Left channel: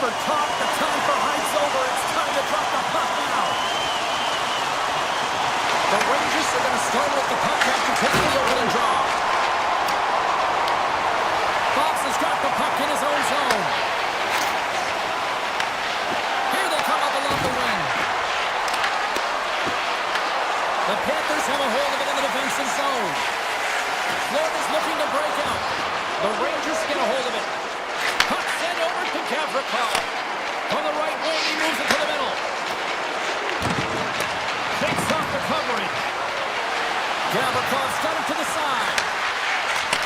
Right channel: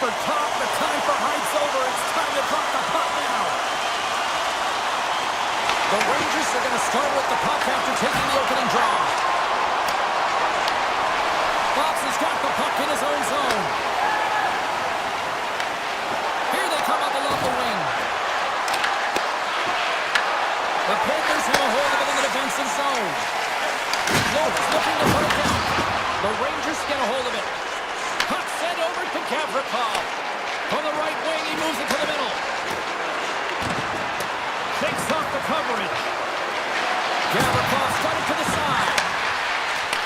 for top. The time for Height's over. It's time to drop the puck now. The Rangers are going to start with the puck after taking the opening draw. Fox has got the puck in his own zone. Here they come up along the wing. The Panthers have a hold of it in the defensive zone. Florida's looking to break out. The Rangers get a hold of it. Puck sent over to Gavrikov. From the right wing, he moves it to the middle. Shakes off the coverage. Gavrikov's got it to the side.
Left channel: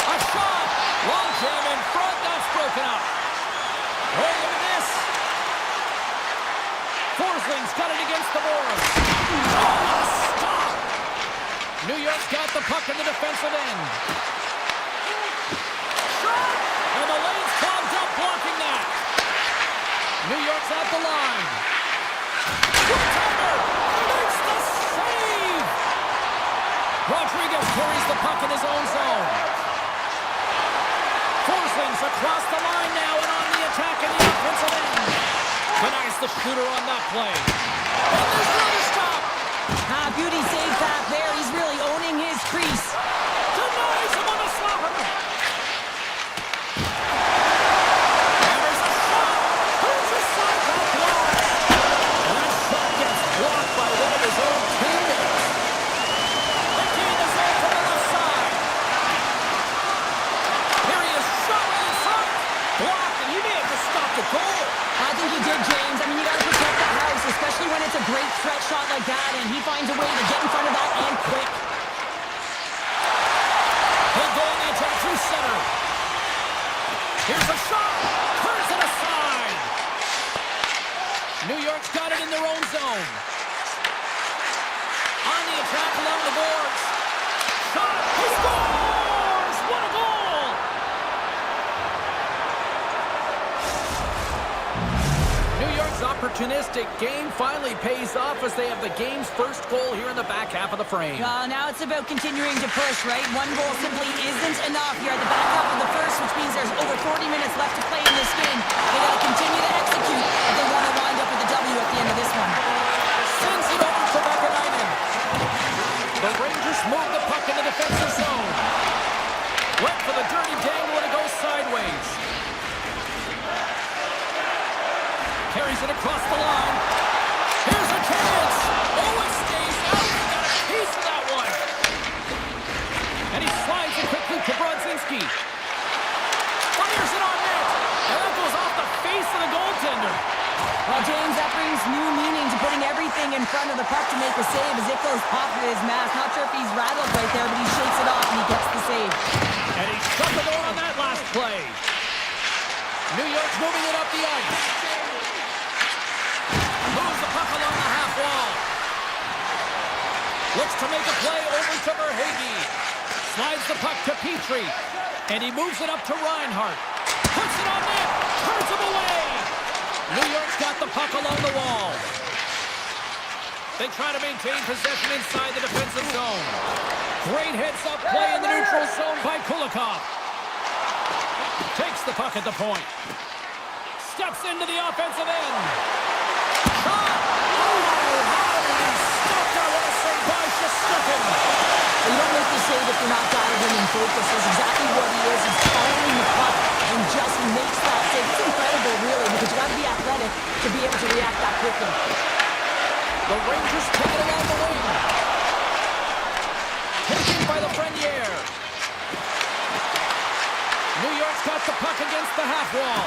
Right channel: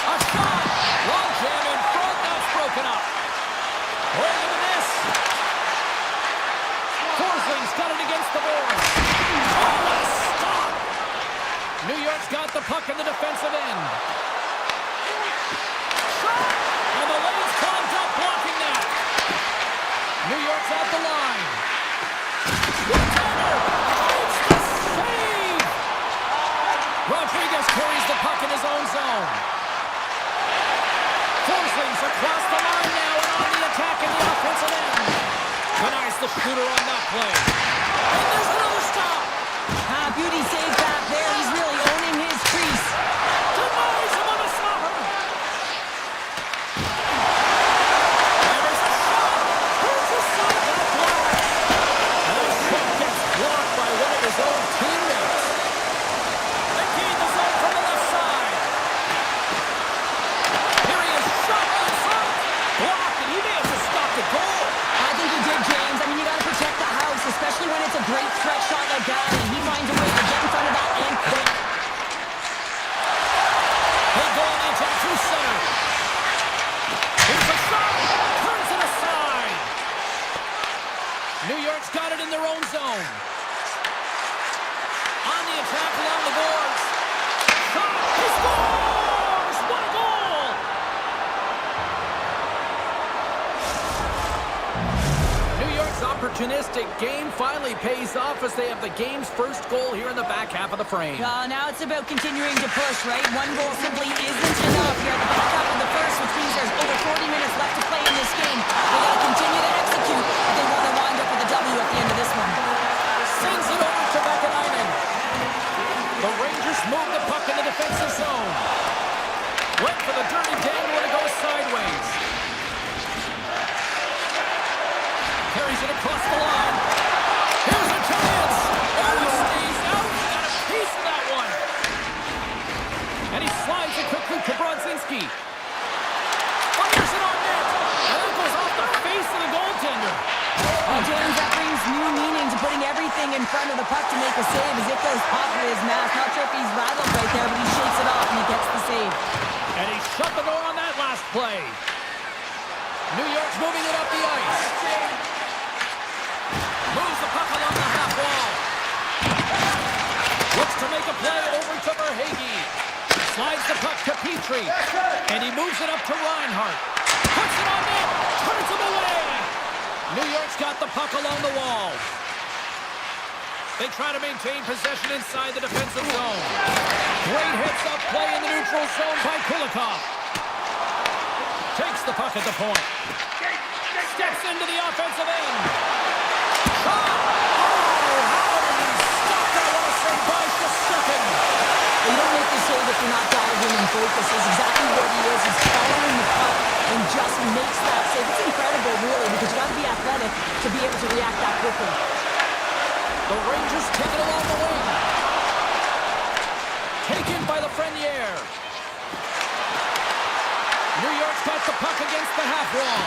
A shot. Long jam in front. That's broken up. Oh, look at this. Forsling's got it against the boards. Oh, a stop. New York's got the puck in the defensive end. Shot. And the lane's clogged up blocking that. New York's at the line. One-timer. Makes the save. Rodriguez carries the puck in his own zone. Forsling's across the line now and on the attack in the offensive end. Denies the shooter on that play. And there's another stop. Beauty save back there. He's really owning his crease. Denies him on the slapper. And there's a shot. Here's a side that blocks. And that shot gets blocked by one of his own teammates. They gain the zone from the left side. Here he is, shot right in front. Blocked, and he may have just stopped the goal. I think he did, James. I mean, you got to protect the house, especially when it's a great threat shot like that, and he finds a way to get in front of that and quick. They go on the attack through center. Here's a shot. Turns it aside. New York's got it in their own zone. On the attack along the boards. Shot. He scores! What a goal! New York's opportunistic game finally pays off as they have the game's first goal here in the back half of the frame. Now it's about continuing to push, right? One goal simply isn't enough. You're at the back half of the first, which means there's over 40 minutes left to play in this game. They got to continue to execute if they want to wind up with a W at the end of this one. Sends it over to Vakanainen. The Rangers move the puck in the defensive zone. Went for the dirty dangle and it goes sideways. Carries it across the line. Here's a chance. Oh, it stays out. He got a piece of that one. And he slides it quickly to Brodzinski. Fires it on net. And that goes off the face of the goaltender. Well, James, that brings new meaning to putting everything in front of the puck to make a save as it goes off of his mask. Not sure if he's rattled right there, but he shakes it off and he gets the save. And he shut the door on that last play. New York's moving it up the ice. Moves the puck along the half wall. Looks to make a play over to Verhaeghe. Slides the puck to Petrie. And he moves it up to Reinhart. Puts it on net. Turns him away. New York's got the puck along the wall. They try to maintain possession inside the defensive zone. Great heads-up play in the neutral zone by Kulikov. Takes the puck at the point. Steps into the offensive end. Shot! Oh, how did he stop that? What a save by Shesterkin. You don't make the save if you're not dialed in and focused. That's exactly what he is. He's following the puck and just makes that save. It's incredible, really, because you got to be athletic to be able to react that quickly. The Rangers take it along the wing. Taken by Lafreniere. New York's got the puck against the half wall.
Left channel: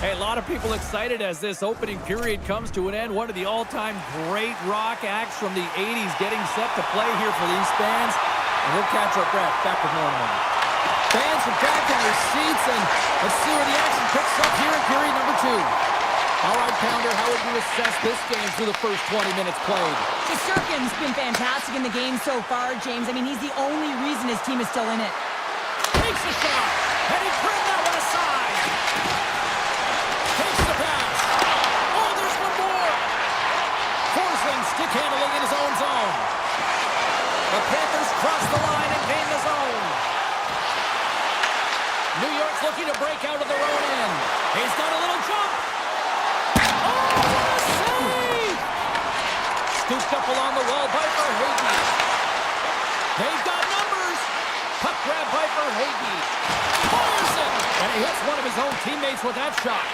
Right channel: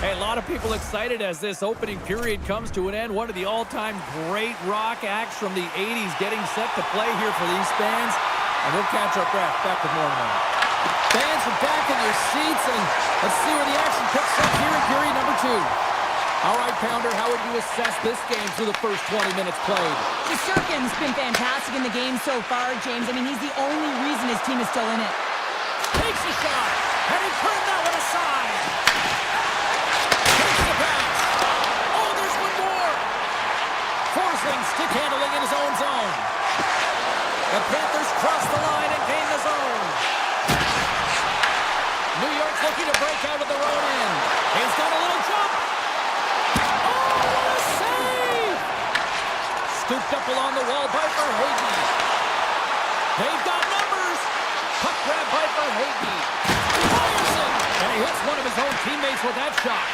Hey, a lot of people excited as this opening period comes to an end. One of the all-time great rock acts from the 80s getting set to play here for these fans. And we'll catch our breath. Back with more in a moment. Fans are back in their seats, and let's see where the action picks up here in period number 2. All right, Pounder, how would you assess this game through the first 20 minutes played? Shesterkin's been fantastic in the game so far, James. I mean, he's the only reason his team is still in it. Takes a shot, and he turned that one aside. Takes the pass. Oh, there's one more. Forsling stick handling in his own zone. The Panthers cross the line and gain the looking to break out of their own end. He's got a little jump. Oh, what a save! Scooped up along the wall by Verhaeghe. They've got numbers. Puck grab by Verhaeghe. Fires it! And he hits one of his own teammates with that shot.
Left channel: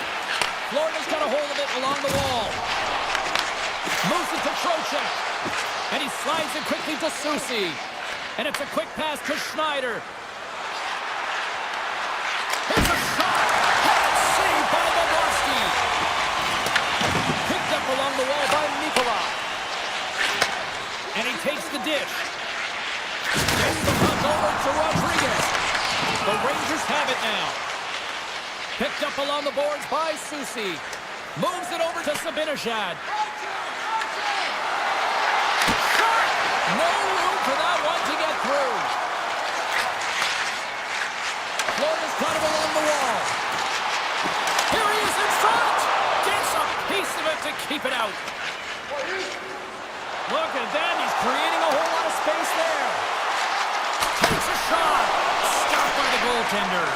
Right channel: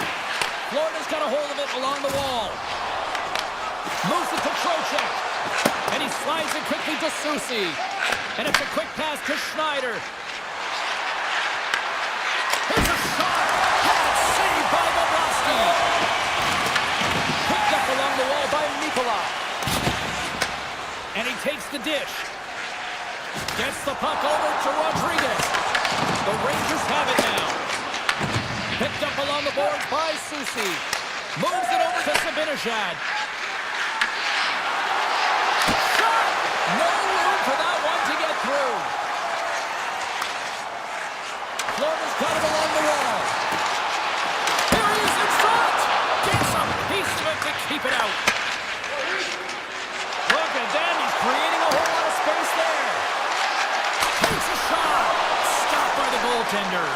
Florida's got a hold of it along the wall. Moves it to Trocheck. And he slides it quickly to Susi. And it's a quick pass to Schneider. Here's a shot. Had saved by Bobrovsky. Picked up along the wall by Mikola. And he takes the dish. Gets the puck over to Rodriguez. The Rangers have it now. Picked up along the boards by Susi. Moves it over to Zibanejad. Shot! No room for that one to get through. Florida's got it along the wall. Here he is in front. Gets a piece of it to keep it out. Look at that. He's creating a whole lot of space there. Takes a shot. Stopped by the goaltender.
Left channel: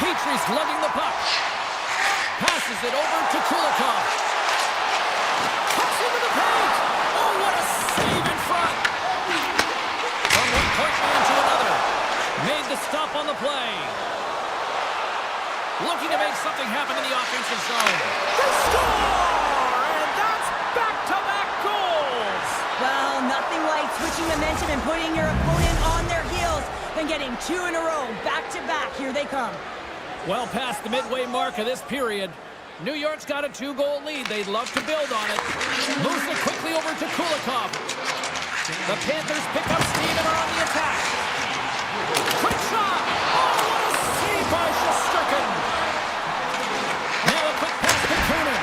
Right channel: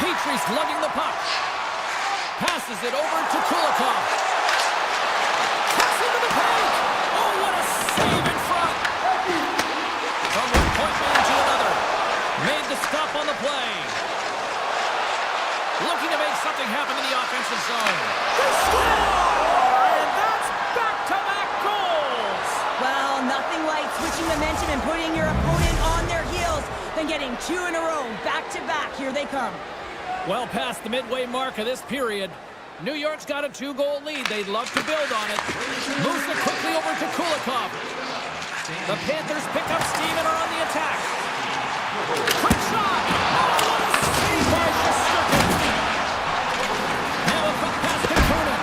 Petrie's lugging the puck. Passes it over to Kulikov. Cuts into the paint. Oh, what a save in front. From one point man to another. Made the stop on the play. Looking to make something happen in the offensive zone. They score! And that's back-to-back goals. Well, nothing like switching momentum and putting your opponent on their heels than getting two in a row, back-to-back. Here they come. Well past the midway mark of this period. New York's got a 2-goal lead. They'd love to build on it. Moves it quickly over to Kulikov. The Panthers pick up steam and are on the attack. Quick shot! Oh, what a save by Shesterkin! Now a quick pass to Kunin.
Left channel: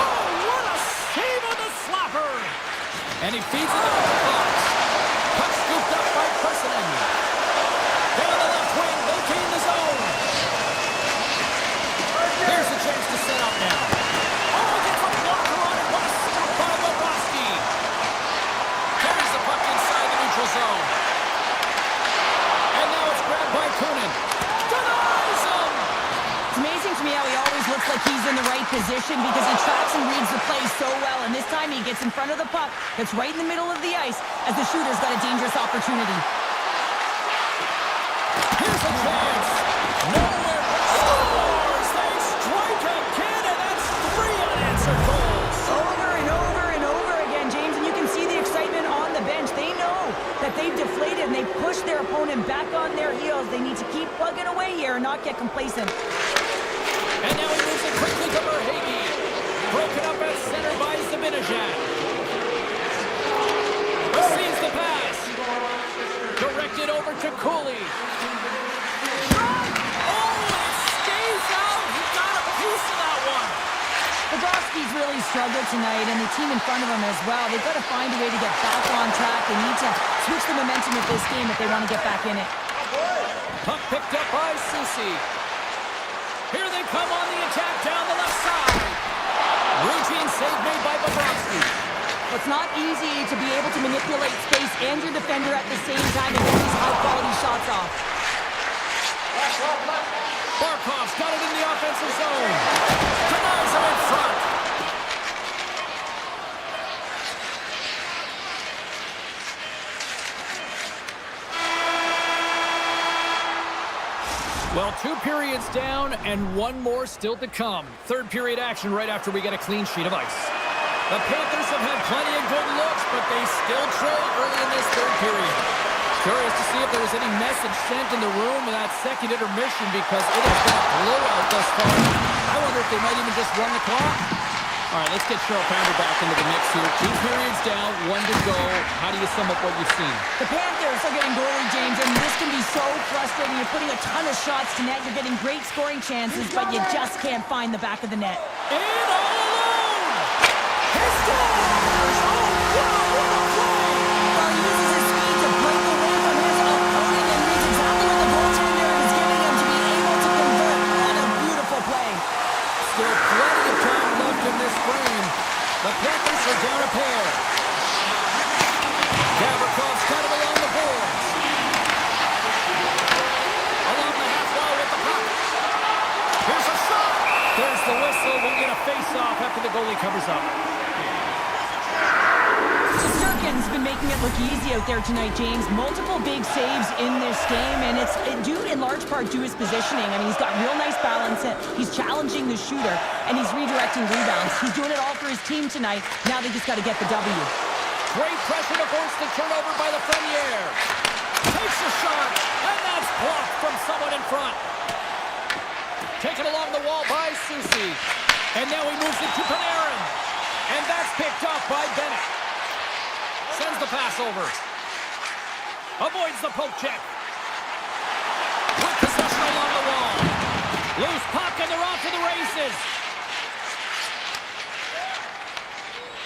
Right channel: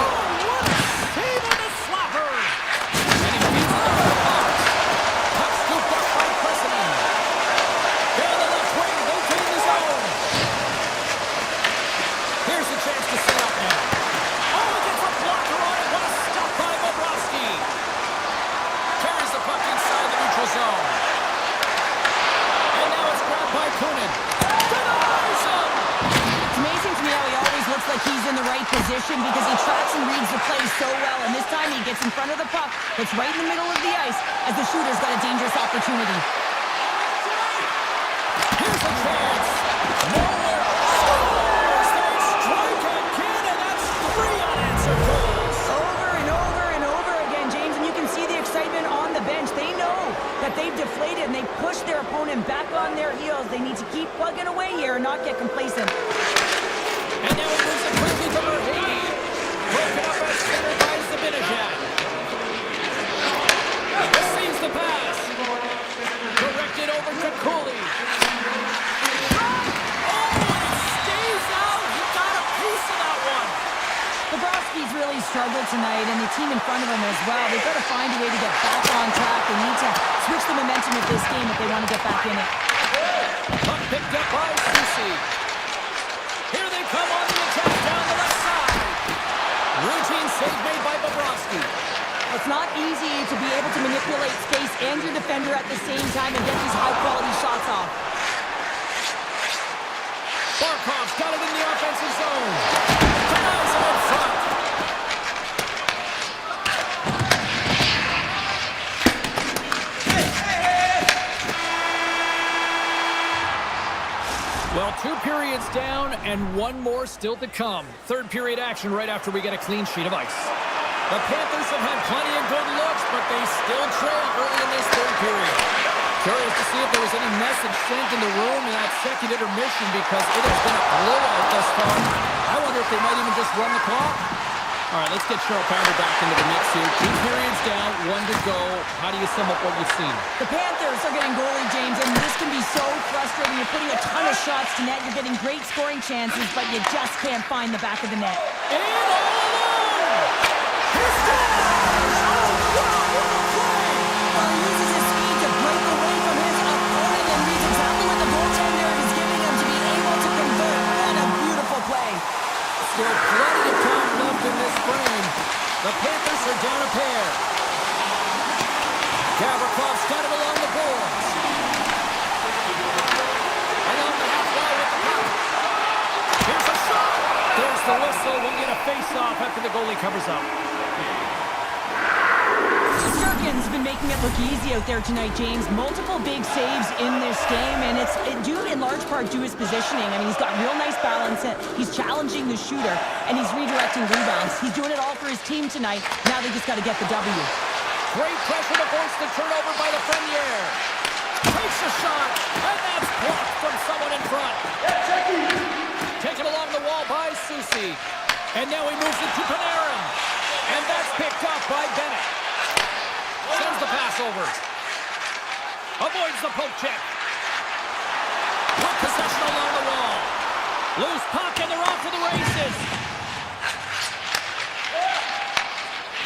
Oh, what a save on the slapper! And he feeds it into the box. Puck scooped up by Presinen. Down the left wing, locating the zone. Here's a chance to set up now. Oh, he gets a blocker on it. What a stop by Bobrovsky. Carries the puck inside the neutral zone. And now it's grabbed by Kunin. Denies him! It's amazing to me how he always looks like he's in the right position because he tracks and reads the play so well. And this time he gets in front of the puck that's right in the middle of the ice as the shooter's got a dangerous opportunity. Here's a chance. Nowhere. Scores! They strike again, and that's 3 unanswered goals. Over and over and over again, James, and you can see the excitement on the bench. They know that they've deflated and they push their opponent back on their heels. They need to keep plugging away here and not get complacent. And now he moves it quickly to Verhaeghe. Broken up at center by Zibanejad. Receives the pass. Directed over to Cooley. Shot! Oh, and it stays out. He got a piece of that one. Bobrovsky's really struggled tonight, and the team in front of him as well. They've got to find a way to get back on track. They need to switch the momentum of this game if they want to get back in it. Puck picked up by Susi. Here they come on the attack down the left side. Routine save made by Bobrovsky. Well, it's not easy to be able to manipulate space and your defender at the same time and get these high-quality shots off. Barkov's got it in the offensive zone. Denies him in front. Well, 2 periods down and 1 more still to come. Third period action right after we get a clean sheet of ice. The Panthers have had plenty of good looks, but they still trail early in this third period. Curious to see if there was any message sent in the room in that second intermission because it has been a blowout thus far. I wonder if they might even just run the clock. All right, let's get Cheryl Pounder back into the mix here. 2 periods down, 1 to go. How do you sum up what you've seen? The Panthers are getting goalie, James, and this can be so frustrating. You're putting a ton of shots to net. You're getting great scoring chances, but you just can't find the back of the net. In all alone! He scores! Oh, wow, what a play! Well, he uses his speed to break away from his opponent and reads exactly what the goaltender is giving him to be able to convert. What a beautiful play. Still plenty of time left in this frame. The Panthers are down a pair. Gavrikoff's got it along the boards. Along the half whistle. We'll get a face-off after the goalie covers up. Shesterkin's been making it look easy out there tonight, James. Multiple big saves in this game, and it's due in large part to his positioning. I mean, he's got real nice balance. He's challenging the shooter, and he's redirecting rebounds. He's doing it all for his team tonight. Now they just got to get the W. Great pressure to force the turnover by the Frenier. Takes a shot, and that's blocked from someone in front. Taken along the wall by Susi. And now he moves it to Panarin. And that's picked up by Bennett. Sends the pass over. Avoids the poke check. With possession along the wall. Loose puck, and they're off to the races.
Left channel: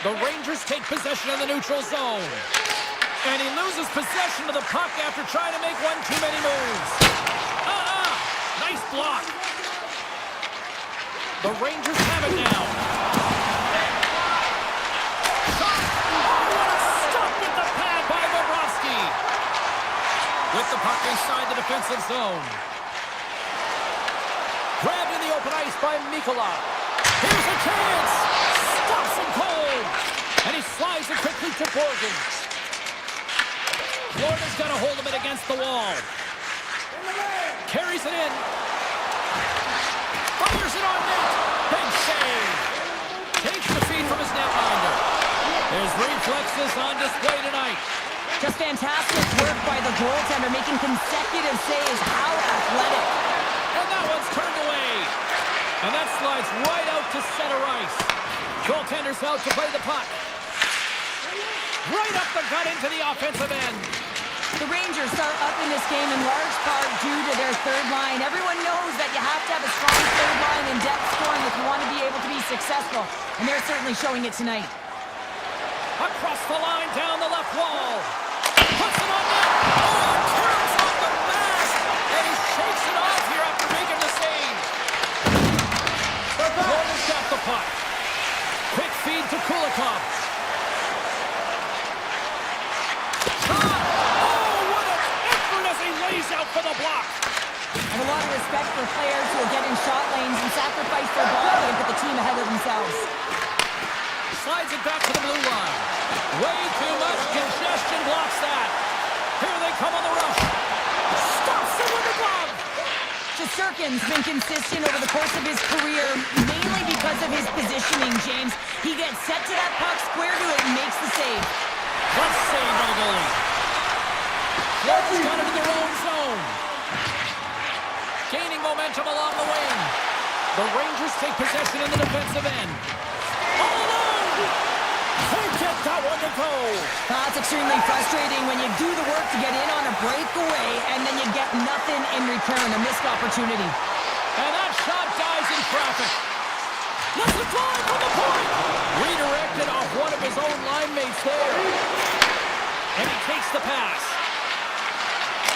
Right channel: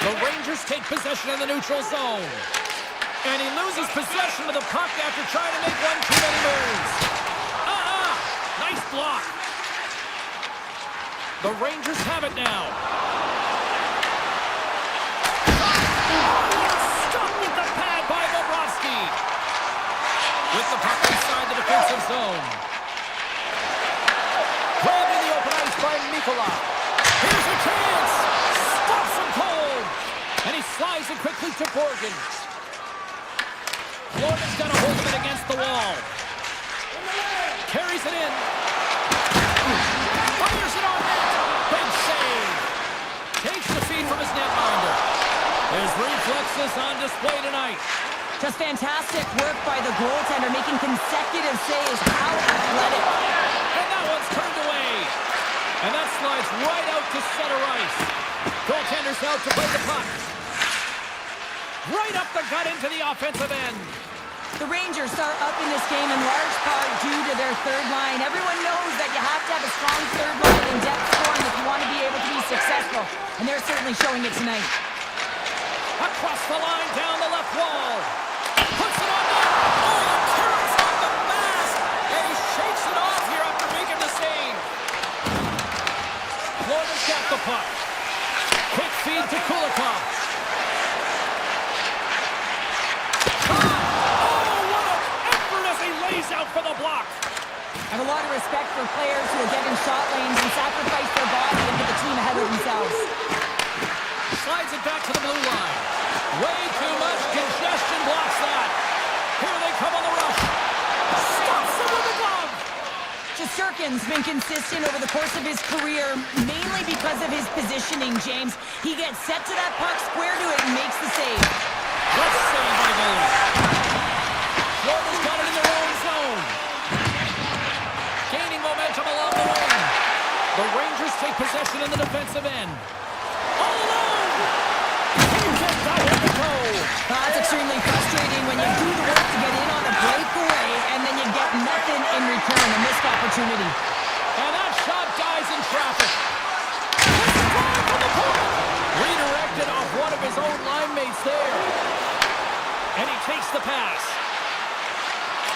The Rangers take possession in the neutral zone. And he loses possession of the puck after trying to make one too many moves. Nice block. The Rangers have it now. Oh, what a stop with the pad by Bobrovsky. With the puck inside the defensive zone. Grabbed in the open ice by Mikkola. Here's a chance. Stops him cold. And he slides it quickly to Borgen. Florida's got a hold of it against the wall. Carries it in. Fires it on net. Big save. Takes the feed from his netminder. His reflexes on display tonight. Just fantastic work by the goaltender, making consecutive saves. How athletic. And that one's turned away. And that slides right out to center ice. Goaltender's out to play the puck. Right up the gut into the offensive end. The Rangers are up in this game in large part due to their third line. Everyone knows that you have to have a strong third line in depth scoring if you want to be able to be successful. And they're certainly showing it tonight. Across the line, down the left wall. Puts it on net. Oh, it turns off the mask. And he shakes it off here after making the save. Florida's got the puck. Quick feed to Kulikov. Lays out for the block. I have a lot of respect for players who will get in shot lanes and sacrifice their body and put the team ahead of themselves. Slides it back to the blue line. Way too much congestion blocks that. Here they come on the rush. Stops it with a glove. Shesterkin's been consistent over the course of his career, mainly because of his positioning, James. He gets set to that puck, square to it, and makes the save. Let's save by the goalie. Florida's got it in their own zone. Gaining momentum along the wing. The Rangers take possession in the defensive end. All alone! Can't get that one to go. That's extremely frustrating when you do the work to get in on a breakaway and then you get nothing in return, a missed opportunity. And that shot dies in traffic. What's the drive from the point? Redirected off one of his own line mates there. And he takes the pass.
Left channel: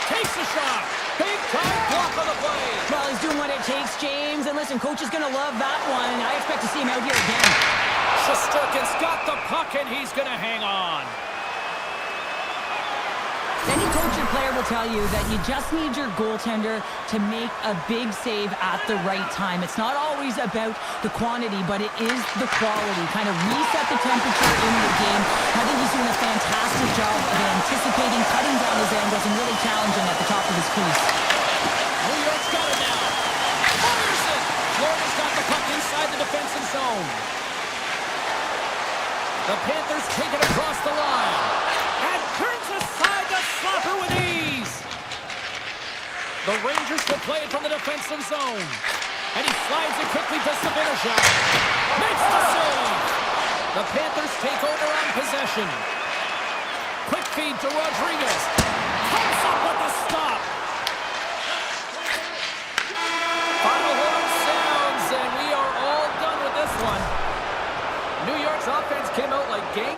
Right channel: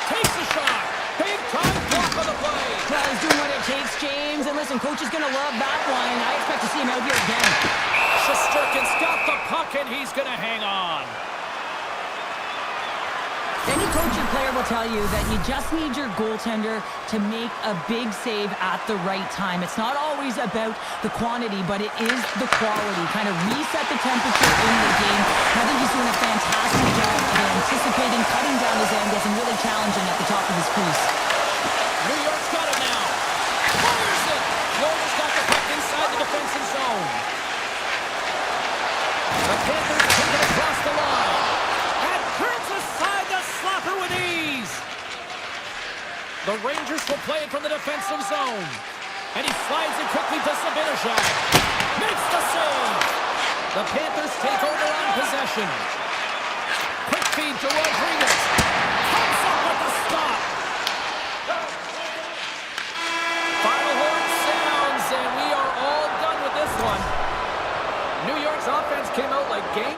Takes the shot. Big time block on the play. Well, he's doing what it takes, James. And listen, coach is going to love that one. I expect to see him out here again. Shesterkin's got the puck, and he's going to hang on. Any coach or player will tell you that you just need your goaltender to make a big save at the right time. It's not always about the quantity, but it is the quality. Kind of reset the temperature in the game. I think he's doing a fantastic job of anticipating, cutting down his angles, and really challenging at the top of his crease. New York's got it now. Fires it. Florida's got the puck inside the defensive zone. The Panthers take it across the line. And turns aside the slapper with ease. The Rangers will play it from the defensive zone. And he slides it quickly to Sabinishak. Makes the save. The Panthers take over on possession. Quick feed to Rodriguez. Comes up with the stop. Final horn sounds, and we are all done with this one. New York's offense came out like gang.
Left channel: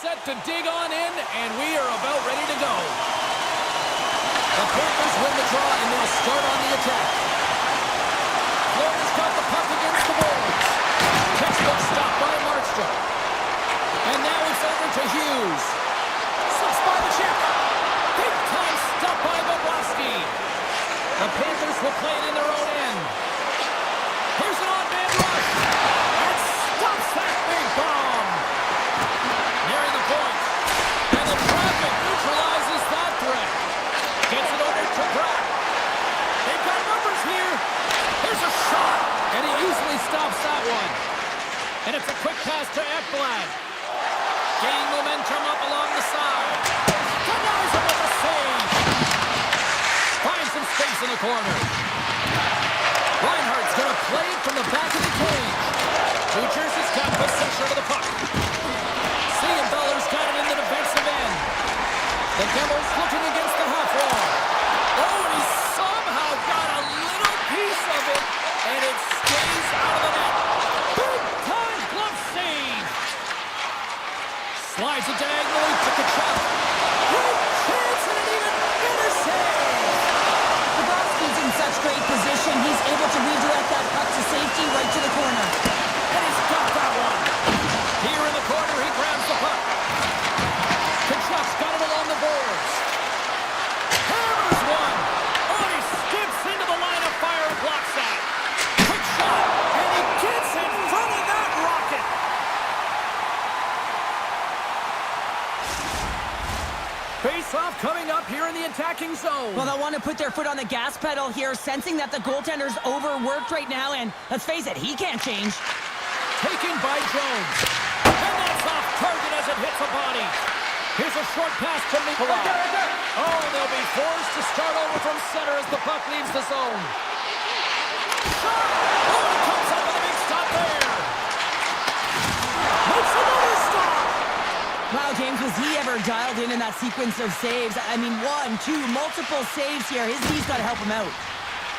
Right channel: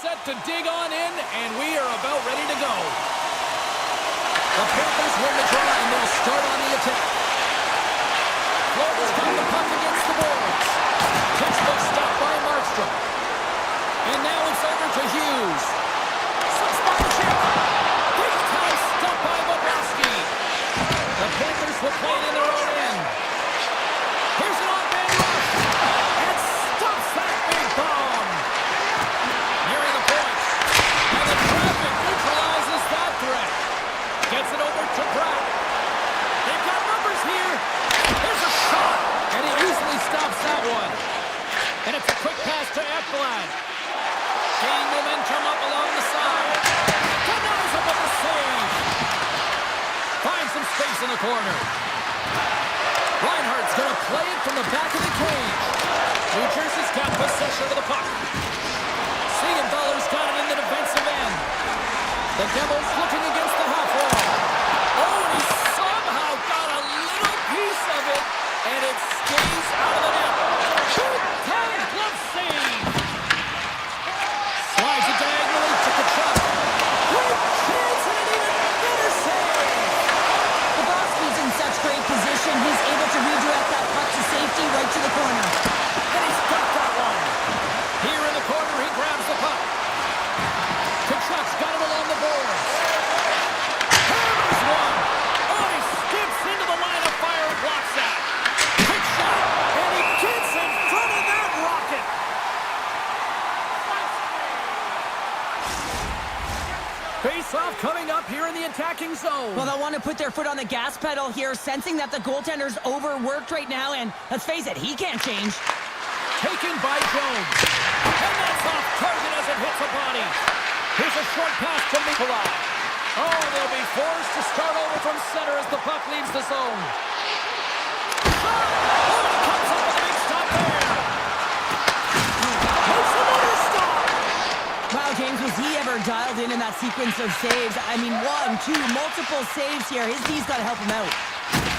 set to dig on in, and we are about ready to go. The Panthers win the draw, and they'll start on the attack. Florida's got the puck against the boards. Textbook stop by Markstrom. And now it's over to Hughes. Slips by the chip. Big time stop by Bobrovsky. The Panthers will play it in their own end. Here's an on-man rush. And stops that big bomb. Nearing the point. And the traffic neutralizes that threat. Gets it over to Pratt. They've got numbers here. Here's a shot. And he easily stops that one. And it's a quick pass to Ekblad. Gaining momentum up along the side. Denies him with a save. Finds some space in the corner. Reinhardt's going to play it from the back of the cage. New Jersey's got possession of the puck. Siegenthaler's got it in the defensive end. The Devils looking against the half wall. Oh, and he somehow got a little piece of it, and it stays out of the net. Big time glove save. Slides it diagonally to Kachuk. Great chance and an even better save. Bobrovsky's in such great position. He's able to redirect that puck to safety right to the corner. And he's got that one. Here in the corner, he grabs the puck. Kachuk's got it along the boards. Hammers one. Oh, and he skips into the line of fire and blocks that. Quick shot. And he gets in front of that rocket. Face-off coming up here in the attacking zone. Well, they'll want to put their foot on the gas pedal here, sensing that the goaltender's overworked right now, and let's face it, he can't change. Taken by Jones. And that's off target as it hits a body. Here's a short pass to Nikolai. Oh, they'll be forced to start over from center as the puck leaves the zone. Shot! Oh, and it comes up with a big stop there. Makes another stop. Wow, James, was he ever dialed in that sequence of saves? I mean, one, two, multiple saves here. His knee's got to help him out.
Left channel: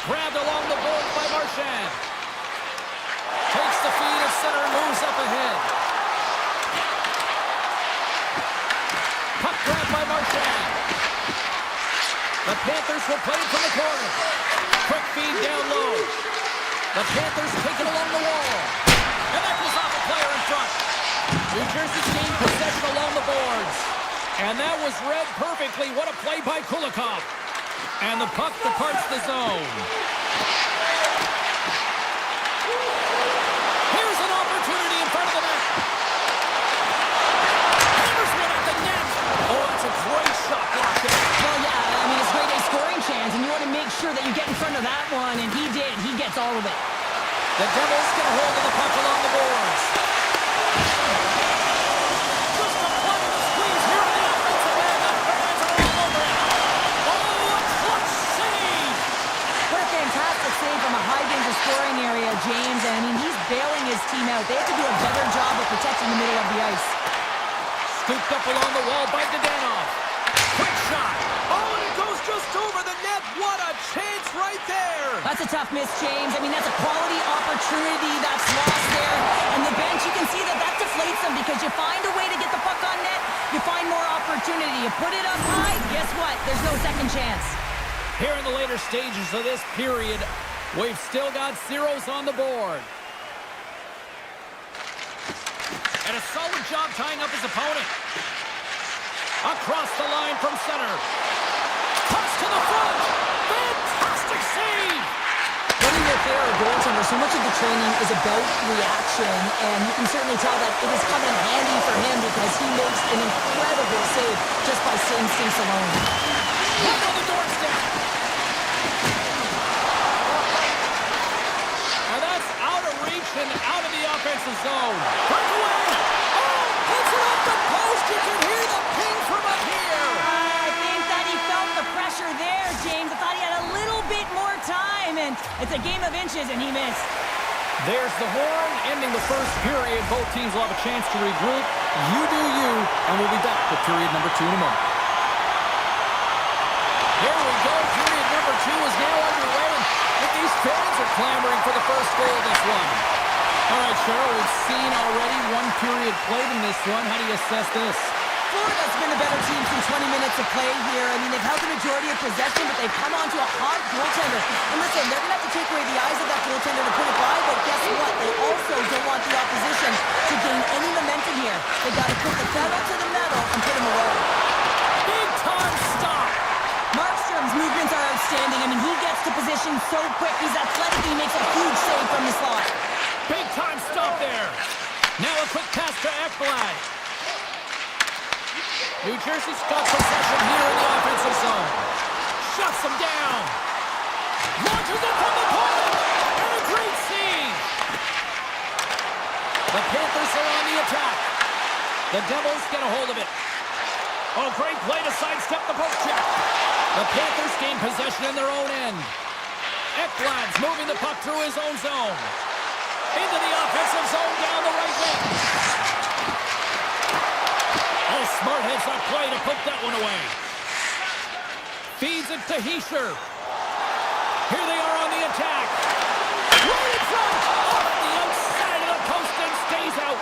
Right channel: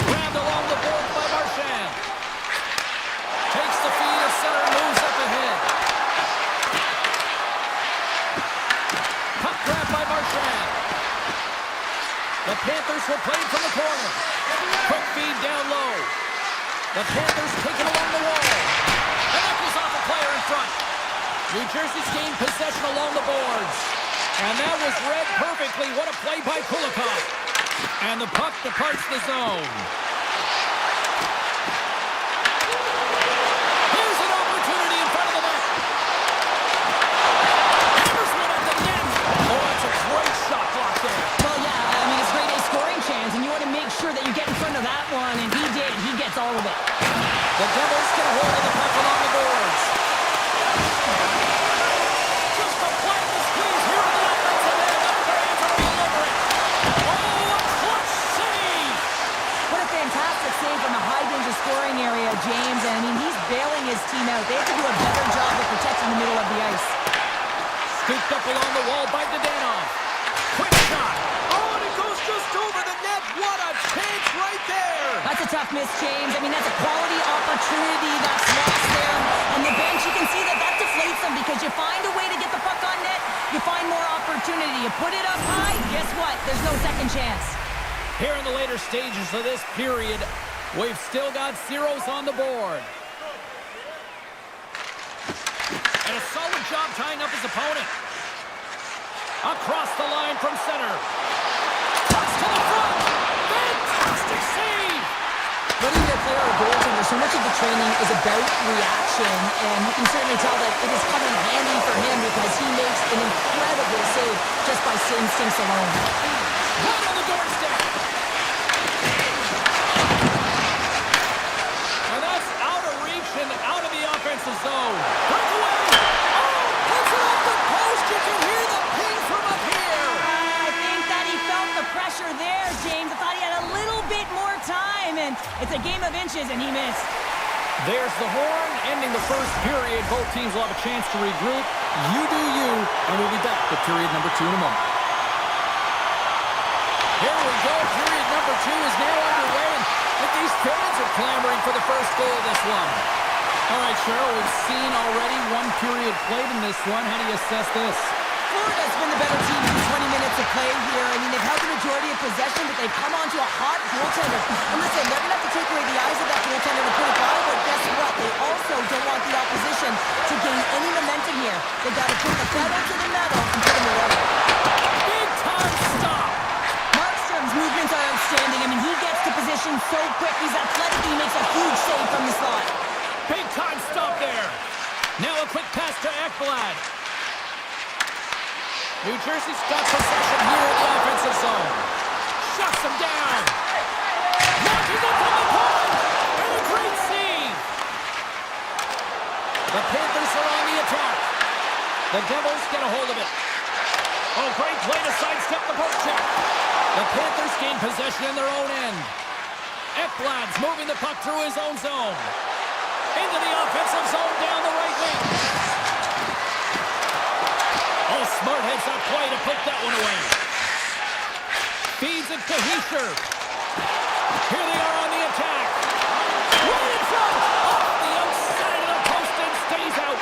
Grabbed along the board by Marchand. Takes the feed as center moves up ahead. Puck grabbed by Marchand. The Panthers will play it from the corner. Quick feed down low. The Panthers take it along the wall. And that goes off a player in front. New Jersey's gained possession along the boards. And that was read perfectly. What a play by Kulikov. And the puck departs the zone. Here's an opportunity in front of the net. Hammers one at the net. Oh, that's a great shot block there. Well, yeah, I mean, it's grade A scoring chance, and you want to make sure that you get in front of that one, and he did. He gets all of it. The Devils get a hold of the puck along the boards. Just applying the squeeze here in the offensive end. The fans are all over it. Oh, a clutch save. What a fantastic save from a high-danger scoring area, James. And, I mean, he's bailing his team out. They have to do a better job of protecting the middle of the ice. Scooped up along the wall by Dadonov. Quick shot. Oh, and it goes just over the net. What a chance right there. That's a tough miss, James. I mean, that's a quality opportunity that's lost there. And the bench, you can see that that deflates them because you find a way to get the puck on net, you find more opportunity. You put it up high, guess what? There's no second chance. Here in the later stages of this period, we've still got zeros on the board. And a solid job tying up his opponent. Across the line from center. Toss to the front. Fantastic save. Whether you're a player or a goaltender, so much of the training is about reaction, and you can certainly tell that it is coming handy for him because he makes an incredible save just by instincts alone. Right on the doorstep. And that's out of reach and out of the offensive zone. Breakaway. Oh, puts it off the post. You can hear the ping from up here. I think that he felt the pressure there, James. I thought he had a little bit more time, and it's a game of inches, and he missed. There's the horn, ending the first period. Both teams will have a chance to regroup. You do you, and we'll be back with period number 2 in a moment. Here we go. Period number 2 is now underway, and these fans are clamoring for the first goal of this one. All right, Cheryl, we've seen already one period played in this one. How do you assess this? Florida's been the better team through 20 minutes of play here. I mean, they've held the majority of possession, but they've come onto a hot goaltender. And listen, they're going to have to take away the eyes of that goaltender to put it by, but guess what? They also don't want the opposition to gain any momentum here. They've got to put the pedal to the metal and put them away. Big time stop! Markstrom's movements are outstanding. I mean, he gets to position so quick. He's athletic. He makes a huge save from the slot. Big time stop there. Now a quick pass to Ekblad. New Jersey's got possession here in the offensive zone. Shuts him down. Launches it from the point. And a great save. The Panthers are on the attack. The Devils get a hold of it. Oh, great play to sidestep the poke check. The Panthers gain possession in their own end. Ekblad's moving the puck through his own zone. Into the offensive zone down the right wing. Oh, smart heads up play to poke that one away. Feeds it to Hischier. Here they are on the attack. Right in front. Off the outside of the post and stays out.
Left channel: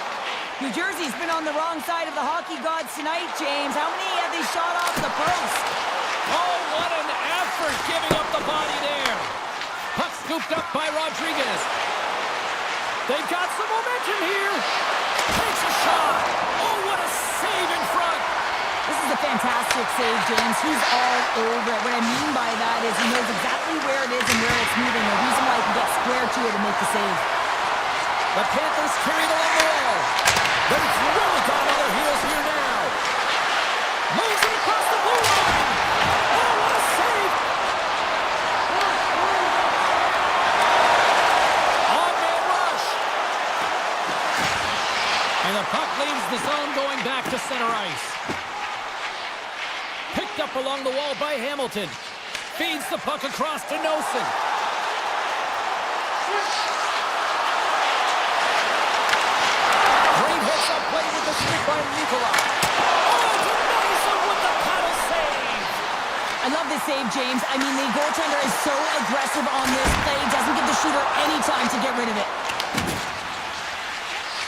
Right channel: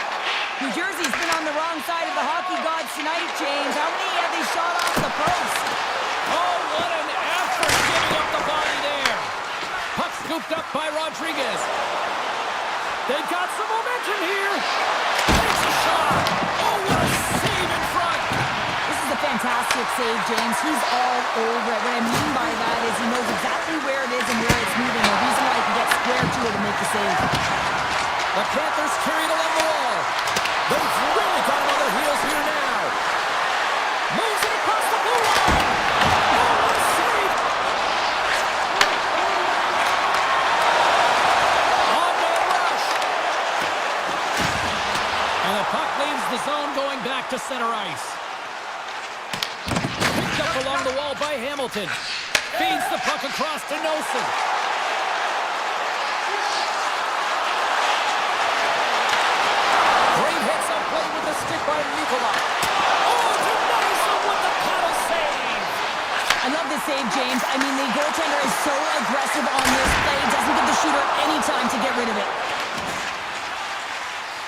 New Jersey's been on the wrong side of the hockey gods tonight, James. How many have they shot off the post? Oh, what an effort giving up the body there. Puck scooped up by Rodriguez. They've got some momentum here. Takes a shot. Oh, what a save in front. This is a fantastic save, James. He's all over it. What I mean by that is he knows exactly where it is and where it's moving. The reason why he can get square to it and make the save. The Panthers carried along the wall. They've really got him on their heels here now. Moves it across the blue line. Oh, what a save. On-man rush. And the puck leaves the zone going back to center ice. Picked up along the wall by Hamilton. Feeds the puck across to Nosen. Great hits up play with the stick by Nicola. Oh, denies him with the paddle save. I love this save, James. I mean, the goaltender is so aggressive on this play. Doesn't give the shooter any time to get rid of it.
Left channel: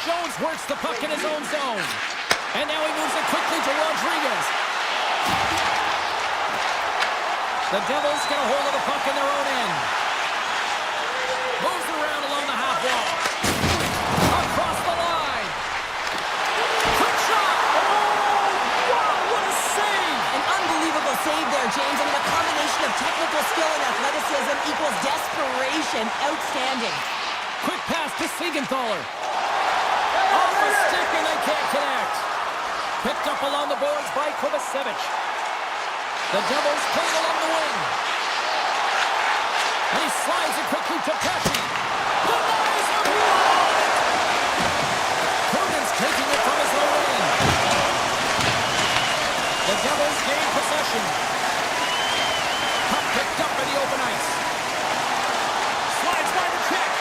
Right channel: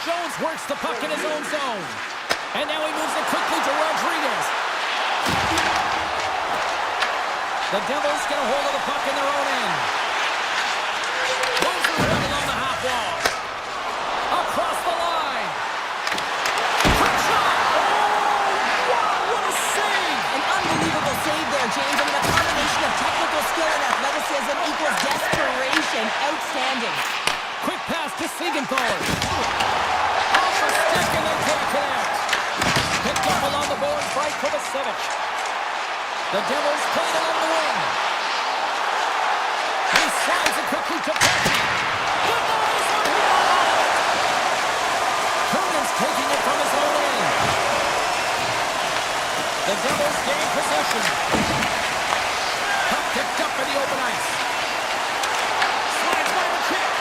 Jones works the puck in his own zone. And now he moves it quickly to Rodriguez. The Devils get a hold of the puck in their own end. Moves around along the half wall. Across the line. Quick shot. Oh, wow, what a save. An unbelievable save there, James. I mean, a combination of technical skill and athleticism equals desperation. Outstanding. Quick pass to Siegenthaler. Off the stick and they can't connect. Picked up along the boards by Kovacevic. The Devils play it along the wing. And he slides it quickly to Pesci. Denies him. He got all of it. Coogan's taking it from his own end. The Devils gain possession. Puck picked up in the open ice. Slides by the check.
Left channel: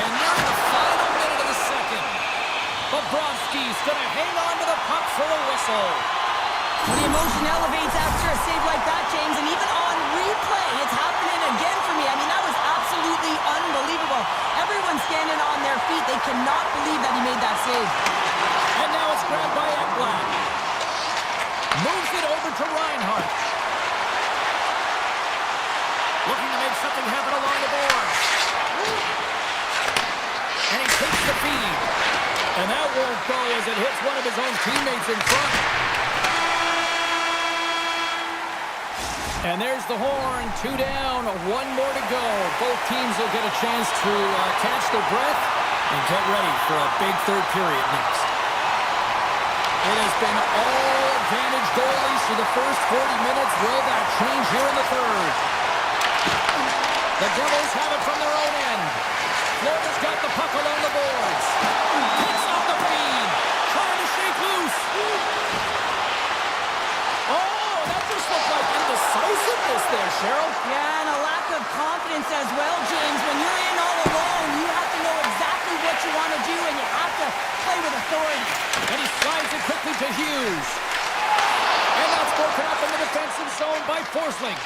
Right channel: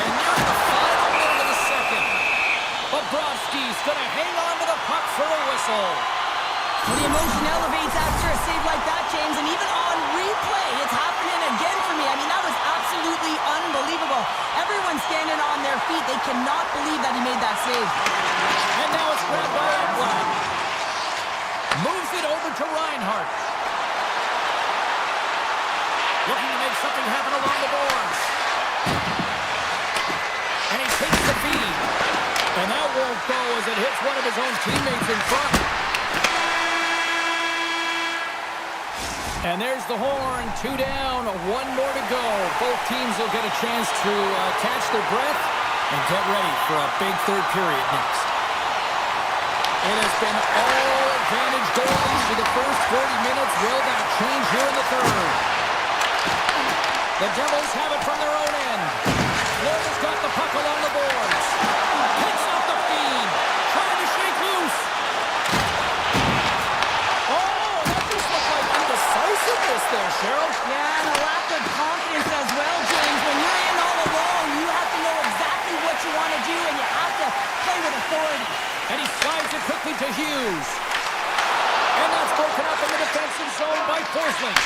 And nearing the final minute of the second. Bobrovsky's going to hang on to the puck for a whistle. Well, the emotion elevates after a save like that, James, and even on replay, it's happening again for me. I mean, that was absolutely unbelievable. Everyone's standing on their feet. They cannot believe that he made that save. And now it's grabbed by Ekblad. Moves it over to Reinhart. Looking to make something happen along the boards. And he takes the feed. And that won't go as it hits one of his own teammates in front. And there's the horn. 2 down, 1 more to go. Both teams will get a chance to catch their breath and get ready for a big third period next. It has been all advantage goalies for the first 40 minutes. Will that change here in the third? The Devils have it from their own end. Florida's got the puck along the boards. Picks up the feed. Trying to shake loose. Oh, that just looked like indecisiveness there, Cheryl. Yeah, and a lack of confidence as well, James. When you're in all alone, you have to know exactly what you want to do, and you have to play with authority. And he slides it quickly to Hughes. And that's broken up in the defensive zone by Forsling.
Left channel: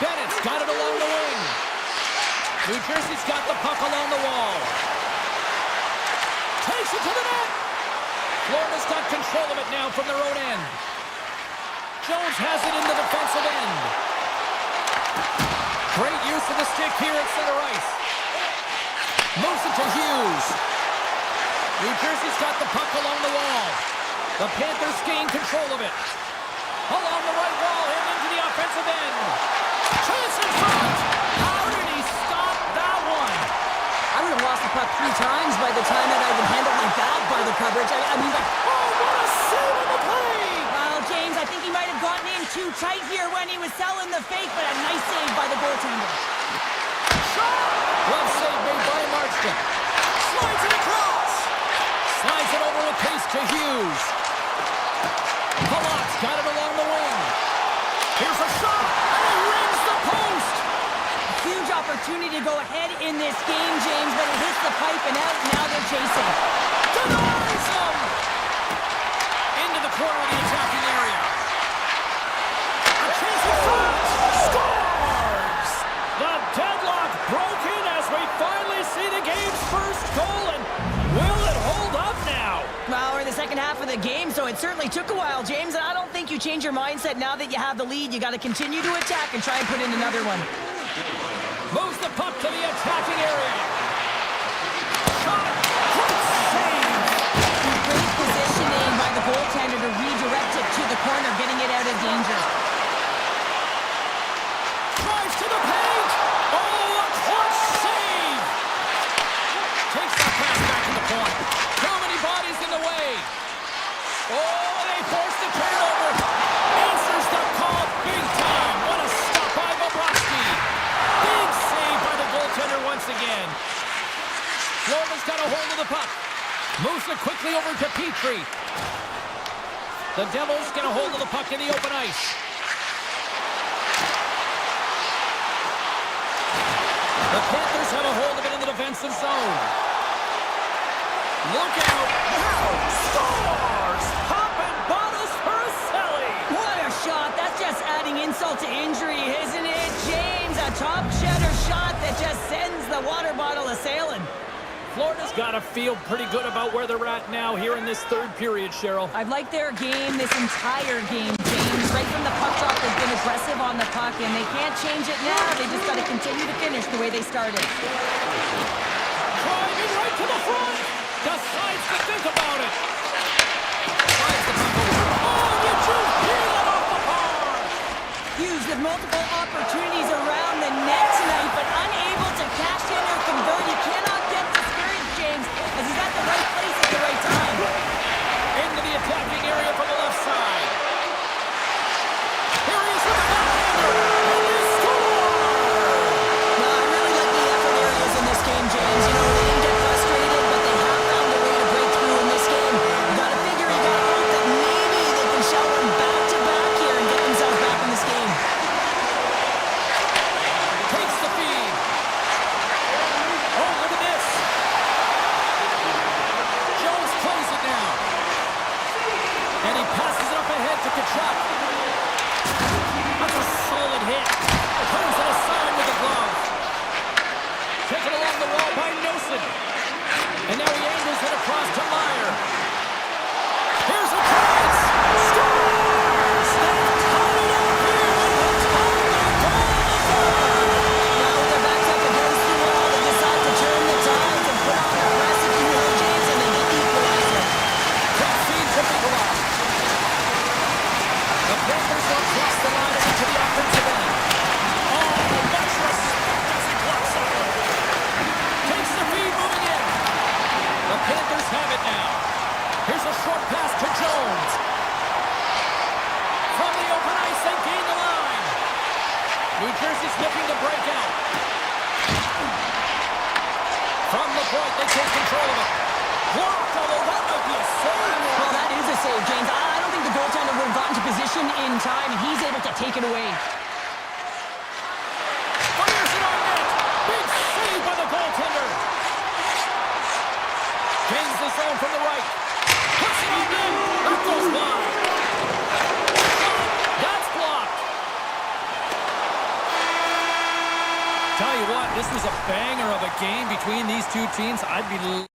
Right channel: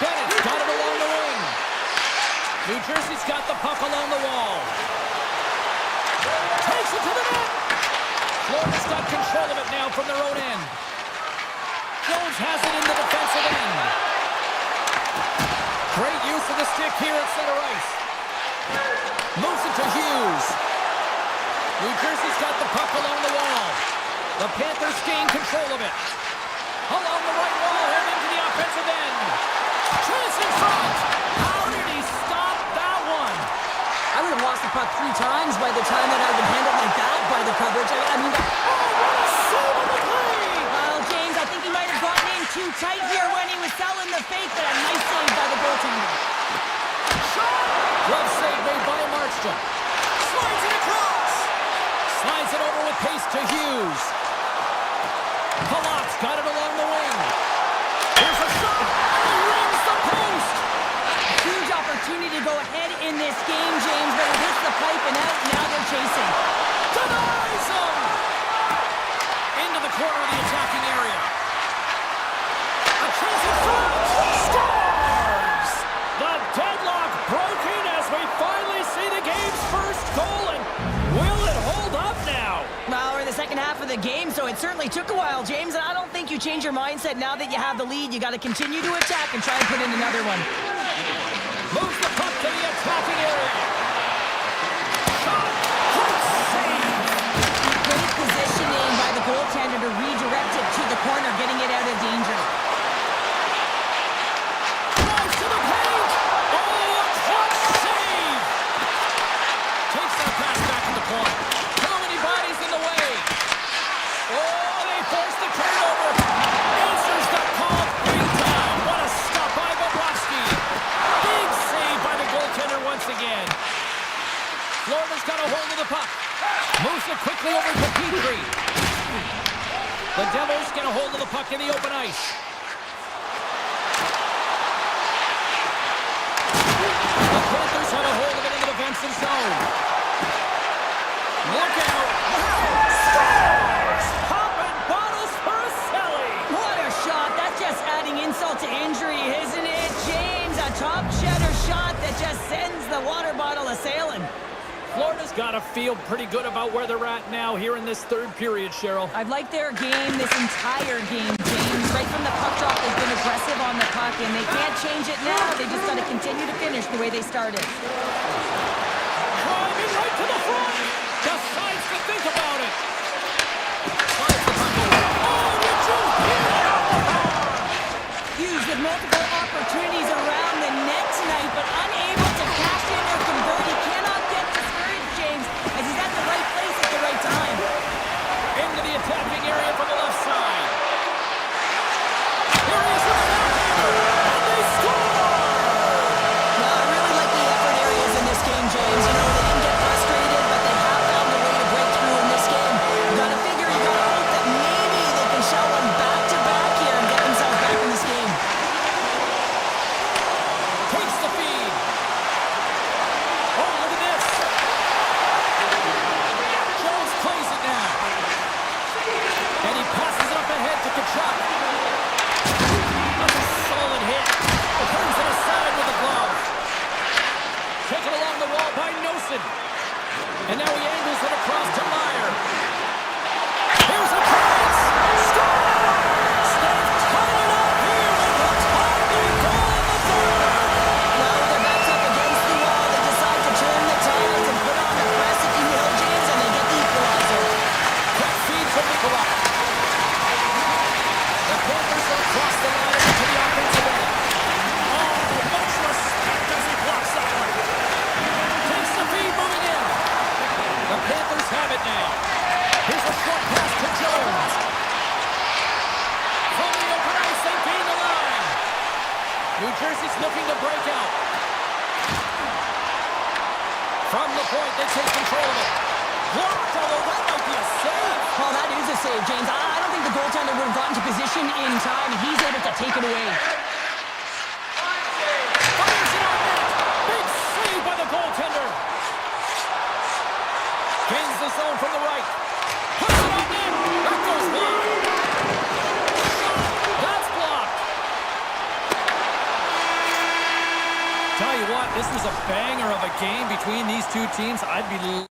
Bennett's got it along the wing. New Jersey's got the puck along the wall. Takes it to the net. Florida's got control of it now from their own end. Jones has it in the defensive end. Great use of the stick here at center ice. Moves it to Hughes. New Jersey's got the puck along the wall. The Panthers gain control of it. Along the right wall and into the offensive end. Chance in front. How did he stop that one? I would have lost the puck 3 times by the time that I'd been handled like that by the coverage. I mean, oh, what a save on the play! Well, James, I think he might have gotten in too tight here when he was selling the fake, but a nice save by the goaltender. Shot! Glove save made by Markstrom. Slides it across. Slides it over with pace to Hughes. Palat's got it along the wing. Here's a shot, and he rings the post. Huge opportunity to go ahead in this game, James, but it hits the pipe and out. Now they're chasing. Denies him! Into the corner of the attacking area. A chance in front! Scores! The deadlock broken as we finally see the game's first goal, and will it hold up now? Well, we're in the second half of the game, so it certainly took a while, James, and I don't think you change your mindset now that you have the lead. You got to continue to attack and try and put in another one. Moves the puck to the attacking area. Shot! Great save! Great positioning by the goaltender to redirect it to the corner, getting it out of danger. Drives to the paint! Oh, a clutch save! Takes that pass back to the point. Too many bodies in the way. Oh, they force the turnover. Answers the call big time. What a stop by Bobrovsky. Big save by the goaltender once again. Florida's got a hold of the puck. Moves it quickly over to Petrie. The Devils get a hold of the puck in the open ice. The Panthers have a hold of it in the defensive zone. Look out. Scores! Popping bottles for a celly. What a shot. That's just adding insult to injury, isn't it, James? A top cheddar shot that just sends the water bottle a-sailing. Florida's got to feel pretty good about where they're at now here in this third period, Cheryl. I've liked their game this entire game, James. Right from the puck drop, they've been aggressive on the puck, and they can't change it now. They just got to continue to finish the way they started. Driving right to the front. Decides to think about it. Slides the puck away. Oh, did you hear that off the bar? Hughes with multiple opportunities around the net tonight, but unable to cash in or convert. He cannot get discouraged, James, as he's at the right place at the right time. Into the attacking area from the left side. Here he is with the backhander, and they score! No, I really like the effort areas in this game, James. You know, they didn't get frustrated, but they have found a way to break through in this game. You gotta figure, you gotta hope that maybe they can shell one back-to-back here and get themselves back in this game. Takes the feed. Oh, look at this. Jones plays it now. And he passes it up ahead to Kachuk. That's a solid hit. Turns it aside with the glove. Taken along the wall by Nosen. And now he angles it across to Meyer. Here's a chance. Scores! They've tied it up here with a timely goal in the third. Now with their backs up against the wall, they decide to turn the tides and put on the press, if you will, James, and they get the equalizer. Quick feed from Nikolai. The Panthers will cross the line and into the offensive end. Oh, much respect as he blocks that one. Takes the feed moving in. The Panthers have it now. Here's a short pass to Jones. From the open ice, they gain the line. New Jersey's looking to break out. From the point, they take control of it. Blocked, although that might be a save. Well, that is a save, James. I don't think the goaltender would have gotten to position in time, and he's able to take it away. Fires it on net. Big save by the goaltender. Gains the zone from the right. Puts it on net. That goes wide. That's blocked. Tell you what, this was a banger of a game between these two teams. I'd be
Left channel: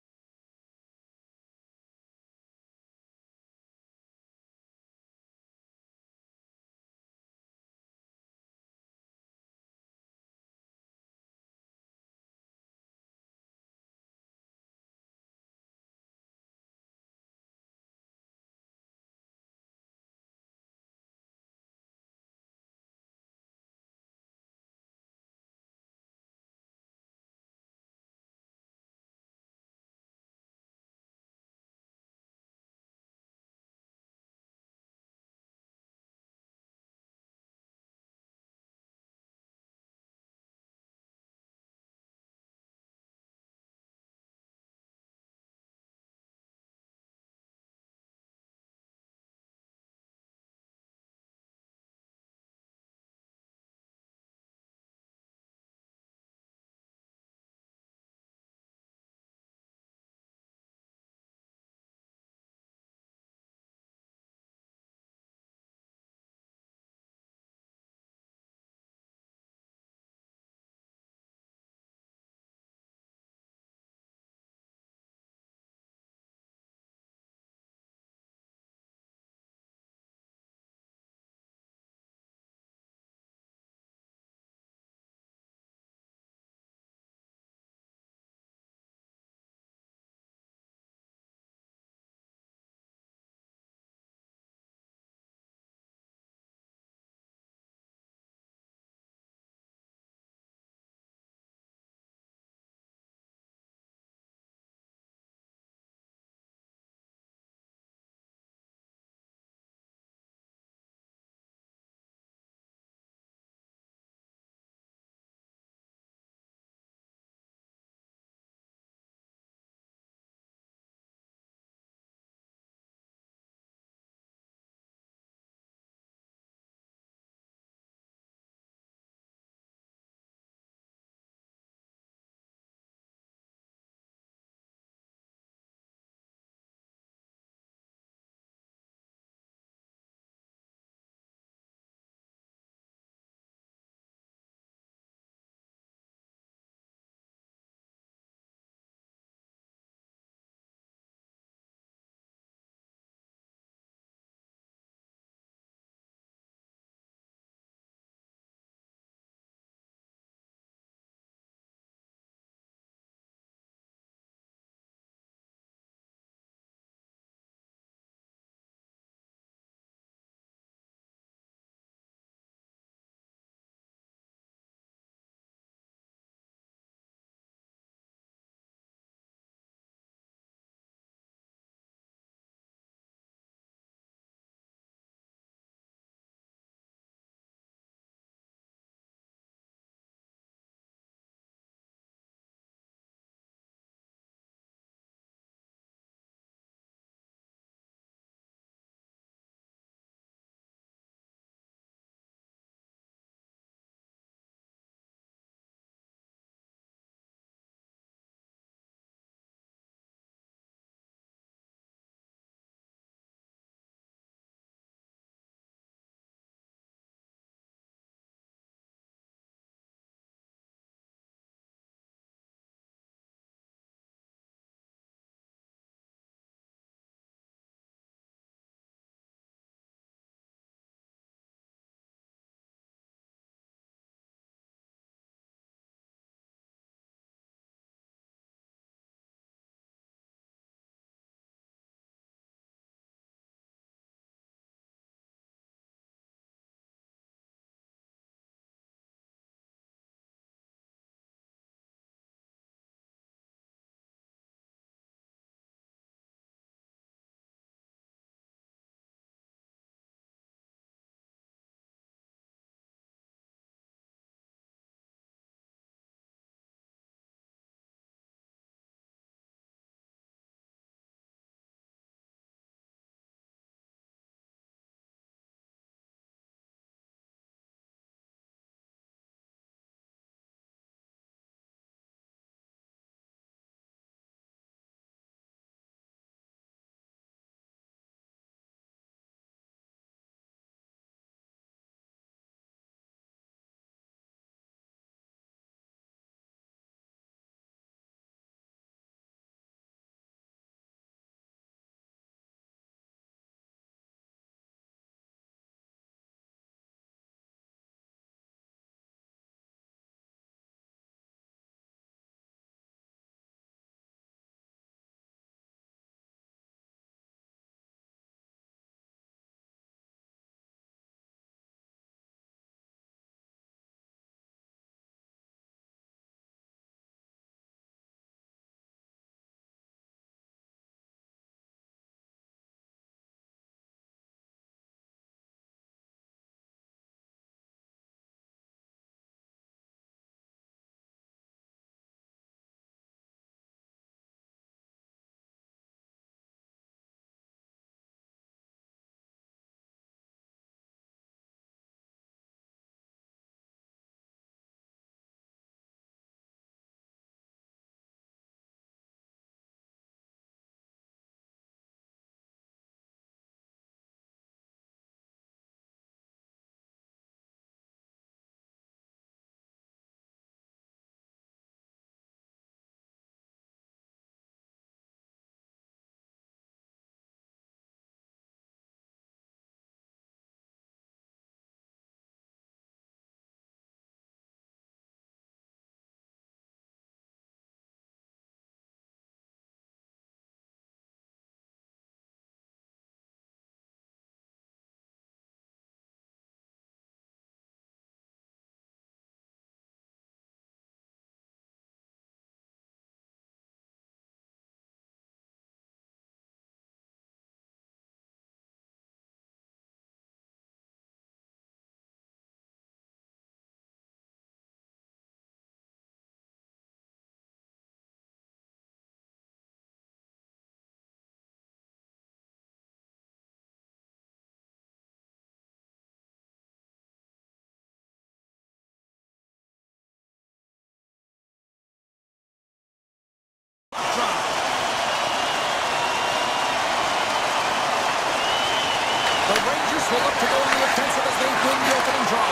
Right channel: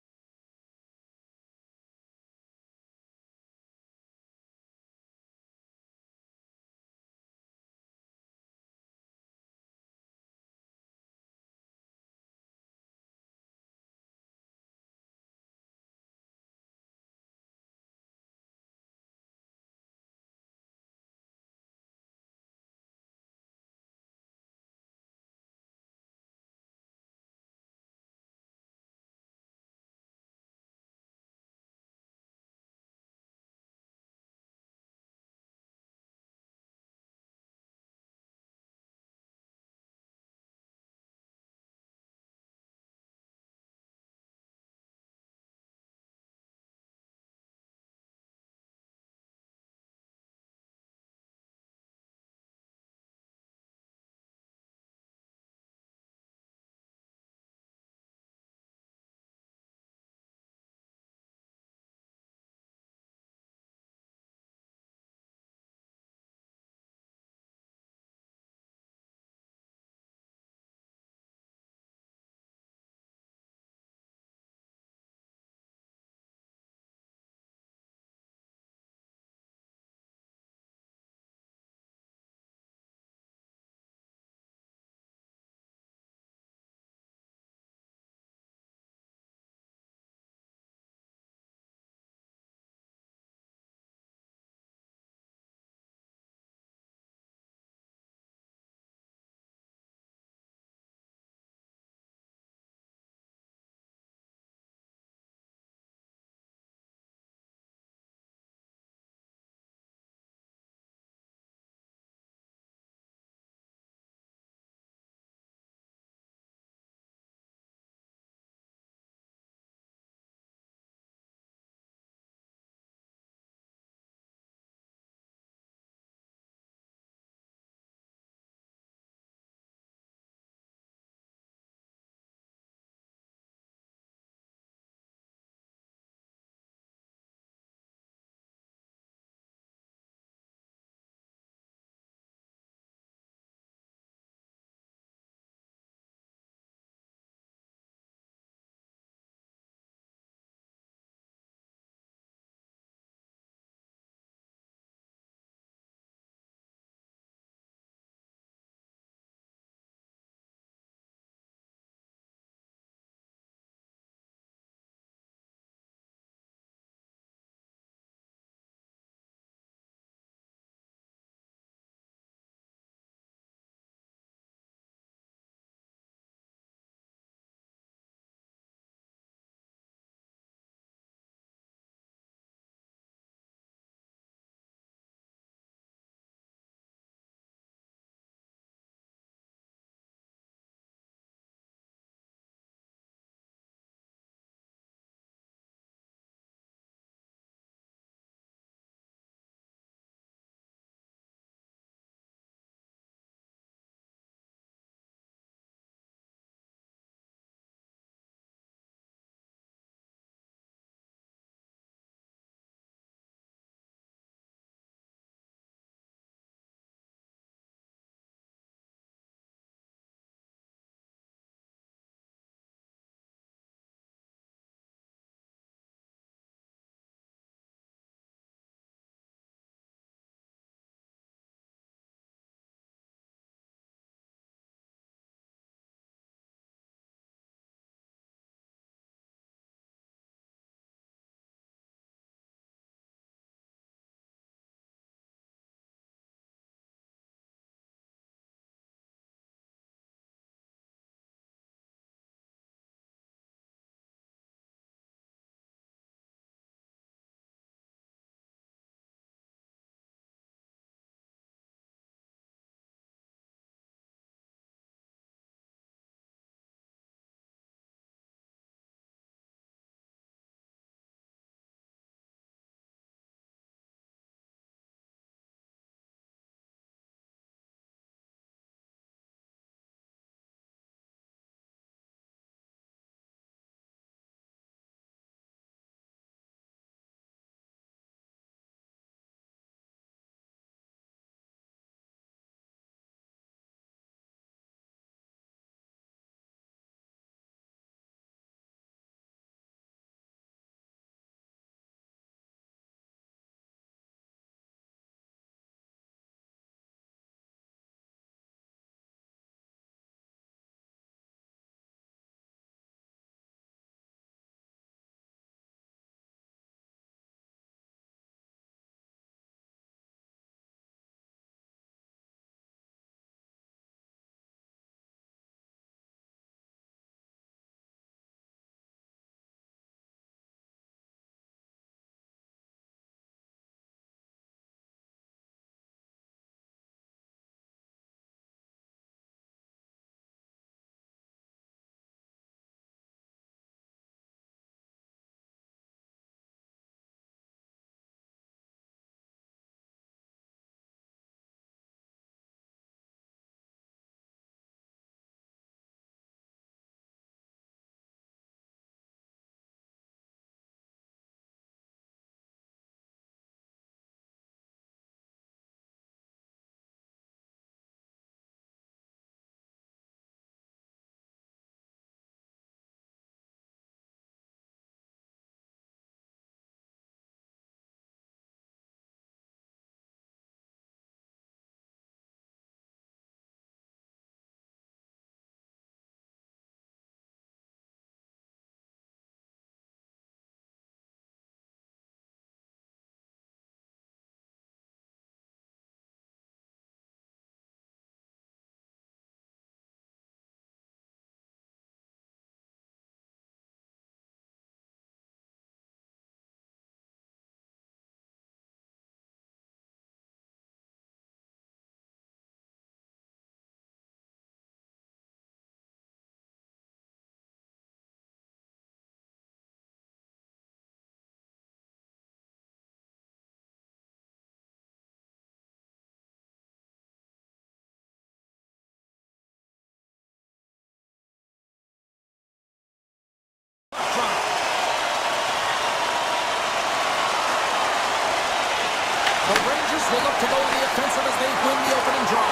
will look to go on the offensive as they win the opening draw.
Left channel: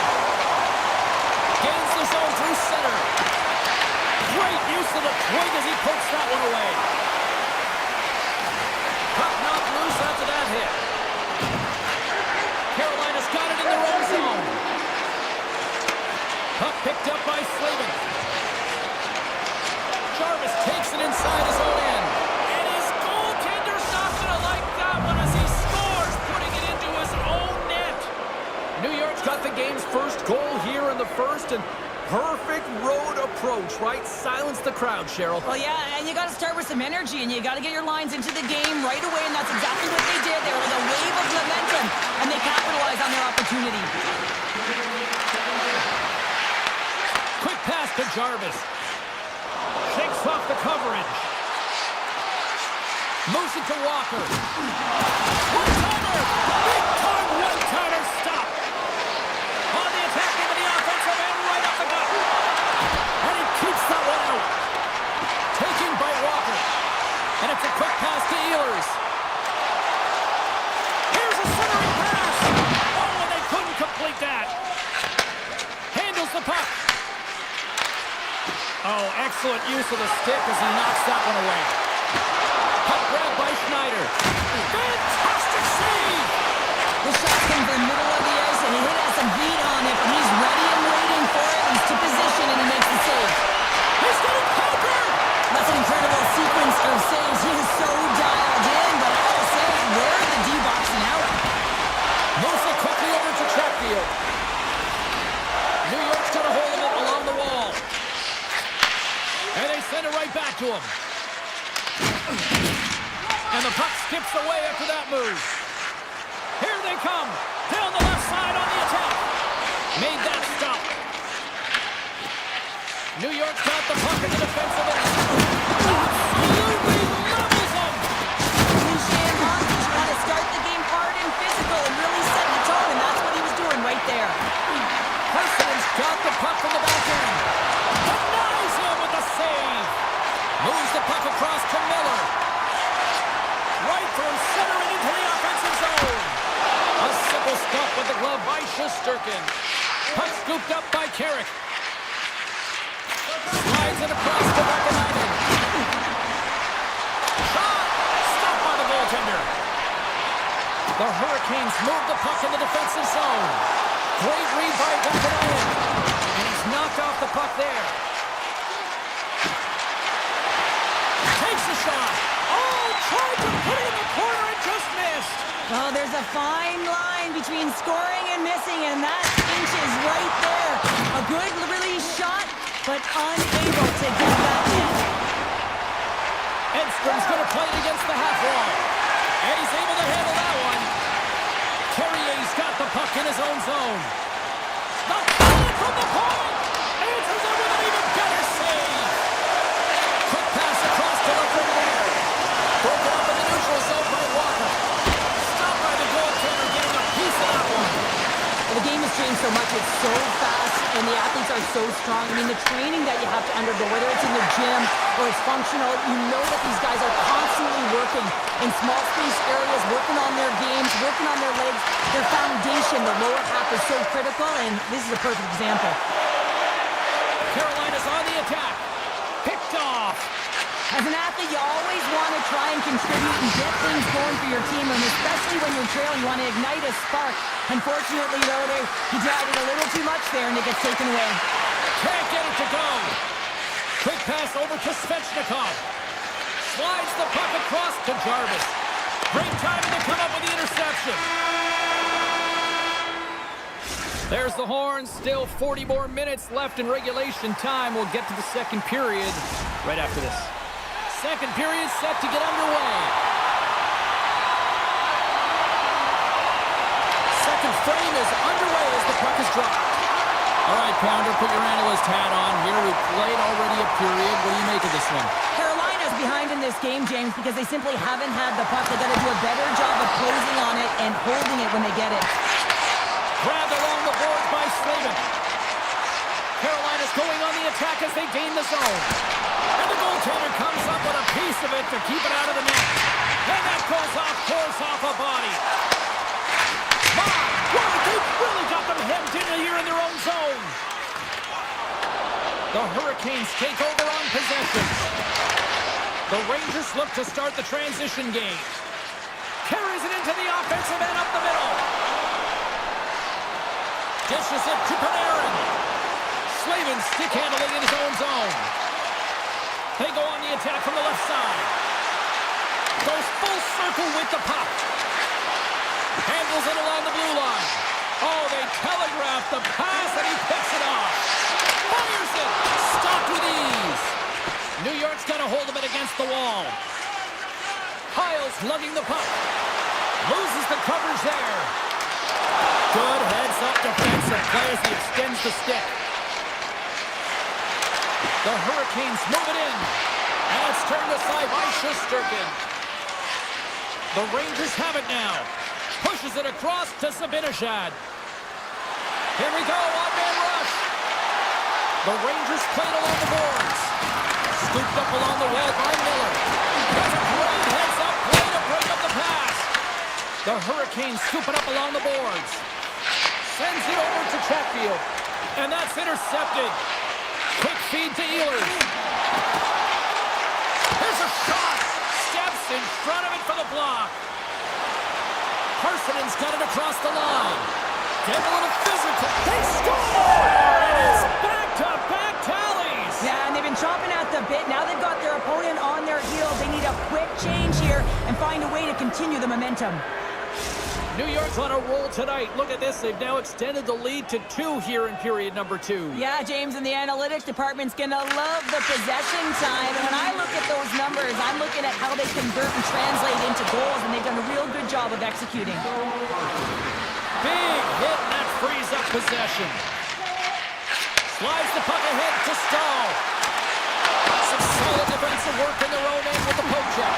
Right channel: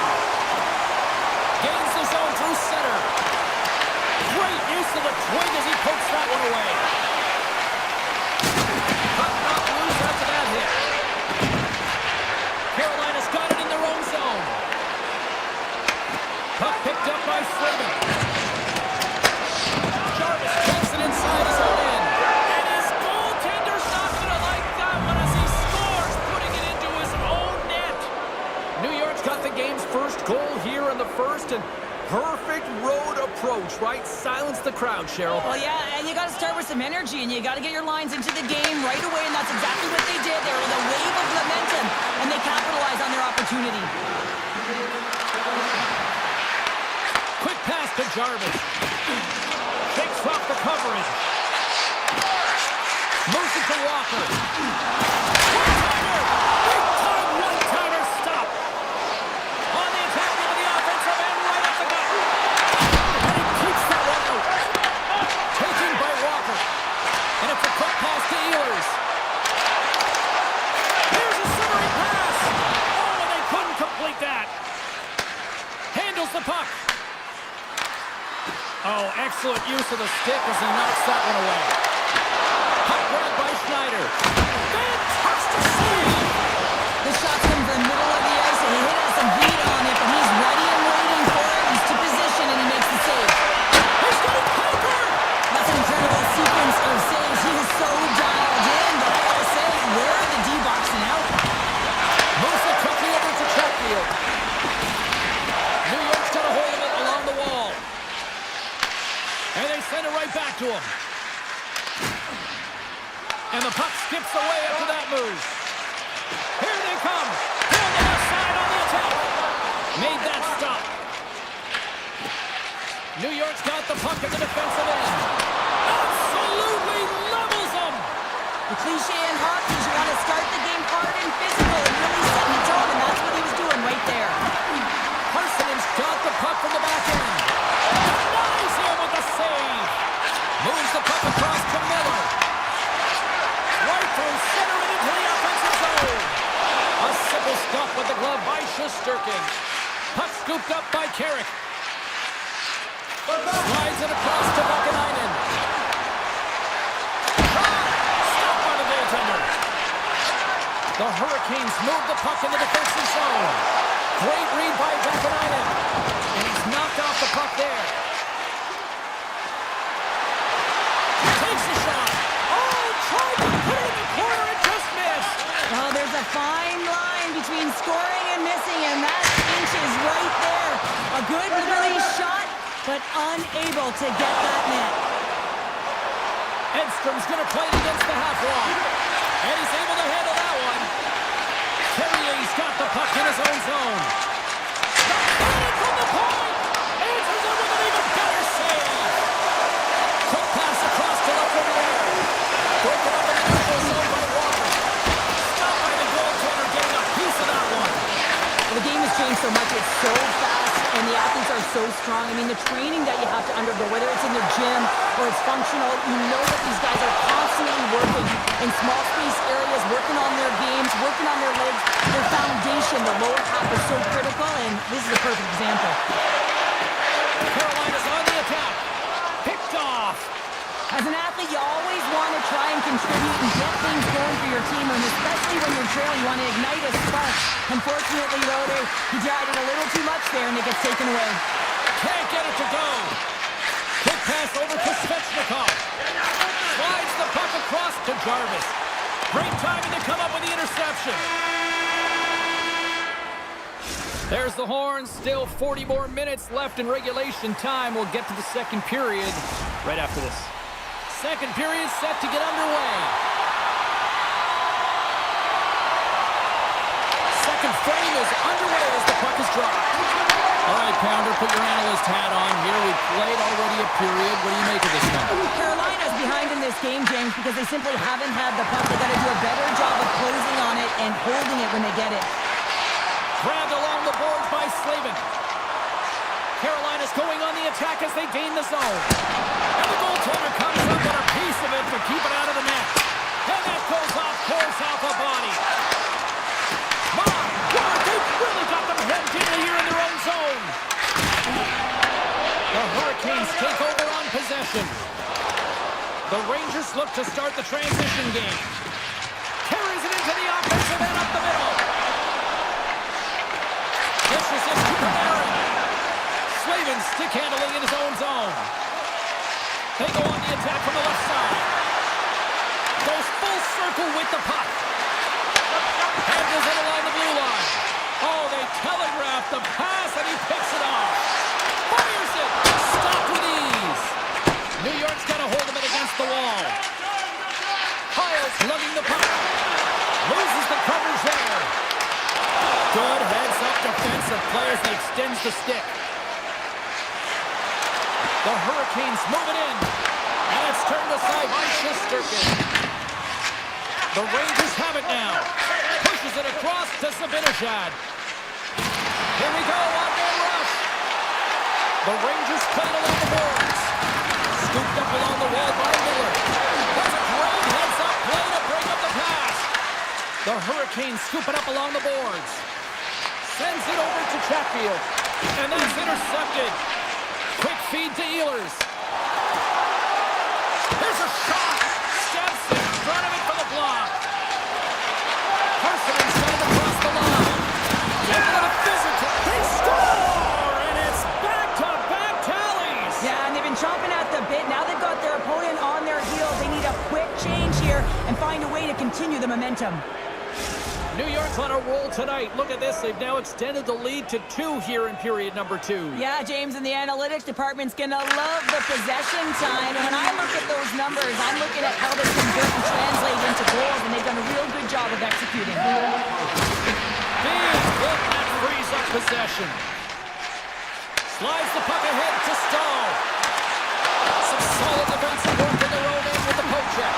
Gains the zone through center. Great use of the twig as he pokes that one away. Puck knocked loose after that hit. Carolina's got it in their own zone. Puck picked up by Slavin. Jarvis takes it inside his own end. And his goaltender's not going to like that one as he scores, putting it into his own net. New York's got the game's first goal here in the first, and perfect road approach, right? Silence the crowd, Cheryl. Well, yeah, and you got to start with some energy, and you got to get your lines into the game right away, and that's exactly what they did. They were like a wave of momentum, and they capitalized on their opportunity. Quick pass to Jarvis. Shakes off the coverage. Moves it to Walker. One-timer! Big-time one-timer stop! On the attack into the offensive end, right up the gut. And he keeps that one out. Taken by Walker. And it's a quick pass to Ehlers. Here's a centering pass. Oh, and they couldn't complete that. Handles the puck. Oh, excellent use of the stick as he knocks that one away. Puck grab by Schneider. Fantastic save! The shot's coming from the middle of the ice, and he has some heat on it, but he's ready and waiting for it. He's to position, and he makes the save. He's getting conquered! That's an incredible sequence of saves. He is so dialed in, but I gotta say, where are the D-boxing out? Moves it quickly over to Chatfield. New York's got a hold of it along the wall. And they send it right back to him. And the puck skips away after that move. Here they come. Down the left side on the attack. Made that stop. New York's got the puck in the defensive end. Absolutely levels them. Cliche in hockey, you want to start the game hard and physical and really set the tone, and that's what he was doing right there. Parsons got the puck from the back end. Denies him with the save. Moves the puck across to Miller. Right from center and into the offensive zone. A simple stop with the glove by Shesterkin. Puck scooped up by Carrick. Slides it across to Vakanainen. Shot! Stopped by the goaltender. The Hurricanes move the puck in the defensive zone. Great read by Vakanainen. And he's knocked off the puck there. Takes the shot. Oh, tried to put it in the corner and just missed. Oh, there's a fine line between scoring and missing, and that inch is right there. A good release shot, but unable to get that net. Edstrom's going to play it against the half wall. And he's able to handle that one. Carrier's got the puck in his own zone. The cannon from the point! Answers it with an even better save. Quick pass across to left over there. Broken up in the neutral zone by Walker. Stopped by the goaltender, getting a piece of that one. Well, the game has changed so much. It's so fast, and the athletes are so strong. I mean, the training that you have to undergo, whether it's in the gym or it's functional, you know that these guys are constantly working in small space areas, working on their games, working on their legs. Their foundation, the lower half, is so critical, and this is a perfect example. Carolina's on the attack. Picked off. As an athlete, you always want to try and contribute and get things going for your team, and especially when you're trailing, you want to ignite a spark. Unfortunately, though, he tried it a little too much there, and it gets taken away. Can't get it to go. Quick pass over to Svechnikov. Slides the puck across to Jarvis. Great timing to come up with the interception. There's the horn. Still 40 more minutes left in regulation time. We'll get to the second period right after this. Second period set to get underway. Second frame is underway as the puck is dropped. All right, Pounder, put your analyst hat on here. We've played already a period. What do you make of this one? Carolina's behind in this game, James, because they simply haven't had the puck. They got to do a better job of closing on it and holding it when they get it. Grabbed along the boards by Slavin. Carolina's going on the attack as they gain the zone. And the goaltender comes up with a piece of it to keep it out of the net. And that goes off, pours off a body. Moss Really got them hemmed in here in their own zone. The Hurricanes take over on possession. The Rangers look to start the transition game. Carries it into the offensive end up the middle. Dishes it to Panarin. Slavin stick handling in his own zone. They go on the attack from the left side. Goes full circle with the puck. Handles it along the blue line. Oh, they telegraph the pass and he picks it off. Fires it. Stopped with ease. New York's got a hold of it against the wall. Piles lugging the puck. Loses the coverage there. Good heads-up defensive play as he extends the stick. The Hurricanes move it in. And it's turned aside by Shesterkin. The Rangers have it now. Pushes it across to Zibanejad. Here we go, one-man rush. The Rangers played along the boards. Scooped up along the wall by Miller. That's a great heads-up play to break up the pass. The Hurricanes scoop it up along the boards. Sends it over to Chatfield. And that's intercepted. Quick feed to Ehlers. Here's a shot. Steps in front of it for the block. Parson's got it across the line. Get a little physical. They score! And it's back-to-back tallies. Yeah, and they've been chomping at the bit. Now they've got their opponent on their heels. They need a quick change here and find a way to continue the momentum. New York's on a roll tonight. Look at this. They've now extended the lead to 2 here in period number 2. Yeah, James, and the analytics department's going to love the possession time. And when I look at those numbers, I'm looking at how they convert and translate into goals, and they've done a real good job of executing. Big hit, and that frees up possession. Slides the puck ahead to Stahl. Some solid defensive work in their own end with the poke check.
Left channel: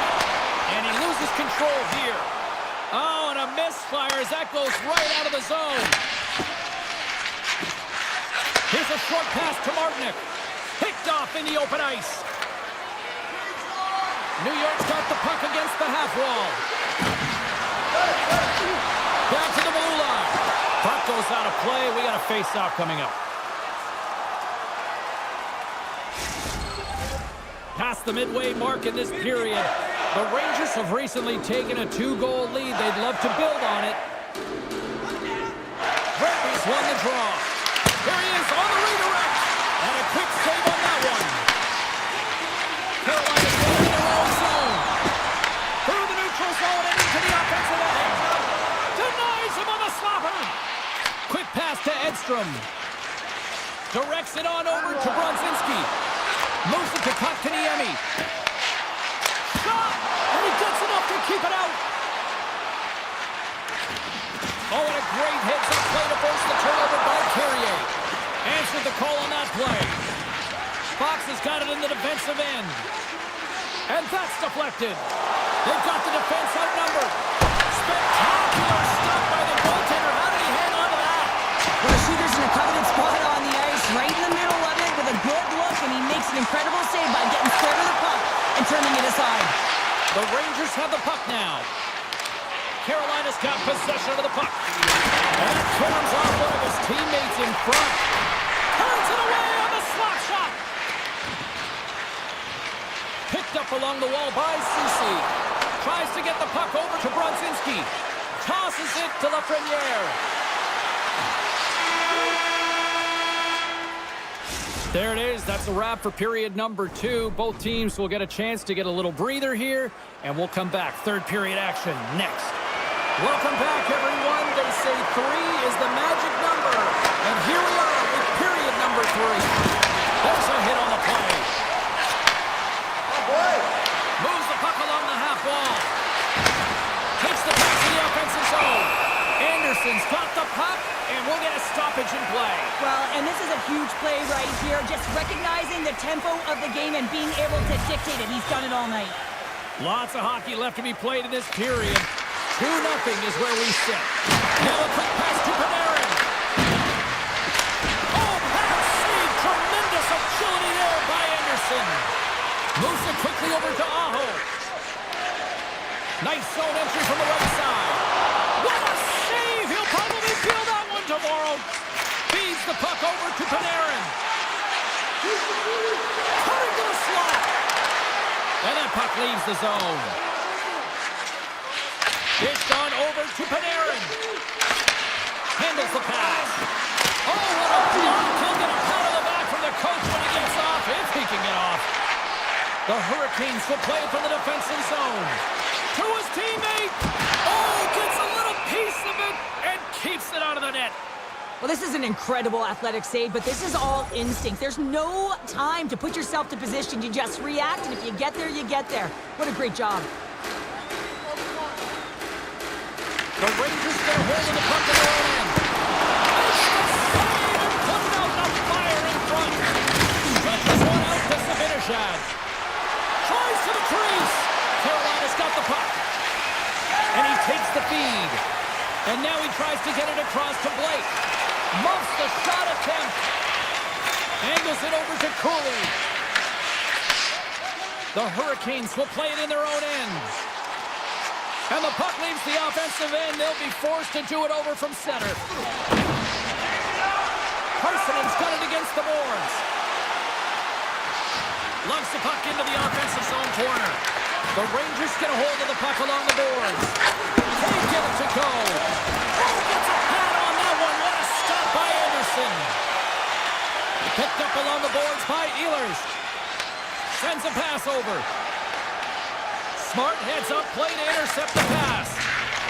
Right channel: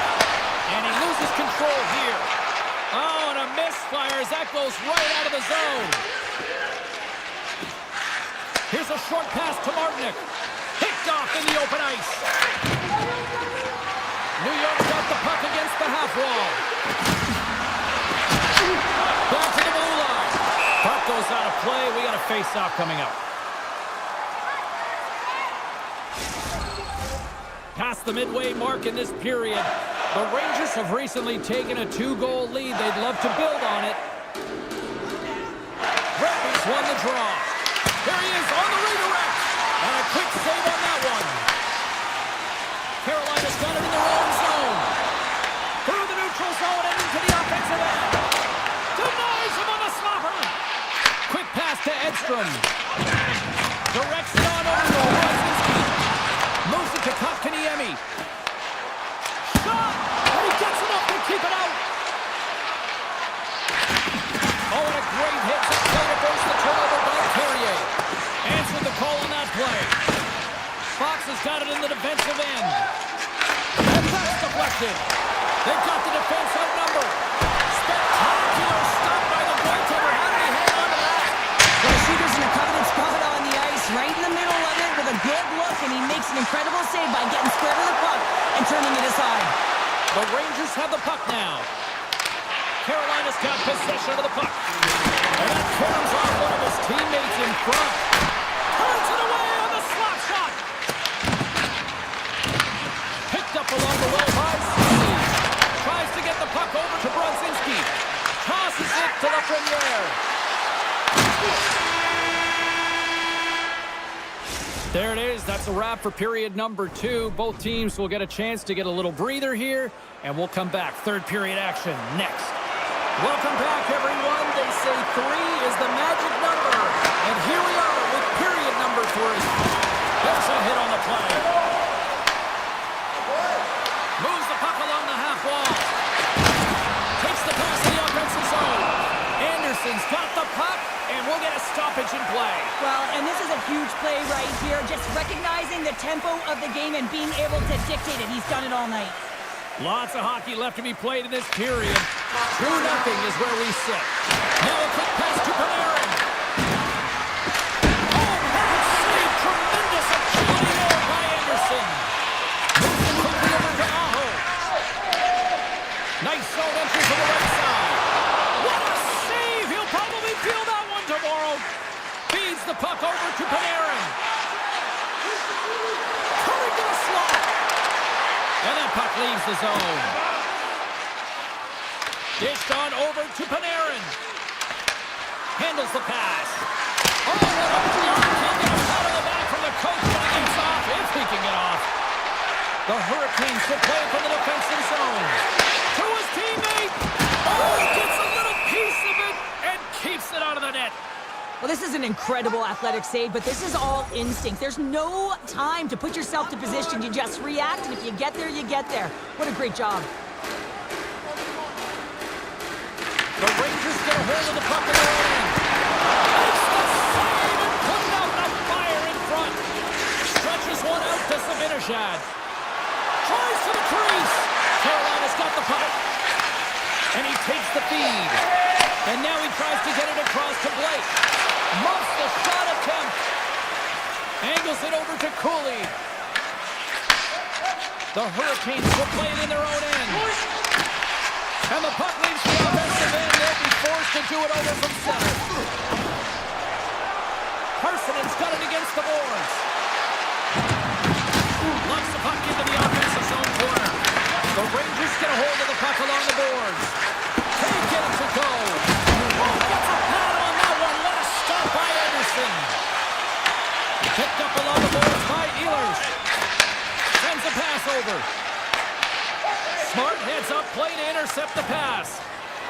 And he loses control here. Oh, and a misfire as that goes right out of the zone. Here's a short pass to Martinick. Picked off in the open ice. New York's got the puck against the half wall. Back to the blue line. Puck goes out of play. We got a face-off coming up. Past the midway mark in this period. The Rangers have recently taken a 2-goal lead. They'd love to build on it. Rappies won the draw. Here he is on the redirect. And a quick save on that one. Carolina's got it in their own zone. Through the neutral zone and into the offensive end. Denies him on the slapper. Quick pass to Edstrom. Directs it on over to Brodzinski. Moves it to Kotkaniemi. Shot! And he gets enough to keep it out. Oh, and a great heads-up play to force the turnover by Carrier. Answered the call on that play. Fox has got it in the defensive end. And that's deflected. They've got the defense outnumbered. Spectacular stop by the goaltender. How did he hang on to that? Well, the shooter's in a coveted spot on the ice, right in the middle of it with a good look, and he makes an incredible save by getting square to the puck and turning it aside. The Rangers have the puck now. Carolina's got possession of the puck. And that caroms off one of his teammates in front. Turns it away on the slap shot. Picked up along the wall by Ceci. Tries to get the puck over to Brodzinski. Tosses it to Lafreniere. There it is. That's a wrap for period number 2. Both teams will get a chance to get a little breather here, and we'll come back. Third period action next. Welcome back, everyone. They say 3 is the magic number. And here we are with period number 3. There's a hit on the play. Oh, boy. Moves the puck along the half wall. Takes the pass in the offensive zone. Anderson's got the puck, and we'll get a stoppage in play. Well, and this is a huge play right here. Just recognizing the tempo of the game and being able to dictate it. He's done it all night. Lots of hockey left to be played in this period. 2-0 is where we sit. Now a quick pass to Panarin. Oh, that save! Tremendous agility there by Anderson. Moves it quickly over to Aho. Nice zone entry from the right side. What a save! He'll probably feel that one to the puck over to Panarin. Cutting to the slot. And that puck leaves the zone. Dished on over to Panarin. Handles the pass. Oh, what a block. He'll get a pat on the back from the coach when he gets off, if he can get off. The Hurricanes will play it from the defensive zone. To his teammate. Oh, gets a little piece of it and keeps it out of the net. Well, this is an incredible athletic save, but this is all instinct. There's no time to put yourself to position. You just react, and if you get there, you get there. What a great job. The Rangers get a hold of the puck in their own end. Makes the save and putting out the fire in front. Stretches one out to Zibanejad. Tries to the crease. Carolina's got the puck. And he takes the feed. And now he tries to get it across to Blake. Muffs the shot attempt. Angles it over to Cooley. The Hurricanes will play it in their own end. And the puck leaves the offensive end. They'll be forced to do it over from center. Parsonen's got it against the boards. Lumps the puck into the offensive zone corner. The Rangers get a hold of the puck along the boards. Can't get it to go. Oh, gets a pad on that one. What a stop by Anderson. Picked up along the boards by Ehlers. Sends a pass over. Smart heads up, play to intercept the pass.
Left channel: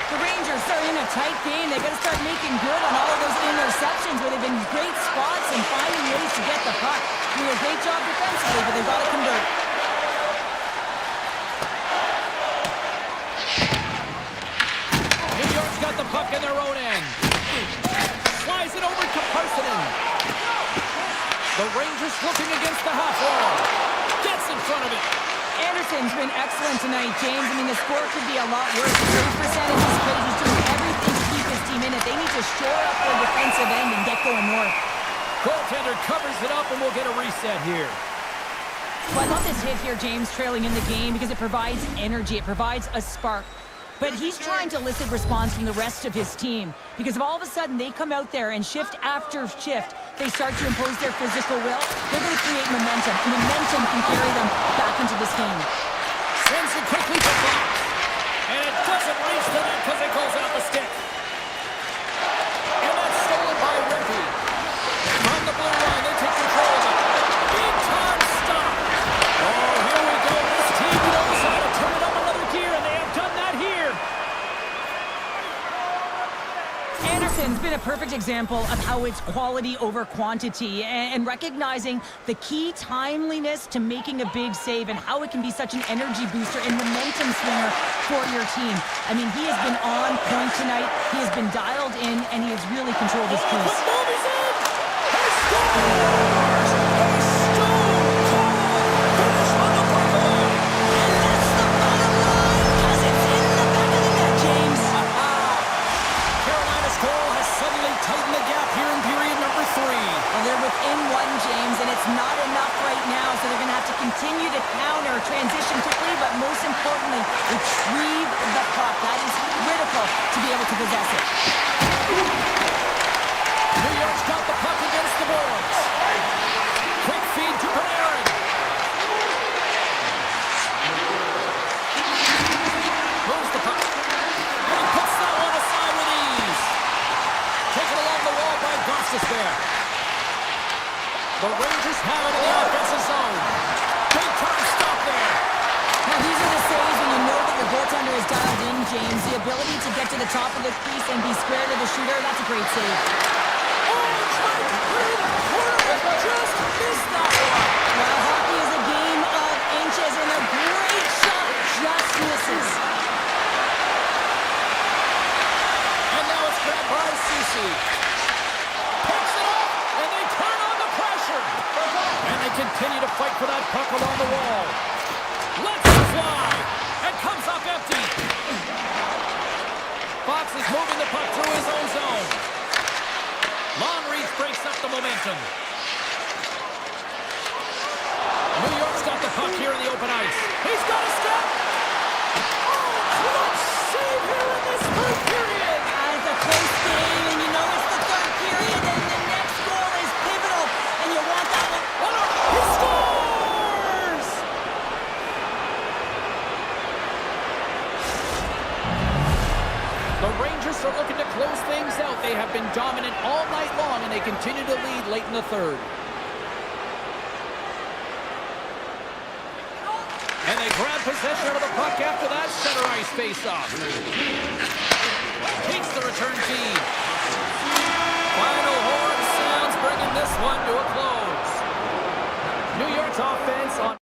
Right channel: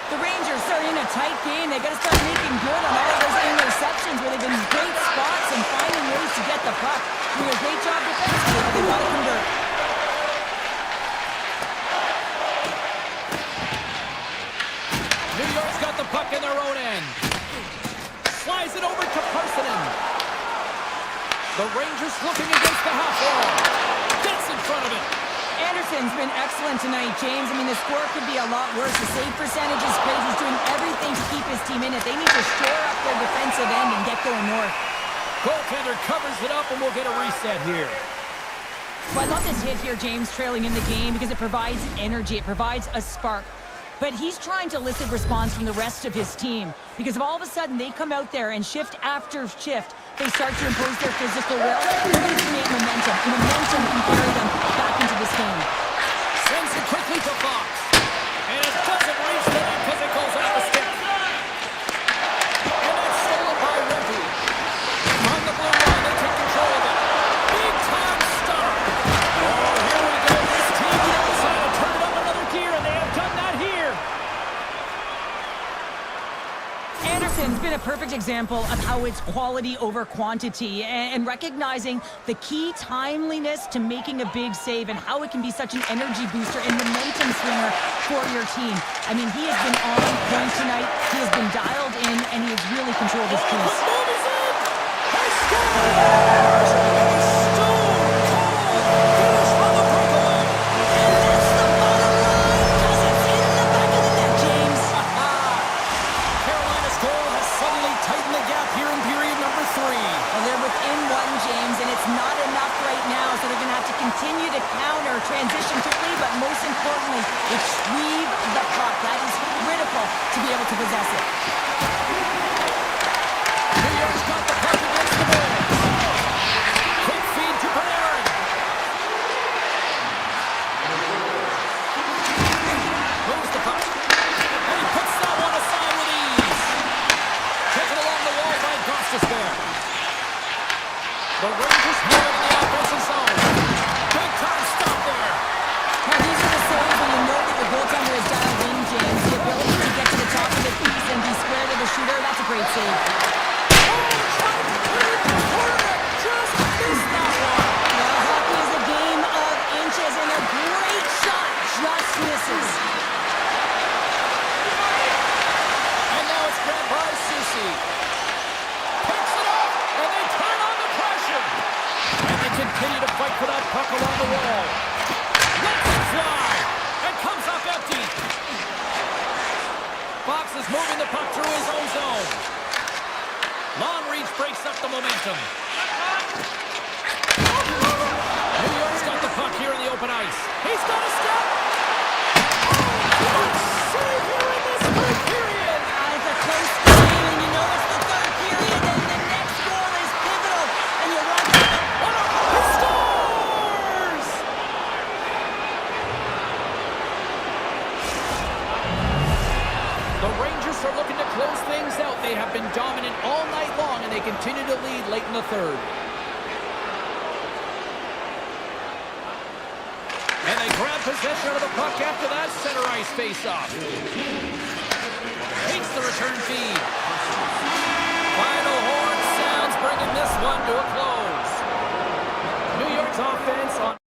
The Rangers are in a tight game. They got to start making good on all of those interceptions where they've been in great spots and finding ways to get the puck. Doing a great job defensively, but they've got to convert. New York's got the puck in their own end. Slides it over to Parsonen. The Rangers looking against the half wall. Gets in front of it. Anderson's been excellent tonight, James. I mean, the score could be a lot worse. The save percentage is great. He's doing everything to keep his team in it. They need to shore up their defensive end and get going north. Goaltender covers it up, and we'll get a reset here. Well, I love this hit here, James, trailing in the game, because it provides energy. It provides a spark. But he's trying to elicit response from the rest of his team, because if all of a sudden they come out there and shift after shift, they start to impose their physical will, they're going to create momentum. And momentum can carry them back into this game. Sends it quickly to Fox. And it doesn't reach the net because it goes out the stick. And that's stolen by Rempe. From the blue line, they take control of it. Big time stop. Oh, here we go. This team knows how to turn it up another gear, and they have done that here. Anderson's been a perfect example of how it's quality over quantity and recognizing the key timeliness to making a big save and how it can be such an energy booster and momentum swinger for your team. I mean, he has been on point tonight. He has been dialed in, and he has really controlled his piece. Quick move, he's in! He scores! A stone-cold finish on the breakaway! And that's the bottom line, because it's in the back of the net, James. Carolina's goal has suddenly tightened the gap here in period number 3. Well, they're within one, James, and it's not enough right now, so they're going to have to continue to counter, transition quickly, but most importantly, retrieve the puck. That is critical to be able to possess it. New York's got the puck against the boards. Quick feed to Panarin. Moves the puck. And he puts that one aside with ease. Taken along the wall by Gostisbehere. The Rangers have it in the offensive zone. Big time stop there. Now, these are the saves when you know that your goaltender is dialed in, James. The ability to get to the top of the piece and be square to the shooter, that's a great save. Oh, trying to clear the corner. Just missed that one. Well, hockey is a game of inches, and a great shot just misses. And now it's grabbed by Soucy. Picks it up, and they turn on the pressure. And they continue to fight for that puck along the wall. Lets it fly, and comes up empty. Fox is moving the puck through his own zone. Long reach breaks up the momentum. New York's got the puck here in the open ice. He's got a step. Oh, clutch save here in this third period. It's a close game, and you know it's the third period, and the next goal East are looking to close things out. They have been dominant all night long, and they continue to lead late in the third. And they grab possession of the puck after that center ice face-off. Takes the return feed. Final horn sounds, bringing this one to a close. New York's offense on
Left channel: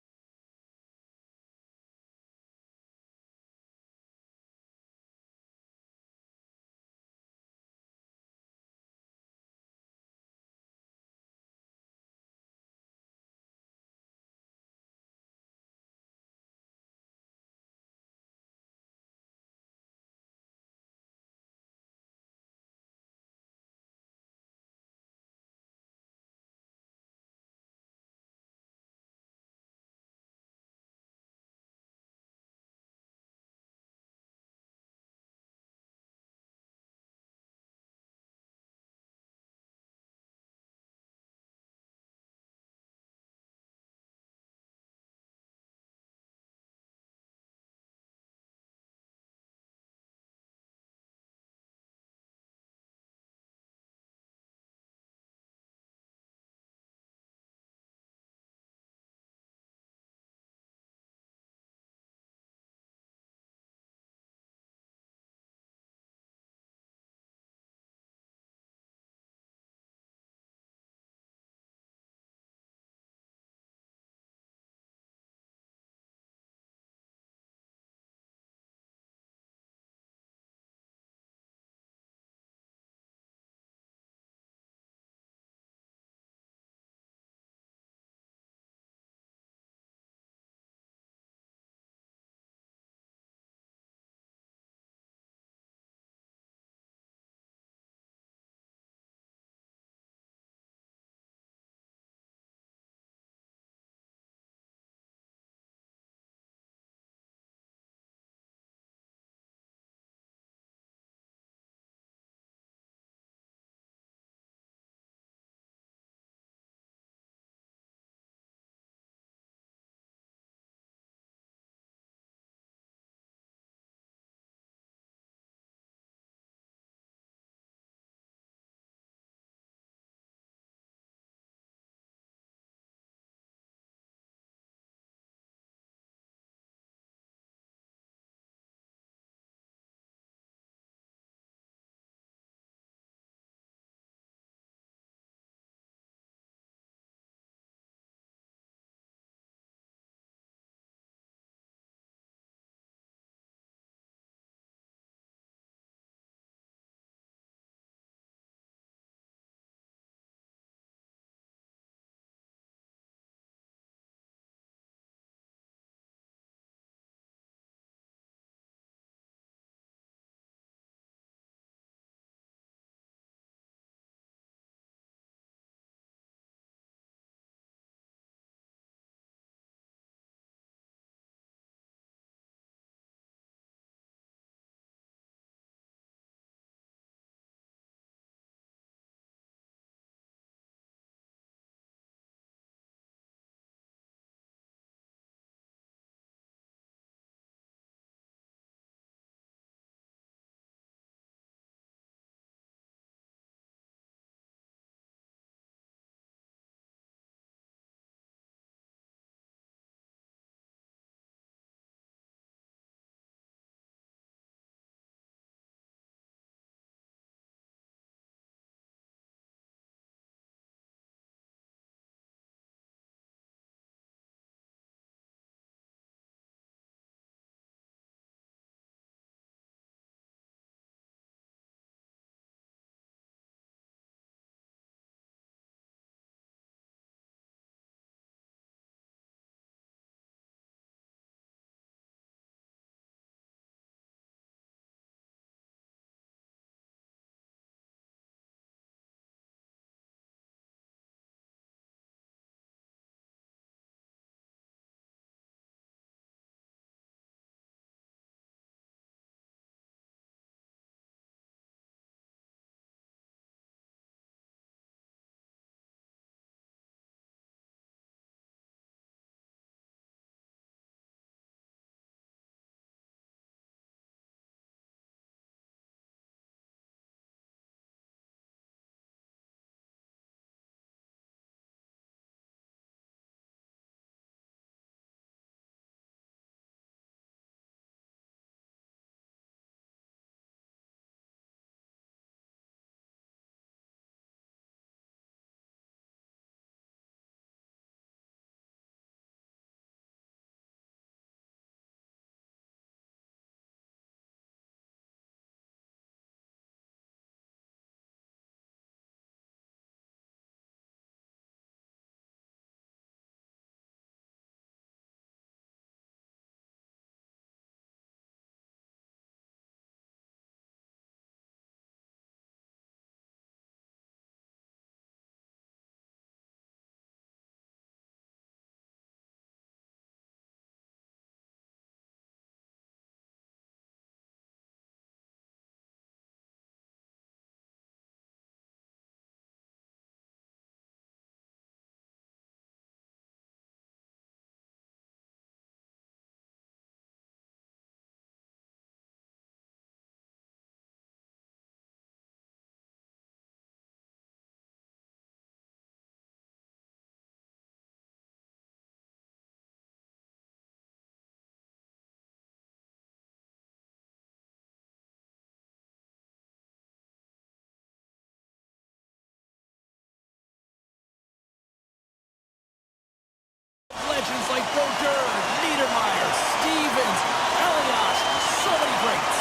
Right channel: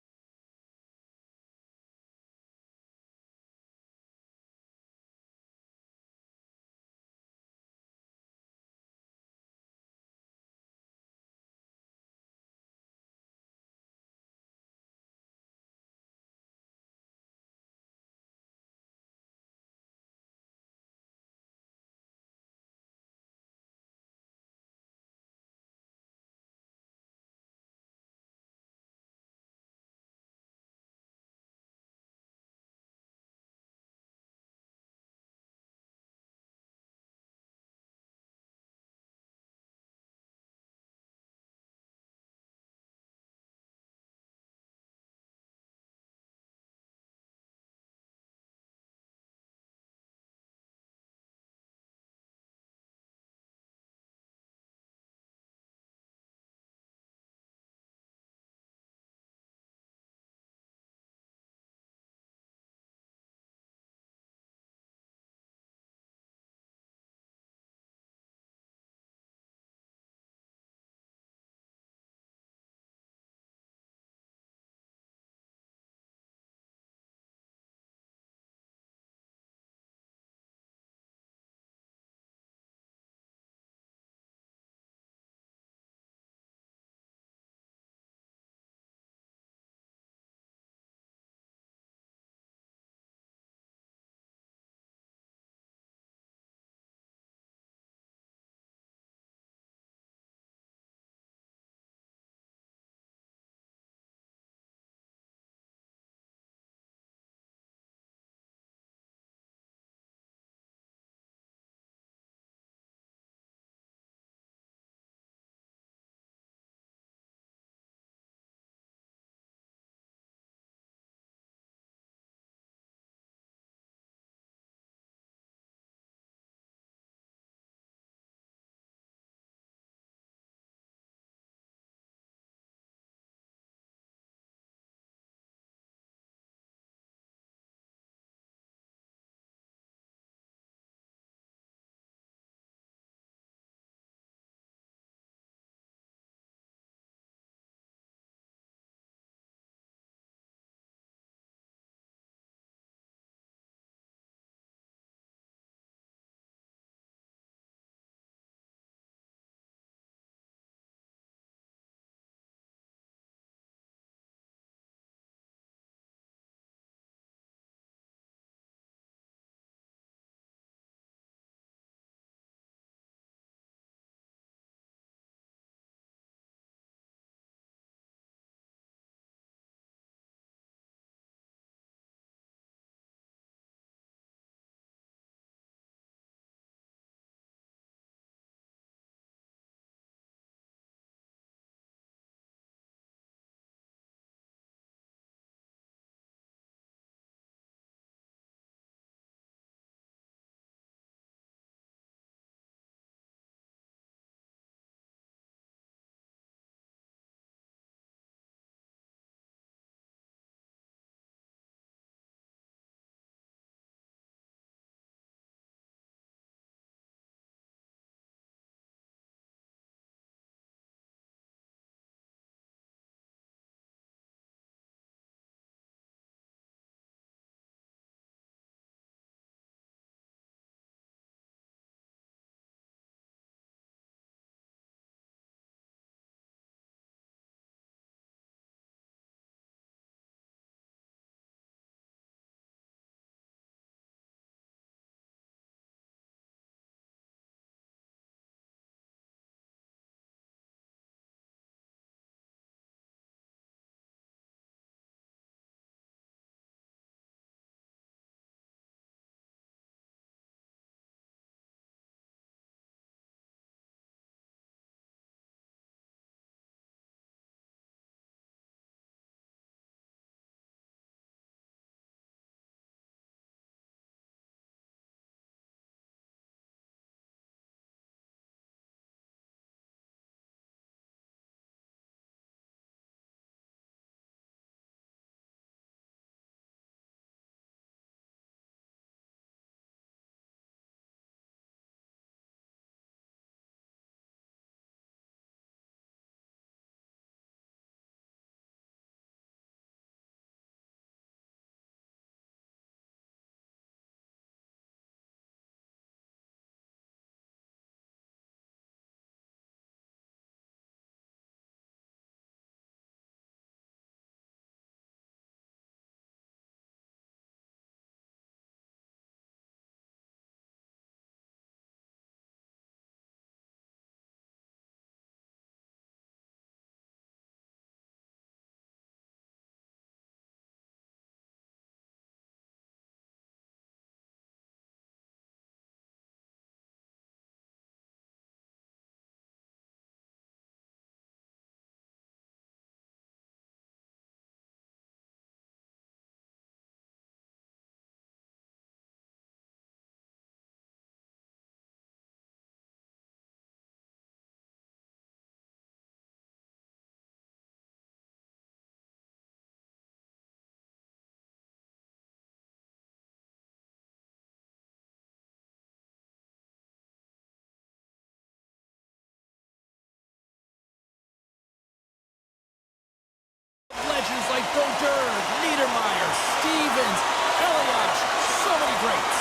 legends like Brodeur, Niedermeyer, Stevens, Eliash, so many greats.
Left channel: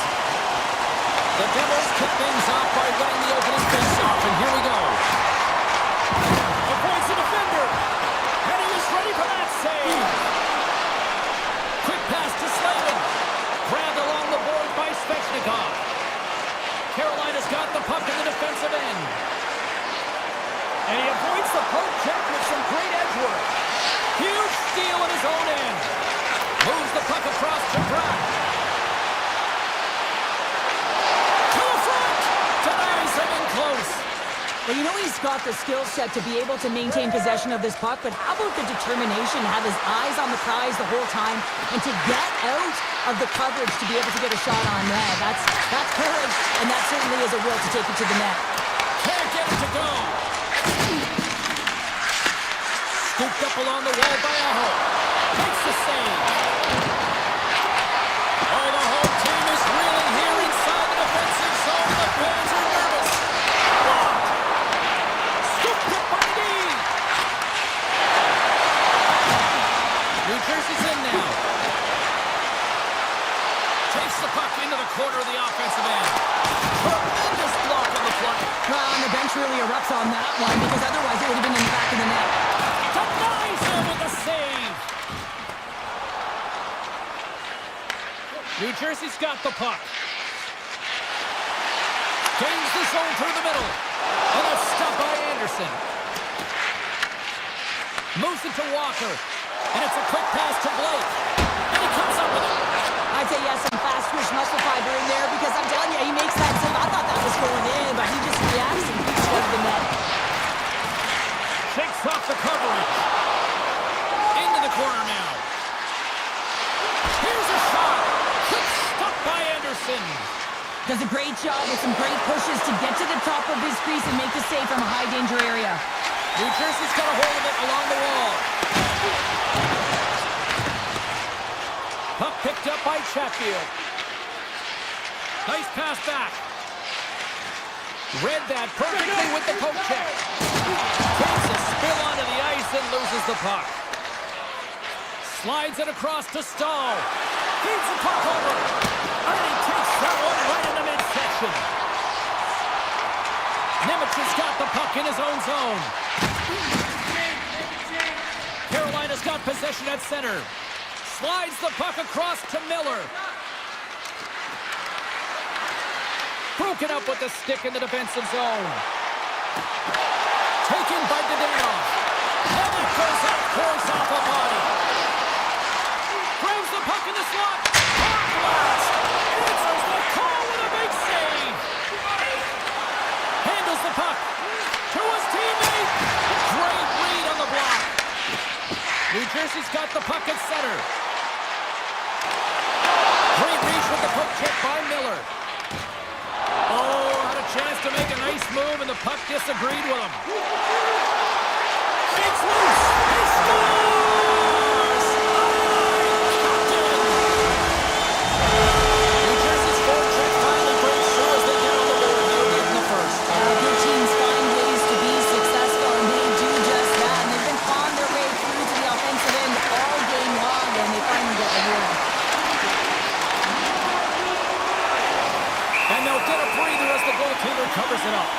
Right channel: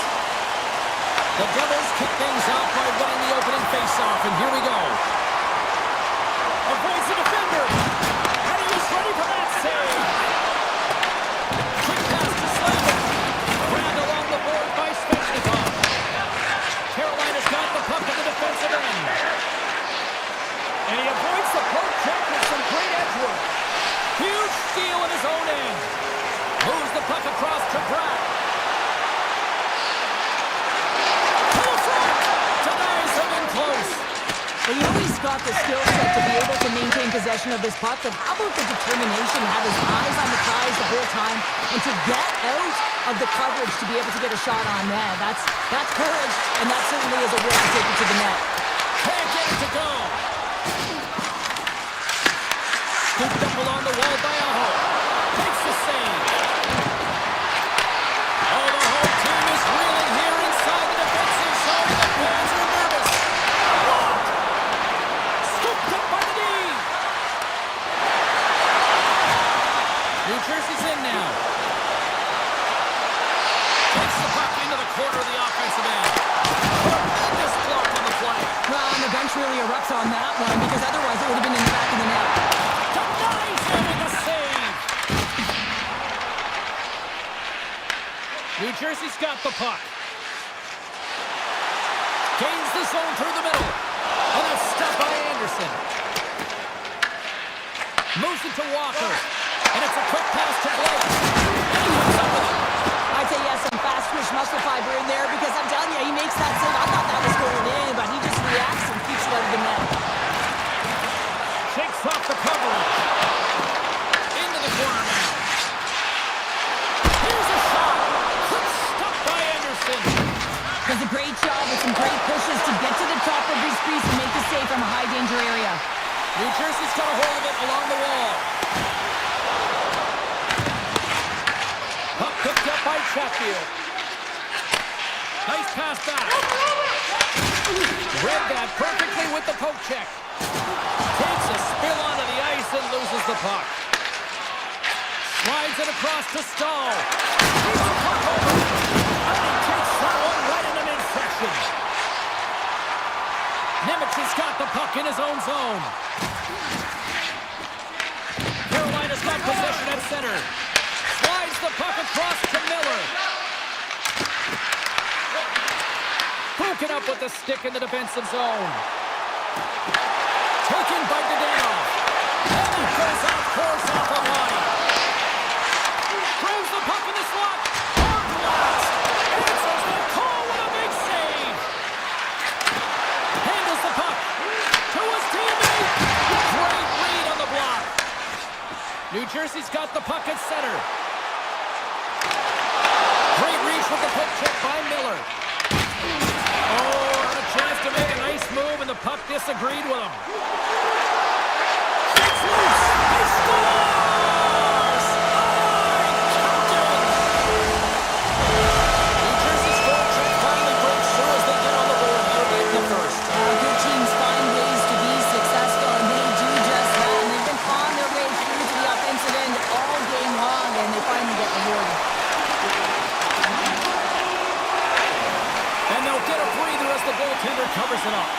The Devils kick things off by winning the opening faceoff, and here we go. Avoids the defender, and he was ready for that save. Quick pass to Slavin, grabbed along the board by Svechnikov. Carolina's got the puck in the defensive end. And he avoids the poke check with some great edge work. Huge steal at his own end. Moves the puck across to Bratt. To the front! Denies him in close. Well, you know he's got the skill set to be able to maintain possession of this puck, but how about the determination to have his eyes on the prize the whole time and to get out of the coverage to be able to get a shot on net? That's courage, and that certainly is a will to take it to the net. Can't get it to go. Scooped up along the wall by Aho. Makes the save. Oh, the whole team is reeling here inside the defensive zone. The fans are nervous. Blocked. Scooped up by the D. New Jersey's in now. Takes the puck into the corner of the offensive end. Tremendous block on the play. Well, and the bench really erupts on that one because otherwise it would have been in the back of the net. Denies him with a save. New Jersey's got the puck. Gains the zone through the middle. And that's stopped by Anderson. Moves it to Walker. And it's a quick pass to Blake. And he comes up with it. I'd say he has some fast twitch muscle fiber in there because I'm telling you, he makes that save. I thought that was going in, but he just reacts and keeps it out of the net. Shakes off the coverage. Into the corner now. Here's a shot. Quick stop by Anderson. Does a great job with some great pushes to get to the top of his crease and make the save from a high danger area. New Jersey's got a hold of it along the wall. Puck picked up by Chatfield. Nice pass back. Read that perfectly with the poke check. Takes a spill onto the ice and loses the puck. Slides it across to Stahl. Beats the puck over. And he takes that one right in the midsection. Nemec has got the puck in his own zone. Carolina's got possession at center. Slides the puck across to Miller. Broken up with the stick in the defensive zone. Taken by Dadonov. And he goes off course off a body. Grabs the puck in the slot. Hard blast. Answers the call with a big save. Handles the puck to his teammate. Great read on the block. New Jersey's got the puck at center. Great reach with the poke check by Miller. Oh, had a chance to make a nice move, and the puck disagreed with him. Shakes loose. He scores! Captain! New Jersey's forecheck finally breaks through as they get on the board here late in the first. Good teams find ways to be successful, and they do just that. And they've been clawing their way through to the offensive end all game long, and they finally get rewarded. And they'll get a breather as the goaltender covers it up.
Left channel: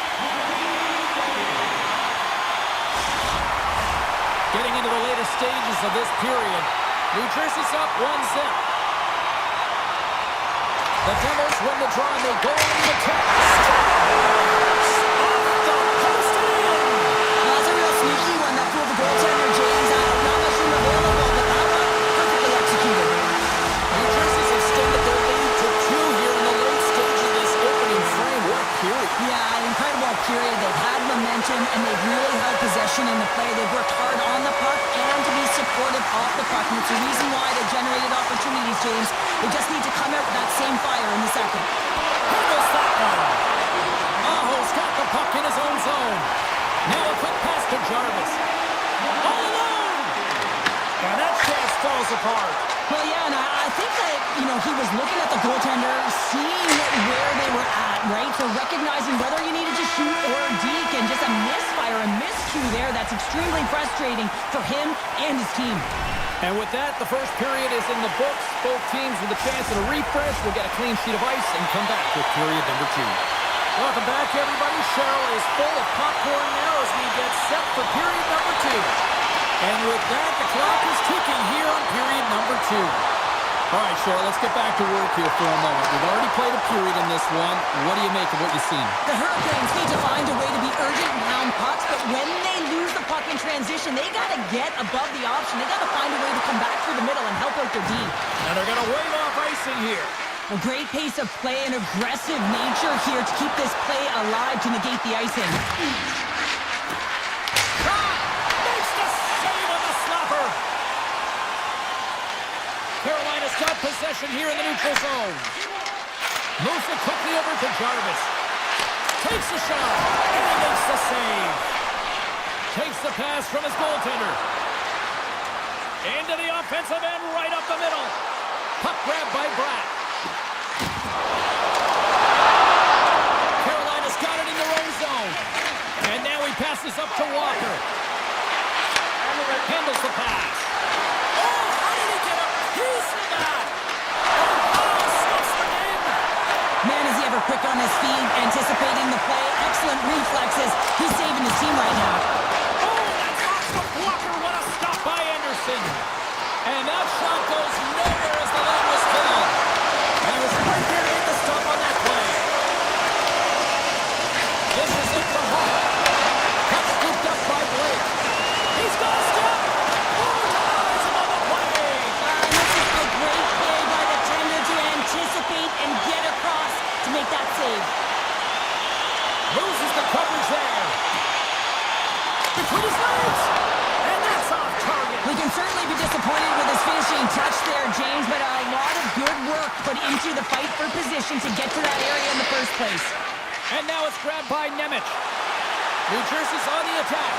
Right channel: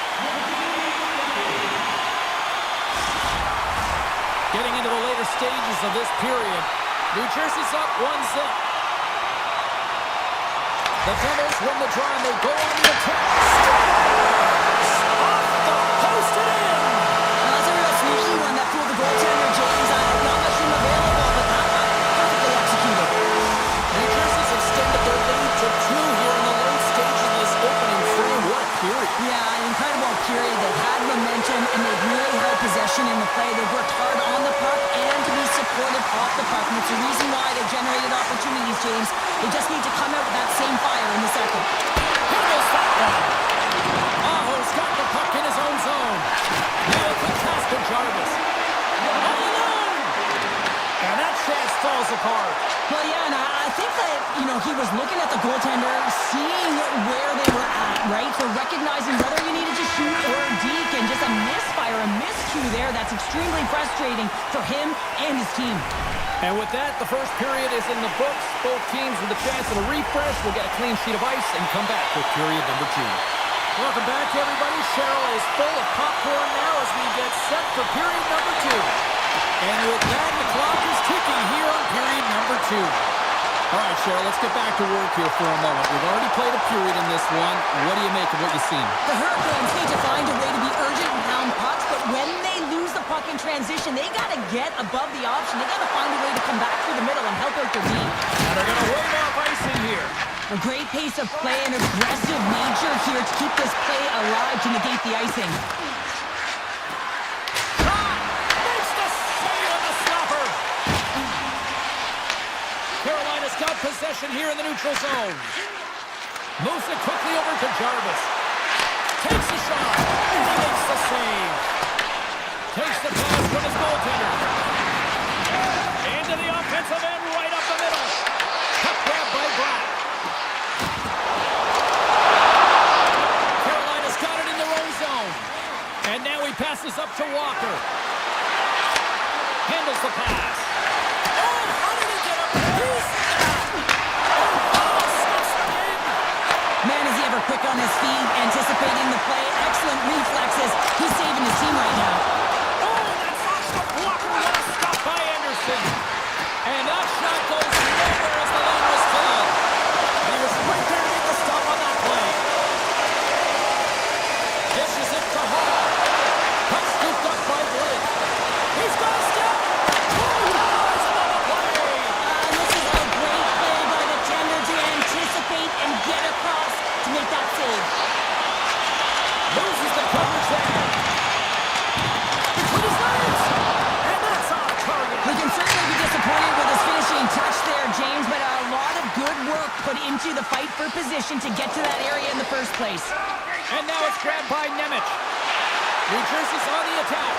Getting into the later stages of this period, New Jersey's up 1-0. The Devils win the draw and they go on the attack. Scores! Off the post and in! Well, that's a real sneaky one that fooled the goaltender, James. Not much room available, but that one perfectly executed. New Jersey's extended their lead to 2 here in the late stage of this opening frame. What a period. Yeah, an incredible period. They've had momentum, and they've really held possession in the play. They've worked hard on the puck and to be supportive off the puck. And it's the reason why they've generated opportunities, James. They just need to come out with that same fire in the second. Handles that one. Aho's got the puck in his own zone. Now a quick pass to Jarvis. All alone! And that chance falls apart. Well, yeah, and I think that, he was looking at the goaltender, seeing where they were at, right? So recognizing whether you needed to shoot or deke, and just a misfire, a miscue there. That's extremely frustrating for him and his team. And with that, the first period is in the books. Both teams with a chance at a refresh will get a clean sheet of ice and come back with period number 2. Welcome back, everybody. Cheryl is full of popcorn now as we get set for period number 2. And with that, the clock is ticking here on period number 2. All right, Cheryl, let's get back to work here for a moment. We've already played a period in this one. What do you make of what you've seen? The Hurricanes need to find a way to be urgent and pound pucks, but when they lose the puck in transition, they got to get above the option. They got to find a way to come back through the middle and help out their D. And they're going to wave off icing here. A great pace of play and aggressive nature here to keep this play alive to negate the icing. Makes the save on the slapper. Carolina's got possession here in the neutral zone. Moves it quickly over to Jarvis. Takes a shot, and he makes the save. Takes the pass from his goaltender. Into the offensive end, right up the middle. Puck grab by Bratt. Carolina's got it in their own zone. And now he passes up to Walker. Handles the pass. Oh, how did he get a piece of that? Oh, stuffs it in. Man, is he ever quick on his feet, anticipating the play. Excellent reflexes. He's saving his team right now. Oh, that's off the blocker. What a stop by Anderson. And that shot goes nowhere as the lane was filled. And he was right there to make the stop on that play. Dishes it to Hall. Puck scooped up by Blake. He's got a step. Oh, denies him on the play. And this is a great play by the tender to anticipate and get across to make that save. Loses the coverage there. Between his legs. And that's off target. We can certainly be disappointed with his finishing touch there, James, but a lot of good work put into the fight for position to get to that area in the first place. And now it's grabbed by Nemec. New Jersey's on the attack.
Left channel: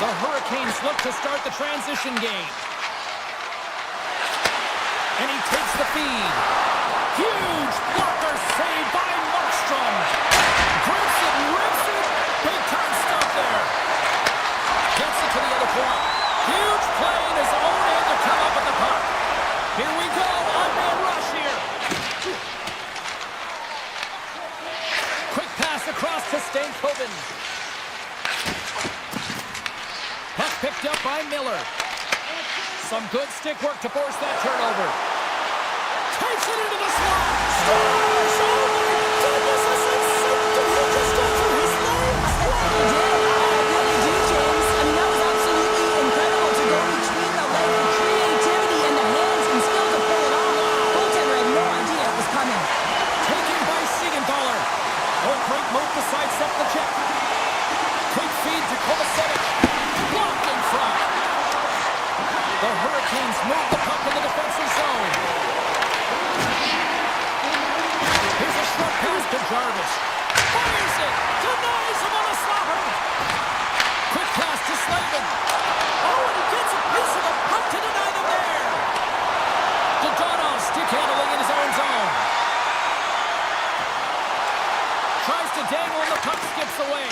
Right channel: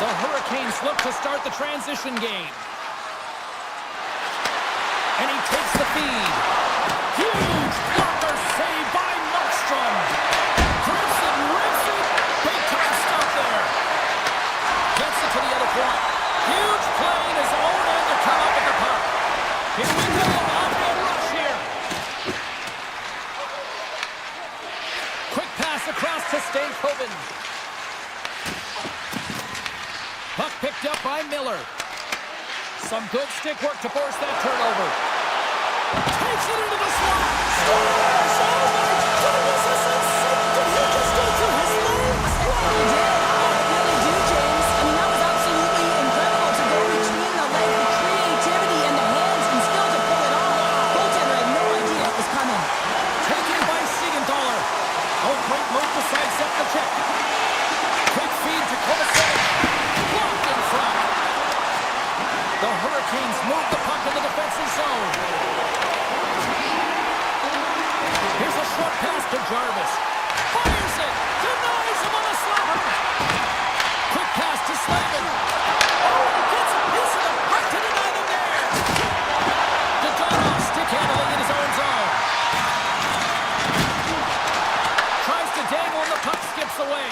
The Hurricanes look to start the transition game. And he takes the feed. Huge blocker save by Markstrom. Grips it, rips it. Big time stop there. Gets it to the other point. Huge play in his own end to come up with the puck. Here we go. On-man rush here. Quick pass across to Stankoven. Puck picked up by Miller. Some good stick work to force that turnover. Takes it into the slot. Scores! Oh my goodness, this is insane. Did he just go through his legs? He did. I really do, James. I mean, that was absolutely incredible to go between the legs, the creativity and the hands, and still to pull it off. Goaltender had no idea it was coming. Taken by Siegenthaler. Oh, great move to sidestep the check. Quick feed to Kovacevic. Blocked in front. The Hurricanes move the puck in the defensive zone. Here's a short pass to Jarvis. Fires it. Denies him on a slapper. Quick pass to Slavin. Oh, and he gets a piece of the puck to deny them there. Dodonov stick handling in his own zone. Tries to dangle and the puck skips away.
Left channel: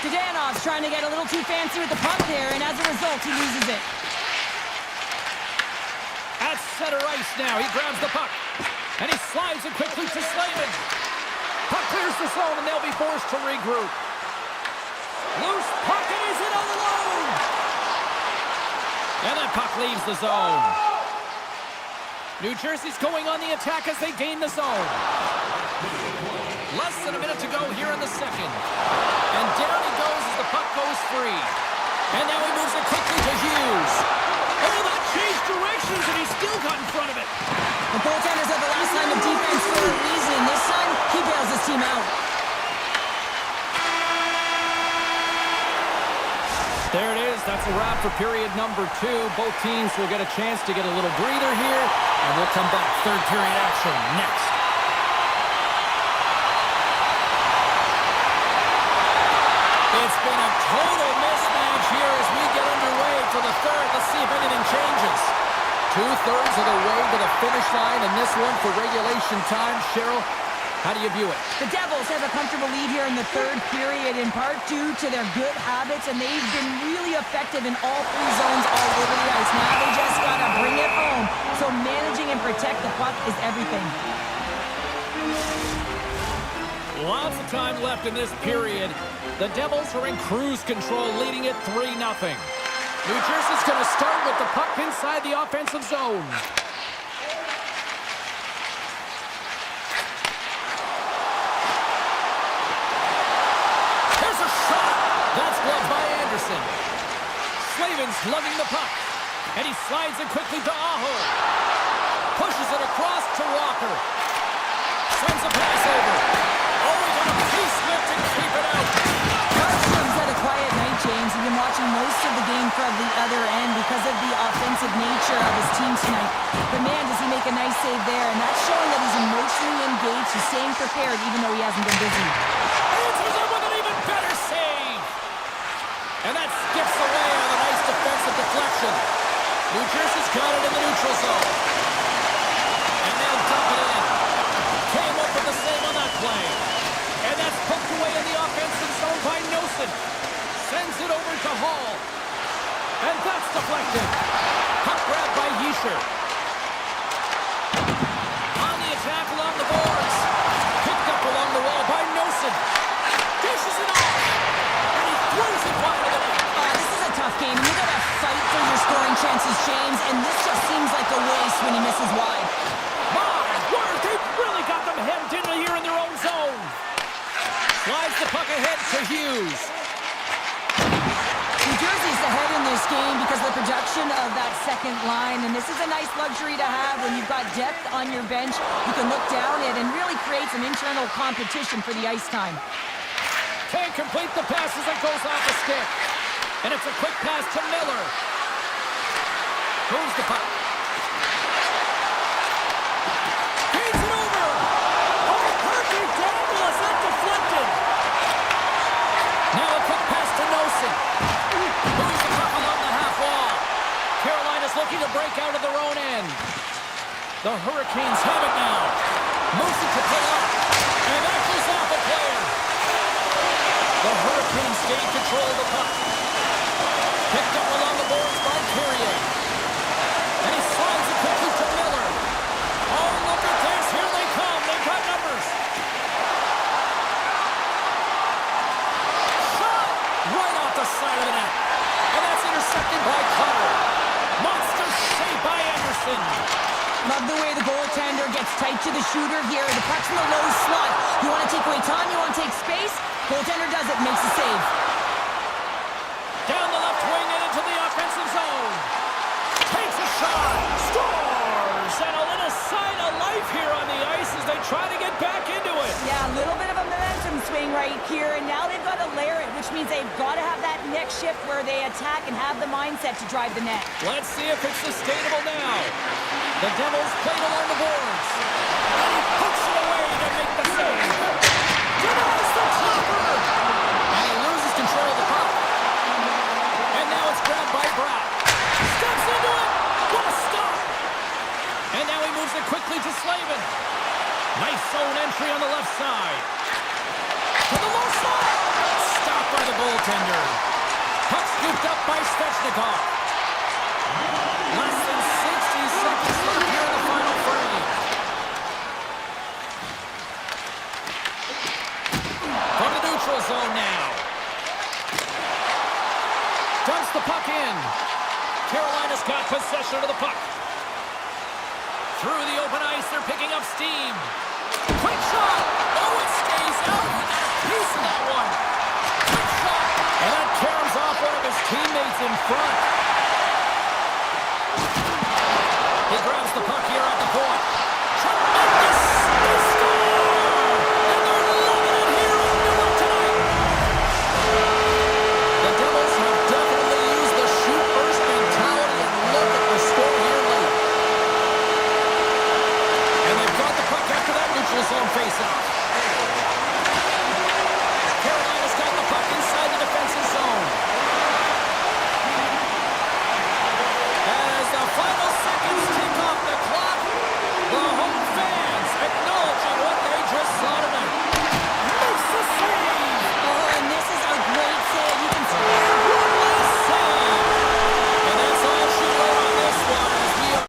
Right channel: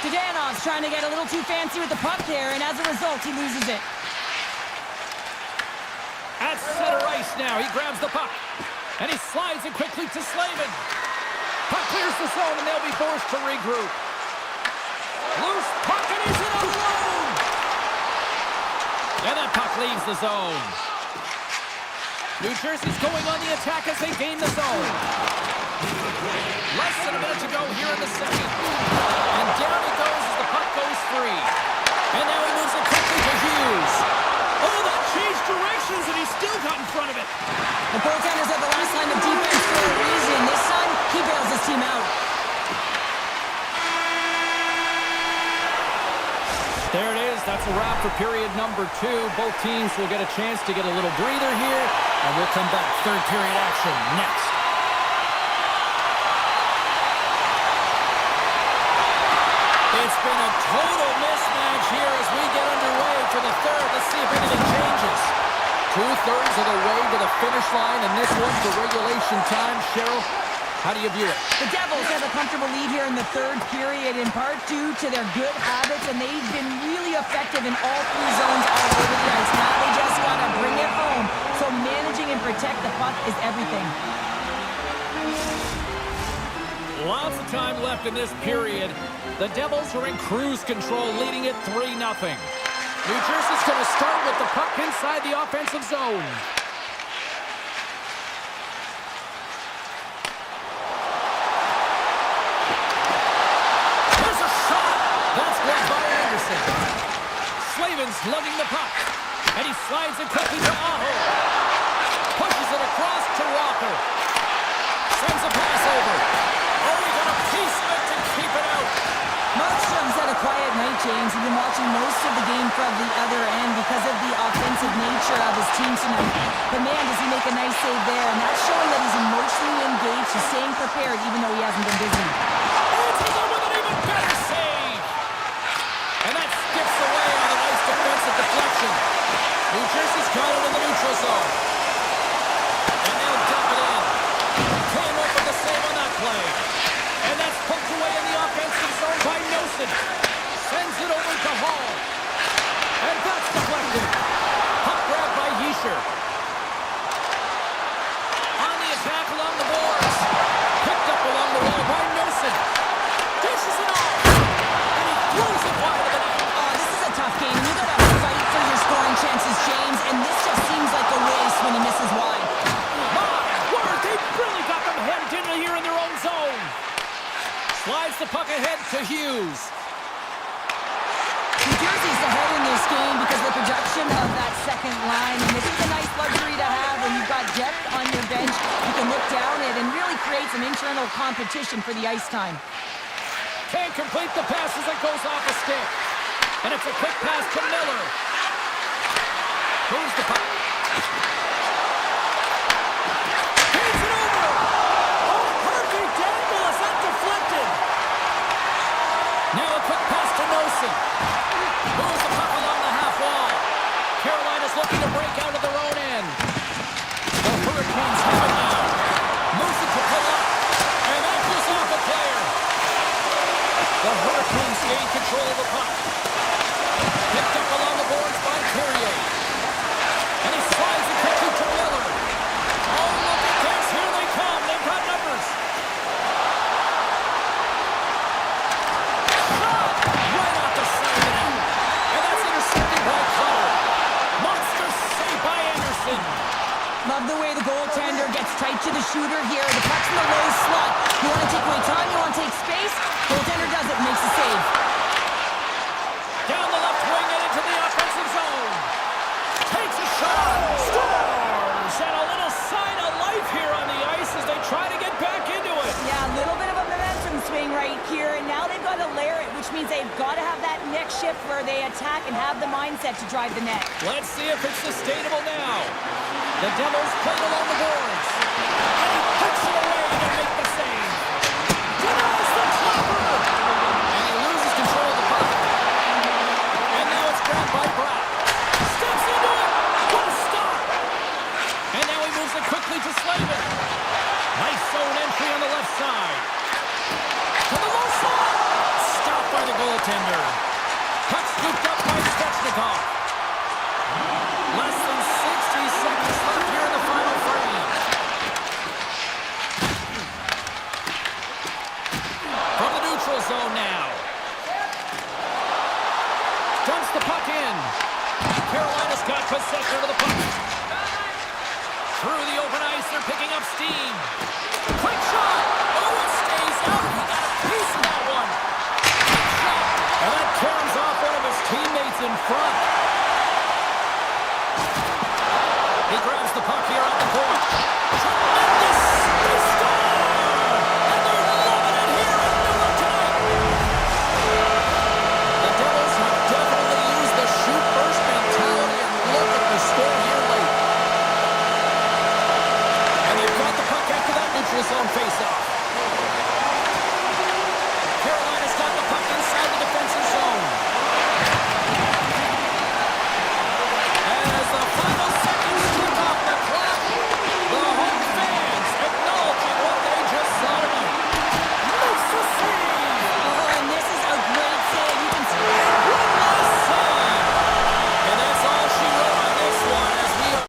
Dodanov's trying to get a little too fancy with the puck there, and as a result, he loses it. At center ice now, he grabs the puck. And he slides it quickly to Slavin. Puck clears the zone, and they'll be forced to regroup. Loose puck, and he's in alone. And that puck leaves the zone. New Jersey's going on the attack as they gain the zone. Less than a minute to go here in the second. And down he goes as the puck goes free. And now he moves it quickly to Hughes. Oh, that changed directions, and he still got in front of it. The goaltenders are the last line of defense for a reason. This time, he bails his team out. There it is. That's a wrap for period number 2. Both teams will get a chance to get a little breather here, and we'll come back. Third period action next. It's been a total mismatch here as we get underway for the third. Let's see if anything changes. 2/3 of the way to the finish line, and this one for regulation time. Cheryl, how do you view it? The Devils have a comfortable lead here in the third period, in part due to their good habits, and they've been really effective in all 3 zones all over the ice. Now, and protect the puck is everything. Lots of time left in this period. The Devils are in cruise control, leading it 3-0. New Jersey's going to start with the puck inside the offensive zone. There's a shot! That's blocked by Anderson. Slavin's lugging the puck, and he slides it quickly to Aho. Pushes it across to Walker. Sends a pass over. Oh, he got a piece of it to keep it out. Markstrom's had a quiet night, James. He's been watching most of the game from the other end because of the offensive nature of his team tonight. But man, does he make a nice save there, and that's showing that he's emotionally engaged. He's staying prepared even though he hasn't been busy. Answers him with an even better save. And that skips away on a nice defensive deflection. New Jersey's got it in the neutral zone. And they'll dump it in. Came up with the save on that play. And that's poked away in the offensive zone by Nosen. Sends it over to Hall. And that's deflected. Puck grab by Yesher. On the attack along the boards. Picked up along the wall by Nosen. Dishes it off. And he throws it wide of the net. This is a tough game, and you gotta fight for your scoring chances, James, and this just seems like a waste when he misses wide. My word, they've really got them hemmed in here in their own zone. Slides the puck ahead to Hughes. New Jersey's ahead in this game because of the production of that second line, and this is a nice luxury to have when you've got depth on your bench. You can look down it and really create some internal competition for the ice time. Can't complete the pass as it goes off the stick. And it's a quick pass to Miller. Moves the puck. Feeds it over. Oh, perfect angle. Is that deflected? Now a quick pass to Nosen. Moves the puck along the half wall. Carolina's looking to break out of their own end. The Hurricanes have it now. Moves it to Palat. And that goes off a player. The Hurricanes gain control of the puck. Picked up along the boards by Carrier. And he slides it quickly to Miller. Oh, look at this. Here they come. They've got numbers. Shot! Right off the side of the net. And that's intercepted by Cutter. Monster save by Anderson. Love the way the goaltender gets tight to the shooter here. The puck's in the low slot. You want to take away time, you want to take space. Goaltender does it, makes a save. Down the left wing and into the offensive zone. Takes a shot. Scores! And a little sign of life here on the ice as they try to get back into it. Yeah, a little bit of a momentum swing right here, and now they've got to layer it, which means they've got to have that next shift where they attack and have the mindset to drive the net. Let's see if it's sustainable now. The Devils played along the boards. And he puts it away to make the save. Denies the chopper. And he loses control of the puck. And now it's grabbed by Bratt. Steps into it. What a stop. And now he moves it quickly to Slavin. Nice zone entry on the left side. To the low side. Stopped by the goaltender. Puck scooped up by Svechnikov. Less than 60 seconds left here in the final frame. From the neutral zone now. Dumps the puck in. Carolina's got possession of the puck. Through the open ice, they're picking up steam. Quick shot! Oh, it stays out. He got a piece of that one. Quick shot! And that caroms off one of his teammates in front. He grabs the puck here at the point. Tremendous! They score! And they're loving it here in Newark tonight. The Devils have definitely used the shoot-first mentality, and look at the score here late. And they've got the puck after that neutral zone face-off. Carolina's got the puck inside the defensive zone. As the final seconds tick off the clock, the home fans acknowledging what they just saw tonight. Makes the save! Oh, and this is a great save. You can see One last save! And that's all she wrote on this one as we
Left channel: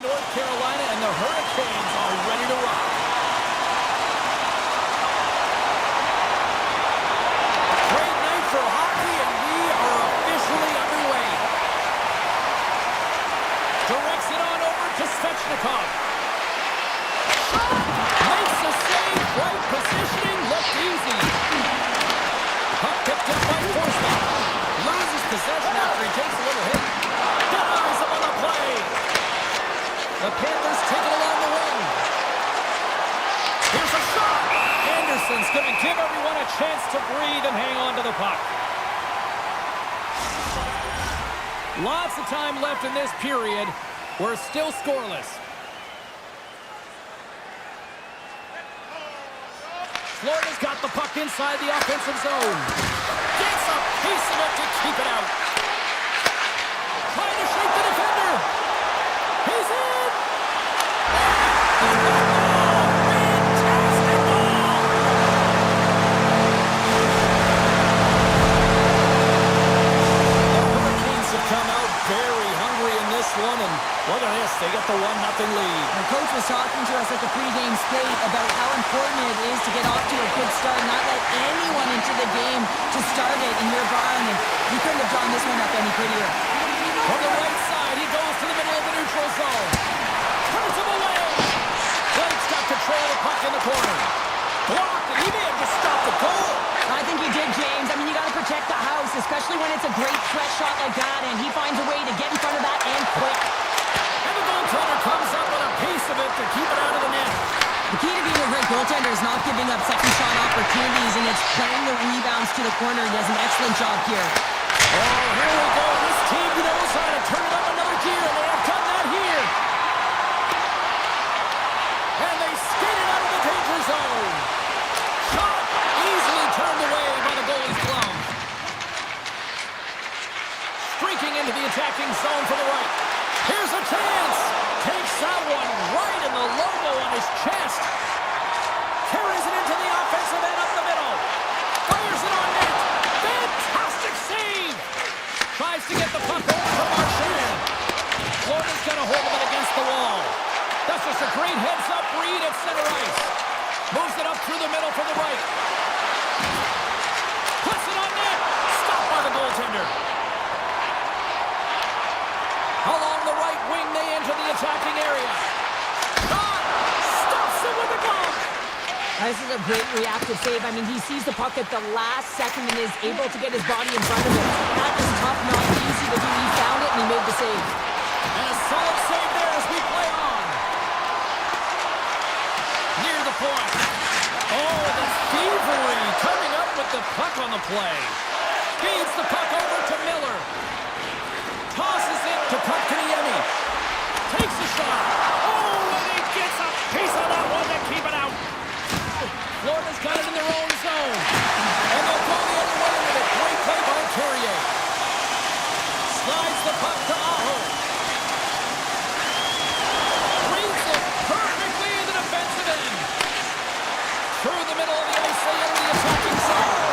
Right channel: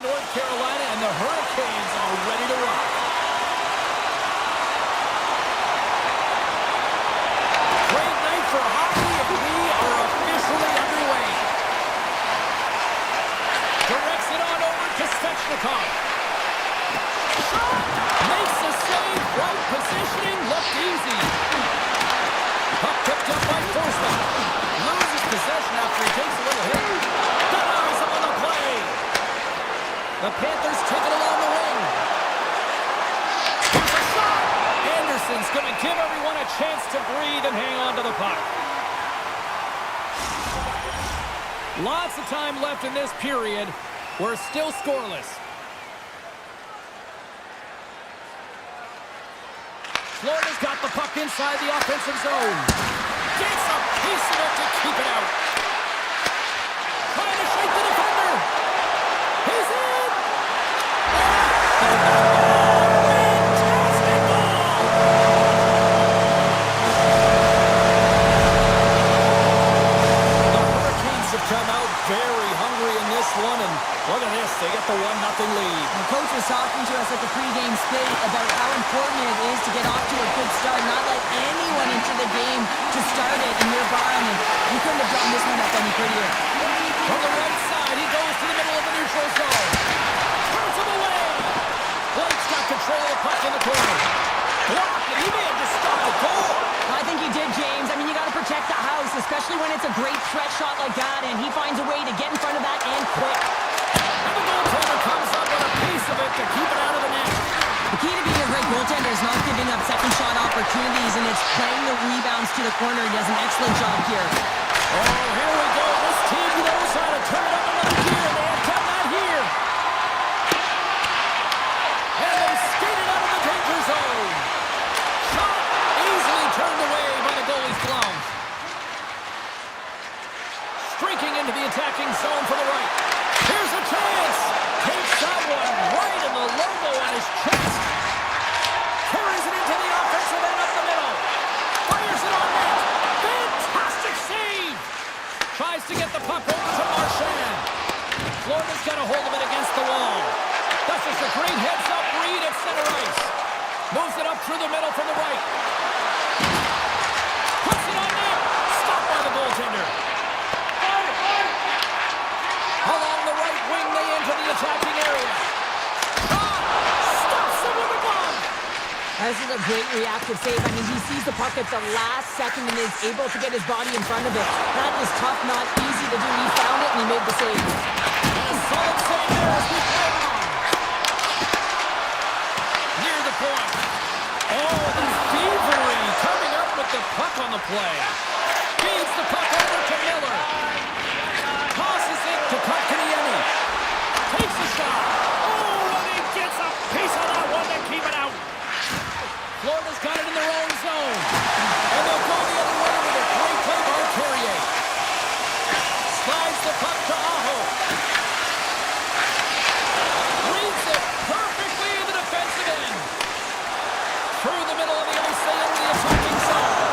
North Carolina, and the Hurricanes are ready to rock. Great night for hockey, and we are officially underway. Directs it on over to Svechnikov. Shot! Makes the save. Right positioning. Looked easy. Puck picked up by Forsman. Loses possession after he takes a little hit. Denies him on the play. The Panthers take it along the wing. Here's a shot. Anderson's going to give everyone a chance to breathe and hang on to the puck. Lots of time left in this period. We're still scoreless. Florida's got the puck inside the offensive zone. Gets a piece of it to keep it out. Trying to shake the defender. He's in. Oh, fantastic ball. The Hurricanes have come out very hungry in this one, and look at this. They get the 1-0 lead. The coach was talking to us at the pregame skate about how important it is to get off to a good start, not let anyone into the game to start it in your barn, and you couldn't have drawn this one up any prettier. From the right side, he goes to the middle of the neutral zone. Turns him away. Blake's got control of the puck in the corner. Blocked, and he may have just stopped the goal. I think he did, James. I mean, you got to protect the house, especially when it's a great threat shot like that, and he finds a way to get in front of that and quick. And the goaltender comes up with a piece of it to keep it out of the net. The key to being a great goaltender is not giving up second shot opportunities, and it's playing the rebounds to the corner. He does an excellent job here. Oh, here we go. This team knows how to turn it up another gear, and they have done that here. And they skated out of the danger zone. Shot easily turned away by the goalie's glove. Streaking into the attacking zone for the right. Here's a chance. Takes that one right in the logo on his chest. Carries it into the offensive end up the middle. Fires it on net. Fantastic save. Tries to get the puck over to Marchand. Florida's got a hold of it against the wall. That's just a great heads-up read at center ice. Moves it up through the middle from the right. Puts it on net. Stopped by the goaltender. Along the right wing, they enter the attacking area. Shot! Stops him with a glove! This is a great reactive save. I mean, he sees the puck at the last second and is able to get his body in front of it. That is tough, not easy to do. He found it and he made the save. And a solid save there as we play on. Near the point. Oh, the thievery coming up with the puck on the play. Feeds the puck over to Miller. Tosses it to Kotkaniemi. Takes a shot. Oh, and he gets a piece of that one to keep it out. Florida's got it in their own zone. And they'll go the other way with a great play by Carrier. Slides the puck to Aho. Reads it perfectly in the defensive end. Through the middle of the ice, they enter the attacking zone.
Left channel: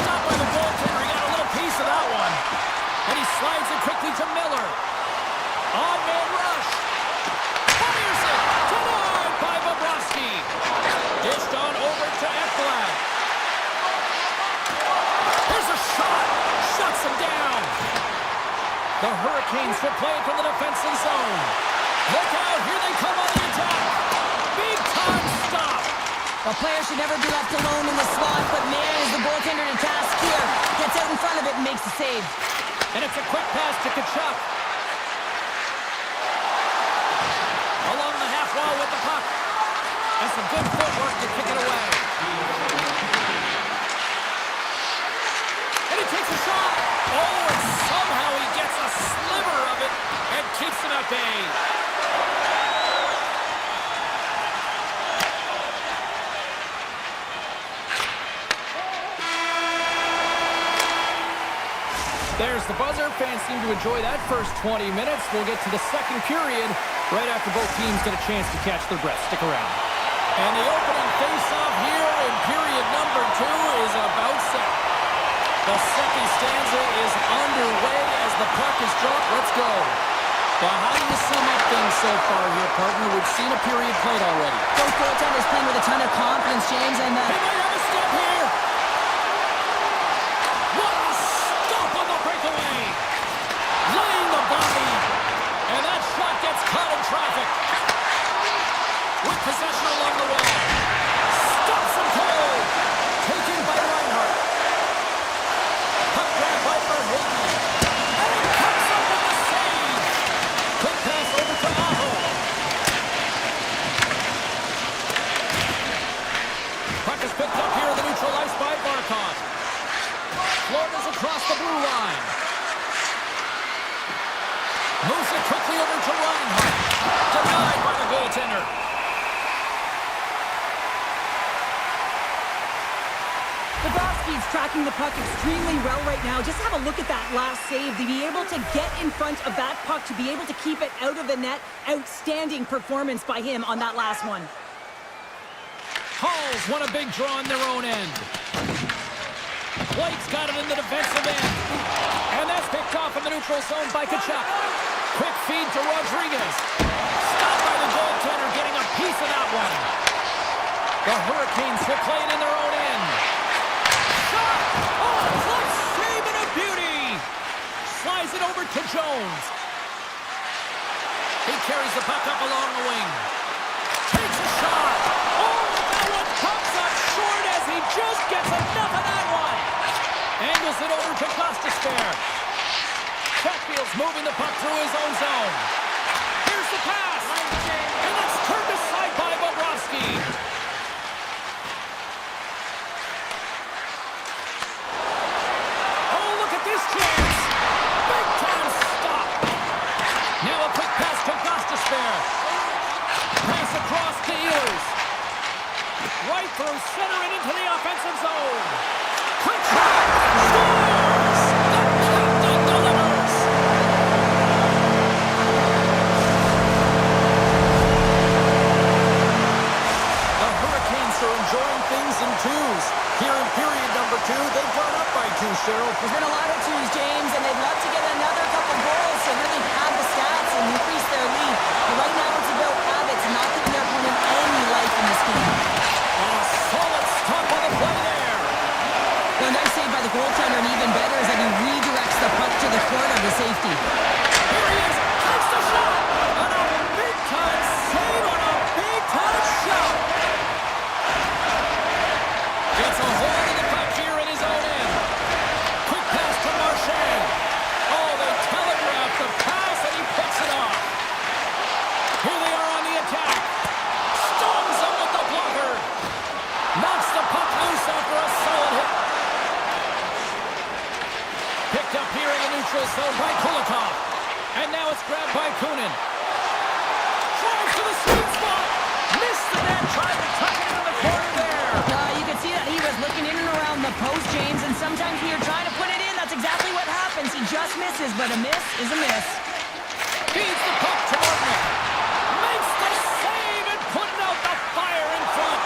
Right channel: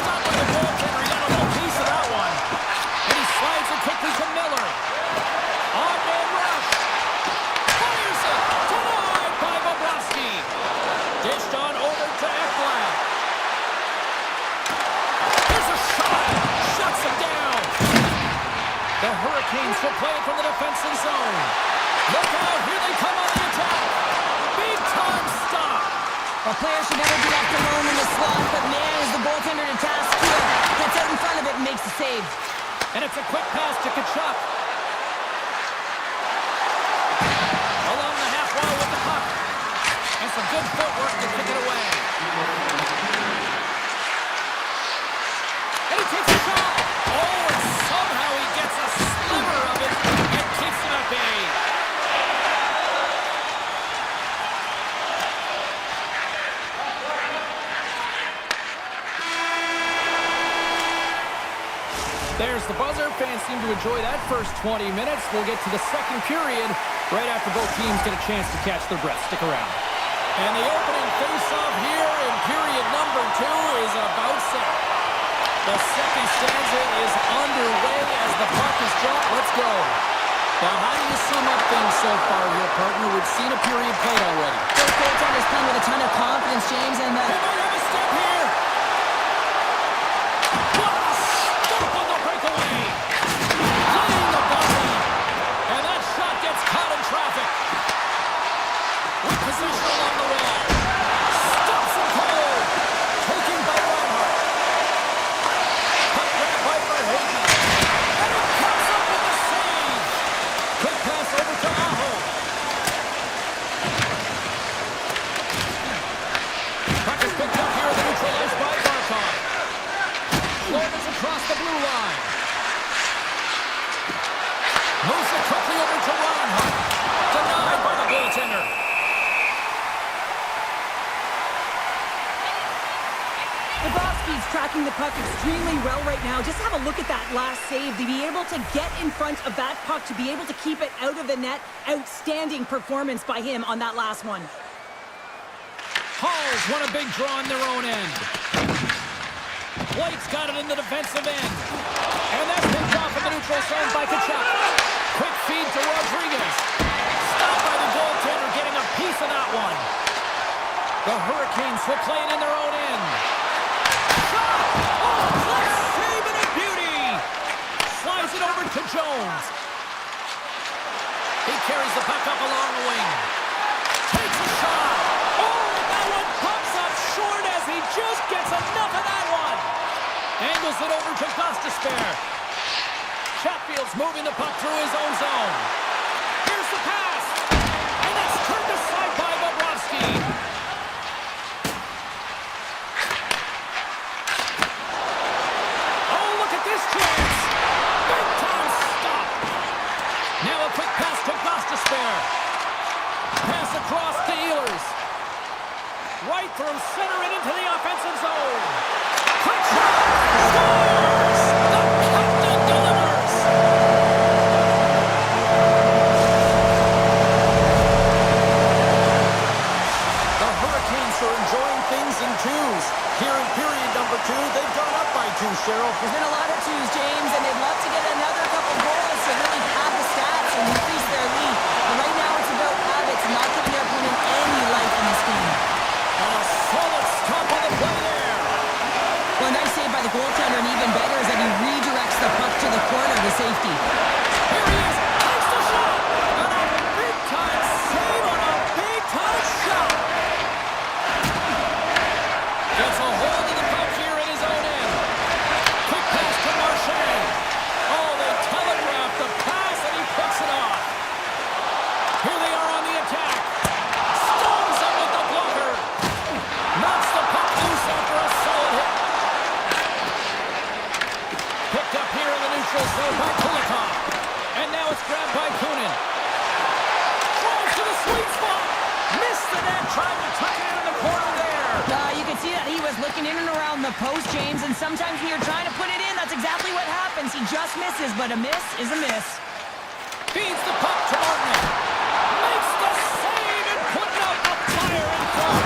Stopped by the goaltender. He got a little piece of that one. And he slides it quickly to Miller. On-man rush. Fires it. Denied by Bobrovsky. Dished on over to Ekblad. There's a shot. Shuts him down. The Hurricanes will play it from the defensive zone. Look out. Here they come on the attack. Big time stop. A player should never be left alone in the slot, but man, is the goaltender to task here. Gets out in front of it and makes the save. And it's a quick pass to Tkachuk. Along the half wall with the puck. And some good footwork to kick it away. And he takes a shot. Oh, and somehow he gets a sliver of it and keeps him at bay. There's the buzzer. Fans seem to enjoy that first 20 minutes. We'll get to the second period right after both teams get a chance to catch their breath. Stick around. And the opening face-off here in period number 2 is about set. The second stanza is underway as the puck is dropped. Let's go. Well, how do you sum up things so far here, partner? We've seen a period played already. Both goaltenders playing with a ton of confidence, James, and He might have a step here. What a stop on the breakaway. Laying the body. And that shot gets caught in traffic. With possession along the wall. Stops him cold. Taken by Reinhardt. Puck grab by Verhaeghe. And it comes up with the save. Quick pass over to Aho. Puck is picked up here in the neutral ice by Barkov. Florida's across the blue line. Moves it quickly over to Reinhardt. Denied by the goaltender. Bobrovsky's tracking the puck extremely well right now. Just have a look at that last save. To be able to get in front of that puck, to be able to keep it out of the net. Outstanding performance by him on that last one. Halls won a big draw on their own end. Blake's got it in the defensive end. And that's picked off in the neutral zone by Kachuk. Quick feed to Rodriguez. Stopped by the goaltender, getting a piece of that one. The Hurricanes will play it in their own end. Shot! Oh, close save and a beauty! Slides it over to Jones. He carries the puck up along the wing. Takes a shot! Oh, that one pops up short as he just gets enough of that one! Angles it over to Gostisbehere. Chatfield's moving the puck through his own zone. Here's the pass! And that's turned aside by Bobrovsky. Oh, look at this chance! Big time stop! Now a quick pass to Gostisbehere. Pass across to Ehlers. Right through center and into the offensive zone. Quick shot! Scores! The captain delivers! The Hurricanes are enjoying things in twos. Here in period number 2, they've gone up by 2, Cheryl. there's been a lot of twos, James, and they'd love to get another couple goals to really pad the stats and increase their lead. But right now it's about habits, not giving their opponent any life in this game. And a solid stop on the play there. Well, nice save by the goaltender, and even better is that he redirects the puck to the corner to safety. Here he is, takes the shot, and a big-time save on a big-time shot. Gets a hold of the puck here in his own end. Quick pass to Marchand. Oh, they telegraph the pass, and he picks it off. Here they are on the attack. Stones him with the blocker. Knocks the puck loose after a solid hit. Picked up here in the neutral zone by Kulikov. And now it's grabbed by Kunin. Drives to the sweet spot. Missed the net, tried to tuck it into the corner there. You could see that he was looking in and around the post, James, and sometimes when you're trying to put it in, that's exactly what happens. He just misses, but a miss is a miss. Feeds the puck to Martin. Makes the save and putting out the fire in front.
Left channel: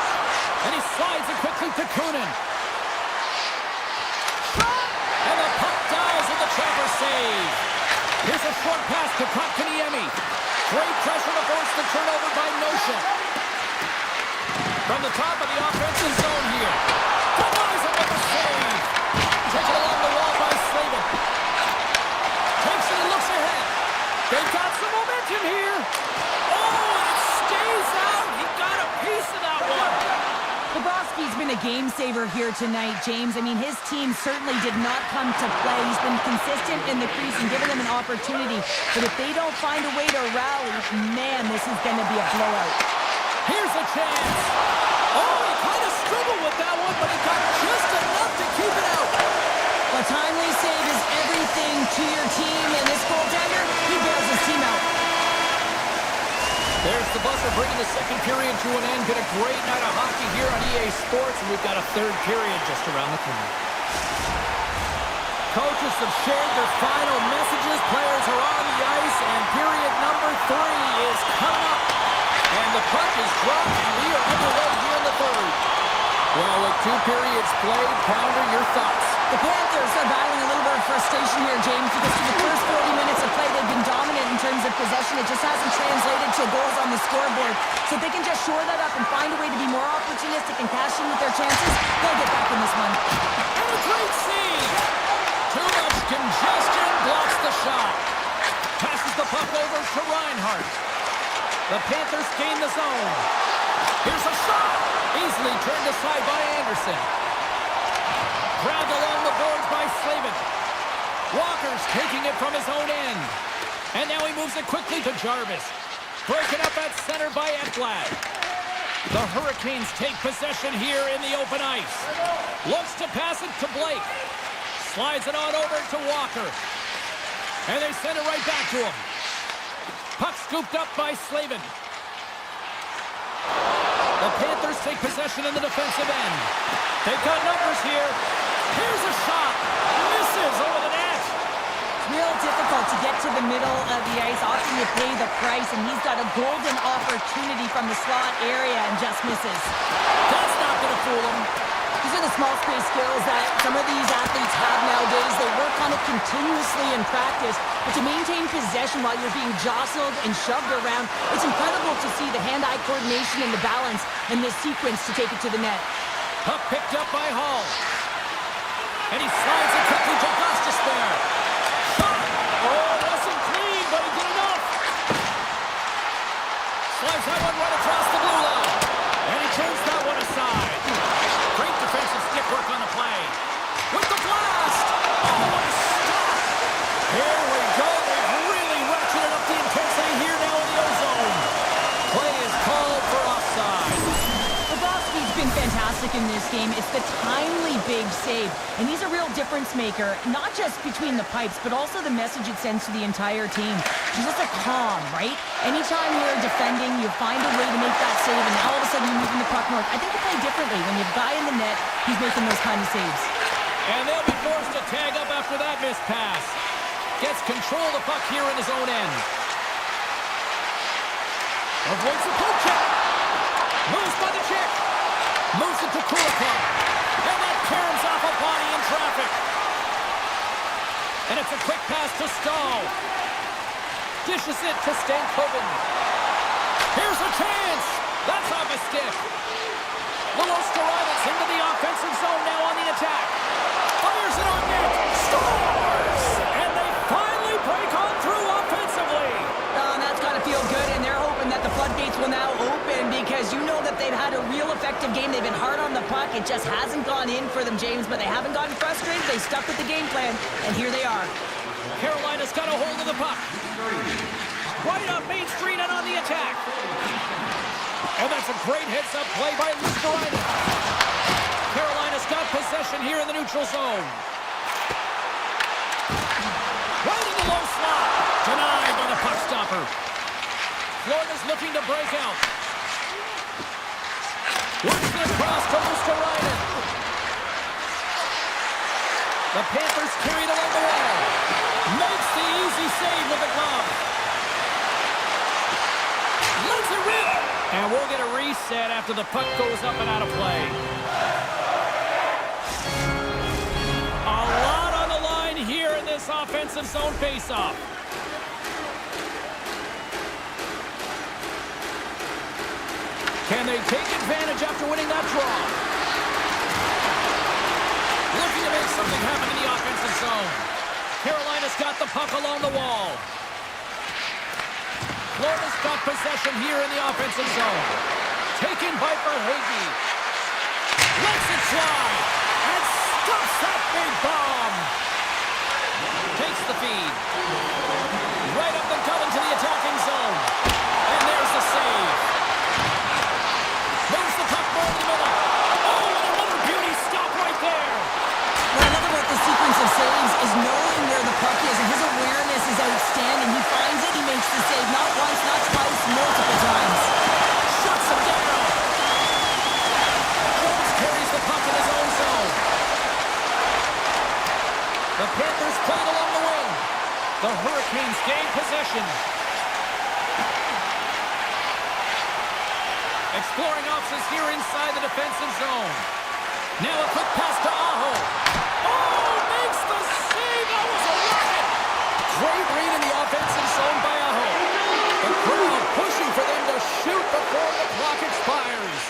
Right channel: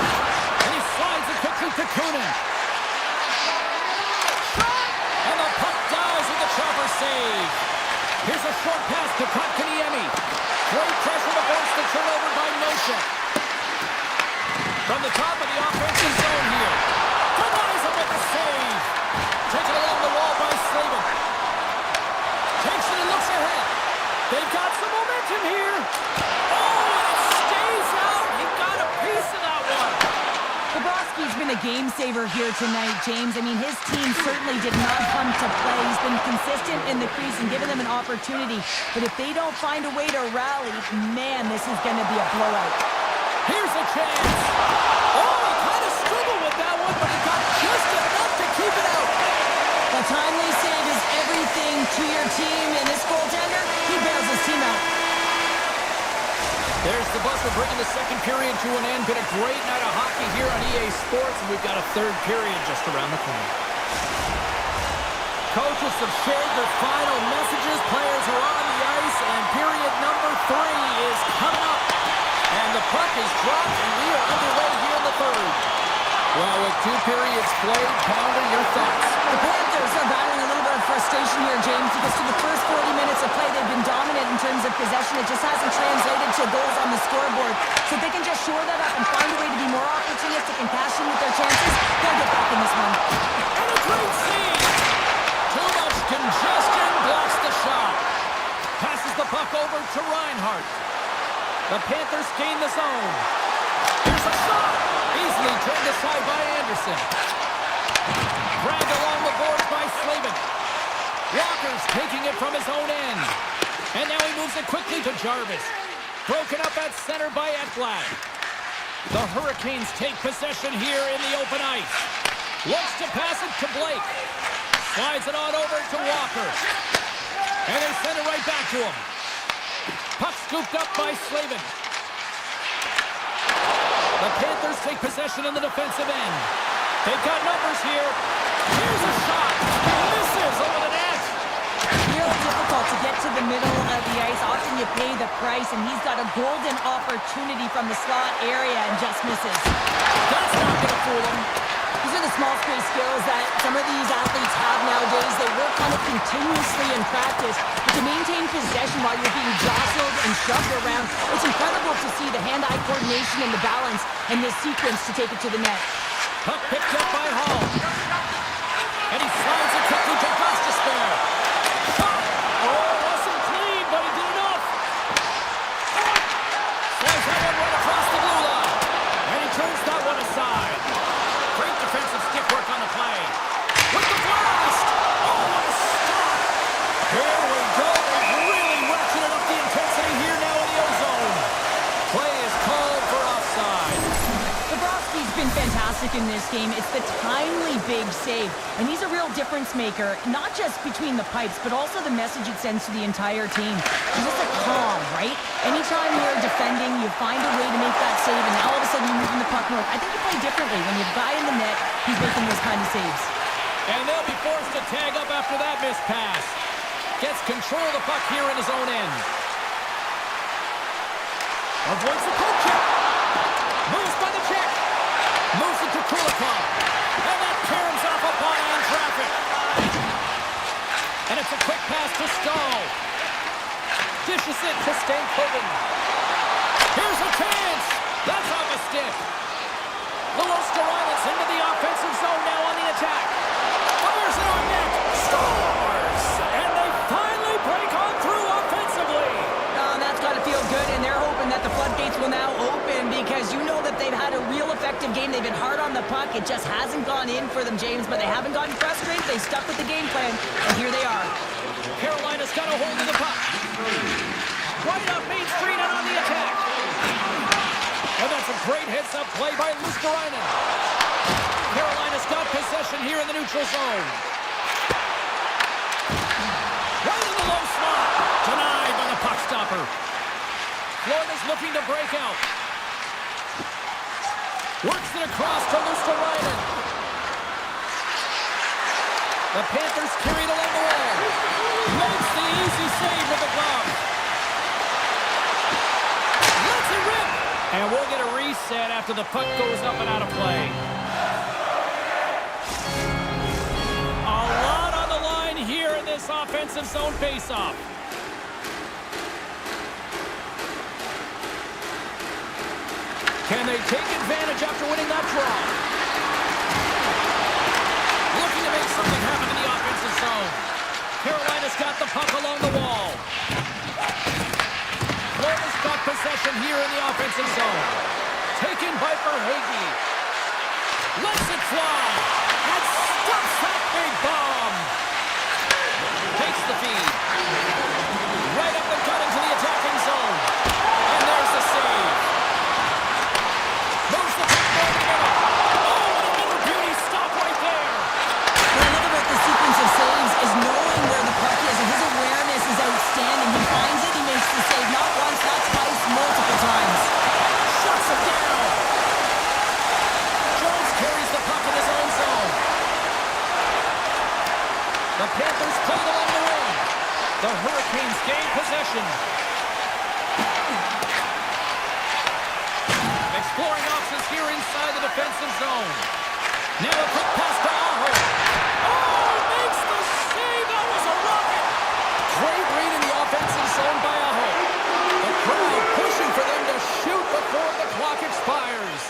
And he slides it quickly to Kunin. Shot! And the puck dies with the chopper save. Here's a short pass to Kotkaniemi. Great pressure to force the turnover by Nosek. From the top of the offensive zone here. Denies him with the save. Taken along the wall by Slavin. Takes it and looks ahead. They've got some momentum here. Oh, and it stays out. He got a piece of that one. Bobrovsky's been a game saver here tonight, James. I mean, his team certainly did not come to play. He's been consistent in the crease and given them an opportunity. But if they don't find a way to rally, man, this is going to be a blowout. Here's a chance. Oh, he kind of struggled with that one, but he got just enough to keep it out. A timely save is everything to your team, and this goaltender, he bails his team out. There's the buzzer bringing the second period to an end. Been a great night of hockey here on EA Sports, and we've got a third period just around the corner. Coaches have shared their final messages. Players are on the ice, and period number 3 is coming up. And the puck is dropped, and we are underway here in the third. Well, with 2 periods played, Pounder, your thoughts? The Panthers are battling a little bit of frustration here, James, because through the first 40 minutes of play, they've been dominant in terms of possession. It just hasn't translated to goals on the scoreboard. So if they can just shore that up and find a way to be more opportunistic and cash in with their chances, they'll get back in this one. And a great save! Too much congestion blocks the shot. Passes the puck over to Reinhart. The Panthers gain the zone. Here's a shot! Easily turned aside by Anderson. Dragged along the boards by Slavin. Walker's taking it from his own end. And now he moves it quickly to Jarvis. Broken up at center by Ekblad. The Hurricanes take possession here in the open ice. Looks to pass it to Blake. Slides it on over to Walker. And they send it right back to him. Puck scooped up by Slavin. The Panthers take possession in the defensive end. They've got numbers here. Here's a shot. Misses over the net. Real difficult to get to the middle of the ice. Often you pay the price, and he's got a golden opportunity from the slot area and just misses. That's not going to fool him. These are the small space skills that some of these athletes have nowadays. They work on it continuously in practice, but to maintain possession while you're being jostled and shoved around, it's incredible to see the hand-eye coordination and the balance in this sequence to take it to the net. Puck picked up by Hall. And he slides it quickly to Gostisbehere. Shot! Oh, wasn't clean, but he did enough. Slides that one right across the blue line. And he turns that one aside. Great defensive stick work on the play. With the blast! Oh, what a stop! Here we go. They've really ratcheted up the intensity here now in the O-zone. Play is called for offside. Bobrovsky's been fantastic in this game. It's the timely big save. And he's a real difference maker, not just between the pipes, but also the message it sends to the entire team. He's just a calm, right? Anytime you're defending, you find a way to make that save, and now all of a sudden you're moving the puck north. I think you play differently. When you have a guy in the net, he's making those kind of saves. And they'll be forced to tag up after that missed pass. Gets control of the puck here in his own end. Avoids the poke check. Moves by the check. Moves it to Kulikov. And that caroms off a body in traffic. And it's a quick pass to Stahl. Dishes it to Stankoven. Here's a chance. That's off a stick. Lilostarainen's into the offensive zone now on the attack. Fires it on net. Scores! And they finally break on through offensively. Oh, and that's got to feel good, and they're hoping that the floodgates will now open because you know that they've had a real effective game. They've been hard on the puck. It just hasn't gone in for them, James, but they haven't gotten frustrated. They stuck with the game plan, and here they are. Carolina's got a hold of the puck. Right up Main Street and on the attack. And that's a great heads-up play by Lusterainen. Carolina's got possession here in the neutral zone. Right in the low slot. Denied by the puck stopper. Florida's looking to break out. Works it across to Lusterainen. The Panthers carried along the wall. Makes the easy save with the glove. Lets it rip. And we'll get a reset after the puck goes up and out of play. A lot on the line here in this offensive zone faceoff. Can they take advantage after winning that draw? Looking to make something happen in the offensive zone. Carolina's got the puck along the wall. Florida's got possession here in the offensive zone. Taken by Verhaeghe. Lets it fly. And stuffs that big bomb. Takes the feed. Right up the gut into the attacking zone. And there's the save. Moves the puck more in the middle. Oh, and another beauty stop right there. What I love about the sequence of saves is knowing where the puck is, and his awareness is outstanding. He finds it, he makes the save. Not once, not twice, multiple times. Shuts him down. Jones carries the puck in his own zone. The Panthers played along the wing. The Hurricanes gain possession. Exploring options here inside the defensive zone. Now a quick pass to Aho. Oh, makes the save. That was a rocket. Great read in the offensive zone by Aho. The crowd pushing for them to shoot before the clock expires.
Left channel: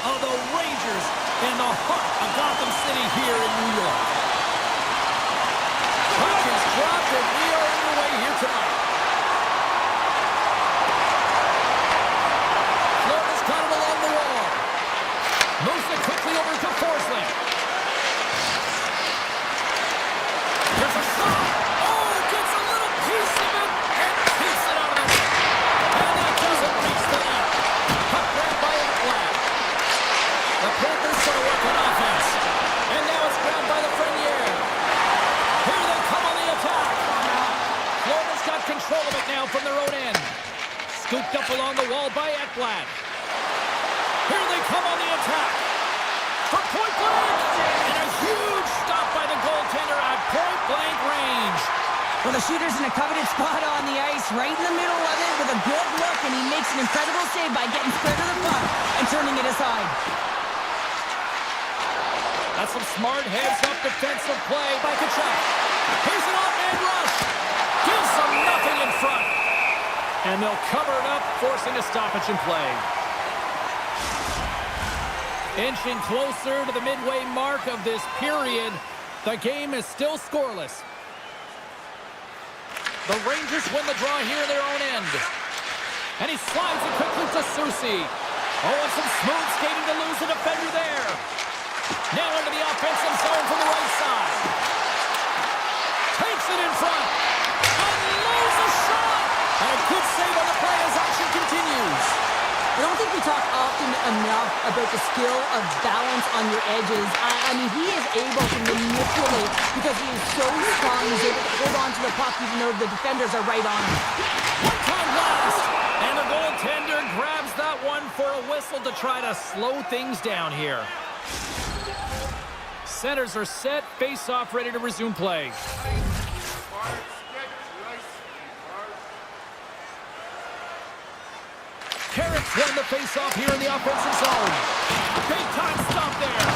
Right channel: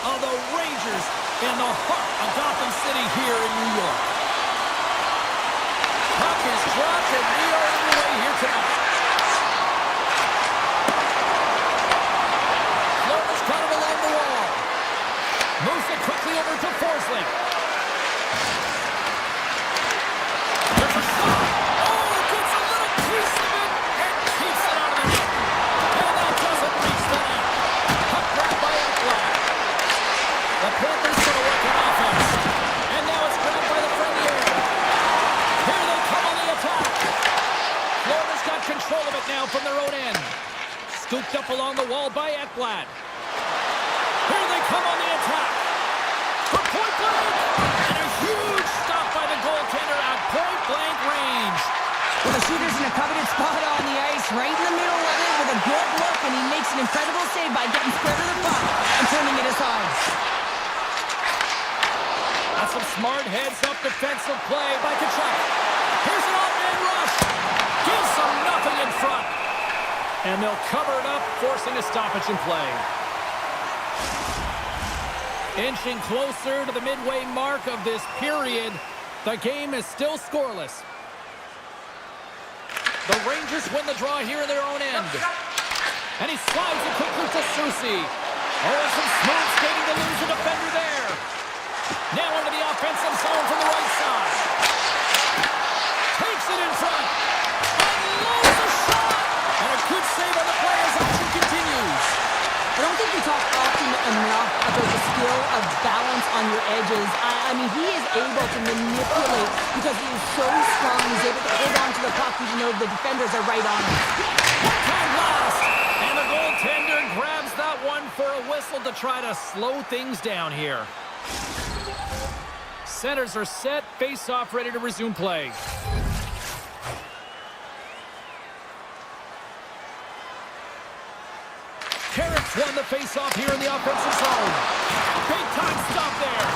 of the Rangers in the heart of Gotham City here in New York. Puck is dropped, and we are underway here tonight. Florida's got it along the wall. Moves it quickly over to Forsling. There's a shot. Oh, gets a little piece of it and keeps it out of the net. And that doesn't reach the net. Puck grabbed by Ekblad. The Panthers going to work on offense. And now it's grabbed by the Frenier. Here they come on the attack. Florida's got control of it now from their own end. Scooped up along the wall by Ekblad. Here they come on the attack. For point blank. And a huge stop by the goaltender at point blank range. Well, the shooter's in a coveted spot on the ice, right in the middle of it with a good look, and he makes an incredible save by getting spread of the puck and turning it aside. That's some smart heads-up defensive play by Kachuk. Here's an off-man rush. Gives them nothing in front. And they'll cover it up, forcing a stoppage in play. Inching closer to the midway mark of this period, the game is still scoreless. The Rangers win the draw here in their own end. And he slides it quickly to Susi. Oh, and some smooth skating to lose a defender there. Now into the offensive zone from the right side. Takes it in front. Unloads a shot. And a good save on the play as action continues. I don't think we talk often enough about the skill of balance on your edges. I mean, he is able to manipulate because he is so strong. He's able to hold on to the puck even though the defenders are right on him. One-time blast. And the goaltender grabs that one for a whistle to try to slow things down here. Centers are set. Face-off ready to resume play. Carrots won the face-off here in the offensive zone. Big-time stop there.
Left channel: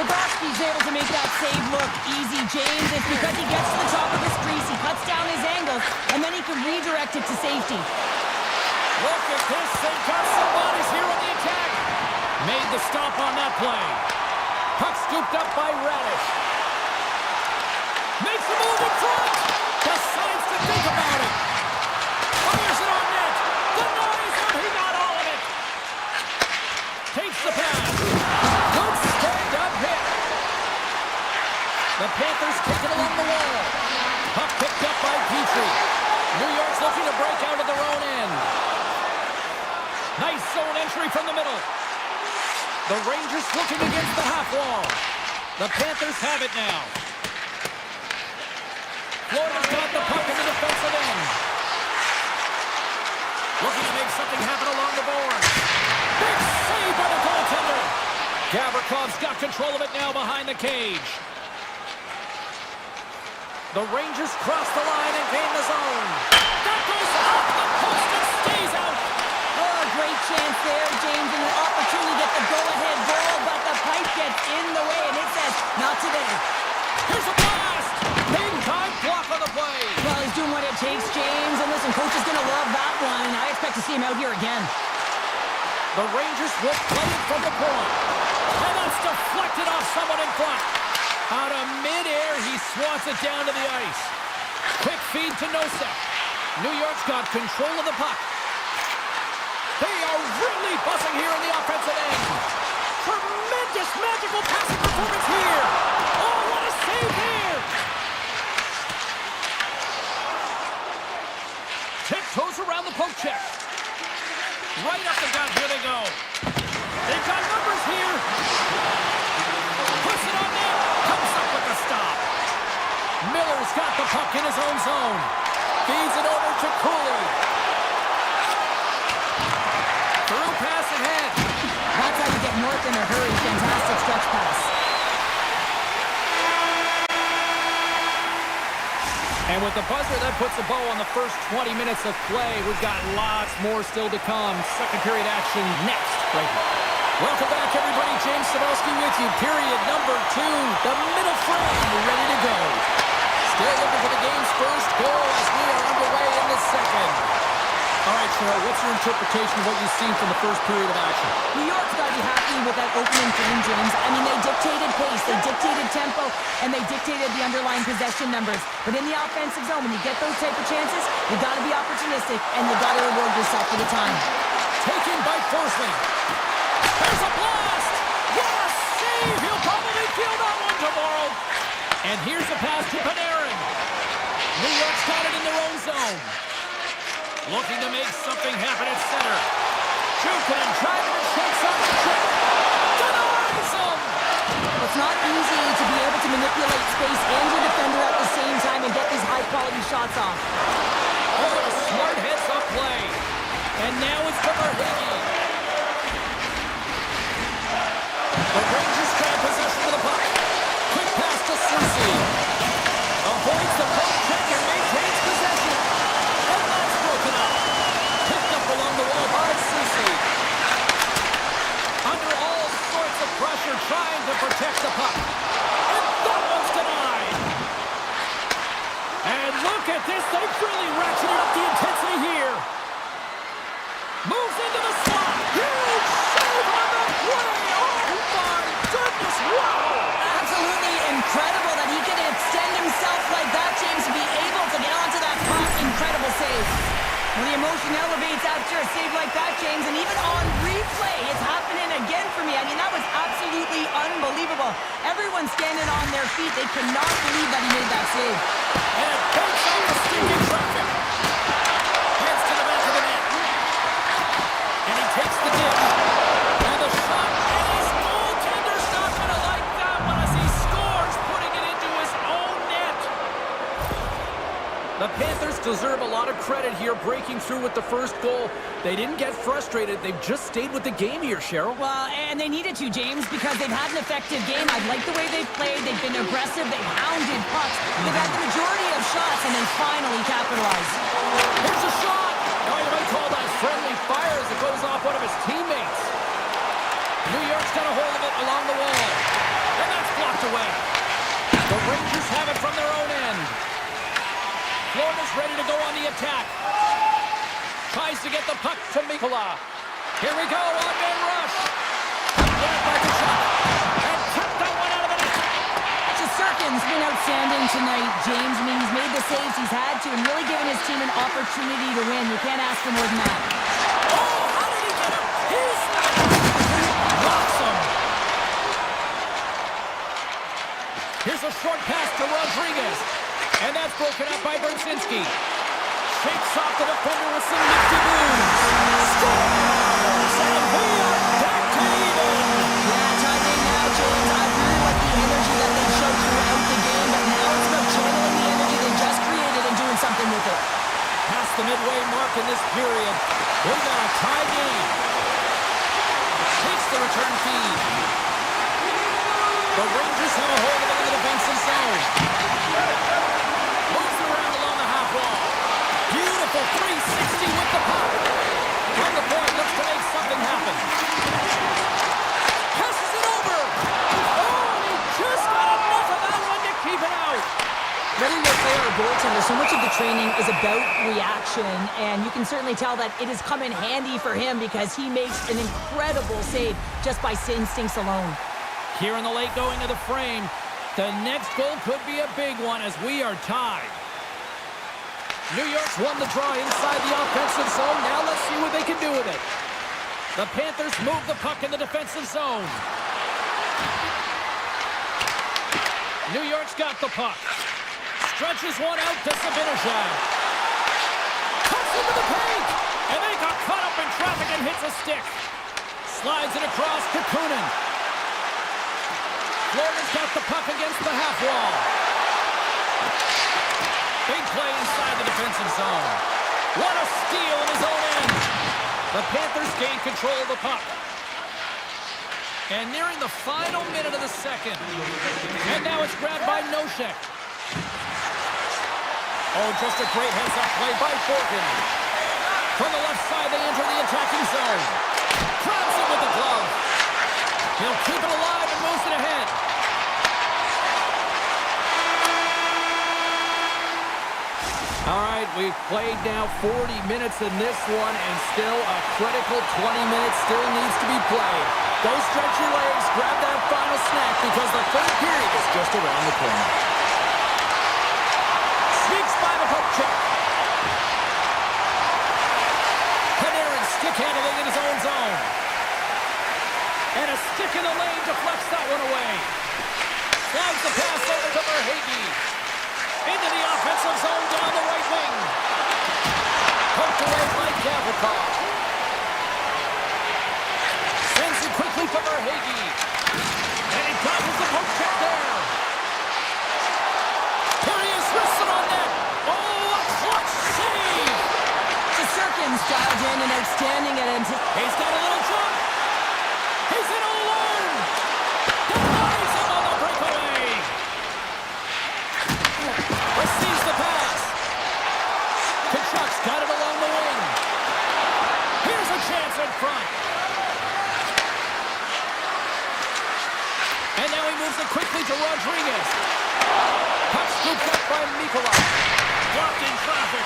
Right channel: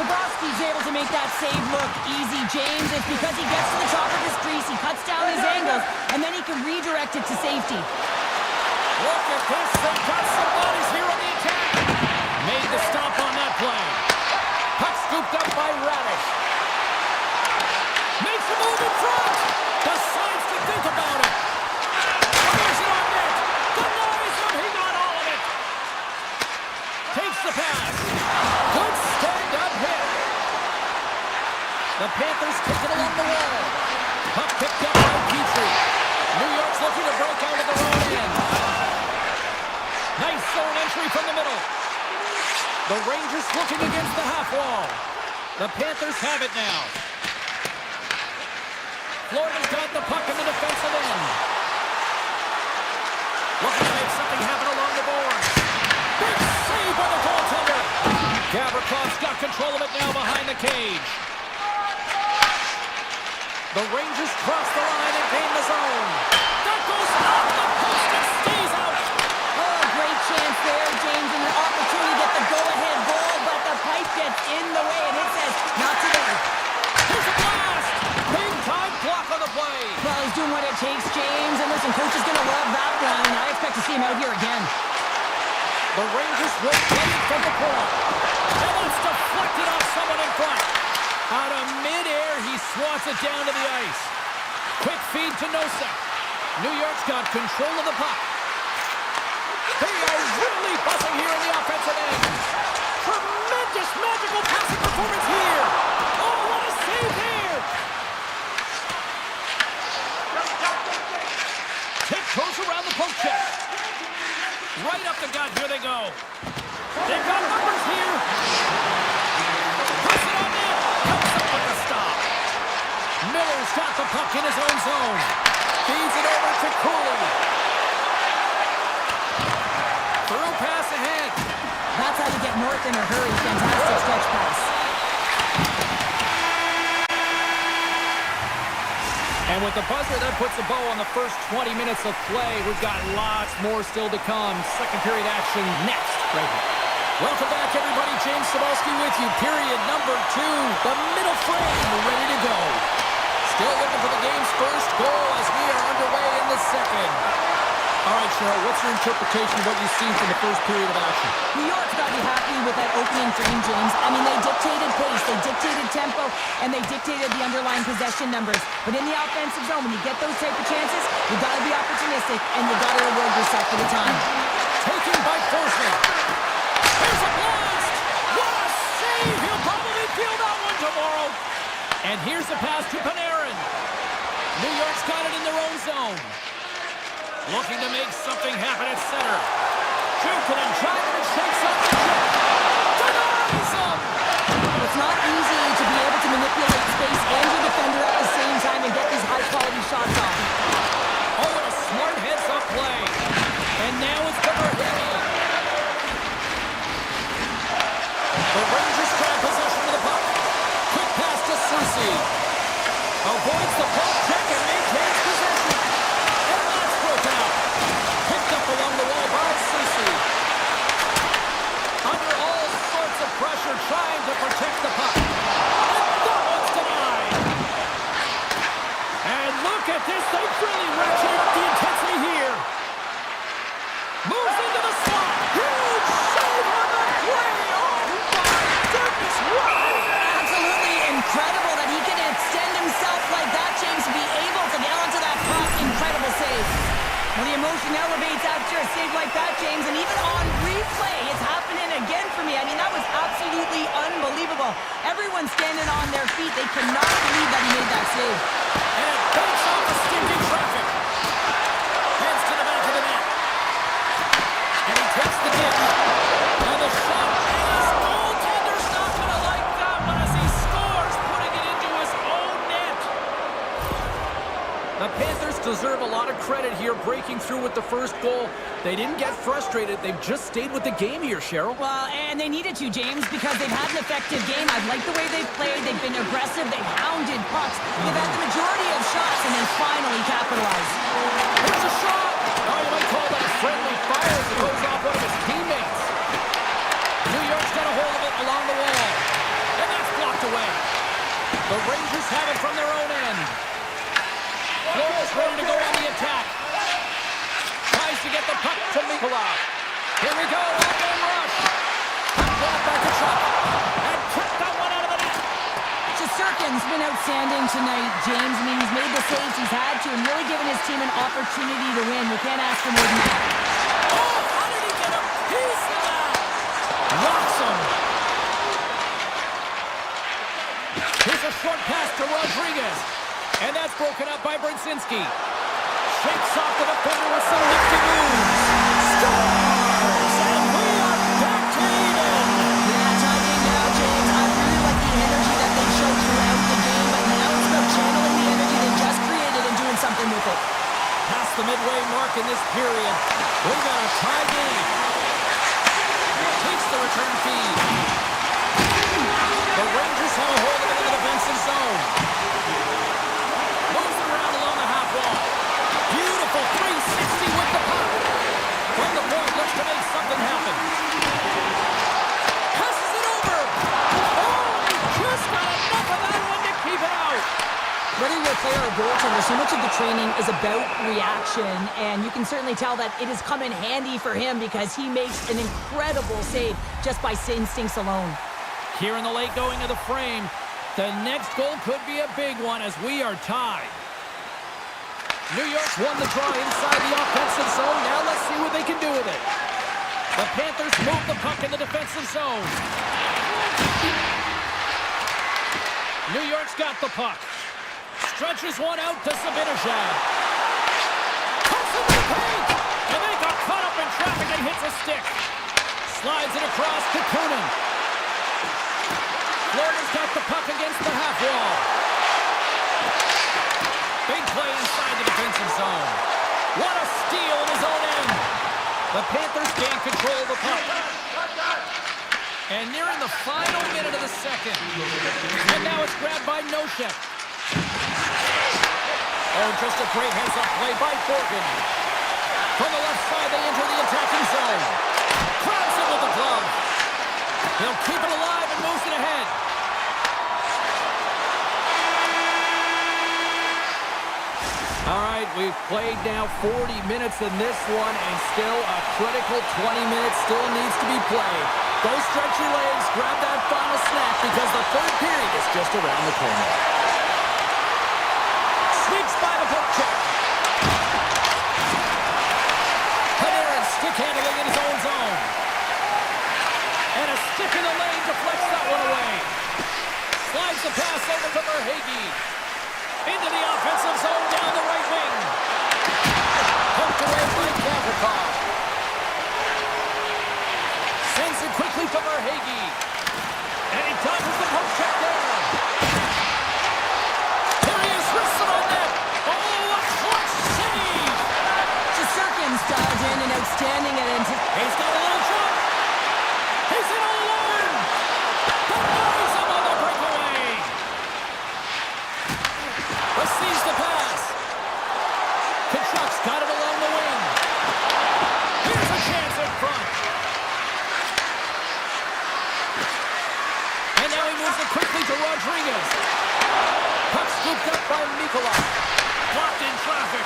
Bobrovsky's able to make that save look easy, James. It's because he gets to the top of his crease, he cuts down his angles, and then he can redirect it to safety. Look at this. They've got some bodies here on the attack. Made the stop on that play. Puck scooped up by Radish. Makes a move in front. Decides to think about it. Fires it on net. Denies him. He got all of it. Takes the pass. Good stand-up hit. The Panthers kick it along the wall. Puck picked up by Petrie. New York's looking to break out of their own end. Nice zone entry from the middle. The Rangers looking against the half wall. The Panthers have it now. Florida's got the puck in the defensive end. Looking to make something happen along the board. Big save by the goaltender. Gavrikoff's got control of it now behind the cage. The Rangers cross the line and gain the zone. That goes off the post and stays out. Oh, great chance there, James, and an opportunity to get the go-ahead goal, but the pipe gets in the way, and it says, not today. Here's a blast. Big-time block on the play. Well, he's doing what it takes, James, and listen, coach is going to love that one. I expect to see him out here again. The Rangers will play it from the point. And that's deflected off someone in front. Out of midair, he swats it down to the ice. Quick feed to Nosek. New York's got control of the puck. They are really buzzing here in the offensive end. Tremendous magical passing performance here. Oh, what a save there. Tiptoes around the poke check. Right up the gut, here they go. They've got numbers here. Puts it on net. Comes up with the stop. Miller's got the puck in his own zone. Feeds it over to Cooley. Through pass ahead. That's how you get north in a hurry. Fantastic stretch pass. And with the buzzer, that puts a bow on the first 20 minutes of play. We've got lots more still to come. Second period action next, right here. Welcome back, everybody. James Cybulski with you. Period number 2. The middle frame ready to go. Still looking for the game's first goal as we are underway in the second. All right, Cheryl, what's your interpretation of what you've seen from the first period of action? New York's got to be happy with that opening frame, James. I mean, they dictated pace, they dictated tempo, and they dictated the underlying possession numbers. But in the offensive zone, when you get those type of chances, you got to be opportunistic, and you got to reward yourself for the time. Taken by Forsling. There's a blast! What a save! He'll probably feel that one tomorrow. And here's a pass to Panarin. New York's got it in their own zone. Looking to make something happen at center. Jukunin driving and shakes off the check. Denies him! It's not easy to be able to manipulate space and your defender at the same time and get these high-quality shots off. Oh, and a smart heads-up play. And now it's Verhege. The Rangers grab possession of the puck. Quick pass to Soucy. Avoids the poke check and maintains possession. And that's broken up. Picked up along the wall by Soucy. Under all sorts of pressure, trying to protect the puck. And that one's denied. And look at this. They've really ratcheted up the intensity here. Moves into the slot. Huge save on the play. Oh, my goodness. Wow. Absolutely incredible that he can extend himself like that, James, to be able to get onto that puck. Incredible save. Well, the emotion elevates after a save like that, James, and even on replay, it's happening again for me. I mean, that was absolutely unbelievable. Everyone's standing on their feet. They cannot believe that he made that save. And it takes off the stinking traffic. Heads to the back of the net. And he takes the dip. Now the shot, and his goaltender's not going to like that one as he scores, putting it into his own net. The Panthers deserve a lot of credit here, breaking through with the first goal. They didn't get frustrated. They've just stayed with the game here, Cheryl. Well, and they needed to, James, because they've had an effective game. I like the way they've played. They've been aggressive. They've hounded pucks. They've had the majority of shots, and they finally capitalized. Here's a shot. Oh, you might call that friendly fire as it goes off one of his teammates. New York's got a hold of it along the wall. And that's blocked away. The Rangers have it from their own end. Florida's ready to go on the attack. Tries to get the puck to Mikula. Here we go, on-man rush. Puck by Kachuk. And kept that one out of the net. Shesterkin's been outstanding tonight, James. I mean, he's made the saves he's had to and really given his team an opportunity to win. You can't ask for more than that. Oh, how did he get a piece of that? Rocks him. Here's a short pass to Rodriguez. And that's broken up by Brzezinski. Shakes off the defender with some nifty moves. Scores! And we are back to even. Yeah, tie game now, James. I really like the energy that they showed throughout the game, but now it's about channeling the energy they just created and doing something with it. Past the midway mark in this period, we've got a tie game. Takes the return feed. The Rangers have a hold of it in the defensive zone. Moves it around along the half wall. Beautiful 360 with the puck. From the point, looks to make something happen. Passes it over. Oh, and he just got enough of that one to keep it out. Whether you're a player or goaltender, so much of the training is about reaction, and you can certainly tell that it has come in handy for him because he makes an incredible save just by instincts alone. Here in the late going of the frame, the next goal could be a big one as we are tied. New York's won the draw inside the offensive zone. Now let's see what they can do with it. The Panthers move the puck in the defensive zone. New York's got the puck. Stretches one out to Zibanejad. Cuts into the paint. And they got caught up in traffic and hits a stick. Slides it across to Kunin. Florida's got the puck against the half wall. Big play inside the defensive zone. What a steal in his own end. The Panthers gain control of the puck. And nearing the final minute of the second. And now it's grabbed by Nosek. Oh, just a great heads-up play by Borgen. From the left side, they enter the attacking zone. Grabs it with the glove. He'll keep it alive and moves it ahead. All right, We've played now 40 minutes in this one, and still a critical 20 minutes still needs to be played. Go stretch your legs, grab that final snack, because the third period is just around the corner. Sneaks by the poke check. Panarin stick handling in his own zone. And a stick in the lane deflects that one away. Slides the pass over to Verhaeghe. Into the offensive zone down the right wing. Poked away by Gavrikov. Sends it quickly to Verhaeghe. And he dodges the poke check there. Here he is, wristed on net. Oh, a clutch save! Shesterkin's dialed in and outstanding at He's got a little jump. He's in all alone. Denies him on the breakaway. Receives the pass. Kachuk's got it along the wing. Here's a chance in front. And now he moves it quickly to Rodriguez. Puck scooped up by Mikula. Blocked in traffic.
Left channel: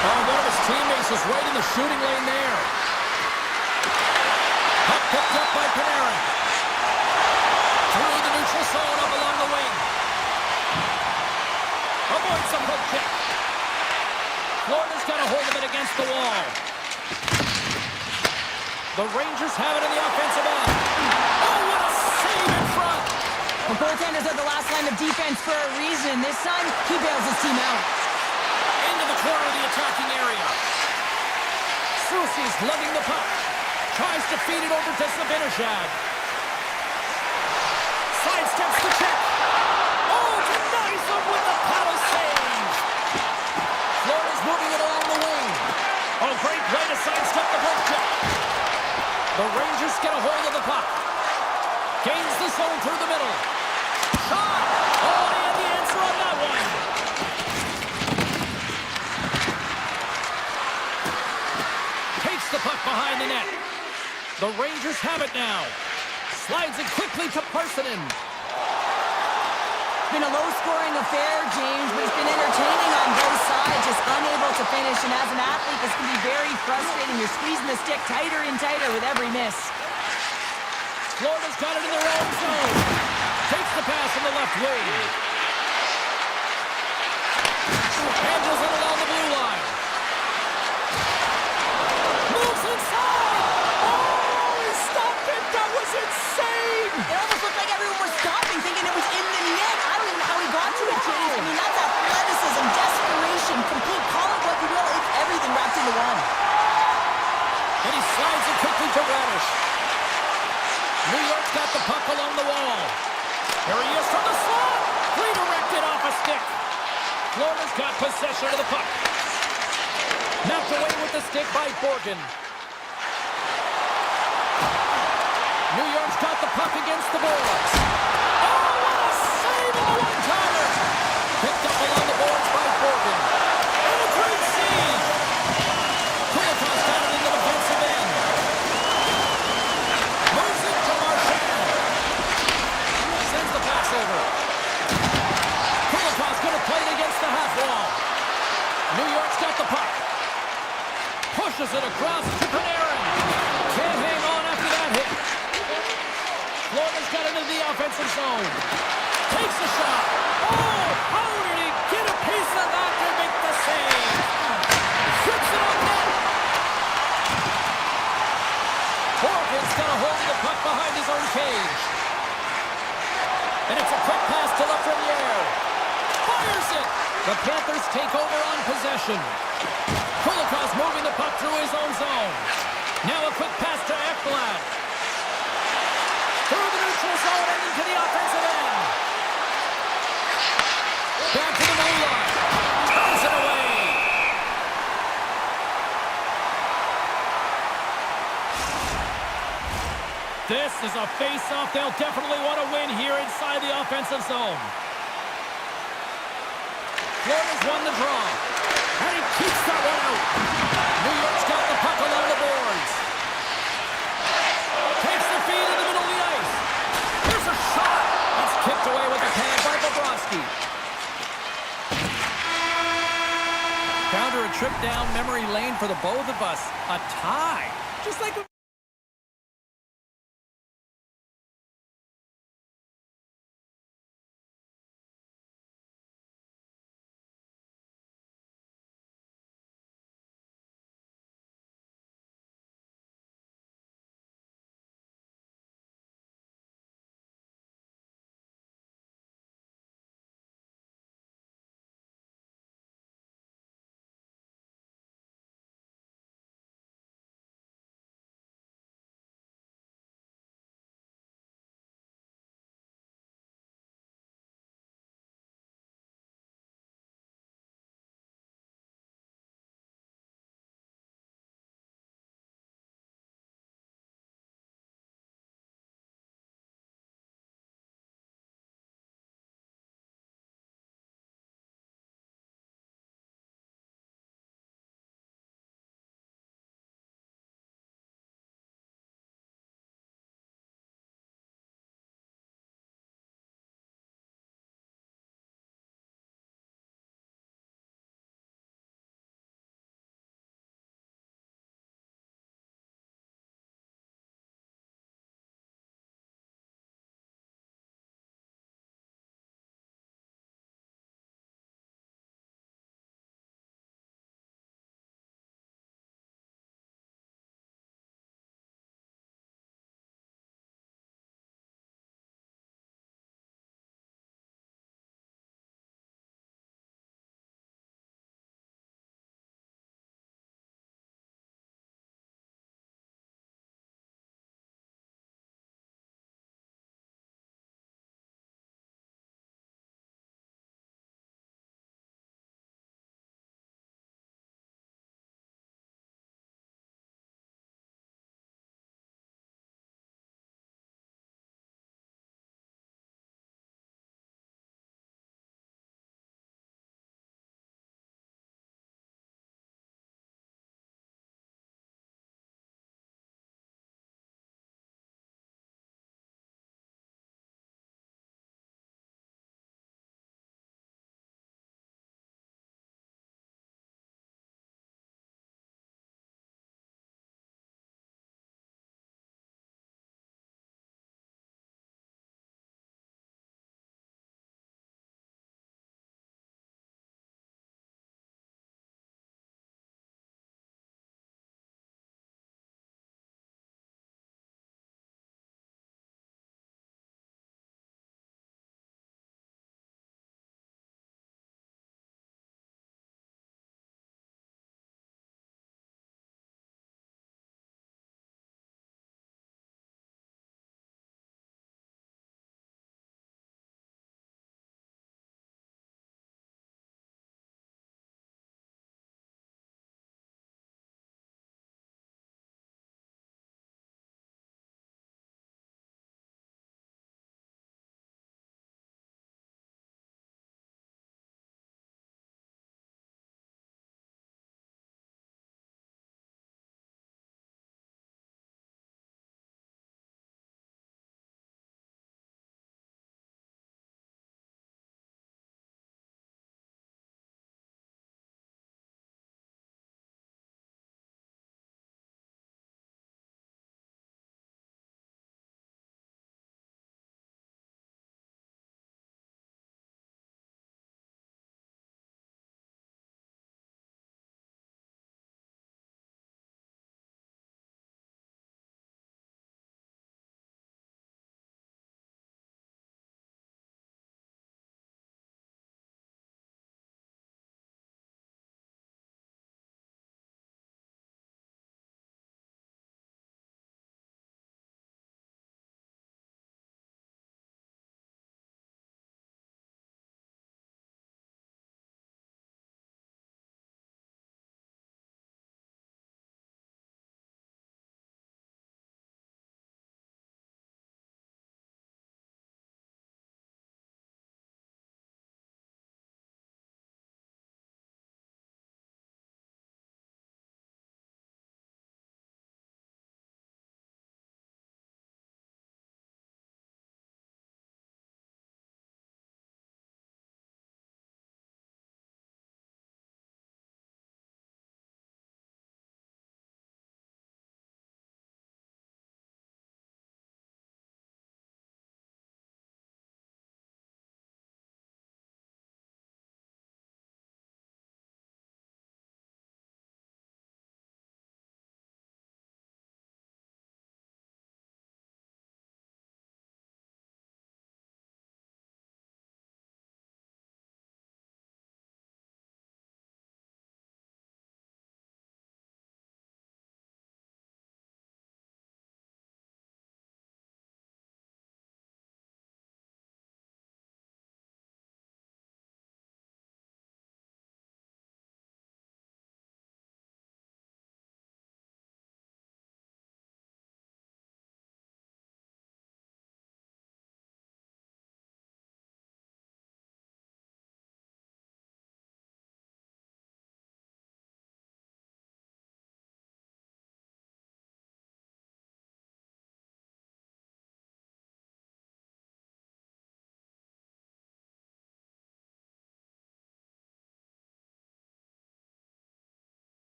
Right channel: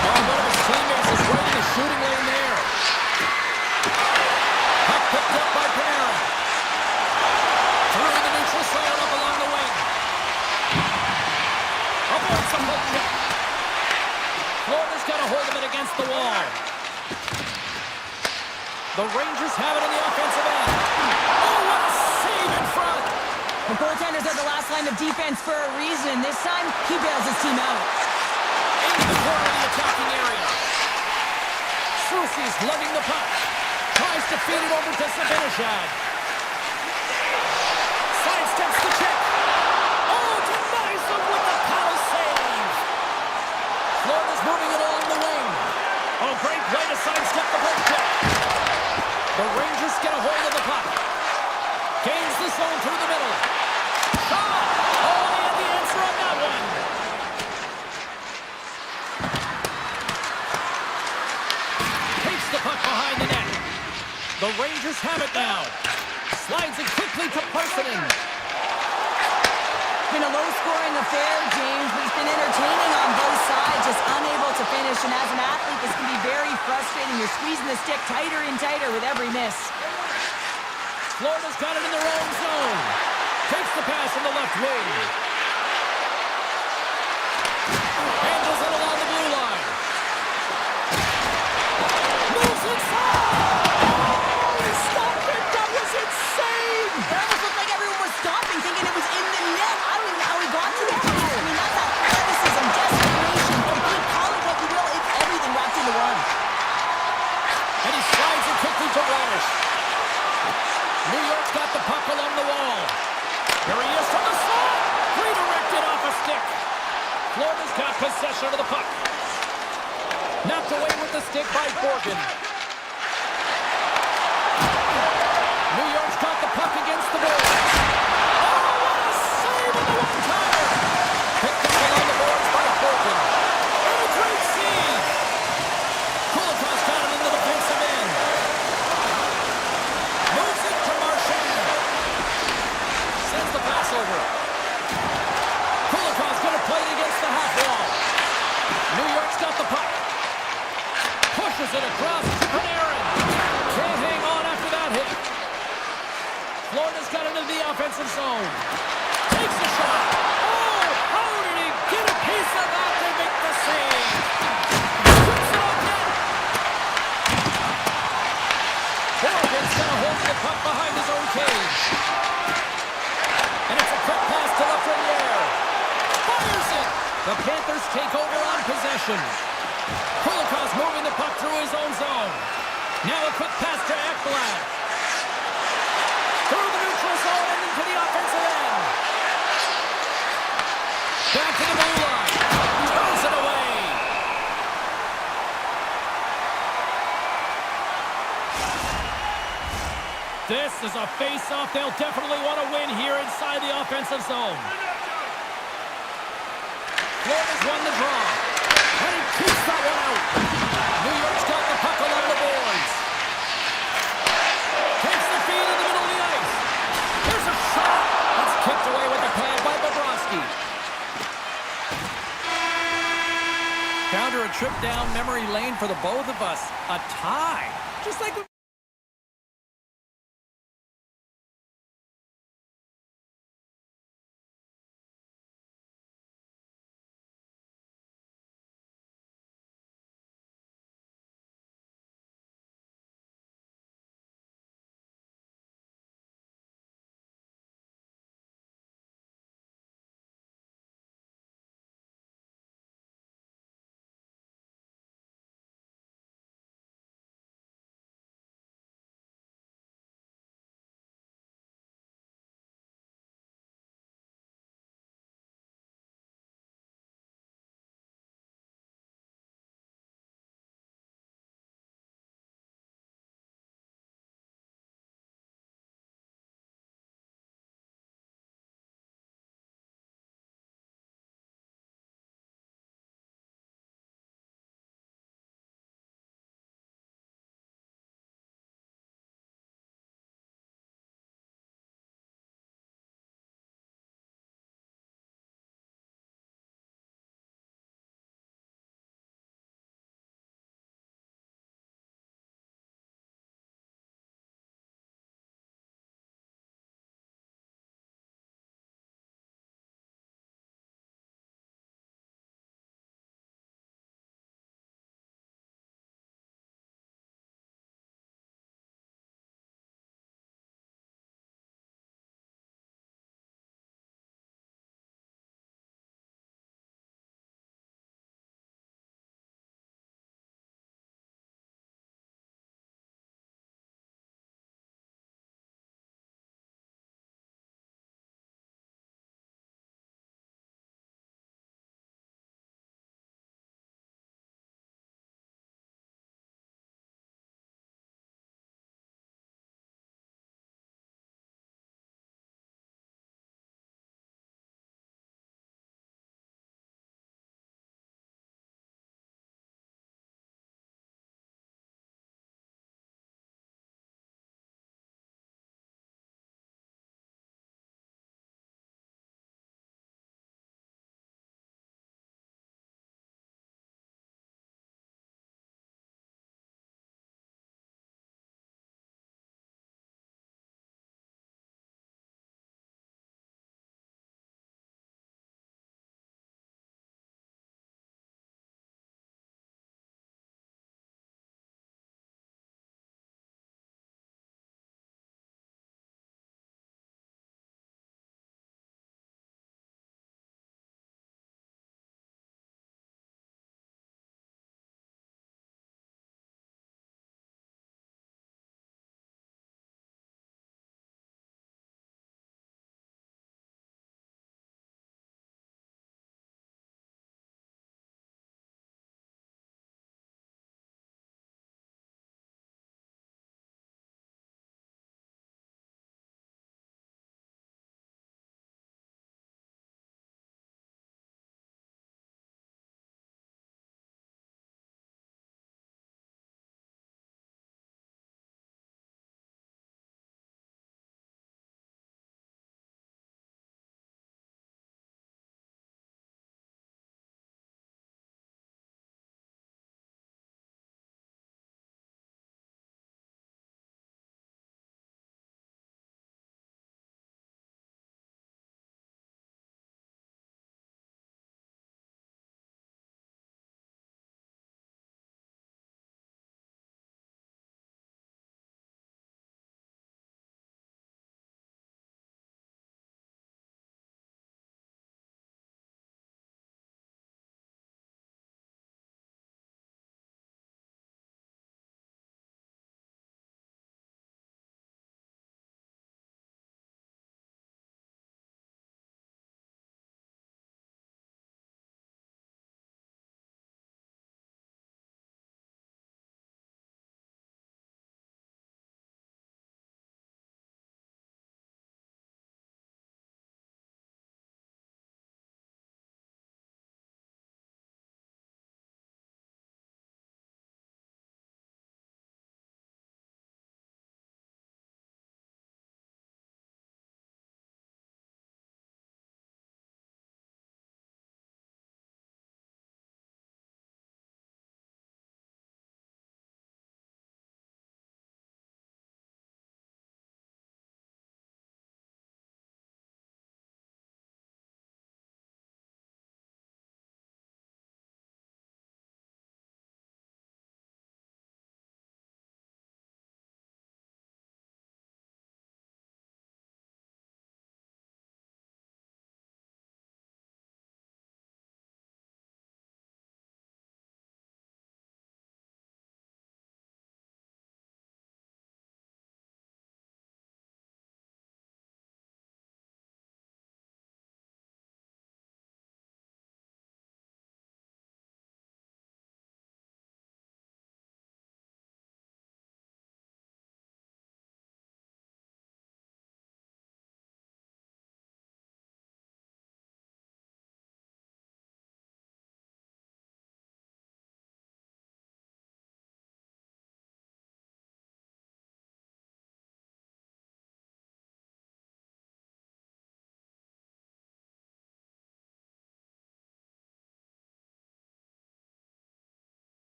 Oh, one of his teammates is right in the shooting lane there. Puck picked up by Panarin. Through the neutral zone up along the wing. Avoids the poke check. Florida's got a hold of it against the wall. The Rangers have it in the offensive end. Oh, what a save in front! The goaltenders are the last line of defense for a reason. This time, he bails his team out. Into the corner of the attacking area. Soucy's lugging the puck. Tries to feed it over to Zibanejad. Sidesteps the check. Oh, denies them with the paddle save. Florida's moving it along the wing. Oh, great play to sidestep the poke check. The Rangers get a hold of the puck. Gains the zone through the middle. Shot! Oh, they had the answer on that one. Takes the puck behind the net. The Rangers have it now. Slides it quickly to Parssinen. It's been a low-scoring affair, James, but it's been entertaining on both sides, just unable to finish. And as an athlete, this can be very frustrating. You're squeezing the stick tighter and tighter with every miss. Florida's got it in their own zone. Takes the pass on the left wing. Handles it along the blue line. Moves inside! Oh, he stopped it! That was insane! It almost looked like everyone was stopping, thinking it was in the net. I don't even know how he got to it, James. I mean, that's athleticism, desperation, complete, call it what you will. It's everything wrapped into one. And he slides it quickly to Radish. New York's got the puck along the wall. Here he is from the slot. Redirected off a stick. Florida's got possession of the puck. Knocked away with the stick by Borgen. New York's got the puck against the boards. Oh, what a save on the one-timer. Picked up along the boards by Borgen. And a great save. Kulikov's got it in the defensive end. Moves it to Marchand. Sends the pass over. Kulikov's going to play it against the half wall. New York's got the puck. Pushes it across to Panarin. Can't hang on after that hit. Florida's got it into the offensive zone. Takes a shot. Oh, how did he get a piece of that to make the save? Strips it on net. Borgen's got a hold of the puck behind his own cage. And it's a quick pass to Lafreniere. Fires it. The Panthers take over on possession. Kulikov's moving the puck through his own zone. Now a quick pass to Ekblad. Through the neutral zone and into the offensive end. Back to the blue line. Turns it away. This is a face-off they'll definitely want to win here inside the offensive zone. Florida's won the draw. And he keeps that one out. New York's got the puck along the boards. Takes the feed in the middle of the ice. Here's a shot. That's kicked away with the pad by Bobrovsky. Down a trip down memory lane for the both of us. A tie. Just like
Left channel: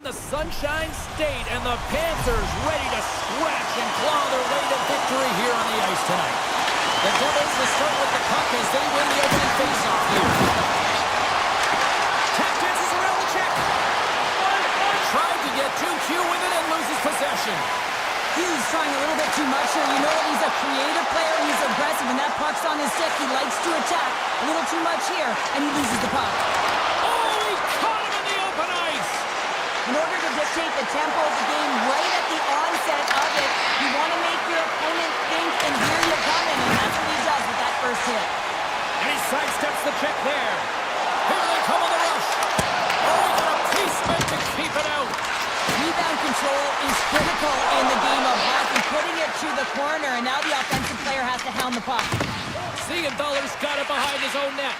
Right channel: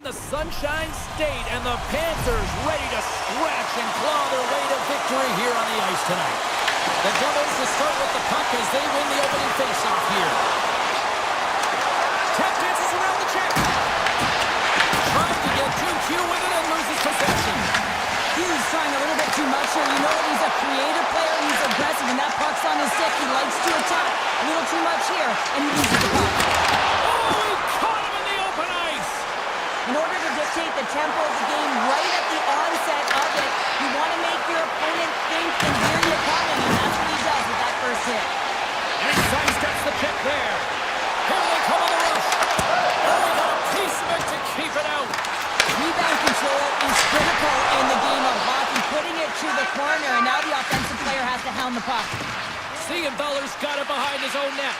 The Sunshine State, and the Panthers ready to scratch and claw their way to victory here on the ice tonight. The Devils will start with the puck as they win the opening faceoff here. Tap dances around the check. Tried to get too cute with it and loses possession. Hughes trying a little bit too much here. You know that he's a creative player. He's aggressive, and that puck's on his stick. He likes to attack. A little too much here, and he loses the puck. Oh, he caught him in the open ice! In order to dictate the tempo of the game right at the onset of it, you want to make your opponent think and hear you coming, and that's what he does with that first hit. And he sidesteps the check there. Here they come on the rush. Oh, he got a piece of it to keep it out. Rebound control is critical in the game of hockey, putting it to the corner, and now the offensive player has to hound the puck. Siegenthaler's got it behind his own net.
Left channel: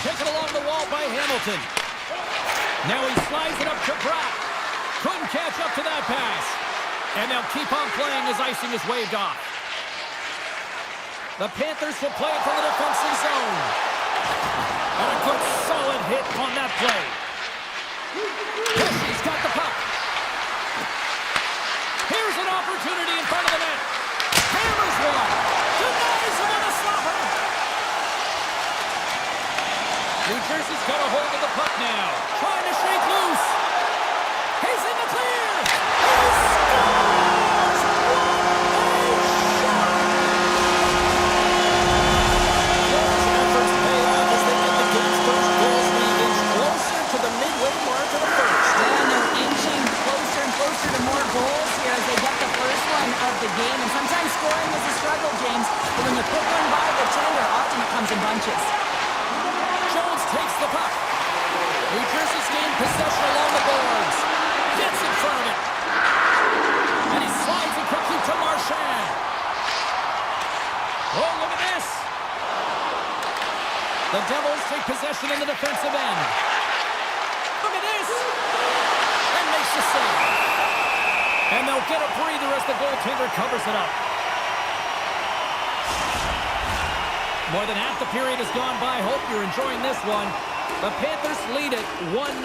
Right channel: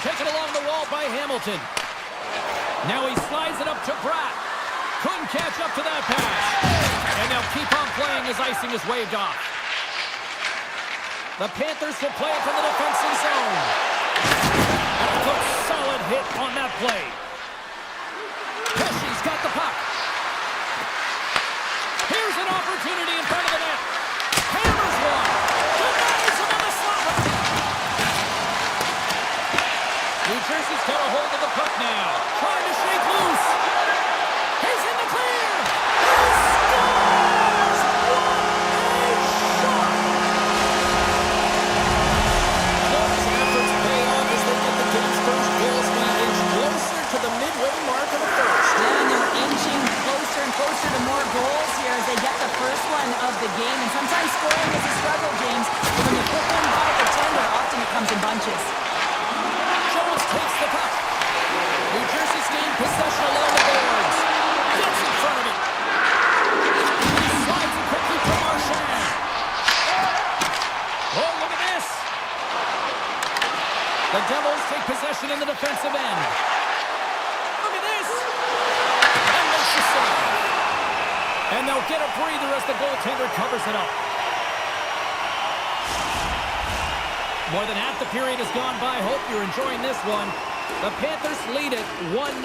Taken along the wall by Hamilton. Now he slides it up to Pratt. Couldn't catch up to that pass. And they'll keep on playing as icing is waved off. The Panthers will play it from the defensive zone. And a good solid hit on that play. Pesci's got the puck. Here's an opportunity in front of the net. Hammers one. Denies him on the slapper. New Jersey's got a hold of the puck now. Trying to shake loose. He's in the clear. He scores! What a shot! Those efforts pay off as they get the game's first goals being inched closer to the midway mark of the first. Yeah, and they're inching closer and closer to more goals here as they get the first one of the game. And sometimes scoring is a struggle, James. But when you put one by the tender, often it comes in bunches. Jones takes the puck. New Jersey's gained possession along the boards. Gets in front of it. And he slides it quickly to Marchand. Oh, look at this. The Devils take possession in the defensive end. Look at this. And makes the save. And they'll get a breather as the goaltender covers it up. More than half the period has gone by. Hope you're enjoying this one. The Panthers lead it 1-0.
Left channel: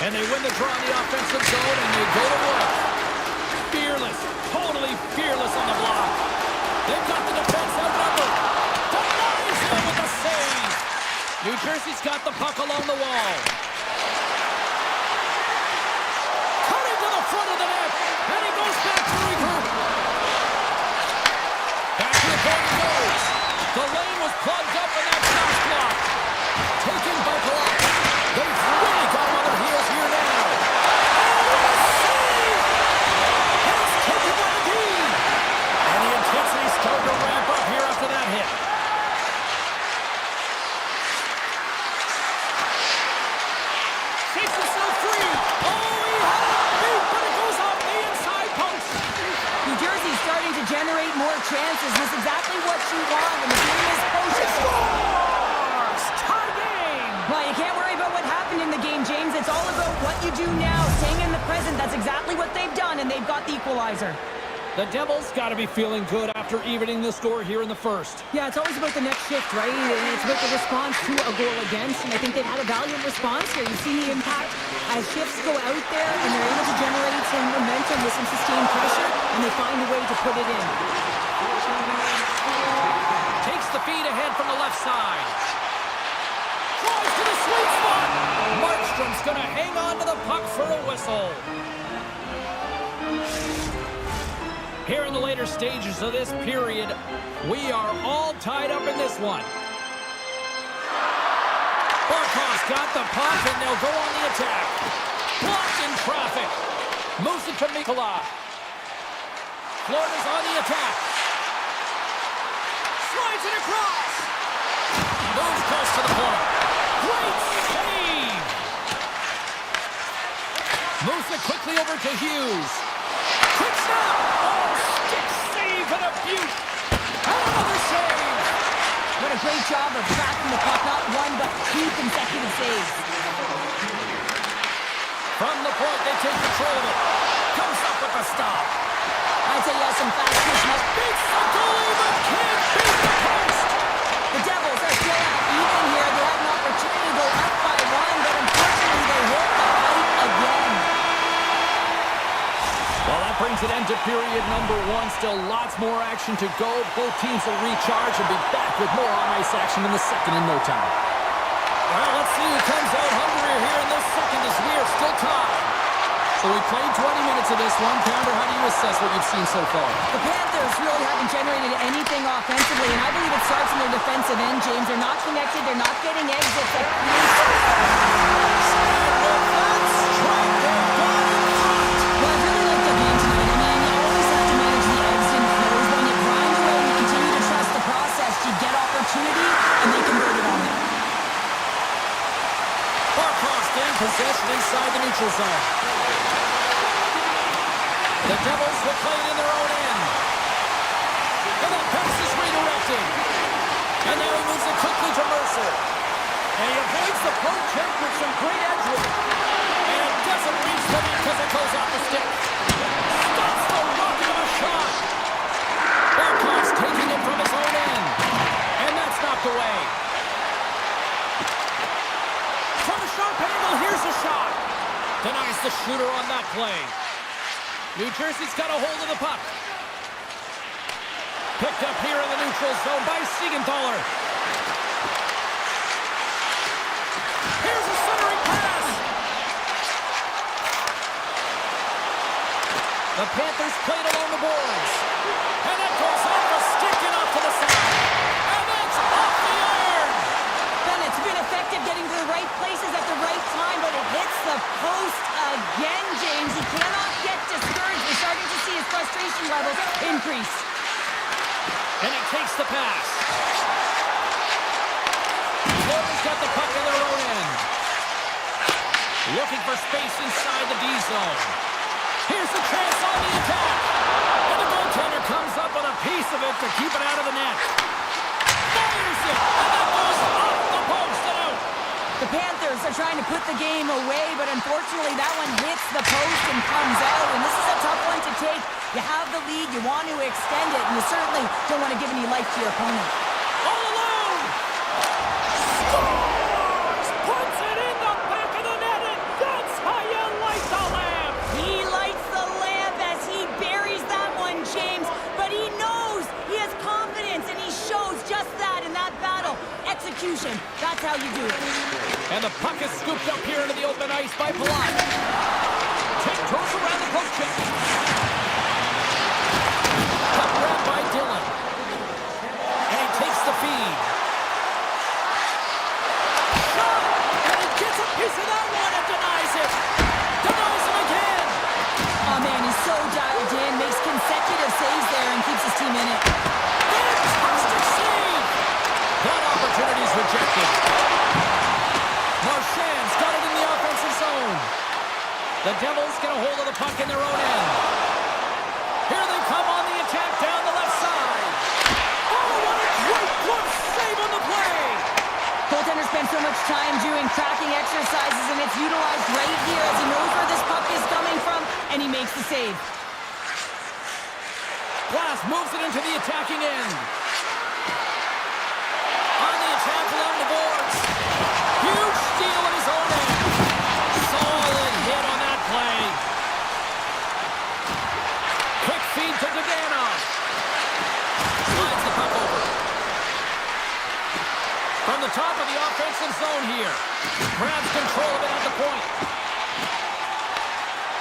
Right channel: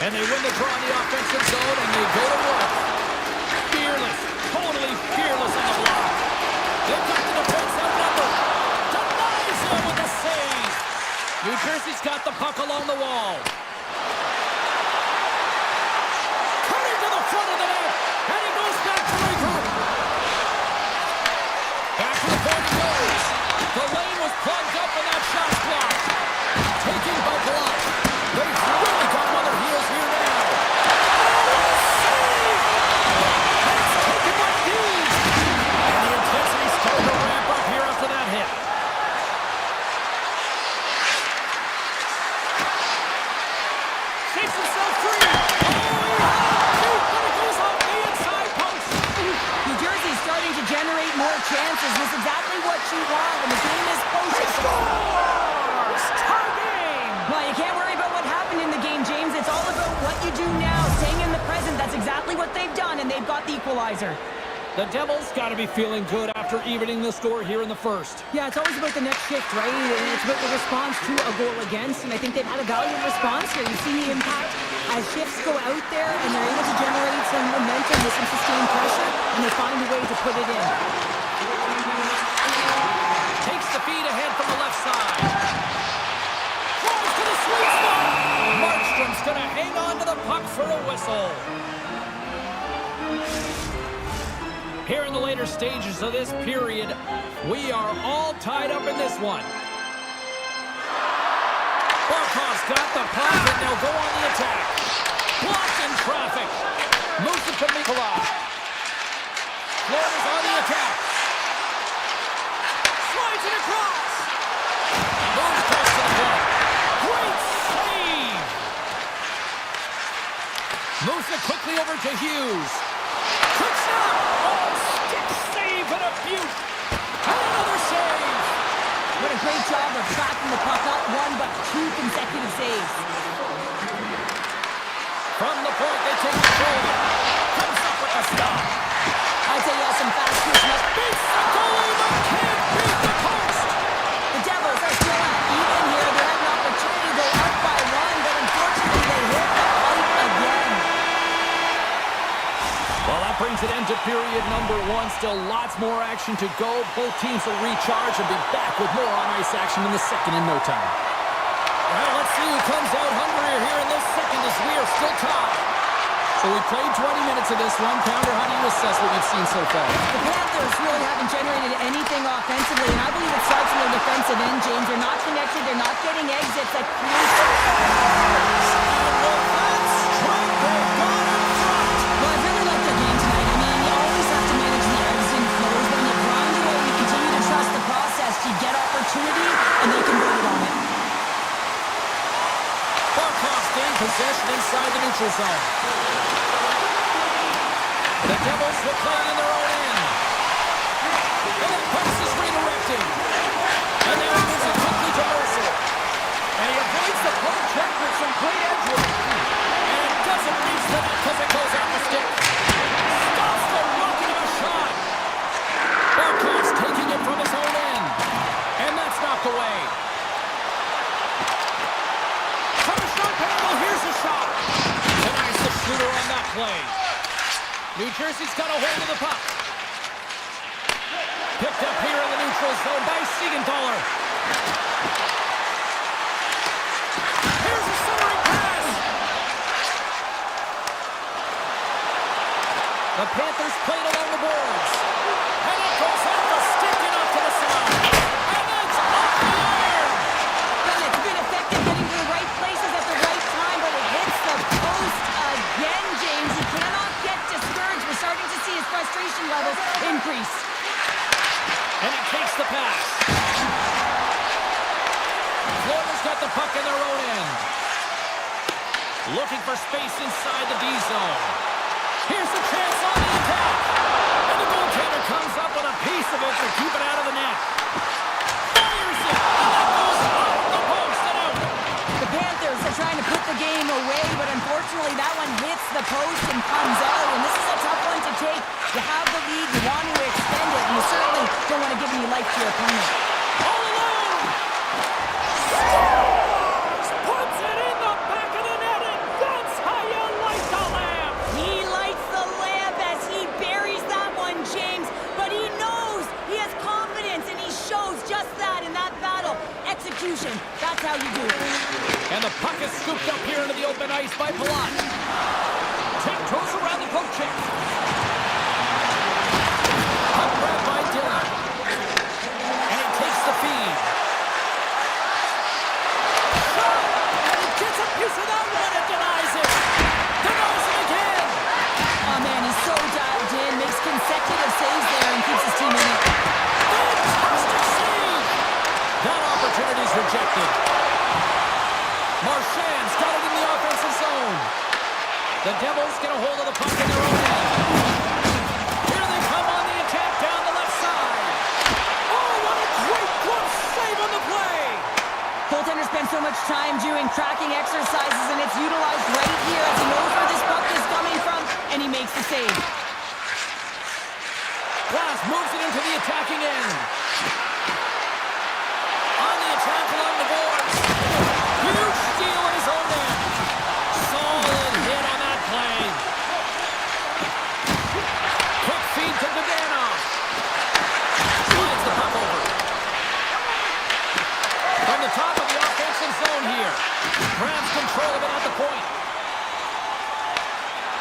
And they win the draw in the offensive zone, and they go to work. Fearless, totally fearless on the block. They've got the defense outnumbered. Denies him with the save. New Jersey's got the puck along the wall. Cutting to the front of the net, and he goes back to regroup. Back to the point he goes. The lane was plugged up and that shot's blocked. Taken by Block. They've really got him on their heels here now. Oh, what a save! And it's taken by the D. And the intensity's starting to ramp up here after that hit. Shakes himself free. Oh, he had it beat, but it goes off the inside post. New Jersey's starting to generate more chances. This is exactly what you want when the game is close. Scores! Tie game! Well, you can't worry about what happened in the game, James. It's all about what you do now, staying in the present. That's exactly what they've done, and they've got the equalizer. The Devils got to be feeling good after evening the score here in the first. Yeah, it's always about the next shift, right? And it's about the response to a goal against, and I think they've had a valiant response here. You see the impact as shifts go out there, and they're able to generate some momentum with some sustained pressure, and they find a way to put it in. Takes the feed ahead from the left side. Drives to the sweet spot. Markstrom's going to hang on to the puck for a whistle. Here in the later stages of this period, we are all tied up in this one. Barkov's got the puck, and they'll go on the attack. Blocked in traffic. Moves it to Mikula. Florida's on the attack. Slides it across. Moves close to the point. Great save. Moves it quickly over to Hughes. Quick snap. Oh, stick save and a beaut. And another save. What a great job of tracking the puck. Not one, but two consecutive saves. From the point, they take control of it. Comes up with the stop. I'd say he has some fast push. Beats the goalie, but can't beat the post. The Devils are still at even here. They had an opportunity to go up by one, but unfortunately they period number one. Still lots more action to go. Both teams will recharge and be back with more on-ice action in the second in no time. Well, let's see who comes out hungrier here in this second as we are still tied. So we played 20 minutes of this one. Pounder, how do you assess what you've seen so far? The Panthers really haven't generated anything offensively, and I believe it starts in their defensive end, James. They're not connected. They're not getting exits that create... And with that strike, they've gone in front. Well, I really like their game tonight. I mean, you always have to manage the ebbs and flows. When you grind away and you continue to trust the process, you get opportunity, and they converted on it. Barkov's gained possession inside the neutral zone. The Devils will play it in their own end. And that pass is redirected. And now he moves it quickly to Mercer. And he avoids the poke check with some great edge work. And it doesn't reach the net because it goes off the stick. Stops the rocket of a shot. Barkov's taking it from his own end. And that's knocked away. From a sharp angle, here's a shot. Denies the shooter on that play. New Jersey's got a hold of the puck. Picked up here in the neutral zone by Siegenthaler. Here's a centering pass. The Panthers played along the boards. And it goes off the stick and off to the side. And it's off the iron. Bennett's been effective getting to the right places at the right time, but it hits the post again, James. He cannot get discouraged. We're starting to see his frustration levels increase. And he takes the pass. Florida's got the puck in their own end. Looking for space inside the D zone. Here's the chance on the attack. And the goaltender comes up with a piece of it to keep it out of the net. Fires it, and that goes off the post and out. The Panthers are trying to put the game away, but unfortunately that one hits the post and comes out, and this is a tough one to take. You have the lead, you want to extend it, and you certainly don't want to give any life to your opponent. All alone! Scores! Puts it in the back of the net, and that's how you light the lamp! He lights the lamp as he buries that one, James, but he knows he has confidence, and he shows just that in that battle. Execution, that's how you do it. And the puck is scooped up here into the open ice by Palat. Tiptoes around the poke check. Puck grabbed by Dillon. And he takes the feed. Shot! And he gets a piece of that one and denies it. Denies him again. Oh man, he's so dialed in, makes consecutive saves there and keeps his team in it. Fantastic save! That opportunity's rejected. Marchand's got it in the offensive zone. The Devils get a hold of the puck in their own end. Here they come on the attack down the left side. Oh, what a great glove save on the play! Goaltender spends so much time doing tracking exercises, and it's utilized right here as he knows where this puck is coming from, and he makes the save. Glass moves it into the attacking end. On the attack along the boards. Huge steal in his own end. Solid hit on that play. Quick feed to Dadonov. Slides the puck over. From the top of the offensive zone here. Grabs control of it at the point.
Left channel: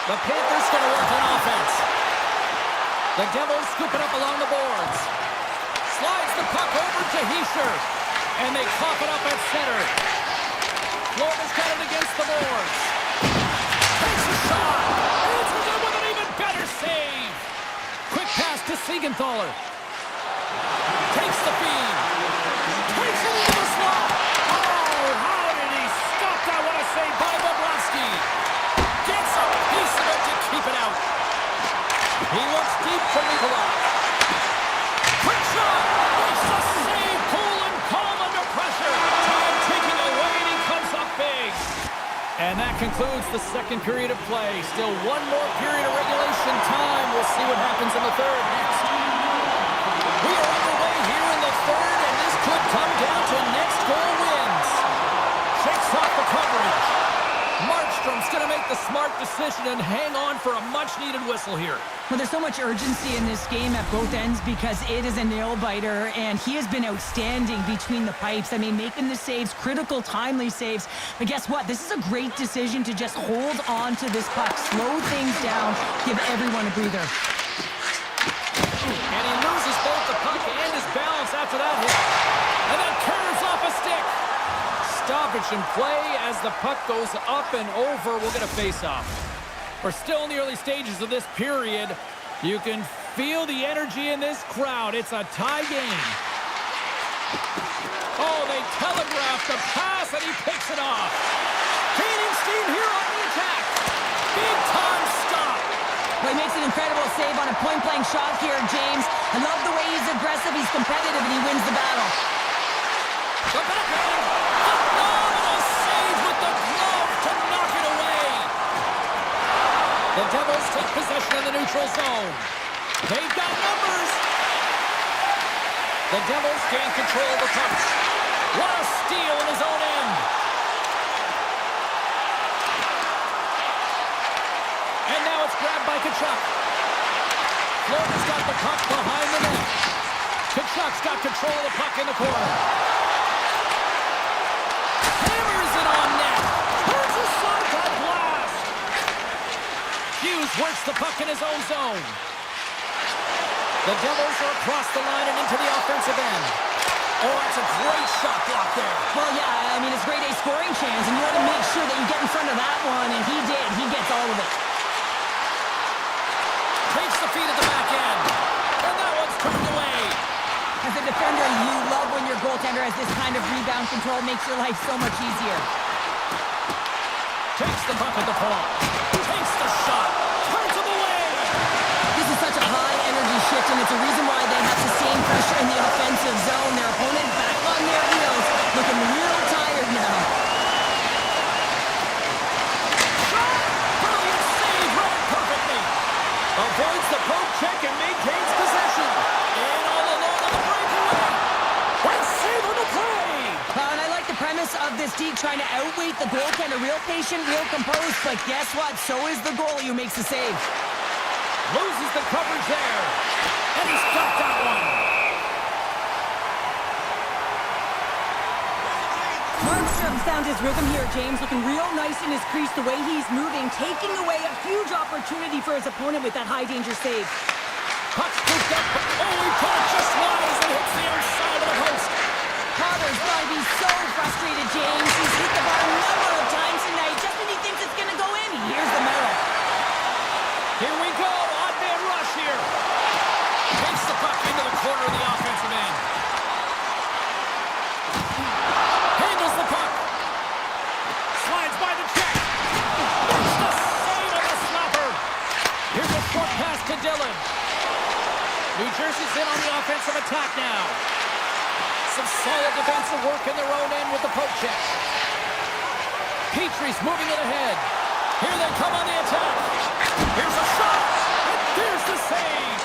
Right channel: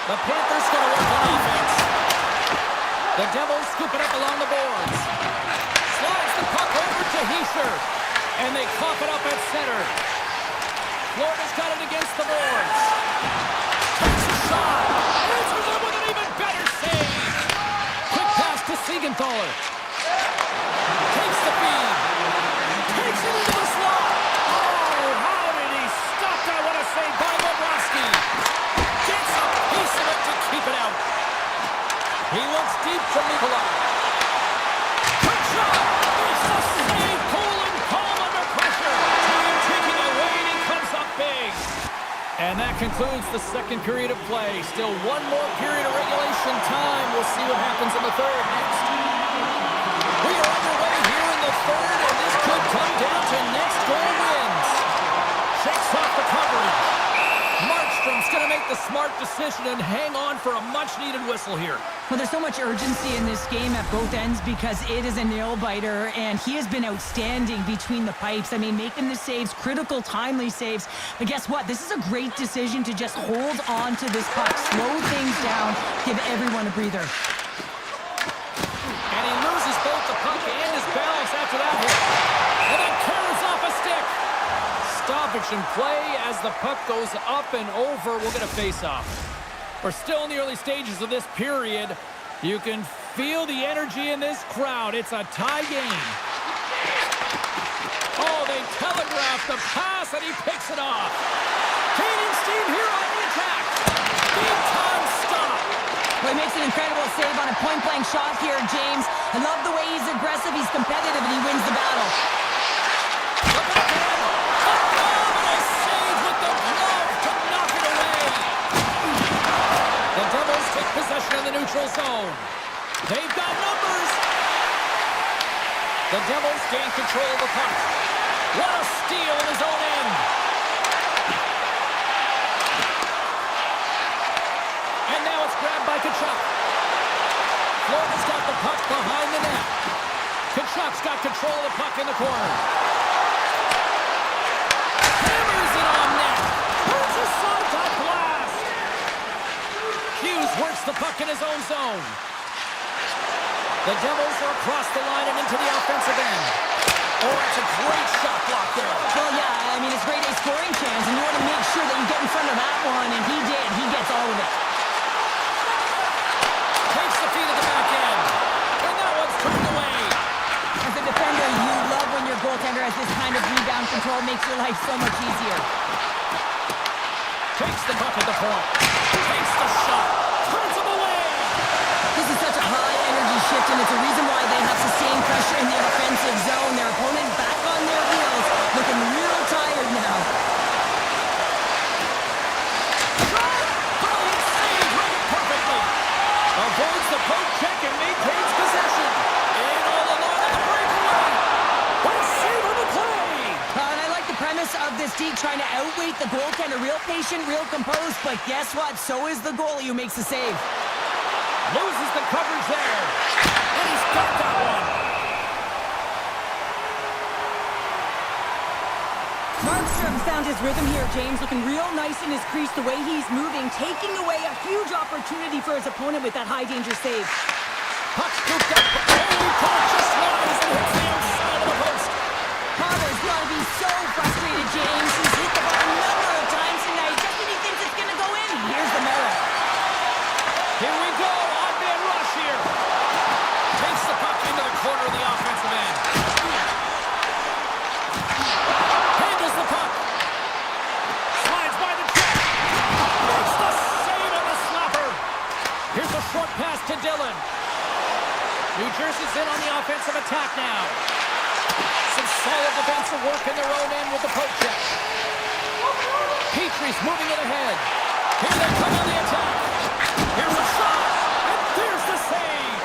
The Panthers going to work on offense. The Devils scoop it up along the boards. Slides the puck over to Hischier. And they cough it up at center. Florida's got it against the boards. Takes a shot. Answers it with an even better save. Quick pass to Siegenthaler. Takes the feed. Takes it into the slot. Oh, how did he stop that? What a save by Bobrovsky. Gets a piece of it to keep it out. He looks deep to Nikolai. Quick shot. Makes the save. Cool and calm under pressure. Time taking away, and he comes up big. And that concludes the second period of play. Still one more period of regulation time. We'll see what happens in the third next. We are underway here in the third, and this could come down to next goal wins. Shakes off the coverage. March Markstrom's going to make the smart decision and hang on for a much-needed whistle here. Well, there's so much urgency in this game at both ends because it is a nail-biter, and he has been outstanding between the pipes. I mean, making the saves, critical, timely saves. But guess what? This is a great decision to just hold on to this puck, slow things down, give everyone a breather. And he loses both the puck and his balance after that hit. And then carries off a stick. Stoppage in play as the puck goes up and over. We'll get a face-off. We're still in the early stages of this period. You can feel the energy in this crowd. It's a tie game. Oh, they telegraph the pass, and he picks it off. Gaining steam here on the attack. Big-time stop. Well, he makes an incredible save on a point-blank shot here, James. I love the way he's aggressive, he's competitive, and he wins the battle. The backhand. Phenomenal save with the glove to knock it away. The Devils take possession in the neutral zone. They've got numbers. The Devils gain control of the puck. What a steal in his own end. And now it's grabbed by Tkachuk. Florida's got the puck behind the net. Tkachuk's got control of the puck in the corner. Hammers it on net. Turns a side blast. Hughes works the puck in his own zone. The Devils are across the line and into the offensive end. Oh, that's a great shot block there. Well, yeah, I mean, it's grade A scoring chance, and you want to make sure that you get in front of that one, and he did. He gets all of it. Takes the feed at the back end. And that one's turned away. As a defender, you love when your goaltender has this kind of rebound control. Makes your life so much easier. Takes the puck at the point. Takes the shot. Turns him away. This is such a high-energy shift, and it's a reason why they have sustained pressure in the offensive zone. Their opponent back on their heels, looking real tired now. Shot! Brilliant save, read it perfectly. Avoids the poke check and maintains possession. In all alone on the breakaway. What a save on the play! And I like the premise of this D trying to outweight the goaltender. Real patient, real composed, but guess what? So is the goalie who makes the save. Loses the coverage there. And he's got that one. Markstrom found his rhythm here, James, looking real nice in his crease, the way he's moving, taking away a huge opportunity for his opponent with that high-danger save. Puck scooped up. Oh, he put it just wide as it hits the outside of the post. Potter's got to be so frustrated, James. He's hit the bar a number of times tonight. Just when he thinks it's going to go in, here's the medal. Here we go. Odd man rush here. Takes the puck into the corner of the offensive end. Handles the puck. Slides by the check. Makes the save on the slapper. Here's a short pass to Dillon. New Jersey's in on the offensive attack now. Some solid defensive work in their own end with the poke check. Petrie's moving it ahead. Here they come on the attack. Here's a shot, and there's the save.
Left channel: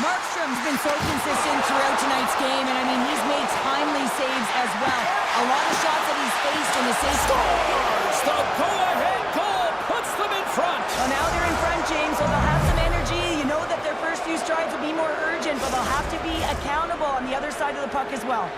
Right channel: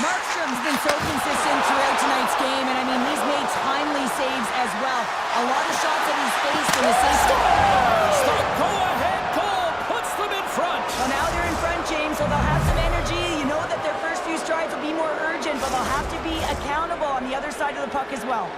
Markstrom's been so consistent throughout tonight's game, and I mean, he's made timely saves as well. A lot of shots that he's faced in the save. Scores! The go-ahead goal puts them in front. Well, now they're in front, James, so they'll have some energy. You know that their first few strides will be more urgent, but they'll have to be accountable on the other side of the puck as well.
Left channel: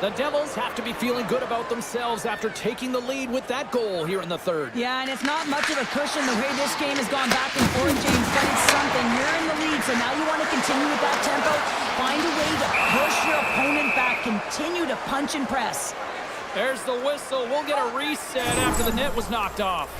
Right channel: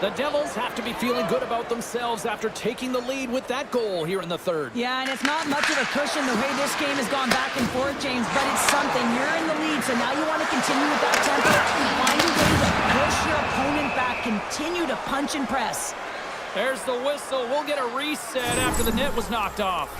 The Devils have to be feeling good about themselves after taking the lead with that goal here in the third. Yeah, and it's not much of a cushion the way this game has gone back and forth, James, but it's something. You're in the lead, so now you want to continue with that tempo. Find a way to push your opponent back. Continue to punch and press. There's the whistle. We'll get a reset after the net was knocked off.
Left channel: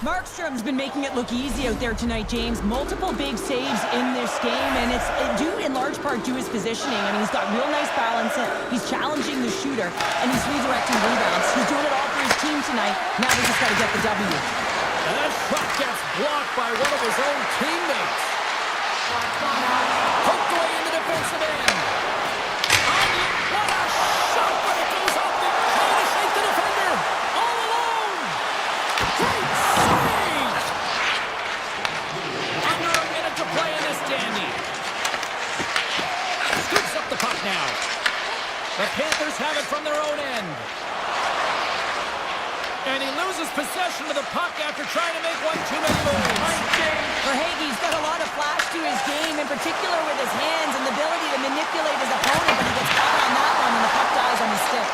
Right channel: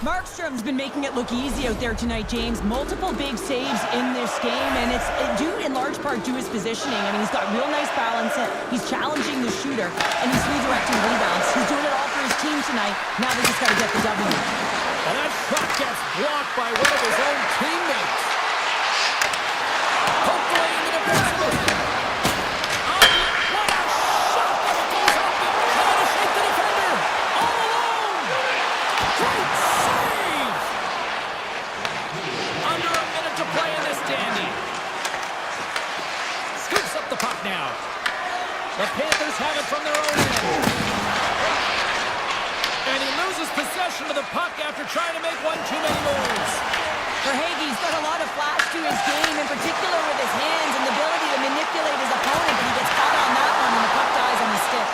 Markstrom's been making it look easy out there tonight, James. Multiple big saves in this game, and it's due in large part to his positioning. I mean, he's got real nice balance. He's challenging the shooter, and he's redirecting rebounds. He's doing it all for his team tonight. Now they just got to get the W. And that shot gets blocked by one of his own teammates. Poked away in the defensive end. What a shot, but it goes off and trying to shake the defender. All alone. Great save. Under a minute to play in this dandy. Scoops up the puck now. The Panthers have it from their own end. And he loses possession of the puck after trying to make one too many moves. Verhaeghe's got a lot of flash to his game, in particular with his hands and the ability to manipulate his opponent, but he gets caught on that one and the puck dies on his stick.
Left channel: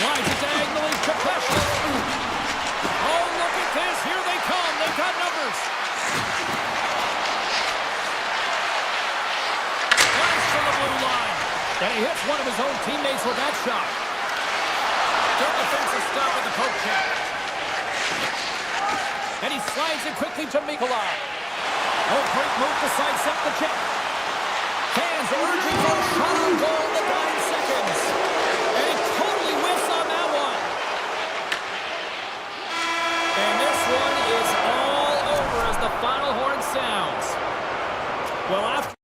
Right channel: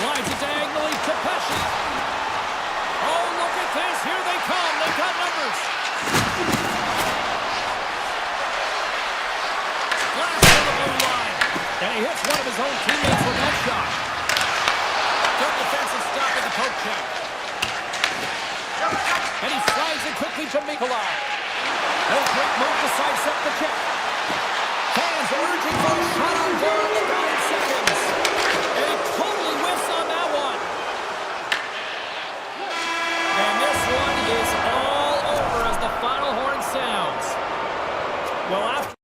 Slides it diagonally to Pesci. Oh, look at this. Here they come. They've got numbers. Blast to the blue line. And he hits one of his own teammates with that shot. Good defensive stop with the poke check. And he slides it quickly to Mikola. Oh, great move to sidestep the check. Fans urging for a shot on goal in the 9 seconds. And he totally whiffs on that one. And this one is all over as the final horn sounds. Well, after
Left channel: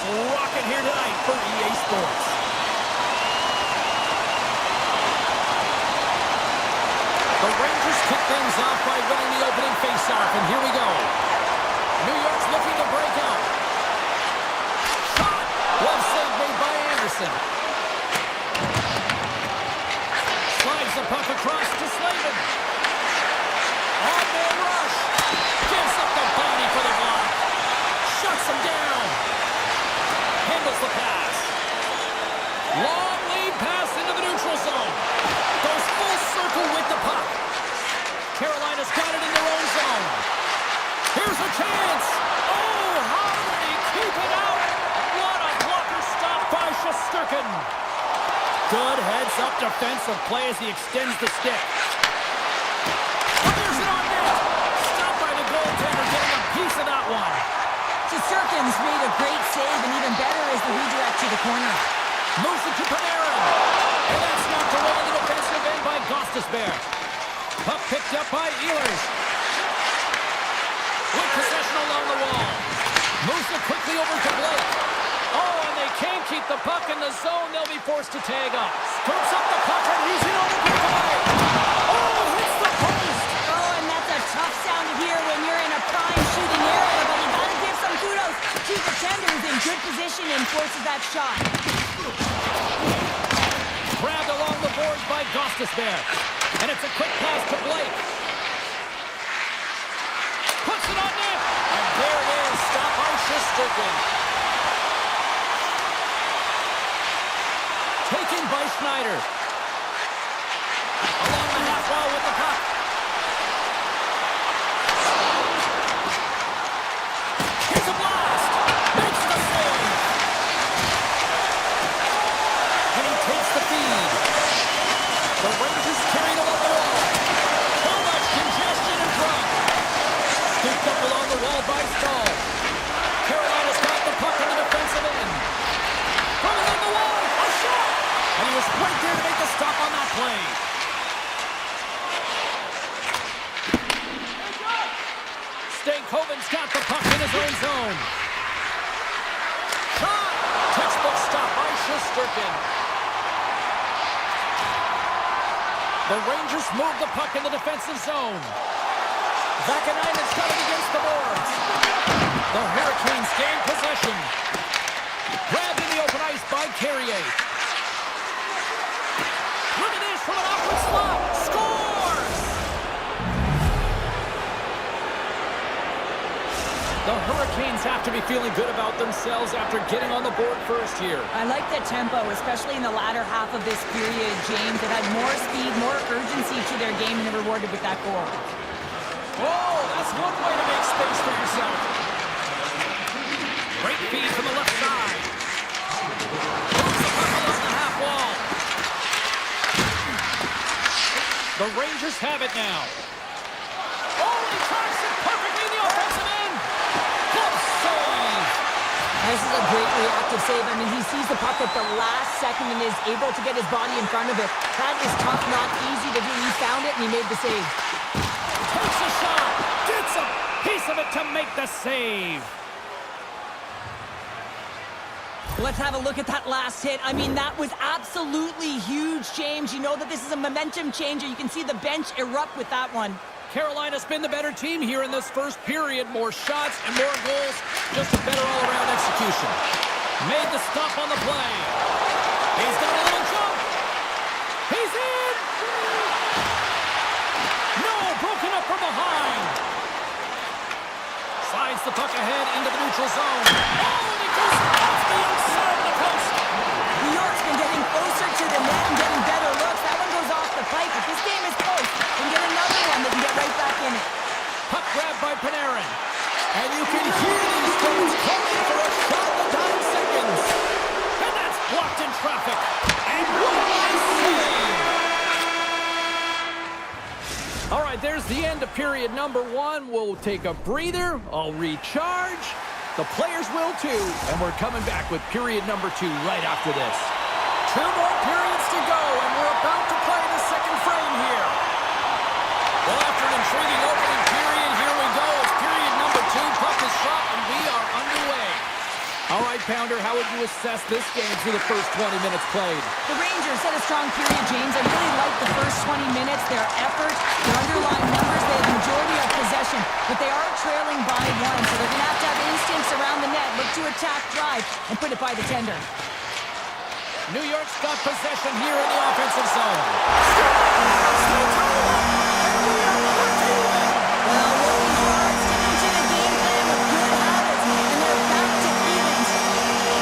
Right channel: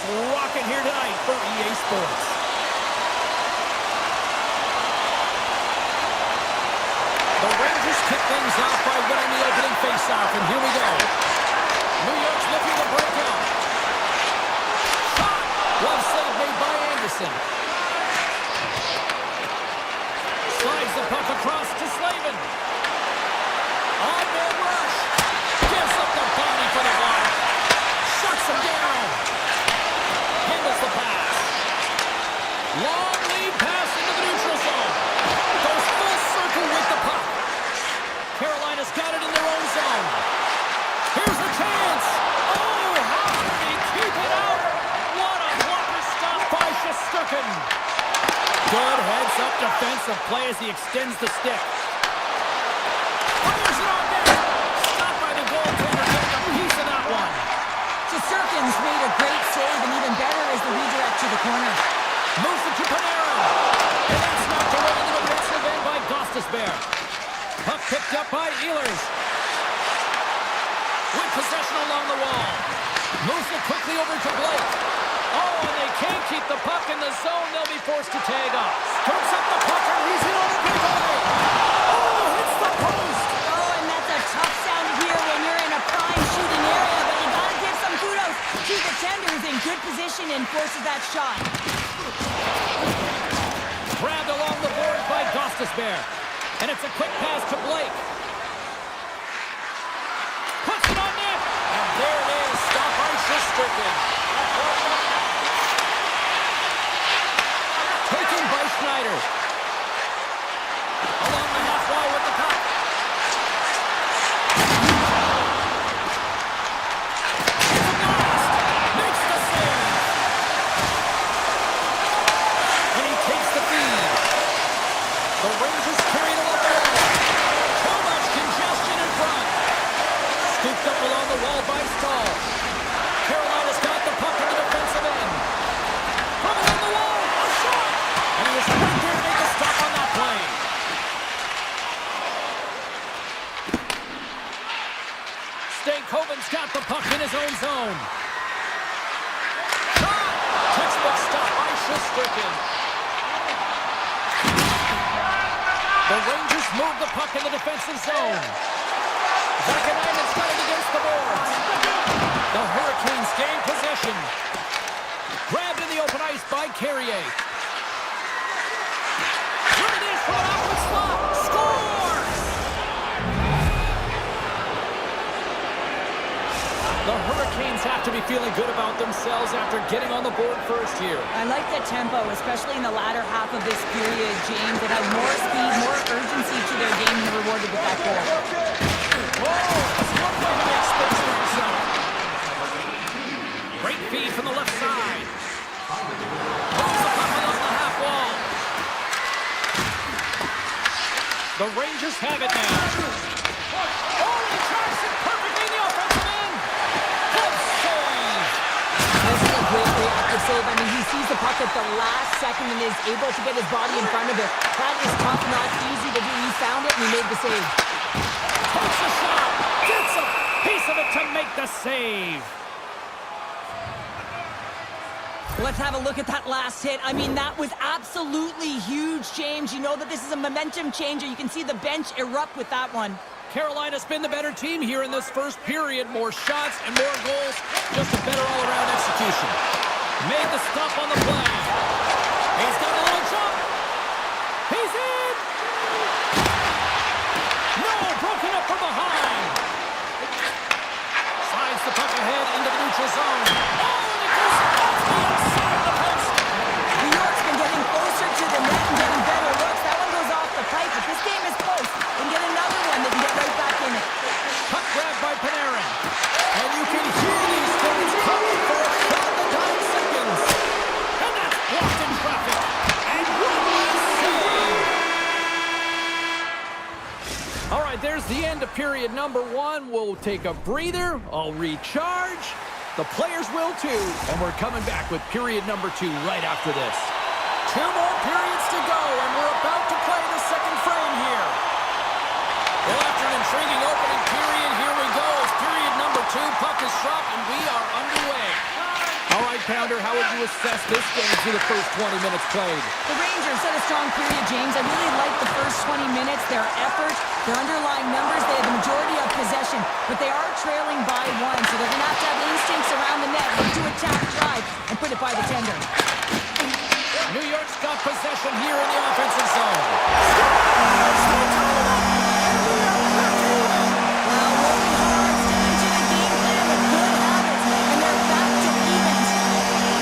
is rocking here tonight for EA Sports. The Rangers kick things off by winning the opening faceoff, and here we go. New York's looking to break out. Shot! Glove save made by Anderson. Slides the puck across to Slavin. On-man rush. Gives up the body for the block. Shuts him down. Handles the pass. Long lead pass into the neutral zone. Goes full circle with the puck. Carolina's got it in their own zone. Here's a chance. Oh, how did he keep it out? What a blocker stop by Shesterkin. Good heads-up defensive play as he extends the stick. Fires it on net. Stopped by the goaltender, getting a piece of that one. Shesterkin's made a great save, and even better is the redirect to the corner. Moves it to Panarin. And that's knocked away into the defensive end by Gostisbehere. Puck picked up by Ehlers. With possession along the wall. Moves it quickly over to Blake. Oh, and they can't keep the puck in the zone. They'll be forced to tag up. Scoops up the puck, and he's in on the breakaway. Oh, hits the post. Oh, and that's a tough sound to hear when you're in a prime shooting area, but you gotta give some kudos to the tender who's in good position and forces that shot. Grabbed along the boards by Gostisbehere. And it's a quick pass to Blake. Puts it on net. And there it is. Stop by Shesterkin. Taken by Schneider. Along the half wall with the puck. Here's a blast. Makes the save. And he takes the feed. The Rangers carried along the wall. Too much congestion in front. Scooped up along the wall by Stahl. Carolina's got the puck in the defensive end. From along the wall, a shot! And he was right there to make the stop on that play. Stankoven's got the puck in his own zone. Shot! Textbook stop by Shesterkin. The Rangers move the puck in the defensive zone. Vakanainen's got it against the boards. The Hurricanes gain possession. Grabbed in the open ice by Carrier. Look at this from an awkward slot. Scores! The Hurricanes have to be feeling good about themselves after getting on the board first here. I like the tempo, especially in the latter half of this period, James. It had more speed, more urgency to their game, and they're rewarded with that goal. Whoa, that's one way to make space for yourself. Great feed from the left side. Moves the puck along the half wall. The Rangers have it now. Oh, he tracks it perfectly in the offensive end. Good save. This is a great reactive save. I mean, he sees the puck at the last second and is able to get his body in front of it. That is tough, not easy to do. He found it and he made the save. Takes a shot. Gets a piece of it to make the save. Let's have a look at that last hit. I mean, that was absolutely huge, James. You know that this is a momentum changer. You can see the bench erupt with that one. Carolina's been the better team here in this first period. More shots and more goals. Just a better all-around execution. Made the stop on the play. He's got a little jump. He's in. No, broken up from behind. Slides the puck ahead into the neutral zone. Oh, and it goes off the outside of the post. New York's been getting closer to the net and getting better looks. That one goes off the pipe. If this game is close, they can get another one. They can get right back in it. Puck grabbed by Panarin. And you can hear these things coming for a shot in the dying seconds. And that's blocked in traffic. And what a save! All right, there's the end of period number one. We'll take a breather. I'll recharge. The players will too. And we're coming back with period number two right after this. 2 more periods to go, and we're about to play the second frame here. Well, after an intriguing opening period, here we go. It's period number two. Puck is dropped, and we are underway. All right, pounder, how would you assess this game through the first 20 minutes played? The Rangers had a strong period, James. I really liked the first 20 minutes, their effort, their underlying numbers. They had the majority of possession, but they are trailing by one, so they're going to have instincts around the net, look to attack, drive, and put it by the tender. New York's got possession here in the offensive zone. Well, working hard, sticking to the game plan with good habits, and they're back to evens.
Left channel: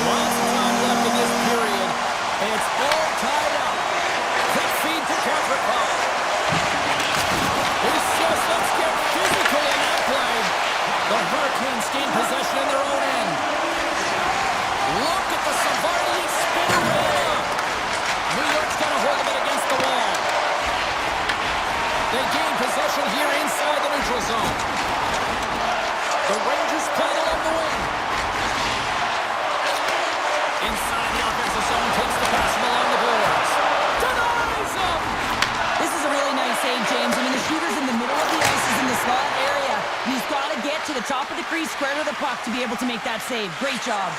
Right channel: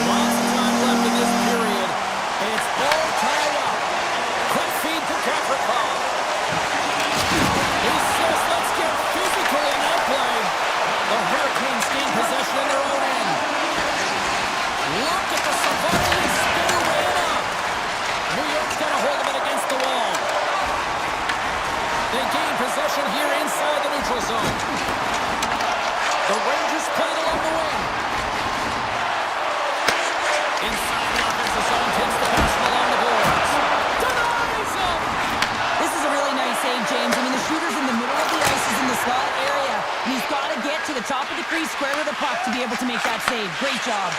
Lots of time left in this period. It's all tied up. Quick feed to Kevrakov. He says, let's get physical in that play. The Hurricanes gain possession in their own end. Look at the Savardian spinorama. New York's got a hold of it against the wall. They gain possession here inside the neutral zone. The Rangers play it along the wing. Inside the offensive zone, takes the pass from along the boards. Denies him! This is a really nice save, James. I mean, the shooter's in the middle of the ice, he's in the slot area, and he's got to get to the top of the crease, square to the puck to be able to make that save. Great job.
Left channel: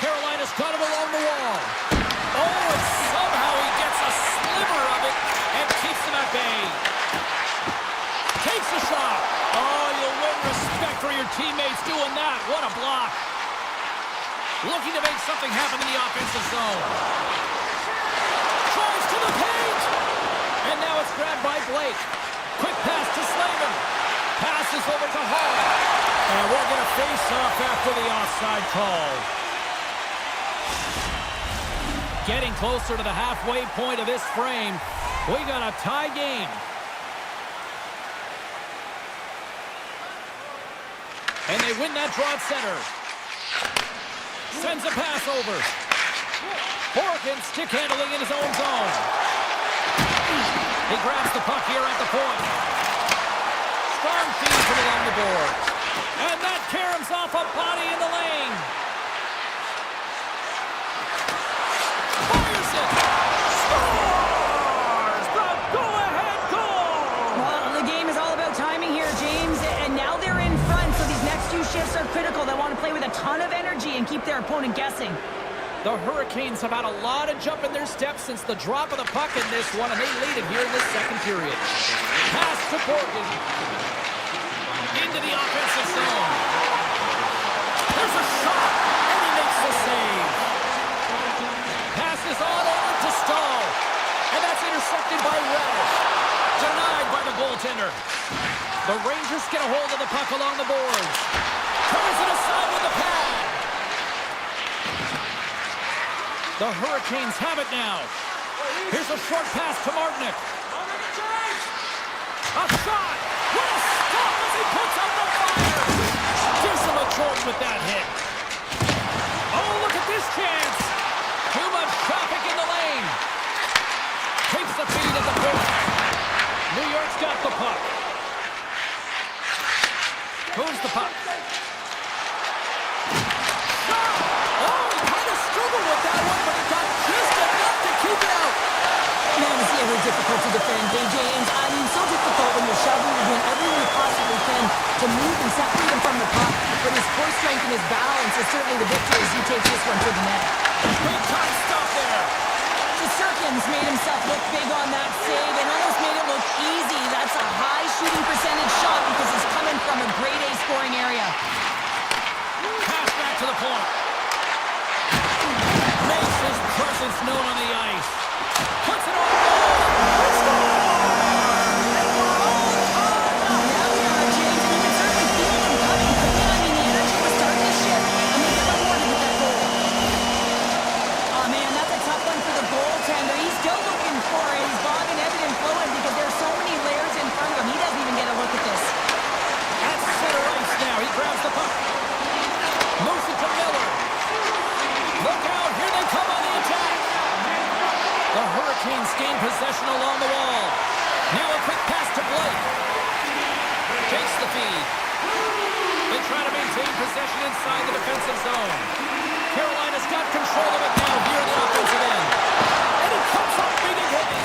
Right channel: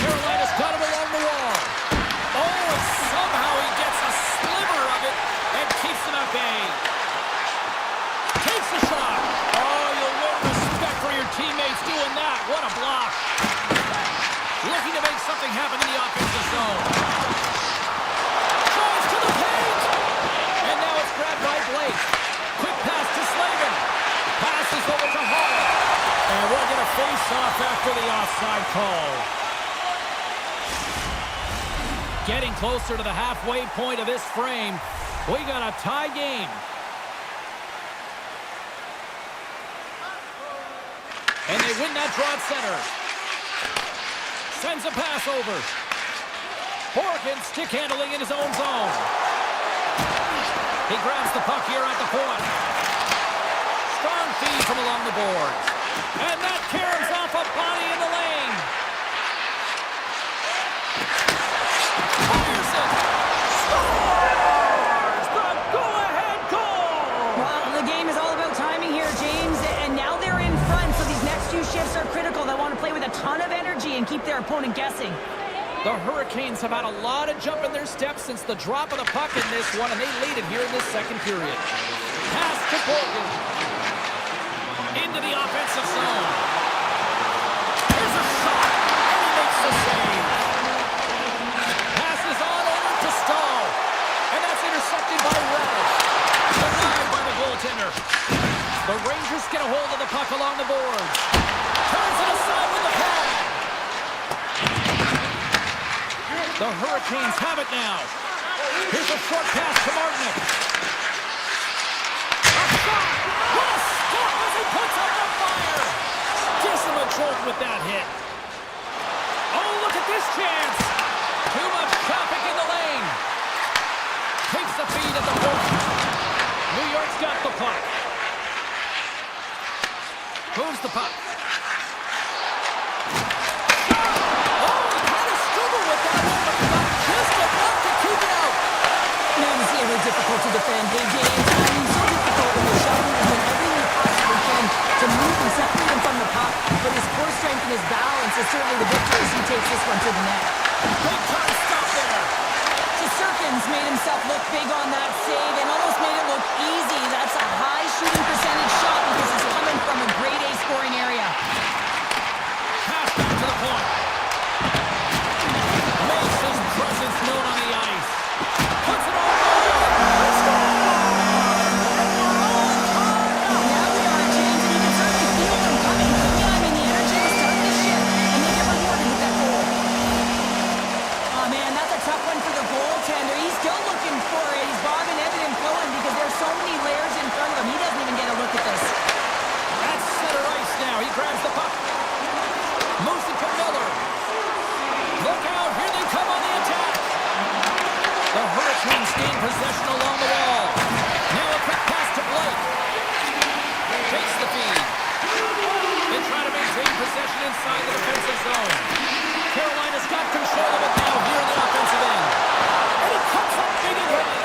Carolina's got him along the wall. Oh, and somehow he gets a sliver of it and keeps him at bay. Takes the shot. Oh, you'll win respect for your teammates doing that. What a block. Looking to make something happen in the offensive zone. Tries to the paint. And now it's grabbed by Blake. Quick pass to Slavin. Passes over to Hall. And we'll get a face-off after the offside call. Getting closer to the halfway point of this frame. We got a tie game. And they win that draw at center. Sends a pass over. Horkin stick handling in his own zone. He grabs the puck here at the point. Strong feed from along the boards. And that caroms off a body in the lane. Fires it! Scores! The go-ahead goal! Well, the game is all about timing here, James, and now they're in front, so these next few shifts are critical. They want to play with a ton of energy and keep their opponent guessing. The Hurricanes have had a lot of jump in their steps since the drop of the puck in this one, and they lead it here in this second period. Pass to Borgen. Into the offensive zone. There's a shot, and he makes the save. Passes on over to Stahl, and that's intercepted by Relish. Denied by the goaltender. The Rangers get a hold of the puck along the boards. Turns it aside with the pad. The Hurricanes have it now. Here's a short pass to Martinick. A shot! What a stop as he puts up the fire! Disima Jordan with that hit. Oh, look at this chance! Too much traffic in the lane. Takes the feed at the point. New York's got the puck. Moves the puck. With that one, but he got just enough to keep it out. Man, is he ever difficult to defend, hey, James? I mean, so difficult when you're shoving and doing everything you possibly can to move and separate him from the puck. But his core strength and his balance is certainly the victor as he takes this one to the net. Big time stop there. Shesterkin's made himself look big on that save and almost made it look easy. That's a high shooting percentage shot because it's coming from a grade A scoring area. Pass back to the point. Makes his presence known on the ice. Puts it on goal. They score! And we're on time now. Now we are, James, and you can certainly feel them coming. But yeah, I mean, the energy was starting to shift, and they get rewarded with that goal. Oh, man, that's a tough one for the goaltender. He's still looking for it. He's bobbing, ebbing, and flowing because there's so many layers in front of him. He doesn't even get a look at this. At center ice now. He grabs the puck. Moves it to Miller. Look out, here they come on the attack. The Hurricanes gain possession along the wall. Now a quick pass to Blake. Takes the feed. They try to maintain possession inside the defensive zone. Carolina's got control of it now here in the offensive end. And he comes up big again.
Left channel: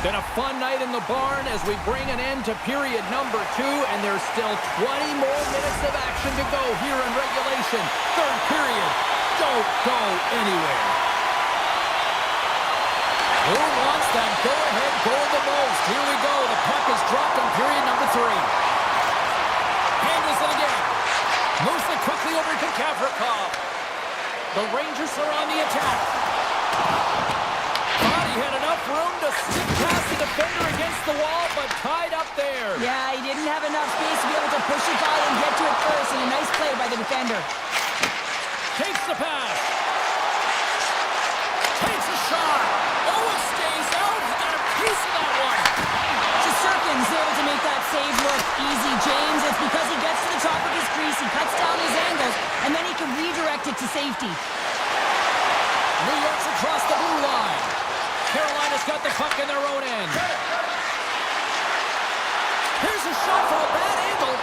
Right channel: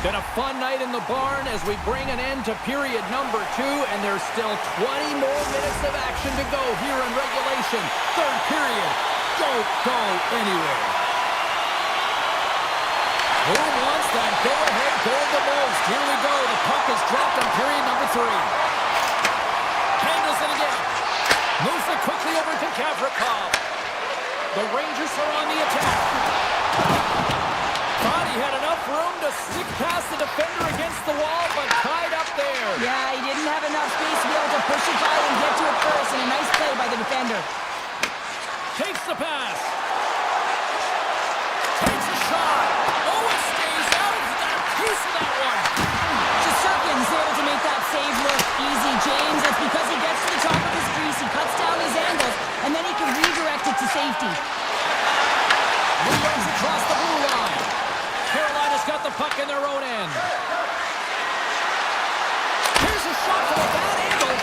Been a fun night in the barn as we bring an end to period number 2, and there's still 20 more minutes of action to go here in regulation. Third period. Don't go anywhere. Who wants that go-ahead goal the most? Here we go. The puck is dropped on period number 3. Handles it again. Moves it quickly over to Gavrikov. The Rangers are on the attack. Thought he had enough room to stick past the defender against the wall, but tied up there. Yeah, he didn't have enough space to be able to push it by and get to it first, and a nice play by the defender. Takes the pass. Takes a shot. Oh, it stays out. He got a piece of that one. Shesterkin's able to make that save look easy, James. It's because he gets to the top of his crease, he cuts down his angles, and then he can redirect it to safety. New York's across the blue line. Carolina's got the puck in their own end. Here's a shot from a bad angle,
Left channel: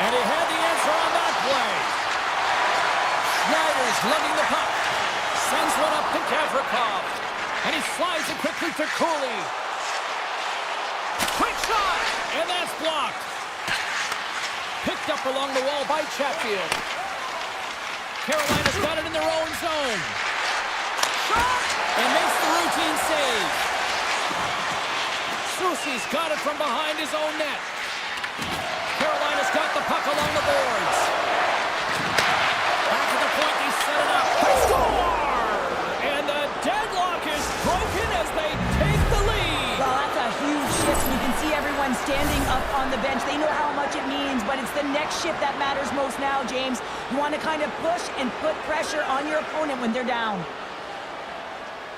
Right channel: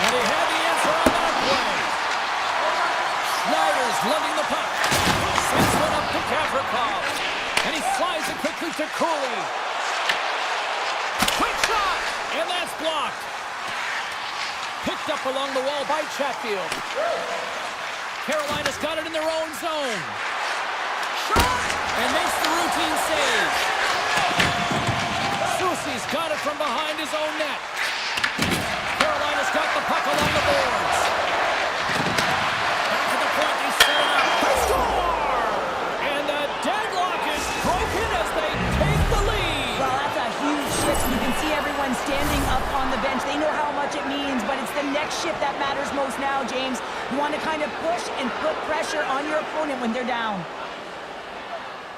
and he had the answer on that play. Schneider's lugging the puck. Sends one up to Gavrikov, and he slides it quickly to Cooley. Quick shot, and that's blocked. Picked up along the wall by Chatfield. Carolina's got it in their own zone. Shot! And makes the routine save. Soucy's got it from behind his own net. Carolina's got the puck along the boards. Back at the point, they set it up. They score! And the deadlock is broken as they take the lead. Well, that's a huge shift. You can see everyone standing up on the bench. They know how much it means, but it's the next shift that matters most now, James. You want to kind of push and put pressure on your opponent when they're down.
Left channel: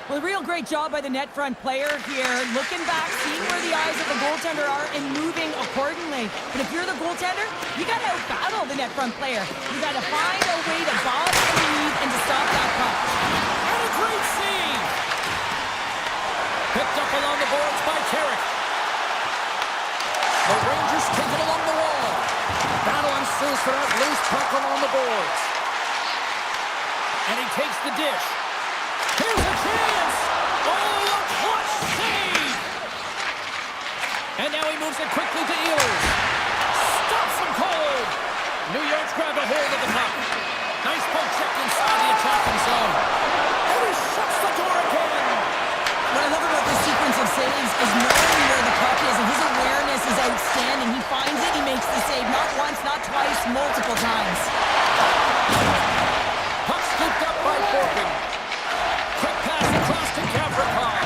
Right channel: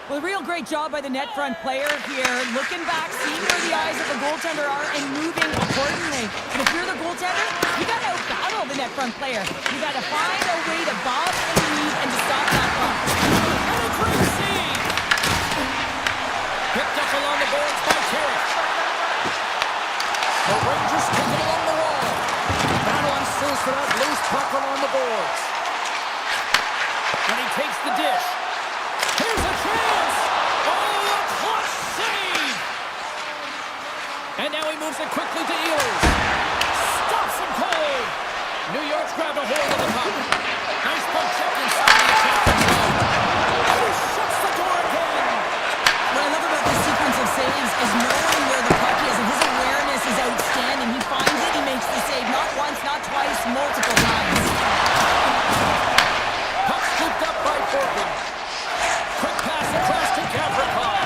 Well, a real great job by the net front player here. Looking back, seeing where the eyes of the goaltender are and moving accordingly. And if you're the goaltender, you got to out-battle the net front player. You got to find a way to bob and weave and to stop that puck. And a great save! Picked up along the boards by Carrick. The Rangers take it along the wall. Battle ensues for that loose puck along the boards. And he takes the dish. Here's a chance! Oh, a clutch save! And now he moves it quickly to Ehlers. Stops him cold! New York's grabbed a hold of the puck. Nice poke check inside the attacking zone. And he shuts the door again! What I love about this sequence of saves is knowing where the puck is, and his awareness is outstanding. He finds it, he makes the save. Not once, not twice, multiple times. Puck scooped up by Forkin. Quick pass across to Gavrikov.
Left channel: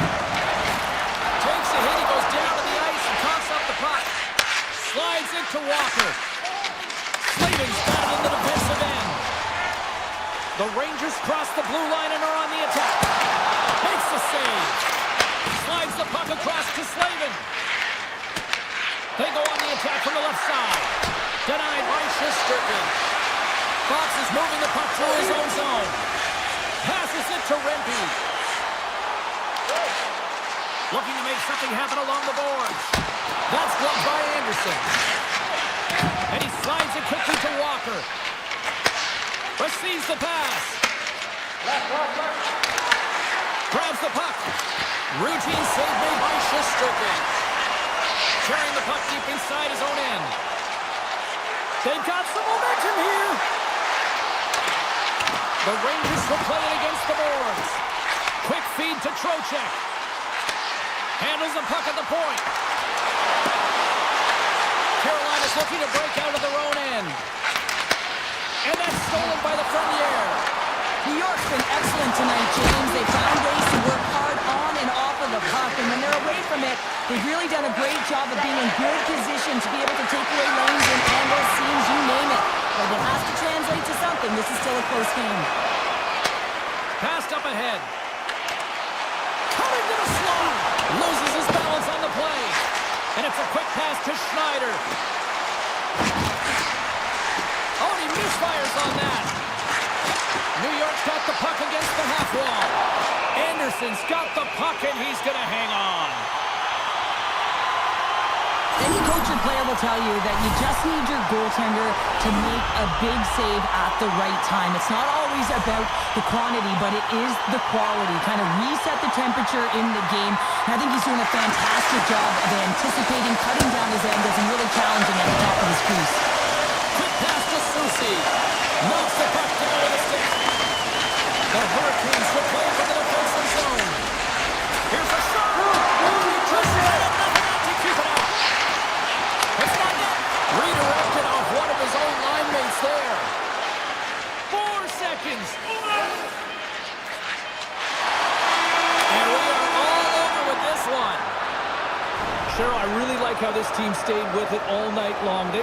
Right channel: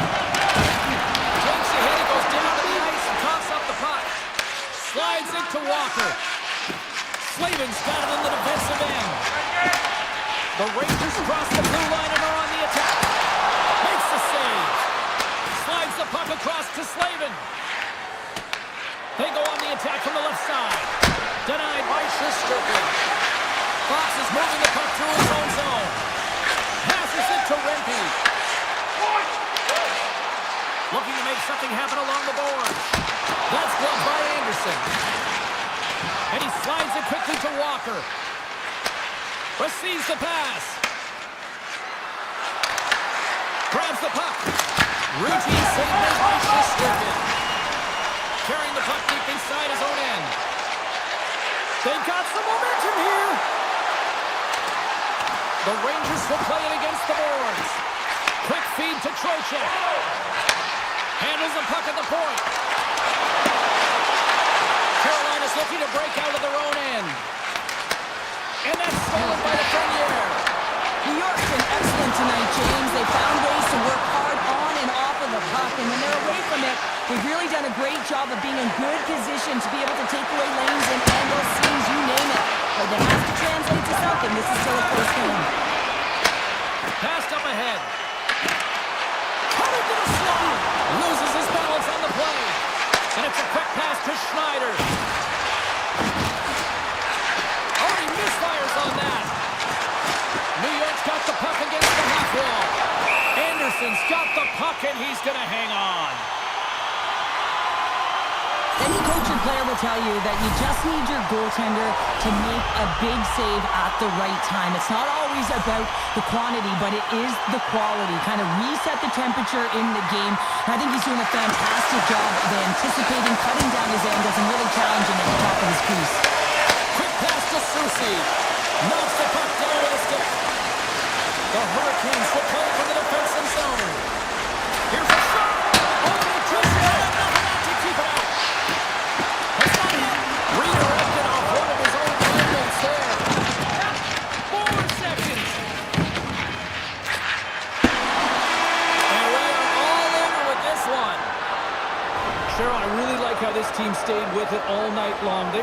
Takes a hit, he goes down to the ice and coughs up the puck. Slides it to Walker. Slavin's got it in the defensive end. The Rangers cross the blue line and are on the attack. Makes the save. Slides the puck across to Slavin. They go on the attack from the left side. Denied by Shesterkin. Fox is moving the puck through his own zone. Passes it to Rempe. Looking to make something happen along the boards. That's gloved by Anderson. And he slides it quickly to Walker. Receives the pass. Grabs the puck. Routine save made by Shesterkin. Carrying the puck deep inside his own end. They've got some momentum here. The Rangers will play it against the boards. Quick feed to Trocheck. Handles the puck at the point. Carolina's looking to break out of their own end. And that's stolen by the Frenier. New York's been excellent tonight, James. They found ways to work hard on and off of the puck, and when they're away from it, they've really done a great job of being in good position to be able to take away lanes and angles, seams, you name it. But it has to translate to something. This is still a close game. Passed up ahead. Coming to the slot. Loses his balance on the play. And it's a quick pass to Schneider. Oh, he misfires on that. New York's got the puck against the half wall. Anderson's got the puck, and he's going to hang on. Any coach or player will tell you that you just need your goaltender to make a big save at the right time. It's not always about the quantity, but it is the quality. Kind of reset the temperature in the game. And I think he's doing a fantastic job of anticipating, cutting down his angles, and really challenging at the top of his crease. Quick pass to Susie. Knocks the puck down with a stick. The Hurricanes will play for the defensive zone. Here's a shot. Oh, he just had enough of that to keep it out. It's not net. Redirected off one of his own line mates there. 4 seconds. And we are all over with this one. Cheryl, I really like how this team stayed with it all night long. They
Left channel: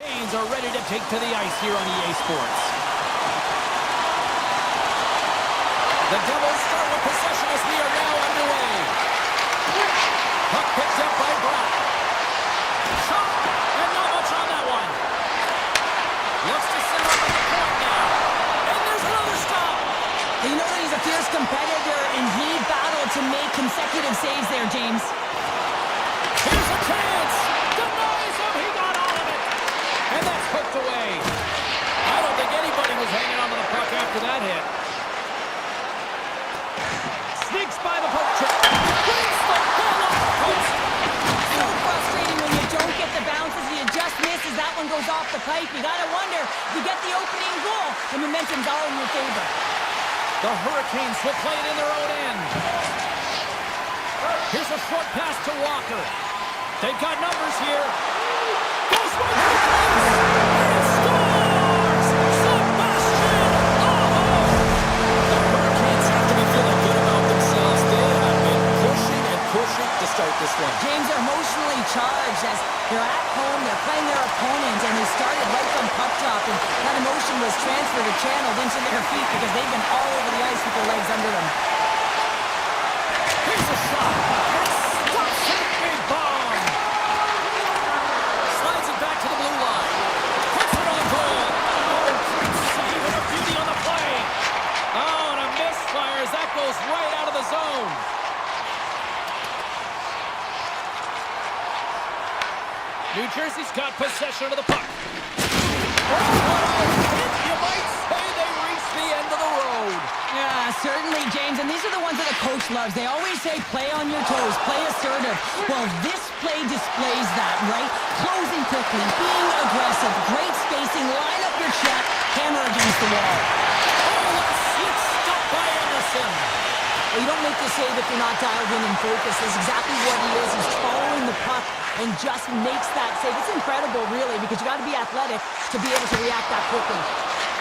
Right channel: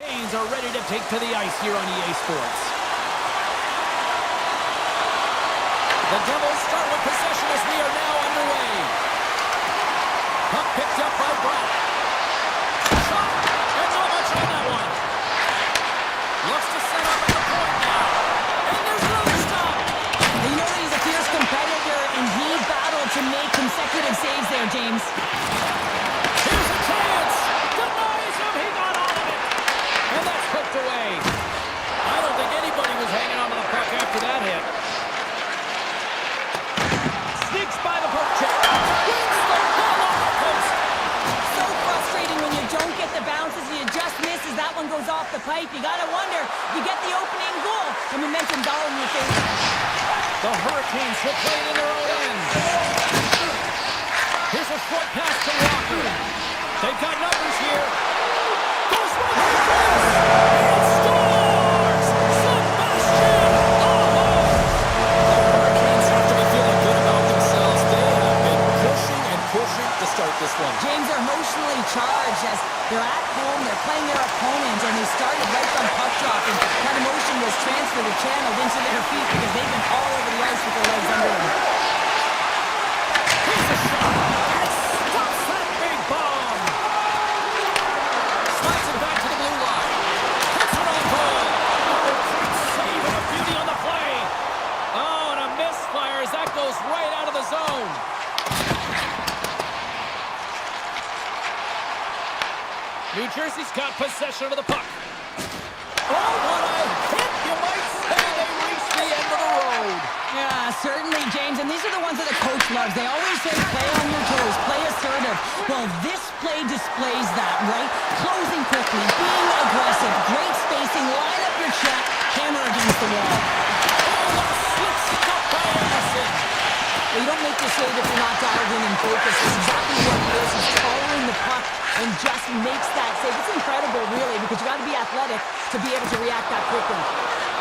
Hurricanes are ready to take to the ice here on EA Sports. The Devils start with possession as we are now underway. Puck picked up by Brock. Shot, and not much on that one. Looks to set up at the point now. And there's another stop. You know that he's a fierce competitor, and he battled to make consecutive saves there, James. Here's a chance. Denies him. He got all of it. And that's hooked away. I don't think anybody was hanging on to the puck after that hit. Sneaks by the poke check. Wins the ball off the post. So frustrating when you don't get the bounces, you just miss as that one goes off the pipe. You gotta wonder if you get the opening goal, the momentum's all in your favor. The Hurricanes will play it in their own end. Here's a short pass to Walker. They've got numbers here. Goes right to the place. And scores! Sebastian Aho! The Hurricanes have to be feeling good about themselves. They have been pushing and pushing to start this one. James are emotionally charged as they're at home, they're playing their opponent, and they started right from puck drop, and that emotion was transferred or channeled into their feet because they've been all over the ice with their legs under them. Here's a shot. And stops that big bomb. Slides it back to the blue line. Puts it on goal. Oh, great save and a beauty on the play. Oh, and a misfire as that goes right out of the zone. New Jersey's got possession of the puck. Oh, what a hit! You might say they reached the end of the road. Yeah, certainly, James, and these are the ones that the coach loves. They always say, play on your toes, play assertive. Well, this play displays that, right? Closing quickly, being aggressive, great spacing, line up your check, hammer against the wall. Oh, what a slick stop by Anderson. Well, you don't make this save if you're not dialed in and focused. That's exactly what he is. He's following the puck and just makes that save. It's incredible, really, because you got to be athletic to be able to react that quickly.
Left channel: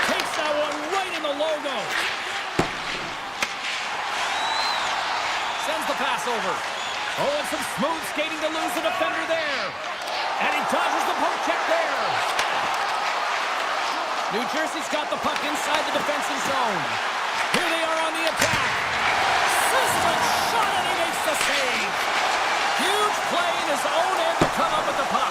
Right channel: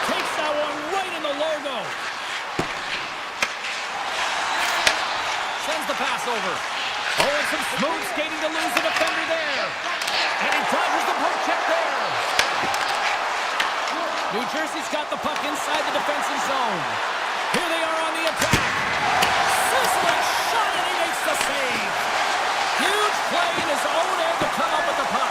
Takes that one right in the logo. Sends the pass over. Oh, and some smooth skating to lose the defender there. And he dodges the poke check there. New Jersey's got the puck inside the defensive zone. Here they are on the attack. Sizzling shot, and he makes the save. Huge play in his own end to come up with the puck.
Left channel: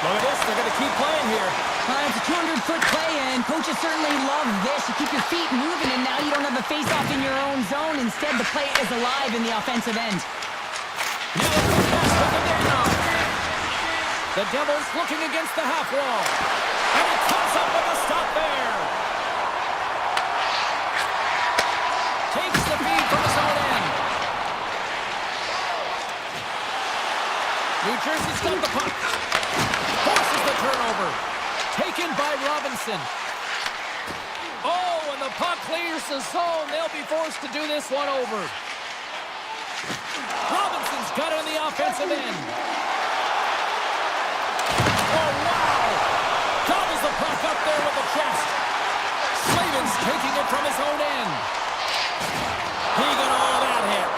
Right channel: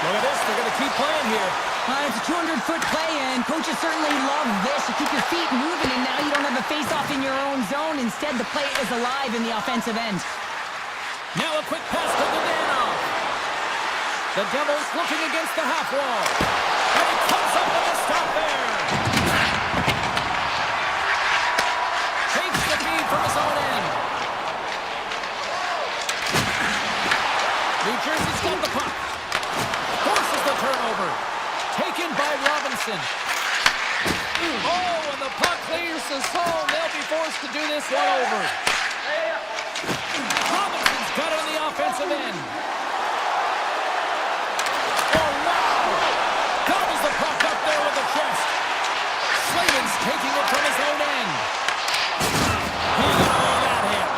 Look at this. They're going to keep playing here. It's a 200-foot play, and coaches certainly love this. You keep your feet moving, and now you don't have a face-off in your own zone. Instead, the play is alive in the offensive end. Now a quick pass to Godano. The Devils looking against the half wall. And he comes up with a stop there. Takes the feed from his own end. New Jersey's got the puck. Forces the turnover. Taken by Robinson. Oh, and the puck clears the zone. They'll be forced to do this one over. Robinson's got it on the offensive end. Oh, wow! Gobbles the puck up there with the chest. Slavin's taking it from his own end. He got all of that hit.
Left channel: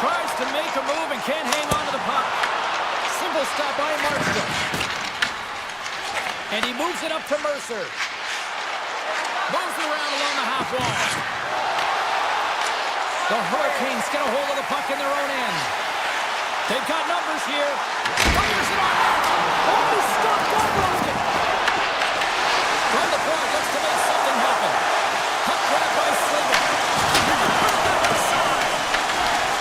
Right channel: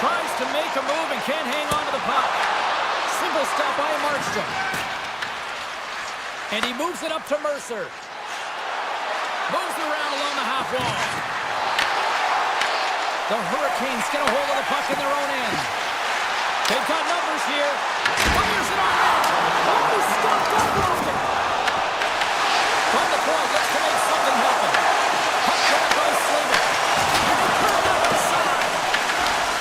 Tries to make a move and can't hang on to the puck. Simple stop by Markstrom. And he moves it up to Mercer. Moves it around along the half wall. The Hurricanes get a hold of the puck in their own end. They've got numbers here. Fires it on net. Oh, he stopped that rocket. From the point, looks to make something happen. Puck grabbed by Slavin. And he put it down the side.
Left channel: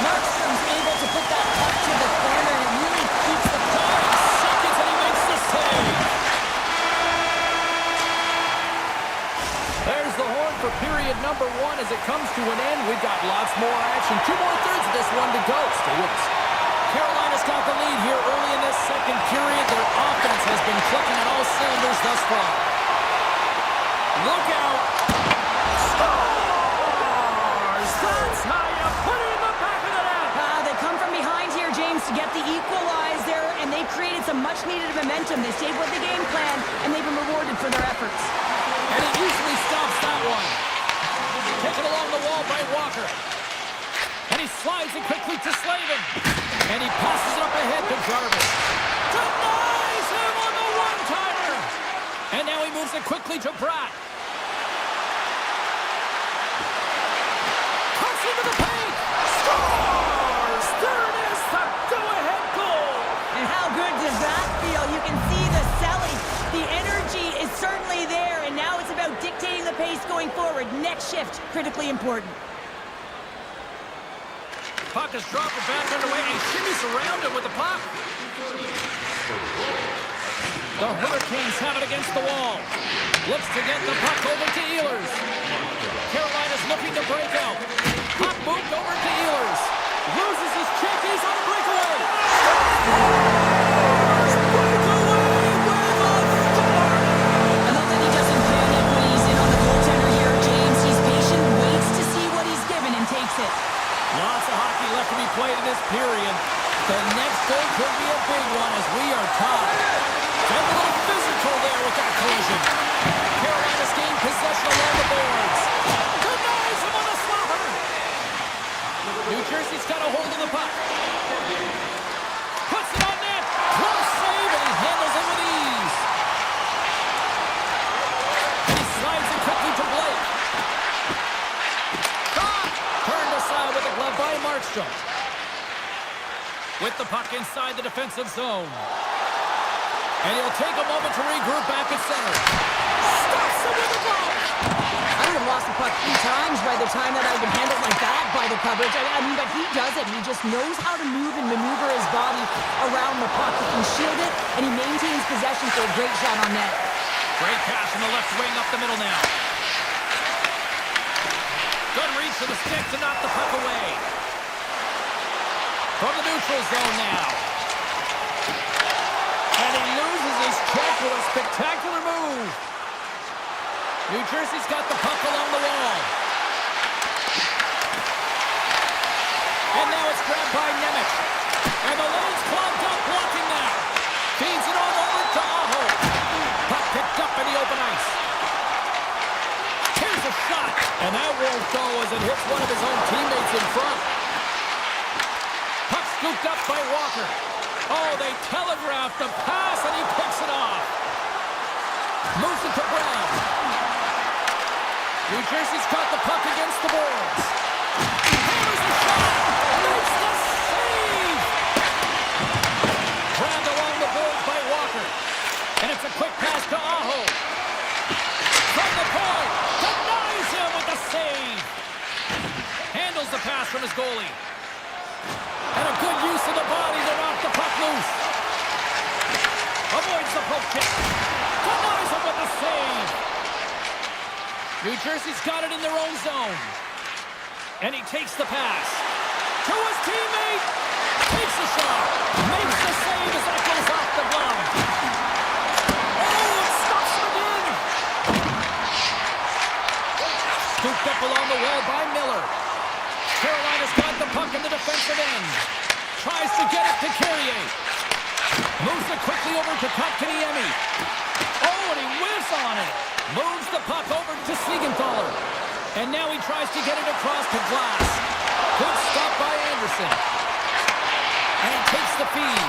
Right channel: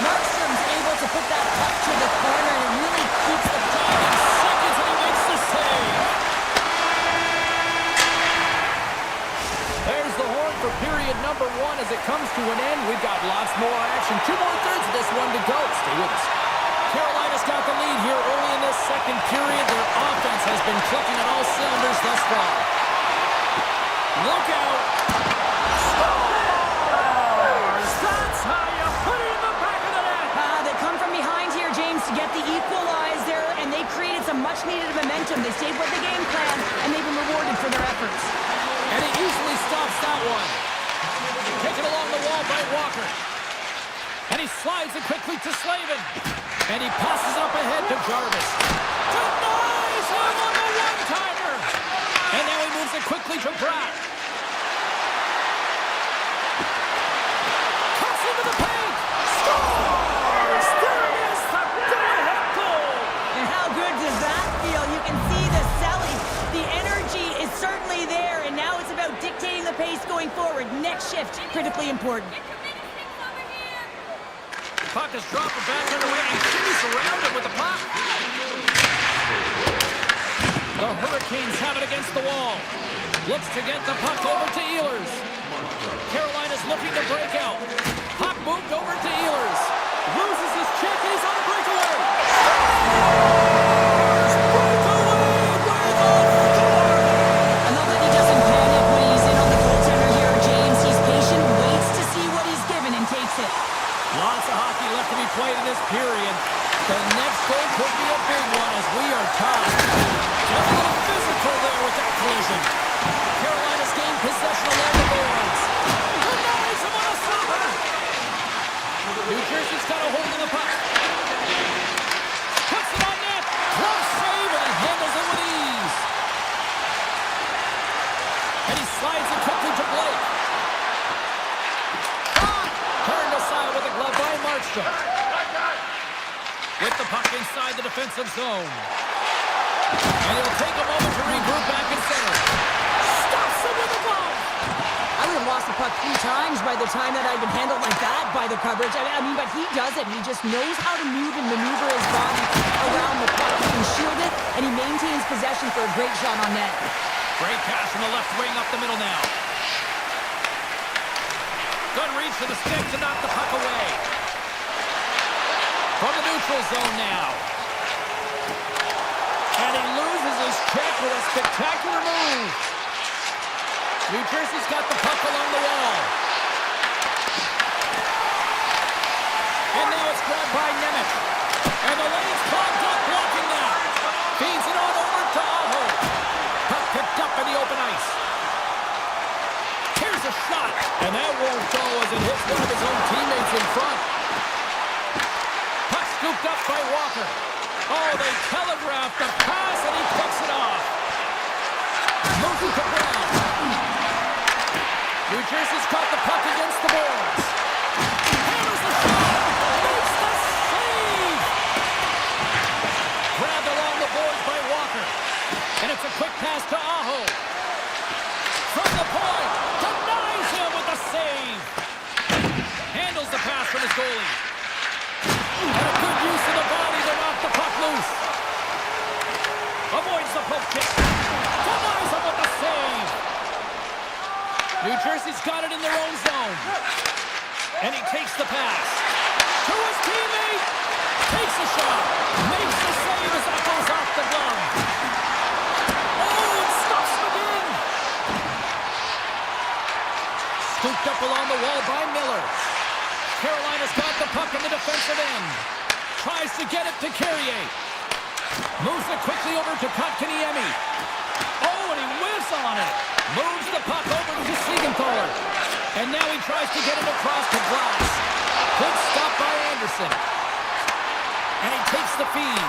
Markstrom's able to put that puck to the corner, and it really keeps the puck. 5 seconds, and he makes the save. There's the horn for period number 1 as it comes to an end. We've got lots more action. 2 more thirds of this one to go. Stay with us. Carolina's got the lead here early in this second period. Their offense has been clicking on all cylinders thus far. Look out. Scores! That's how you put it in the back of the net. They come from behind here, James, to get the equalizer, and they created some much-needed momentum. They stayed with the game plan, and they've been rewarded for their efforts. And he easily stops that one. Taken along the wall by Walker. And he slides it quickly to Slavin. And he passes it up ahead to Jarvis. To Moves it quickly to Pratt. Cuts into the paint. Scores! There it is, the go-ahead goal! And how good does that feel? You can see the selling. The energy is certainly there, and now it's about dictating the pace going forward. Next shift, critically important. Puck is dropped and back underway, and shimmies around him with the puck. The Hurricanes have it against the wall. Looks to get the puck over to Ehlers. Carolina's looking to break out. Puck moved over to Ehlers. Loses his check, he's on a breakaway. Scores! Breakaway with authority! I love that he doesn't panic when he's in on the goaltender here, James. He's patient, waits to see what he's given, and takes it. Lots of hockey left to be played in this period. The next goal could be a big one as we are tied. Get a little physical there with that collision. Carolina's gained possession along the boards. Denies him on a slapper. New Jersey's got a hold of the puck. Puts it on net. Close save, and he handles it with ease. And he slides it quickly to Blake. Turned aside with a glove by Markstrom. With the puck inside the defensive zone. And he'll take a moment to regroup back at center. Stops him with a glove. I would have lost the puck 3 times by the time that I'd been handled like that by the coverage. I mean, but he does it. He just knows how to move and maneuver his body around the puck. He can shield it, and he maintains possession for a great shot on net. Great pass from the left wing up the middle now. Good reach to the stick to knock the puck away. From the neutral zone now. And he loses his check with a spectacular move. New Jersey's got the puck along the wall. And now it's grabbed by Nemec. And the lane's clogged up, blocking that. Feeds it on over to Aho. Puck picked up in the open ice. Here's a shot. And that won't go as it hits one of his own teammates in front. Puck scooped up by Walker. Oh, they telegraphed the pass, and he picks it off. Moves it to Brown. New Jersey's got the puck against the boards. Hammers the shot. Makes the save. Grabbed along the boards by Walker. And it's a quick pass to Aho. From the point. Denies him with the save. Handles the pass from his goalie. And a good use of the body to knock the puck loose. Avoids the poke check. Denies him with the save. New Jersey's got it in their own zone. And he takes the pass. To his teammate. Takes a shot. Makes the save as that goes off the glove. Oh, it stops him again. Scooped up along the wall by Miller. Carolina's got the puck in the defensive end. Tries to get it to Carrier. Moves it quickly over to Kotkaniemi. Oh, and he whiffs on it. Moves the puck over to Siegenthaler. And now he tries to get it across to Glass. Good stop by Anderson. And he takes the feed.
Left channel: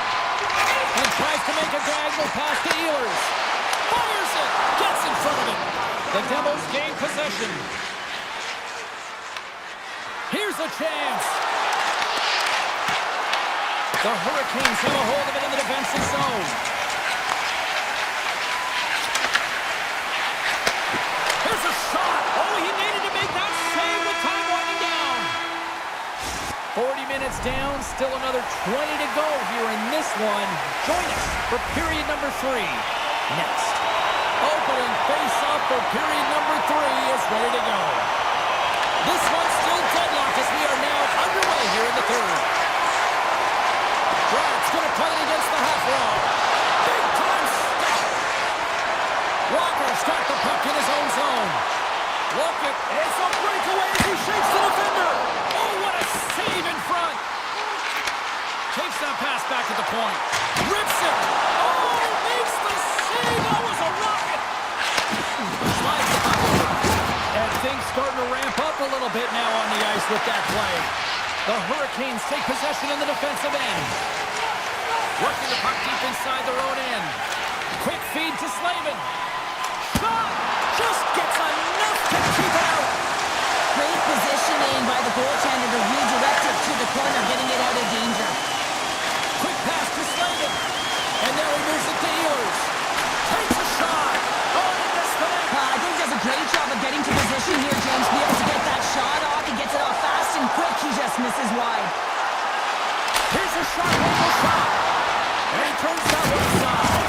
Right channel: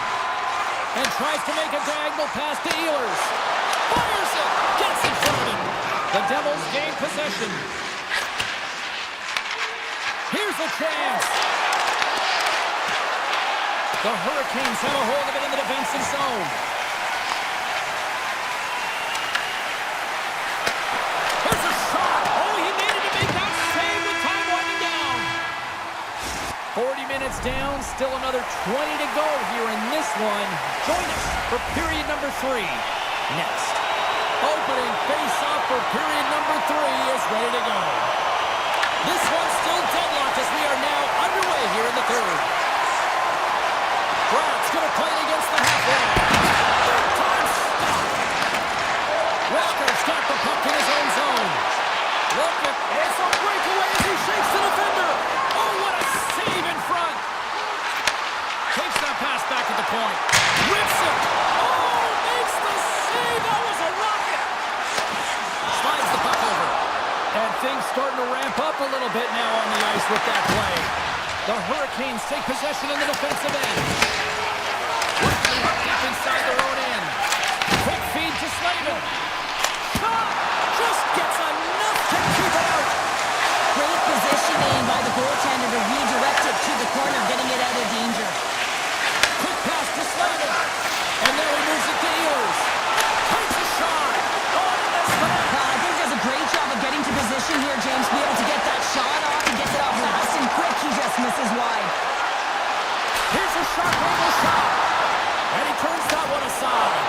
And tries to make a diagonal pass to Ehlers. Fires it. Gets in front of it. The Devils gain possession. Here's a chance. The Hurricanes have a hold of it in the defensive zone. Here's a shot. Oh, he needed to make that save with time winding down. 40 minutes down, still another 20 to go here in this one. Join us for period number 3 next. Opening face-off for period number 3 is ready to go. This one's still deadlocked as we are now underway here in the third. Pratt's going to play it against the half wall. Big time stop. Walker's got the puck in his own zone. Look at, it's a breakaway as he shakes the defender. Oh, what a save in front. Takes that pass back at the point. Rips it. Oh, makes the save. That was a rocket. Slides the puck over. And things starting to ramp up a little bit now on the ice with that play. The Hurricanes take possession in the defensive end. Working the puck deep inside their own end. Quick feed to Slavin. Shot! corner, getting it out of danger. Quick pass to Slavin. And now he moves it to Ehlers. Takes a shot. Oh, he missed it. I think he does a great job of getting to position here, James, to be able to get that shot off. He gets it off fast and quick. He just misses wide. Here's a sharp angle shot. And he turns that one aside.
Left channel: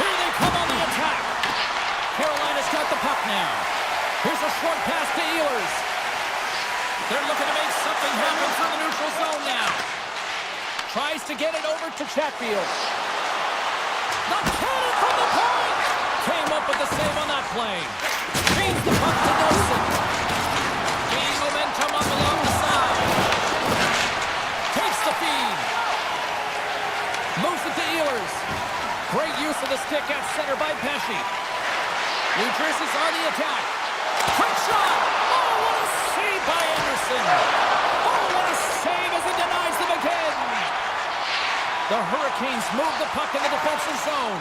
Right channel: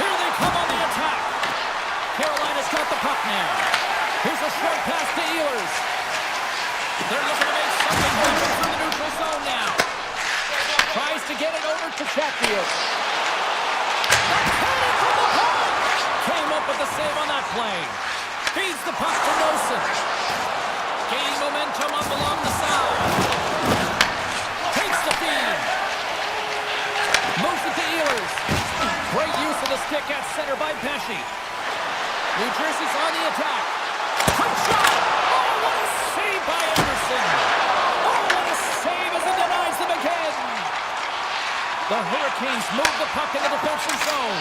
Here they come on the attack. Carolina's got the puck now. Here's a short pass to Ehlers. They're looking to make something happen through the neutral zone now. Tries to get it over to Chatfield. The cannon from the point! Came up with the save on that play. Feeds the puck to Nelson. Gaining momentum up along the side. Takes the feed. Moves it to Ehlers. Great use of the stick at center by Pesci. New Jersey's on the attack. Quick shot! Oh, what a save by Anderson! Oh, what a save as he denies them again! The Hurricanes move the puck in the defensive zone.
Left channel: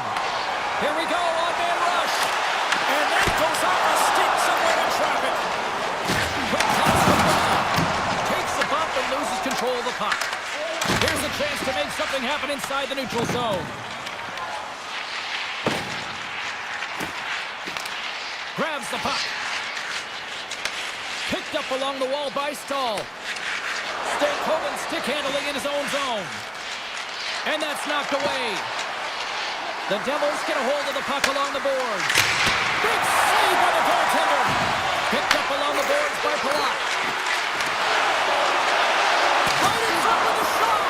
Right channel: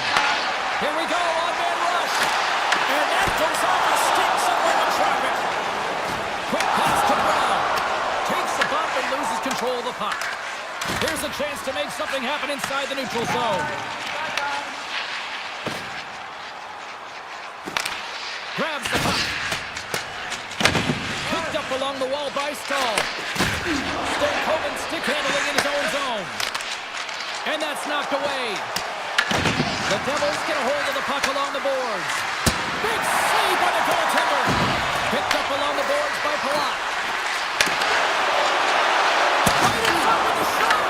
Here we go, on-man rush. And that goes off a stick somewhere in traffic. Quick pass to Brown. Takes the bump and loses control of the puck. Here's a chance to make something happen inside the neutral zone. Grabs the puck. Picked up along the wall by Stahl. Stankoven stick handling in his own zone. And that's knocked away. The Devils get a hold of the puck along the boards. Big save by the goaltender. Picked up along the boards by Palat. Right in front with the shot.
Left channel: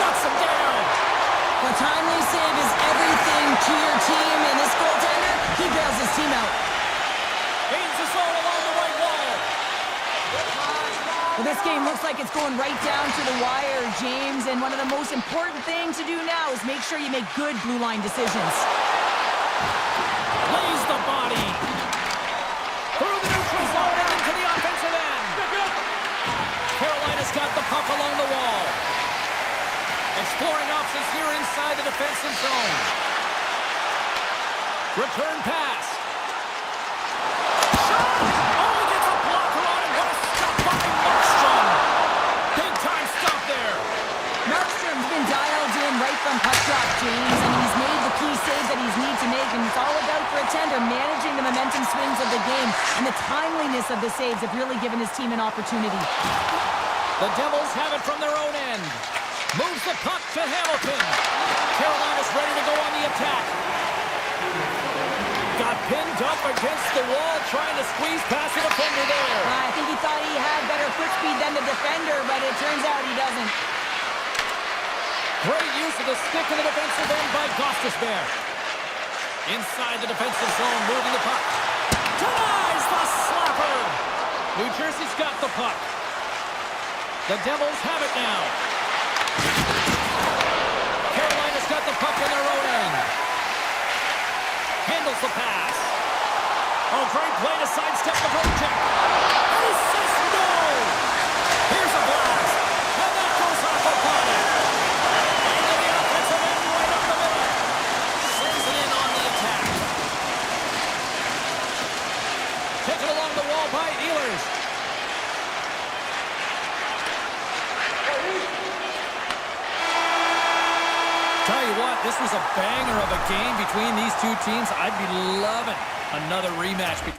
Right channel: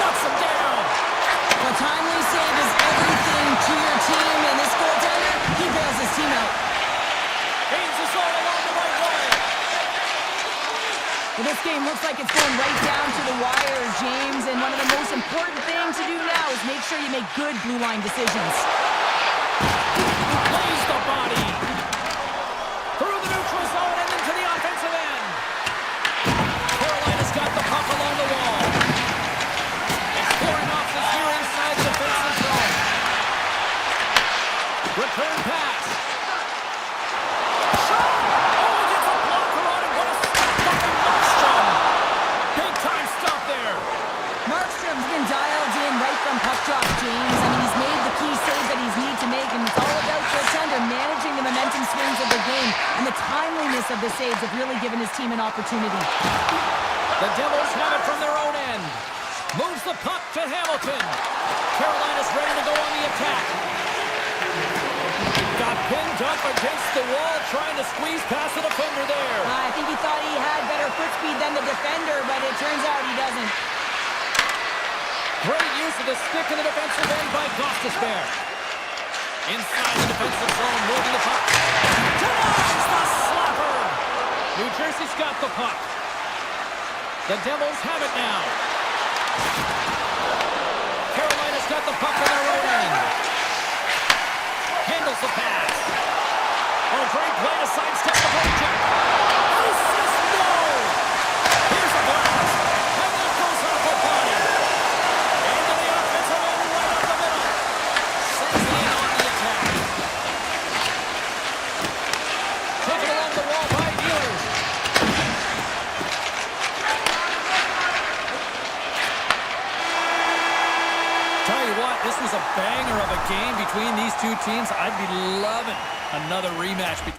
Shuts him down. A timely save is everything to your team, and this goaltender, he bails his team out. Gains the zone along the right wall. Well, this game looks like it's going right down to the wire, James, and one of the most important things to do now is make sure you make good blue line decisions. Lays the body. Through the neutral zone and into the offensive end. Carolina's got the puck along the wall. Exploring options here inside the defensive zone. Return pass. Shot! Oh, he gets a blocker on it. What a stop by Markstrom. Big time stop there. Markstrom's been dialed in right from puck drop, James. I mean, he's made the key save that he's need to make, and it's all about for a tender managing the momentum swings of the game, and the timeliness of the saves have really given his team an opportunity. The Devils have it from their own end. Moves the puck to Hamilton. Carolina's ready to go on the attack. Got pinned up against the wall, trying to squeeze past the defender there. I think he thought he had better foot speed than the defender, but it turns out he doesn't. Great use of the stick in the defensive end by Gostisbehere. Inside the defensive zone, moving the puck. Denies the slapper. New Jersey's got the puck. The Devils have it now. Carolina's got the puck on their own end. Handles the pass. Oh, great play to sidestep the poke check. And he says no. Here's a blast. And that goes off a body. Into the offensive end right up the middle. Sends it in on the attack. Taken along the wall by Ehlers. Tell you what, this was a banger of a game between these two teams. I'd be loving another rematch between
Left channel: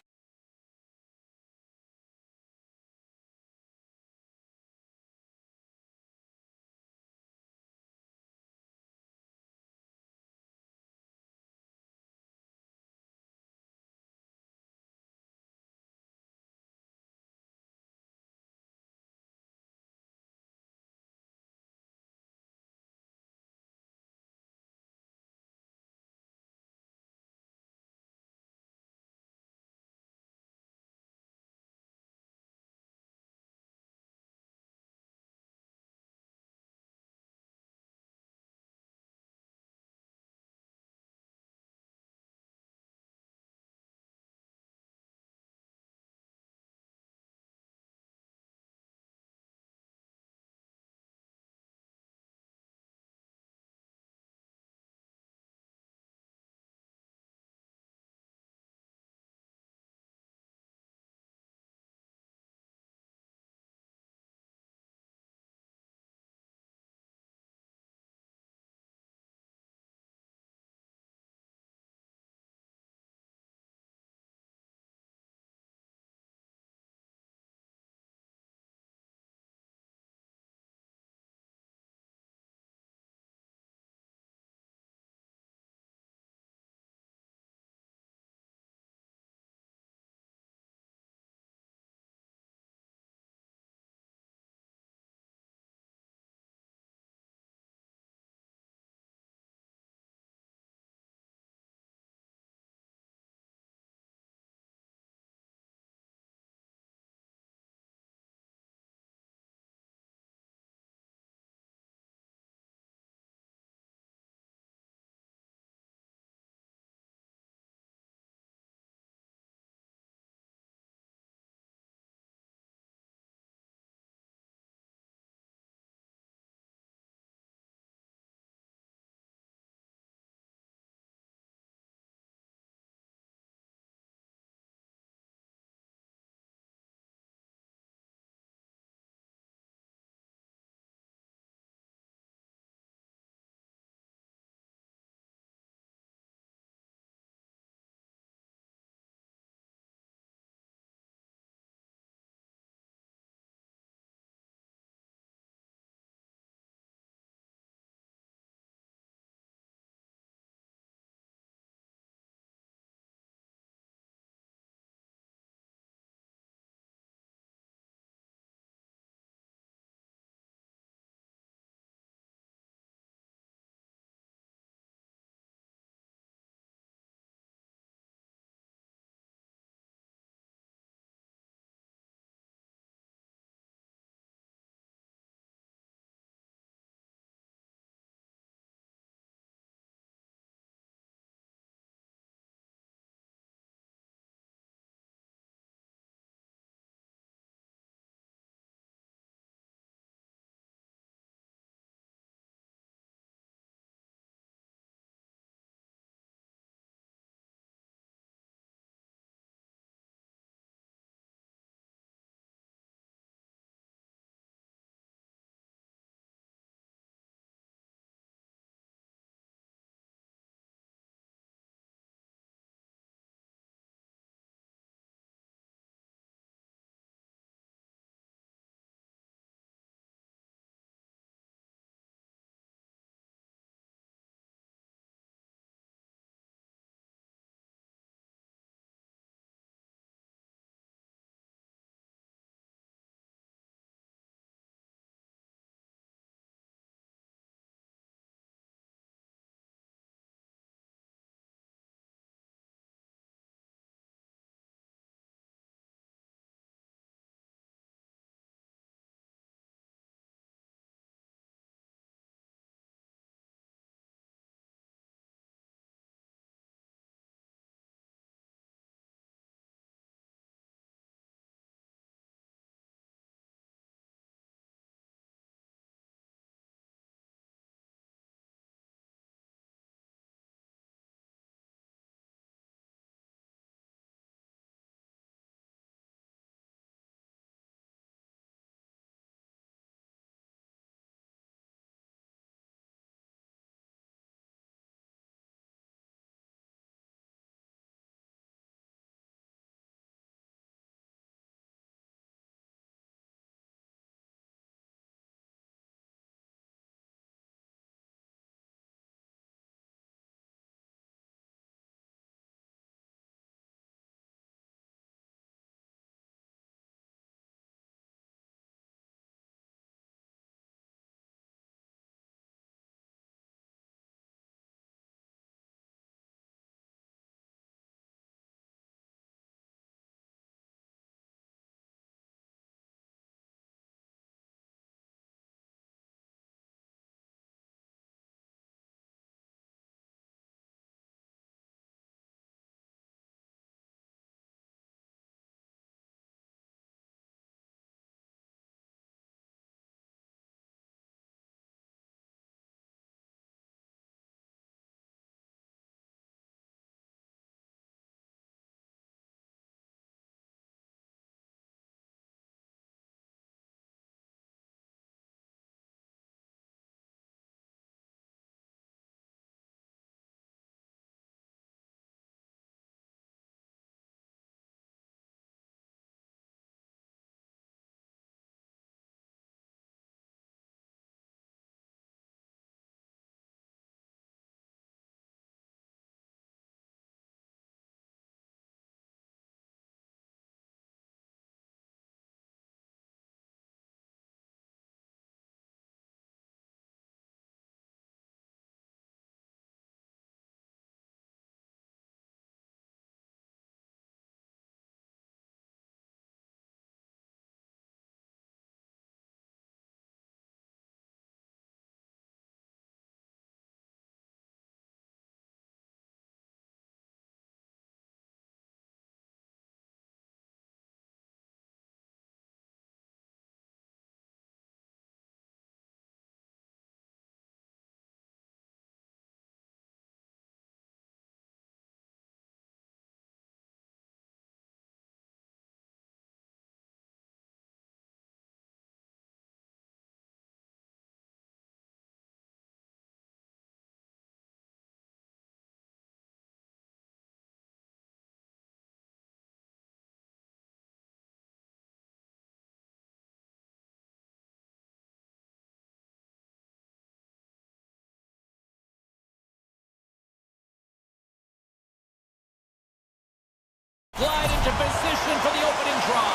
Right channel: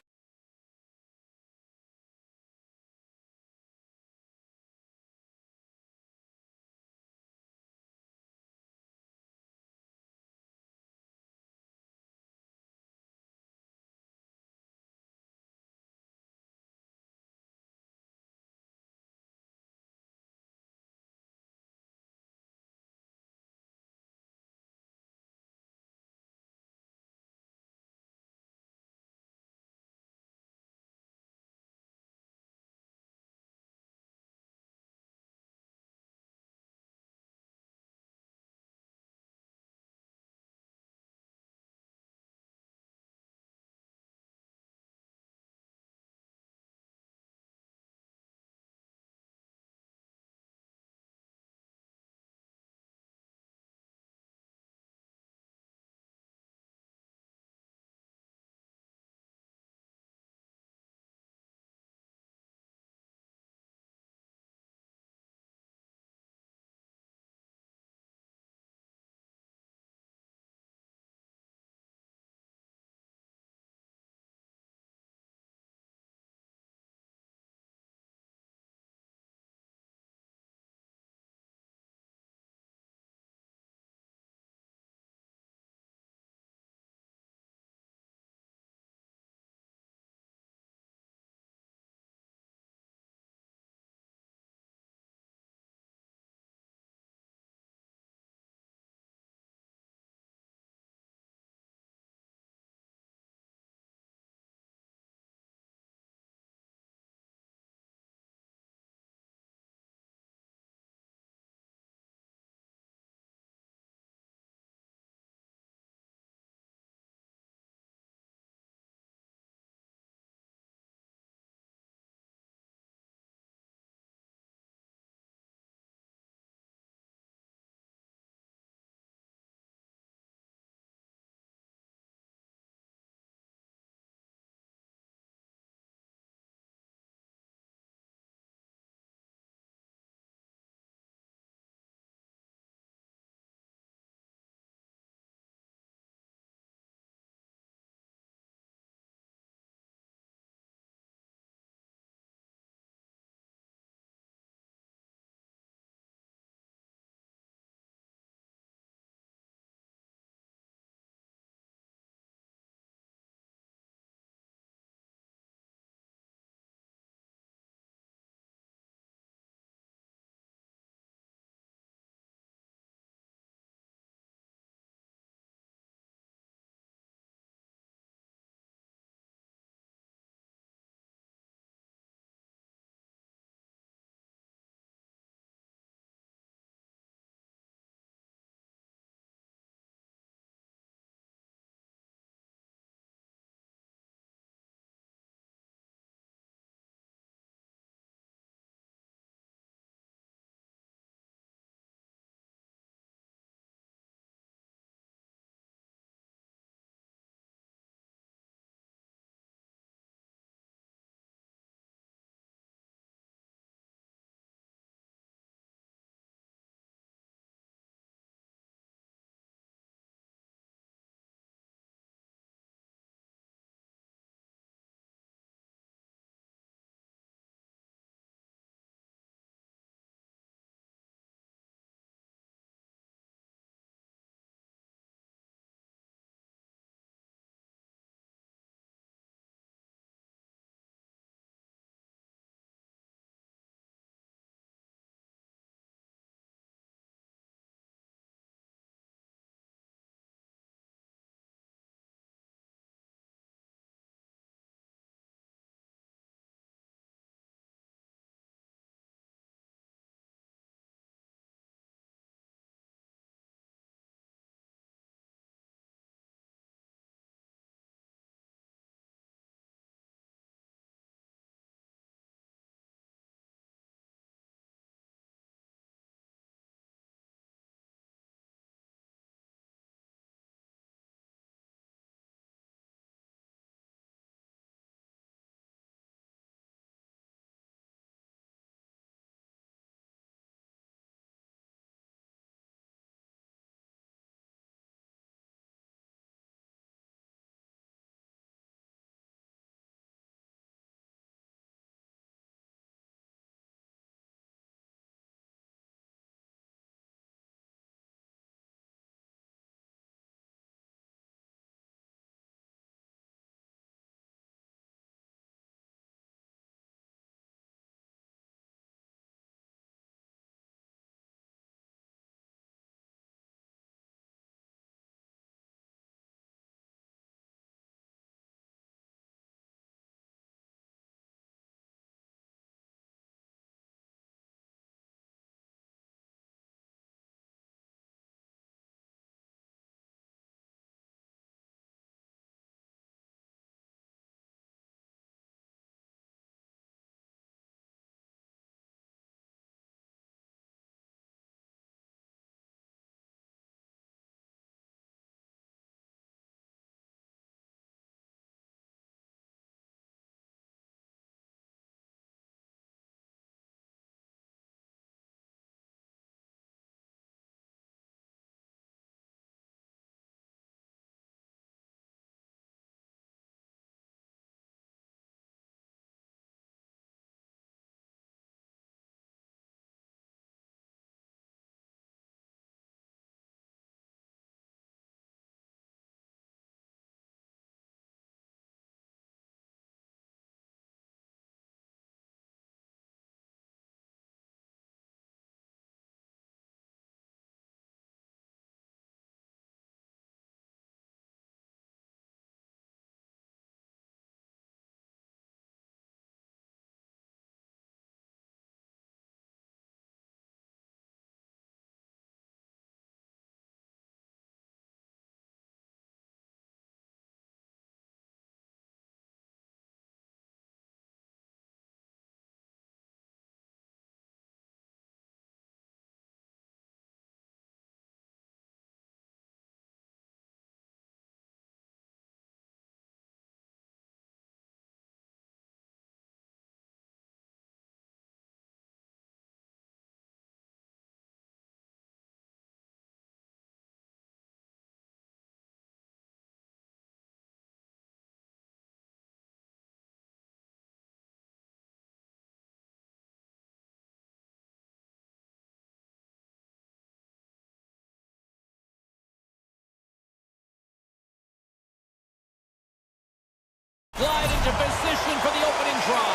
slide into position for the opening draw.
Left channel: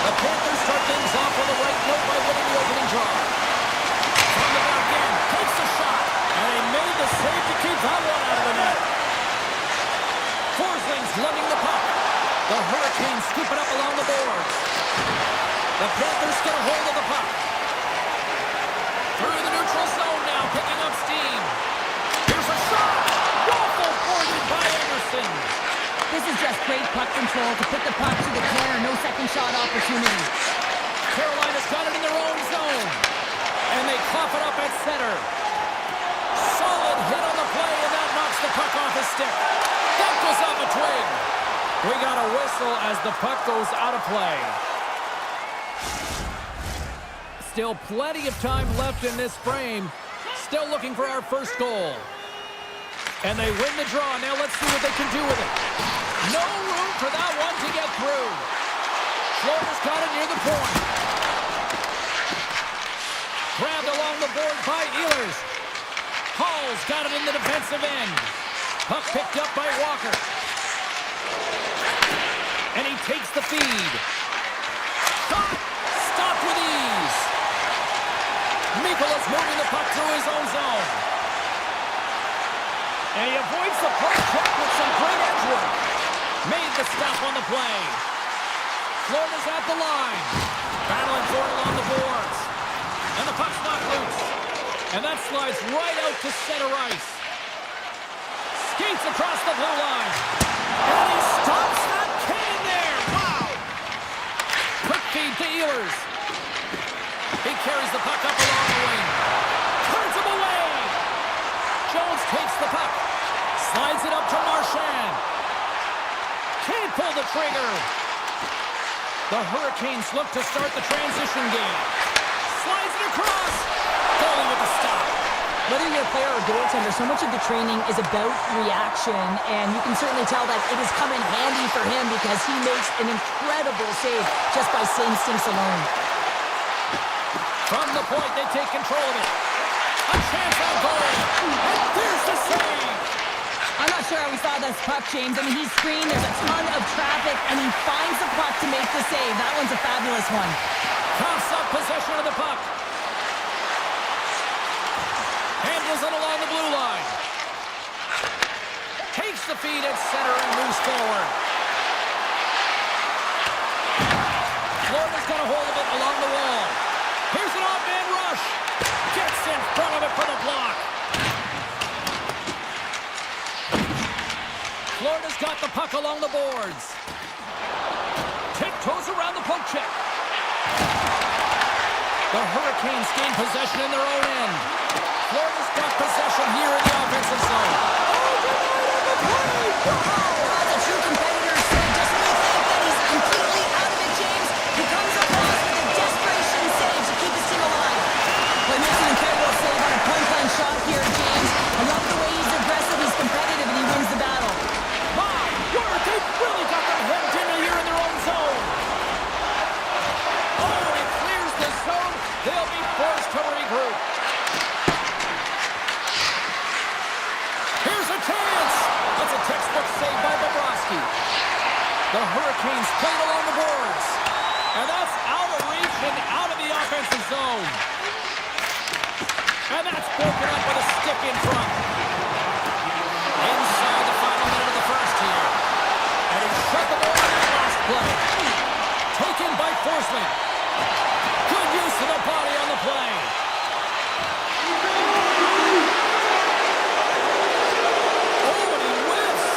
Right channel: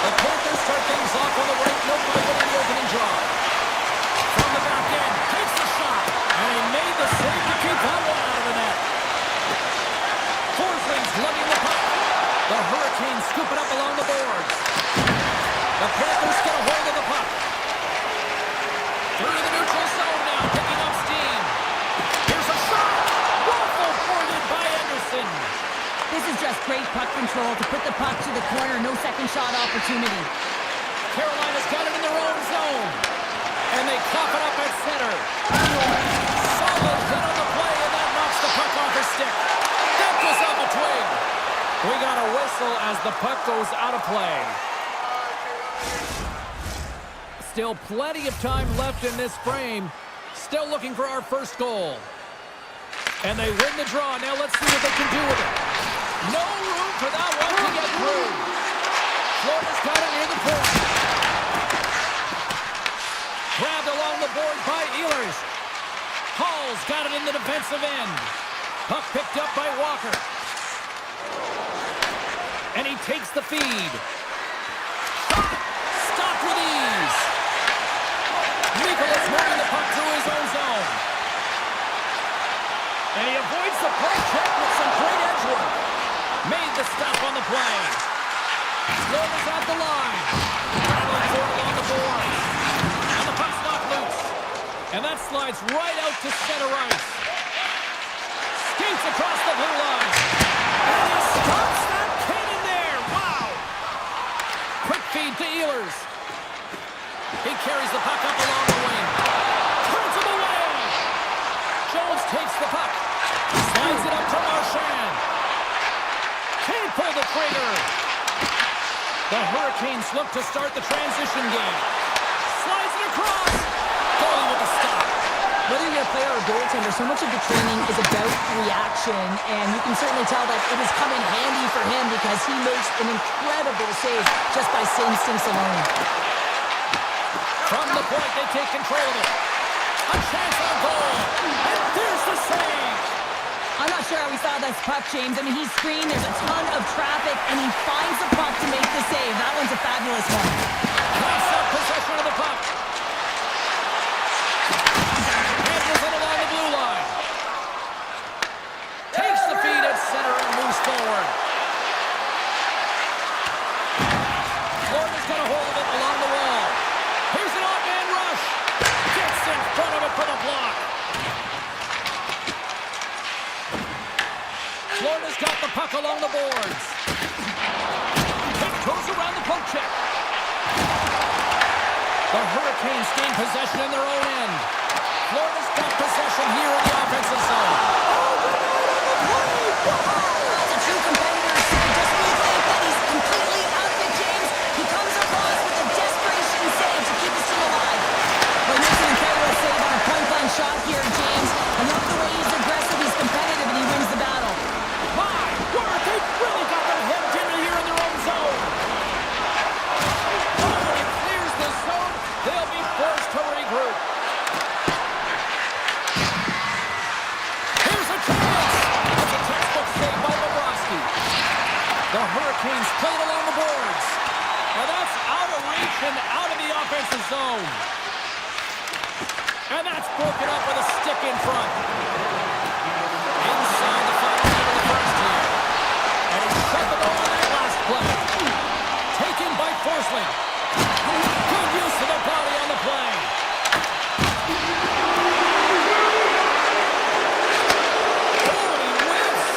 The Panthers start things off on the right note by winning the opening draw. From the back end, takes the shot, and he made the save to keep that one out of the net. Forsling's lugging the puck. The Hurricanes scoop it up along the boards. The Panthers get a hold of the puck. Through the neutral zone now, picking up steam. Here's a shot! Waffle boarded by Anderson. This is just great puck control to put the puck to the corner. No second shot opportunity. Carolina's got it in their own zone. And they cough it up at center. Solid hit on the play, and that knocks the puck off his stick. That goes off a twig. We got a whistle as the puck goes out of play. Still plenty of time left in this frame. Still looking for our first goal. And they win the draw. Now let's see what they can do with it. No room for that one to get through. Florida's got it near the point. Grabbed along the board by Ehlers. Hall's got it in the defensive end. Puck picked up by Walker. And he takes the feed. Shot! Stopped with ease. Mikolas moving the puck through his own zone. And he avoids the poke check with some great edge work. Made the stop on the play. Florida's at the line. Battling for it along the boards. And the puck's knocked loose. And that slides right out to center ice. Skates across the blue line. And he stops that cannon there. Wow! Quick feed to Ehlers. He carries the puck up along the wing. Turns him away. Jones takes the puck. Slides it up to Marchand. Can't pull the trigger. The Hurricanes look to start the transition game. Slides it across. Goalie with a stop. Whether you're a player or goaltender, so much of the training is about reaction, and you can certainly tell that it has come in handy for him because he makes an incredible save just by instincts alone. From the point, they take control of it. A chance on goal. And there's the save. I'm not sure how we saw this puck, James. I mean, he's screened, there's a ton of traffic, and he finds the puck to make the save. That one's a fabulous one. Coughs up possession of the puck. Handles it along the blue line. Takes the feed at center and moves forward. Florida's got a hold of it along the wall. Here's an off-man rush. Gets in front of it for the block. Florida's got the puck along the boards. Tiptoes around the poke check. The Hurricanes gain possession in their own end. Florida's got possession here in the offensive zone. Oh, denied on the play! Wow! As a true competitor said, just when you think that he's completely out of it, James, he comes across with a desperation save to keep his team alive. Well, he makes an incredible save on a point-blank shot here, James. I love the way he's aggressive, he's competitive, and he wins the battle. My word, they've really got them hemmed in here in their own zone. Oh, when he clears the zone, they'll be forced to regroup. Here's a chance. That's a textbook save by Bobrovsky. The Hurricanes play it along the boards. And that's out of reach and out of the offensive zone. And that's broken up with a stick in front. Inside the final minute of the first here. And he shut the door on that last play. Taken by Forsling. Good use of the body on the play. Oh, and he whiffs.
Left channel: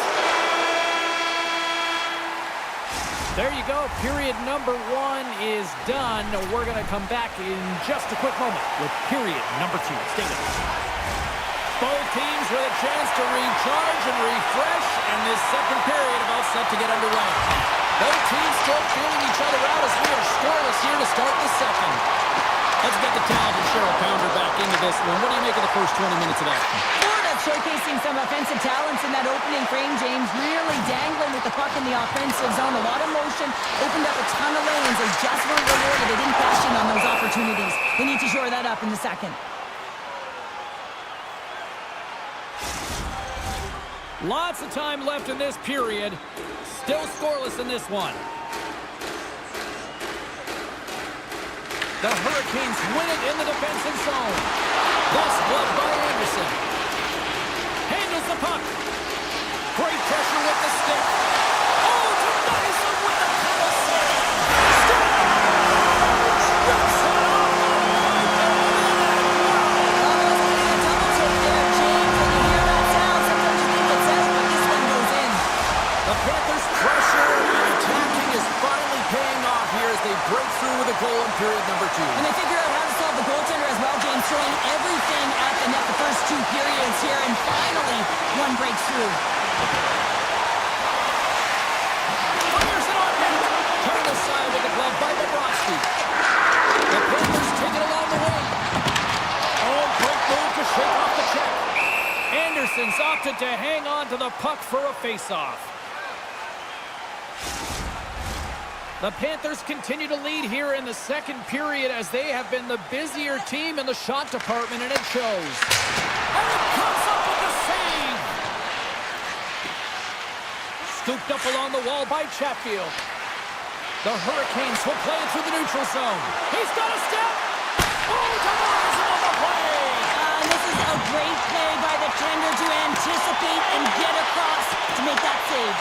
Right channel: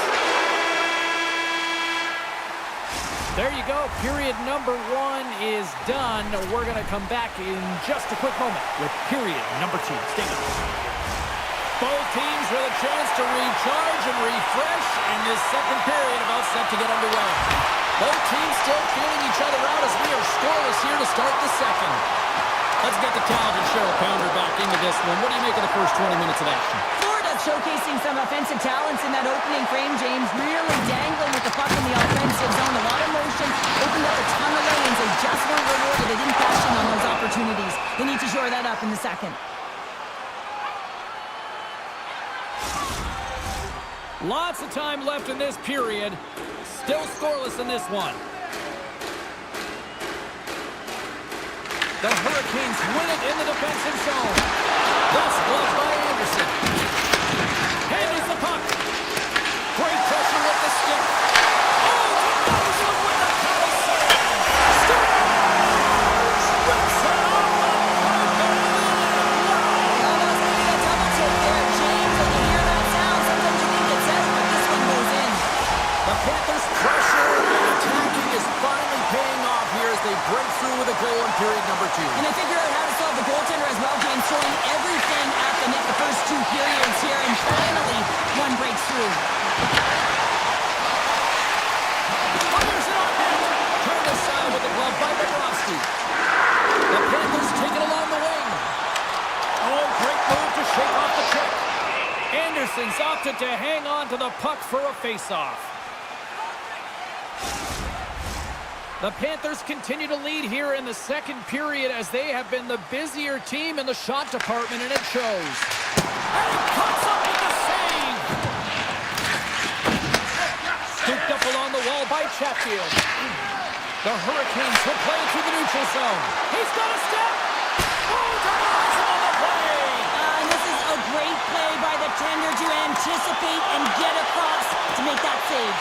There you go. Period number 1 is done. We're going to come back in just a quick moment with period number 2. Stay with us. Both teams with a chance to recharge and refresh, and this second period about set to get underway. Both teams still feeling each other out as we are scoreless here to start the second. Let's get the talented Cheryl Pounder back into this one. What do you make of the first 20 minutes of action? Florida showcasing some offensive talents in that opening frame, James. Really dangling with the puck in the offensive zone. A lot of motion, opened up a ton of lanes. They just weren't rewarded. They didn't cash in on those opportunities. They need to shore that up in the second. Lots of time left in this period. Still scoreless in this one. The Hurricanes win it in the defensive zone. Thus gloved by Anderson. Handles the puck. Great pressure with the stick. Oh, denies him with the paddle save. Scores! Rips it off the pipe and in. Wow! Almost getting a double take there, James. When you hear that sound, sometimes you think it's out, but this one goes in. The Panthers' pressure and attacking is finally paying off here as they break through with a goal in period number 2. And they figure out how to solve the goaltender as well, James, throwing everything at the net the first 2 periods here, and finally one breaks through. Fires it on net. Turned aside with the glove by Bobrovsky. The Panthers take it along the wing. Oh, great move to shake off the check. Anderson's opted to hang on to the puck for a face-off. The Panthers continue to lead here in the second period as they have been the busier team in the shot department, and it shows. And it comes up with the save! Scooped up along the wall by Chatfield. The Hurricanes will play it through the neutral zone. He's got a step! Oh, denies him on the play! And this is a great play by the tender to anticipate and get across to make that save.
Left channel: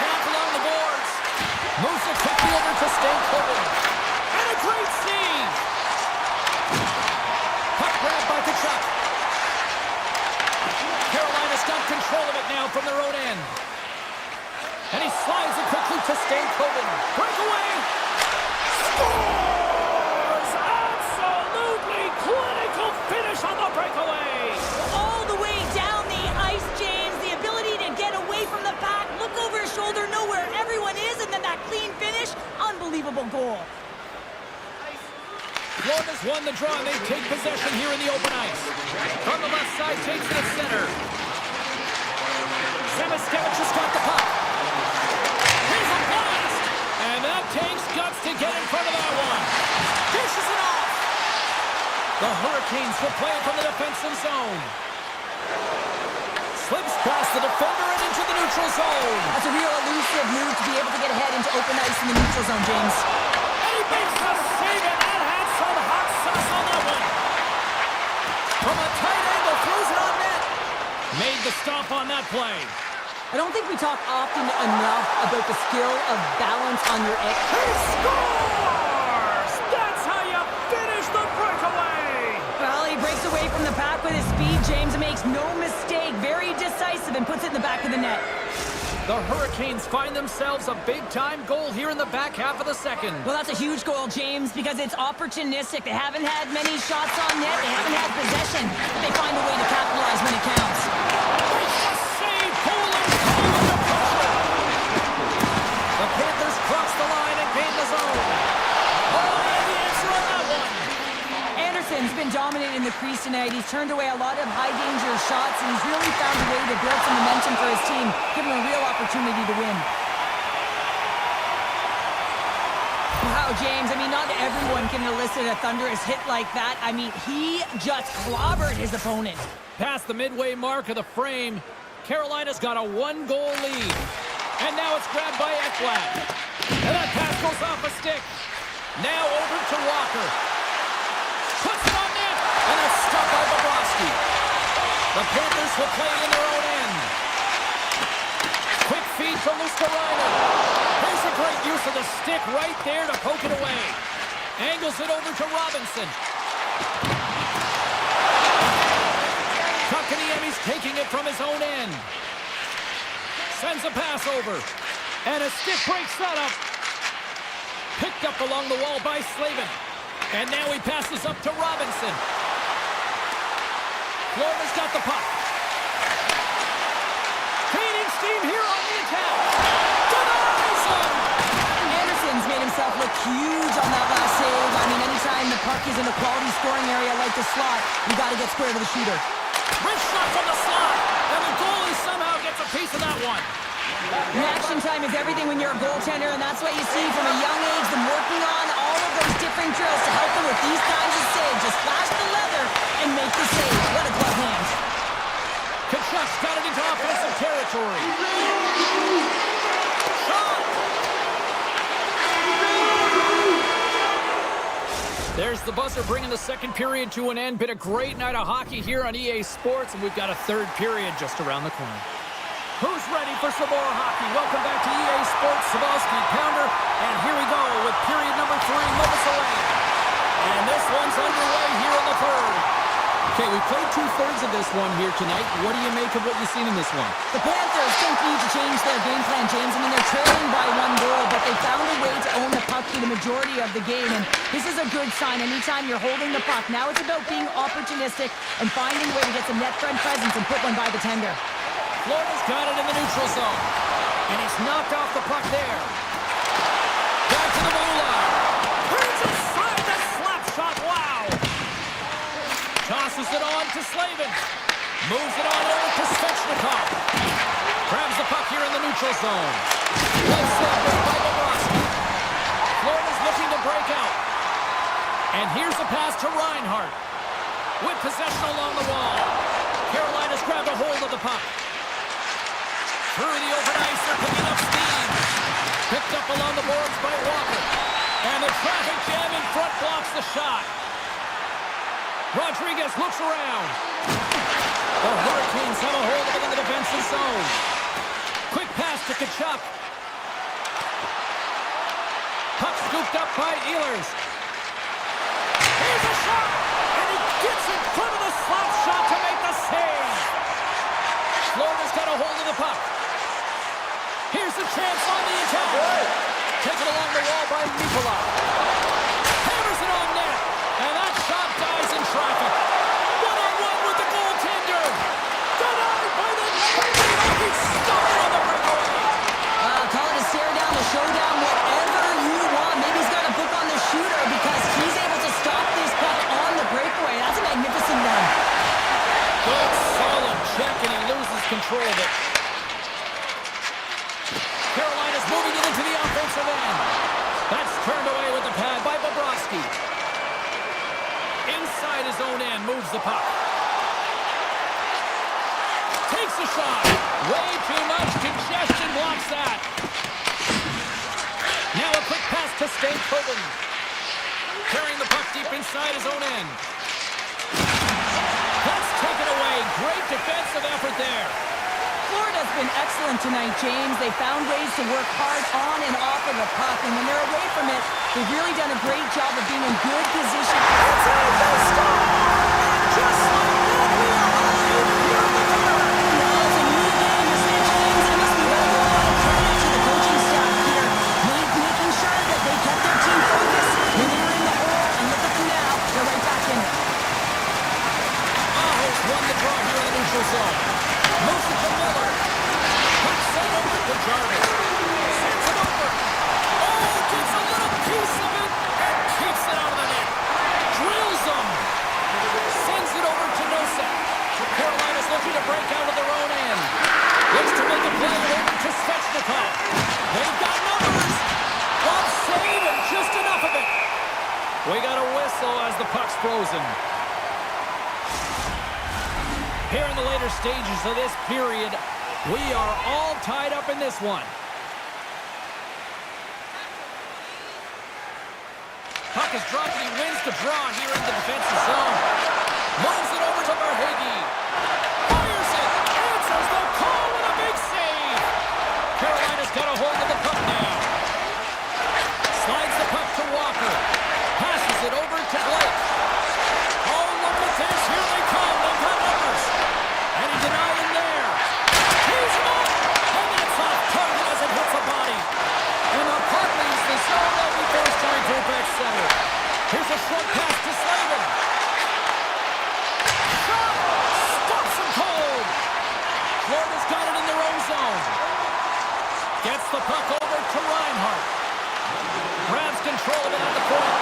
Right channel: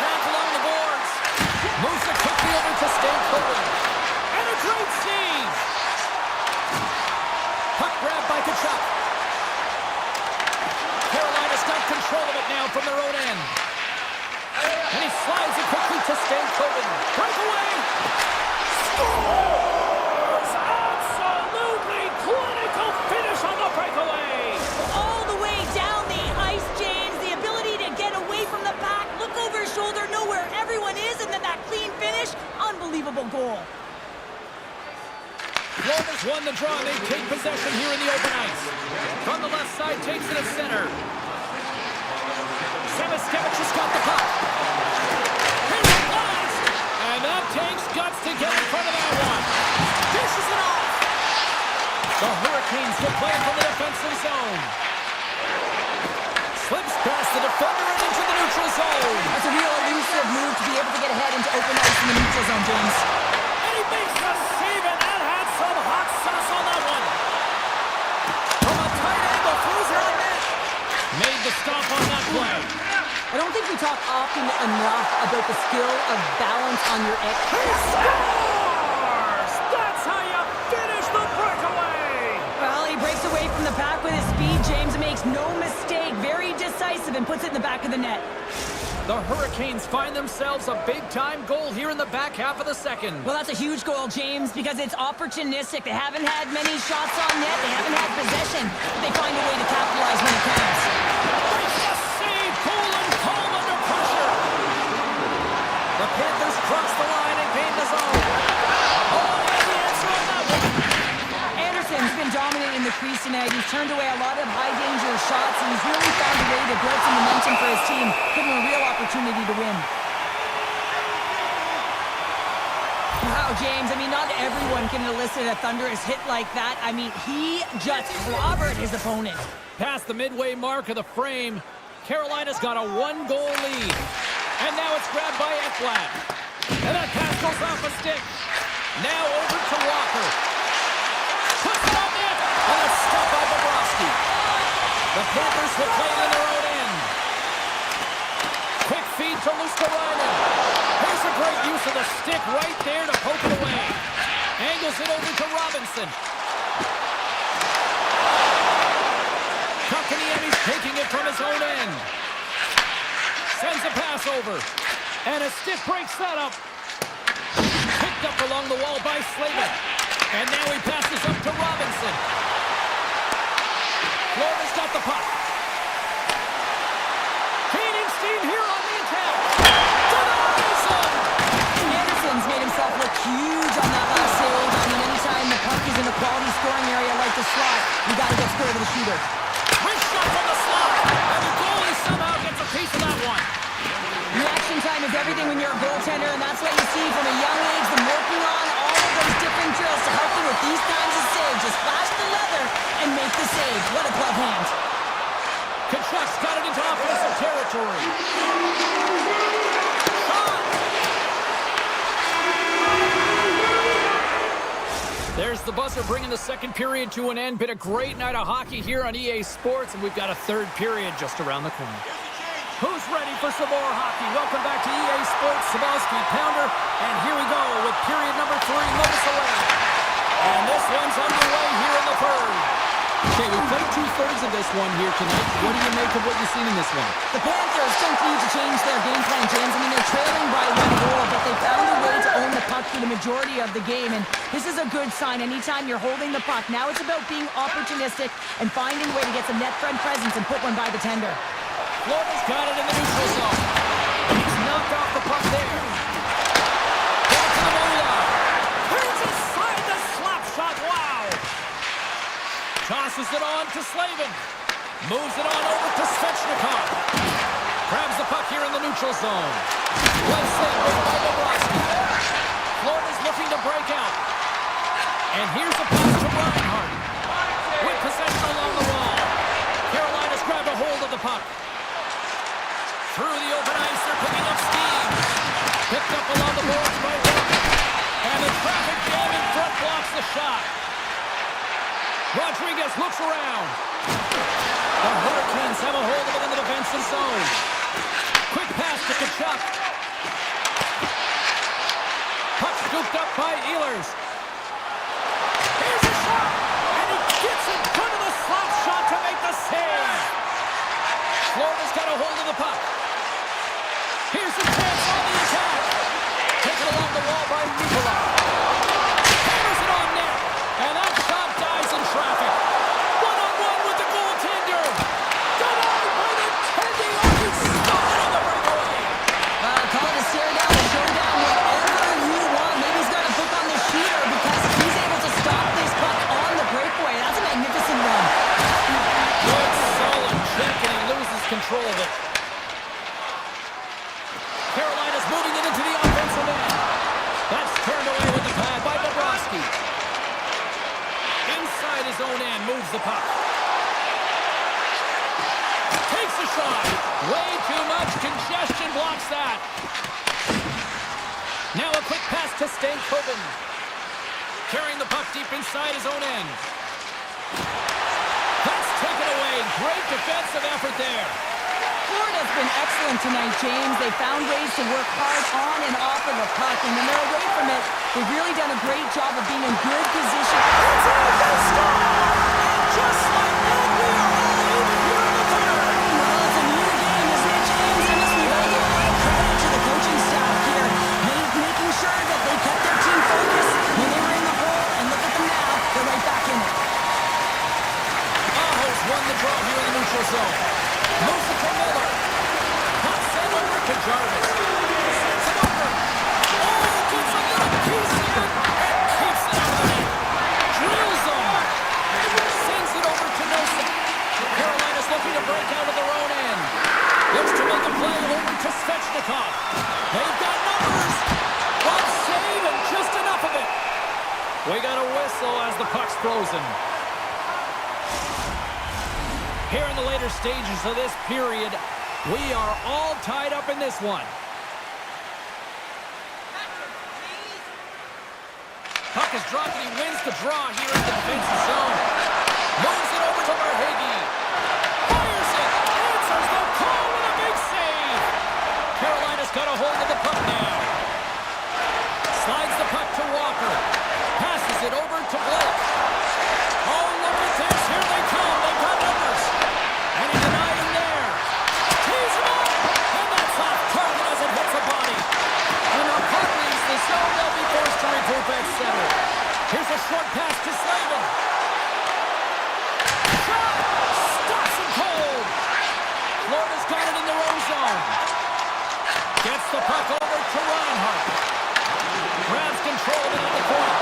Along the boards. Moves it quickly over to Stankoven. And a great save. Puck grab by Tkachuk. Carolina's got control of it now from their own end. And he slides it quickly to Stankoven. Breakaway. Scores! Absolutely clinical finish on the breakaway. All the way down the ice, James. The ability to get away from the pack, look over his shoulder, know where everyone is, and then that clean finish. Unbelievable goal. Florida's won the draw, and they take possession here in the open ice. From the left side, takes it at center. Samoskevich has got the puck. Here's a blast! And that takes guts to get in front of that one. Dishes it off! The Hurricanes will play it from the defensive zone. Slips past the defender and into the neutral zone. That's a real elusive move to be able to get ahead into open ice in the neutral zone, James. And he makes the save, and that had some hot sauce on that one. From a tight angle, throws it on net. Made the stop on that play. I don't think we talk often enough about the skill of balance on your edge. He scores! That's how you finish the breakaway! Well, he breaks away from the pack with his speed, James, and makes no mistake. Very decisive and puts it in the back of the net. The Hurricanes find themselves a big-time goal here in the back half of the second. Well, that's a huge goal, James, because it's opportunistic. They haven't had many shots on net. They haven't had possession, but they find a way to capitalize when it counts. Makes the save, cool and calm under pressure. The Panthers cross the line and gain the zone. Oh, he has the answer on that one. Anderson's been dominant in the crease tonight. He's turned away a lot of high-danger shots, and he's really found a way to build some momentum for his team, give him a real opportunity to win. Wow, James, I mean, not everyone can elicit a thunderous hit like that. I mean, he just clobbered his opponent. Past the midway mark of the frame, Carolina's got a 1-goal lead. And now it's grabbed by Ekblad. And that pass goes off a stick. Now over to Walker. Puts it on net. And it's stopped by Bobrovsky. The Panthers will play it in their own end. Quick feed to Luskarainen. Here's a great use of the stick right there to poke it away. Angles it over to Robinson. Kotkaniemi's taking it from his own end. Sends a pass over. And a stick breaks that up. Picked up along the wall by Slavin. And now he passes up to Robinson. Florida's got the puck. Gaining steam here on the attack. Denies him! Anderson's made himself look huge on that last save. I mean, anytime the puck is in a quality scoring area like the slot, you got to get square to the shooter. Wrist shot from the slot. And the goalie somehow gets a piece of that one. Reaction time is everything when you're a goaltender, and that's what you see from a young age, them working on all of those different drills to help them with these kinds of saves. Just flash the leather and make the save. What a glove hand. Kachuk's got it into offensive territory. Shot! There's the buzzer bringing the second period to an end. Been a great night of hockey here on EA Sports, and we've got a third period just around the corner. Who's ready for some more hockey? Welcome back to EA Sports Sabalski Pounder. And here we go with period number 3, moments away. And this one's underway here in the third. Okay, we played 2/3 of this one here tonight. What do you make of what you've seen in this one? The Panthers don't need to change their game plan, James. I mean, they're trailing by 1 goal, but they found a way to own the puck through the majority of the game, and this is a good sign anytime you're holding the puck. Now it's about being opportunistic and finding a way to get some net front presence and put one by the tender. Florida's got it in the neutral zone. And he's knocked off the puck there. Back to the blue line. Turns aside the slap shot. Wow. Tosses it on to Slavin. Moves it on over to Svechnikov. Grabs the puck here in the neutral zone. Well saved by Bobrovsky. Florida's looking to break out. And here's a pass to Reinhart. With possession along the wall. Carolina's grabbed a hold of the puck. Through the open ice, they're picking up steam. Picked up along the boards by Walker. And the traffic jam in front blocks the shot. Rodriguez looks around. The Hurricanes have a hold of it in the defensive zone. Quick pass to Kachuk. Puck scooped up by Ehlers. Here's a shot. And he gets in front of the slap shot to make the save. Florida's got a hold of the puck. Here's a chance on the attack. Taken along the wall by Nikolai. Hammers it on net. And that shot dies in traffic. One-on-one with the goaltender. Denied by the tending. Oh, he stopped it on the breakaway. Call it a stare down, a showdown, whatever you want. Maybe he's got a book on the shooter because he's able to stop this puck on the breakaway. That's a magnificent run. Good, solid check, and he loses control of it. Carolina's moving it into the offensive end. That's turned away with the pad by Bobrovsky. Inside his own end, moves the puck. Takes a shot. Way too much congestion blocks that. Now a quick pass to Stankoven. Carrying the puck deep inside his own end. That's taken away. Great defensive effort there. Florida's been excellent tonight, James. They found ways to work hard on and off of the puck, and when they're away from it, they've really done a great job of being in good position. It's a they score! And just like that, we are all even here in the third. Well, it's a new game, isn't it, James? And listen, we've got to give a lot of credit to the coaching staff here, making sure that they kept their team focused when they were in the hole, and look at them now. They're right back in it. Aho's won the draw here in the neutral zone. Moves it to Miller. Puck sent over to Jarvis. Sends it over. Oh, gets a little piece of it and keeps it out of the net. Drills him. Sends it over to Nosek. Carolina's looking to break out of their own end. Looks to make a play over to Svechnikov. They've got numbers. One save and just enough of it. We got a whistle as the puck's frozen. Here in the later stages of this period, we are all tied up in this one. Puck is dropped and he wins the draw here in the defensive zone. Moves it over to Verhaeghe. Fires it. Answers the call with a big save. Carolina's got a hold of the puck now. Slides the puck to Walker. Passes it over to Blake. Oh, look at this. Here they come. They've got numbers. And he denied him there. Tees him up. And that's off target as it hits the body. And the puck leaves the zone. They'll be forced to regroup at center. Here's a short pass to Slavin. Shot. Stops him cold. Florida's got it in their own zone. Gets the puck over to Reinhart. Grabs control of it at the point.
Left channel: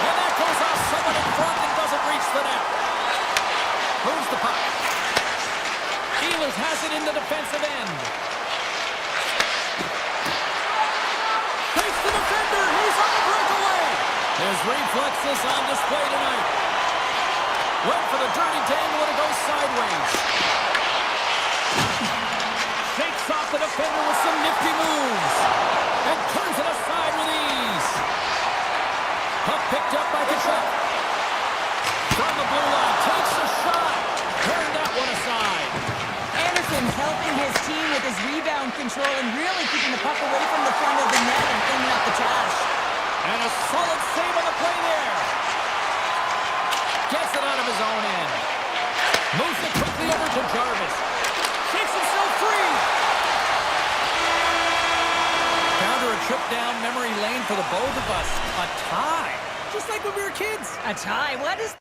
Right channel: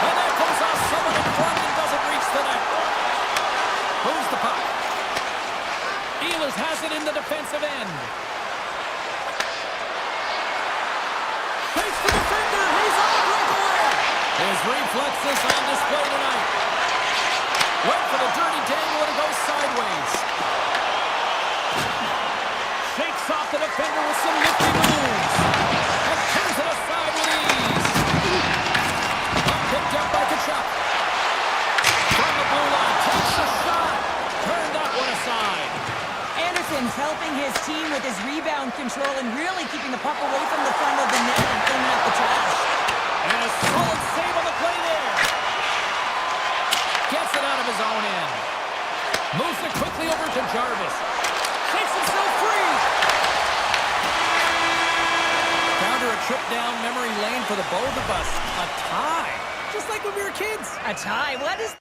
And that goes off someone in front and doesn't reach the net. Moves the puck. Ehlers has it in the defensive end. His reflexes on display tonight. Went for the dirty dangle and it goes sideways. Shakes off the defender with some nifty moves. And turns it aside with ease. Puck picked up by Kachuk. From the blue line, takes a shot. Turned that one aside. Anderson's helping his team with his rebound control and really keeping the puck away from the front of the net and cleaning up the trash. And a solid save on the play there. Gets it out of his own end. Moves it quickly over to Jarvis. Shakes himself free. Counter a trip down memory lane for the both of us. A tie. Just like when we were kids. A tie? What is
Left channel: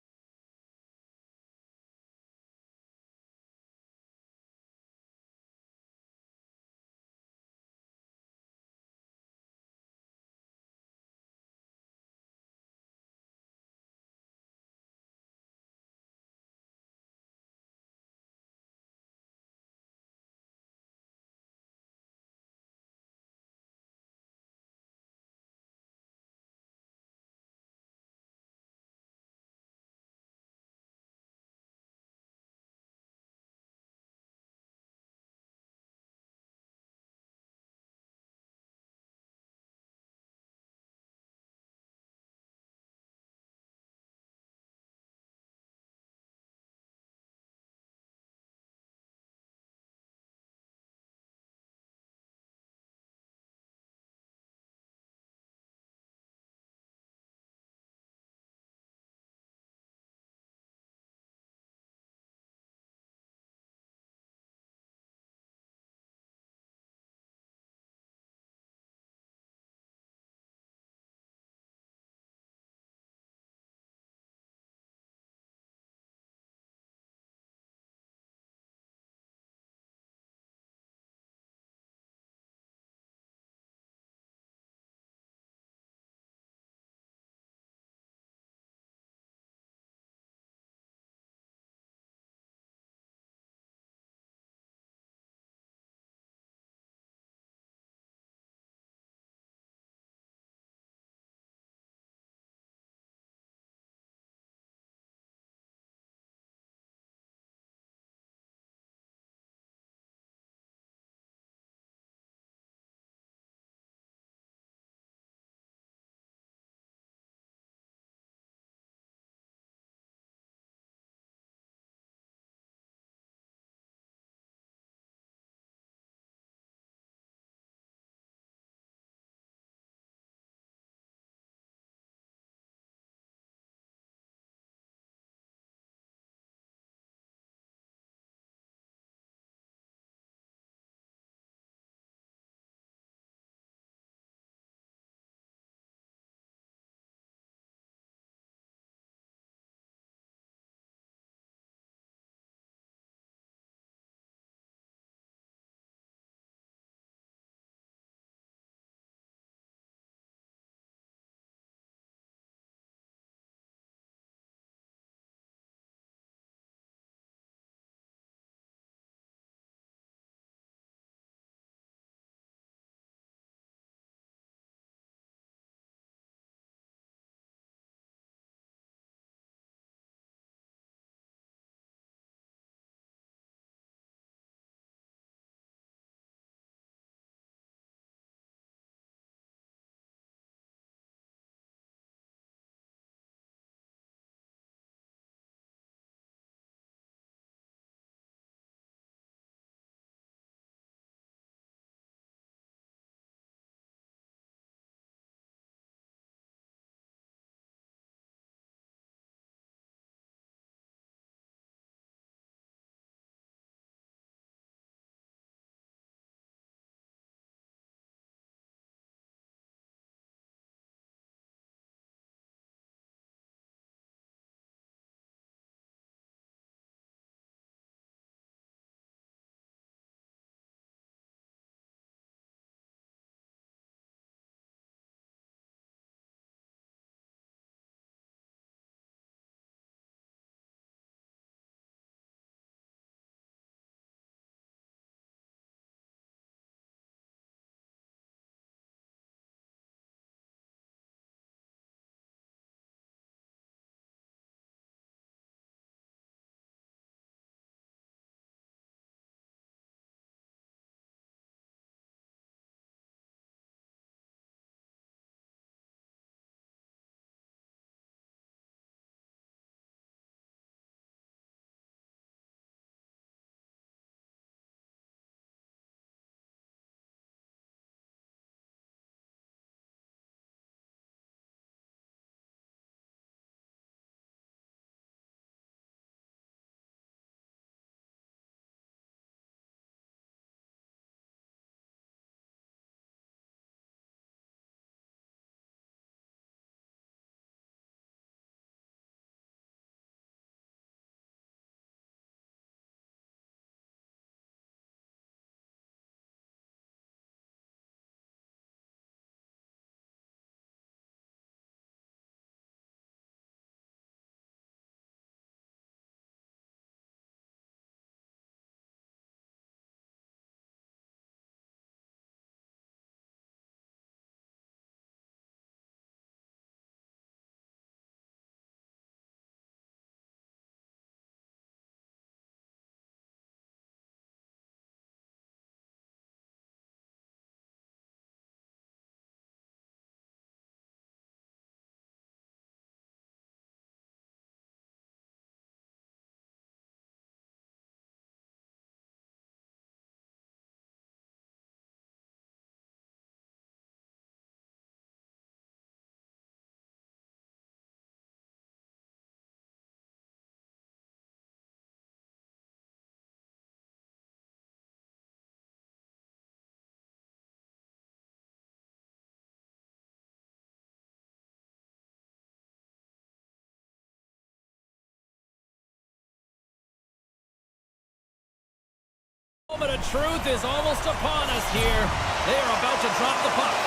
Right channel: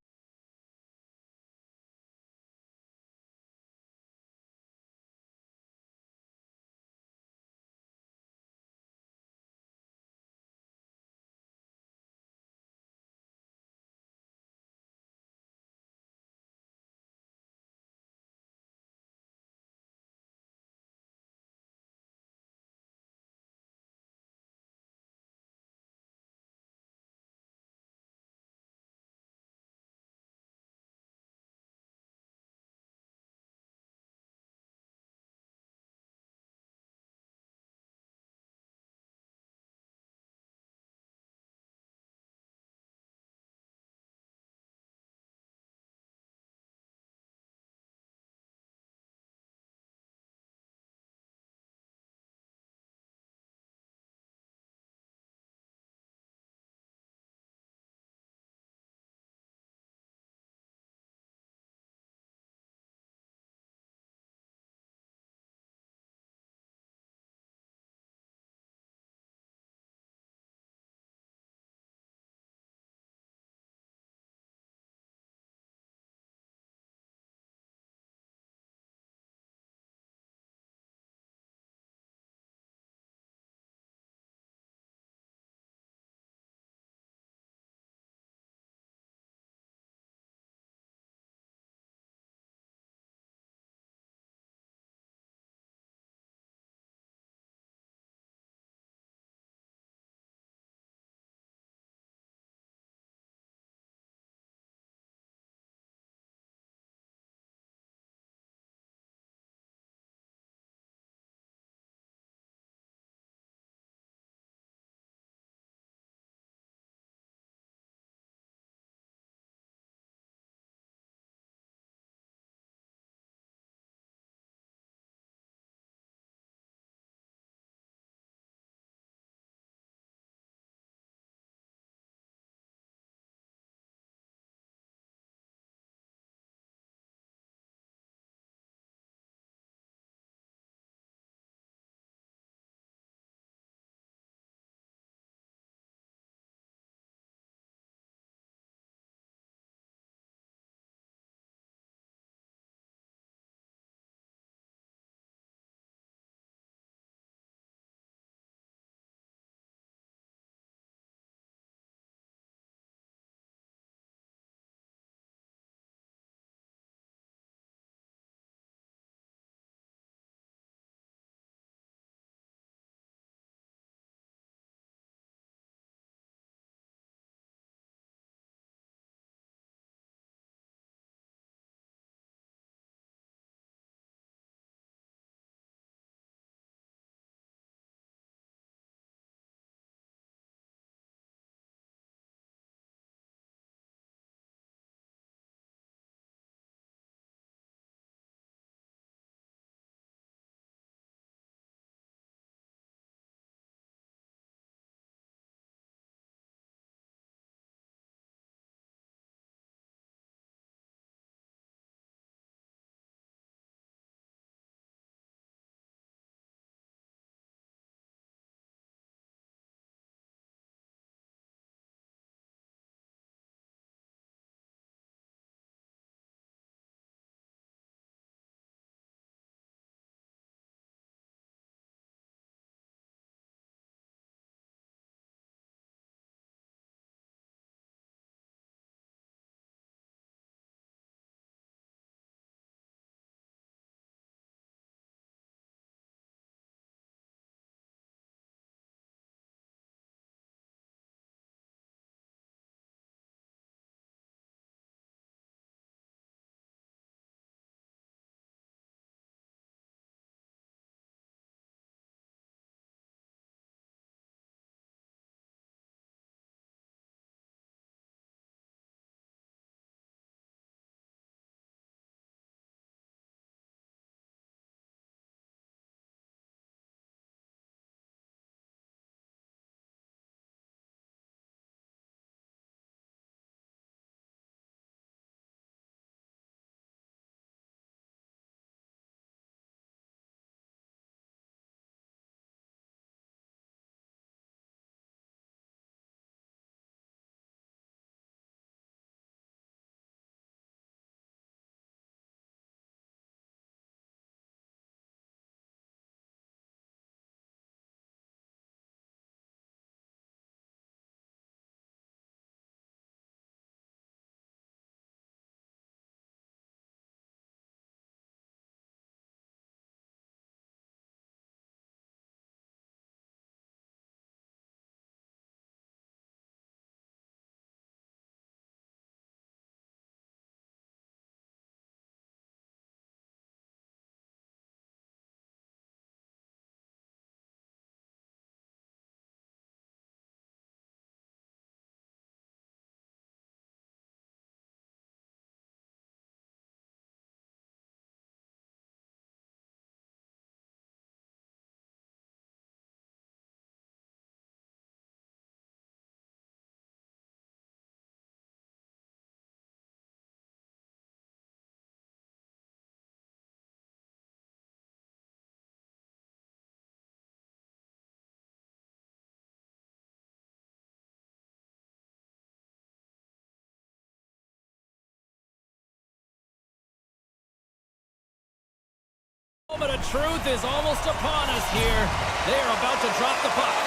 Moment of truth is almost upon us here. They are about to drop the puck.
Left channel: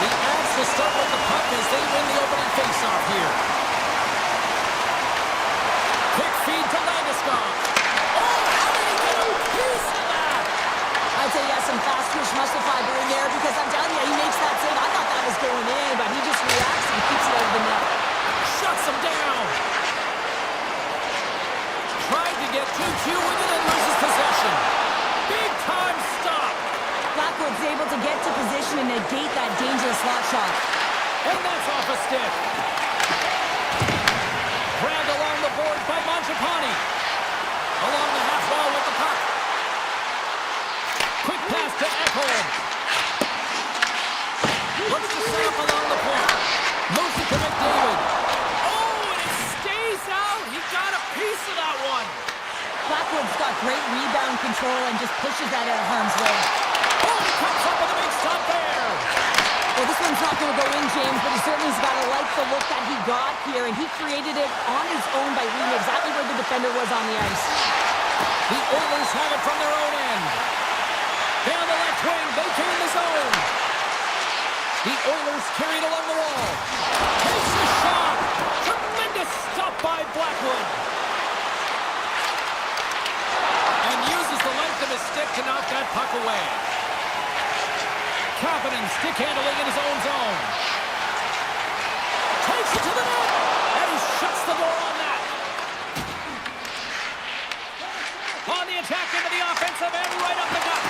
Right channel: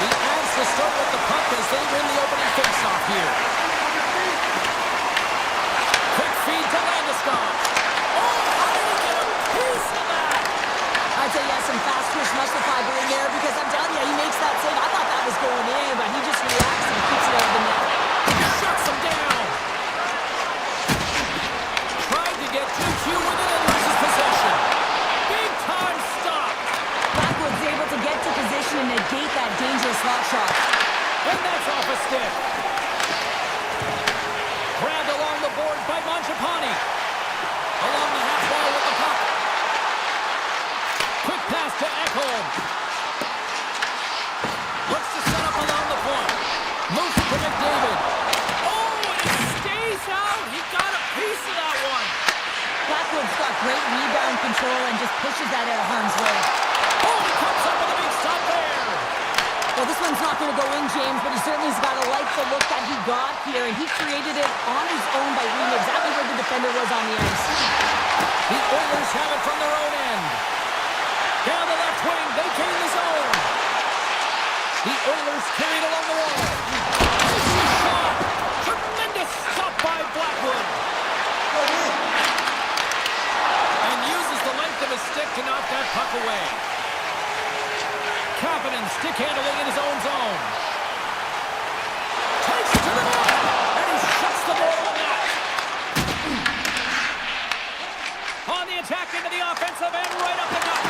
The Avs to start with the puck as they win the opening faceoff here. Quick feed to Landeskog. Oh, how did he get a piece of that? I'd say he has some fast twitch muscle fiber in there because I'm telling you, he makes that save. I thought that was going in, but he just reacts and keeps it out of the net. Shuts him down. Tried to get 2Q with it and loses possession. Big time stop. Blackwood's able to get to position and negate that dangerous slot shot. And that's off a stick. Grabbed along the boards by Mangiapane. Along the half wall with the puck. Quick pass to Ekholm. Looks to set up along the point. Moves it to McDavid. Oh, and it stays out. He got a piece of that one. Blackwood's got great rebound control and just pushes that out of harm's way. Oh, he comes up with a big stop there. Well, this one's not going to go in, James, but he certainly's got to like the look that he got here, and he created it on his own by reading exactly where the defender was on the ice. The Oilers have it from their own end. Down the left wing, they gain the zone. The Oilers carried along the wall. Takes the shot. Tremendous stop by Blackwood. And uses the length of his stick to knock that puck away. Confident stick handling in his own zone. Takes it to the net. And he shuts the door on that. On the attack into the offensive end, right up the gut.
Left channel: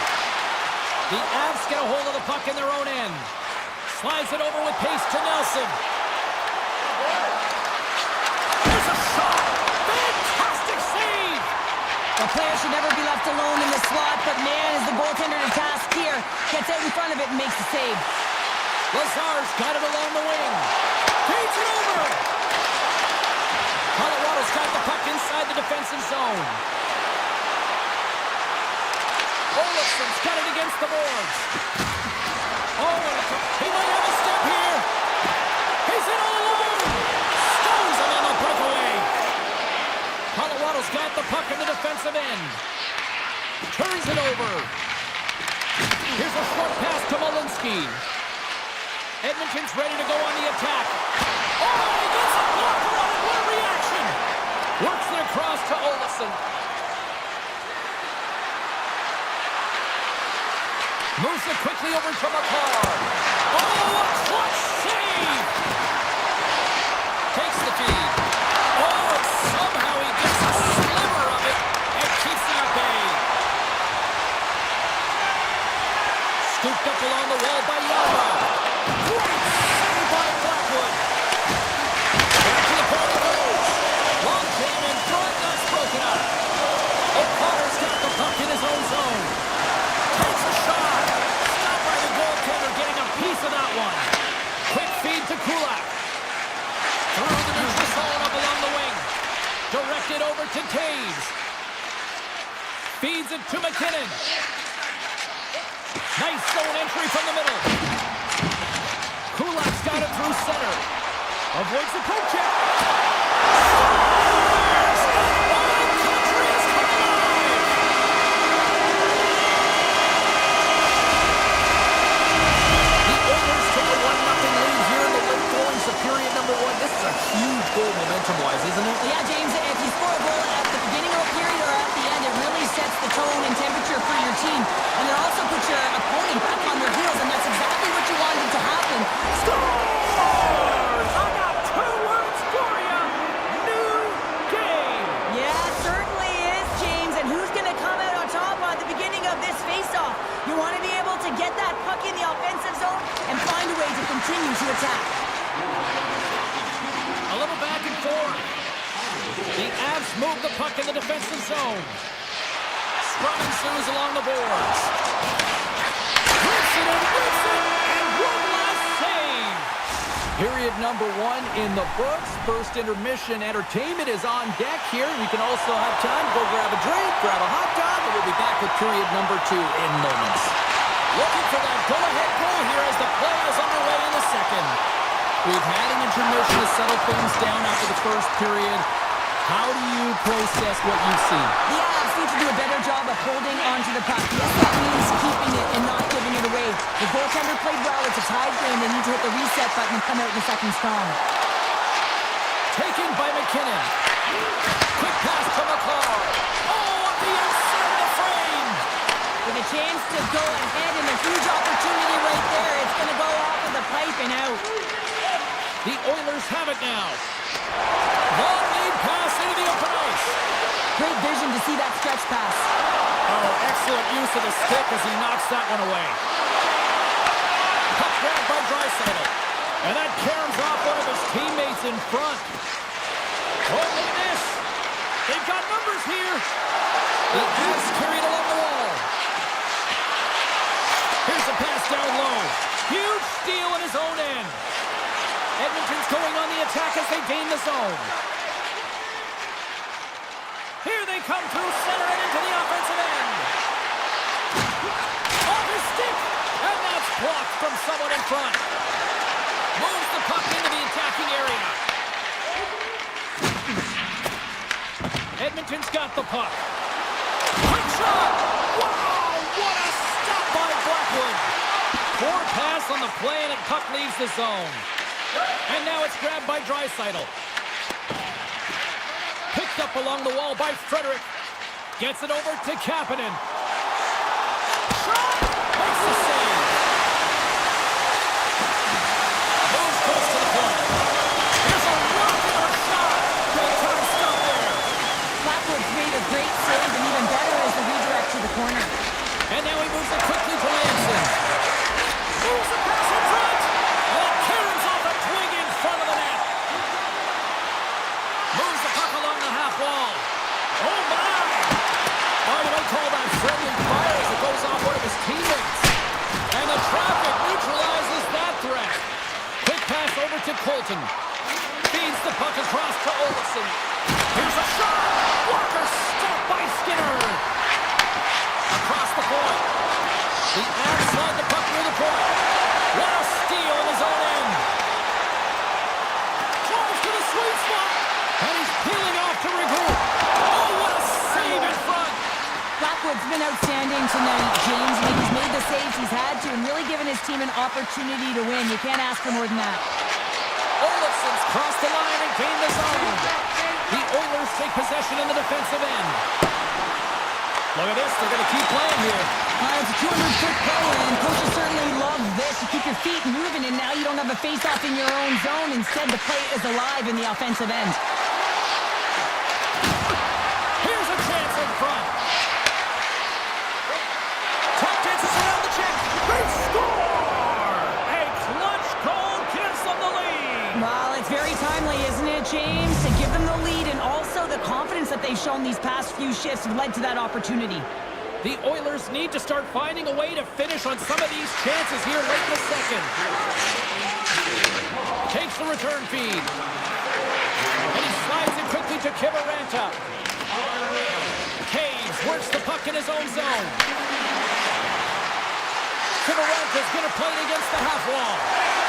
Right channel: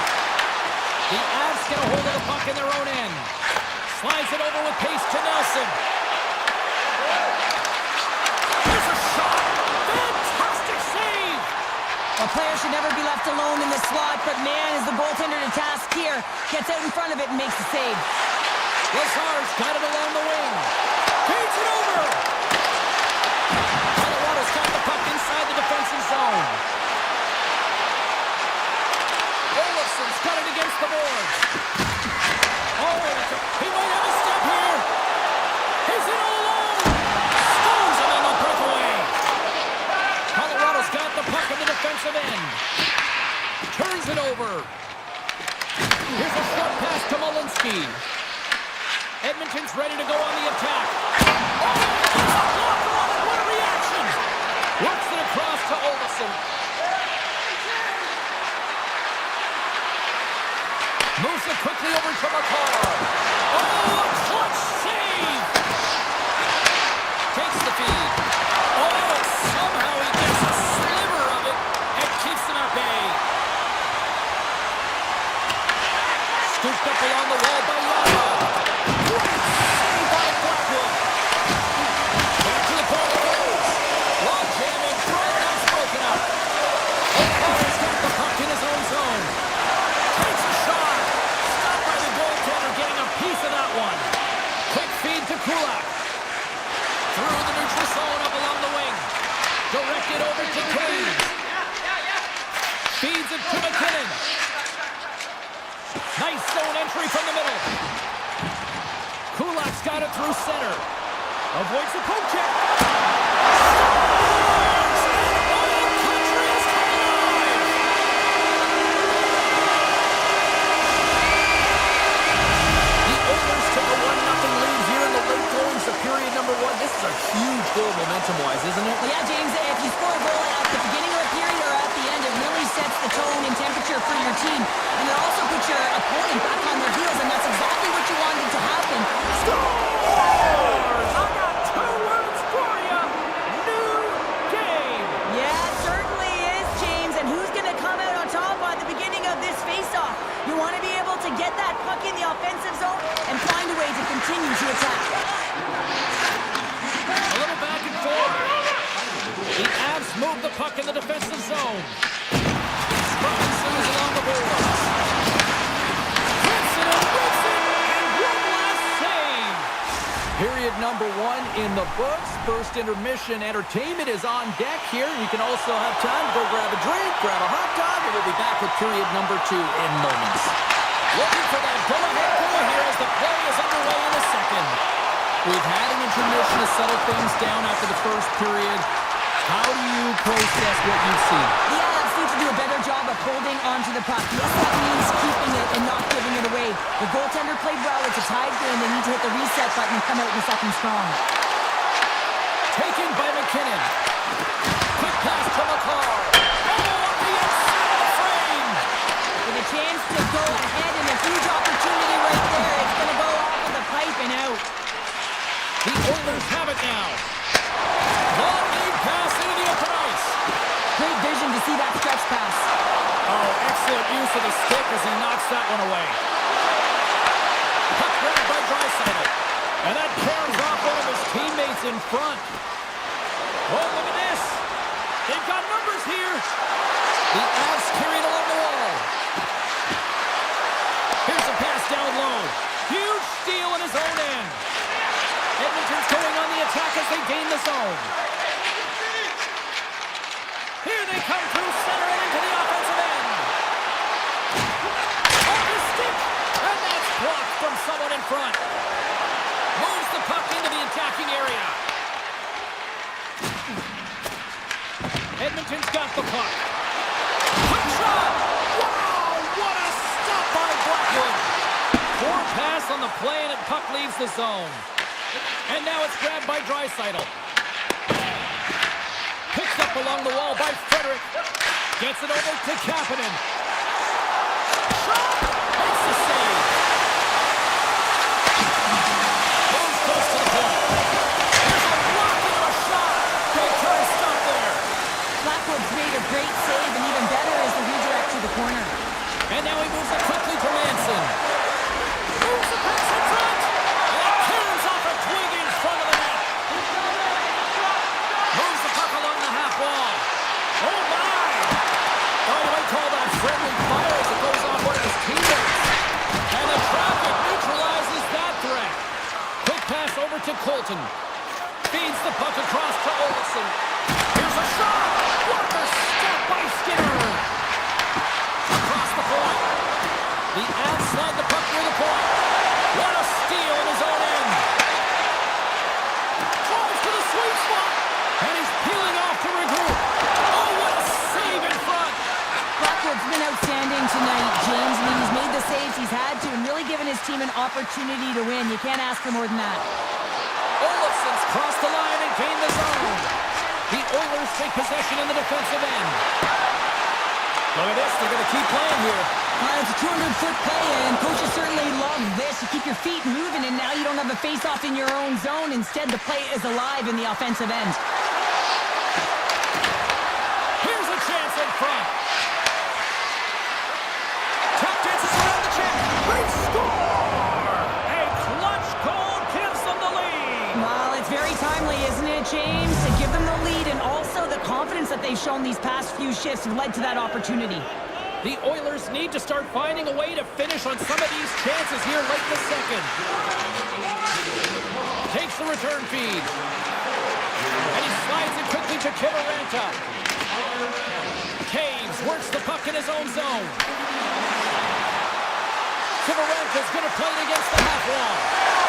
The Avs get a hold of the puck in their own end. Slides it over with pace to Nelson. Here's a shot. Fantastic save. A player should never be left alone in the slot, but man, is the goaltender to task here. Gets out in front of it and makes the save. Lazar's got it along the wing. Feeds it over. Colorado's got the puck inside the defensive zone. Olofsson's got it against the boards. Oh, he might have a step here. He's in all alone. Stones him on the breakaway. Colorado's got the puck in the defensive end. Turns it over. Here's a short pass to Malinsky. Edmonton's ready to go on the attack. Oh, he gets a blocker on it. What a reaction. Works it across to Olofsson. Moves it quickly over to McCarr. Oh, a clutch save! Takes the feed. Oh, and somehow he gets a sliver of it and keeps it at bay. Scooped up along the wall by Yama. Great save by Blackwood. Back to the point it goes. Long jam in front, that's broken up. O'Connor's got the puck in his own zone. Takes a shot. Stopped by the goaltender, getting a piece of that one. Quick feed to Kulak. Through the neutral zone up along the wing. Directed over to Taves. Feeds it to McKinnon. Nice zone entry from the middle. Kulak's got it through center. Avoids the poke check. Scores! All country is coming alive! The Oilers took a 1-0 lead here in the late goings of period number 1. This is a huge goal momentum-wise, isn't it? Well, yeah, James, if you score a goal at the beginning of a period or at the end, it really sets the tone and temperature for your team. And it also puts your opponent back on their heels, and that's exactly what you wanted to happen. Scores! I got 2 words for you. New game. Yeah, it certainly is, James. And who's going to come out on top at the beginning of this face-off? You want to be able to get that puck in the offensive zone and find a way to continue to attack. A little back and forth. The Avs move the puck in the defensive zone. Scrum ensues along the boards. Whips it and whips it, and one last save. Period number 1 in the books. First intermission entertainment is on deck here. You can also have time to go grab a drink, grab a hot dog, and we'll be back with period number 2 in moments. Looking for that go-ahead goal here as the play is underway in the second. We've had an intermission to settle things down after the first period. How do you process what you've seen? The Avs need to do a better job of holding onto the puck. Yes, that means keeping it and not giving it away. The goaltender played well. It's a tied game. They need to hit the reset button and come out in the second strong. Taken by McKinnon. Quick pass to McCarr. Oh, up the inside of the frame. With a chance to go ahead and a huge opportunity right there. It's going to go off of the pipe and out. The Oilers have it now. Long lead pass into the open ice. Great vision to see that stretch pass. Oh, excellent use of the stick as he knocks that one away. Puck grabbed by Draisaitl. And that caroms off one of his teammates in front. Oh, look at this. They've got numbers here. The Avs carried along the wall. Here's a pass down low. Huge steal in his own end. Edmonton's going on the attack as they gain the zone. Here they come through center and into the offensive end. Off his stick. And that's blocked from someone in front. Moves the puck into the attacking area. Edmonton's got the puck. Quick shot! Wow! What a stop by Blackwood! Poor pass on the play and the puck leaves the zone. And now it's grabbed by Draisaitl. Picked up along the wall by Frederick. Gets it over to Kapanen. Shot! Makes the save. Moves close to the point. Here's a rocket of a shot. Big time stop there. Blackwood's made a great save, and even better is the redirect to the corner. And now he moves it quickly to Manson. Moves the pass in front. And it caroms off a twig in front of the net. Moves the puck along the half wall. Oh my! Oh, you might call that friendly fire as it goes off one of his teammates. And the traffic neutralizes that threat. Quick pass over to Colton. Feeds the puck across to Olofsson. Here's a shot! Walker stopped by Skinner. Across the point. The Avs slide the puck near the point. What a steal in his own end. Drives to the sweet spot. And he's peeling off to regroup. Oh, what a save in front. Blackwood's been outstanding tonight, James. I mean, he's made the saves he's had to and really given his team an opportunity to win. You can't ask for more than that. Olofsson's crossed the line and gained the zone. The Oilers take possession in the defensive end. Look at this. They're going to keep playing here. It's a 200-foot play, and coaches certainly love this. You keep your feet moving, and now you don't have a face-off in your own zone. Instead, the play is alive in the offensive end. Here's a chance in front. Tap dances around the check. They score! A clutch goal gives them the lead. Well, it's very timely, isn't it, James? To give them the lead, and also the confidence that they've shown these past few shifts have led to that opportunity. The Oilers need to start finding a way to finish on some of these chances here late in the second. Takes the return feed. And he slides it quickly to Kiviranta. Caves works the puck in his own zone. Kiviranta's going to play it against the half wall.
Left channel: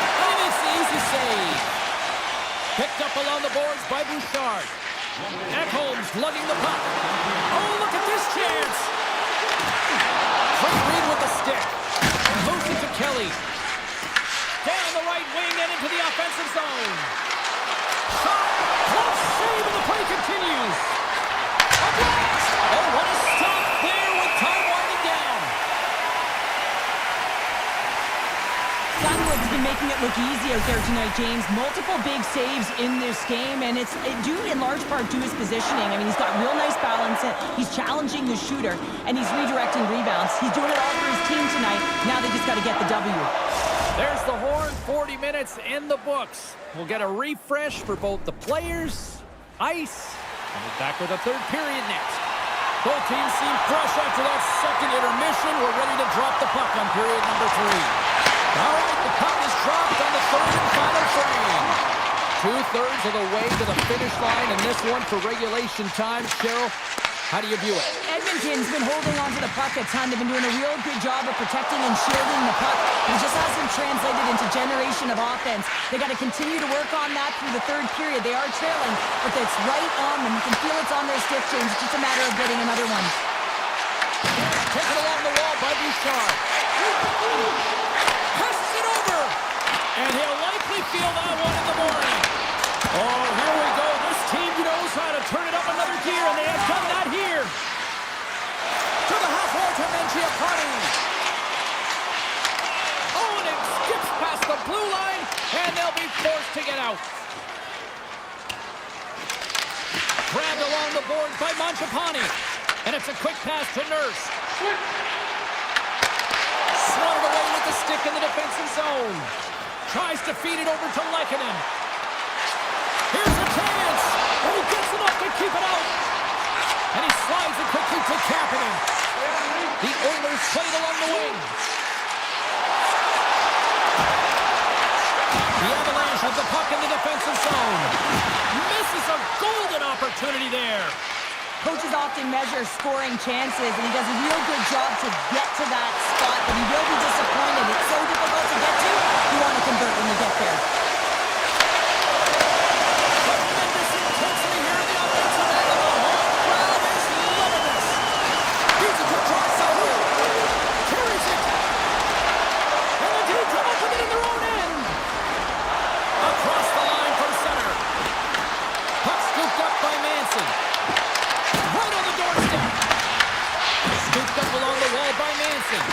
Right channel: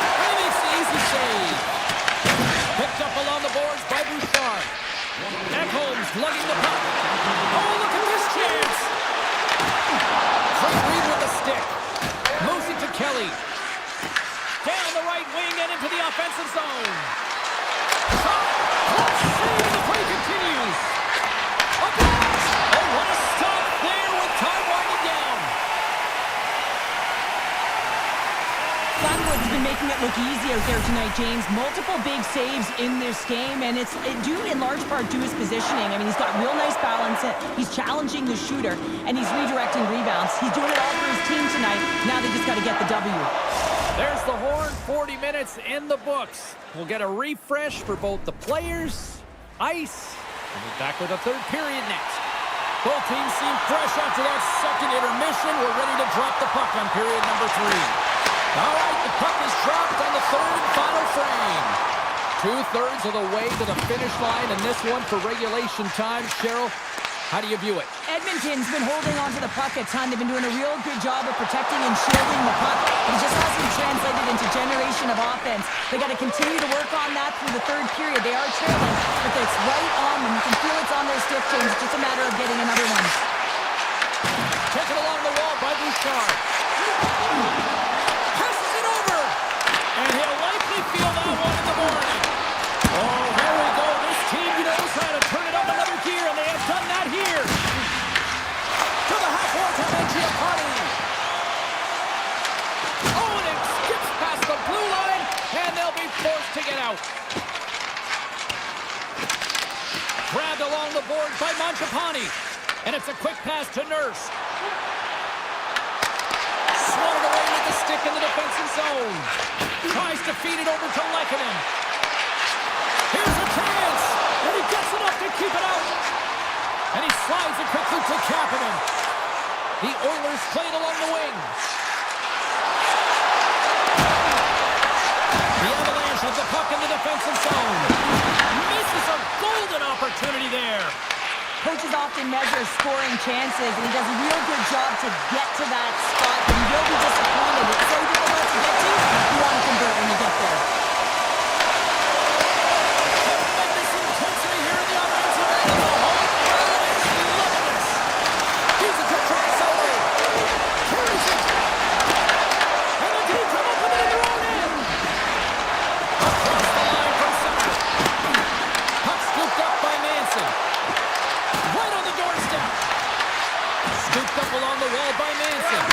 And he makes the easy save. Picked up along the boards by Bouchard. Ekholm's lugging the puck. Oh, look at this chance. Great read with the stick. Moves it to Kelly. Down the right wing and into the offensive zone. Shot. Close save and the play continues. A blast. Oh, what a stop there with time winding down. Blackwood's been making it look easy out there tonight, James. Multiple big saves in this game, and it's due in large part to his positioning. I mean, he's got real nice balance. He's challenging the shooter, and he's redirecting rebounds. He's doing it all for his team tonight. Now they just got to get the W. There's the horn. 40 minutes in the books. We'll get a refresh for both the players, ice, and we're back with a third period next. Both teams seem fresh after that second intermission. We're ready to drop the puck on period number 3. All right, the puck is dropped on the third and final frame. 2/3 of the way to the finish line, and this one for regulation time. Cheryl, How do you view it? Edmonton's been holding on to the puck a ton. They've been doing a real good job of protecting and shielding the puck. But it just hasn't translated into generation of offense. They got to continue to work on that through the third period. They are trailing, but it's right on them. You can feel it's on their stick, James. It's just a matter of getting another one. Taken along the wall by Bouchard. Passes it over. And he'll likely feel that one in the morning. Oh, here we go. This team knows how to turn it up another gear, and they have done that here. To the half wall to Mangiapane. Oh, and it skips past the blue line, and they'll be forced to get out. Grabbed along the boards by Mangiapane. And it's a quick pass to Nurse. Swatted away with the stick in the defensive zone. Tries to feed it over to Lehkonen. Here's a chance, and he gets enough to keep it out. And he slides it quickly to Kapanen. The Oilers play it along the wing. The Avalanche have the puck in the defensive zone. Misses a golden opportunity there. Coaches often measure scoring chances, and he does a real good job to get to that spot, but he will be disappointed. It's so difficult to get to. You want to convert when you get there. Tremendous intensity here in the offensive end, and the home crowd is loving this. He's a good try, Sauer. Carries it. And the team come up with it in their own end. Across the line from center. Puck scooped up by Manson. Right on the doorstep. Scooped up along the wall by Manson.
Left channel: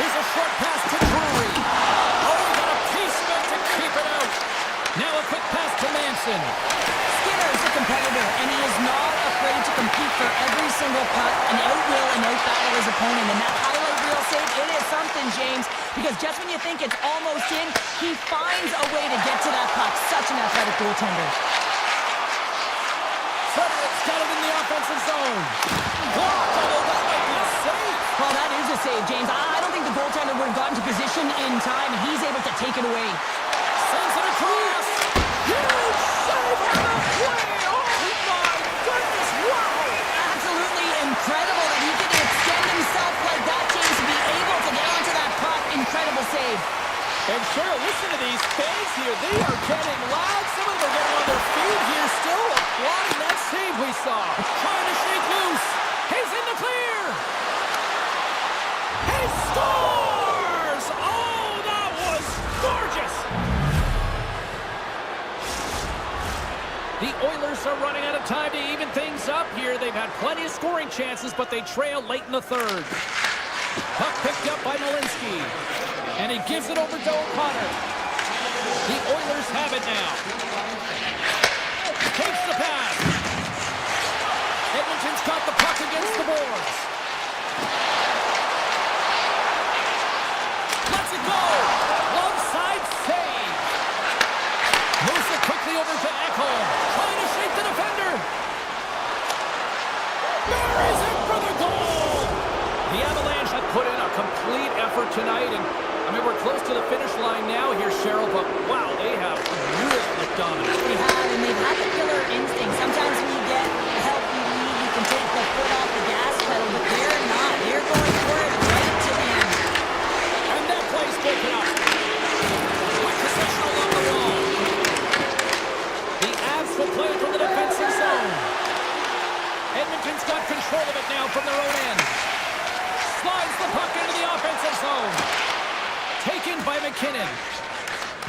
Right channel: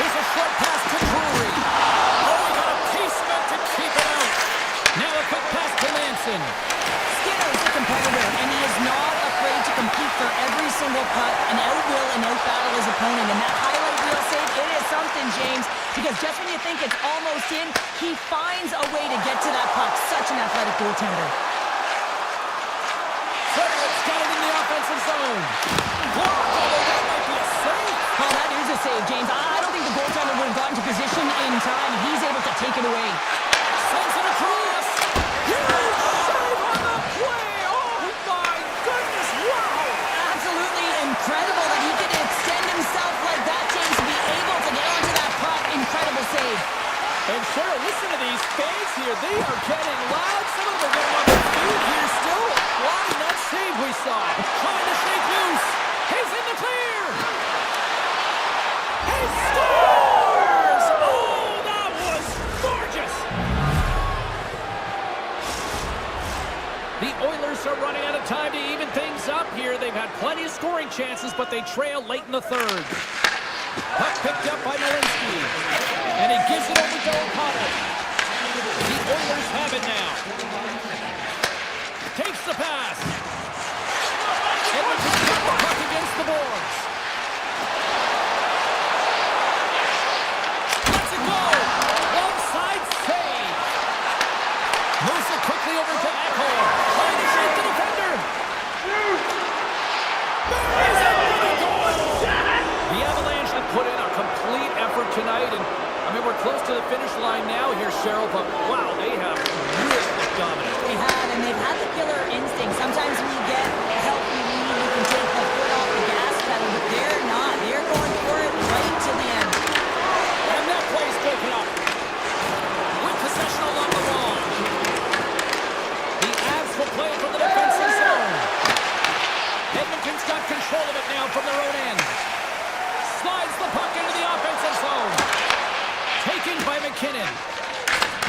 Here's a short pass to Drury. Oh, he got a piece of it to keep it out. Now a quick pass to Manson. Skinner is a competitor, and he is not afraid to compete for every single puck and outwill and outbattle his opponent. And that highlight reel save, it is something, James, because just when you think it's almost in, he finds a way to get to that puck. Such an athletic goaltender. Frederick's got it in the offensive zone. Blocked, although that might be a save. Oh, that is a save, James. I don't think the goaltender would have gotten to position in time, and he's able to take it away. Sends it across. Huge save on the play. Oh, my goodness. Wow. Absolutely incredible that he could extend himself like that, James, to be able to get onto that puck. Incredible save. And Cheryl, listen to these fans here. They are getting loud. Some of them are getting on their feet here still. Applauding that save we saw. Trying to shake loose. He's in the clear. He scores! Oh, that was gorgeous. The Oilers are running out of time to even things up here. They've had plenty of scoring chances, but they trail late in the third. Puck picked up by Malinsky. And he gives it over to O'Connor. The Oilers have it now. Takes the pass. Edmonton's got the puck against the boards. Lets it go. Love side save. Moves it quickly over to Ekholm. Trying to shake the defender. Buries it for the goal. The Avalanche have put in a complete effort tonight, and I mean, we're close to the finish line now here, Cheryl, but wow, they have really looked dominant. They have, and they've had the killer instinct. Sometimes when you get a healthy lead, you can take the foot off the gas pedal, but they're not. They're going for it right to the end. And that play's broken up. With possession along the wall. The Avs will play it from the defensive zone. Edmonton's got control of it now from their own end. Slides the puck into the offensive zone. Taken by McKinnon.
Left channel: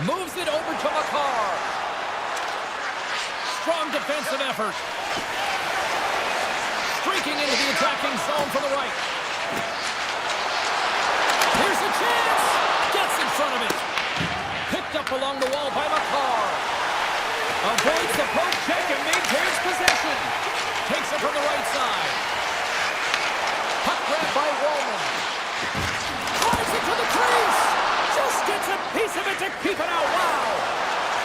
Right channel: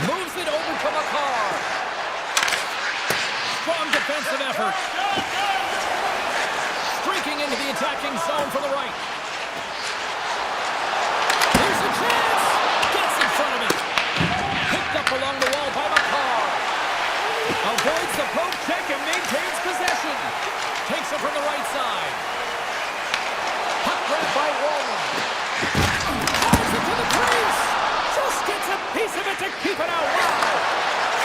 Moves it over to Makar. Strong defensive effort. Streaking into the attacking zone from the right. Here's a chance. Gets in front of it. Picked up along the wall by Makar. Avoids the poke check and maintains possession. Takes it from the right side. Puck grab by Wallman. Drives it to the crease. Just gets a piece of it to keep it out. Wow.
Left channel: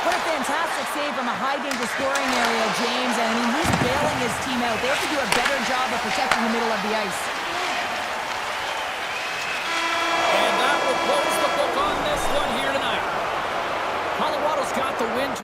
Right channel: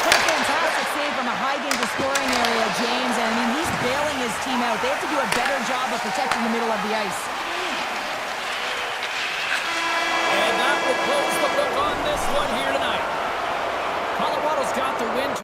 What a fantastic save from a high-danger scoring area, James. And I mean, he's bailing his team out. They have to do a better job of protecting the middle of the ice. And that will close the book on this one here tonight. Colorado's got the win.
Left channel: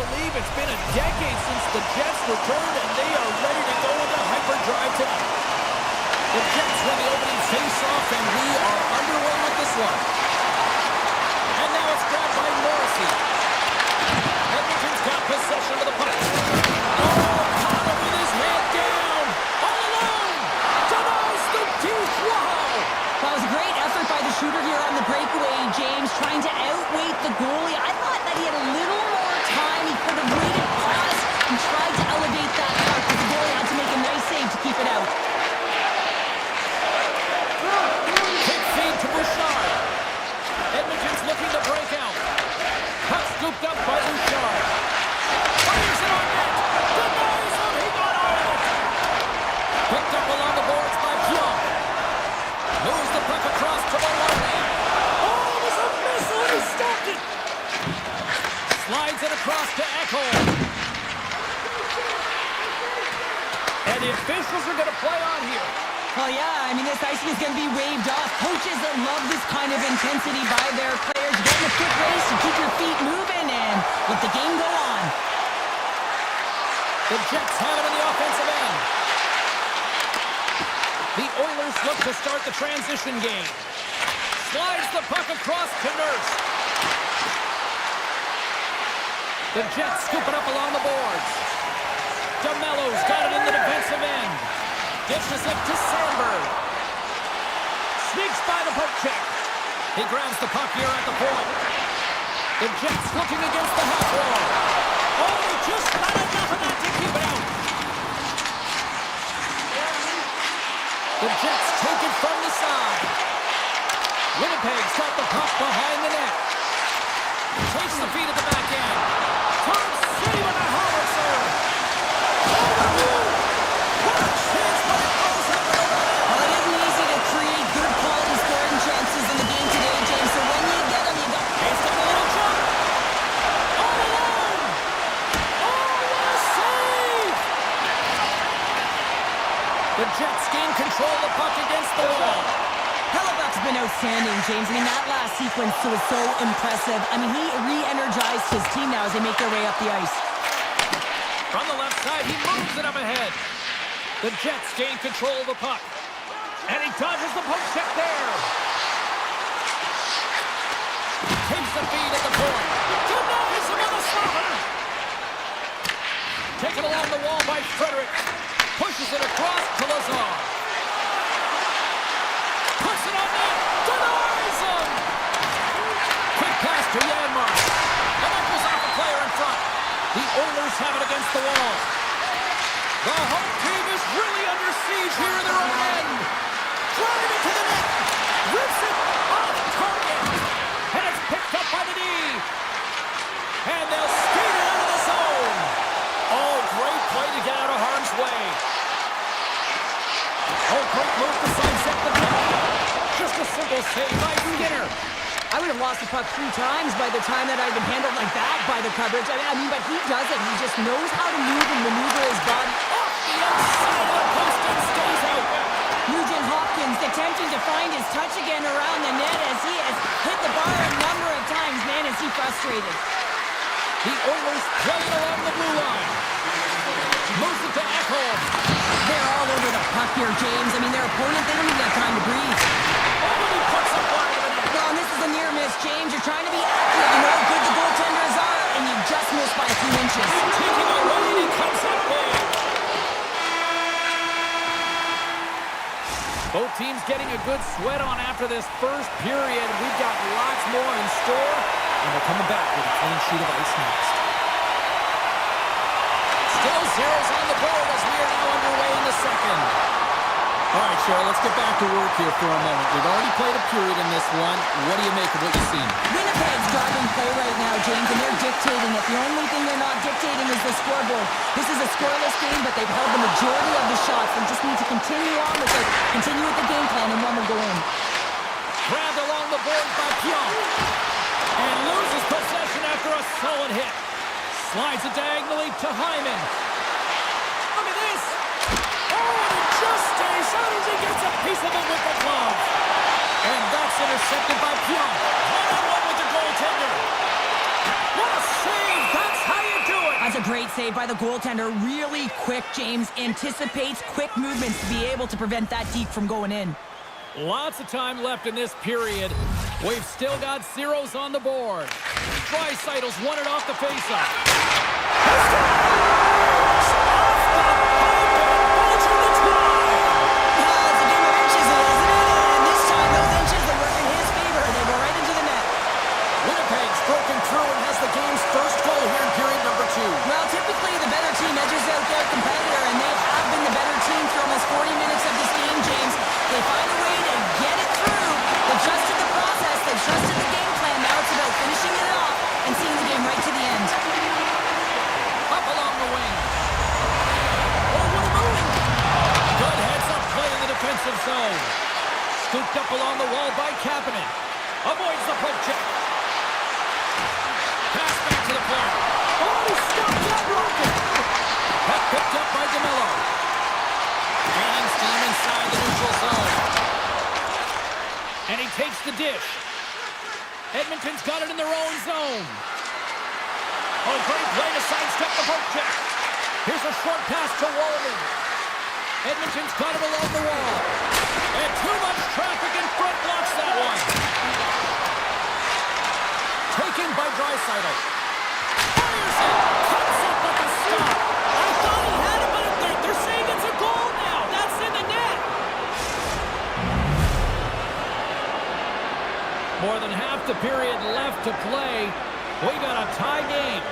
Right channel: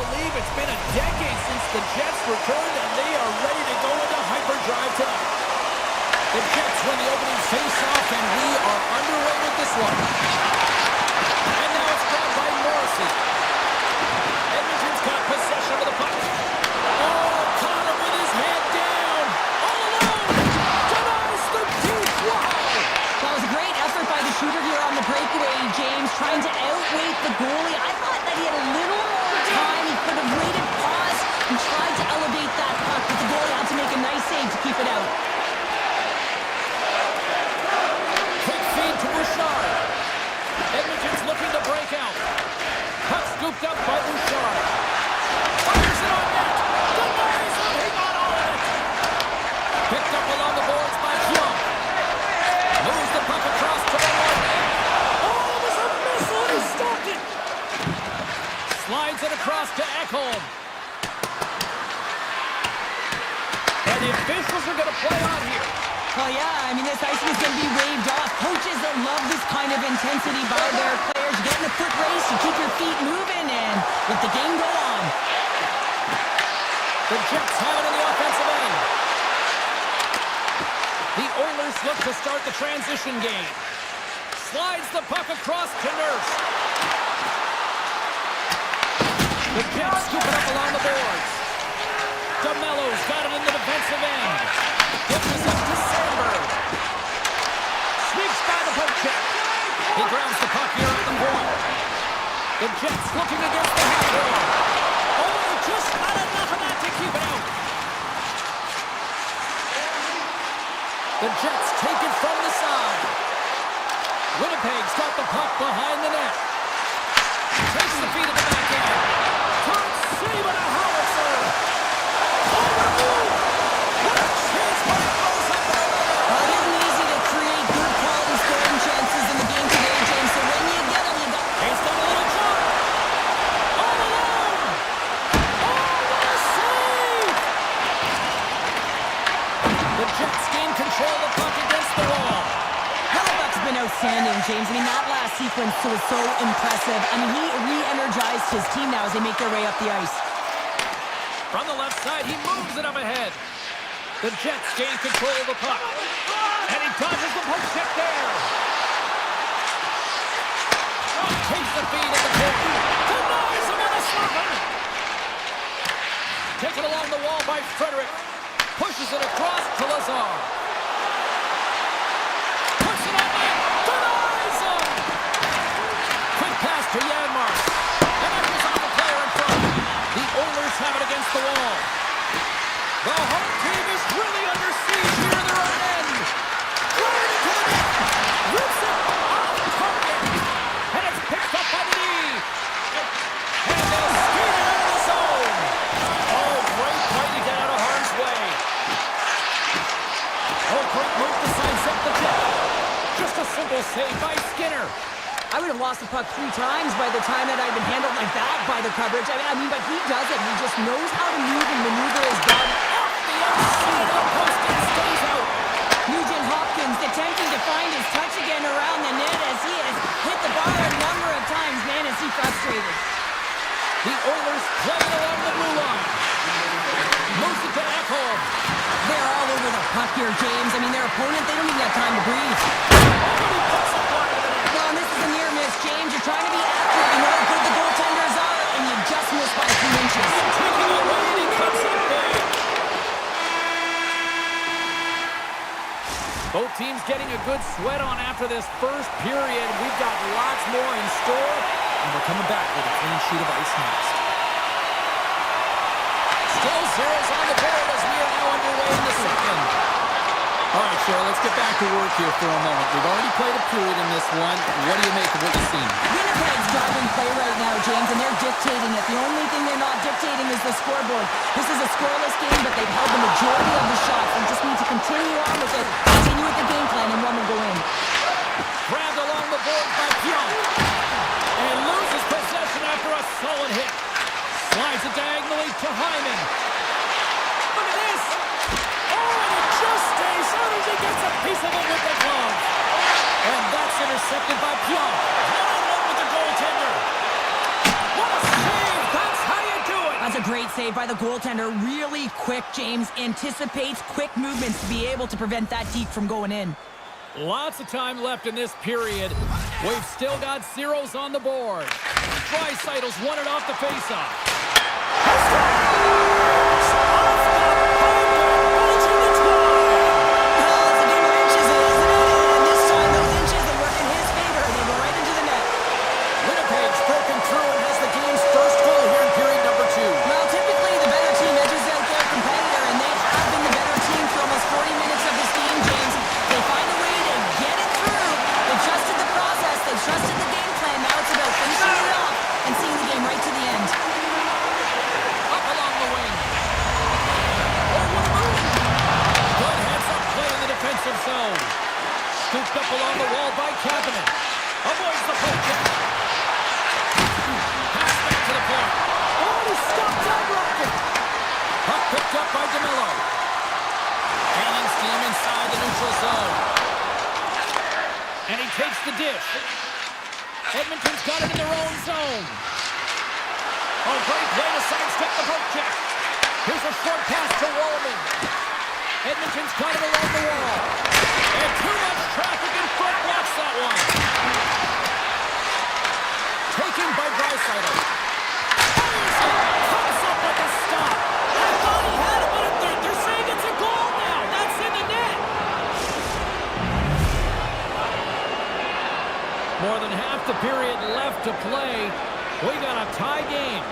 believe it's been a decade since the Jets returned, and they are ready to go into hyperdrive tonight. The Jets win the opening face-off, and we are underway with this one. And now it's grabbed by Morrissey. Edmonton's got possession of the puck. Oh, caught him with his head down. All alone. Denies the deep. Wow. That was a great effort by the shooter here on the breakaway, James, trying to outweight the goalie. I thought that he had a little more time. He could have waited, paused, and tried to elevate that puck, but the goalie had to make a nice save to keep it out. Quick feed to Bouchard. Edmonton's looking to break out. Puck scooped up by Bouchard. Fires it on net. Denies him. He got all of it. Picked up along the boards by Pionk. Moves the puck across to Maloney. Oh, it was a missile. He stopped it. Slides it across to Ekholm. And the officials are going to play on here. Oh, yeah, I mean, this icing is going to be waved off. Coaches that love this kind of intensity by their players. You get in a foot race, you keep your feet moving, and let the game go on. The Jets have it in the offensive end. The Oilers look to start the transition game. Slides the puck across to Nurse. The Jets scoop it up along the boards. DeMello's got it in the defensive end. Gives us up to Sandberg. Sneaks by the poke check. He grabs the puck here at the point. The Jets looking against the half wall. Oh, just not enough of that to keep it out. The Jets take it from the side. Winnipeg's got the puck behind the net. Takes the feed at the back end. Turns save and a howitzer. Oh, what a move! What a chance, but it throws up and over there. Well, it isn't easy to create good quality scoring chances in the game today, James, so when you get them, you got... He's got a little jump. All alone. Oh, what a save! The Jets gain control of the puck against the wall. Hellebuck's been outstanding, James. I mean, that last sequence was so impressive. I mean, he re-energized his team now as they make their way up the ice. From the left side, he moves it up ahead. The Jets gain control of the puck. And he dodges the poke check there. Takes the feed at the point. Denies him on the slapper. Taken along the wall by Frederick. Pushes it across to Lazar. Puts it on net. Denies him. Quick pass to Janmark. And that goes off the player in front. The Oilers have it against the wall. The home team is really under siege here in their own end. Driving it to the net. Rips it off target. And it's picked up by the D. And they'll skate it out of the zone. Oh, great play to get out of harm's way. Oh, great move to sidestep the net. Just a simple save by Skinner. I would have lost the puck 3 times by the time that I'd been handled like that by the coverage. I mean, but he does it. He just knows how to move and maneuver his body. Off the outside of the post and stays out. Nugent Hopkins attempting to find his touch again around the net as he has hit the bar a number of times. Man, is he frustrated. The Oilers play it along the blue line. Moves it to Ekholm. They're all over the puck here, James. I mean, their opponent, they don't even have time to breathe. Oh, and he puts up wide of the net. Well, and this is a near miss, James. You're trying to be accurate. You know how good the goaltenders are, and you just missed by a few inches. Taking away, and he comes up big. Both teams getting a good sweat on after this first period. We've got lots more in store, and we're coming back with a clean sheet of ice next. Still zeros on the board as we are now underway in the second. All right, Cheryl, let's get back to work here for a moment. We've already played a period in this one. What do you make of what you've seen? Winnipeg's driving play right now, James, and they're dictating it. The only thing they're not dictating is the scoreboard. This is a scoreless game, but they've held the majority of the shots. They just need to continue on with it, continue with the game plan, and one will go in. Grabbed along the board by Pionk. And loses possession after a solid hit. Slides it diagonally to Hyman. Look at this. Oh, and it just stays out as he gets a piece of it with the glove. And that's intercepted by Pionk. One-on-one with the goaltender. What a save. That's how you do That's a great save by the goaltender. Really quick, James. Anticipates quick movements to be able to prevent that deke from going in. Lots of time left in this period. We've still got zeros on the board. Draisaitl's won it off the faceoff. He scores! Off the pipe and bulging the twine! It's a game of inches, isn't it? And this time, those inches that work in his favor, they go right into the net. Winnipeg's broken through and has the game's first goal here in period number 2. Well, typically the better team edges out their competitor, and they have been the better team for almost 40 minutes of this game, James. They find a way to get it through. They've trusted the process. They've trusted the game plan. Now it's about finishing it off and seeing the game right to the end. Up along the wing. Oh, what a move! Good heads-up play in the defensive zone. Scooped up along the wall by Kapanen. Avoids the poke check. Pass back to the point. Oh, he stopped that rocket! Puck picked up by DeMello. Gaining steam inside the neutral zone. And he takes the dish. Edmonton's got it in their own zone. Oh, great play to sidestep the poke check. Here's a short pass to Walman. Edmonton's got it along the wall. And too much traffic in front blocks that one. Taken by Draisaitl. Fires it. Comes up with a stop. I thought he had it, but they're saying it's a goal now. That's in the net. More than half the period left to play. We got a tie game.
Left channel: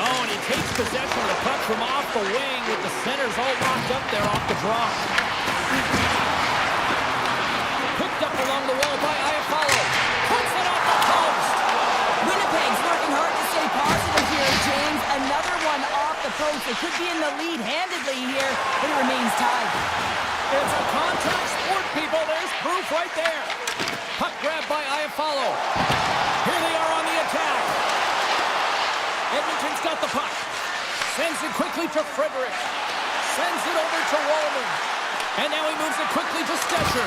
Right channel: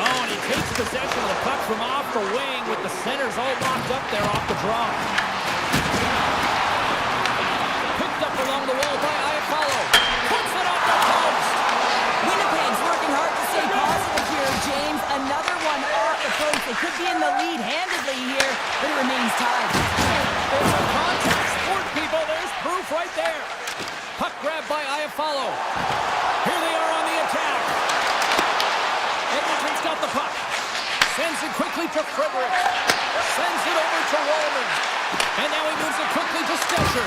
Oh, and he takes possession of the puck from off the wing with the centers all locked up there off the draw. Picked up along the wall by Iafallo. Puts it off the post. Winnipeg's working hard to stay positive here, James. Another one off the post. They could be in the lead handedly here, but it remains tied. It's a contact sport, people. There's proof right there. Puck grab by Iafallo. Here they are on the attack. Edmonton's got the puck. Sends it quickly to Frederick. Sends it over to Walman. And now he moves it quickly to Stecher.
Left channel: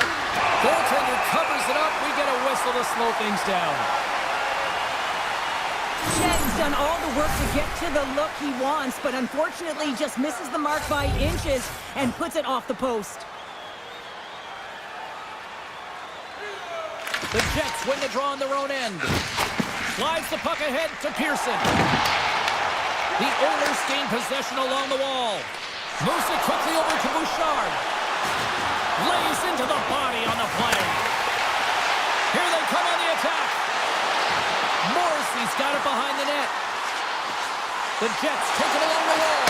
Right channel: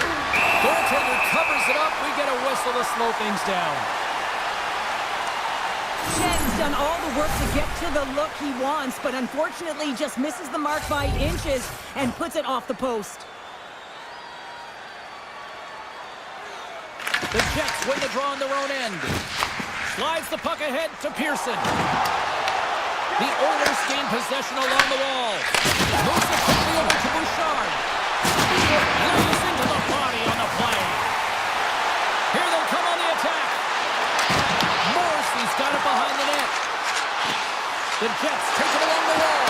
Goaltender covers it up. We get a whistle to slow things down. Shen's done all the work to get to the look he wants, but unfortunately just misses the mark by inches and puts it off the post. The Jets win the draw on their own end. Slides the puck ahead to Pearson. The Oilers gain possession along the wall. Moves it quickly over to Bouchard. Lays into the body on the play. Here they come on the attack. Morrissey's got it behind the net. The Jets take it along the wall.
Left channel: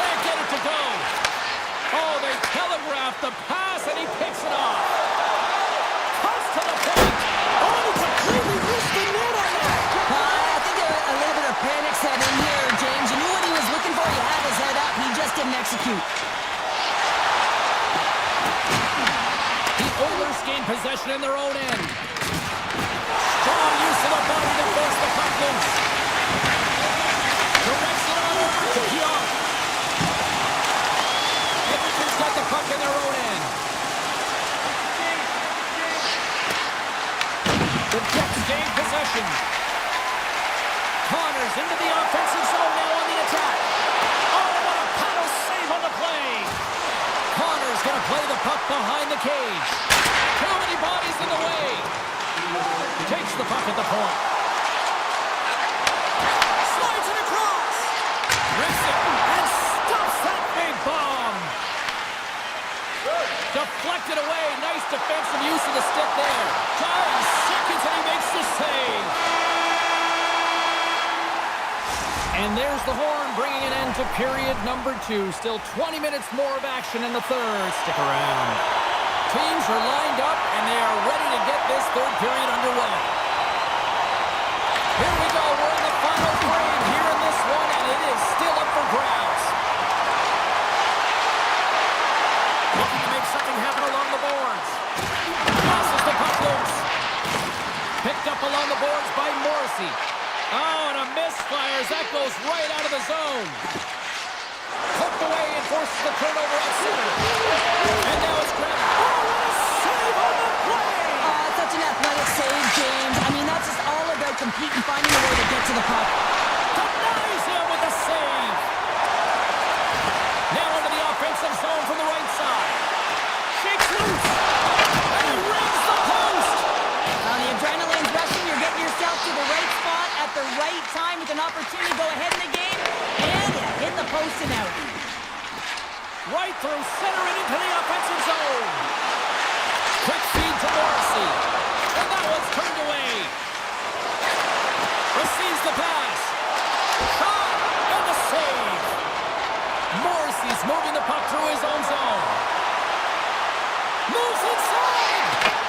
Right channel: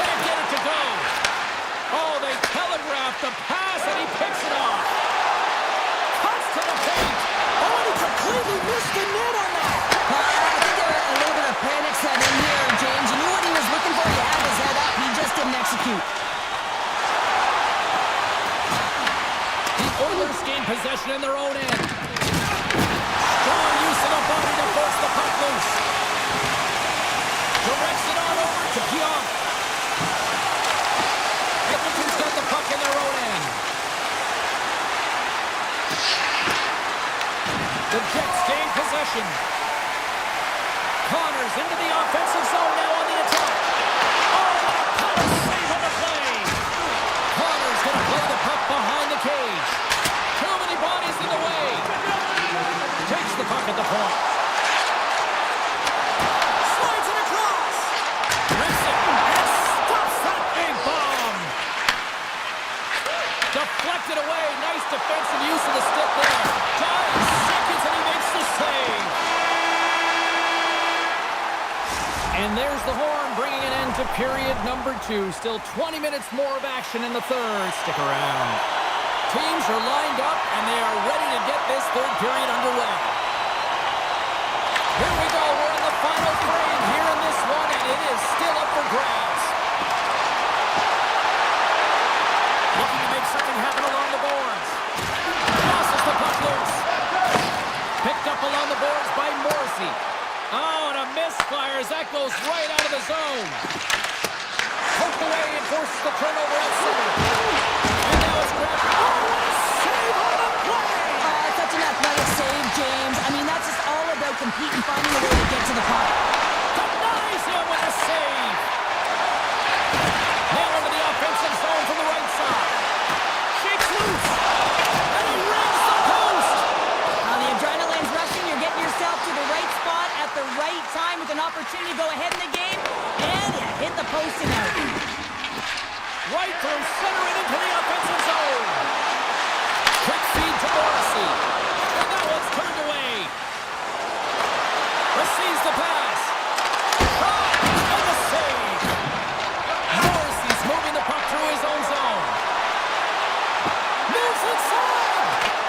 Can't get it to go. Oh, they telegraphed the pass and he picks it off. Cuts to the paint. Oh, and he completely missed the net on that. I think there a little bit of panic set in here, James. You knew what he was looking for. He had his head up. He just didn't execute. The Oilers gain possession in their own end. Strong use of the body to force the puck loose. Directs it on over to Pionk. Edmonton's got the puck in their own end. The Jets gain possession. Connors into the offensive zone now on the attack. Oh, what a paddle save on the play. Connors going to play the puck behind the cage. Too many bodies in the way. Takes the puck at the point. Slides it across. Rips it and stops that big bomb. Deflected away. Nice defensive use of the stick there. 9 seconds and he makes the save. And there's the horn, bringing an end to period number 2. Still 20 minutes more of action in the third. Stick around. Teams are lined up, and they are ready to get this third period underway. Here we go. We're in the final frame here in this one, and it is still up for grabs. Looking to make something happen along the boards. Tosses the puck loose. Picked up along the boards by Morrissey. Oh, and a misfire as that goes right out of the zone. Poked away and forces the turnover at center. And now it's grabbed. Oh, what a save on the play! Such an athletic save, James. I mean, that's just all about competing, finding a way to get to the puck. Denies him with a save. Nail into the offensive zone from the right side. Shakes loose. And he rings the post. The adrenaline's rushing. You're getting yourself to the right spot at the right time with an opportunity to go ahead in the game. And you hit the post and out. Right through center and into the offensive zone. Quick feed to Morrissey. And that one's turned away. Receives the pass. Shot. And the save. Morrissey's moving the puck through his own zone. Moves inside.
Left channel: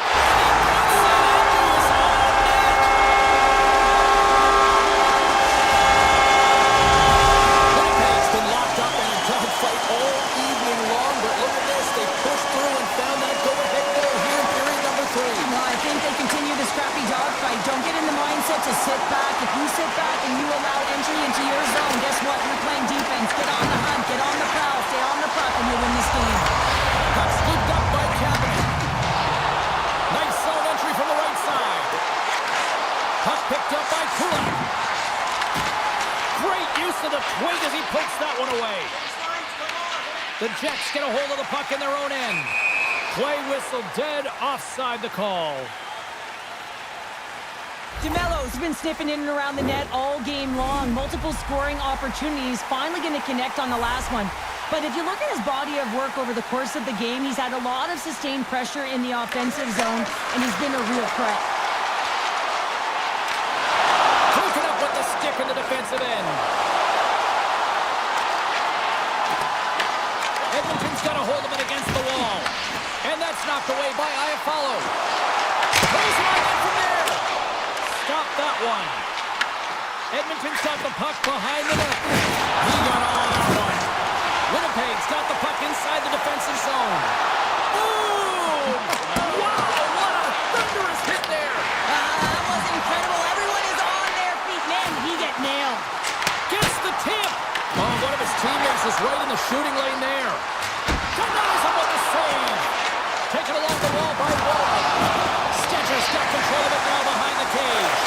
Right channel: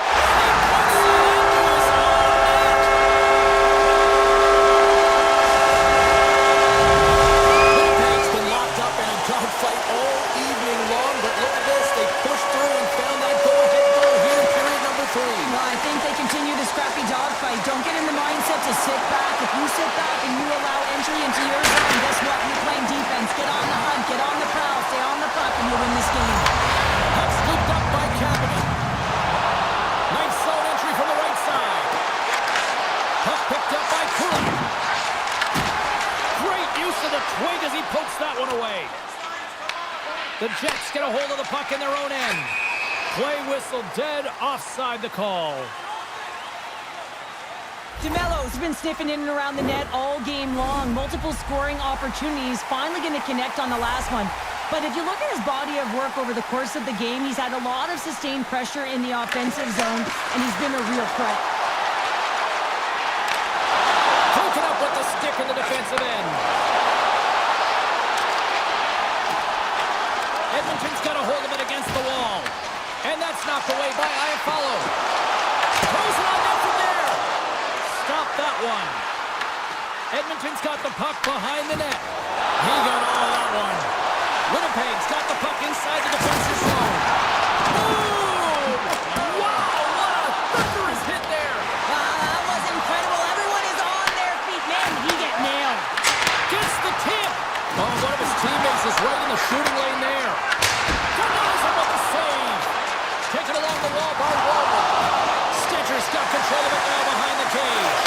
And he puts it into his own net. Winnipeg's been locked up in a dogfight all evening long, but look at this. They pushed through and found that go-ahead goal here in period number 3. Well, I think they continue the scrappy dogfight. Don't get in the mindset to sit back. If you sit back and you allow entry into your zone, guess what? You're playing defense. Get on the hunt. Get on the prowl. Stay on the puck, and you'll win this game. Puck scooped up by Kapanen. Nice zone entry from the right side. Puck picked up by Kulak. Great use of the twig as he pokes that one away. The Jets get a hold of the puck in their own end. Play whistle dead, offside the call. DeMello's been sniffing in and around the net all game long. Multiple scoring opportunities. Finally going to connect on the last one. But if you look at his body of work over the course of the game, he's had a lot of sustained pressure in the offensive zone, and he's been a real threat. Hooking up with the stick in the defensive end. Edmonton's got a hold of it against the wall. And that's knocked away by Iafallo. Throws it on net from there. Stop that one. Edmonton's got the puck behind the net. He got all of that one. Winnipeg's got the puck inside the defensive zone. Boom! Wow, what a thunderous hit there. That was incredible. Everyone is on their feet. Man, did he get nailed. Gets the tip. Oh, one of his teammates is right in the shooting lane there. Denies him with the save. Taken along the wall by Wallman. Stetcher's got control of it now behind the cage.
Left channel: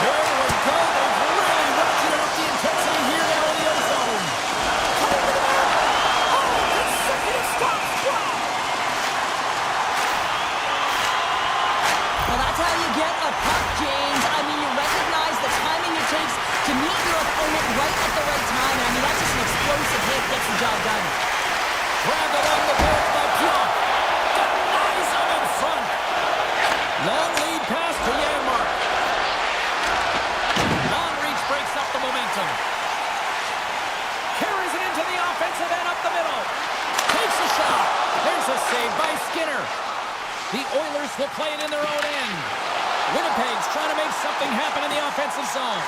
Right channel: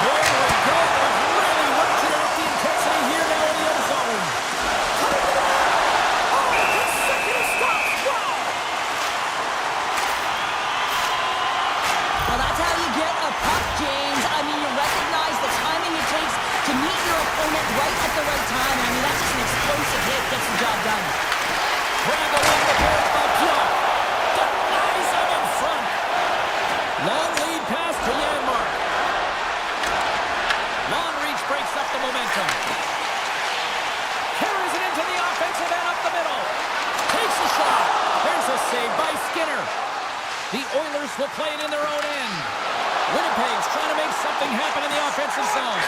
Here we go. They've really ratcheted up the intensity here now in the other zone. Coming to the net. Oh, consecutive stops. Wow. Well, that's how you get a puck, James. I mean, you recognize the timing it takes to meet your opponent right at the right time. I mean, that's just an explosive hit. Gets the job done. Grabbed along the board by Pionk. Denies him in front. Long lead pass to Janmark. Long reach breaks up the momentum. Carries it into the offensive end up the middle. Takes a shot. There's a save by Skinner. The Oilers will play it in their own end. Winnipeg's trying to make something happen in the offensive zone.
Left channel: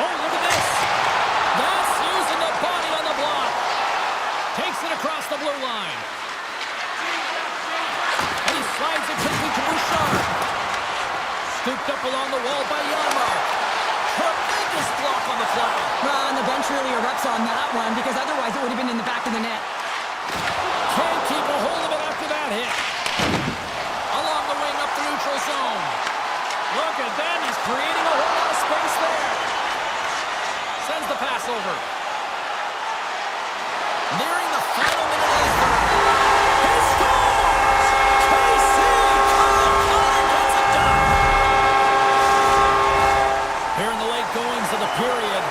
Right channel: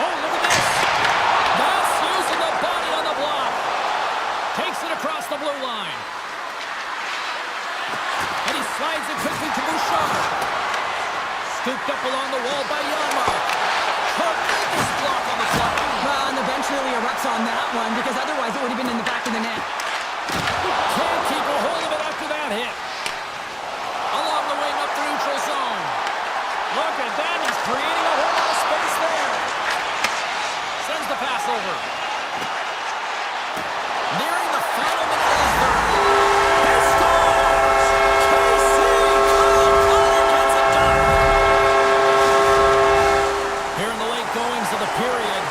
Oh, look at this. That's using the body on the block. Takes it across the blue line. And he slides it quickly to Bouchard. Scooped up along the wall by Janmark. Tremendous block on the fly. Well, and the bench really erupts on that one because otherwise it would have been in the back of the net. Can't keep a hold of it after that hit. Along the wing up the neutral zone. Look at that. He's creating a whole lot of space there. Sends the pass over. Nearing the final minute of the third. He scores! KC! Connor gets it done. Here in the late goings of the period,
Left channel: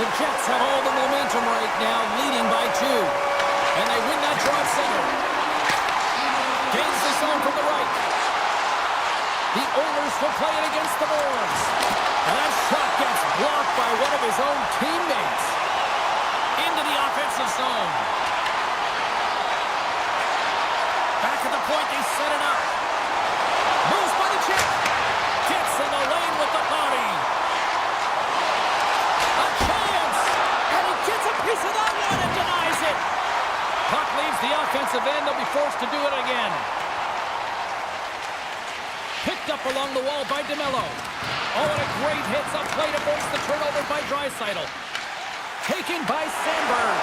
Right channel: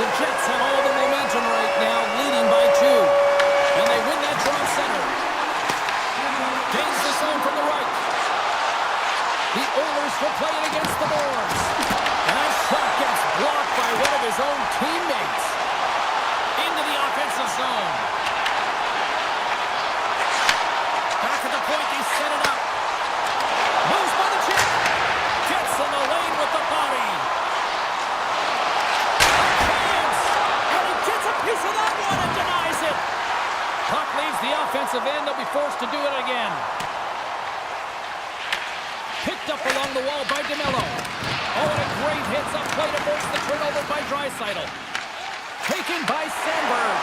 the Jets have all the momentum right now, leading by 2. And they win that draw center. Gains the zone from the right. The Oilers will play it against the boards. And that shot gets blocked by one of his own teammates. Into the offensive zone. Back at the point, they set it up. Moves by the chip. Gets in the lane with the body. A chance. And he gets a piece of that one and denies it. Puck leaves the offensive end. They'll be forced to do it again. Picked up along the wall by DeMello. Oh, and a great hits up play to force the turnover by Draisaitl. Taken by Sandberg.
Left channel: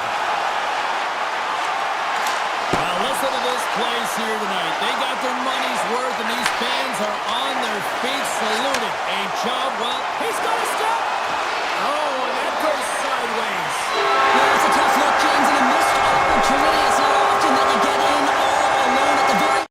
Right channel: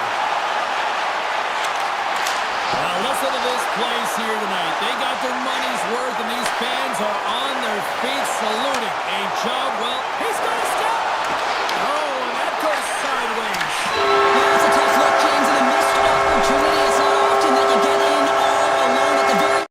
Well, listen to this place here tonight. They got their money's worth, and these fans are on their feet saluting. A job well. He's got a step. Oh, and that goes sideways. Yeah, it's a tough look, James, and a missed opportunity. It's not often that you get in all alone at the very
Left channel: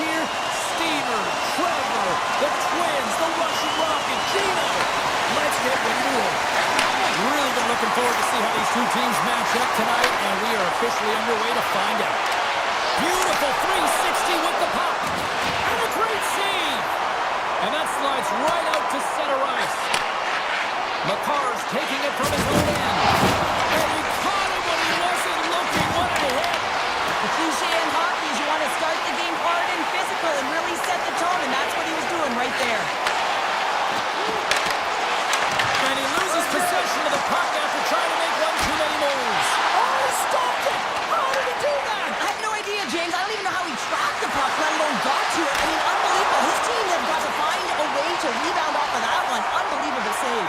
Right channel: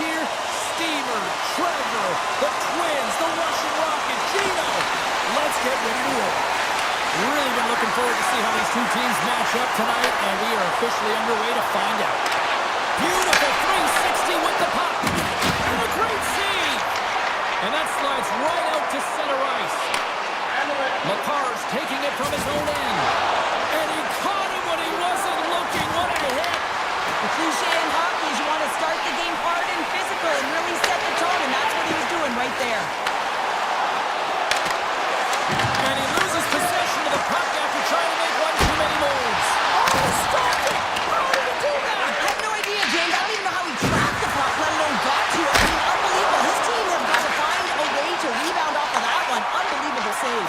here? Steamer, Trevor, the Twins, the Russian Rocket, Gino. Let's get ready to roll. Really been looking forward to see how these two teams match up tonight, and we are officially underway to find out. Beautiful 360 with the puck. And a great save. And that slides right out to center ice. McCarr's taking it from his own end. And he caught him when he wasn't looking. What a hit. The cliche in hockey is you want to start the game hard and physical and really set the tone, and that's what he was doing right there. And he loses possession of the puck after trying to make one too many moves. Oh, stopped it! How did he do that? I have no idea, James. I don't even know how he tracked the puck, let alone got to it. I mean, unbelievable. His team have got to find a way to rebound off of that one. Unbelievable save.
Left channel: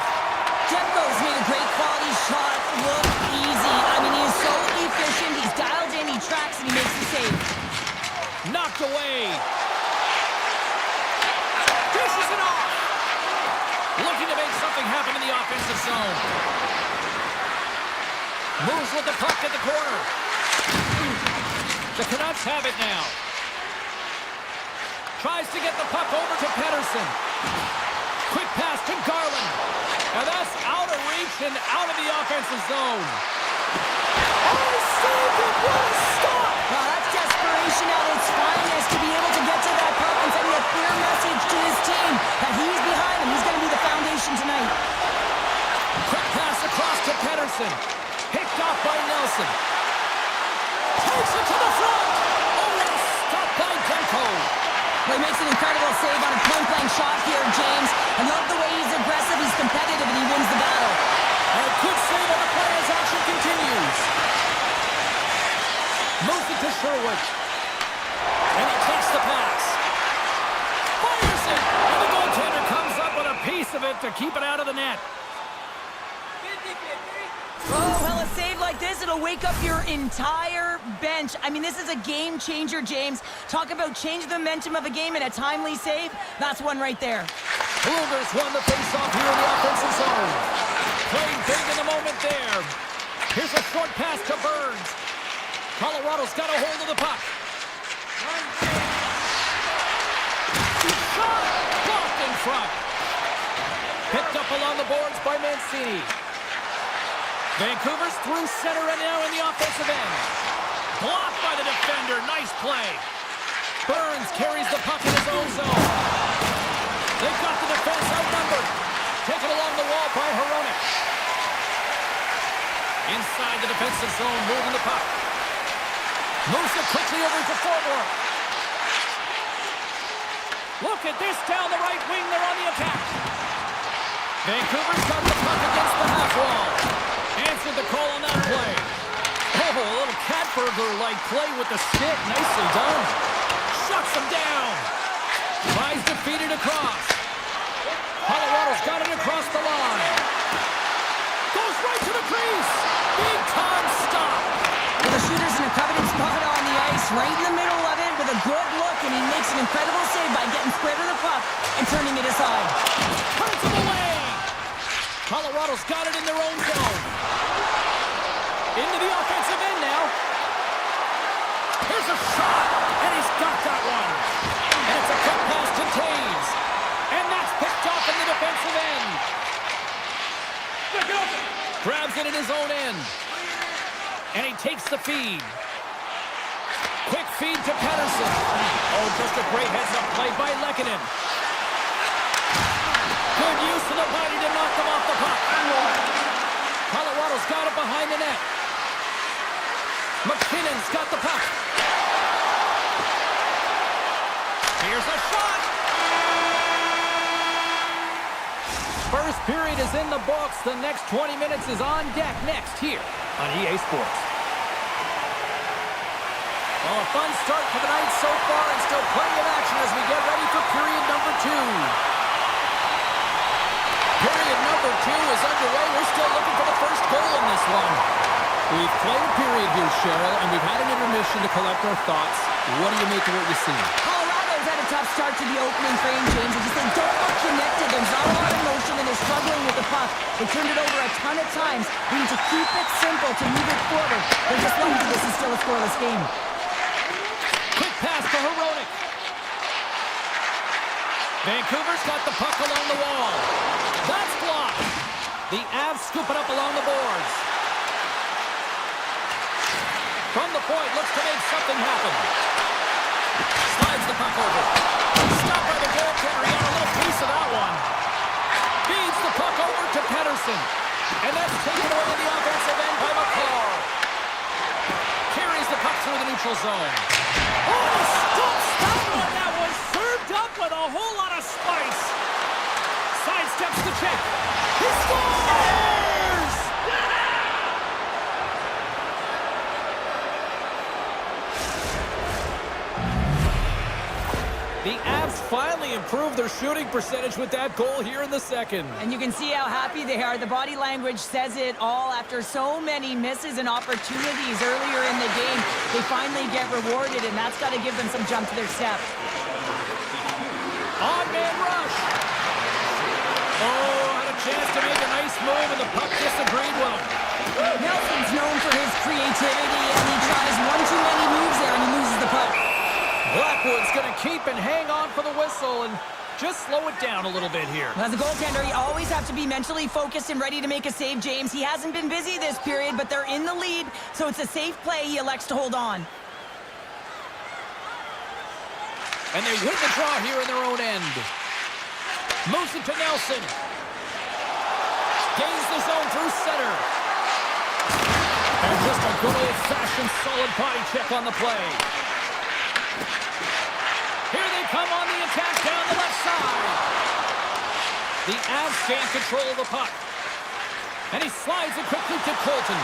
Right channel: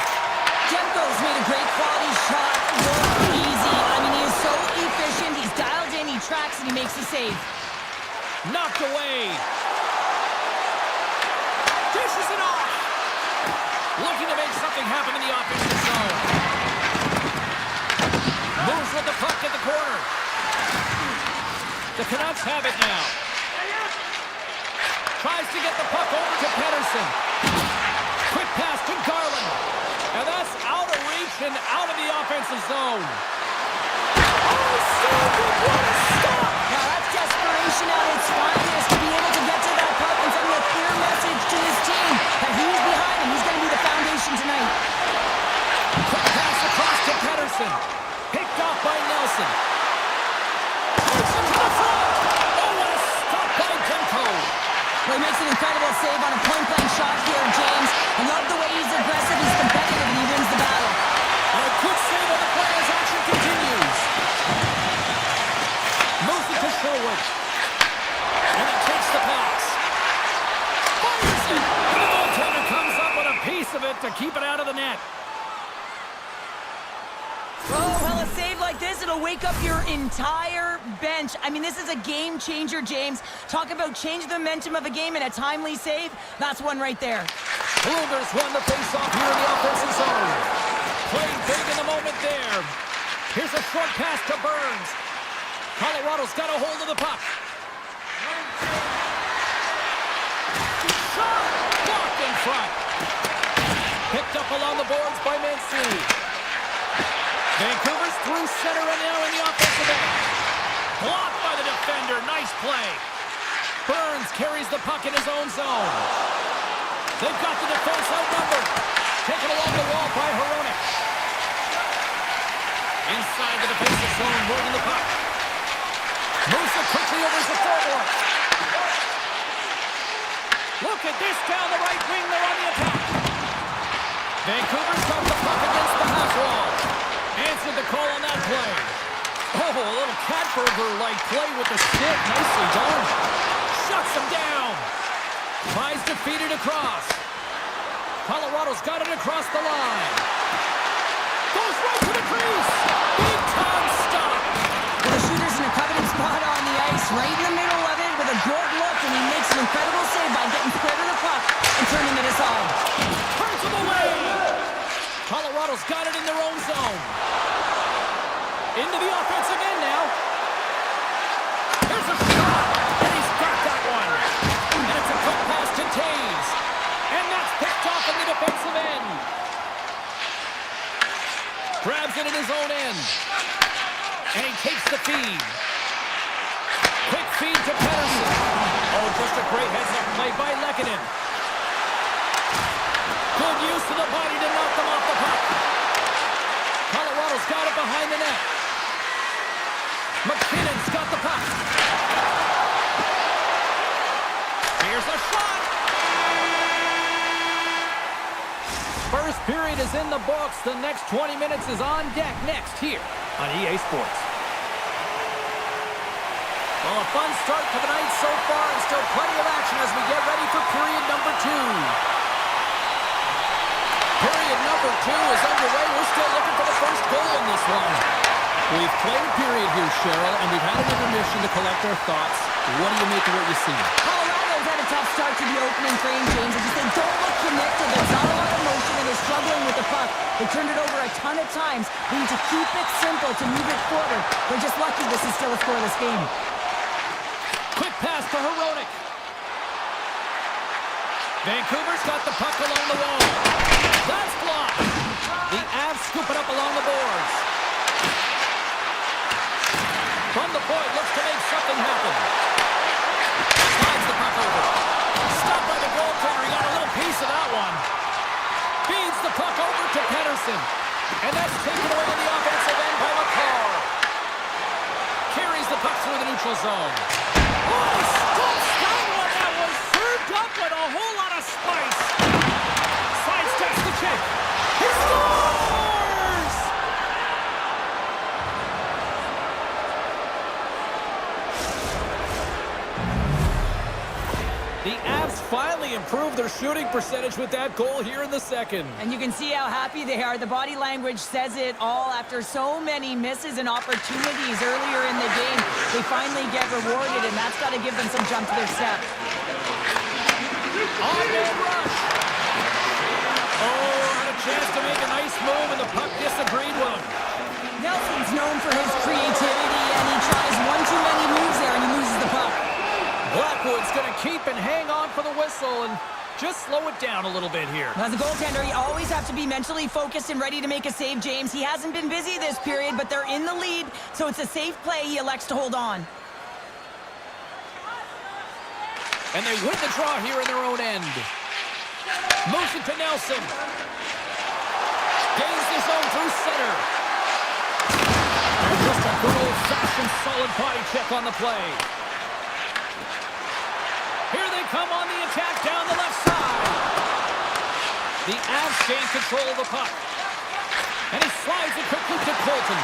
Demko's made a great quality shot look easy. I mean, he is so efficient. He's dialed in, he tracks, and he makes the save. Knocked away. Dishes it off. Looking to make something happen in the offensive zone. Moves with the puck at the corner. The Canucks have it now. Tries to get the puck over to Pettersson. Quick pass to Garland. And that's out of reach and out of the offensive zone. Oh, saved it! What a stop! Now that's desperation at its finest to be able to get to that puck and sending a clear message to his team that he's behind him. He's going to be the foundation tonight. Quick pass across to Pettersson. Picked off by Nelson. Takes him to the front. Oh, what a stop by Demko. Well, he makes an incredible save on a point-blank shot here, James. I love the way he's aggressive, he's competitive, and he wins the battle. And a good save on the play as action continues. Moves it to Sherwood. And he takes the pass. Fires it. And the goaltender comes up with a piece of it to keep it out of the net. Oh, well, a save like this, it'll wake up your entire bench. I mean, this is a game changer, James. Talk about change the momentum of a game in a timely save. That's one right there. Brugger's won the face-off here in the offensive zone. Playing big in the moment there. Here's a short pass to Burns. Colorado's got a hold of the puck. Shot! Blocked in front. Picked up along the boards by Mancini. Vancouver's through center and now in the offensive end. Blocked by the defender. Nice play. Burns carries the puck in his own zone. They've got the defense outnumbered. Taken along the wall by Hronek. Inside the defensive zone, moving the puck. Moves it quickly over to forward. Look at this down the right wing. They're on the attack. Vancouver's got the puck against the half wall. Answered the call on that play. Oh, a little Catburger-like play with the stick. Nicely done. Shuts him down. Tries to feed it across. Colorado's got it across the line. Goes right to the crease. Big time stop. Well, the shooter's in a coveted spot on the ice, right in the middle of it with a good look, and he makes an incredible save by getting square to the puck and turning it aside. Turns him away. Colorado's got it in their own zone. Into the offensive end now. Here's a shot, and he's got that one. And it's a quick pass to Taves. And that's picked off in the defensive end. Grabs it in his own end. And he takes the feed. Quick feed to Pettersson. Oh, just a great heads-up play by Lehkonen. Good use of the body to knock them off the puck. Colorado's got it behind the net. McKinnon's got the puck. Here's a shot. First period is in the books. The next 20 minutes is on deck next here on EA Sports. Well, a fun start to the night so far and still plenty of action as we get ready for period number 2. Period number 2 is underway. We're still looking for the first goal in this one. We've played a period here, Cheryl, and we've had an intermission to collect our thoughts. What do you make of what you see? Colorado's had a tough start to the opening frame, James. They don't look connected. There's not a lot of motion, and they're struggling with the puck. They turned it over a ton of times. They need to keep it simple to move it forward. They're just lucky this is still a scoreless game. Quick pass to Hronek. Vancouver's got the puck along the wall. That's blocked. The Avs scoop it up along the boards. From the point, looks to make something happen. Slides the puck over. Stopped by the goaltender. He got a little piece of that one. Feeds the puck over to Pettersson. And that's taken away in the offensive end by McCall. Carries the puck through the neutral zone. Oh, he stops that one. That was served up with a whole lot of spice. Sidesteps the check. He scores! The Avs finally improved their shooting percentage with that goal here in the second. And you can see how happy they are. The body language says it all. After so many misses and opportunities earlier in the game, they finally get rewarded, and that's got to give them some jump to their step. On-man rush. Oh, had a chance to make a nice move, and the puck disagreed with him. Nelson's known for his creativity, and he tries one too many moves there, and he loses the puck. Blackwood's going to keep and hang on for the whistle and just slow it down a little bit here. As a goaltender, you always have to be mentally focused and ready to make a save, James. He hasn't been busy this period, but they're in the lead, so it's a safe play. He elects to hold on. And they win the draw here in their own end. Moves it to Nelson. Gains the zone through center. And just a good old-fashioned solid body check on the play. Here they come on the attack down the left side. The Avs gain control of the puck. And he slides it quickly to Colton.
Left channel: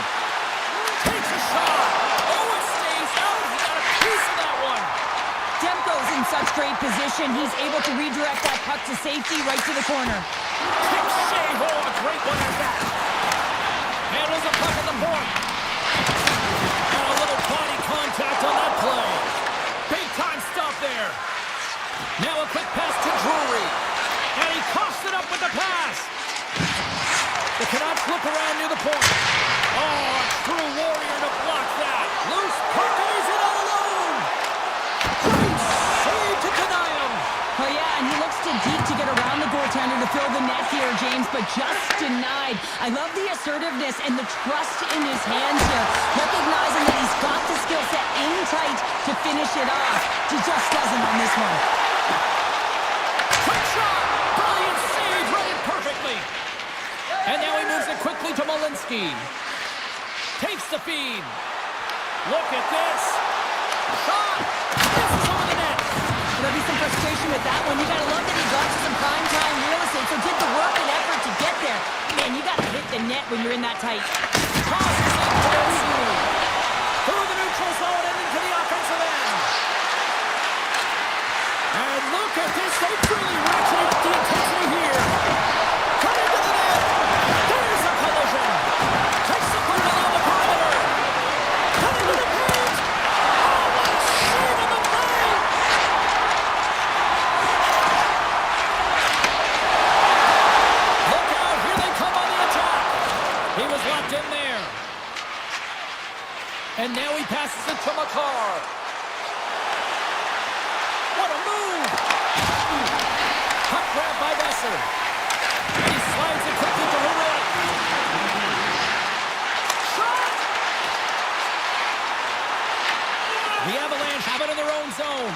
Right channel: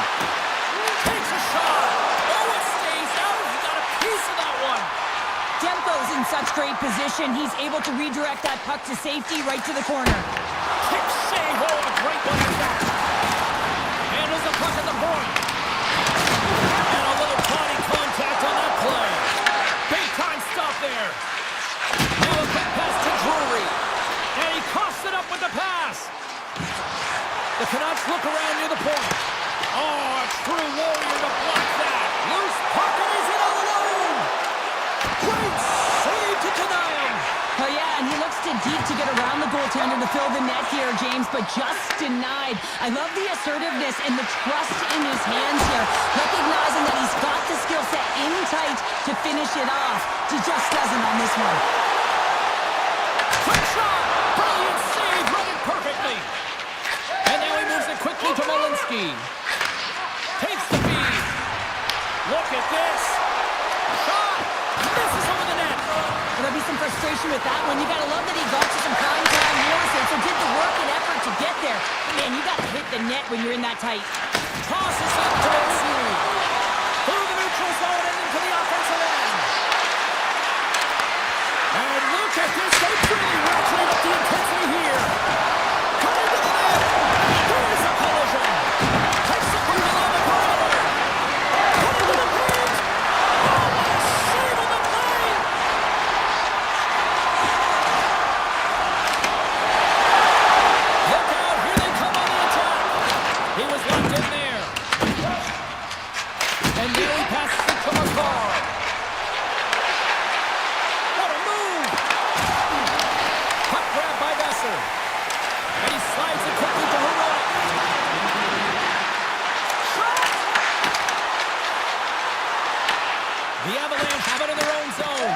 Takes a shot. Oh, it stays out. He got a piece of that one. Demko's in such great position. He's able to redirect that puck to safety right to the corner. Kicks Shea-Ho, a great one at that. Handles the puck at the point. And a little body contact on that play. Big time stop there. Now a quick pass to Drury. And he coughs it up with the pass. The Canucks look around near the point. Oh, a true warrior to block that. Loose puck and he's in all alone. Great save to deny him. Oh, yeah, and he looks too deep to get around the goaltender to fill the net here, James, but just denied. I love the assertiveness and the trust in his hands here, recognizing that he's got the skill set in tight to finish it off. He just doesn't on this one. Quick shot! Brilliant save, read it perfectly. And now he moves it quickly to Malinsky. Takes the feed. Look at this. Shot! Misses over the net. There'll be some frustration with that one. You gotta love that he got to some prime time real estate, so did the work and effort to get there. Man, you gotta hit the net when you're in that tight. Tosses it to Malinsky. Through the neutral zone and into the offensive end. And look at this. They've really ratcheted up the intensity here. Cutting to the net. There's a collision. Takes the puck along the perimeter. Cutting to the paint. Oh, what a save on the play. Look out. Here they come on the attack. He was locked in there. And now he passes it to McCarr. What a move! Puck grab by Besser. And he slides it quickly to Heroic. Shot! The Avalanche have it in their own zone.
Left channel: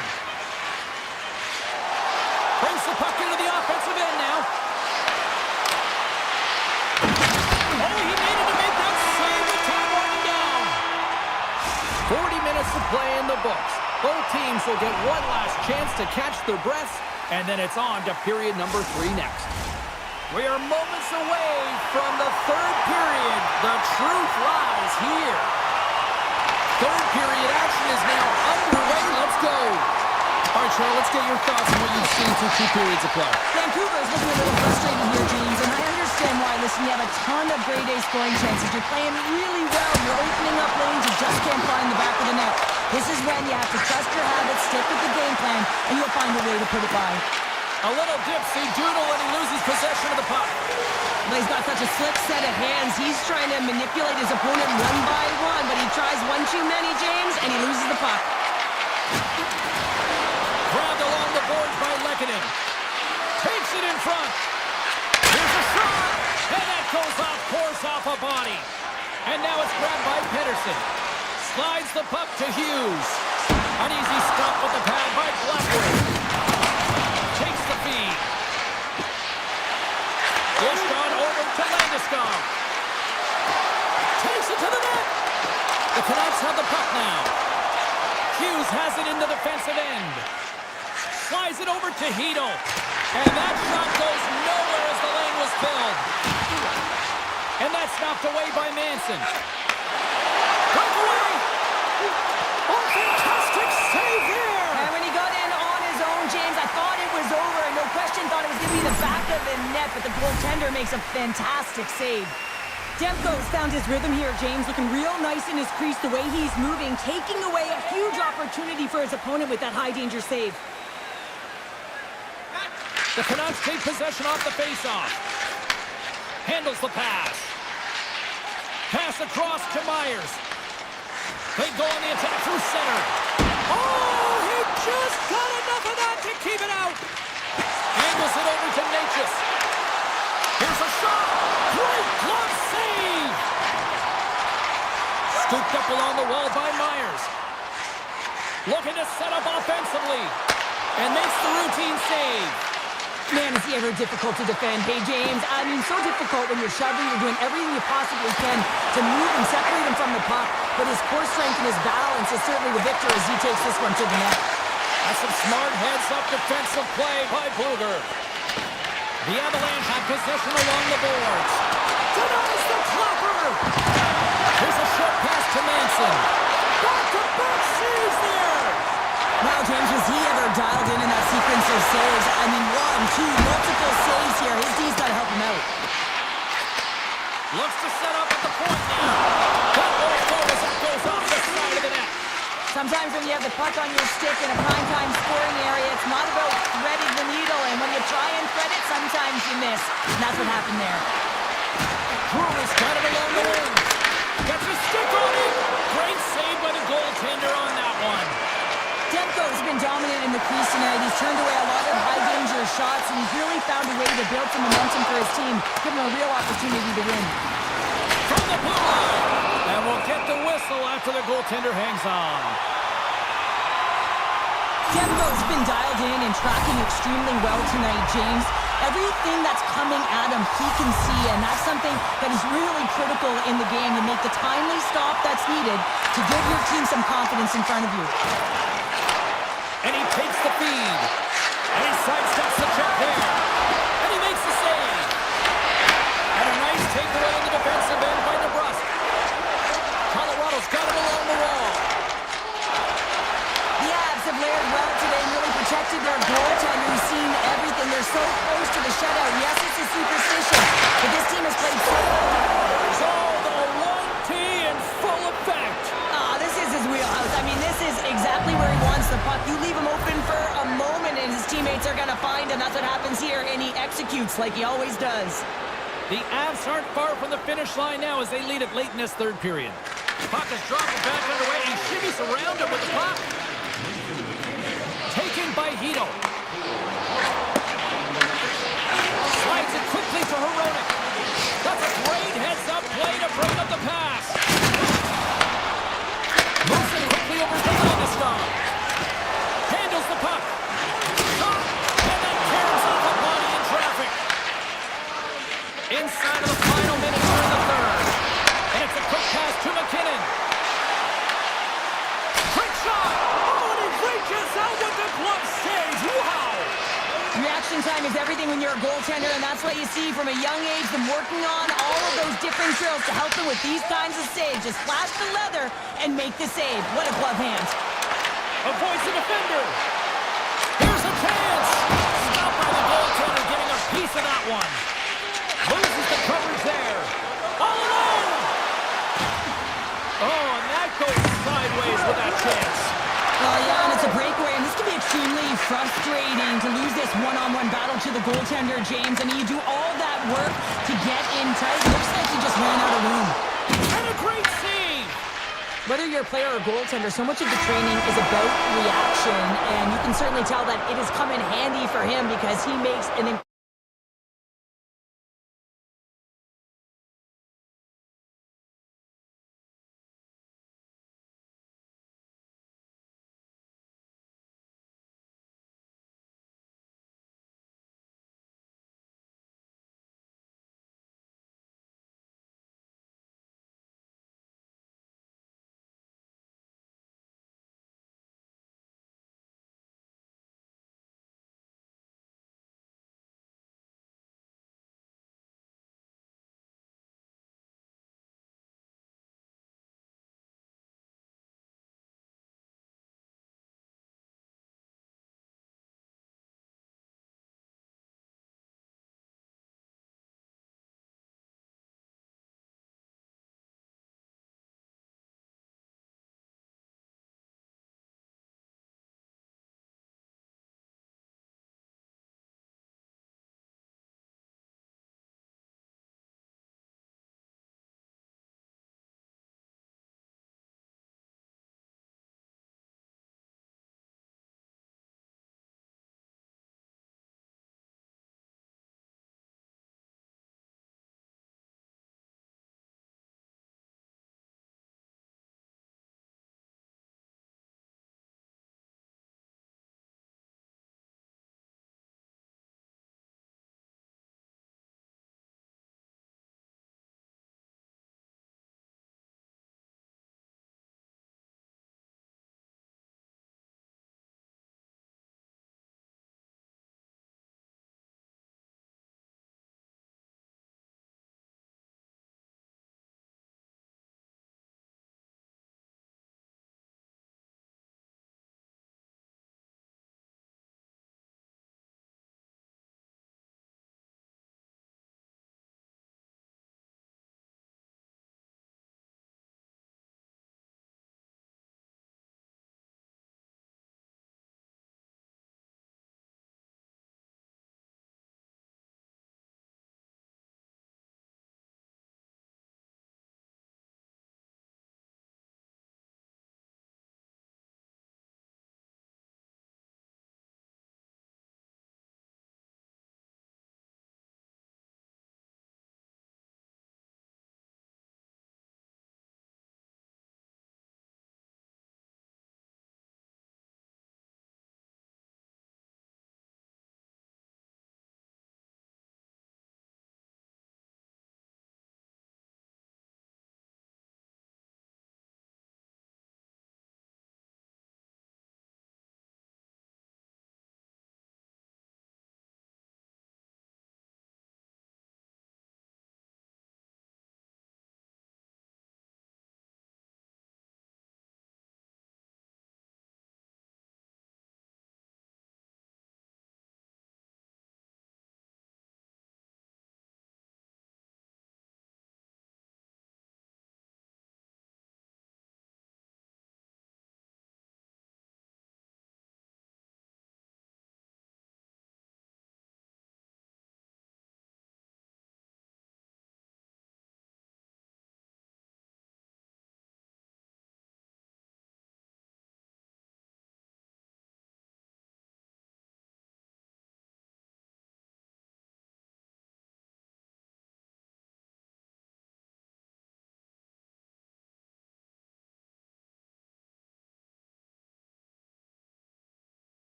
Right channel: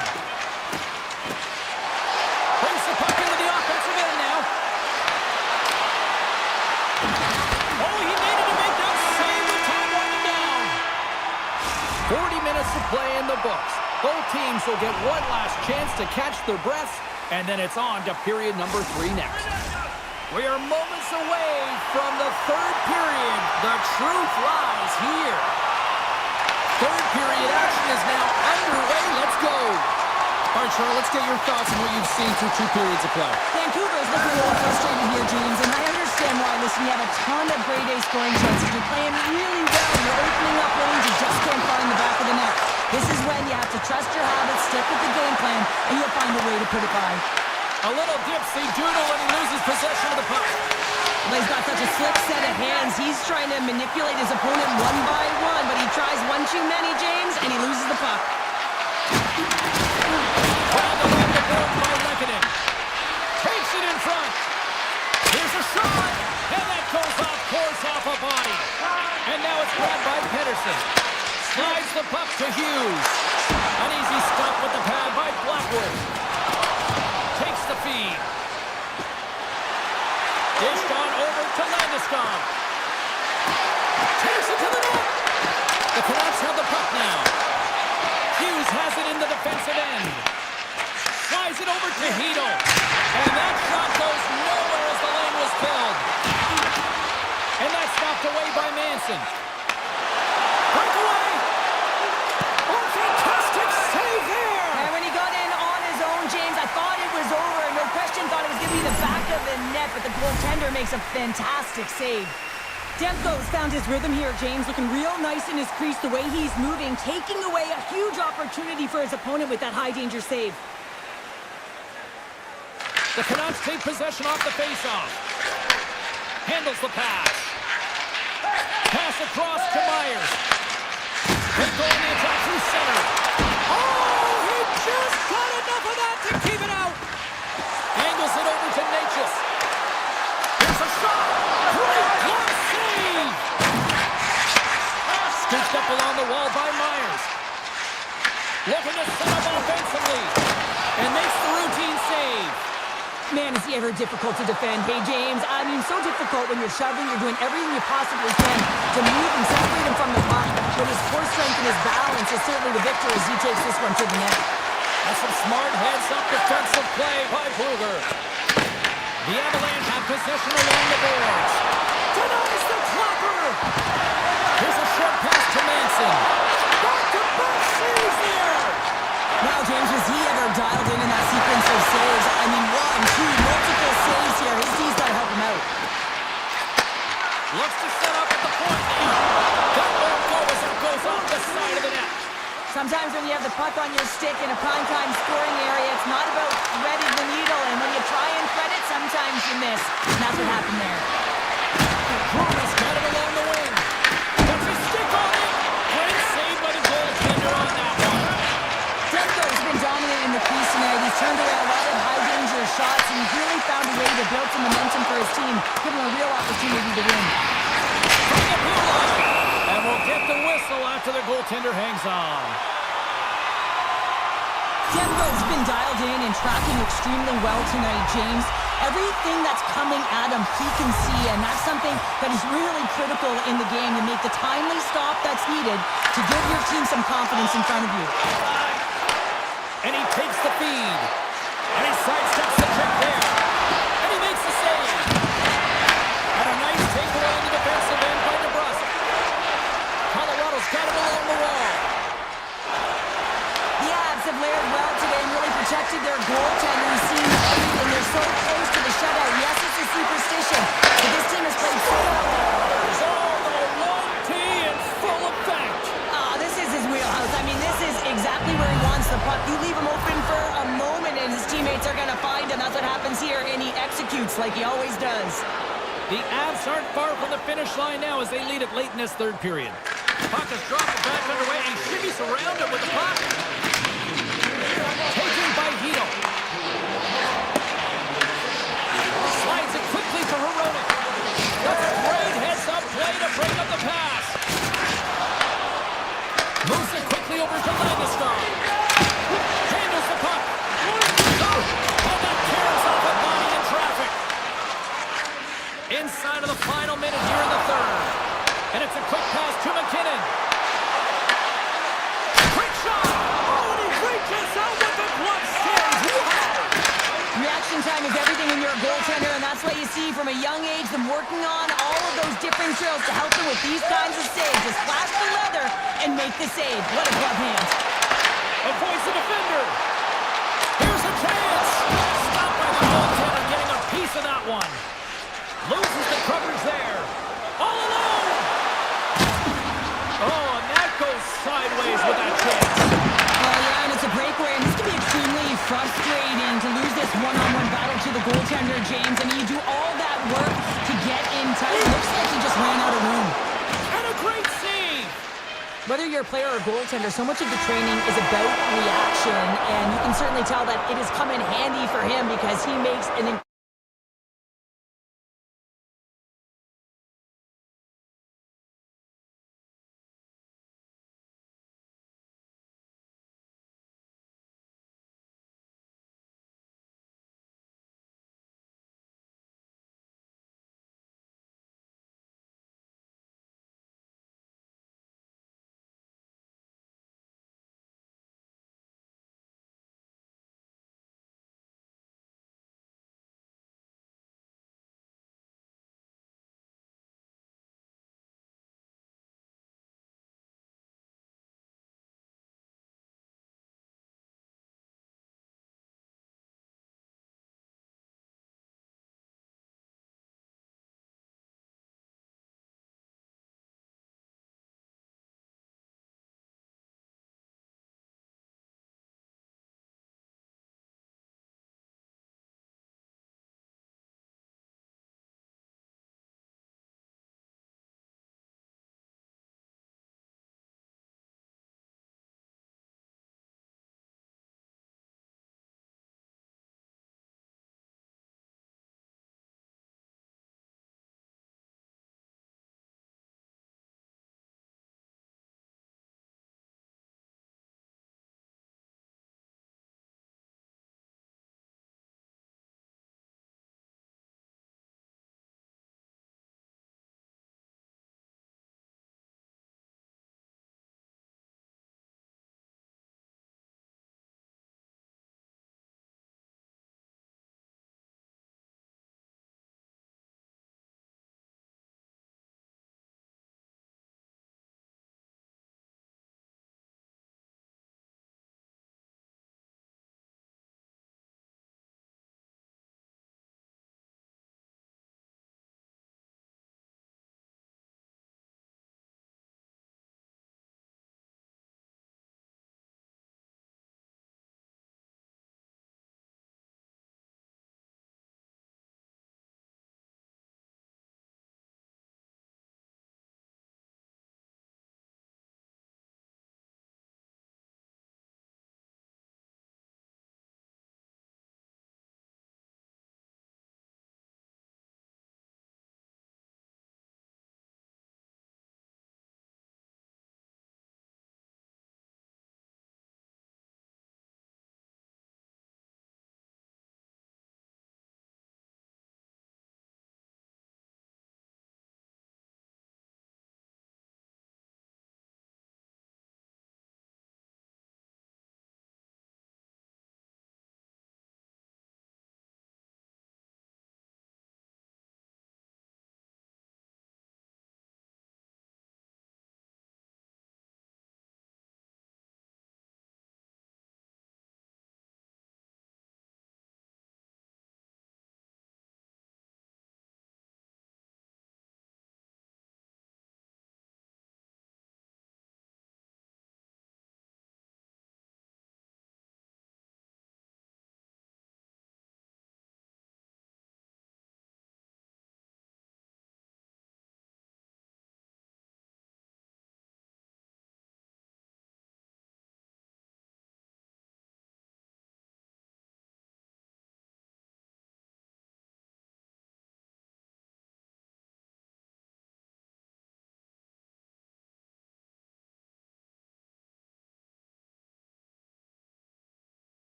Brings the puck into the offensive end now. Oh, he needed to make that save with time winding down. 40 minutes to play in the books. Both teams will get one last chance to catch their breaths, and then it's on to period number 3 next. We are moments away from the third period. The truth lies here. Third period action is now underway. Let's go. All right, Charles, let's get your thoughts on what you've seen through 2 periods of play. Vancouver is looking a little frustrated here, James, and I understand why. Listen, you have a ton of grade A scoring chances. You're playing really well. You're opening up lanes. You just can't find the back of the net. This is when you have to trust your habits, stick with the game plan, and you'll find a way to put it by. A little dipsy doodle and he loses possession of the puck. Well, he's got such a slick set of hands. He's trying to manipulate his opponent one by one, but he tries one too many, James, and he loses the puck. Grabbed along the boards by Lehkonen. Puts it in front. Here's a shot. And that goes off, pours off a body. And now it's grabbed by Pedersen. Slides the puck to Hughes. An easy stop with the pad by Blackwood. Takes the feed. Dished on over to Landeskog. Takes it to the net. The Canucks have the puck now. Hughes has it in the defensive end. Slides it over to Hedl. And that shot goes nowhere as the lane was filled. And that's knocked away by Manson. Breakaway! Oh, fantastic save there! And when he got in on his own, James, I thought it was over. No question, thought it was going to be the back of the net, but the goaltender makes a fantastic save. Demko's found his rhythm here, James, looking real nice in his crease, the way he's moving, taking away a huge opportunity for his opponent with that high-danger save. The Canucks take possession off the face-off. Handles the pass. Pass across to Myers. They go on the attack through center. Oh, he just got enough of that to keep it out. Angles it over to Natchez. Here's a shot. Great glove save. Scooped up along the wall by Myers. Looking to set up offensively. And makes the routine save. Man, is he ever difficult to defend. Hey, James, I mean, so difficult when you're shoving, you're doing everything you possibly can to move and separate him from the puck. But his core strength and his balance is certainly the victor as he takes this one to the net. That's some smart heads-up defensive play by Bluger. The Avalanche have possession along the boards. Denies the clapper! Here's a short pass to Manson. Back-to-back saves there! Wow, James, was he ever dialed in that sequence of saves? I mean, 1, 2, multiple saves here. His D's got to help him out. Looks to set up at the point now. That ball forward that goes off the side of the net. Sometimes when you have the puck on your stick in a primetime scoring area, it's not about threading the needle. And when you try and thread it, sometimes you miss. And that's what happened there. Brewer's got it along the wing. Gets his stick on it. Great save by the goaltender on that one. Demko's been dominant in the crease tonight. He's turned away a lot of high-danger shots, and he's really found a way to build some momentum for his team, give him a real opportunity to win. From the blue line. And we'll get the whistle after the goaltender hangs on. Demko's been dialed in and tracking extremely well tonight, James. Everything that's coming at him, he can see, and that's something that is really critical in the game. You make the timely stop that's needed to give your team some confidence in front of you. And he takes the feed. And he sidesteps the check there. And he makes the save. And a nice takeaway in the defensive end by DeBrusque. Colorado's got it along the wall. The Avs have layered well today and really protected their goaltender who's seen everything. They're so close to the shutout. Yes, it's a superstition, but this team has played so well. Oh, the 1T in full effect. This is his wheelhouse. I mean, this is exactly where he wants the puck. You leave him open for a moment and his teammates are going to find him. That's what happens here, and he executes like he always does. The Avs aren't far from the finish line now as they lead it late in this third period. Puck is dropped back underway and shimmies around him with the puck. Taken by Hedl. Slides it quickly to Hronek. That's a great heads-up play to break up the pass. Moves it quickly over to Landeskog. Handles the puck. And that carries off a body in traffic. Inside of the final minute here in the third. And it's a quick pass to McKinnon. Quick shot. Oh, and he reaches out with the glove save. Wow. Reaction time is everything when you're a goaltender, and that's what you see from a young age, them working on all of those different drills to help them with these kinds of saves. Just flash the leather and make the save. What a glove hand. Avoids the defender. Here's a chance. Stopped by the goaltender, getting a piece of that one. Loses the coverage there. All alone. Oh, and that goes sideways with that chance. Well, yeah, and it's a breakaway, and this can be extremely frustrating to lose this one-on-one battle to the goaltender, James. I mean, you do all that work to get in tight. Looks like he just ran out of room. And a great save. Whether you're a player or goaltender, so much of the training is about reaction, and you can certainly tell that it has come in handy for him because he makes an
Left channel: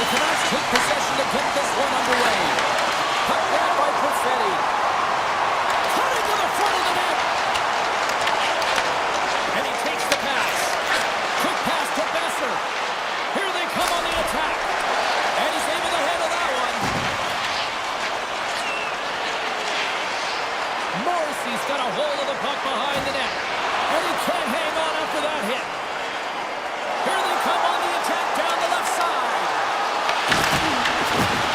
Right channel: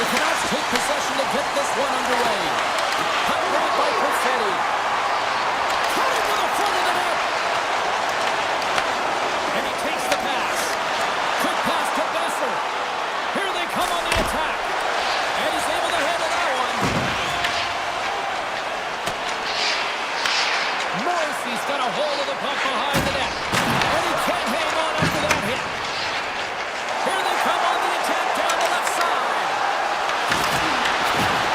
The Canucks take possession to get this one underway. Puck grab by Perfetti. Cutting to the front of the net. And he takes the pass. Quick pass to Besser. Here they come on the attack. And he's able to handle that one. Morrissey's got a hold of the puck behind the net. And he can't hang on after that hit. Here they come on the attack down the left side.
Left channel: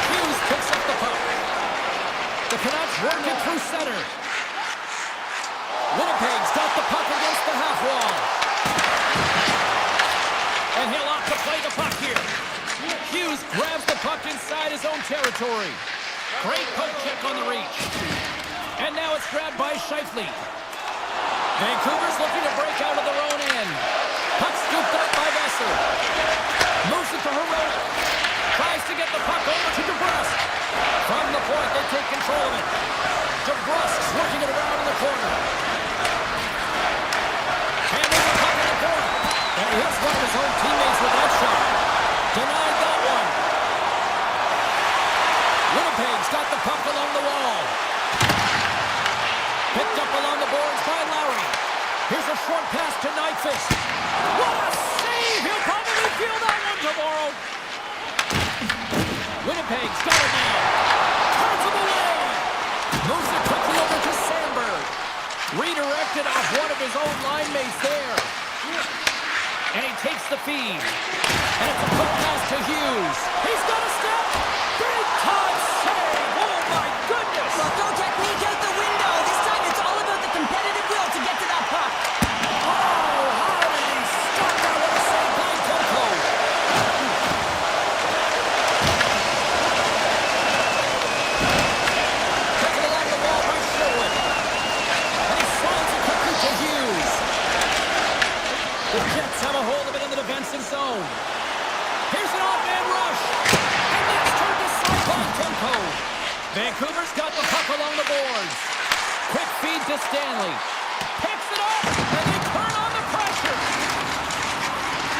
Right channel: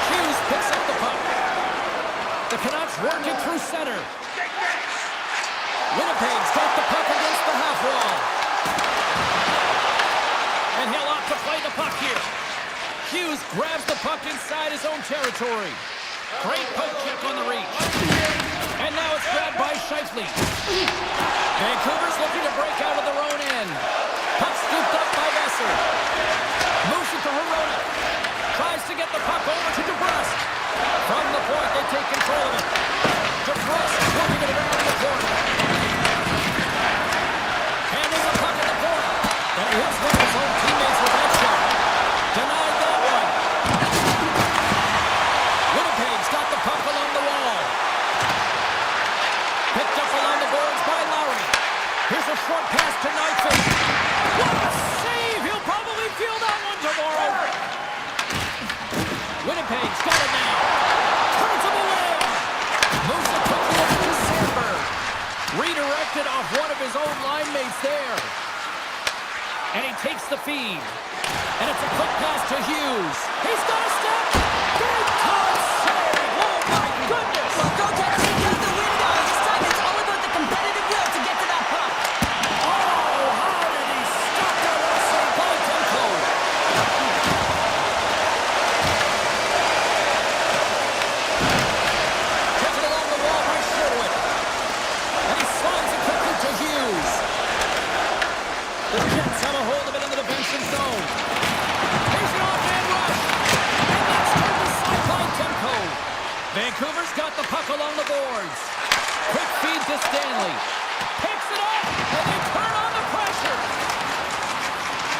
Hughes picks up the puck. The Canucks work it through center. Winnipeg's got the puck against the half wall. And he'll opt to play the puck here. Hughes grabs the puck inside his own territory. Great poke check on the reach. And now it's grabbed by Scheifele. Vancouver's looking to break out of their own end. Puck scooped up by Besser. Moves it to Hirona. Tries to get the puck over to DeBrusque. From the point, they take control of it. DeBrusque working it around in the corner. Handling the puck in the corner. And he hits one of his own teammates with that shot. Denied that one. Winnipeg's got the puck along the wall. Picked up along the boards by Lowry. Here's a short pass to Nyquist. What a save! He'll probably feel that one tomorrow. Winnipeg's got it now. Turns him away. Moves it quickly over to Sandberg. Redirected off one of his own line mates there. And he takes the feed. And it's a quick pass to Hughes. He's got a step. Big time save. Oh my goodness. Well, go technique out the window. This time it's all about the competitive will to get to that puck. Oh, how did he stop that? What a save by Demko. Taken along the wall by Sherwood. And he slides it quickly to Hughes. The Jets have a hold of it in the defensive zone. Here's an off-man rush. And that's turned aside by Demko. Vancouver's got the puck along the boards. Quick feed to Stanley. Picks it up, and they turn on the pressure.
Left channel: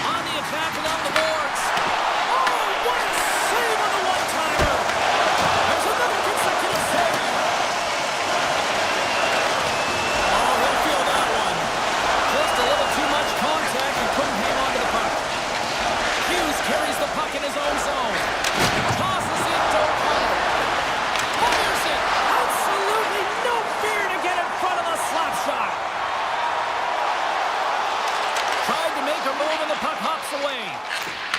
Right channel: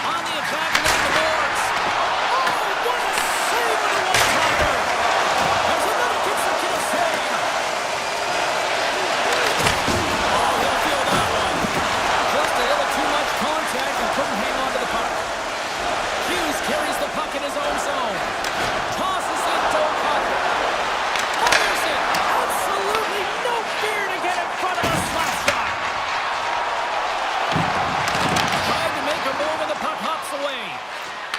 On the attack and on the boards. Oh, what a save on the one-timer. There's another consecutive save. Oh, he'll feel that one. Just a little too much contact and couldn't hang on to the puck. Hughes carries the puck in his own zone. Tosses it to O'Connor. Fires it. Absolutely no fear to get in front of a slap shot. Tried to make a move and the puck hops away.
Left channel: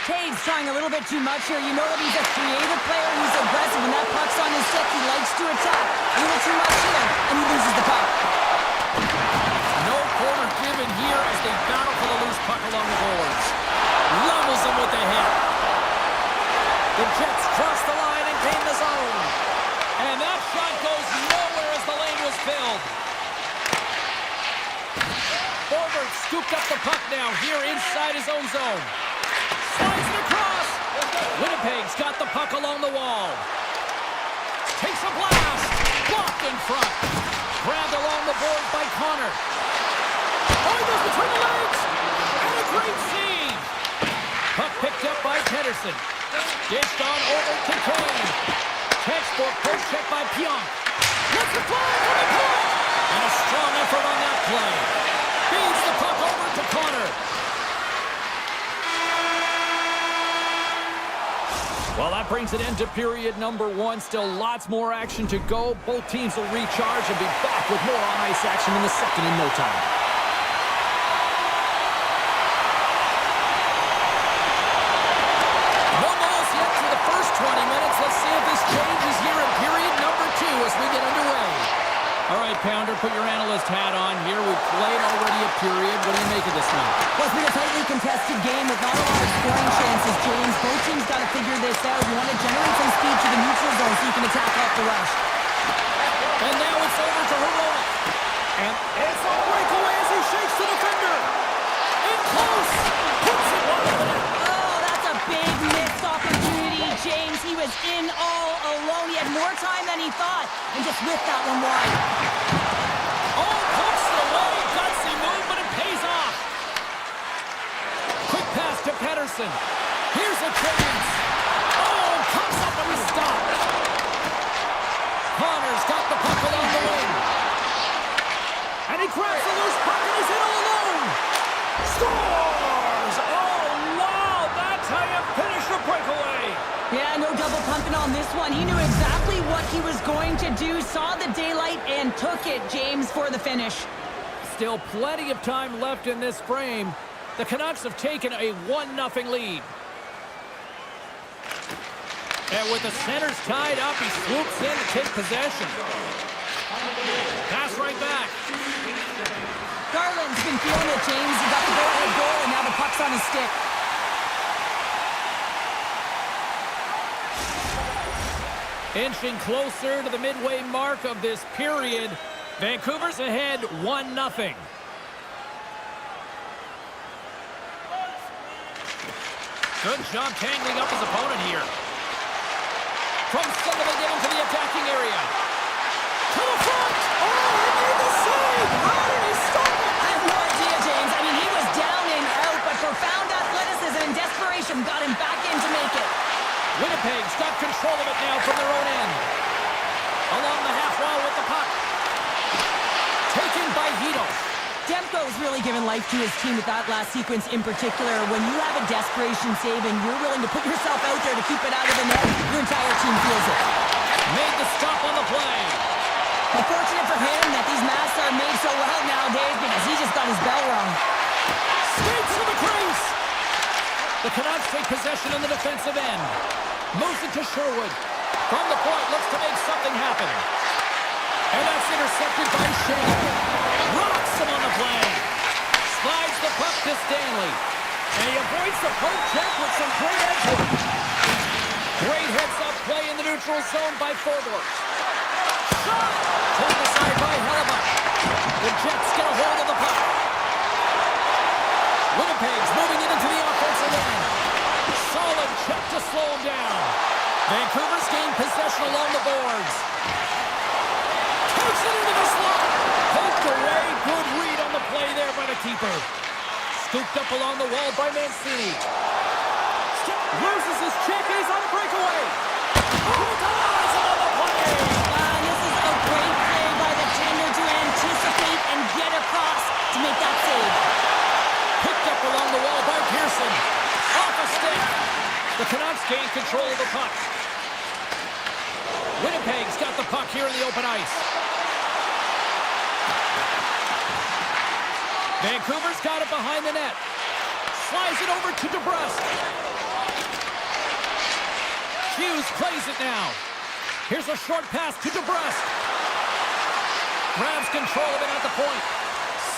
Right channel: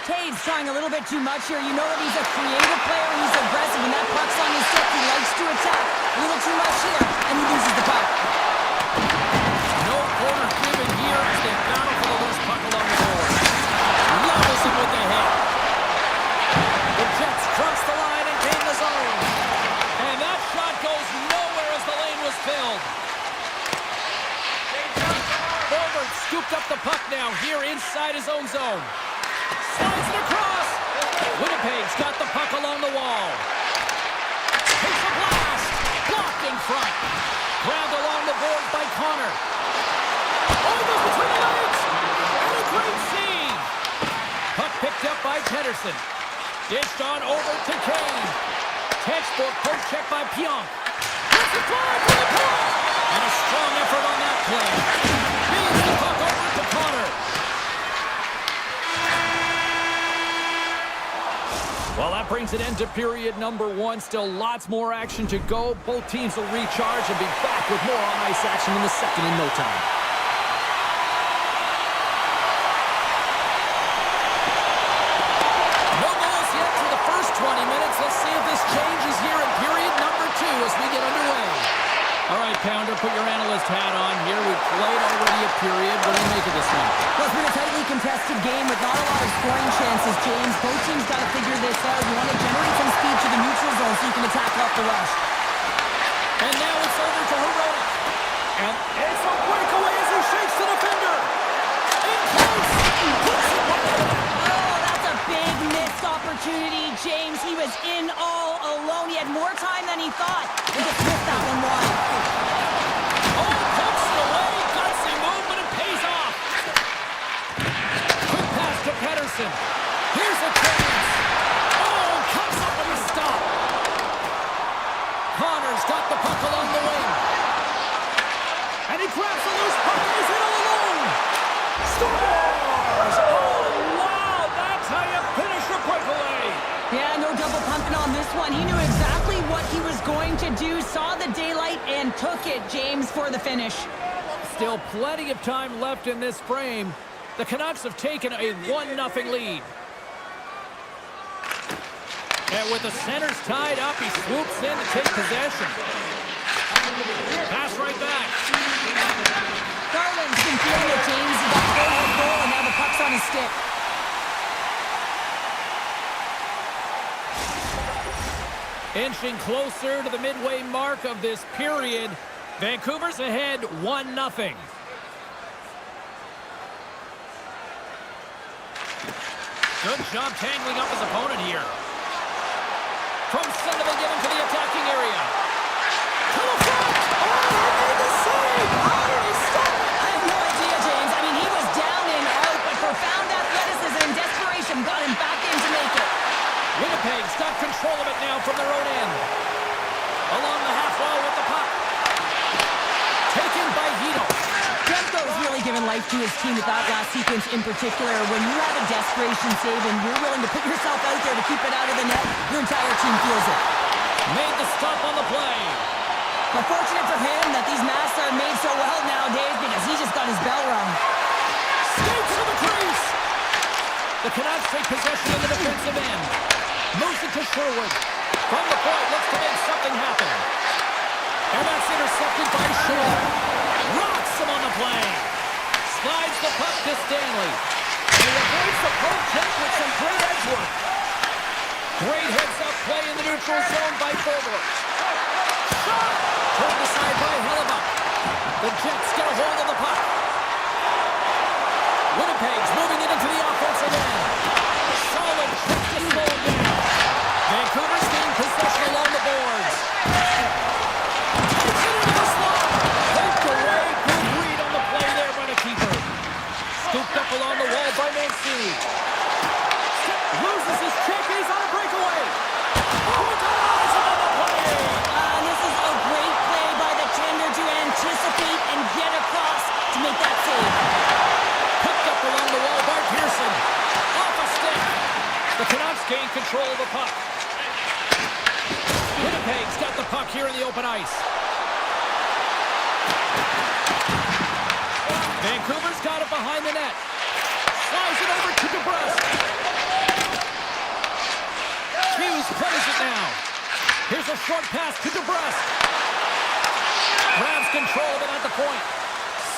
Taves trying a little bit too much here. You know that he's a creative player. He's aggressive. When that puck's on his stick, he likes to attack. A little too much here, and he loses the puck. No corner given here as they battle for the loose puck along the boards. Levels him with the hit. The Jets cross the line and gain the zone. And that shot goes nowhere as the lane was filled. Forward scooped up the puck now here inside his own zone. Slides it across. Winnipeg's got the puck along the wall. Takes a blast. Blocked in front. Grabbed along the board by Connor. Oh, he goes between the legs. And a great save. Puck picked up by Pedersen. Dished on over to Kane. Textbook post check by Pionk. Lets it fly for the point. And a strong effort on that play. Feeds the puck over to Connor. Well, that brings an end to period number one. Still lots more action to go. Both teams will recharge and be back with more on-ice action in the second in no time. No goals yet through the first 20 minutes. Let's see if this changes here in period number two as we get underway. All right, Pounder, put your analyst hat on here. We've played already a period. What do you make of this one? Well, it's been a tightly contested game with not a lot of scoring chances, James. Both teams got to figure this out. You want to generate some speed to the neutral zone so you can attack off the rush. And now it's over to Hirona. And it's a breakaway as he shakes the defender. In close. Puts it wide of the net. Oh, that's a big missed opportunity, James. He was in all alone. He had more time than he thought. And just whipped that one wide. Oh, pokes it away. Gutsy move, but it pays off. Quick pass to Pedersen. Here's a chance. Oh, O'Connor's got the puck along the wing. And he grabs the loose puck and he's in all alone. Scores! Oh, wow! That's how you finish a breakaway. Yeah, no double pumping on this one. He knew exactly what he was going to do, saw the daylight, and took it, James, for the finish. Still plenty of time left in this frame. The Canucks have taken a 1-0 lead. And with the centers tied up, he swoops in to take possession. Pass right back. Garland's been feeling it, James. He got the go-ahead goal, and now the puck's on his stick. Inching closer to the midway mark of this period. Vancouver's ahead 1-0. Good job tangling up his opponent here. From center they get into the attacking area. To the front! Oh, he made the save! How did he stop it? I have no idea, James. I mean, he was down and out, but profound athleticism and desperation got him back in to make it. Winnipeg's got control of it now from their own end. Along the half wall with the puck. Taken by Hito. Demko's really given life to his team with that last sequence in particular. When you have a desperation save and you're willing to put yourself out there to keep it out of the net, your entire team feels it. Made the stop on the play. But fortunate for him that these masks are made so well nowadays because he just got his bell rung. Skates to the crease. The Canucks take possession in the defensive end. Moves it to Sherwood. From the point, looks to make something happen. And that's intercepted by Shea. Rocks him on the play. Slides the puck to Stanley. And he avoids the poke check with some great edge work. Great heads-up play in the neutral zone by Forbort. Shot! Turned aside by Hellebuck. The Jets get a hold of the puck. Winnipeg's moving it into the offensive end. Solid check to slow him down. Vancouver's gained possession along the boards. Takes it into the slot. Poked away. Good read on the play there by the keeper. Scooped up along the wall by Mancini. Loses his check. He's on a breakaway. Oh, ties him on the play. This is a great play by the tender to anticipate and get across to make that save. Picked up along the wall by Pearson. Off a stick. The Canucks gain control of the puck. Winnipeg's got the puck here in the open ice. Vancouver's got it behind the net. Slides it over to DeBrusque. Hughes plays it now. Here's a short pass to DeBrusque. Grabs control of it at the point.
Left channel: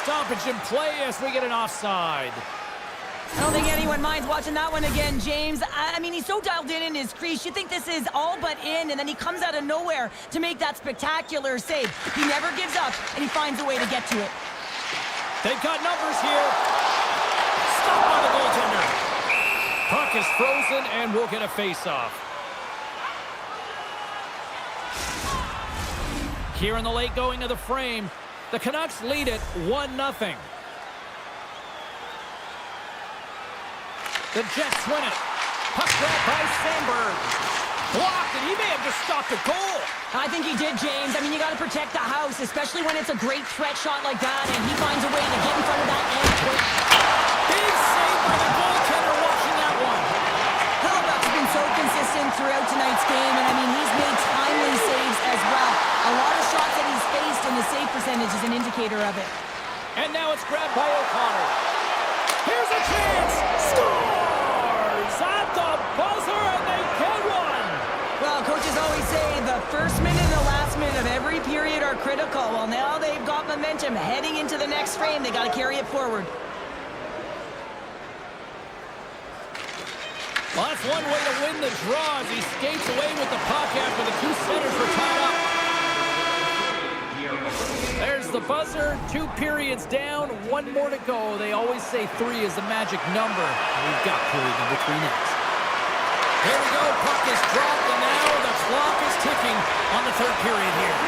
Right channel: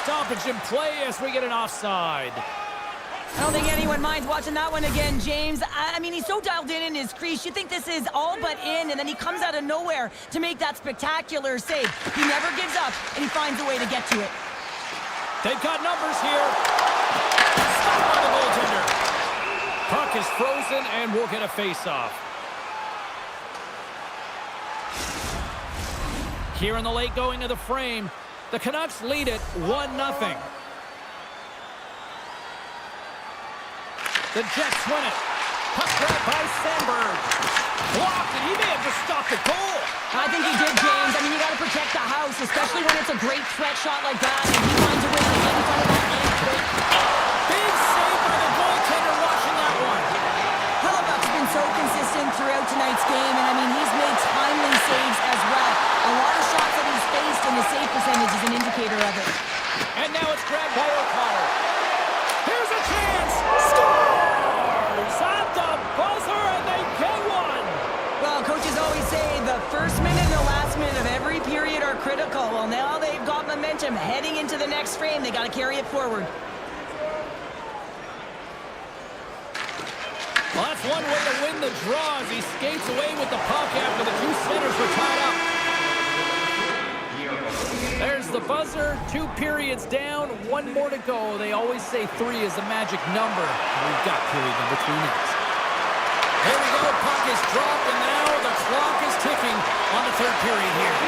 Stoppage in play as we get an offside. I don't think anyone minds watching that one again, James. I mean, he's so dialed in his crease. You think this is all but in, and then he comes out of nowhere to make that spectacular save. He never gives up, and he finds a way to get to it. They've got numbers here. Stopped by the goaltender. Puck is frozen, and we'll get a face-off. Here in the late going of the frame, the Canucks lead it 1-0. The Jets win it. Puck grab by Sandberg. Blocked, and he may have just stopped the goal. I think he did, James. I mean, you got to protect the house, especially when it's a great threat shot like that, and he finds a way to get in front of that and quick. Big save by the goaltender watching that one. Hellebuck's been so consistent throughout tonight's game, and I mean, he's made timely saves as well. A lot of shots that he's faced, and his save percentage is an indicator of it. And now it's grabbed by O'Connor. Here's a chance. Scores at the buzzer, and they get one. Well, coaches always say the first minute and the last minute of every period are critical. Well, now they've got momentum heading into the next frame. They got to carry it forward. Well, that's one way to win the draw as he skates away with the puck after the two centers were tied up. There's the buzzer. 2 periods down, 1 more to go. They always say 3 is the magic number. We've got period number 3 next. Here we go. Puck is dropped, and now the clock is ticking on the 3rd period here.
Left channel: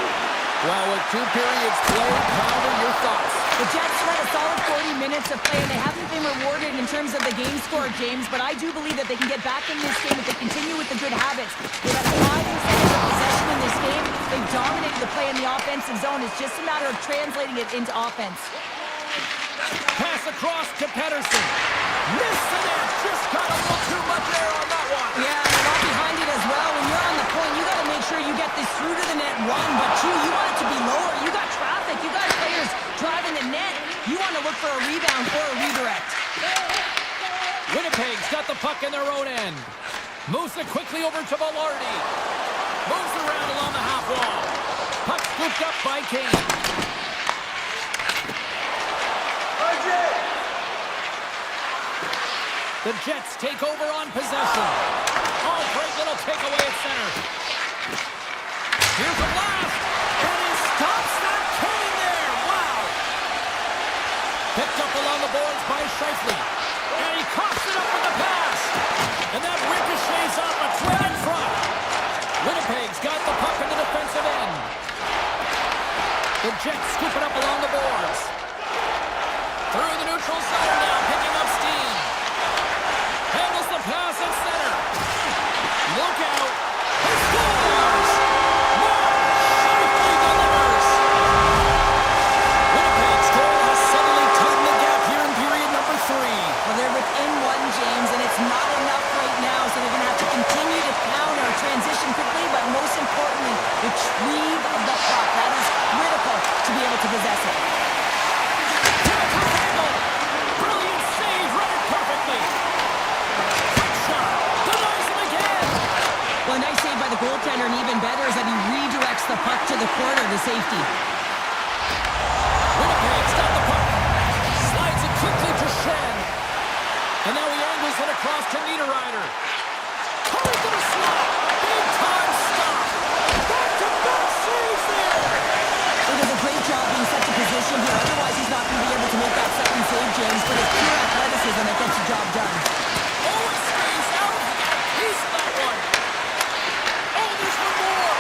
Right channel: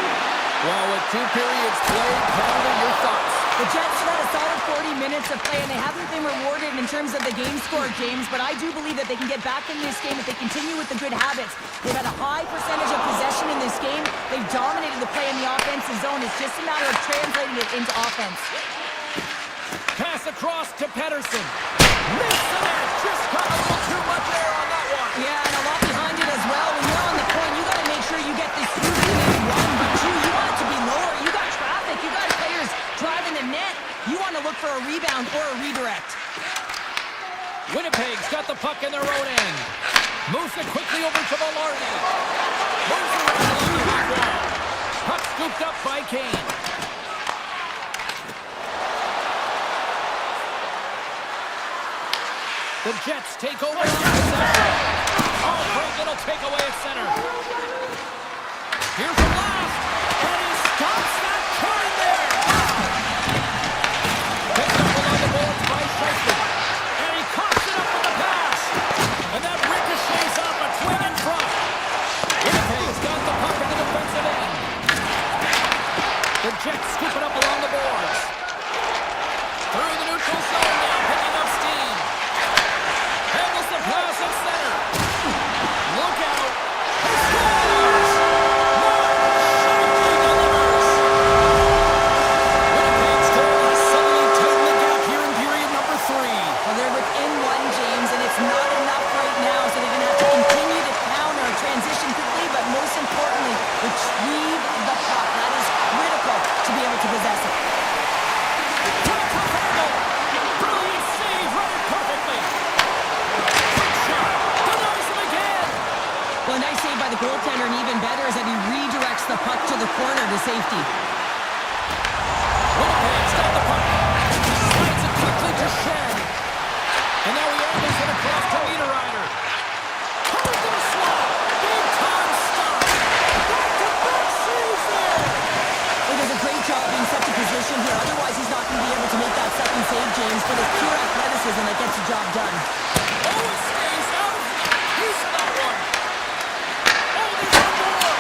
Well, with 2 periods played, Pounder, your thoughts? The Jets had a solid 40 minutes of play, and they haven't been rewarded in terms of the game score, James, but I do believe that they can get back in this game if they continue with the good habits. They've had a high percentage of possession in this game. They've dominated the play in the offensive zone. It's just a matter of translating it into offense. Pass across to Pedersen. Missed the net. Just got a little too much air on that one. Yeah, and a lot behind it as well. When you're on the point, you got to make sure you get this through to the net, one, but two, you want it to be lower. You got traffic. You got players driving the net. You want to look for a rebound or a redirect. Winnipeg's got the puck in their own end. Moves it quickly over to Velarde. Moves around along the half wall. Puck scooped up by Kane. The Jets take over on possession. Oh, great little takeaway at center. Here's a blast. And he stops that coming there. Wow. Picked up along the boards by Scheifele. And he coughs it up with the pass. And that ricochets off a twin in front. Winnipeg's got the puck in the defensive end. The Jets scoop it up along the boards. Through the neutral zone now, picking up steam. Handles the pass at center. Look out. He scores! Mark Scheifele delivers. Winnipeg's goal has suddenly tightened the gap here in period number 3. Well, they're within one, James, and it's not enough right now, so they're going to have to continue to counter, transition quickly, but most importantly, retrieve the puck. That is critical to be able to possess it. Tough angle. Brilliant save, run it perfectly. Quick shot. Denies him again. Well, a nice save by the goaltender, and even better is that he redirects the puck to the corner to safety. Winnipeg's got the puck. Slides it quickly to Shen. And now he angles it across to Niederreiter. Coming to the slot. Big time stop. Back-to-back saves there. He does a great job being set to position here. Otherwise, he's not going to be able to make that second save, James. But it's pure athleticism that gets the job done. Oh, it stays out. He got a piece of that one. Oh, there's one more.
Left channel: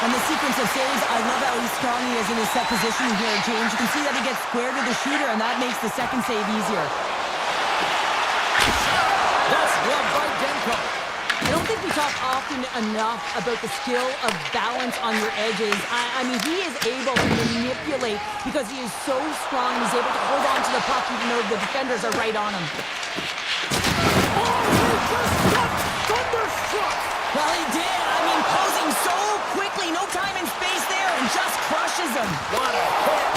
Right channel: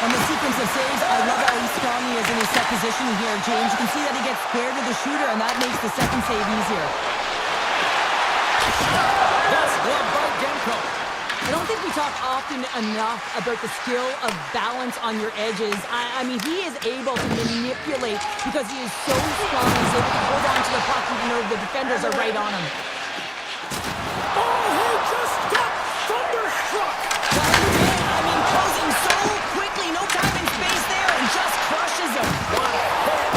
On the sequence of saves, I love how strong he is in his set position here, James. You can see that he gets square to the shooter, and that makes the second save easier. That's gloved by Demko. I don't think we talk often enough about the skill of balance on your edges. I mean, he is able to manipulate because he is so strong. He's able to hold on to the puck even though the defenders are right on him. Oh, he just got thunderstruck. Well, he did. I mean, closing so quickly, no time and space there, and just crushes him. What a hit.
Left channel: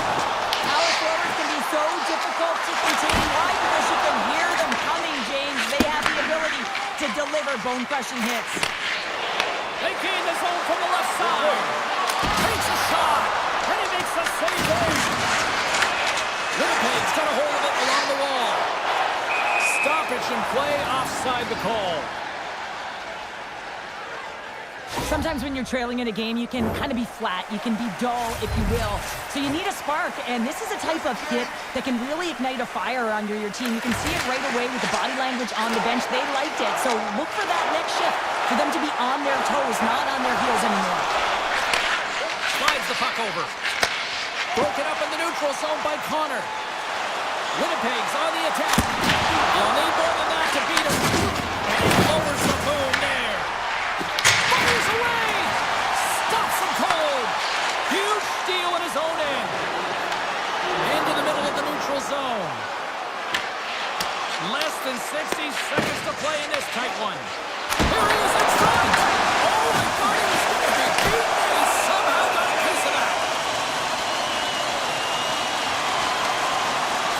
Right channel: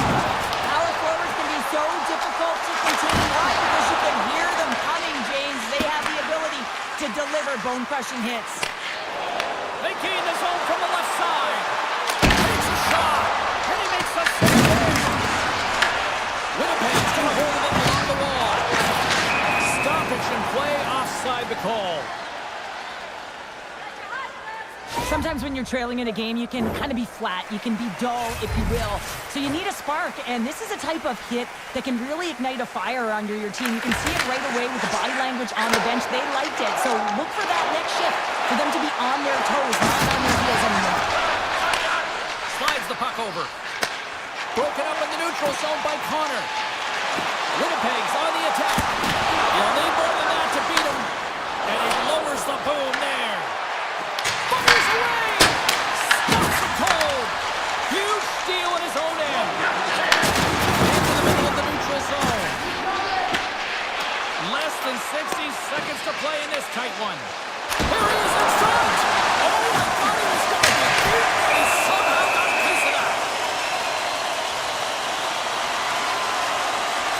Power forwards can be so difficult to contain. Why? Because you can hear them coming, James. They have the ability to deliver bone-crushing hits. They gain the zone from the left side. Takes a shot, and he makes the save. Winnipeg's got a hold of it along the wall. Stoppage in play, offside the call. Sometimes when you're trailing in a game, you can kind of be flat. You can be dull, if you will. So you need a spark, and this is a type of hit that can really ignite a fire under your team. You can see it right away with the body language on the bench. They liked it, so look for that next shift for them to be on their toes, not on their heels anymore. Slides the puck over. Broken up in the neutral zone by Connor. Winnipeg's on the attack. You'll need more than that to beat him. And he lowers the boom there. Fires away! Stops him cold! Huge steal in his own end. Into the middle of the neutral zone. Less than 60 seconds to play in this tight one. Here he is in front! Oh, I thought he was going to be beaten, and he somehow got a piece of that.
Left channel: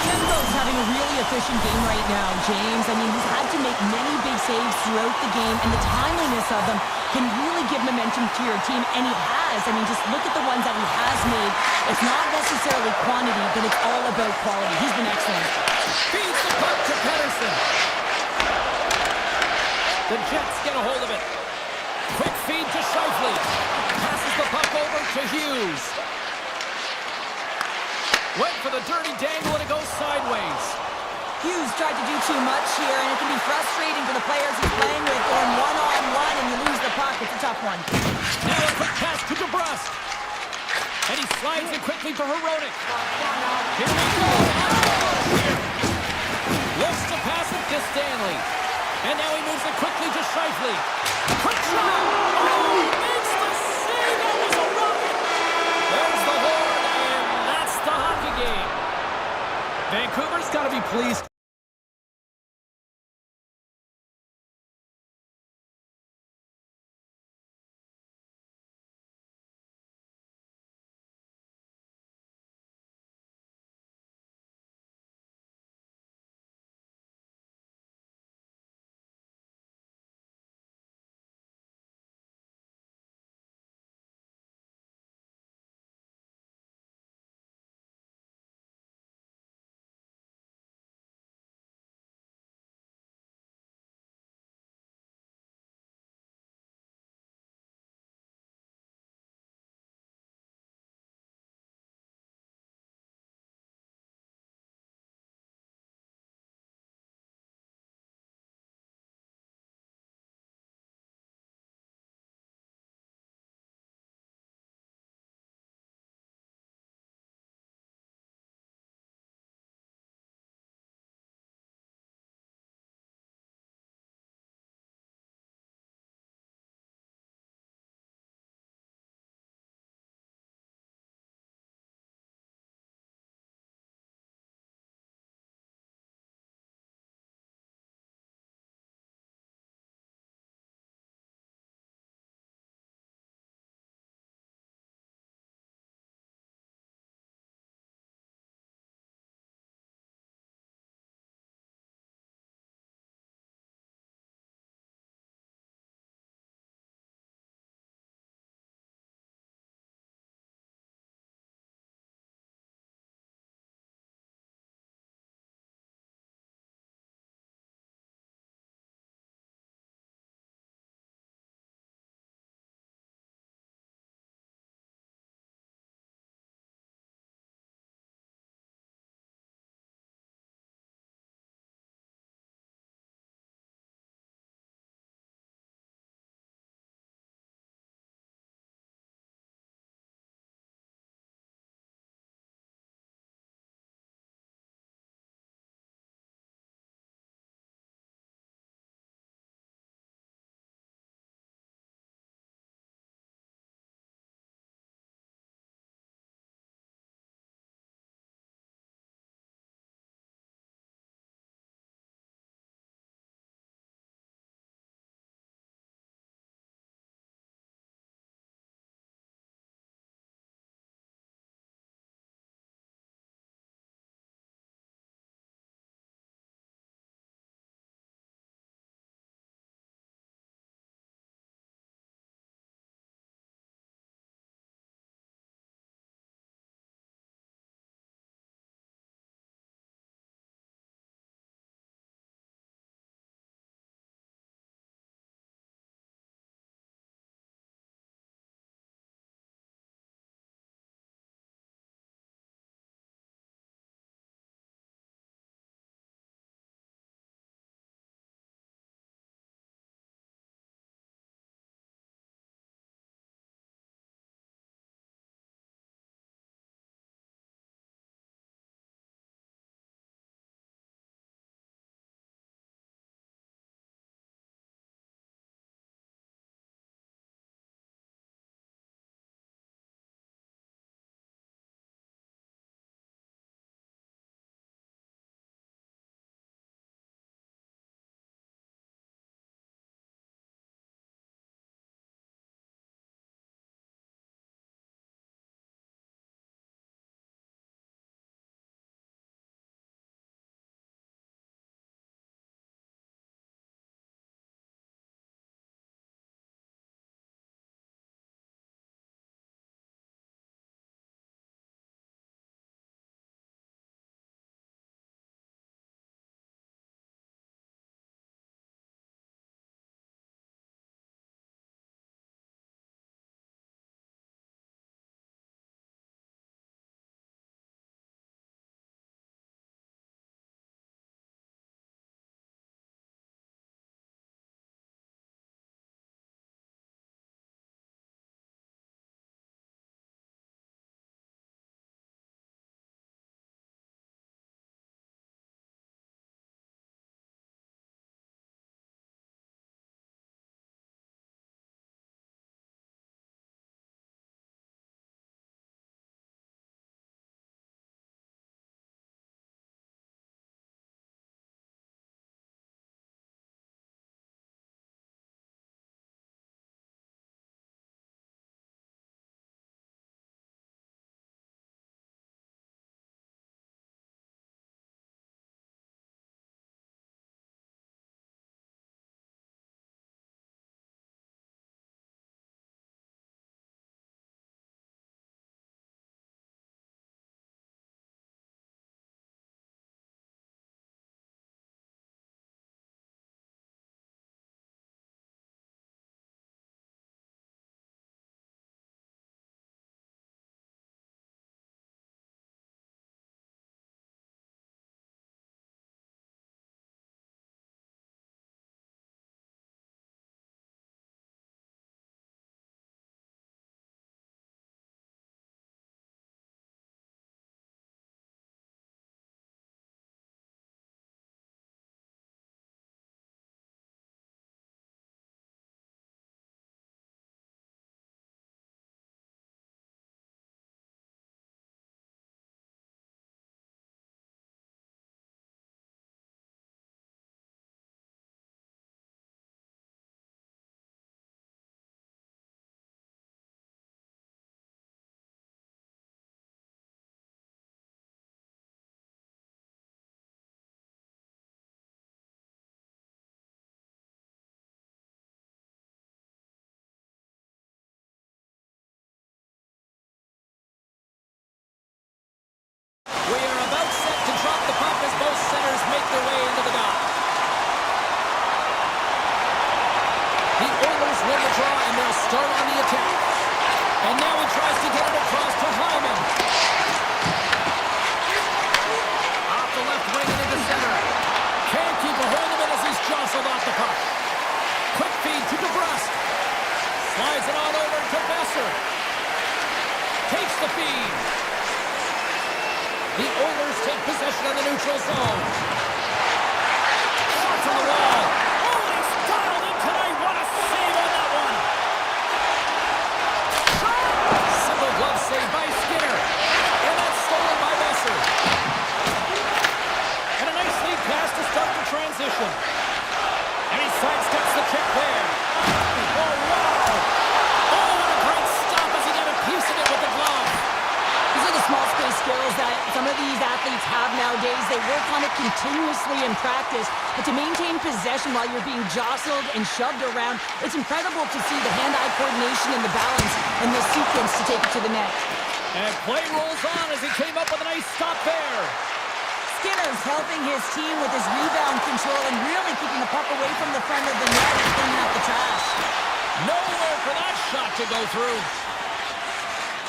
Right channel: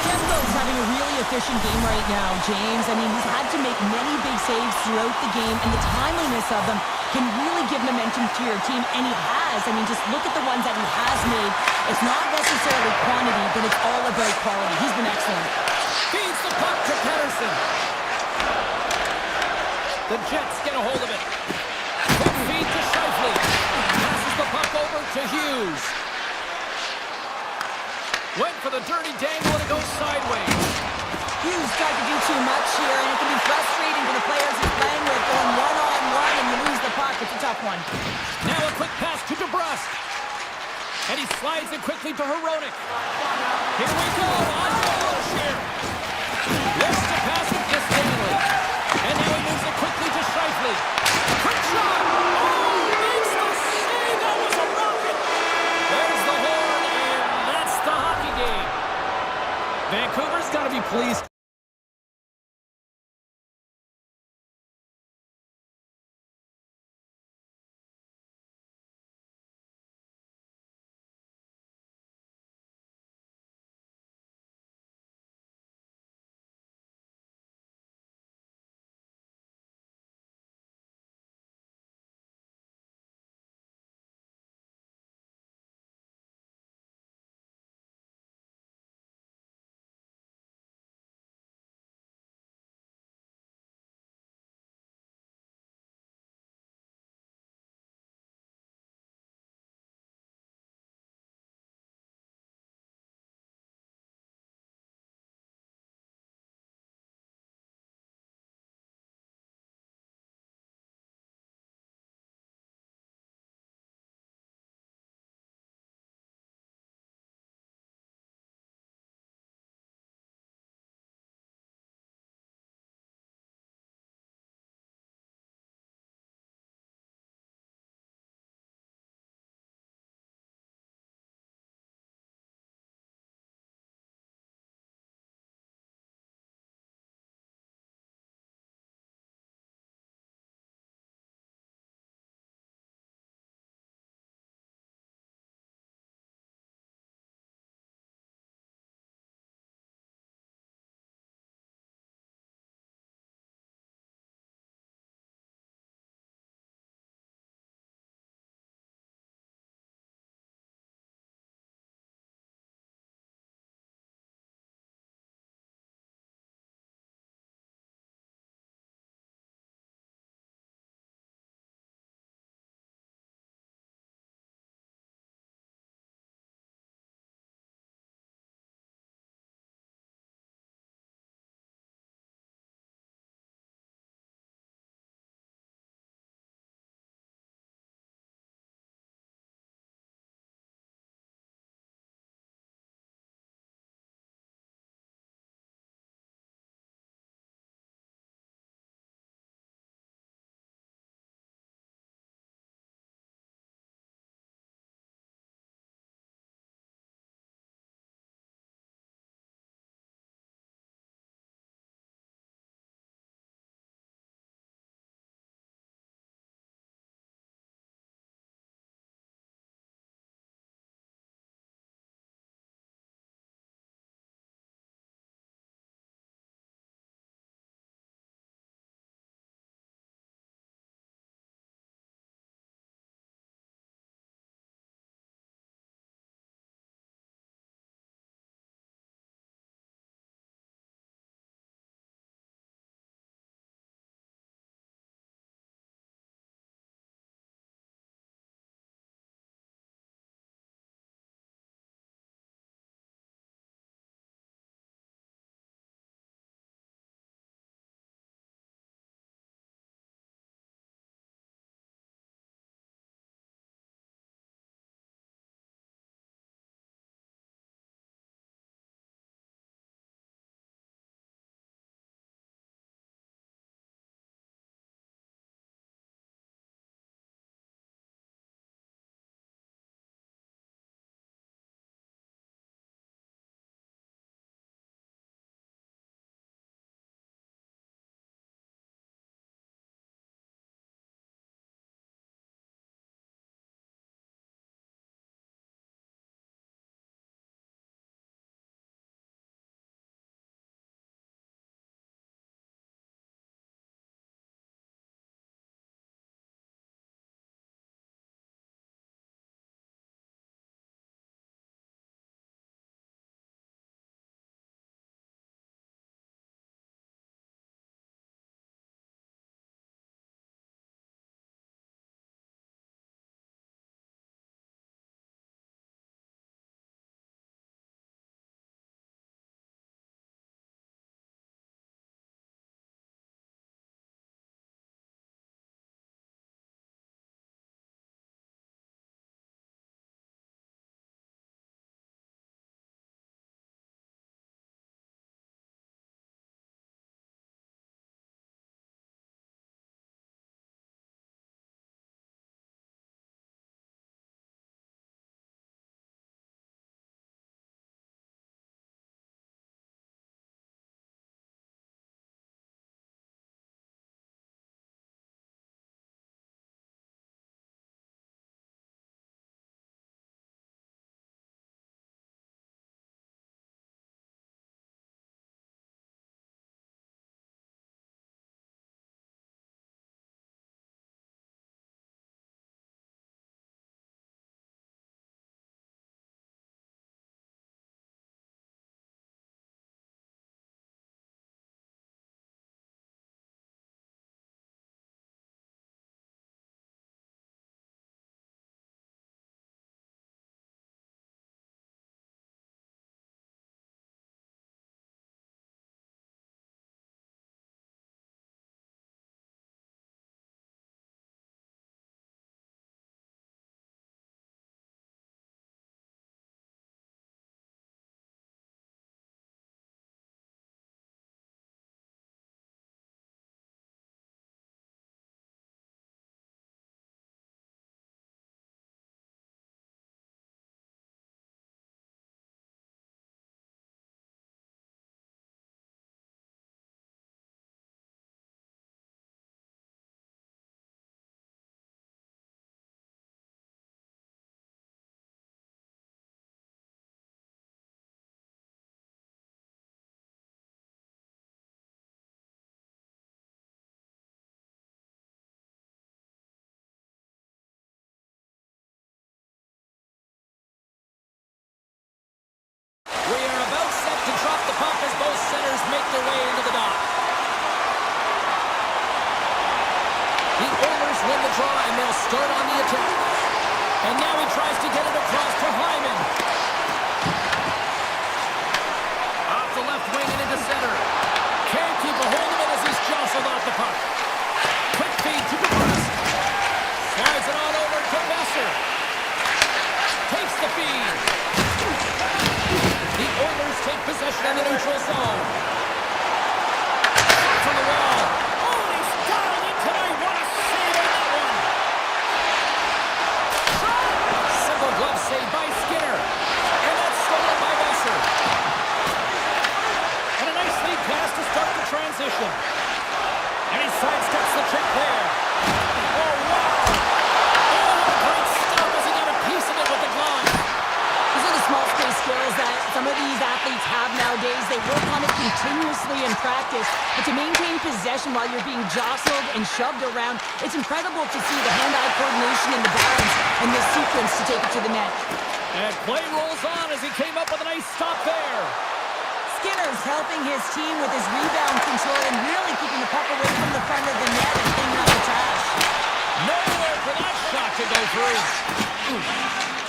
Kembo's having a really efficient game right now, James. I mean, he's had to make many big saves throughout the game, and the timeliness of them can really give momentum to your team, and he has. I mean, just look at the ones that he has made. It's not necessarily quantity, but it's all about quality. He's been excellent. Feeds the puck to Pedersen. The Jets get a hold of it. Quick feed to Scheifele. Passes the puck over to Hughes. Went for the dirty dangle and it goes sideways. Hughes tried to do too much here, and it can be frustrating for the players he's playing with, going one-on-one and you lose the puck. It's a tough one. Now a quick pass to DeBrusque. And he slides it quickly to Heronic. Here we go. On the rush here. Looks to pass it to Stanley. And now he moves it quickly to Scheifele. Quick shot. Oh, makes the save. That was a rocket. There's the horn, and that's the hockey game. Vancouver's got to be pleased. stop as both centers make their way into the dot. The Oilers win the draw, and they'll start on the attack. And now he tries to get it across to Hyman. Off the left wing and into center. Can't keep a hold of it as he's jostled off the puck. Quick feed to DeBrusque. Slides it on over to Besser. Takes the feed. The Oilers take possession of the neutral zone. Shot from the wall. Oh, and he's dialed in tonight. What a save on that one. Shot! Single glove save by Skinner. And that's stolen by Besser. And a nice lead pass to start the transition. And he sidesteps the check there. Oh, wow! Oh, what a great stop as he got a piece of it with the glove. These are the small space skills that some of these athletes have nowadays. They work on it continuously in practice. But to maintain possession while you're being jostled and shoved around, it's incredible to see the hand-eye coordination and the balance in this sequence to take it to the net. And play rolls on as he came up with a nice stop there. Skinner's helping his team with his rebound control and really keeping the puck away from the front of the net and cleaning up the trash. Nowhere for that shot to go through.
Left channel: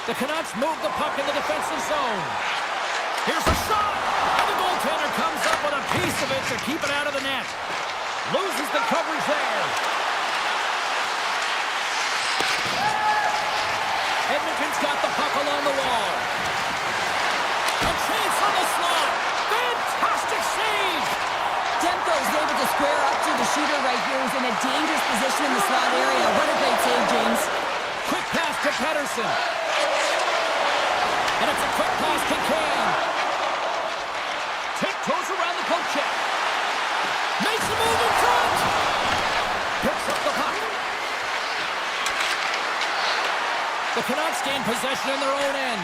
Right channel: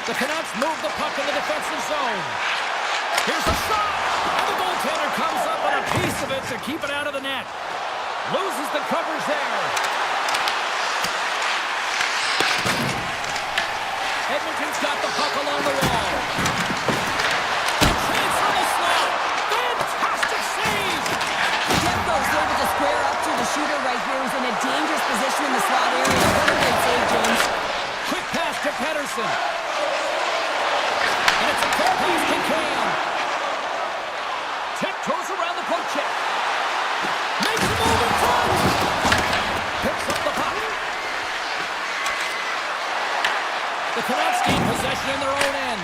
The Canucks move the puck in the defensive zone. Here's a shot! And the goaltender comes up with a piece of it to keep it out of the net. Loses the coverage there. Edmonton's got the puck along the wall. A chance on the slot. Fantastic save! Demko's able to square up to the shooter right here, who's in a dangerous position in the slot area. What a great save, James. Quick pass to Pettersson. And it's a quick pass to Kane. Tiptoes around the poke check. Makes a move in front. Picks up the puck. The Canucks gain possession in their own end.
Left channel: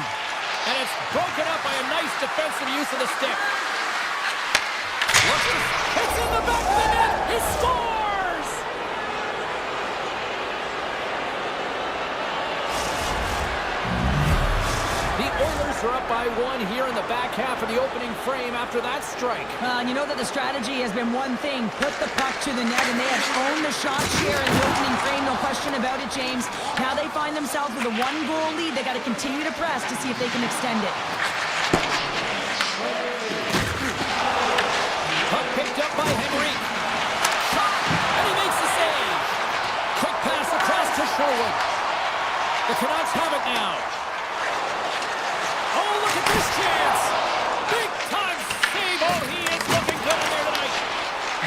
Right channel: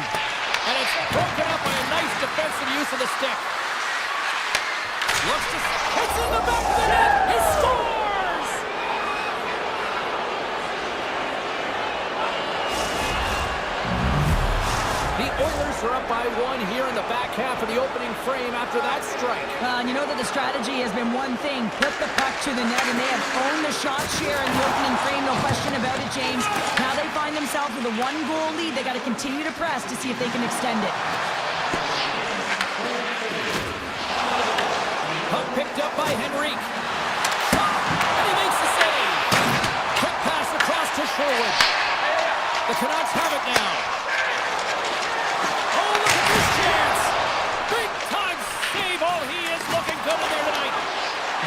And it's broken up by a nice defensive use of the stick. Looks to... It's in the back of the net! He scores! The Oilers are up by one here in the back half of the opening frame after that strike. And you know that the strategy has been one thing, put the puck to the net, and they have owned the shot share in the opening frame, no question about it, James. Now they find themselves with a one-goal lead. They got to continue to press to see if they can extend it. Puck picked up by Henrique. Shot! And he makes the save. Quick pass across to Sherwood. The Canucks have it now. Oh, look at this chance! Big time save! Oh, he is looking good in there tonight.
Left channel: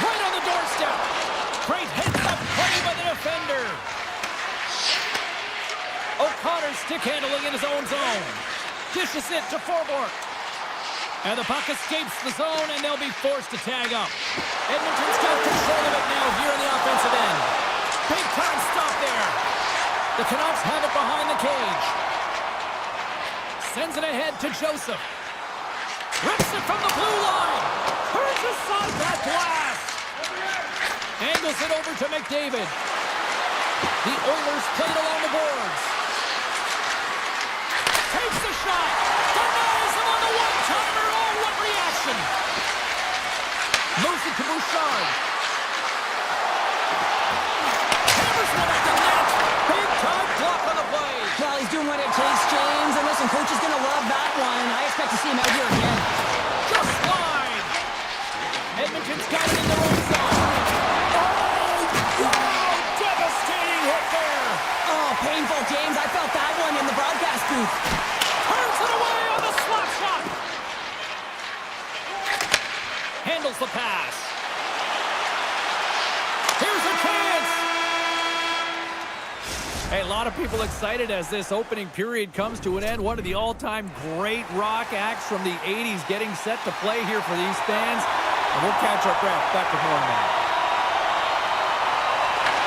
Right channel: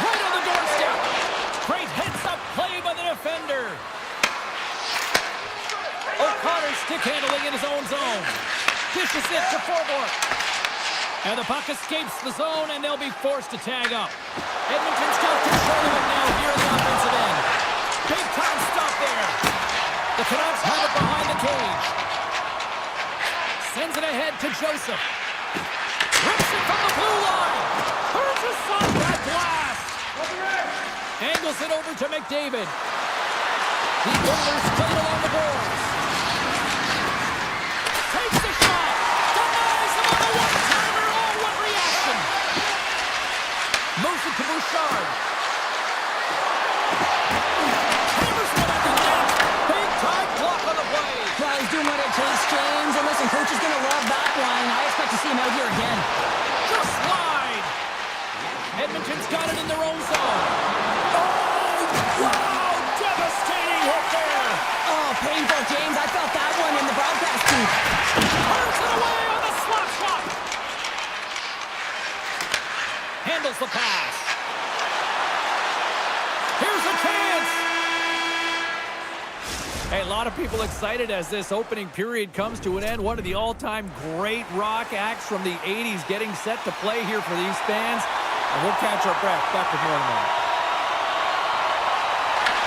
Right on the doorstep. Great heads-up play by the defender. O'Connor stick handling in his own zone. Dishes it to Forborg. And the puck escapes the zone, and they'll be forced to tag up. Edmonton's got control of it now here in the offensive end. Big time stop there. The Canucks have it behind the cage. Sends it ahead to Joseph. Rips it from the blue line. Turns aside that blast. Angles it over to McDavid. The Oilers played along the boards. Takes the shot. Denies him on the one-timer. Oh, what reaction. Moves it to Bouchard. Hammers one at the net. Big time block on the play. Well, he's doing what it takes, James. And listen, coach is going to love that one. I expect to see him out here again. Just slide. Edmonton's got it in their own zone. Oh, wow. Devastating hit there. Oh, painful, James. I felt that one in the broadcast booth. Turns it away on the slap shot. Handles the pass. Here's a chance. Hey, a lot of people excited as this opening period comes to an end. One of the all-time great rock acts from the 80s getting set to play here for these fans. And we'll catch our breath. Back with more in a moment.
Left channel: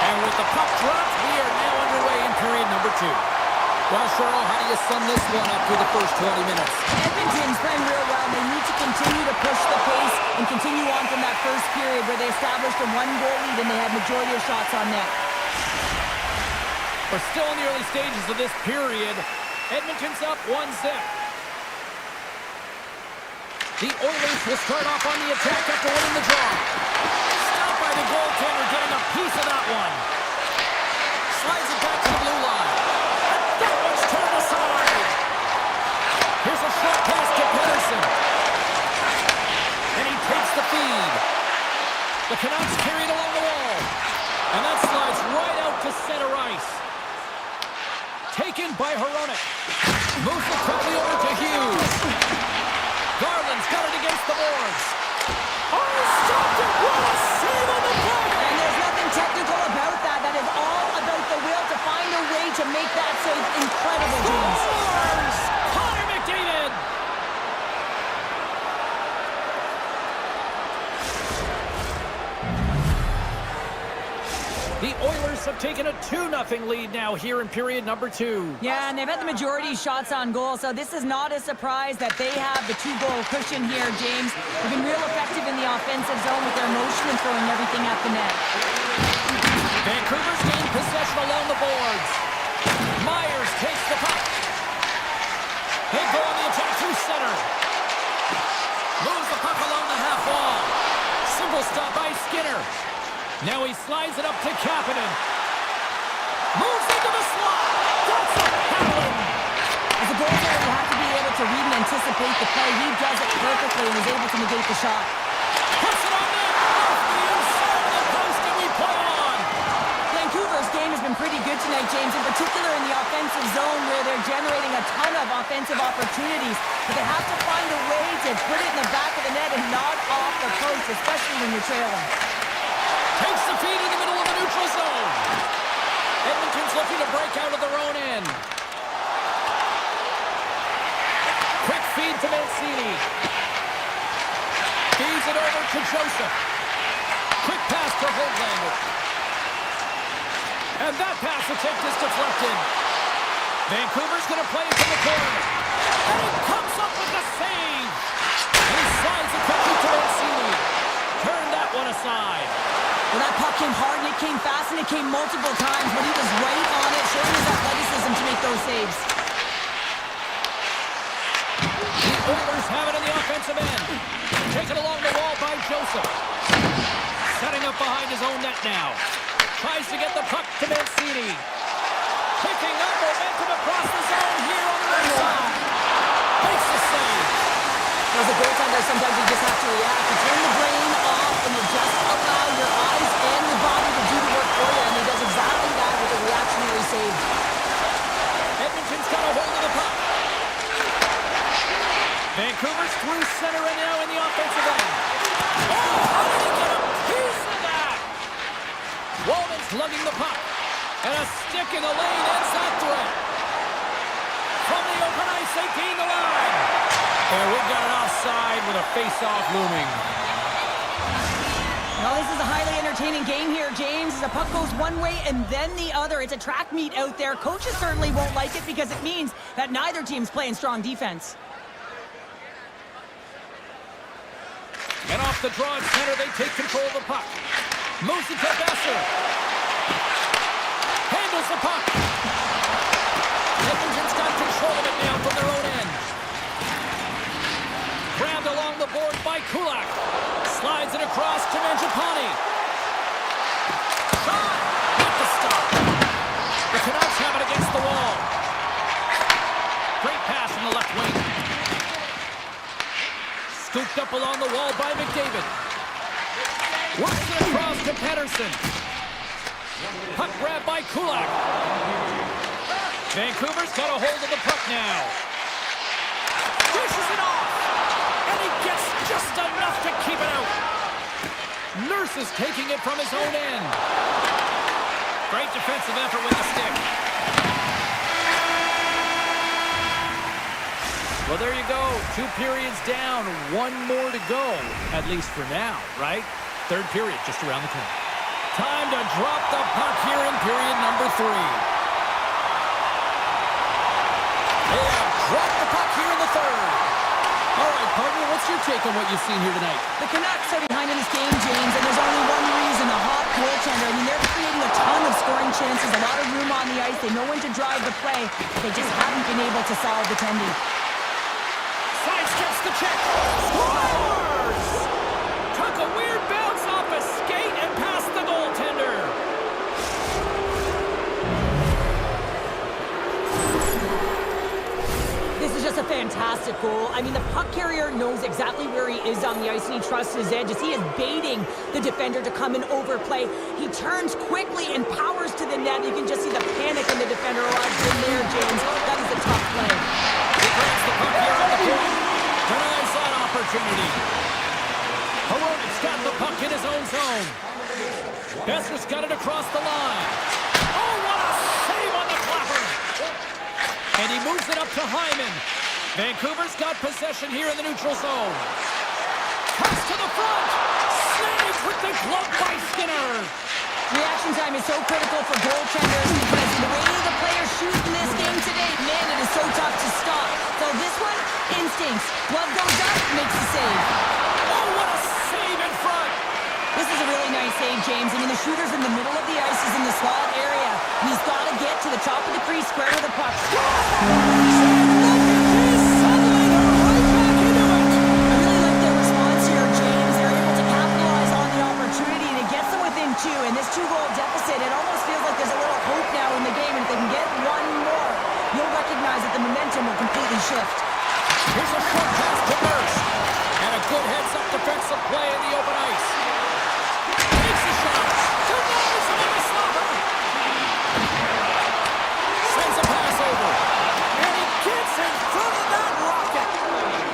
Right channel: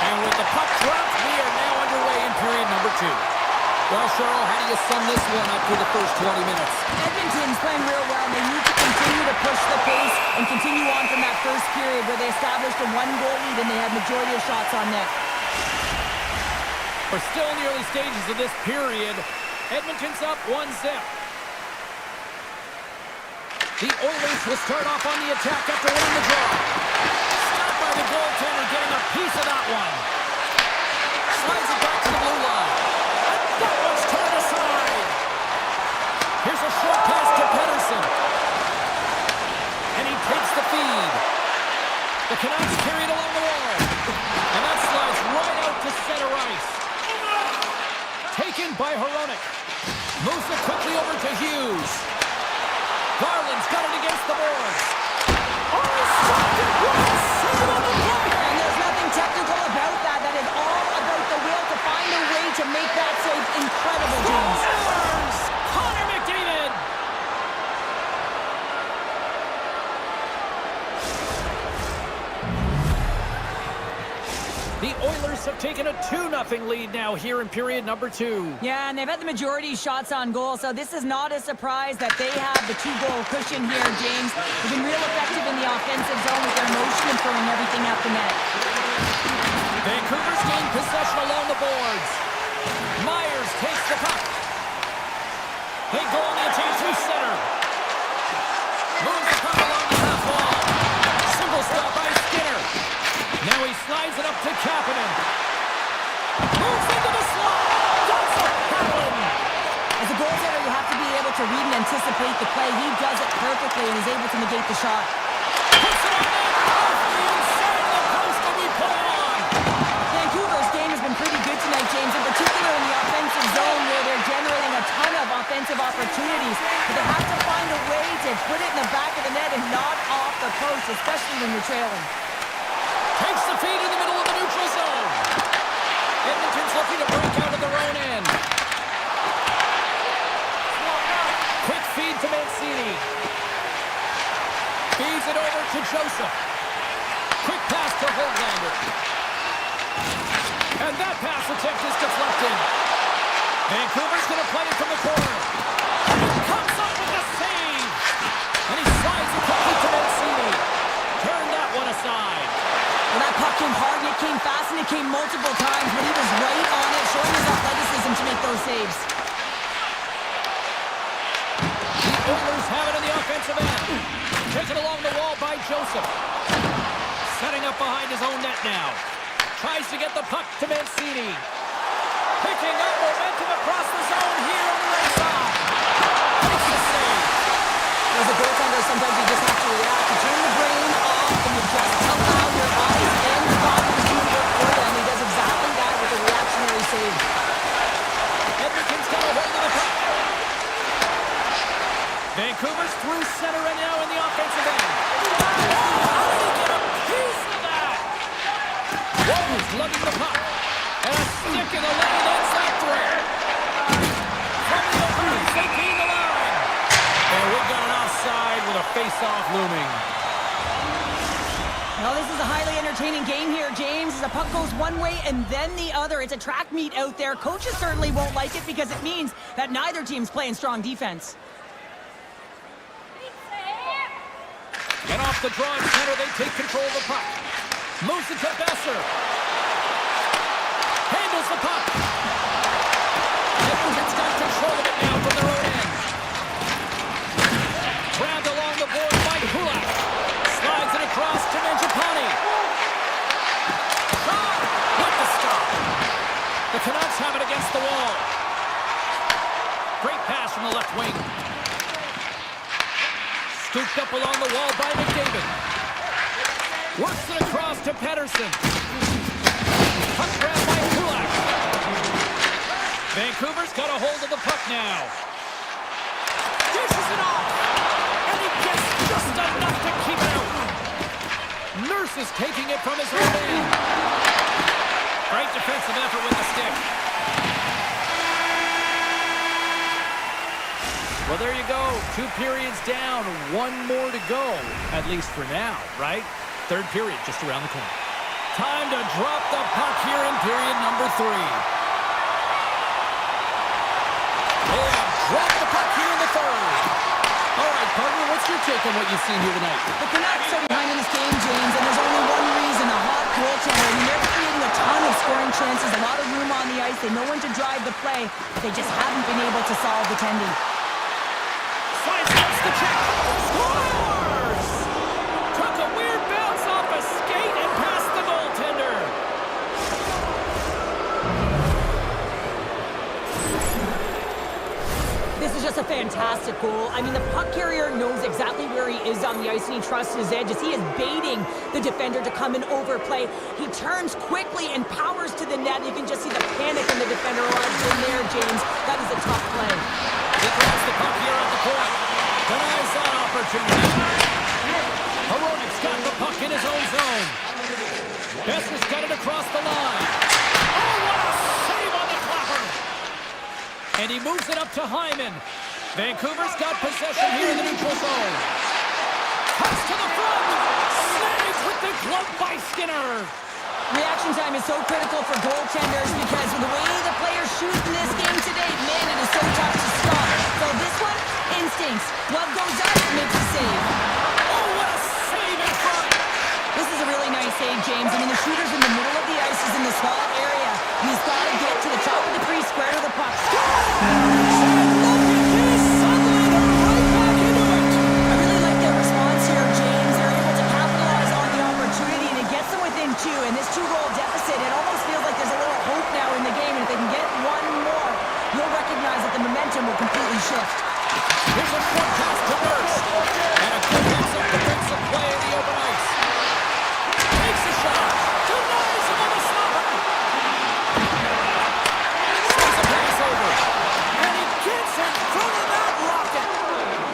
And with the puck dropped, we are now underway in period number 2. Well, Cheryl, how do you sum this one up through the first 20 minutes? Edmonton's playing real well. They need to continue to push the pace and continue on from that first period where they established a one-goal lead and they had majority of shots on net. We're still in the early stages of this period. Edmonton's up 1-0. The Oilers will start off on the attack after winning the draw. Stopped by the goaltender, getting a piece of that one. Slides it back to the blue line. And that one's turned aside. Here's a short pass to Pedersen. And he takes the feed. The Canucks carry it along the wall. And that slides right out to center ice. Taken by Hronek. Moves it quickly over to Hughes. Garland's got it against the boards. Oh, stopped it! What a save on the play! And there's nothing technical about that. That is all about the will to find a way to make that save incredible, James. Scores! Connor McDavid! The Oilers have taken a 2-0 lead now here in period number 2. Yeah, and they've had the majority shots on goal, so this is not a surprise that they have the 2-goal cushion here, James. They've been real effective in the offensive zone with their motion and throwing everything at the net. Vancouver's gained possession along the boards. Myers takes the puck. They go on the attack through center. Moves the puck along the half wall. Simple stop by Skinner. Now he slides it up to Kapanen. Moves into the slot. That's a paddling. As a goaltender, you have to be able to read and anticipate the play. He does it perfectly and is able to negate the shot. Puts it on net. Off the inside of the post, and we play on. Vancouver's game has been pretty good tonight, James, in particular in the offensive zone where they're generating a ton of offensive opportunities. But they have to find a way to put it in the back of the net and not off the post, especially when you're trailing. Takes the feed in the middle of the neutral zone. Edmonton's looking to break out of their own end. Quick feed to Mancini. Feeds it over to Joseph. Quick pass to Höglander. And that pass attempt is deflected. Vancouver's going to play it from the corner. And he comes up with the save. And he slides it quickly to Mancini. Turn that one aside. Well, that puck came hard, and it came fast, and it came multiple times, but he was right on it, showing his athleticism to make those saves. The Oilers have it in the offensive end. Taken along the wall by Joseph. Setting up behind his own net now. Tries to get the puck to Mancini. Picking up momentum across the zone here on the right side. Makes the save. As a goaltender, sometimes you just have to react. You turn the brain off, and you just allow your eyes and your body to do the work for you, and he does exactly that with a reactionary save. Edmonton's got a hold of the puck. Vancouver's through center and now in the offensive end. Oh, how did he get a piece of that? Walton's lugging the puck. And a stick in the lane ends that threat. From the open ice, they gain the line. And we've got an offside with a face-off looming. Well, this is a highly entertaining game here, James. As the puck goes one way and then the other. It's a track meet out there. Coaches certainly won't like it because it means that neither team's playing strong defense. And off the draw in center, they take control of the puck. Moves it to Besser. Handles the puck. Edmonton's got control of it now from their own end. Grabbed along the board by Kulak. Slides it across to Mangiapane. Shot! With the stop. The Canucks have it against the wall. Great pass from the left wing. Scooped up along the wall by McDavid. Works it across to Pedersen. Puck grab by Kulak. Vancouver's got a hold of the puck now. Dishes it off. And he gets just enough to keep it out. Nurse is taking it from his own end. Great defensive effort with the stick. Well, there you go. 2 periods down, 1 more to go, at least for now, right? 3rd period just around the corner. Time to drop the puck here in period number 3. They have dropped the puck here in the 3rd. All right, partner, what's your take on what you've seen here tonight? The Canucks are behind in this game, James, and there's only one reason, a hot goaltender. I mean, they're creating a ton of scoring chances, a lot of room on the ice. They know when to drive the play. They just haven't been able to solve the tending. Sidesteps Makes the check. Scores! Took a weird bounce off a skate and past the goaltender. This is just a fantastic goal. I mean, the puck carrier knows exactly where he is on the ice, and he trusts his edges. He is baiting the defender to come and overplay. He turns quickly and powers to the net. You can just see the panic in the defender. Oh, I've been there, James. That is a tough play. He grabs the puck here at the point. Denies that opportunity. Hronik's got the puck in his own zone. Besser's got it across the line. Oh, what a save on the clapper! And he moves it up to Hyman. Vancouver's got possession here in the neutral zone. Pass to the front. Snagged with the glove by Skinner. Reaction time is so critical for goaltenders because the way the players shoot in this game today, man, it is so tough to stop. So this one, instincts. Glove goes up, makes the save. Oh, what a save in front. This is a really nice save, James. I mean, the shooter's in the middle of the ice. He's in the slot area. He's got to get to the top of the crease, square to the puck. And look at this. Suddenly they're right back into it. I really like their response here, James. They're able to capitalize on the opportunity, and it gets them within two. And this two-goal deficit, it almost feels like there's a little hope now in the game. And if they can get one more, you'll recognize that the momentum will completely shift. Here's a short pass to Nurse. And a good heads-up defensive play in the open ice. Takes a shot. Denies him on the stopper. Sends a pass over. And he gets in front of that rocket.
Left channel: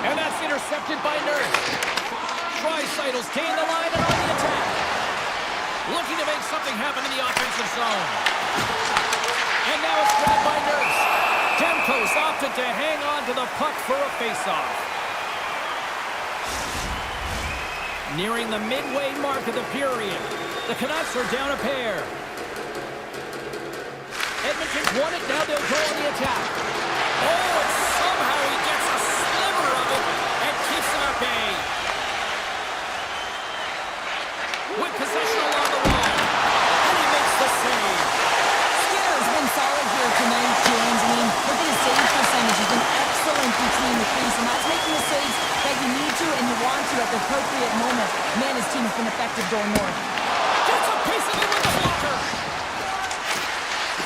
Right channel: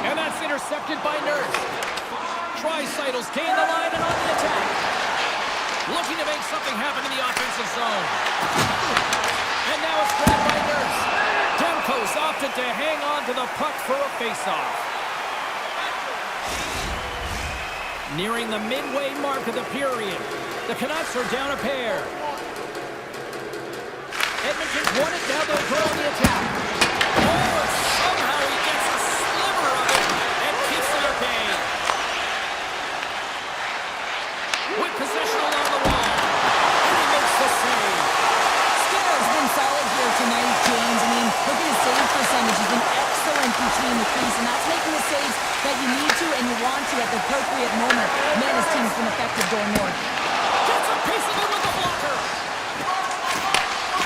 And that's intercepted by Nurse. Tri-Cytles gain the line and on the attack. Looking to make something happen in the offensive zone. And now it's grabbed by Nurse. Demko's opted to hang on to the puck for a face-off. Nearing the midway mark of the period, the Canucks are down a pair. Edmonton's won it, now they'll go on the attack. Oh, and somehow he gets a sliver of it and keeps it at bay. With possession along the wall, and he makes the save. Skinner's been solid here tonight, James. I mean, look at his save percentage. He's been excellent between the crease, and that's making the saves that you need to and you want to at the appropriate moment. Man, his team's been effective going north. Gets a piece of it with the blocker.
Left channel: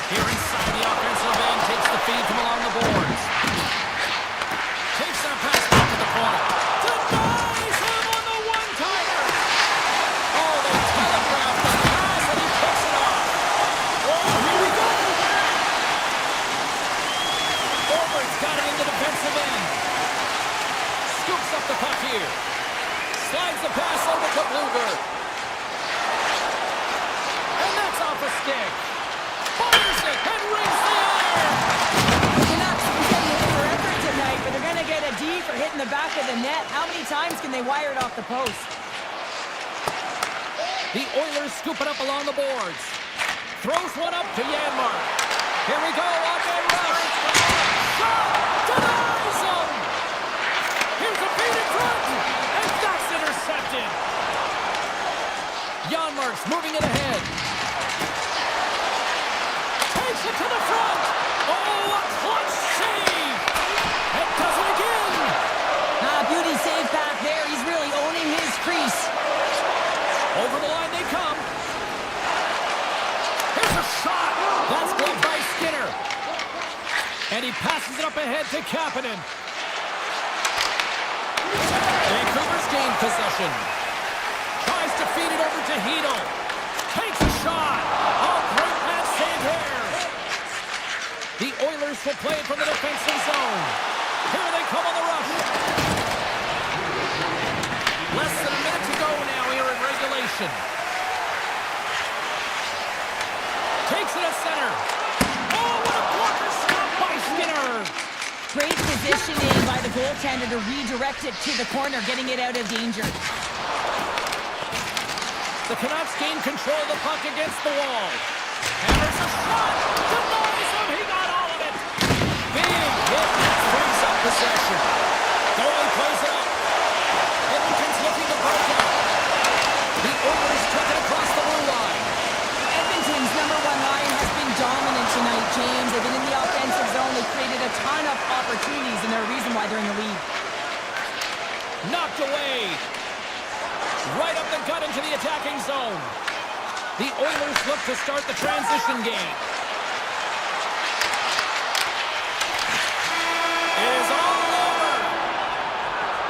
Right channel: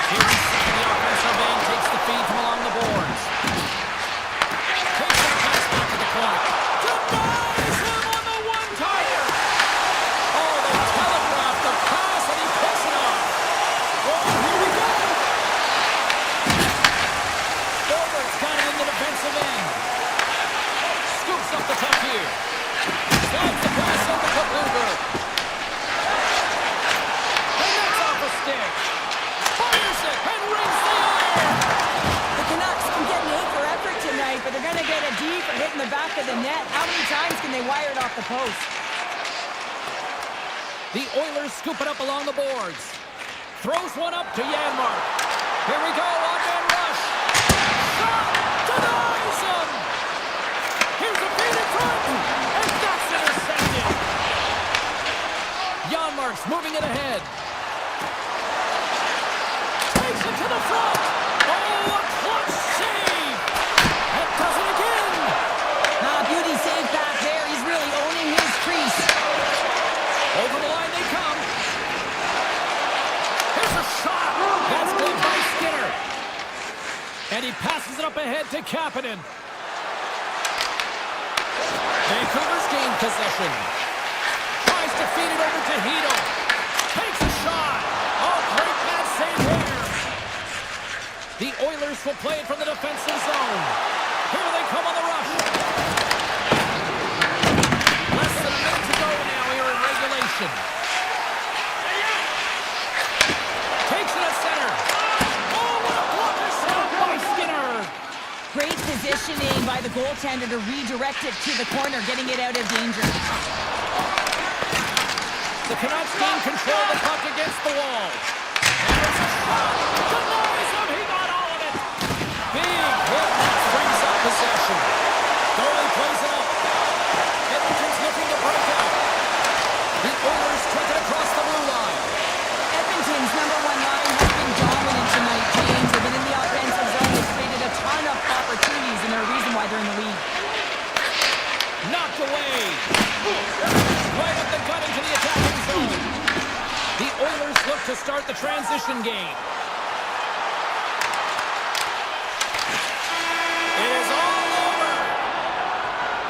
Here inside the offensive end, takes the feed from along the boards. Takes that pass back to the point. Denies him on the one-timer. Oh, they telegraphed the pass and he picks it off. Oh, here we go. Forward's got it in the defensive end. Scoops up the puck here. Slides the pass over to Bluger. And that's off a stick. Fires it and rings the iron. The Canucks can get an A for effort tonight, but they're going to get a D for hitting the back of the net. How many times can they wire it off the post? The Oilers scoop it up along the boards. Throws one up to Janmark. Here we go, on-man rush. Shot! Denies him! Here's a feed in front, and that's intercepted. Janmark's moving it ahead. Takes it to the front. Oh, a clutch save! And does it again. Beauty save back there. He's really owning his crease. Over the line they come. Here's a shot. That's blocked by Skinner. And he passes it up ahead to Kapanen. Vancouver's gained possession. Tries to feed it over to Hedl. Takes a shot. Oh, great pass save here. The Oilers will play it from the defensive zone. Here they come on the rush. Less than a minute to go now here in regulation. Takes it at center. Oh, what a blocker stop by Skinner. Great positioning by the goaltender to redirect it to the corner, getting it out of danger. The Canucks gain control of the puck against the wall. And there's a shot. Denies him. He got all of it. Big hit that frees up possession. Goalie plays it up. Edmonton's looking to break out. The Oilers take it across the blue line. Edmonton's number one line has been dominant tonight, James. They've been in the offensive zone. They've created a ton of opportunities, and they're a reason why they're in the lead. Knocked away. Right up the gut into the attacking zone. The Oilers look to start the transition game. It is all over.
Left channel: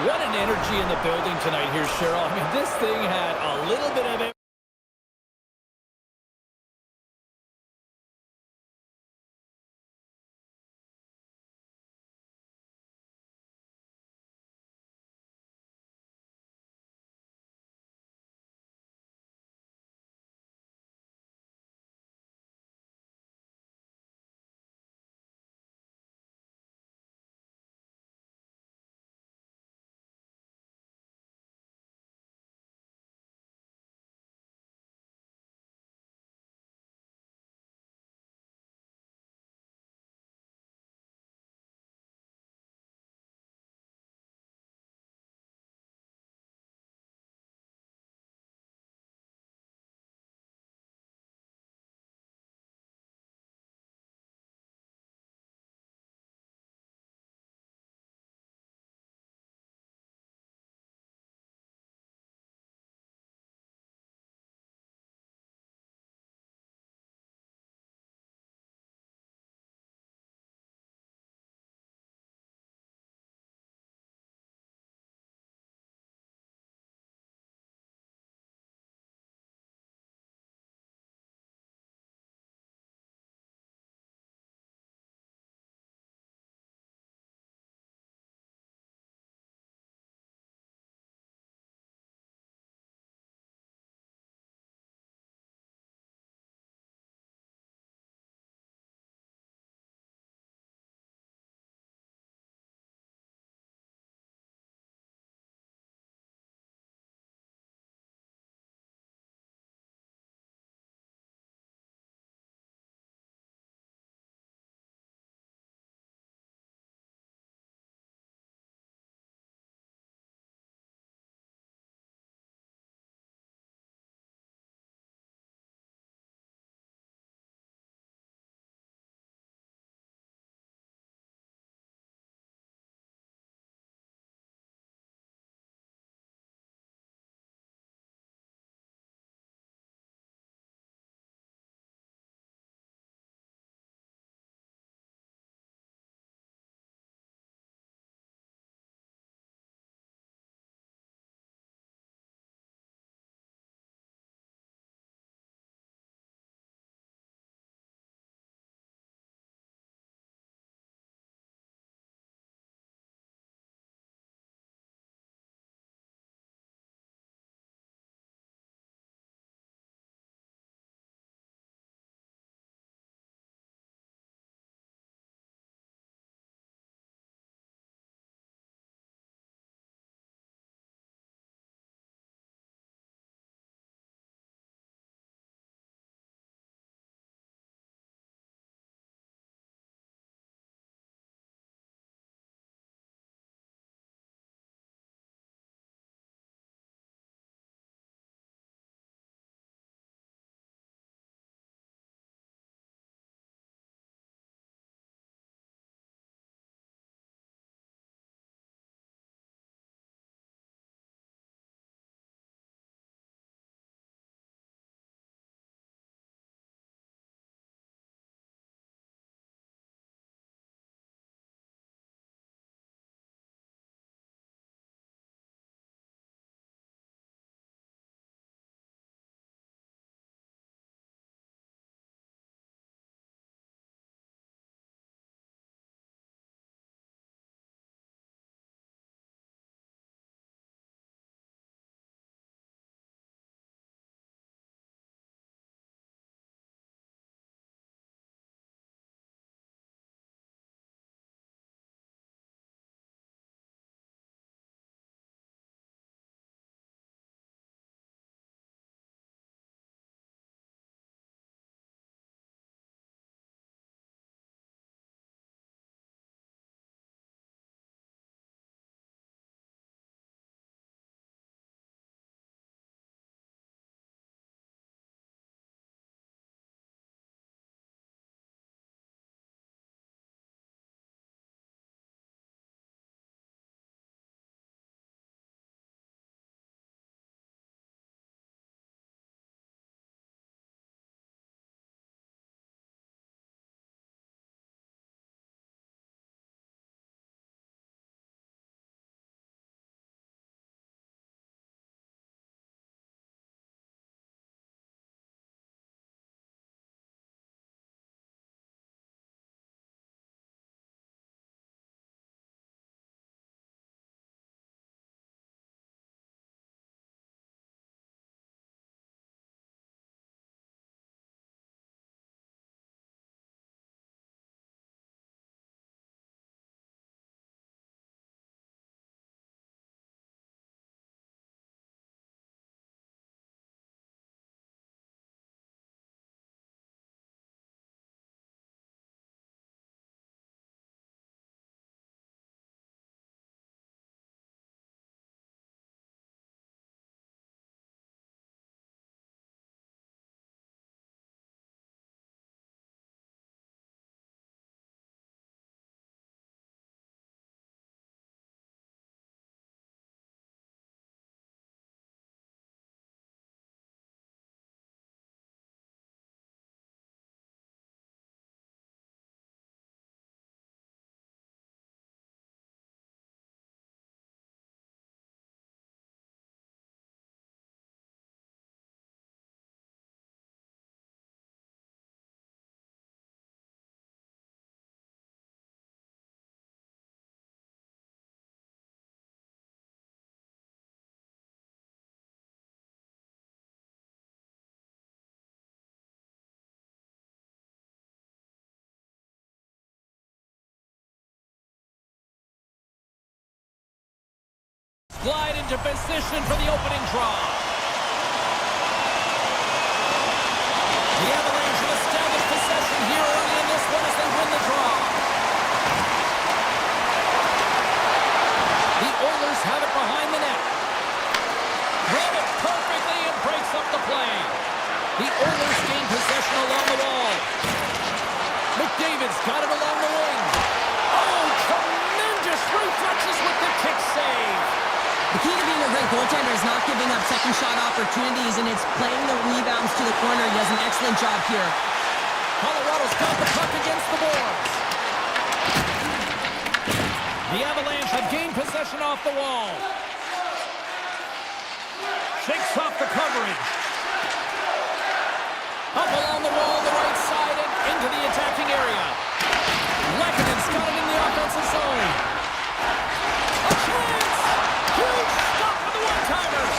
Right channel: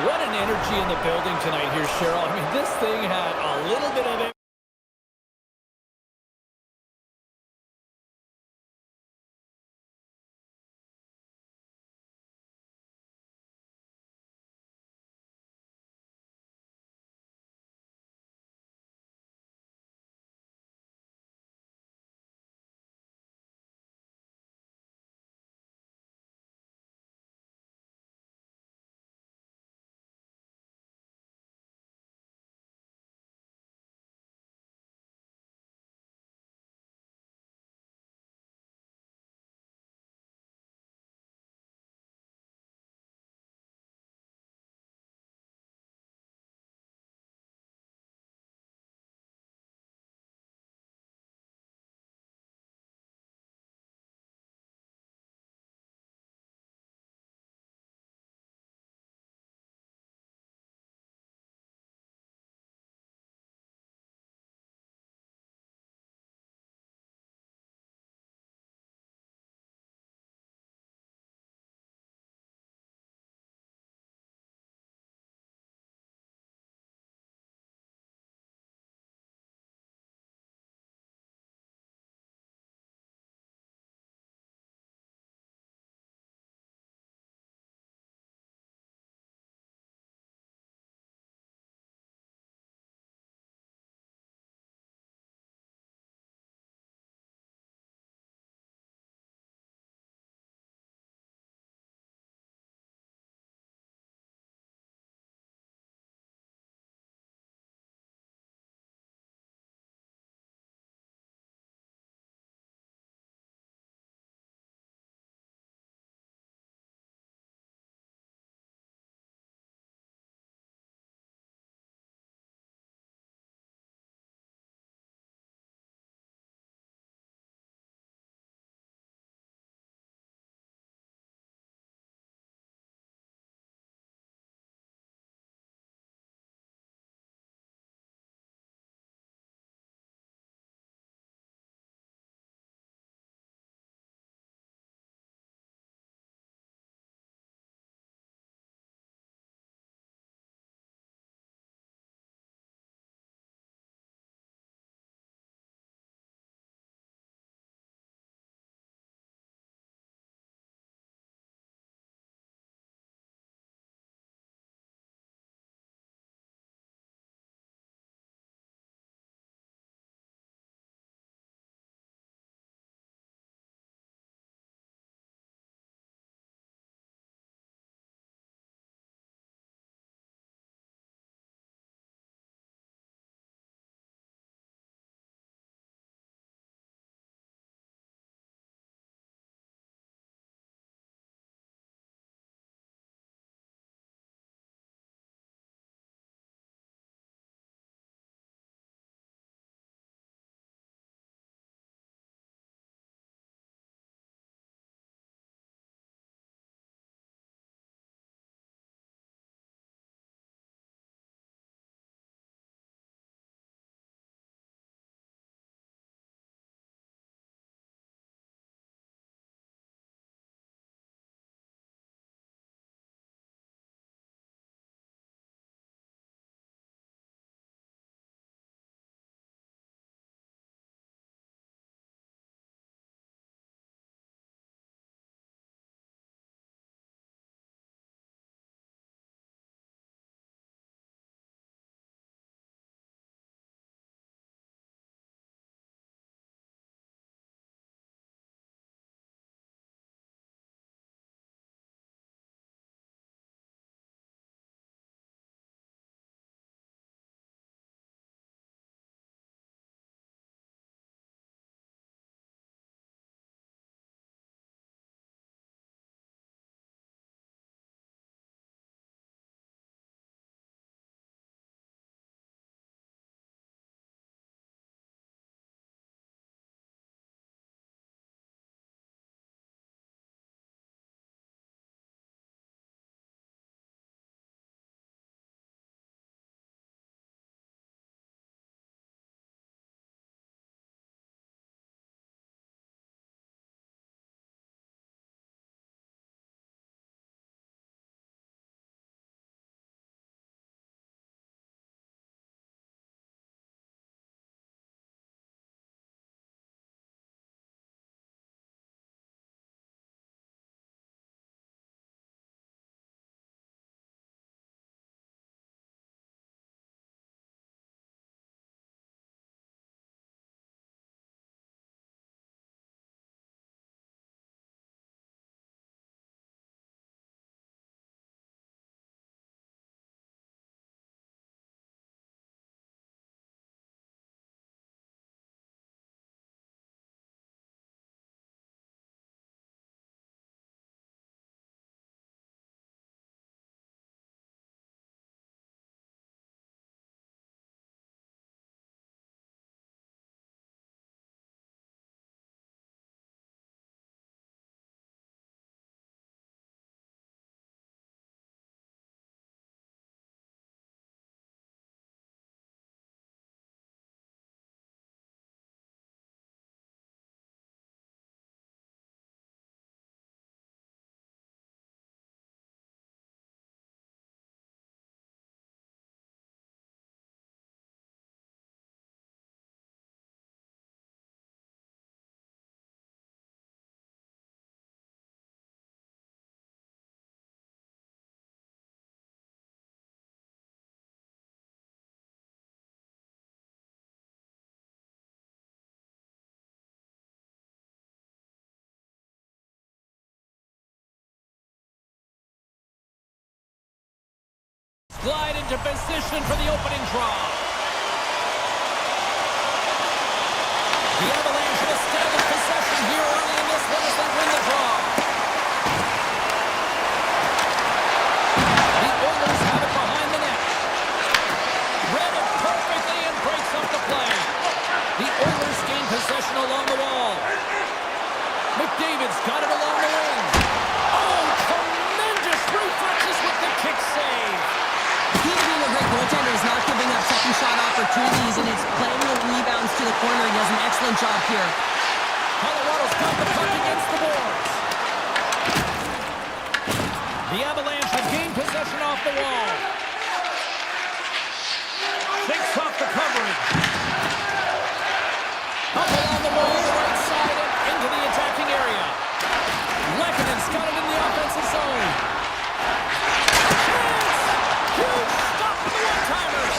What an energy in the building tonight here, Cheryl. I mean, this thing had a little bit of it. glide into position for the opening draw. The Avalanche have established possession here early in this one as they win the draw. The Oilers have it behind the net. Read it perfectly and breaks up the play. The Oilers gain possession along the wall. McDavid's got it along the wing. Oh, tremendous reflexes with the kick save. The key to being a great goaltender is not giving up second shot opportunities, and it's playing the rebounds to the corner. He does an excellent job here. Colorado's got the puck against the boards. The Avalanche have gained possession off the wall. Shakes off the coverage. Up along the wall, the right side, and into the attacking area. Lekkonen's got it in the offensive zone. A chance! Huge stop for the one-timers.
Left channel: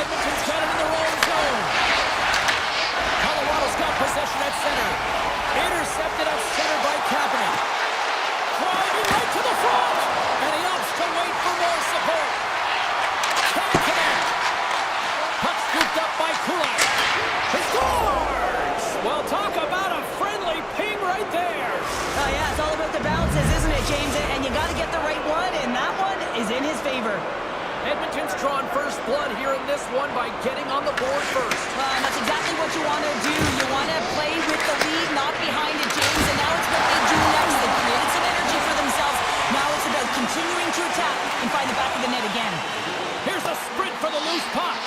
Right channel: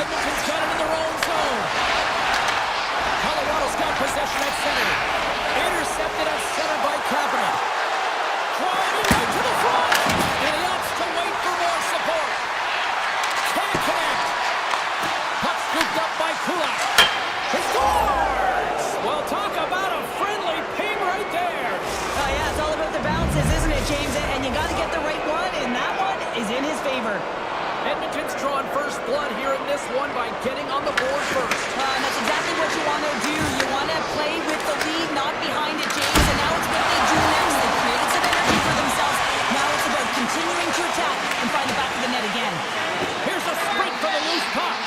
Edmonton's got it in their own zone. Colorado's got possession at center. Intercepted at center by Kapanen. Driving right to the front. And he opts to wait for more support. Can't connect. Puck scooped up by Kulak. He scores! Well, talk about a friendly ping right there. Oh, yeah, it's all about the bounces, isn't it, James? And you got to get the right one, and that one is in his favor. Edmonton's drawn first blood here in this one by getting on the board first. And that's exactly what you want to do. You want to play with the lead, not behind it, James. And now it's what they do next. They've created some energy for themselves. Now it's about continuing to attack and find the back of the net again. Here's a sprint for the loose puck.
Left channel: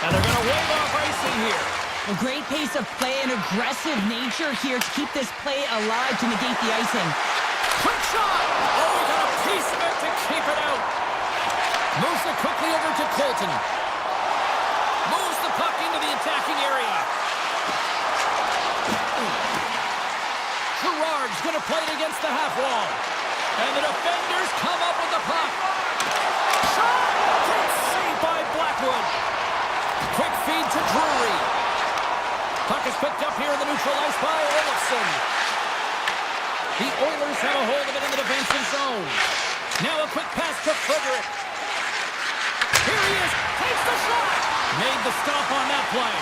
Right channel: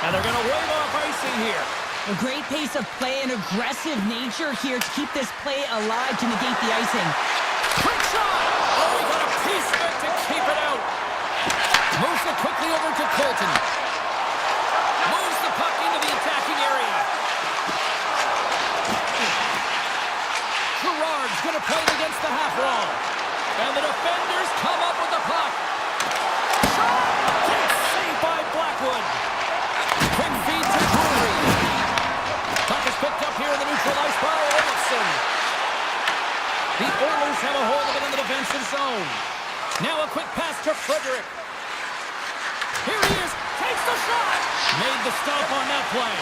And they're going to wave off icing here. A great pace of play and aggressive nature here to keep this play alive to negate the icing. Quick shot! Oh, he got a piece of it to keep it out. Moves it quickly over to Colton. Moves the puck into the attacking area. Gerard's going to play it against the half wall. And the defenders come up with the puck. Shot! Takes saved by Blackwood. Quick feed to Drury. Puck is picked up here in the neutral ice by Olofsson. The Oilers have a hold of it in the defensive zone. Now a quick pass to Frederick. Here he is. Takes the shot. Made the stop on that play.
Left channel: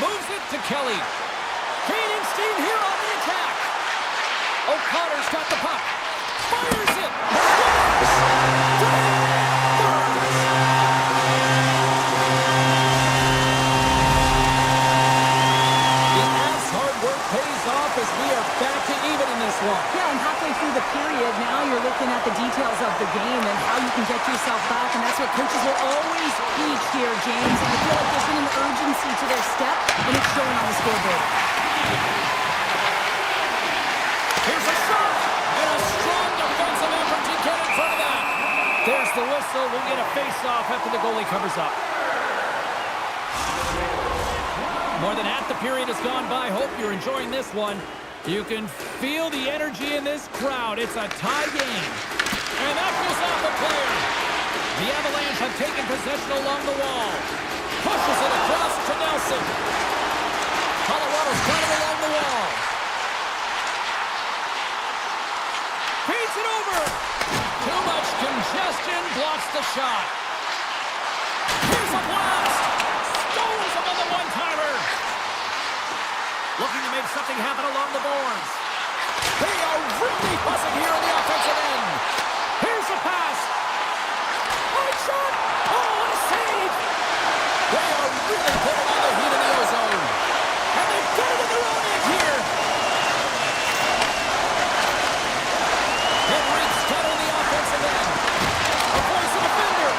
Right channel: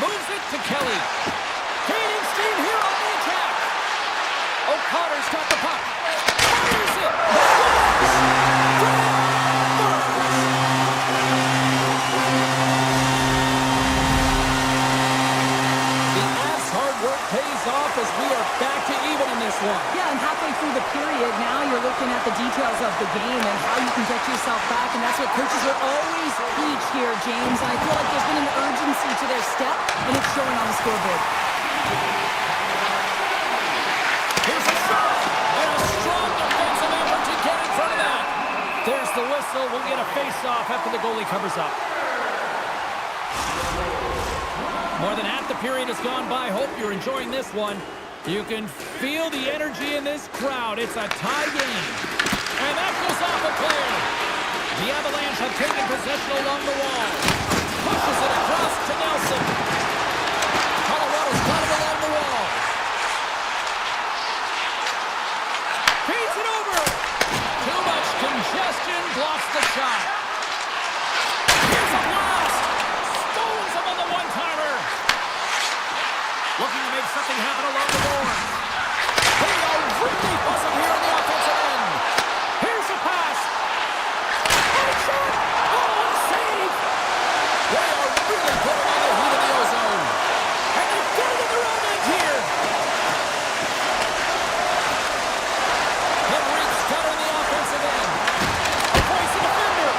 Moves it to Kelly. Gaining steam here on the attack. O'Connor's got the puck. Fires it. As we are back to even in this one. Yeah, and halfway through the period, now you're looking at the details of the game and how you can get yourself back, and that's what coaches will always teach here, James. And I feel like there's been an urgency to their step, and it's showing on the scoreboard. Here's a shot, and a strong defensive effort to get in front of that. There's the whistle. We'll get a face-off after the goalie covers up. More than half the period has gone by. Hope you're enjoying this one. You can feel the energy in this crowd. It's a tie game. And that goes off a player. The Avalanche have taken possession along the wall. Pushes it across to Nelson. Colorado's got it along the wall. Feeds it over. Too much congestion. Blocks the shot. Here's a blast. Stones him on the one-timer. Looking to make something happen along the boards. They are really buzzing here in the offensive end. Here's a pass. Hard shot. Oh, what a save. They are really putting on the heat in the ozone. And they've got it in their own end here. Henrique's got it in the offensive end. Avoids the defender.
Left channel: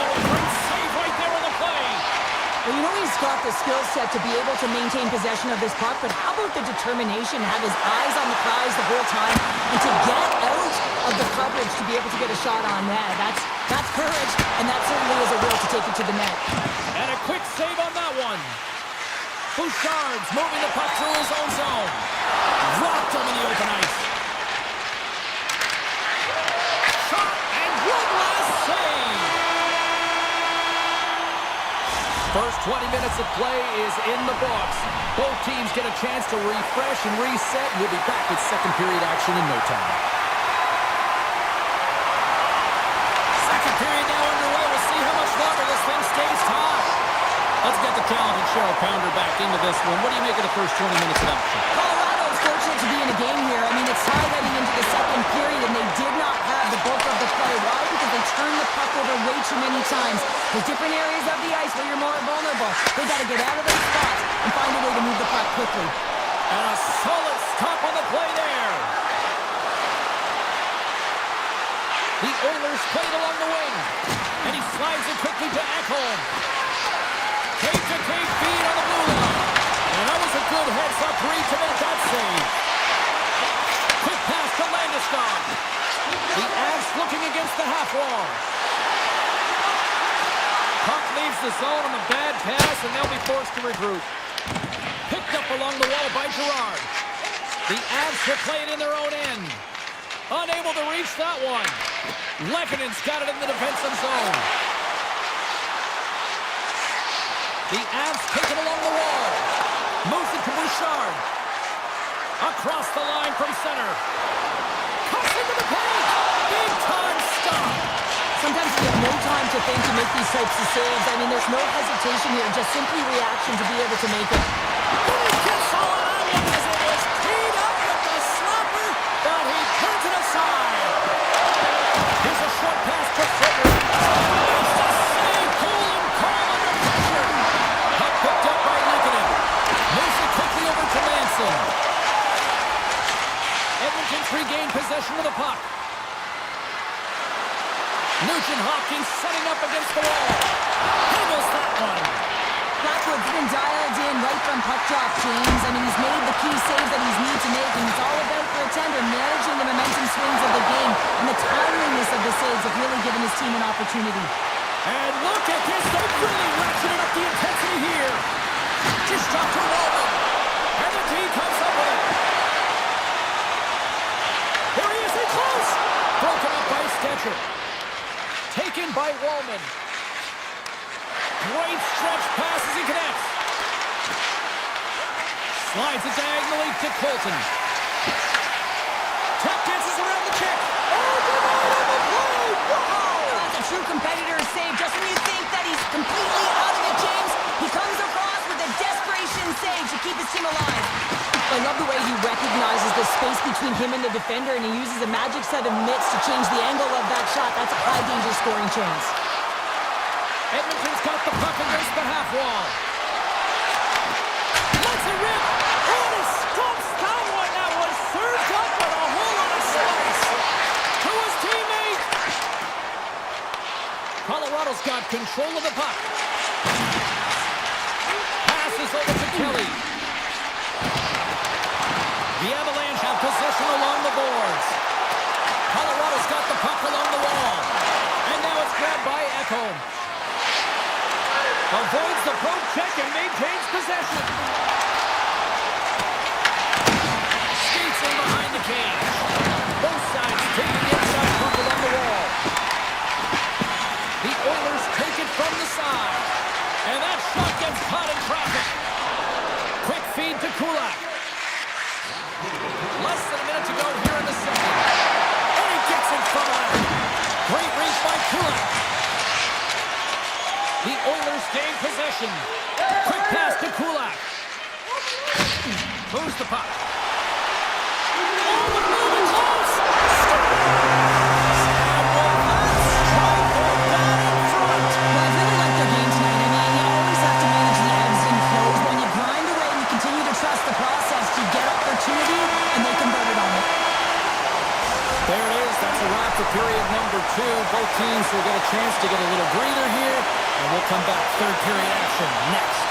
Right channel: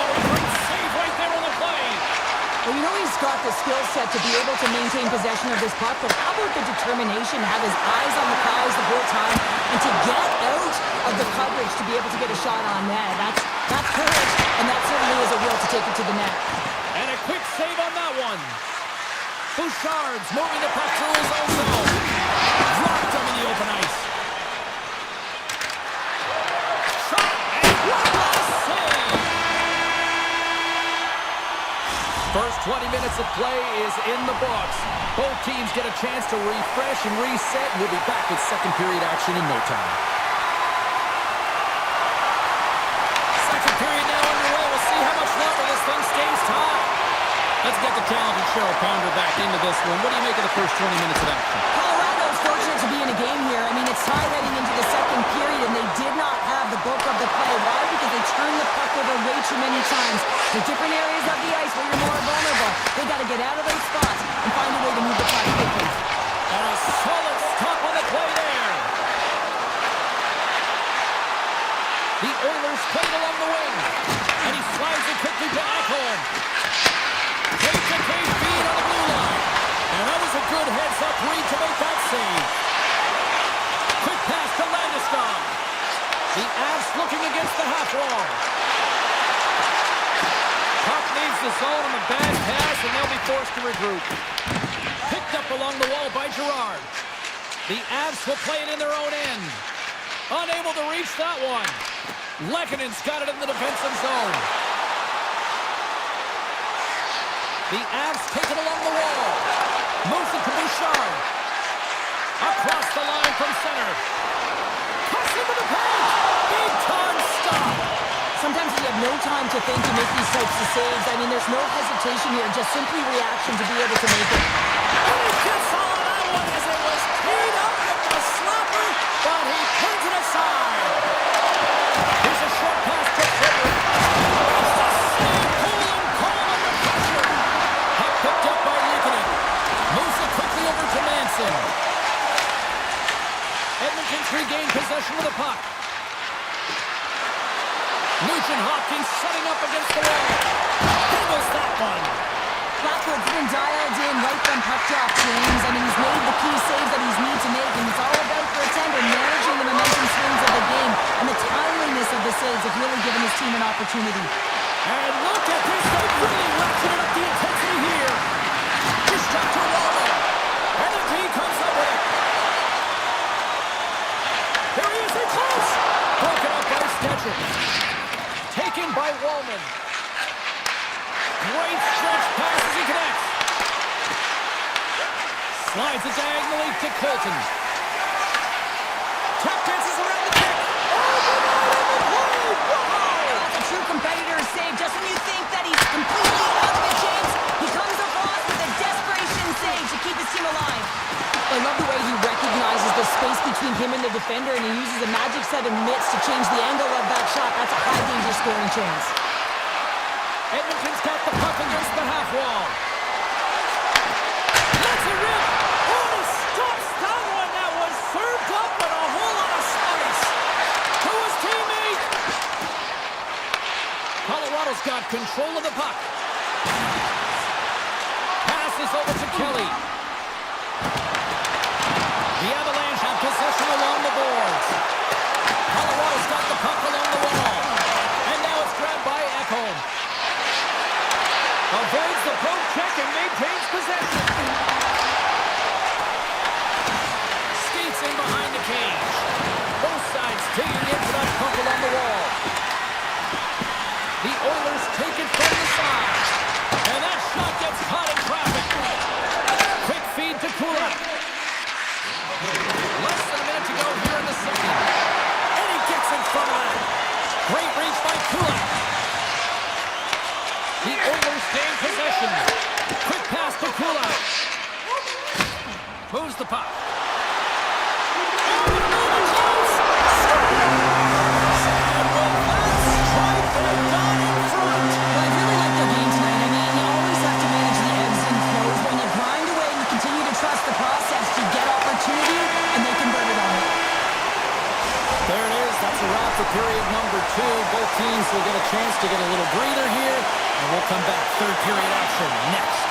Oh, great save right there on the play. Well, you know he's got the skill set to be able to maintain possession of this puck, but how about the determination, have his eyes on the prize the whole time, and to get out of the coverage to be able to get a shot on net? That's courage, and that certainly is a will to take it to the net. And a quick save on that one. Bouchard's moving the puck through his own zone. Dropped him in the open ice. Shot, and one last save. First 20 minutes of play is in the books. Both teams get a chance to refresh and reset. We'll be back with second period action in no time. Let's get the talented Cheryl Pounder back into this one. What do you make of the first 20 minutes of action? Colorado's fortunate to be in a game here. I mean, it's tied heading into the second period, and they did not have the bulk of the play. Why? Because they turned the puck over way too many times. There's different areas of the ice where you're more vulnerable. They got to get out of those spots and find a way to move the puck quickly. And a solid stop on the play there. The Oilers played along the wing. And he slides it quickly to Ekholm. Cage-to-cage feed on the blue line. And that was a good heads-up read to make that save. Quick pass to Landeskog. The Avs looking against the half wall. Puck leaves the zone on the bad pass, and they'll be forced to regroup. Picked up along the wall by Girard. The Avs will play it in their own end. Unable to reach that one. Lekkonen's got it in the defensive zone. The Avs take it along the wall. Moves it to Bouchard. Across the line from center. Cuts into the paint. Big time stop. Sometimes you have no time to think to make these types of saves. I mean, there's no hesitation here, just simply reaction to be able to make it. And he gets all of that one as it was teed up with the slapper, but he turns it aside. Here's a short pass to Frederick. Makes the save, cool and calm under pressure. Puck picked up by Lekkonen. Moves it quickly over to Manson. Edmonton's regained possession of the puck. Nugent-Hopkins setting up against the wall. Handles that one. Blackwood's been dialed in right from puck drop, James. I mean, he's made the key saves that he's needed to make, and it's all about for a tender managing the momentum swings of the game, and the timeliness of the saves have really given his team an opportunity. And look at this. They've really ratcheted up the intensity here. Just dropped to Wallman. And the team comes up with it. Here he is, in close. Broken up by Stetcher. Taken by Wallman. Great stretch pass as he connects. Slides it diagonally to Colton. Tap dances around the kick. Oh, denied on the play. Wow! That's a true competitor's save. Just when you think that he's completely out of it, James, he comes across with a desperation save to keep his team alive. I love the way he recognizes the space between him and the defender, and he uses a magic set of mitts to change the angle of that shot. That's a high-danger scoring chance. Edmonton's got the puck against the half wall. Lets it rip. Oh, he stops that one. That was served up with a whole lot of spice. To his teammate. Colorado's got control of the puck. Passes over to Kelly. The Avalanche have possession along the boards. Colorado's got the puck along the wall. And now it's grabbed by Ekholm. Avoids the poke check and maintains possession. Skates in behind the cage. Both sides taking into that puck along the wall. The Oilers take it from the side. And that shot gets caught in traffic. Quick feed to Kulak. Less than a minute to go here in the second. And he gets in front of that. Great reach by Kulak. The Oilers gain possession. Quick pass to Kulak. Moves the puck. Oh, but moving close. Scores! And with that strike, they're down in front. Well, I really like their game tonight. I mean, you always have to manage the ebbs and flows. When you grind away and you continue to trust the process, you get opportunity, and they convert it on it. There it is. That's a wrap for period number 2. Both teams will get a chance to get a little breather here, and we'll come back. Third period action next.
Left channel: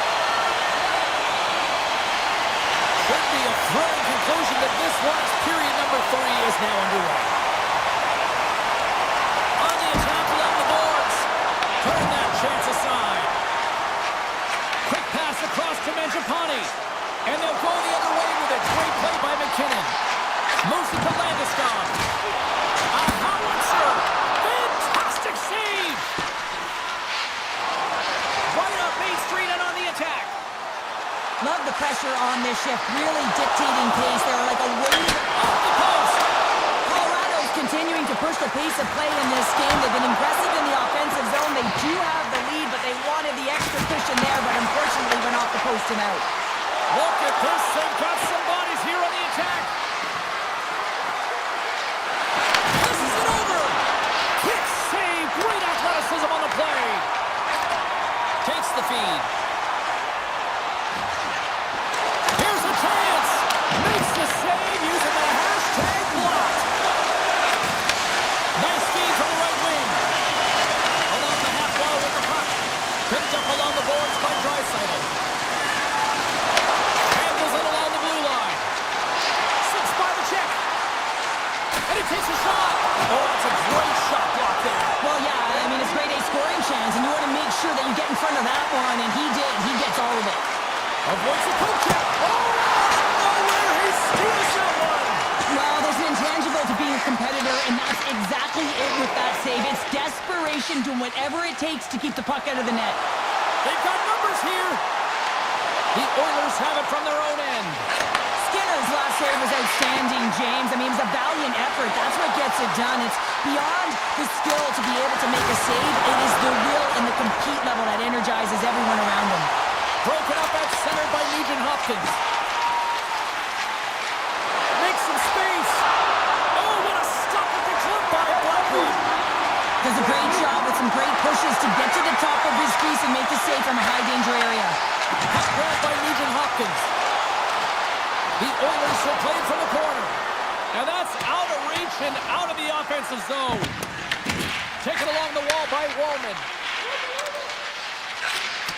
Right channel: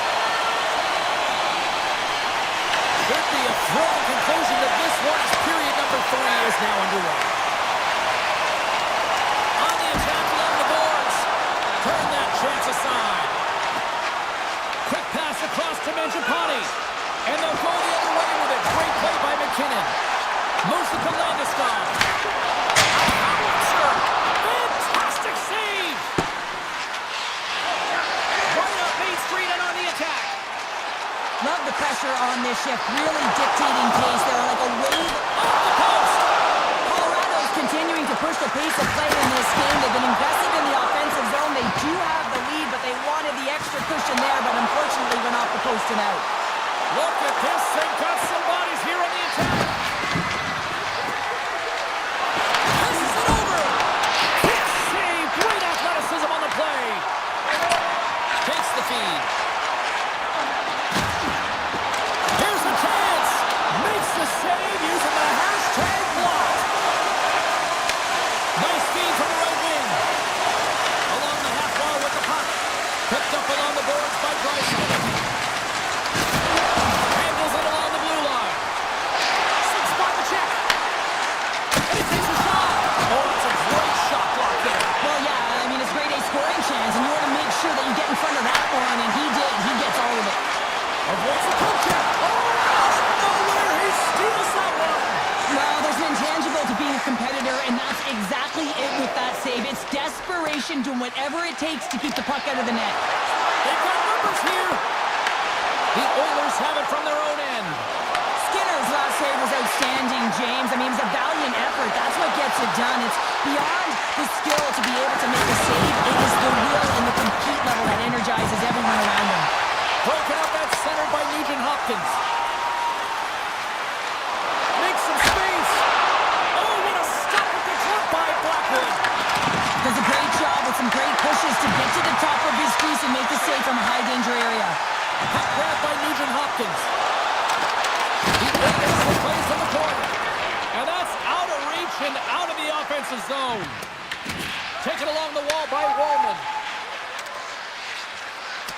Should be a thrilling conclusion that this one as period number 3 is now underway. On the attack along the boards. Turn that chance aside. Quick pass across to Mangiapane. And they'll go the other way with it. Great play by McKinnon. Moves it to Landeskog. A howitzer. Fantastic save. Right up Main Street and on the attack. Love the pressure on this shift, really dictating pace. They're like a wave Off the post. Colorado's continuing to push the pace of play in this game. They've been impressive in the offensive zone. They do have the lead, but they wanted the extra good cushion there, but unfortunately went off the post and out. Look at this. They've got some bodies here on the attack. Passes it over. Kick save. Great athleticism on the play. Takes the feed. Here's a chance. Makes the save using the hashtag block. Nice feed from the right wing. Along the half wall with the puck. Picked up along the boards by Draisaitl. Handles it along the blue line. Sits by the check. And he takes a shot. Oh, that's a great shot block there. Well, yeah, I mean, it's grade A scoring chance, and you want to make sure that you get in front of that one, and he did. He gets all of it. Avoids the poke check. Oh, out of nowhere, he steals that one. Well, there's an intangible to being a competitor, and that's exactly it with that save. It's desperation, doing whatever it takes to keep the puck out of the net. They've got numbers here. The Oilers have it from their own end. Skinner's last save was outstanding, James. I mean, it was a valiant effort. That's what gets it done. It's beyond the skill to be able to make a save. It is the will and the compete level that energizes everyone around him. Broken up at center by Nugent-Hopkins. Makes some space. Oh, what a stop with the glove by Blackwood. Does a great job with some great pushes to get to the top of his crease and make the save from a high-danger area. Puck grab by Nugent-Hopkins. The Oilers will play from the corner. And that's out of reach and out of the offensive zone. Taken along the wall by Wallman.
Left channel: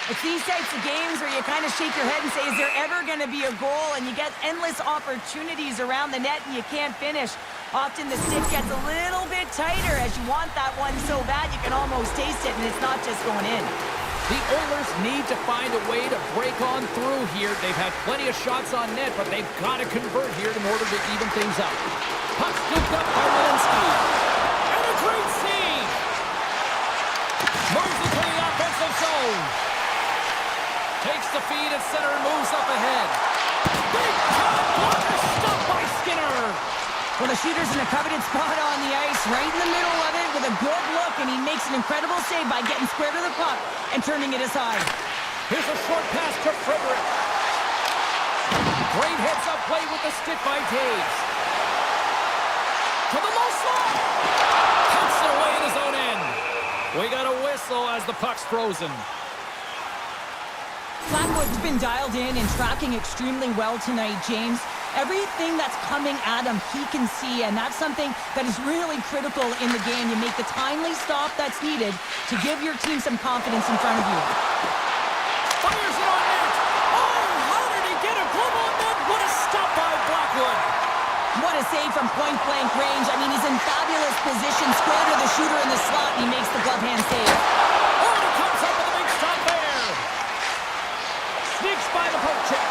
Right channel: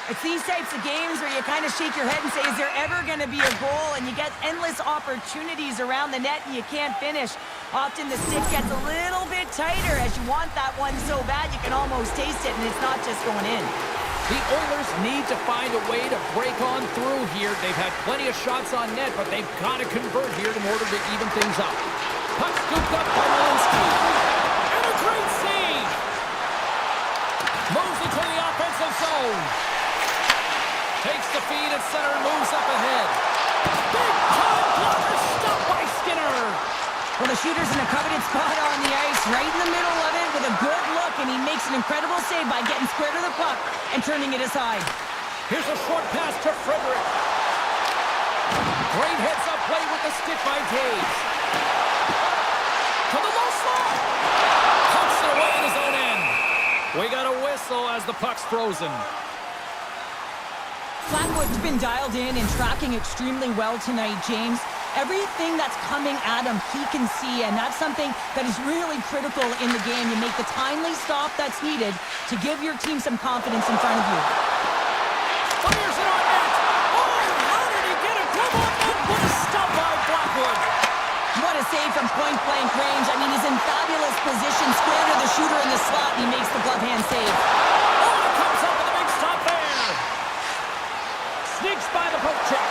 It's these types of games where you kind of shake your head and say, is there ever going to be a goal? And you get endless opportunities around the net and you can't finish. Often the stick gets a little bit tighter as you want that one so bad you can almost taste it, and it's not just going in. The Oilers need to find a way to break on through here. They've had plenty of shots on net, but they've got to convert here in order to even things up. Puck scooped up by Malinsky. And a great save! Moves into the offensive zone. Takes the feed at center and moves up ahead. Big time blocker stopped by Skinner. Well, the shooter's in a coveted spot on the ice, right in the middle of it with a good look, and he makes an incredible save by getting square to the puck and turning it aside. Here's a short pass to Frederick. Great heads-up play with the stick by Taves. To the low slot. Pumps it away in his own end. We got a whistle as the puck's frozen. Blackwood's been dialed in and tracking extremely well tonight, James. Everything that's coming at him, he can see, and that's something that is really critical in the game. You make the timely stop that's needed to give your team some confidence in front of you. Fires it on net. Oh, how did he get a glove on net? What a stop by Blackwood. What a save from point-blank range. I mean, he's in fabulous position, square to the shooter in the slot, and he makes the glove hand save. Oh, and it comes up with a big stop there. Sneaks by the poke check.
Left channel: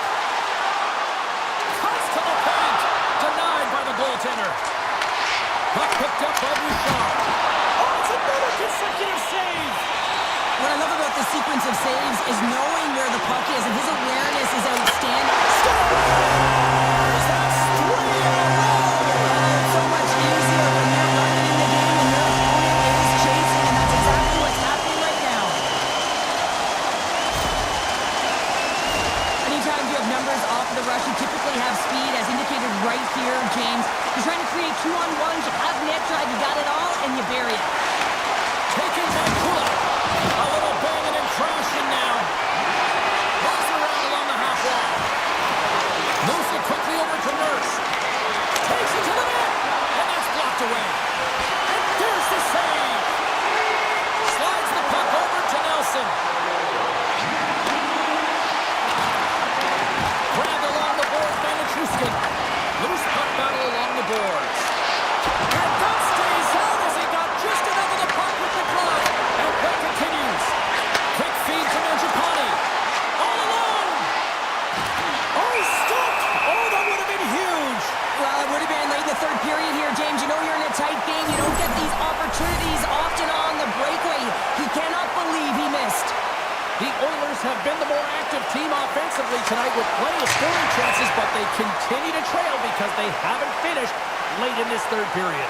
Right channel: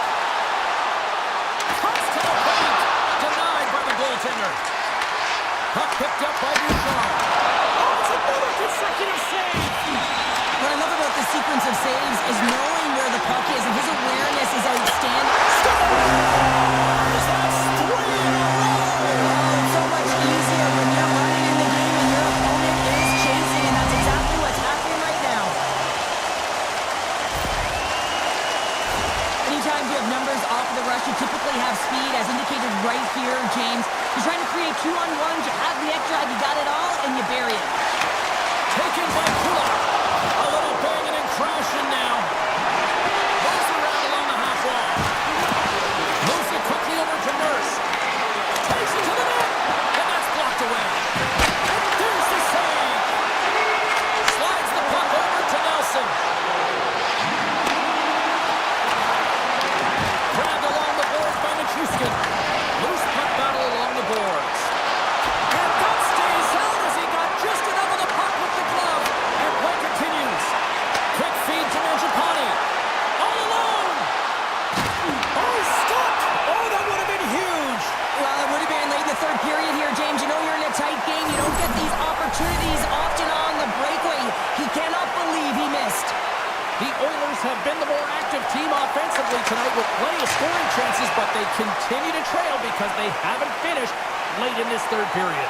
Cuts to the paint. Denied by the goaltender. Puck picked up by Bouchard. Oh, it's another consecutive save. What I love about this sequence of saves is knowing where the puck is, and his awareness is outstanding. Scores! That's 3 in a row. Oh, it's so much easier when you're running in the game and your opponent is chasing, and that's exactly what's happening right now. Anytime you have numbers off of the rush, you typically have speed, as indicated right here, James. You're trying to create 2-on-1s, you have net drive, you got it all, and you bury it. Taken by Kulak. A little banging and crashing now. Moves around along the half wall. Moves it quickly over to Nurse. Takes it to the net. And that's blocked away. And there's the save. Slides the puck over to Nelson. Grabbed along the boards by Nichushkin. Loose puck battle along the boards. And that stays out as he got just enough of the puck with the glove. And play continues. Quick feed to Mangiapane. All alone. Oh, he stopped. Oh, that would have been huge. Well, it would have been late in the third period here, James. You know you're in a tight game. You don't get these opportunities often on the breakaway. He cannot believe he missed. The Oilers have been the more active team offensively tonight with plenty of scoring chances, but they continue to trail because they haven't finished late in this third period.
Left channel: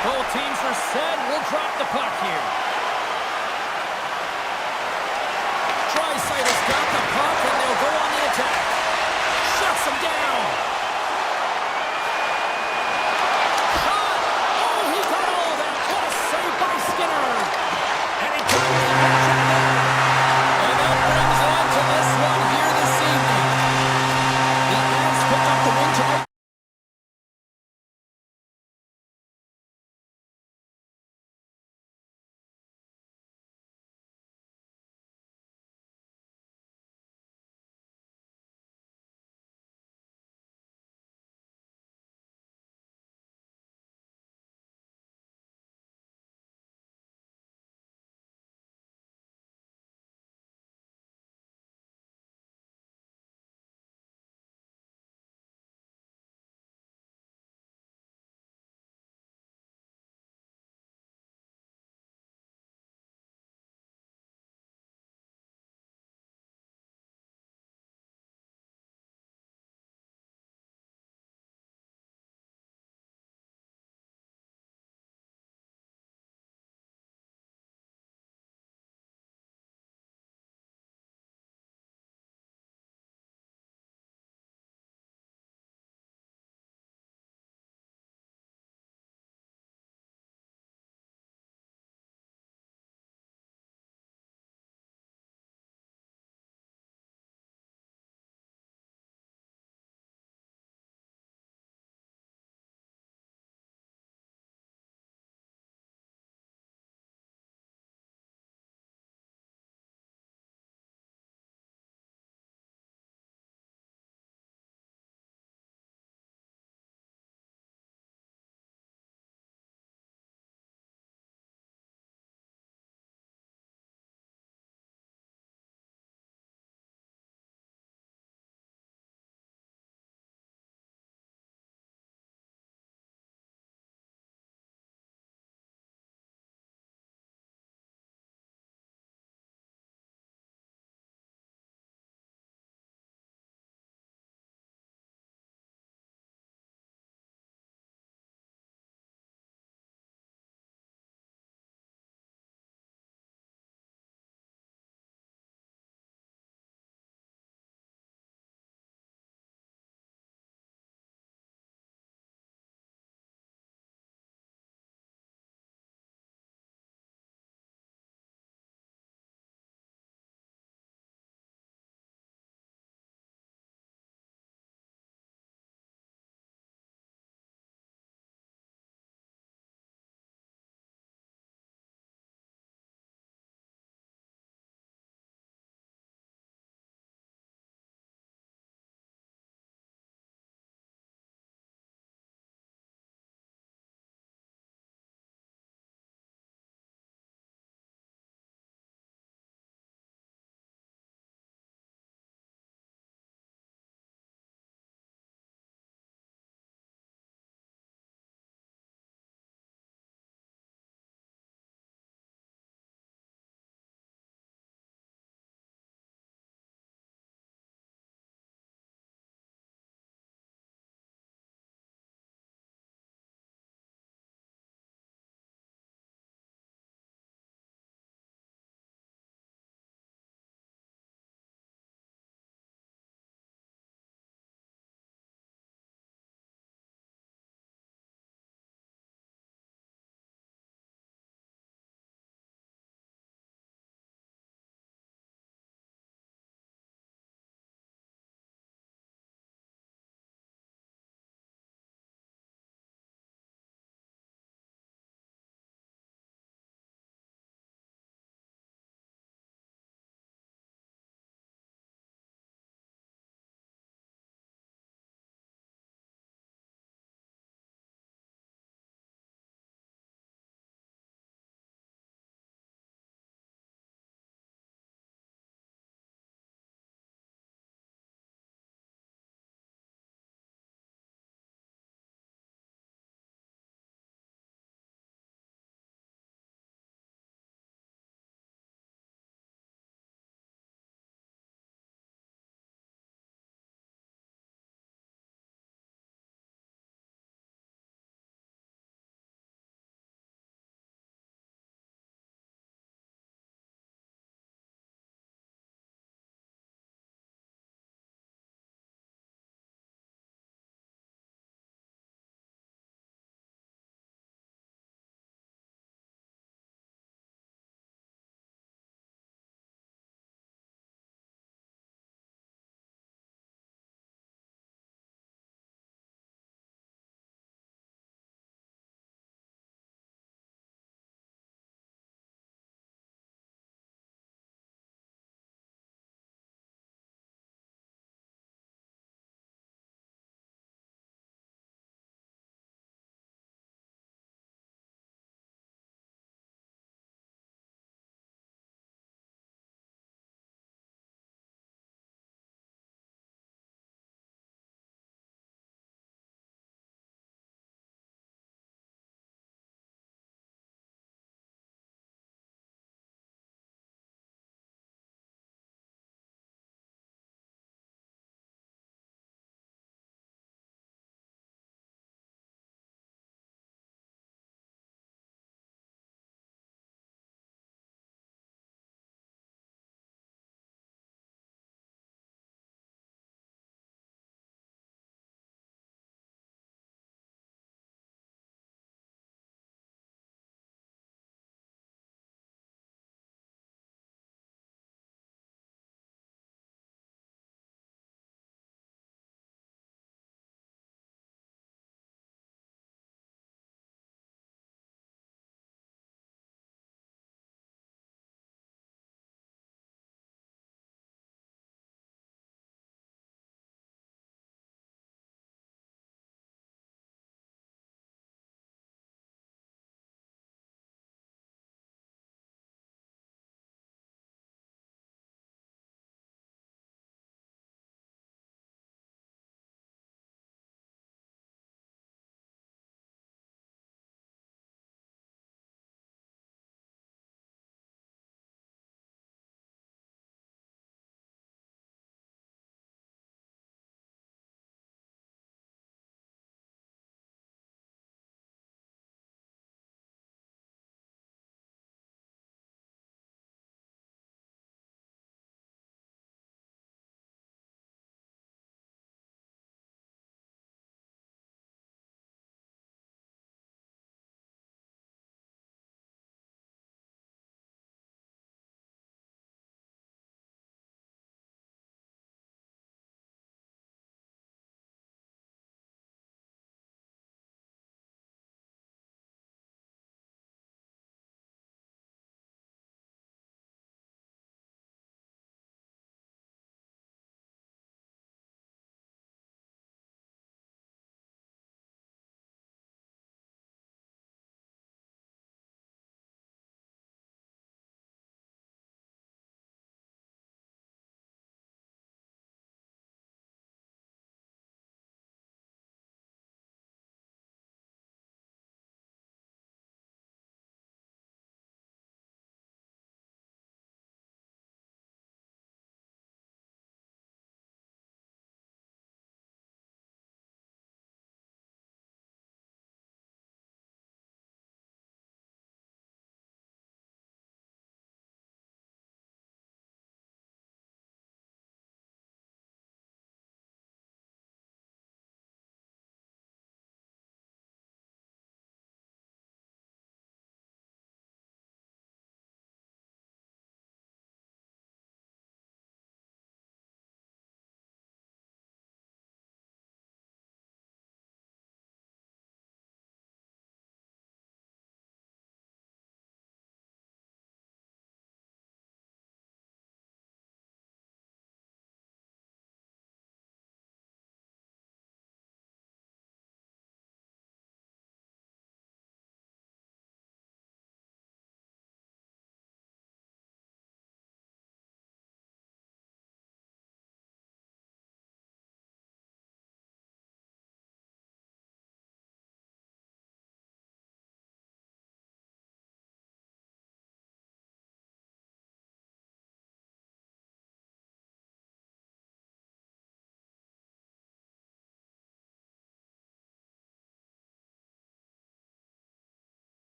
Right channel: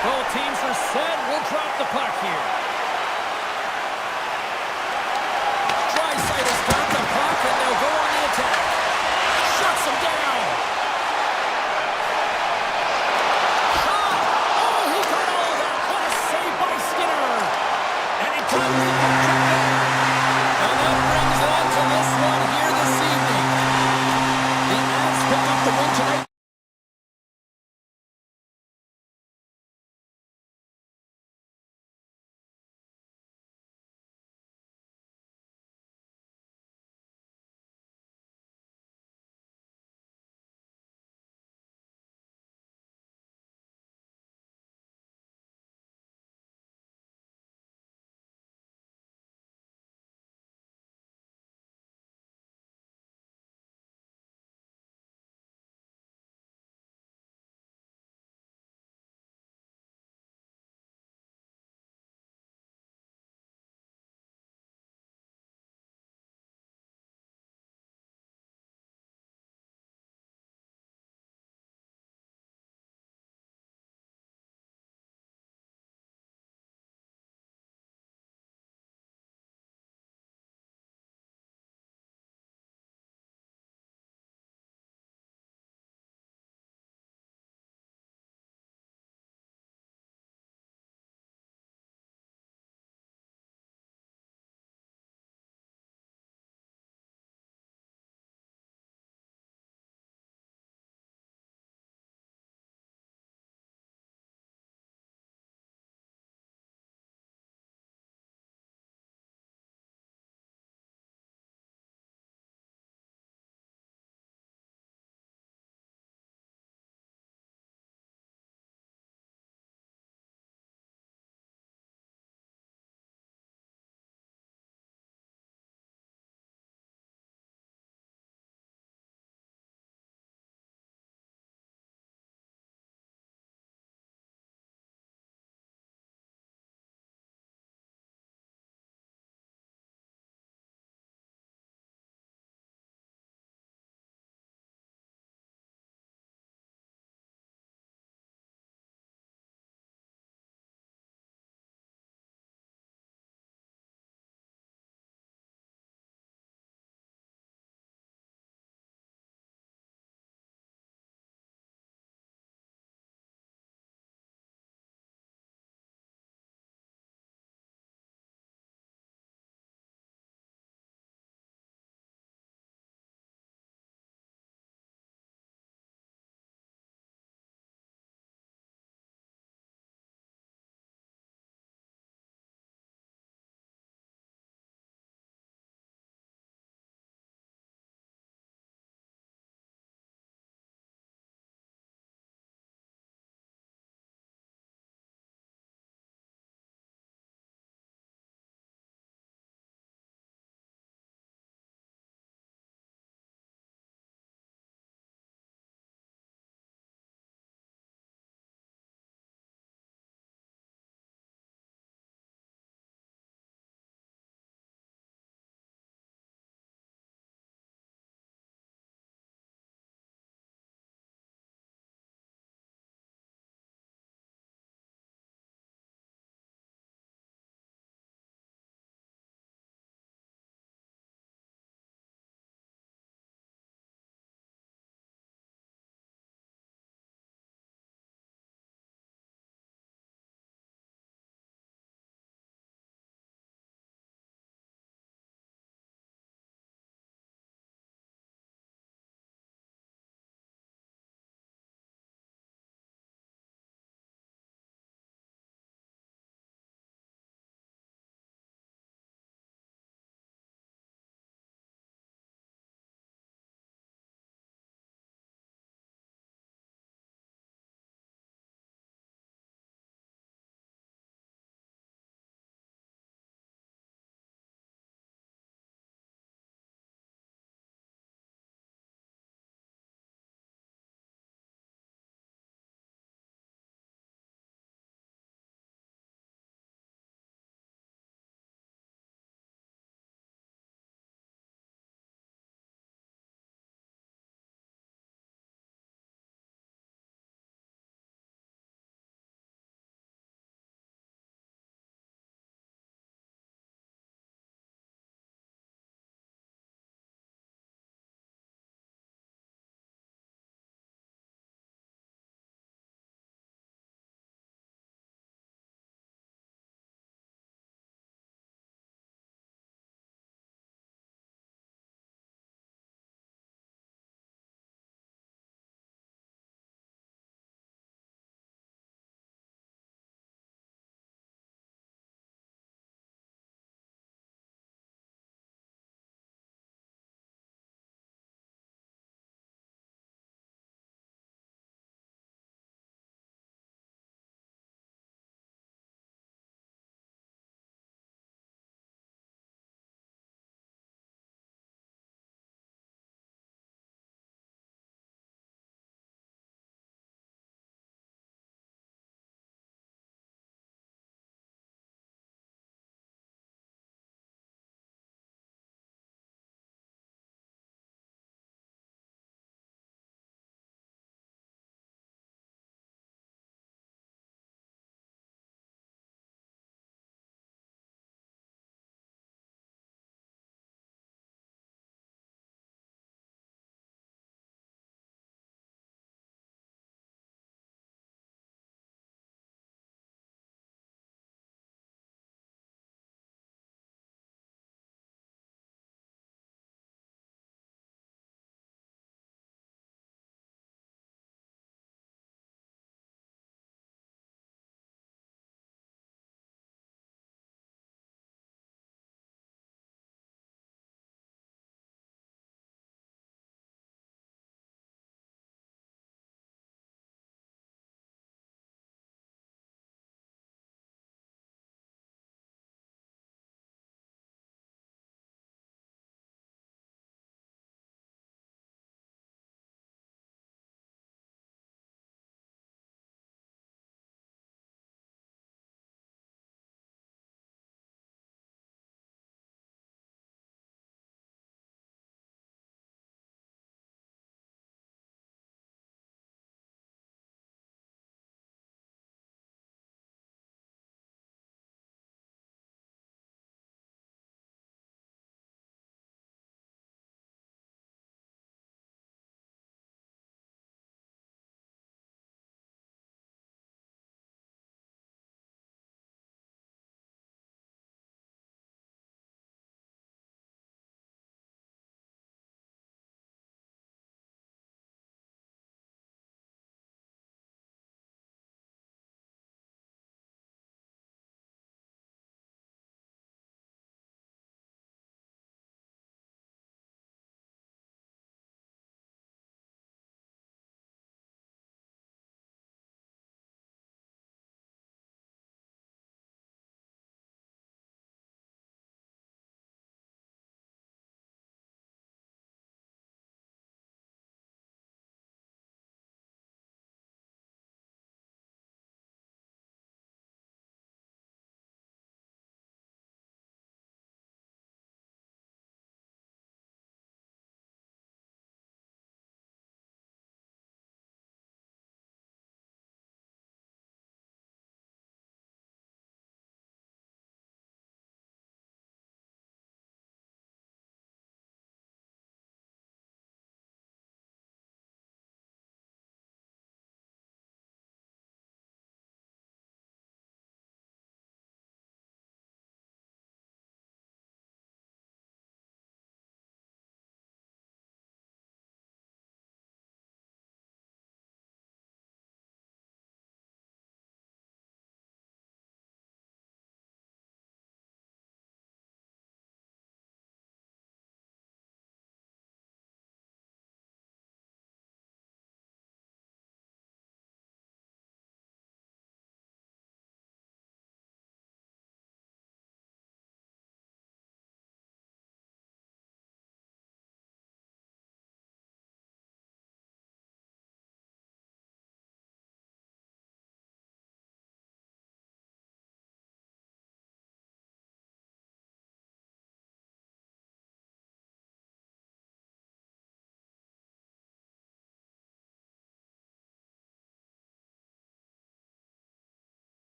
Both teams are set. We'll drop the puck here. fires the puck check there. And that brings it on to this one here this evening. The Avs picked up the win tonight.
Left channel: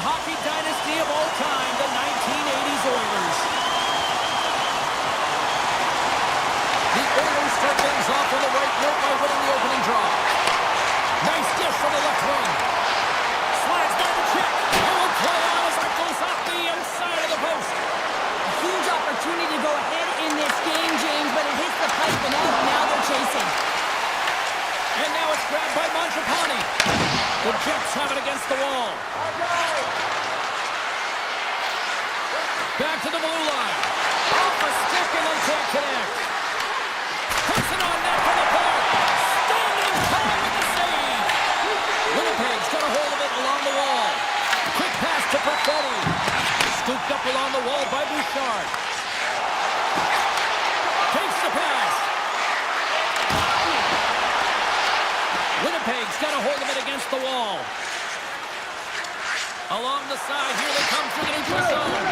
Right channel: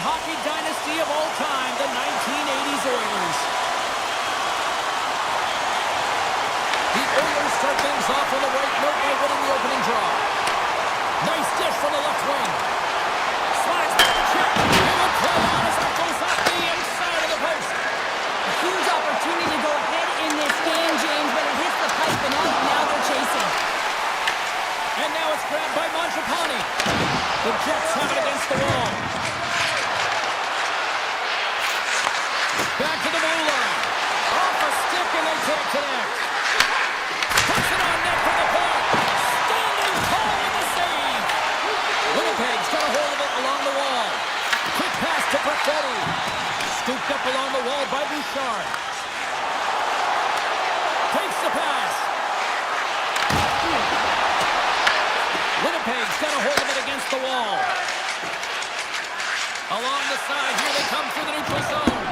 hockey dynasty of all time, the 1980s Oilers. The Oilers start things off on the right note by winning the opening draw. Nice dish from the left wing. Slides by the check. It will play on as that goes off the outside of the post. A huge opportunity to go ahead in this game, James, but it hits the pipe and out. Now they're chasing. And now it's grabbed by Mangiapane. The Jets have it against the wall. Back to the blue line. Off a stick and they can't connect. Puts it on net for the point. Standing tall with the save. Winnipeg's got a hold of it along the wall. Quick pass to Perfetti. Scooped up along the wall by Bouchard. Takes the pass. Winnipeg's got a hold of it against the wall. Along the side, here they come through the neutral zone.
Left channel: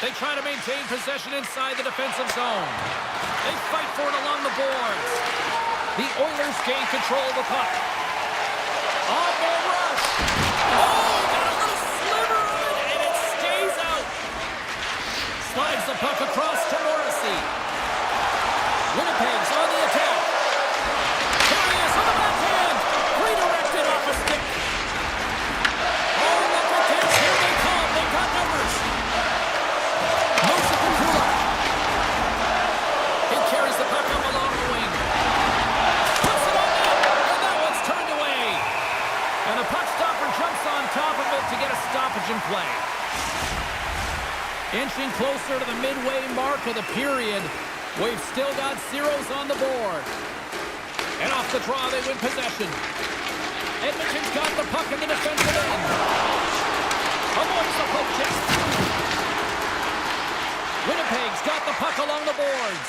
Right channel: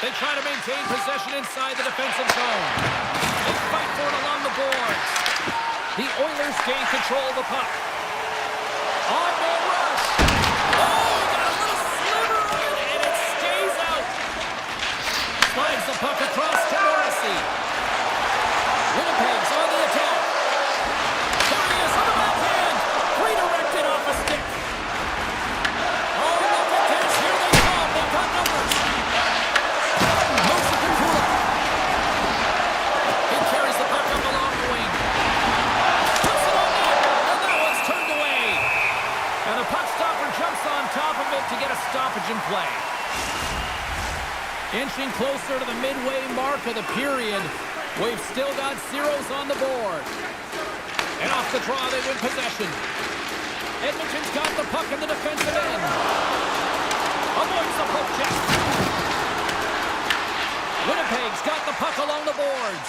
They try to maintain possession inside the defensive zone. They fight for it along the boards. The Oilers gain control of the puck. On-man rush. Oh, he got a little sliver of it, and it stays out. Slides the puck across to Morrissey. Winnipeg's on the attack. There he is with the backhand. Redirected off a stick. Oh, look at this. Here they come. They've got numbers. Moves it to Kulak. He carries the puck up along the wing. Puts it on net, and that one's turned away. And the puck stopper jumps on top of it to get a stoppage in play. Inching closer to the midway mark of the period. We've still got zeros on the board. And off the draw, they win possession. Edmonton's got the puck in the defensive end. Avoids the poke check. Winnipeg's got the puck along the boards.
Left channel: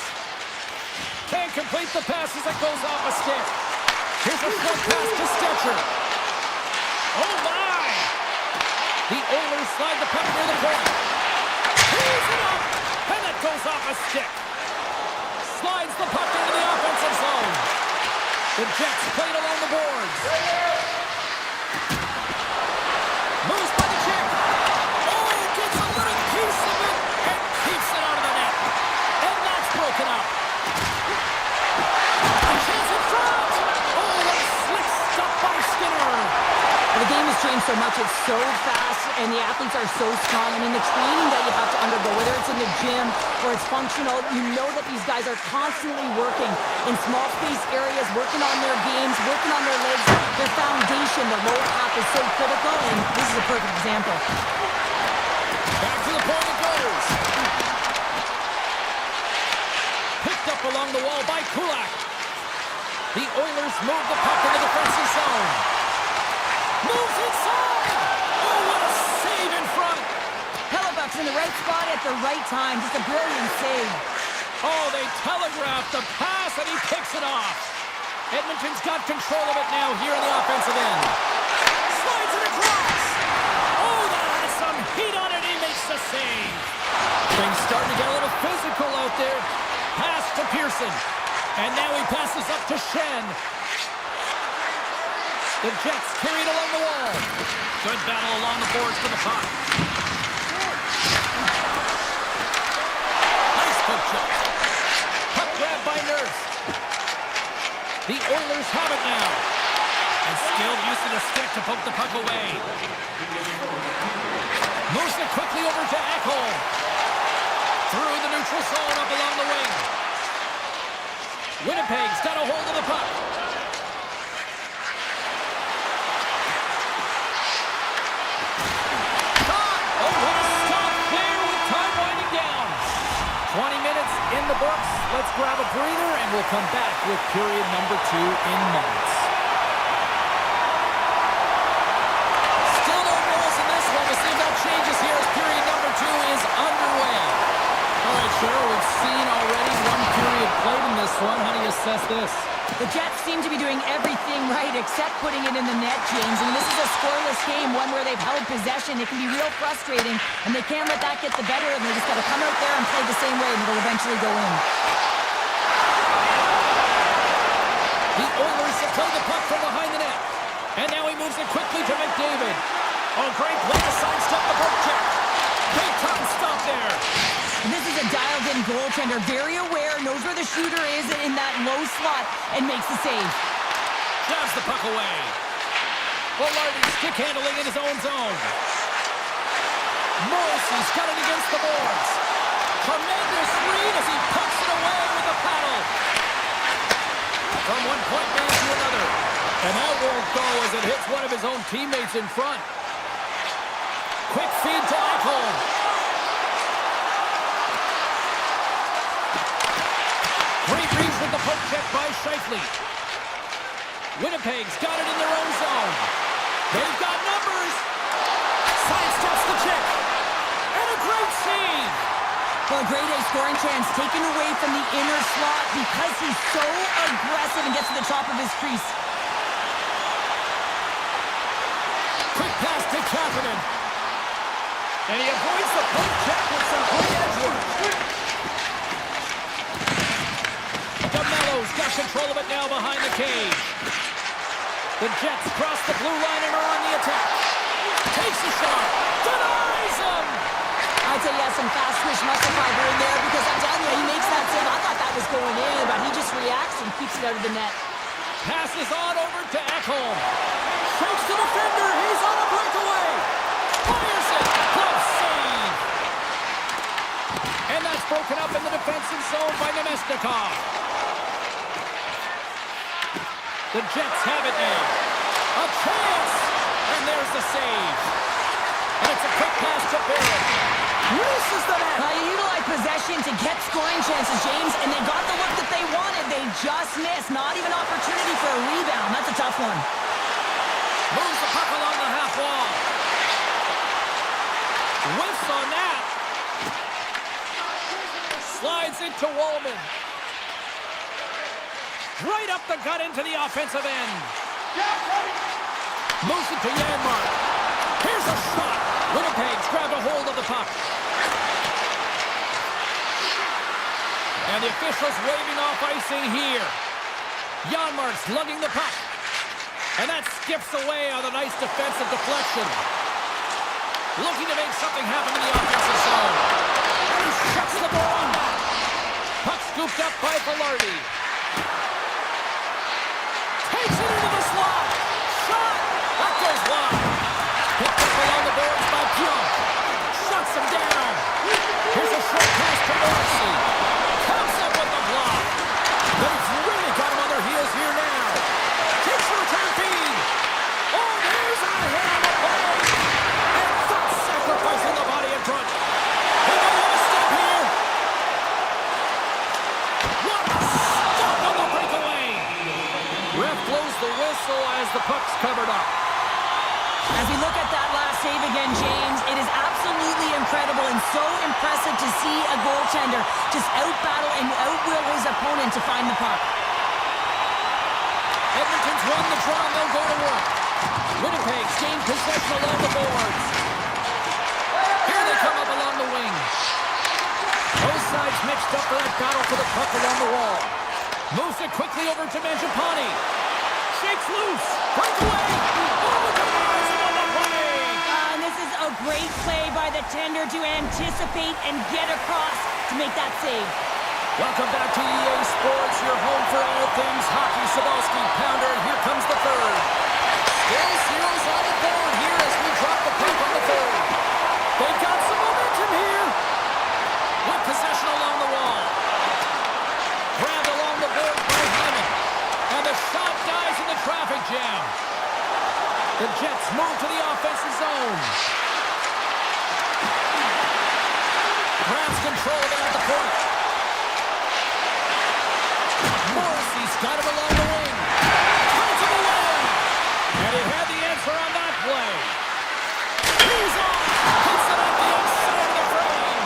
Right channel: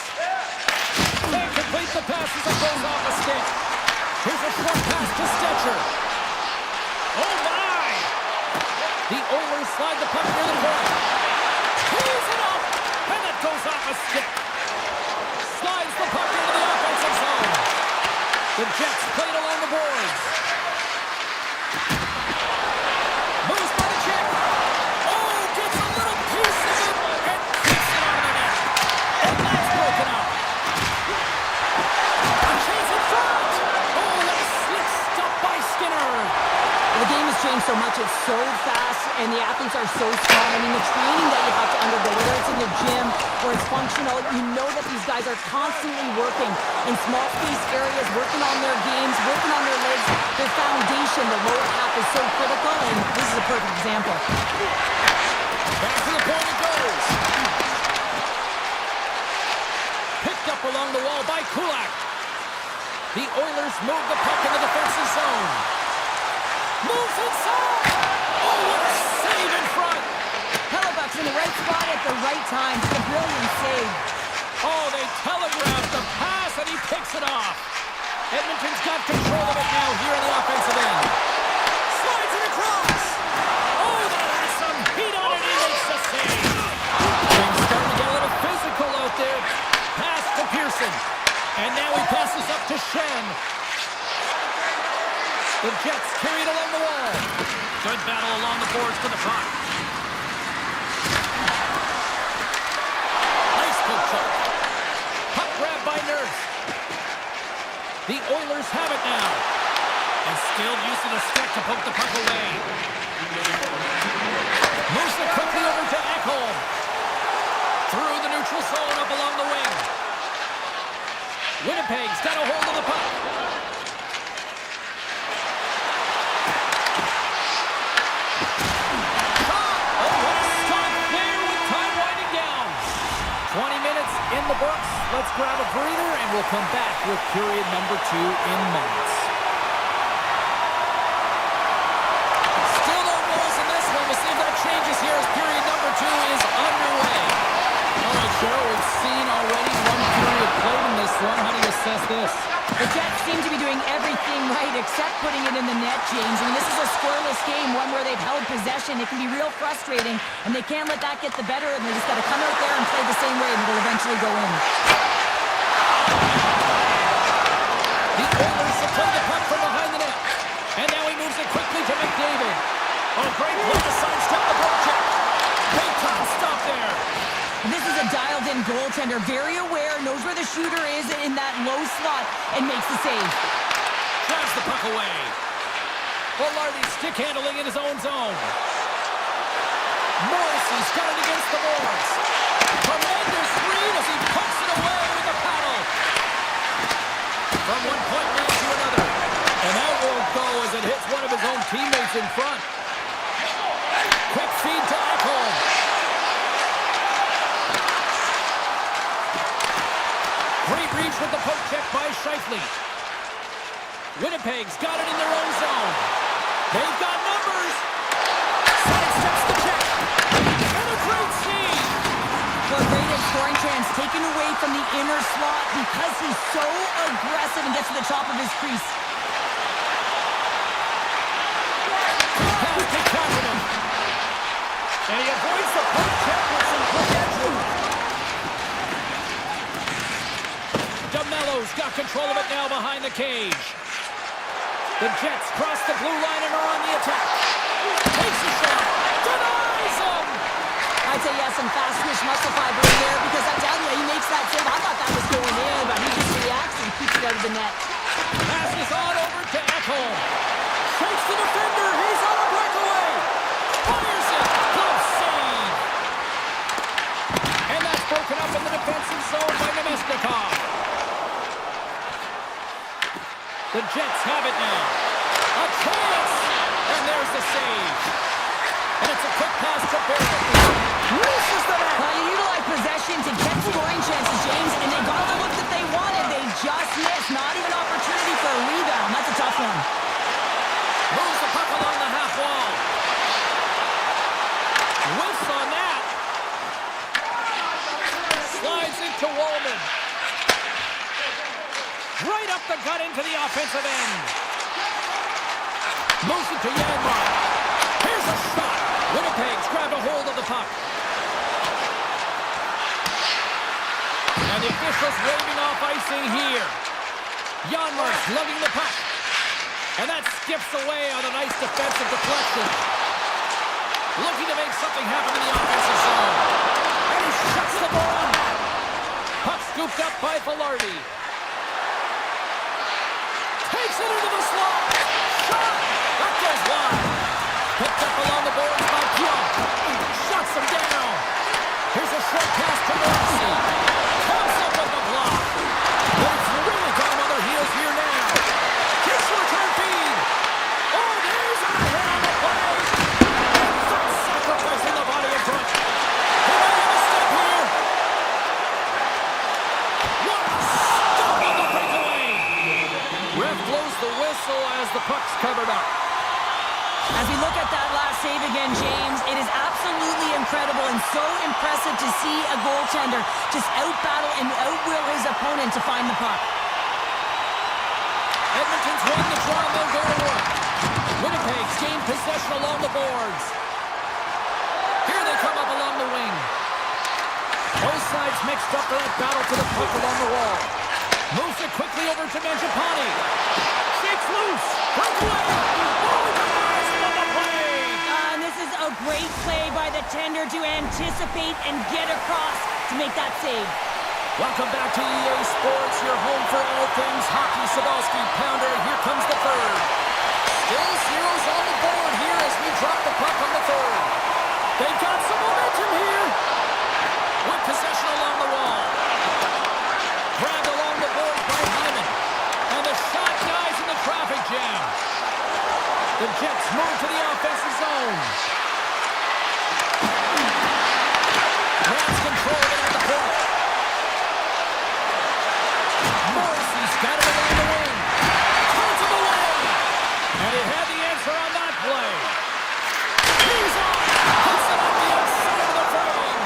Can't complete the pass as it goes off a stick. Here's a short pass to Stetcher. Oh, my! The Oilers slide the puck near the point. Tees it up, and that goes off a stick. Slides the puck into the offensive zone. The Jets played along the boards. Moves by the check. Oh, gets a little piece of it and keeps it out of the net. And that's broken up. A chance in front. Oh, what a slick stop by Skinner. The game has changed so much. It's so fast, and the athletes are so strong. I mean, the training that you have to undergo, whether it's in the gym or it's functional, you know that these guys are constantly working in small space areas, working on their games, working on their legs. Their foundation, the lower half, is so critical, and this is a perfect example. Back to the point it goes. Picked up along the wall by Kulak. The Oilers move the puck in the defensive zone. Moves inside! Oh, what a save in front! Hellebuck's in the right spot at the right time. Just a brilliant save. Oh, they telegraphed the pass, and he picks it off. Edmonton's got control of it now here in the offensive end. Slides it across! Oh, that has some heat on it. He makes the save. Things starting to get a little physical out there. Pass to Pearson. And now he passes up to Shen. The Jets carry it along the wall. Good battle along the boards for the puck. Nice poke check. Puck grab by Nurse. The Oilers have it now. And skilled use of the stick to poke the puck away. Moves it quickly over to Ekholm. Through the neutral zone up along the wing. Winnipeg's got a hold of the puck. Oh, what a stop there with time winding down. 20 minutes in the books. Let's grab a breather, and we'll come back with period number 2 in moments. Still no goals in this one. We'll see if that changes here as period number 2 is underway. All right, Cheryl, we've seen already one period played in this one. How do you assess this? The Jets seem to be doing everything right except putting it in the net, James. I mean, this is a scoreless game, one where they've held possession. It can be real frustrating, and they can't let that get the better, and they just got to come out there and play the same way, and it'll eventually go in. The Oilers have played the puck from behind the net. And now he moves Moves it quickly to McDavid. Oh, great play to sidestep the poke check. Big time stop there. This is a dialed-in goaltender, very aware, knows where the shooter is in that low slot, and makes the save. Grabs the puck away. Velarde stick handling in his own zone. Morrissey's got it against the boards. Tremendous read as he pokes it away with the paddle. From one point man to another. And that won't go as it hits one of his own teammates in front. Quick feed to Ekholm. Great reach with the poke check by Scheifele. Winnipeg's got it in their own zone. They've got numbers. Sidesteps the check. And a great save. Well, a great A scoring chance taken away from the inner slot because he's so aggressive and gets to the top of his crease. Quick pass to Kapanen. And he avoids the poke check with some great edge. DeMello's got control of it now behind the cage. The Jets cross the blue line and are on the attack. Takes a shot. Denies him. I'd say he has some fast twitch muscle fiber in there because I'm telling you, he makes that save. I thought that was going in, but he just reacts and keeps it out of the net. Passes on over to Ekholm. Shakes the defender. He's on a breakaway. Fires it. Glove save. And that's broken up in the defensive zone by Nemesnikov. The Jets have it now. A chance. And there's the save. And it's a quick pass to Barrett. Misses the net. You utilize possession to get scoring chances, James, and they got the look that they wanted. They just missed. Not even opportunity for a rebound. That's a tough one. Moves the puck along the half wall. Whiffs on that. Slides into Wallman. Right up the gut into the offensive end. Moves it to Janmark. Here's a shot. Winnipeg's grabbed a hold of the puck. And the officials waving off icing here. Janmark's lugging the puck. And that skips away on a nice defensive deflection. Looking to make something happen in the offensive zone. And he shuts the ball on that. Puck scooped up by Velarde. Takes it into the slot. Shot. That goes wide. Picked up along the boards by Pionk. Shuts him down. Here's a short pass to Morrissey. Comes up with the block. But it's really got him on their heels here now. Takes the return feed. Oh, there's a hit on the play. And that's sacrificing the body in front. He might have a step here. What a stop on the breakaway. Ref blows the whistle as the puck's covered up. As we look at that last save again, James, it is absolutely incredible and so impressive to see a goaltender just out-battle and out-will his opponent to find the puck. Edmonton's won the draw and they'll go to work. Winnipeg's gained possession along the boards. Here they come up along the wing. Both sides mixed up for that battle for the puck along the wall. Moves it quickly over to Mangiapane. Shakes loose. Breakaway. Oh, guys, on the play. And this is a great play by the tender to anticipate and get across to make that save. Welcome back to EA Sports, your home for all things hockey. Sabalski, Pounder, here comes the third. Still zeros on the board here as we drop the puck on the third. They've got some momentum here. With possession along the wall. Grabbed along the board by Hyman. And the shot dies in the traffic jam. The Jets move to the offensive zone. Grabs control of it at the point. Morrissey's got it along the wing. Turns him away. And he had the answer on that play. He's on. Puts it up the outside of the frame.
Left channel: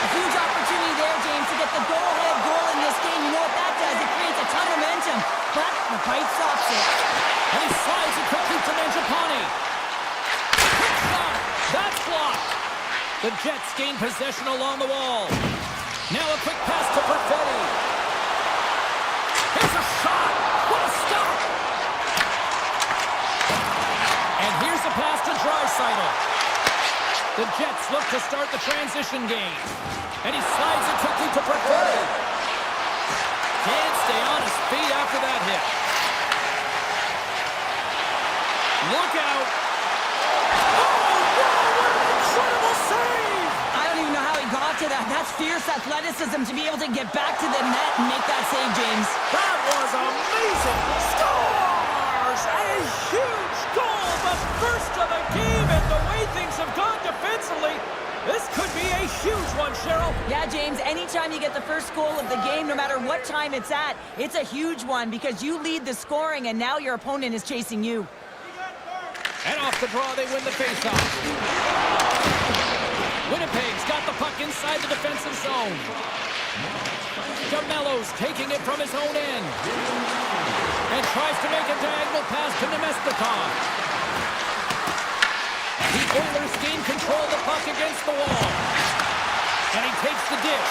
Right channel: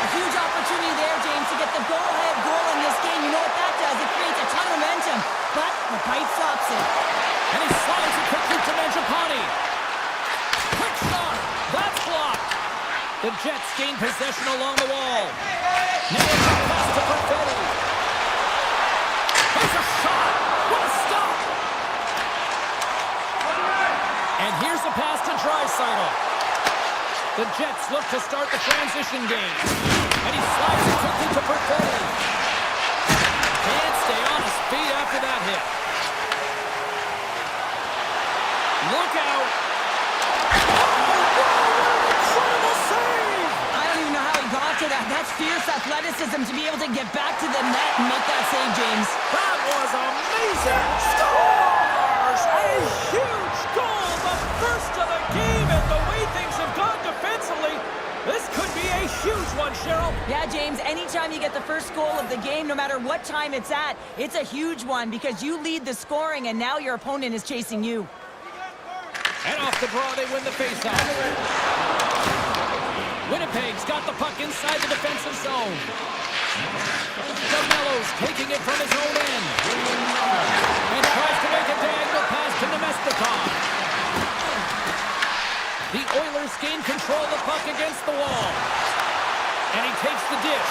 A huge opportunity there, James, to get the go-ahead goal in this game. You know what that does? It creates a ton of momentum. But the pipe stops it. And he slides it quickly to Mangiapane. Quick shot. That's blocked. The Jets gain possession along the wall. Now a quick pass to Perfetti. Here's a shot. What a stop. And here's a pass to Draisaitl. The Jets look to start the transition game. And he slides it quickly to Perfetti. Can't stay on his feet after that hit. Look out. Oh, wow, what an incredible save! I don't even know how he got to that. That's fierce athleticism to be able to get back to the net and make that save, James. That was amazing. Scores! A huge goal, the first of the game, and the way things have gone defensively, this could be a huge one, Cheryl. Yeah, James, anytime you get the first goal of the game, no matter what time it's at, it's a huge one because you lead the scoring and now your opponent is chasing you. And off the draw, they win the faceoff. Winnipeg's got the puck inside the defensive zone. DeMello's taking it from his own end. And tries to make a diagonal pass to Nemestikov. The Oilers gain control of the puck against the wall. And he takes the dish.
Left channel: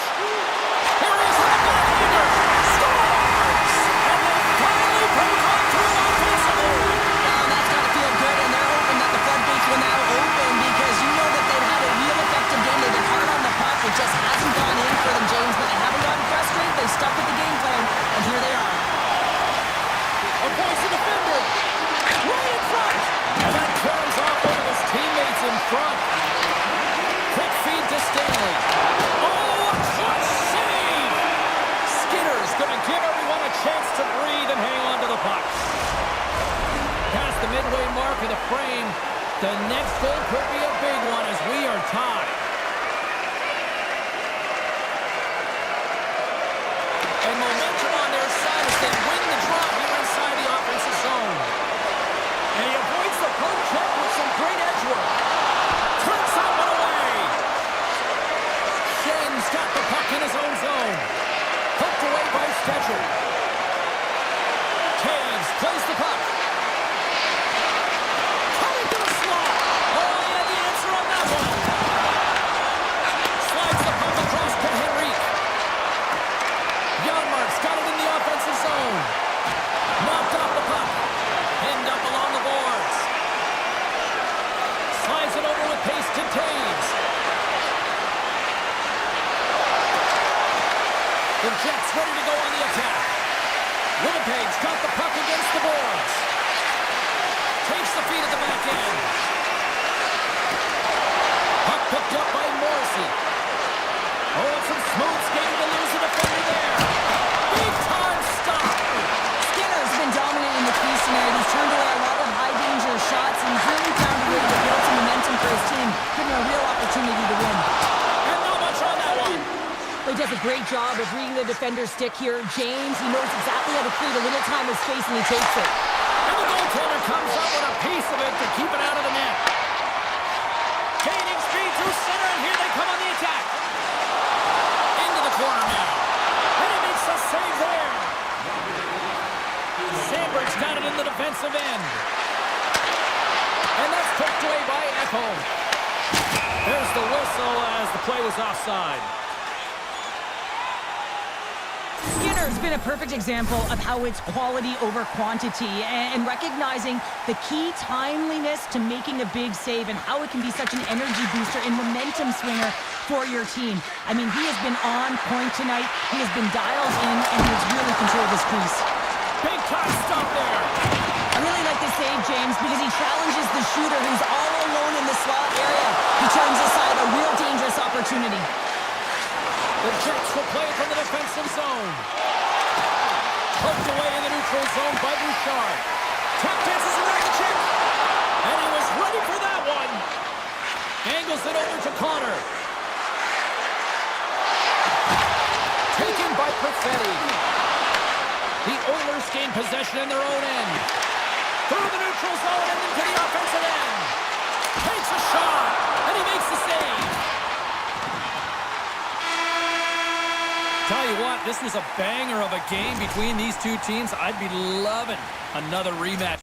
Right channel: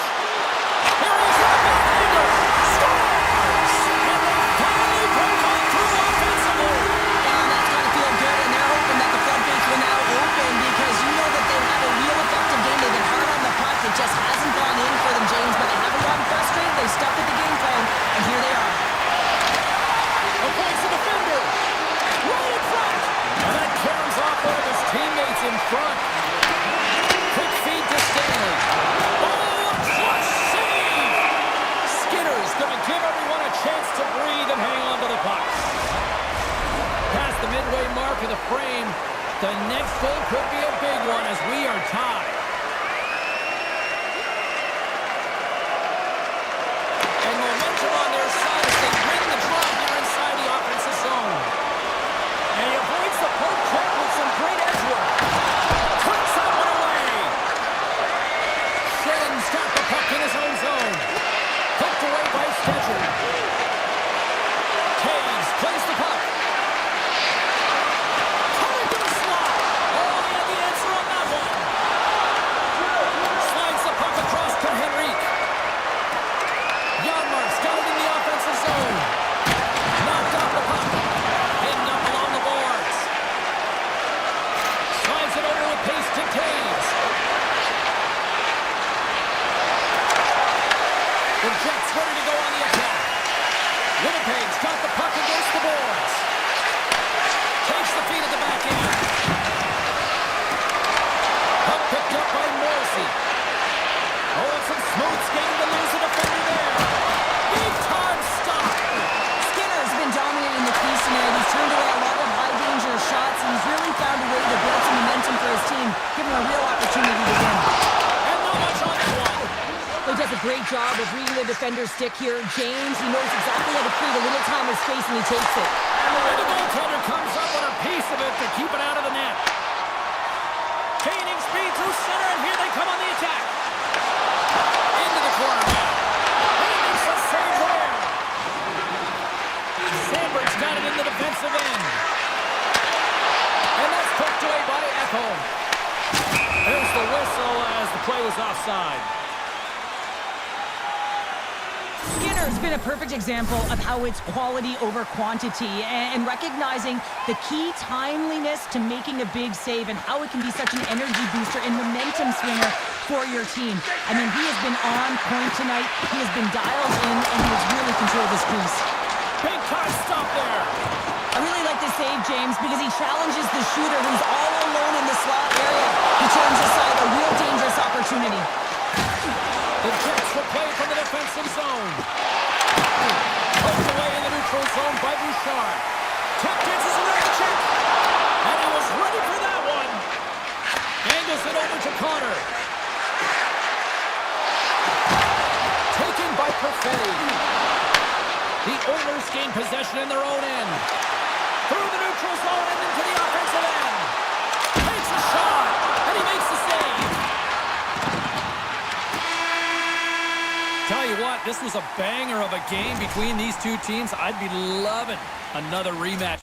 Here he is with the backhander. Scores! And they finally break on through offensively. That's got to feel good, and they're hoping that the floodgates will now open because you know that they've had a real effective game. They've been hard on the puck. It just hasn't gone in for them, James, but they haven't gotten frustrated. They've stuck with the game plan, and here they are. Avoids the defender. Right in front. And that caroms off one of his teammates in front. Quick feed to Stanley. Oh, a clutch save! Skinner's going to give everyone a chance to breathe and hang on to the puck. Past the midway mark of the frame, the next goal could be a big one as we are tied. And momentum on their side as they win the draw here inside the offensive zone. And he avoids the poke check with some great edge work. Turns that one away. Schen's got the puck in his own zone. Poked away by Stetcher. Taves plays the puck. Coming to the slot. Oh, he had the answer on that one. Slides the puck across to Henrique. Janmark's got it in the offensive zone. Knocked off the puck. Pinned up along the boards. Slides it over with pace to Taves. The Jets ready to go on the attack. Winnipeg's got the puck against the boards. Takes the feed at the back end. Puck picked up by Morrissey. Oh, and some smooth skating to lose the defender there. Big time stop. Skinner's been dominating the crease tonight. He's turned away a lot of high-danger shots, and he's really found a way to build some momentum for his team, giving him a real opportunity to win. And not much on that one. He does a great job of reading the defender's stick here. James, he knows exactly how to create a little time and space, and he takes it. And the goaltender comes up with a piece of it to keep it out of the net. Gaining speed through center, and here they come on the attack. Into the corner now. And he makes a save there. Sandberg's got it in the defensive end. And that's poked away by Echo. There's the whistle as the play was offside. Skinner's been a perfect example of how it's quality over quantity and recognizing the key timeliness to making a big save and how it can be such an energy booster and momentum swinger for your team. I mean, he has been on point tonight. He has been dialed in, and he has really controlled this crease. Big time stop there. I really like this save, James, because he challenges the shooter who's all alone in the slot area. He turns aside a real dangerous opportunity. The Jets will play from the defensive zone. Poked away in the neutral zone by Bouchard. Tap dances around the check. And he was ready for that one. Angles it over to Connor. Taken by Perfetti. The Oilers gain possession in their own end. Through the neutral zone and into the offensive end. Takes a shot. And he makes the save. Tell you what, this was a banger of a game between these two teams. I'd be loving another rematch.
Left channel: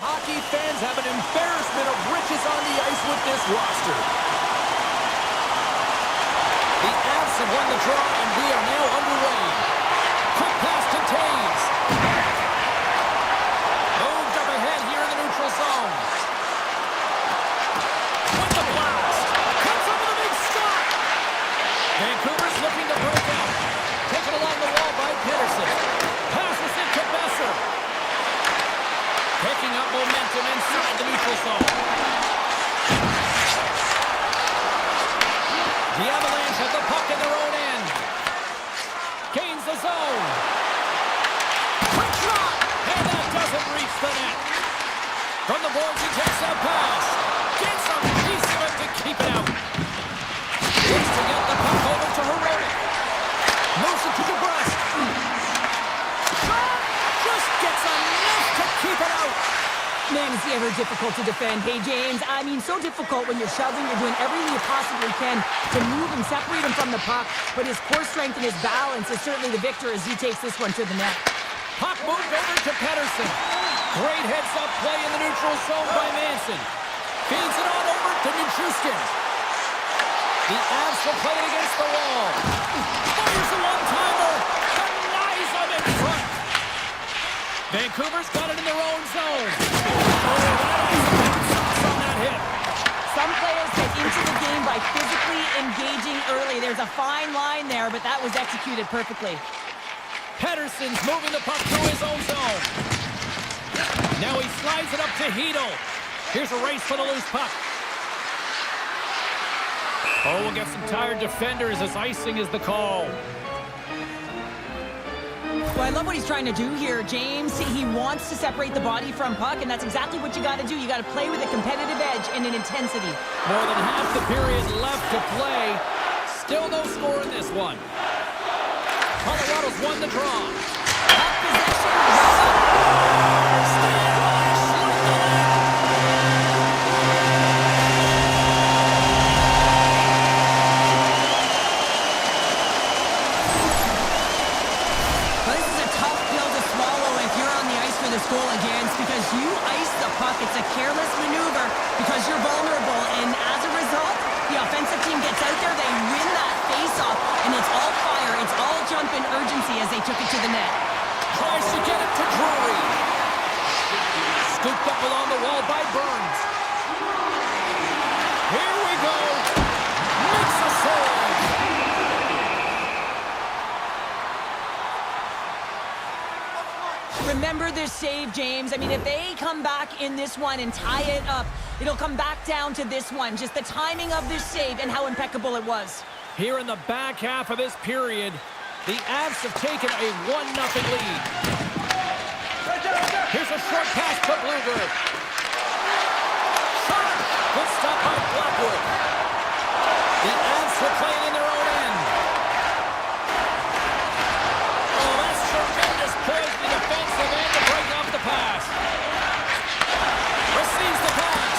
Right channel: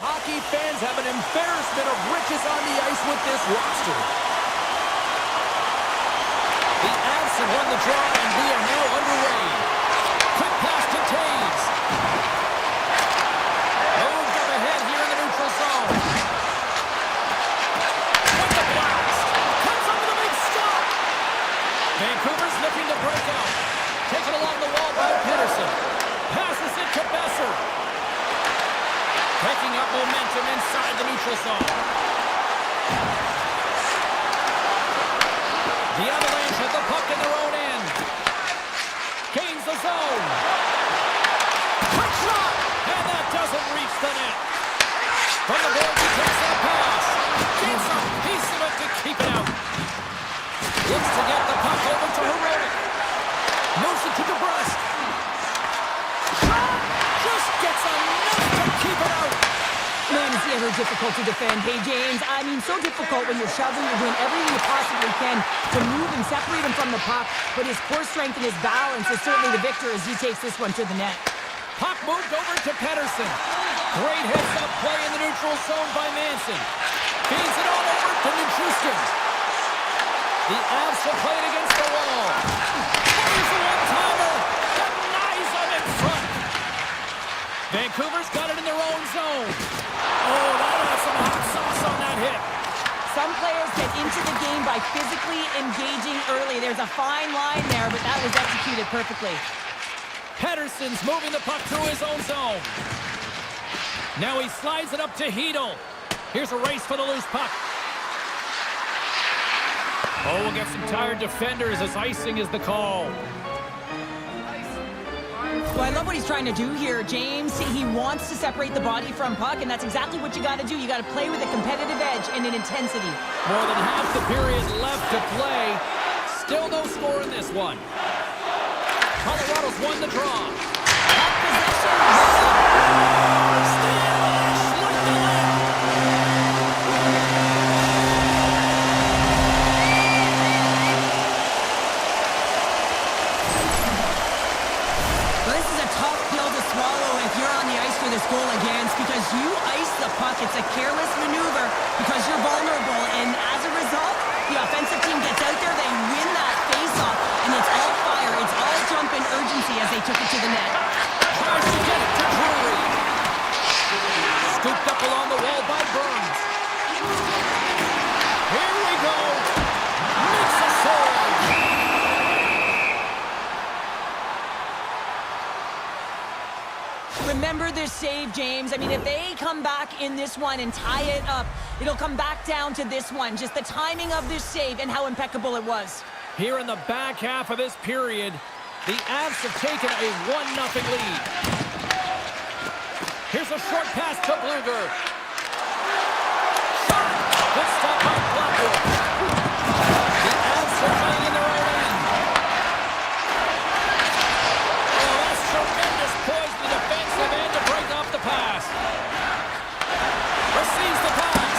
Hockey fans have an embarrassment of riches on the ice with this roster. The Avs have won the draw, and we are now underway. Quick pass to Taves. Moved up ahead here in the neutral zone. With the blast. Comes up with a big stop. Vancouver's looking to break out. Taken along the wall by Pedersen. Passes it to Besser. Picking up momentum inside the neutral zone. The Avalanche have the puck in their own end. Gains the zone. Quick shot! And that doesn't reach the net. From the boards, he takes that pass. Gets a piece of it to keep it out. Looks to get the puck over to Herodic. Moves it to DeBrusque. Shot! Just gets enough to keep it out. Man, is he ever difficult to defend. Hey, James, I mean, so difficult when you're shoving, you're doing everything you possibly can to move and separate him from the puck, but his core strength and his balance is certainly the victor as he takes this one to the net. Puck moved over to Pedersen. Great heads-up play in the neutral zone by Manson. Feeds it on over to Nichushkin. The Avs will play it against the wall. Fires a one-timer. Denies him in front. Vancouver's got it in their own zone. Oh, that has some hot sauce on that hit. Some players get into the game by physically engaging early. There's a fine line there, but that was executed perfectly. Pedersen's moving the puck through his own zone. Now he slides it up to Hedl. Here's a race for the loose puck. Oh, we'll get some tired defenders as icing is the call. Well, I love what he's trying to do here, James. He wants to separate the body from puck, and that's exactly what you got to do. You got to play with a competitive edge and an intensity. More than half the period left to play. Still no score in this one. Colorado's won the draw. Puck possession. Stay Avalanche like the lead. Well, this is a tough pill to swallow if you're on the ice for this goal against, because you ice the puck. It's a careless maneuver because you're vulnerable, and as a result, the offensive team gets out there, they win that face-off, and it's all fire, it's all jump and urgency as they took it to the net. Tries to get it to Drury. Scooped up along the wall by Burns. Here we go. Makes a save. Remember this save, James. I mean, if they come back in this one and tie it up, it'll come back down to this one. Just the timing of this save and how impeccable it was. Here in the back half of this period, the Avs have taken a 1-0 lead. Here's a short pass to Bluger. Shot! Good stop by Blackwood. The Avs are playing in their own end. Oh, that's tremendous poise in the defensive end to break off the pass. Receives the pass.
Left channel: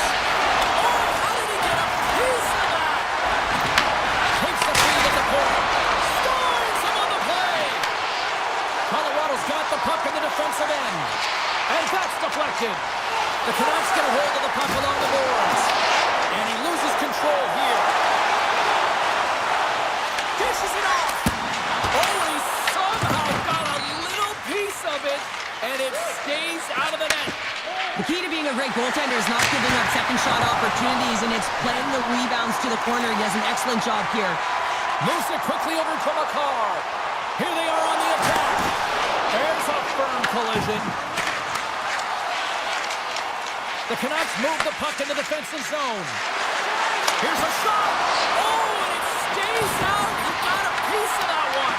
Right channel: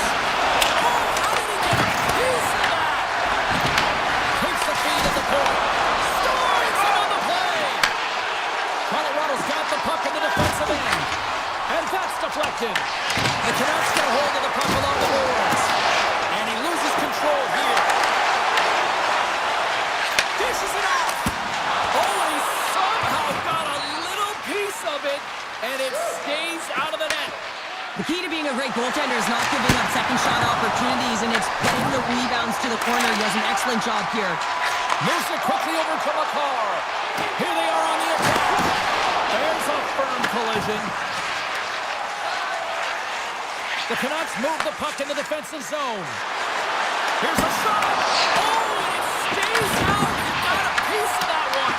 Oh, how did he get a piece of that? Takes the feed at the point. Scores him on the play. Colorado's got the puck in the defensive end. And that's deflected. The Canucks get a hold of the puck along the boards. And he loses control here. Dishes it off. Oh, and he somehow got a little piece of it. And it stays out of the net. The key to being a great goaltender is not giving up second shot opportunities, and it's playing the rebounds to the corner. He does an excellent job here. Moves it quickly over to Makar. Here they are on the attack. There's a firm collision. The Canucks move the puck in the defensive zone. Here's a shot. Oh, and it stays out. He got a piece of that one.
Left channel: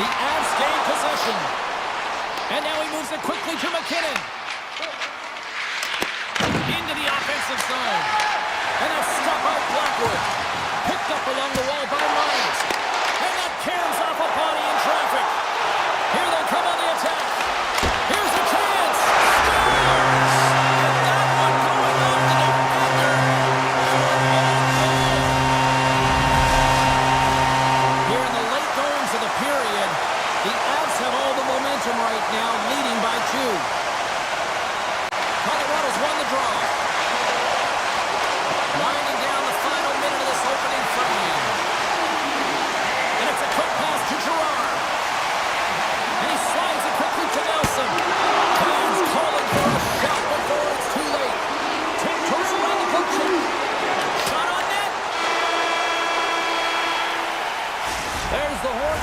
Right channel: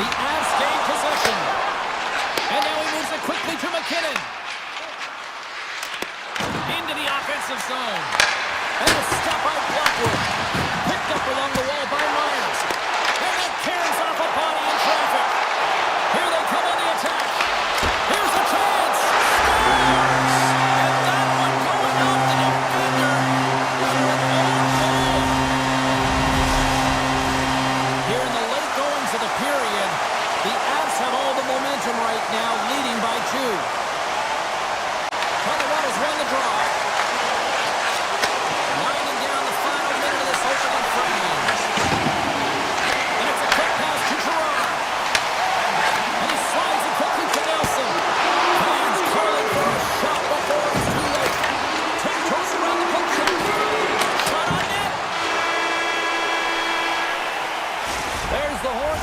The Avs gain possession. And now he moves it quickly to McKinnon. Into the offensive zone. And a stop by Blackwood. Picked up along the wall by Myers. And that caroms off a body in traffic. Here they come on the attack. Here's a chance. Scores! And that one going off the defender for an own goal. Here in the late goings of the period, the Avs have all the momentum right now, leading by 2. Colorado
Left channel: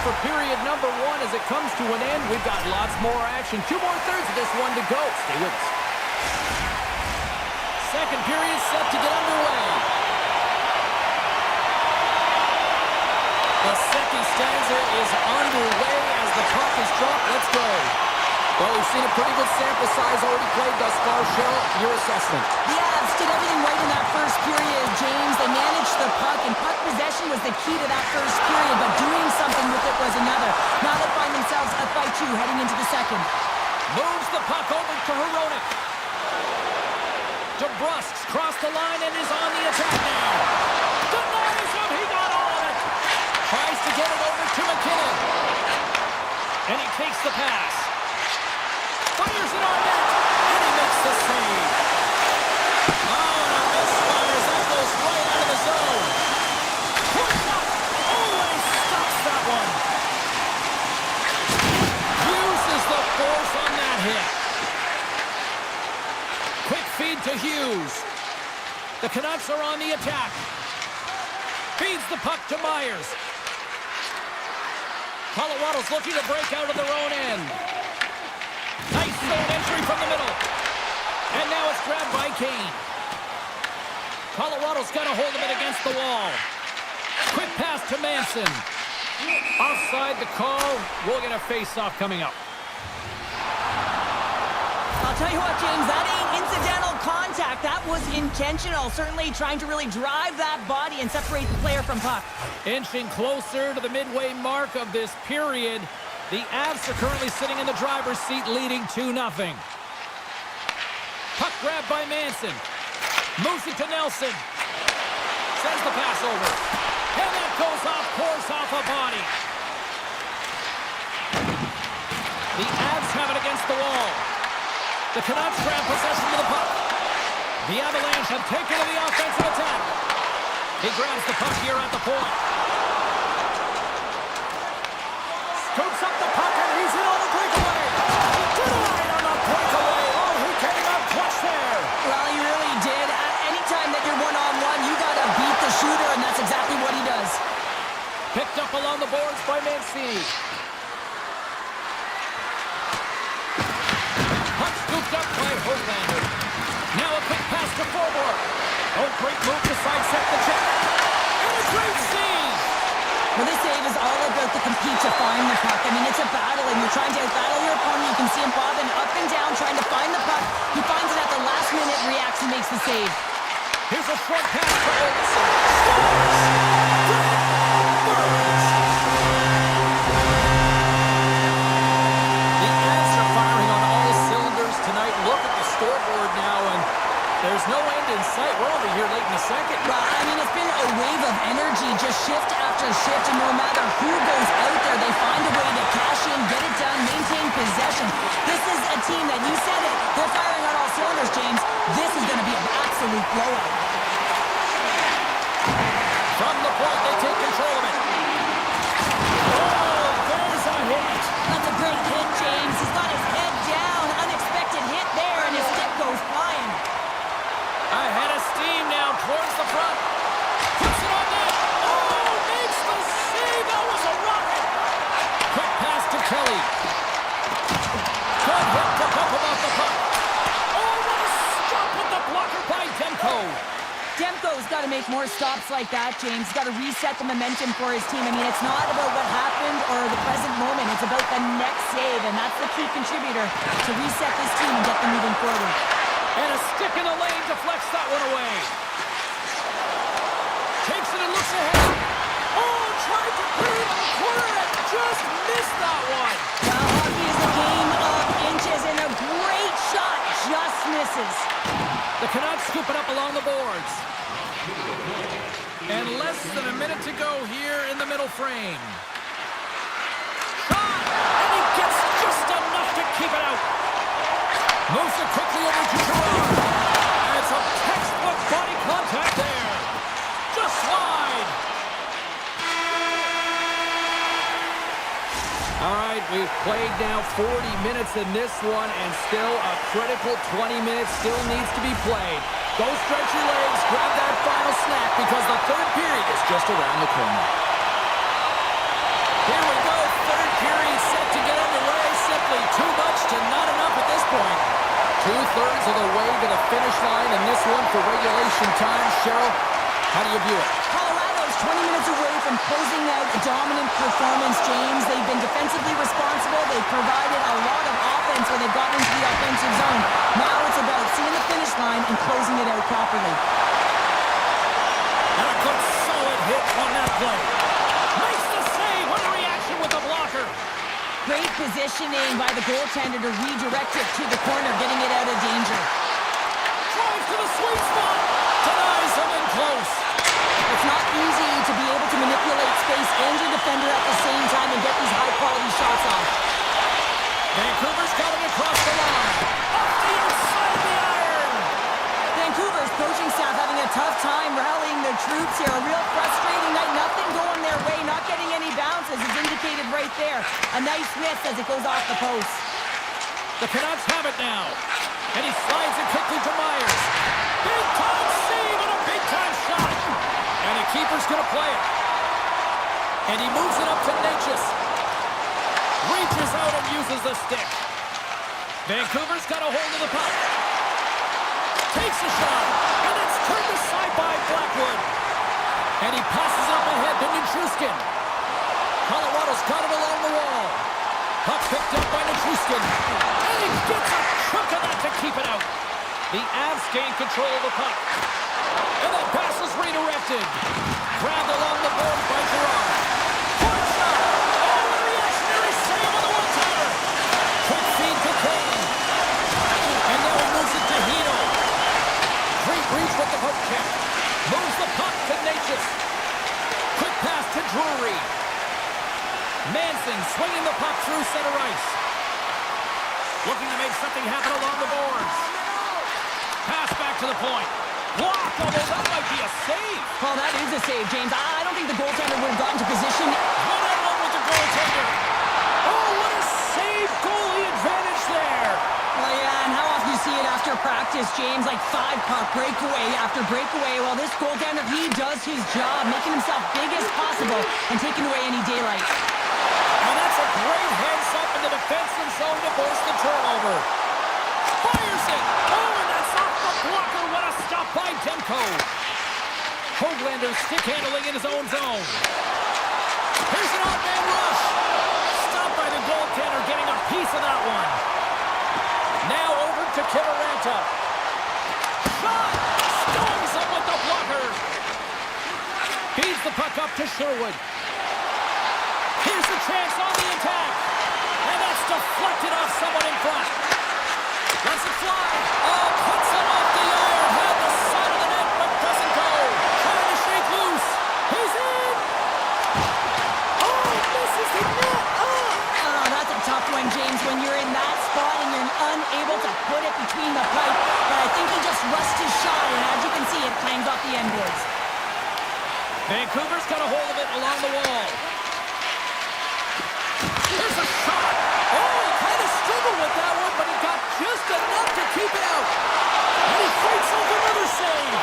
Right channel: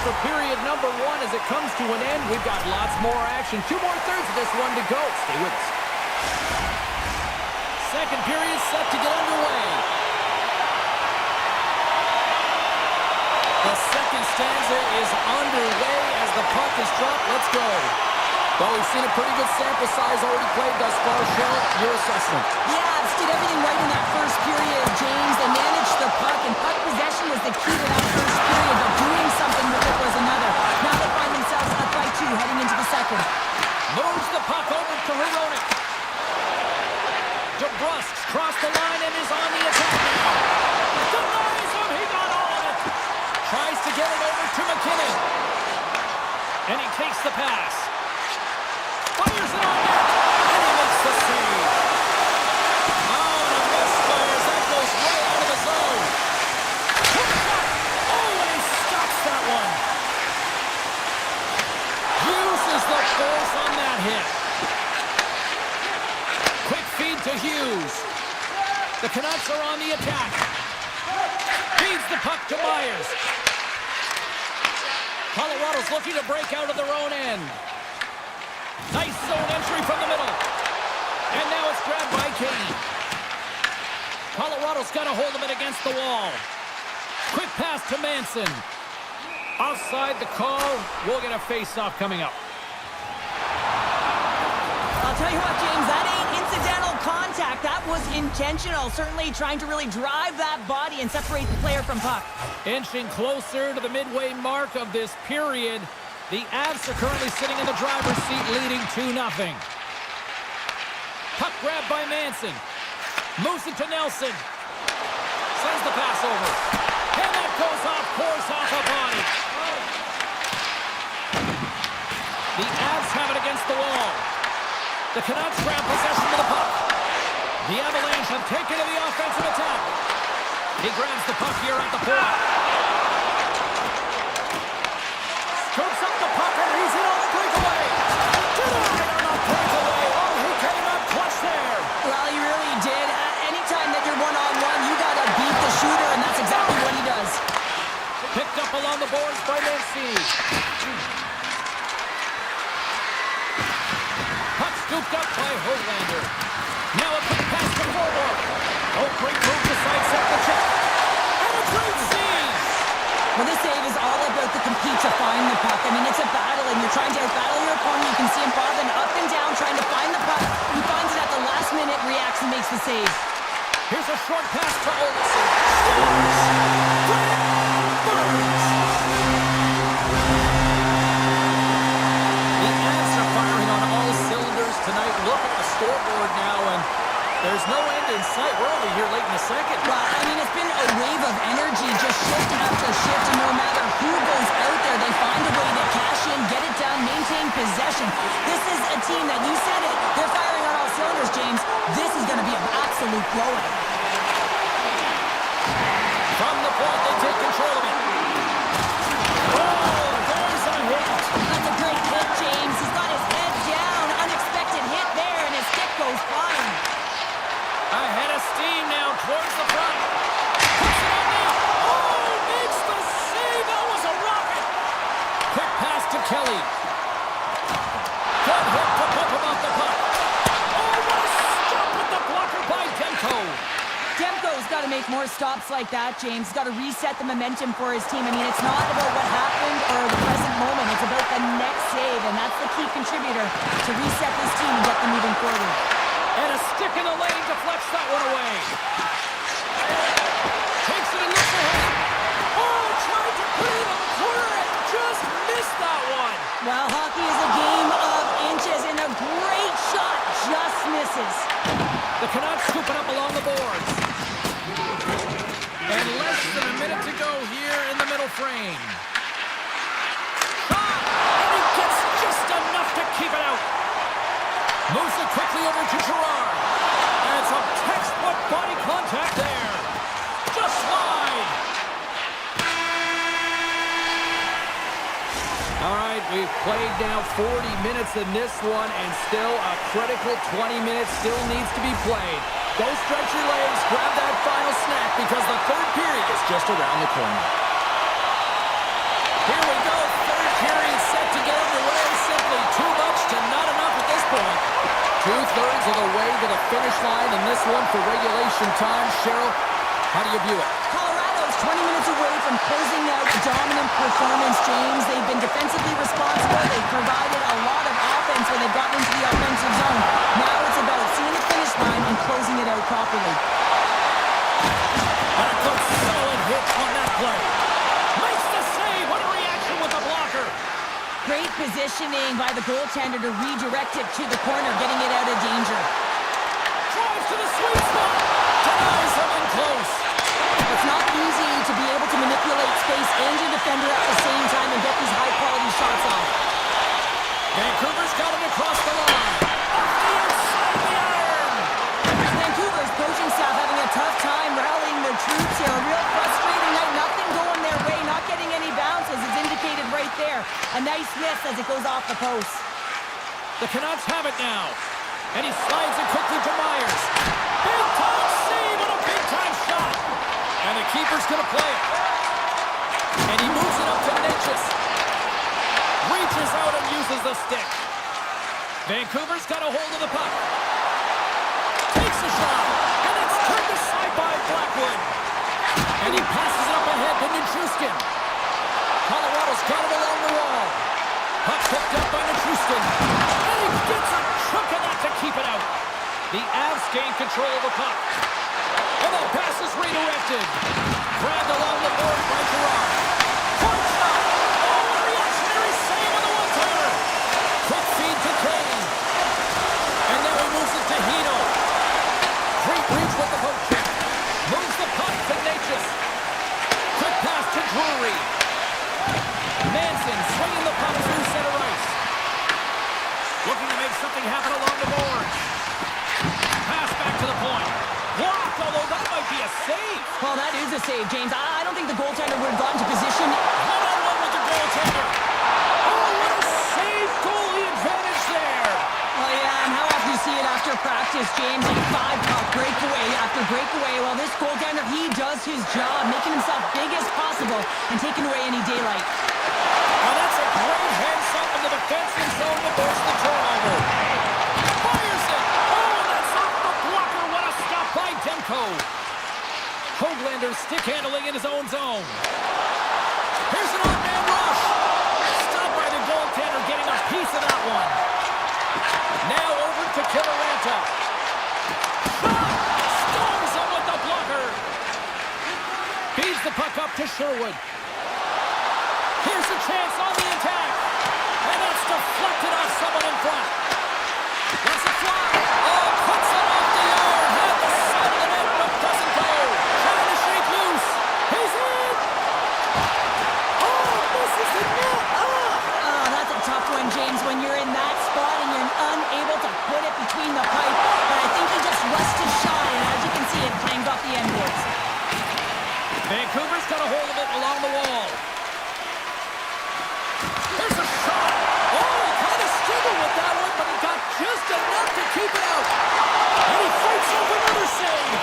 for period number 1 as it comes to an end. We've got lots more action. 2 more thirds of this one to go. Stay with us. Second period set to get underway. The second stanza is underway as the puck is dropped. Let's go. Well, we've seen a pretty good sample size already played thus far. Cheryl, your assessment. The Avs did everything right in that first period, James. They managed the puck, and puck possession was the key to that first period, but doing something with it was another. Now they find themselves up by 2 heading into the second. Moves the puck over to Hronek. DeBrusk's crossed the line and is on the attack now. Denies him. He got all of it. Tries to get it over to McKinnon. And he takes the pass. Fires it on net, and he makes the save. Oh, and a misfires. That goes right out of the zone. Quick shot. Oh, and he stops that one. Uses the force on that hit. Quick feed to Hughes. The Canucks are on the attack. Feeds the puck to Myers. Colorado's looking to break out of their own end. Nice zone entry from the middle. And now it's grabbed by Kane. Colorado's got a hold of it against the wall. Quick pass to Manson. Offside the call. We'll get a face-off coming up. I'll tell you what, James, that ain't incidental contact. That was intentional. Certainly trying to really drive that body and separate the player from puck. Inching closer to the midway mark of this period. The Avs are currently sitting in the driver's seat, leading 2-0. Puck grab by Manson. Moves it to Nelson. Sends the pass over. And that goes off course off a body. The Avs have it against the wall. The Canucks grab possession of the puck. The Avalanche have taken to the offensive attack. He grabs the puck here at the point. Scoops up the puck and he's in on the breakaway. Denied on the breakaway. Oh, he came up clutch there. Well, he really did. Anytime that you're one-on-one, you got to beat the shooter, and that's exactly what he does. Picked up along the boards by Mancini. Puck scooped up by Höglander. Now a quick pass to forward. Oh, great move to sidestep the check. And a great save. Well, this save is all about the compete to find the puck. I mean, it's a battle, and you're trying to outbattle your opponent. You can see him bobbing up and down, trying to find the puck. He finds it at the last minute, reacts, and makes the save. Here's a short pass to Olsen. Scores! Brett Burns! The Avs are firing on all cylinders tonight. Look at the scoreboard now, and there's no end in sight. We're only here late in the second. Well, I mean, it's been a wave of energy, just shift after shift, and no matter who goes out there, they find a way to cash in, get it done, maintain possession. This is a team that, you said it, they're firing on all cylinders, James. This is going to be an absolute blowout. From the point, they take control of it. Oh, there's a hit. That's a great hit, James. He's got his head down. Unexpected hit there, and his stick goes flying. Ahead of steam now towards the front. Puts it on net. Oh, makes the save. That was a rocket. Quick pass to Kelly. Good hit to bump him off the puck. Oh, what a stop with the blocker by Demko. Demko's got to make more stops like that, James. He's got to reset the momentum for his team. I mean, it's not about what happened or the present moment. It's about the next save, and that's the key contributor to reset this team and get them moving forward. And a stick in the lane deflects that one away. Takes it and looks ahead. Oh, tried to put it in the corner and just missed that one. Well, hockey is a game of inches, and a great shot just misses. The Canucks scoop it up along the boards. And less than a minute to go here in the middle frame. Shot! And he gets just enough to keep it out. Moves it quickly over to Gerard. And some textbook body contact there. Just wide. All right, we've played now 40 minutes in this one, and still a critical 20 minutes still needs to be played. Go stretch your legs, grab that final snack, because the third period is just around the corner. Here we go, third period set to get underway. Simply too much to not enough at this point. 2/3 of the way to the finish line in this one for regulation time. Cheryl, how do you view it? Colorado's 20 minutes away from closing out a dominant performance, James. They've been defensively responsible. They've provided a lot of offense when they've gotten into the offensive zone. Now it's about seeing the finish line and closing it out properly. And a good solid hit on that play. Makes the save. What a reaction with the blocker. Great positioning by the goaltender to redirect it to the corner, getting it out of danger. Drives to the sweet spot. Denies him in close. It's not easy to be able to manipulate space and your defender at the same time and get these high-quality shots off. Vancouver's got it across the line. Off the outside of the iron. Vancouver's coaching staff having a tough time rallying their troops here. A real frustrating night. Nothing going their way. Not getting any bounces is indicated right there. A nice miss as it goes off the post. The Canucks have it now. And he slides it quickly to Myers. Big time save and a big time shot. And the keeper's going to play it. And he moves it up to Natchez. Reaches out and uses the stick. Vancouver's got a hold of the puck. Takes a shot. And it's turned aside by Blackwood. And he passes it up ahead to Nichushkin. Colorado's got it along the wall. Puck picked up by Nichushkin. And he gets a chunk of that to keep it out. The Avs gain control of the puck. And that pass is redirected. Grabbed along the boards by Gerard. Point shot. Oh, a reactionary save on the one-timer. Quick feed to Kane. And now he moves it to Hino. Great reach with the poke check. Moves the puck to Natchez. Quick pass to Drury. Manson swinging the puck through center ice. Looking to make something happen along the boards. Pass back to the point. Blocked, although that might be a save. Well, that is a save, James. I don't think the goaltender would have gotten to position. One-on-one with the goaltender. Oh, what a save goalie advantage there. Well, yeah, and how often do you see it after practice, James? Like 5-puck breakaway after breakaway. Well, this goaltender, he does his job, making himself big as possible and taking away any daylight. Now that's a great hands-up in the defensive zone to force the turnover. Fires it. Oh, and that's off the blocker. What a stop by Demko. Hoglander stick handling in his own zone. Here's an odd-man rush. Stopped by the goaltender, getting a piece of that one. Now over to Kiviranta. Shot! Stones him with the blocker. Feeds the puck up to Sherwood. Here's a chance on the attack. And that's deflected off someone in front. Lets it fly. Oh, puts it off the iron. Had the side of the net, but doesn't go. Trying to shake loose. He's in. Oh, misses the net. Oh, that's a tough one, James, when you're in that spot and you're unable to put it between the pipe. But I think he just rushed his shot, and as you can see, it clanged off the end boards. Vancouver's got a hold of it along the wall. There's a shot. Oh, he kind of struggled with that one, but he got just enough to keep it out. And he fights off another save.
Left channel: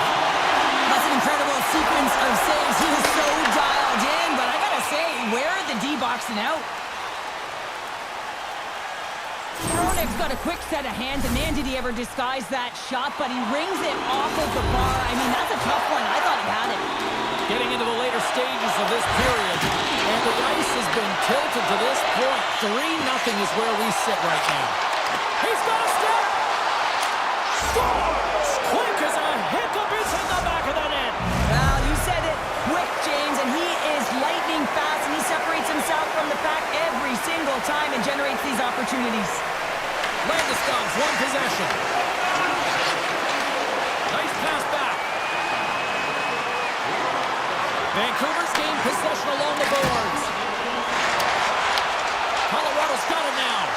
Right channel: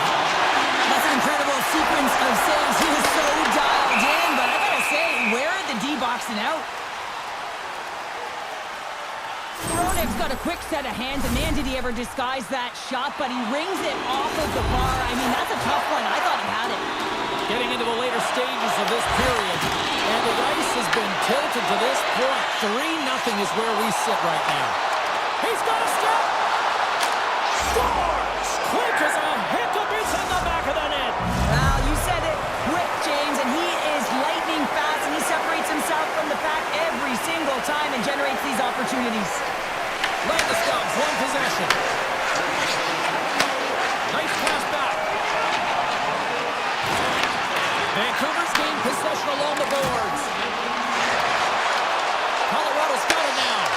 That's an incredible sequence of saves. He was so dialed in, but I gotta say, where are the D-boxing out? Hronek's got a quick set of hands, and man, did he ever disguise that shot, but he rings it off of the bar. I mean, that's a tough one. I thought he had it. Getting into the later stages of this period, and the ice has been tilted to this point. 3-0 is where we sit right now. He's got a step. Scores! Quick as a hiccup, it's in the back of the net. Well, you said it. Quick, James, and he is lightning fast, and he separates himself from the pack every single time and generates these opportunities. Landeskog's one possession. Nice pass back. Vancouver's gained possession along the boards. Colorado's got it now.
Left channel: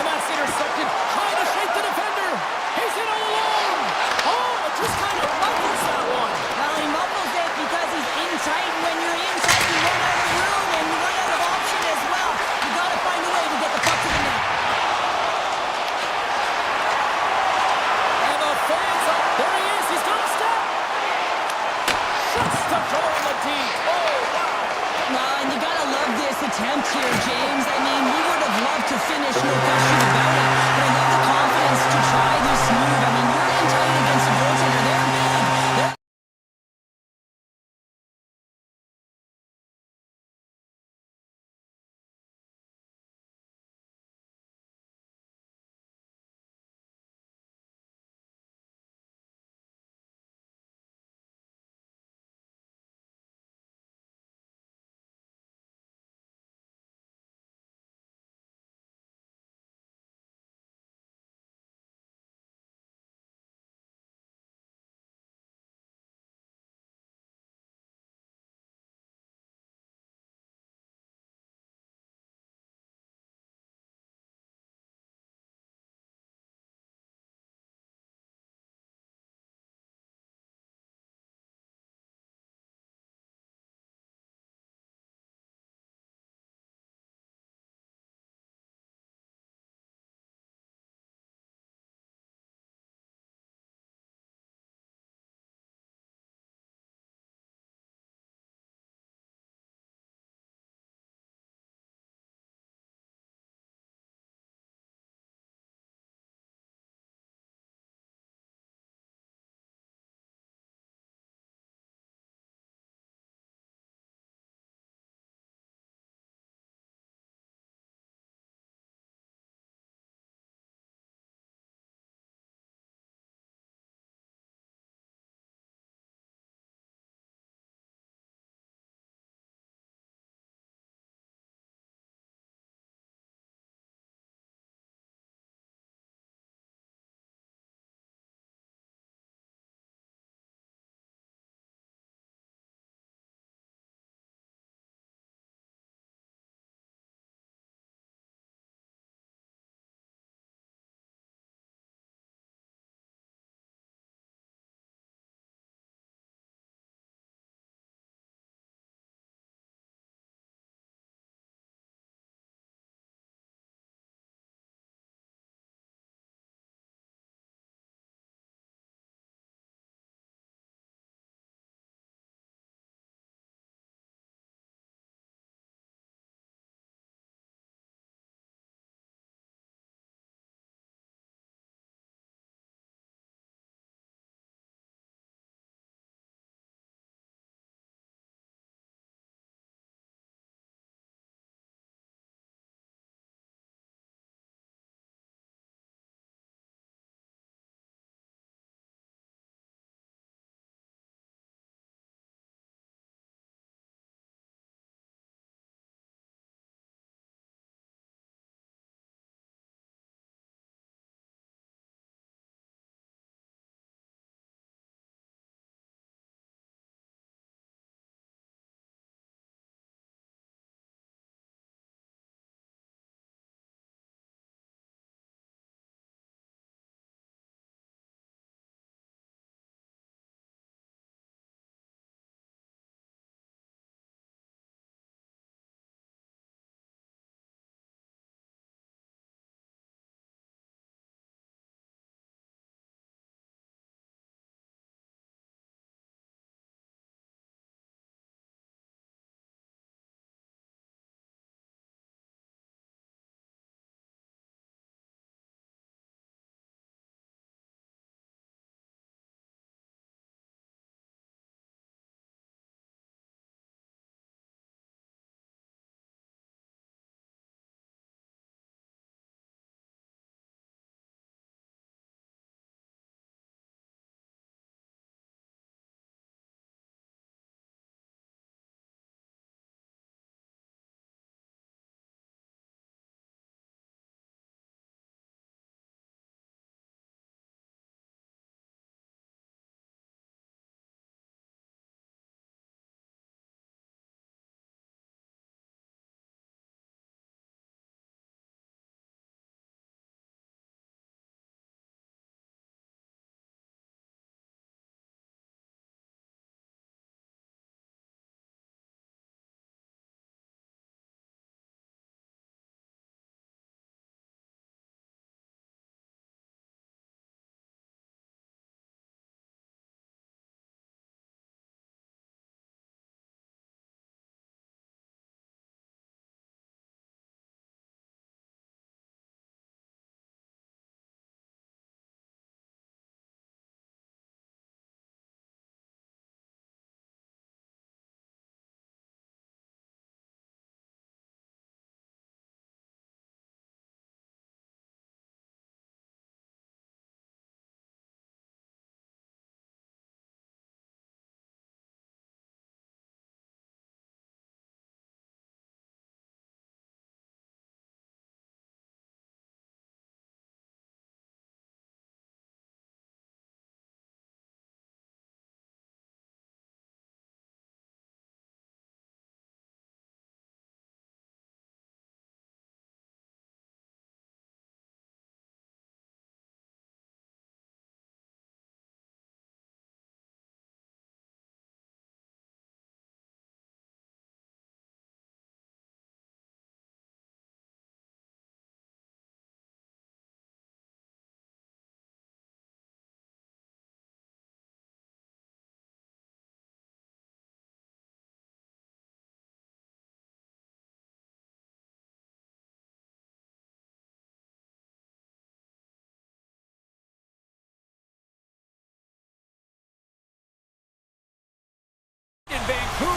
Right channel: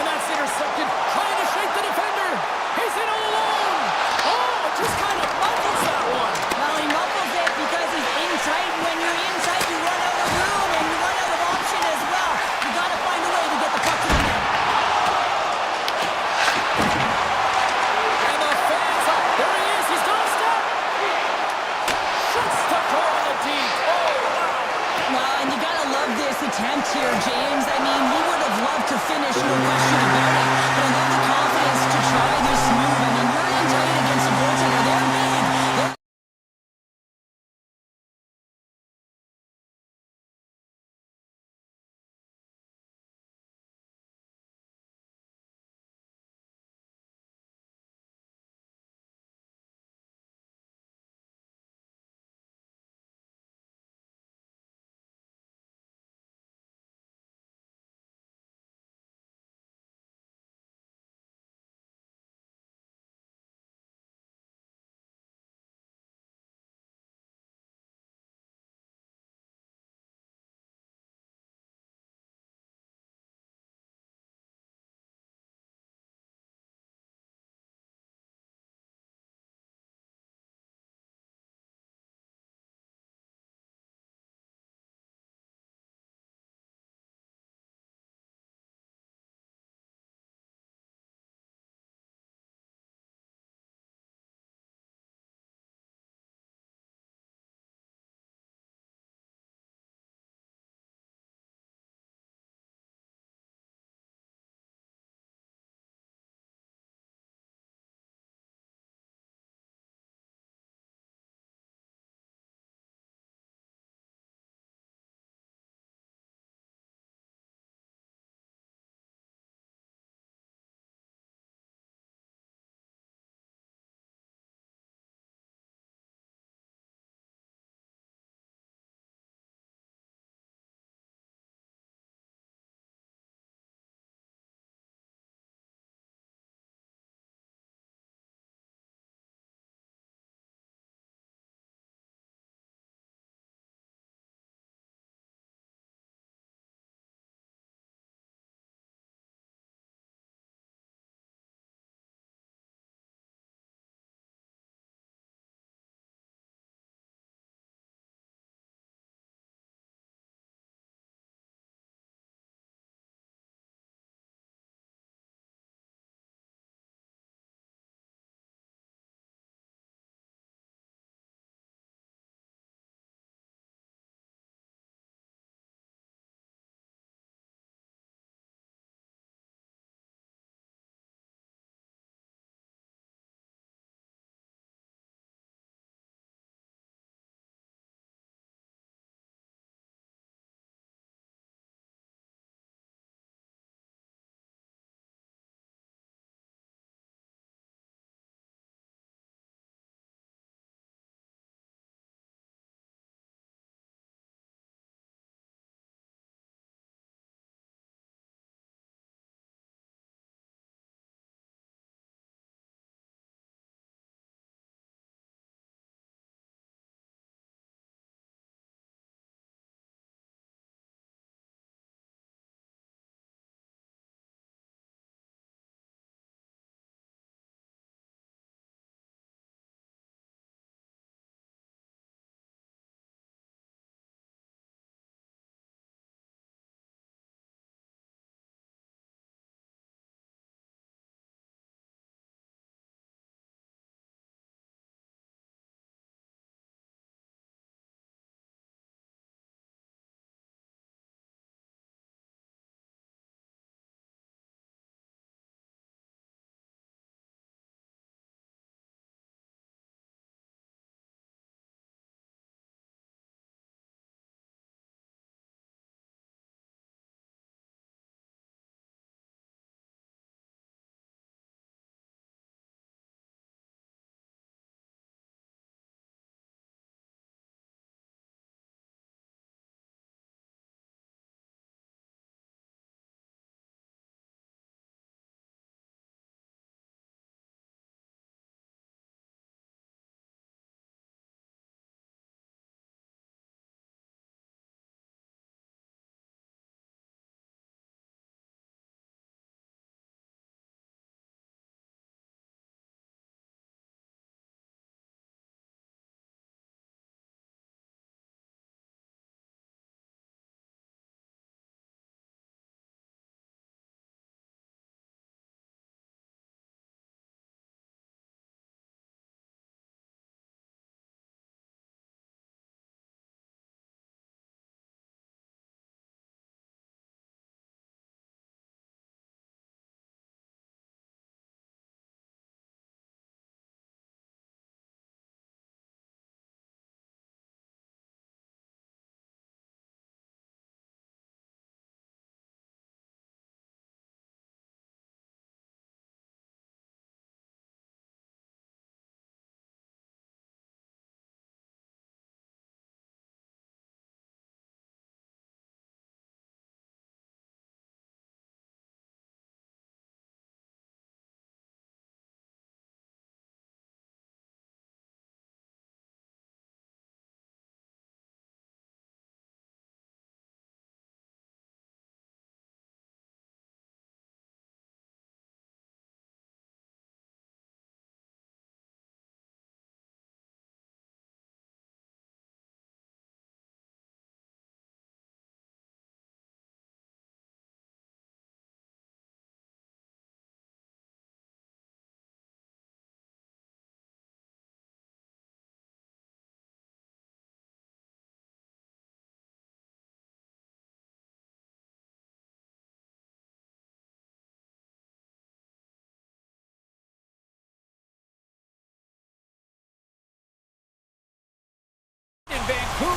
And that's intercepted. Trying to shake the defender. He's in all alone. Oh, it just kind of muffles that one. Well, he muffles it because he's in tight. When you're in tight, you run out of room and you run out of option as well. You got to find a way to get the puck to the net. And the fans up. There he is. He's got a step. Shuts the door on the deep. Oh, wow. Well, and you gotta love this attempt here, James. I mean, we would have loved to finish, no question about it. But I love the confidence to try this move. I mean, you're in tight against a goaltender. They're big.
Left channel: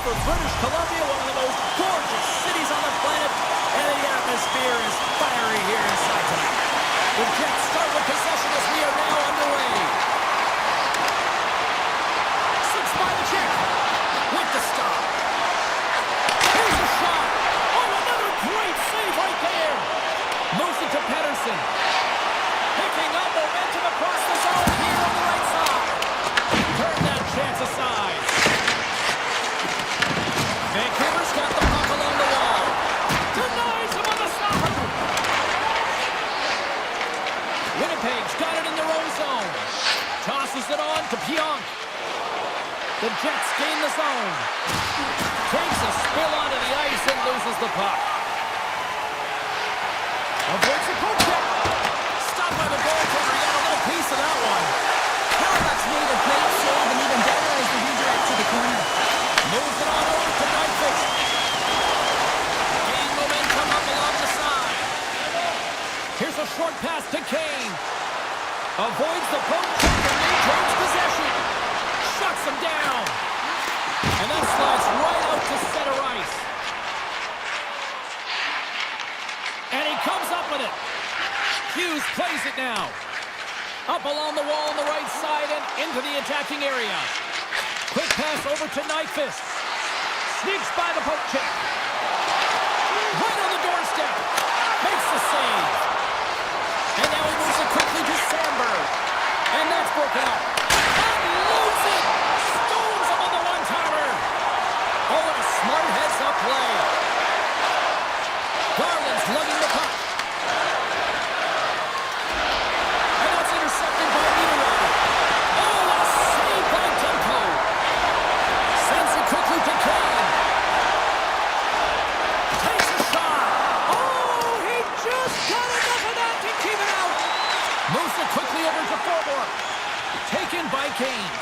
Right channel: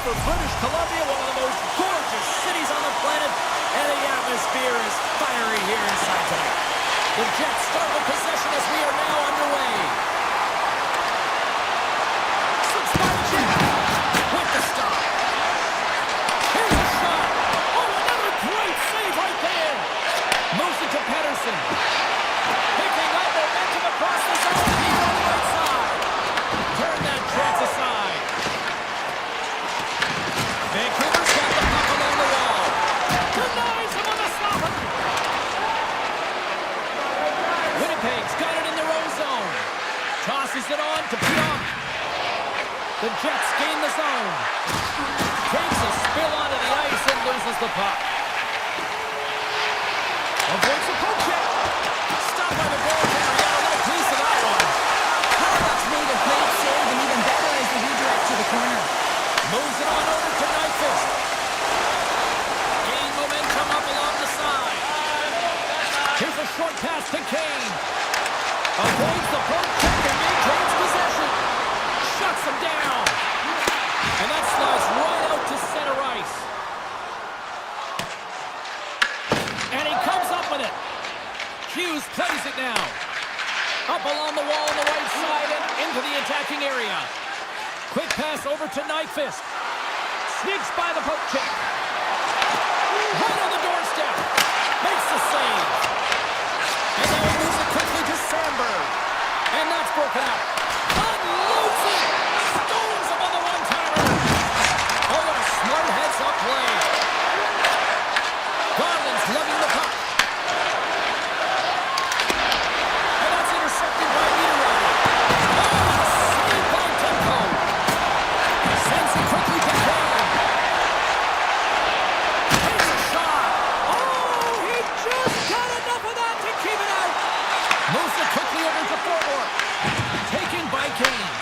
over British Columbia, one of the most gorgeous cities on the planet, and the atmosphere is fiery here inside tonight. The Jets start with possession as we are now underway. Slips by the Jet with the stop. Here's a shot. Oh, another great save right there. Moves it to Pedersen. Picking up momentum across the zone here on the right side. Turn that chance aside. Vancouver's got the puck along the wall. Denies him on the stopper. Winnipeg's got it in their own zone. Tosses it on to Pionk. The Jets gain the zone. Takes a spill onto the ice and loses the puck. Avoids the poke check. Stopped by the goaltender. He got a little piece of that one. Halifax made a great save, and even better is the redirect to the corner. Moves it on over to Nyquist. Gain momentum up along the side. Here's a short pass to Kane. Avoids the poke check and maintains possession. Shuts him down. And that slides right out to center ice. And he comes up with it. Hughes plays it now. Up along the wall on the right side and into the attacking area. Quick pass over to Nyquist. Sneaks by the poke check. Right on the doorstep. Makes the save. And now he moves it quickly to Sandberg. And that's broken up. Unloads it. Stones him on the one-timer. Oh, what a smart heads-up play. Garland's lugging the puck. And that's intercepted by Niederreiter. Oh, what a save by Demko. Sends it quickly to Kane. Takes a shot. Oh, he just got enough of that to keep it out. Moves it quickly over to Forbort. Taken by Kane.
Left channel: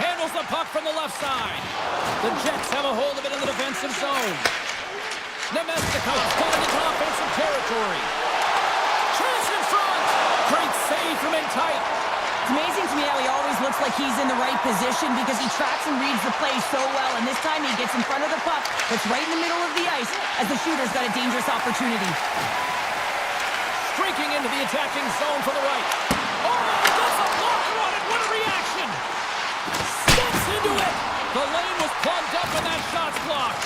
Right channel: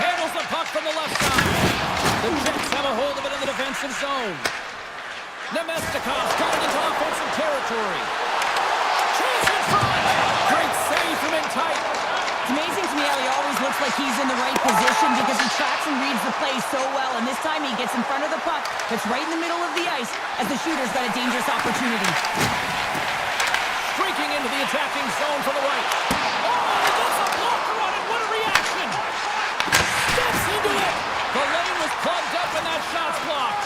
Handles the puck from the left side. The Jets have a hold of it in the defensive zone. Nemesnikov's got it into offensive territory. Chance in front. Great save from in tight. It's amazing to me how he always looks like he's in the right position because he tracks and reads the play so well, and this time he gets in front of the puck that's right in the middle of the ice as the shooter's got a dangerous opportunity. Streaking into the attacking zone from the right. Oh, he gets a blocker on it. What a reaction. Steps into it. The lane was plugged up and that shot's blocked.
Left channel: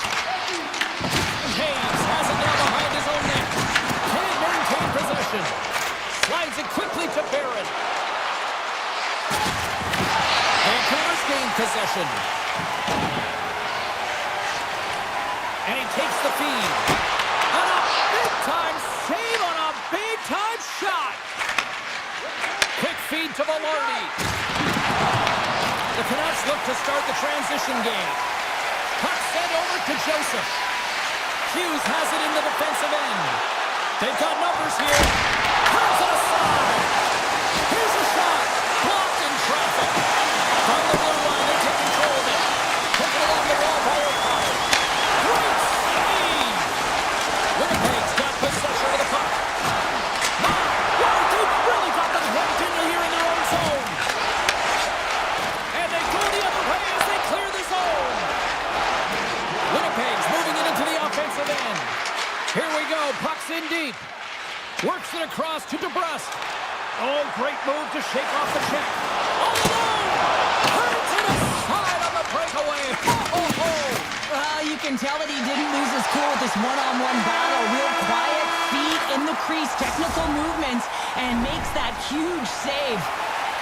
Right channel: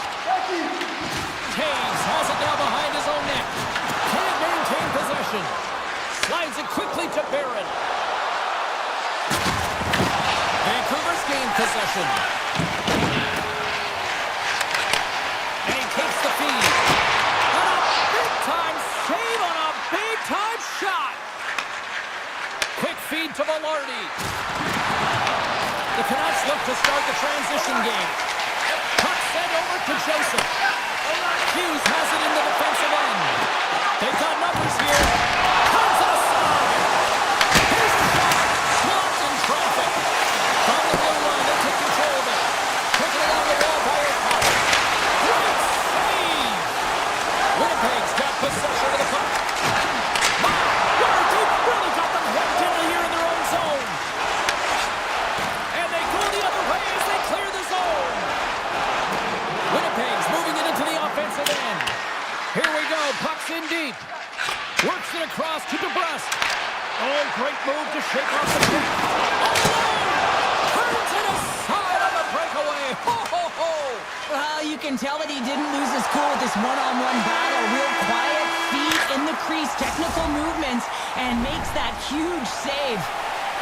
Hayes has it now behind his own net. Can't maintain possession. Slides it quickly to Barron. Vancouver's gained possession. And he takes the feed. And a big-time save on a big-time shot. Quick feed to Velarde. The Canucks look to start the transition game. Puck sent over to Joseph. Hughes has it in the defensive end. They've got numbers here. Turns it aside. Here's a shot. Blocked in traffic. From the blue line, they take control of it. Taken along the wall by O'Connor. Great save. Winnipeg's got possession of the puck. My word, they've really got them hemmed in here in their own zone. And they go the other way as they clear the zone. Winnipeg's moving it into the offensive end. Here we go. Puck's in deep. Works it across to DeBrusque. Oh, great move to shake off the check. All alone. Turns it aside on the breakaway. Ho, ho, ho. Well, you can tell that he didn't lose his cool with this one-on-one battle. Real quiet, feet in the crease, technical movements, and makes that huge save.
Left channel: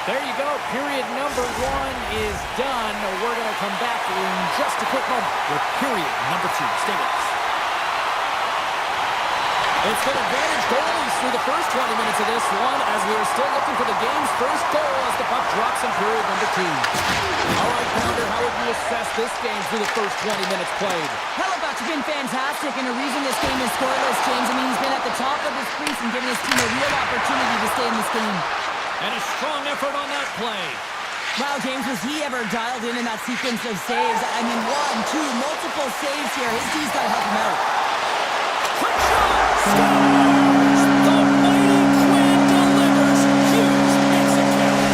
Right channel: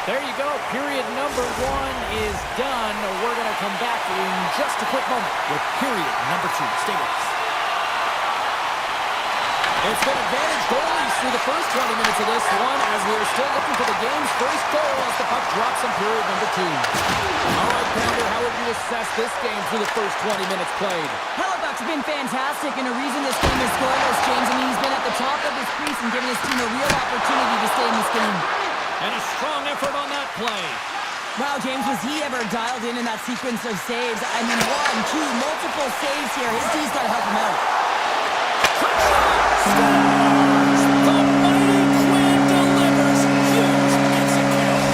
There you go. Period number 1 is done. We're going to come back in just a quick moment with period number 2. Stay with us. It's been advantage goalies through the first 20 minutes of this one as we are still looking for the game's first goal as the puck drops in period number 2. All right, Pounder, how would you assess this game through the first 20 minutes played? Halifax has been fantastic, and a reason this game is scoreless, James. I mean, he's been at the top of his crease and giving his team a real opportunity to stay in this game. And a strong effort on that play. Wow, James, was he ever dialed in that sequence of saves? I mean, 1, 2, multiple saves here. His D's got to help him out. Quick shot! Scores! The mighty Quinn delivers. Hughes makes it count.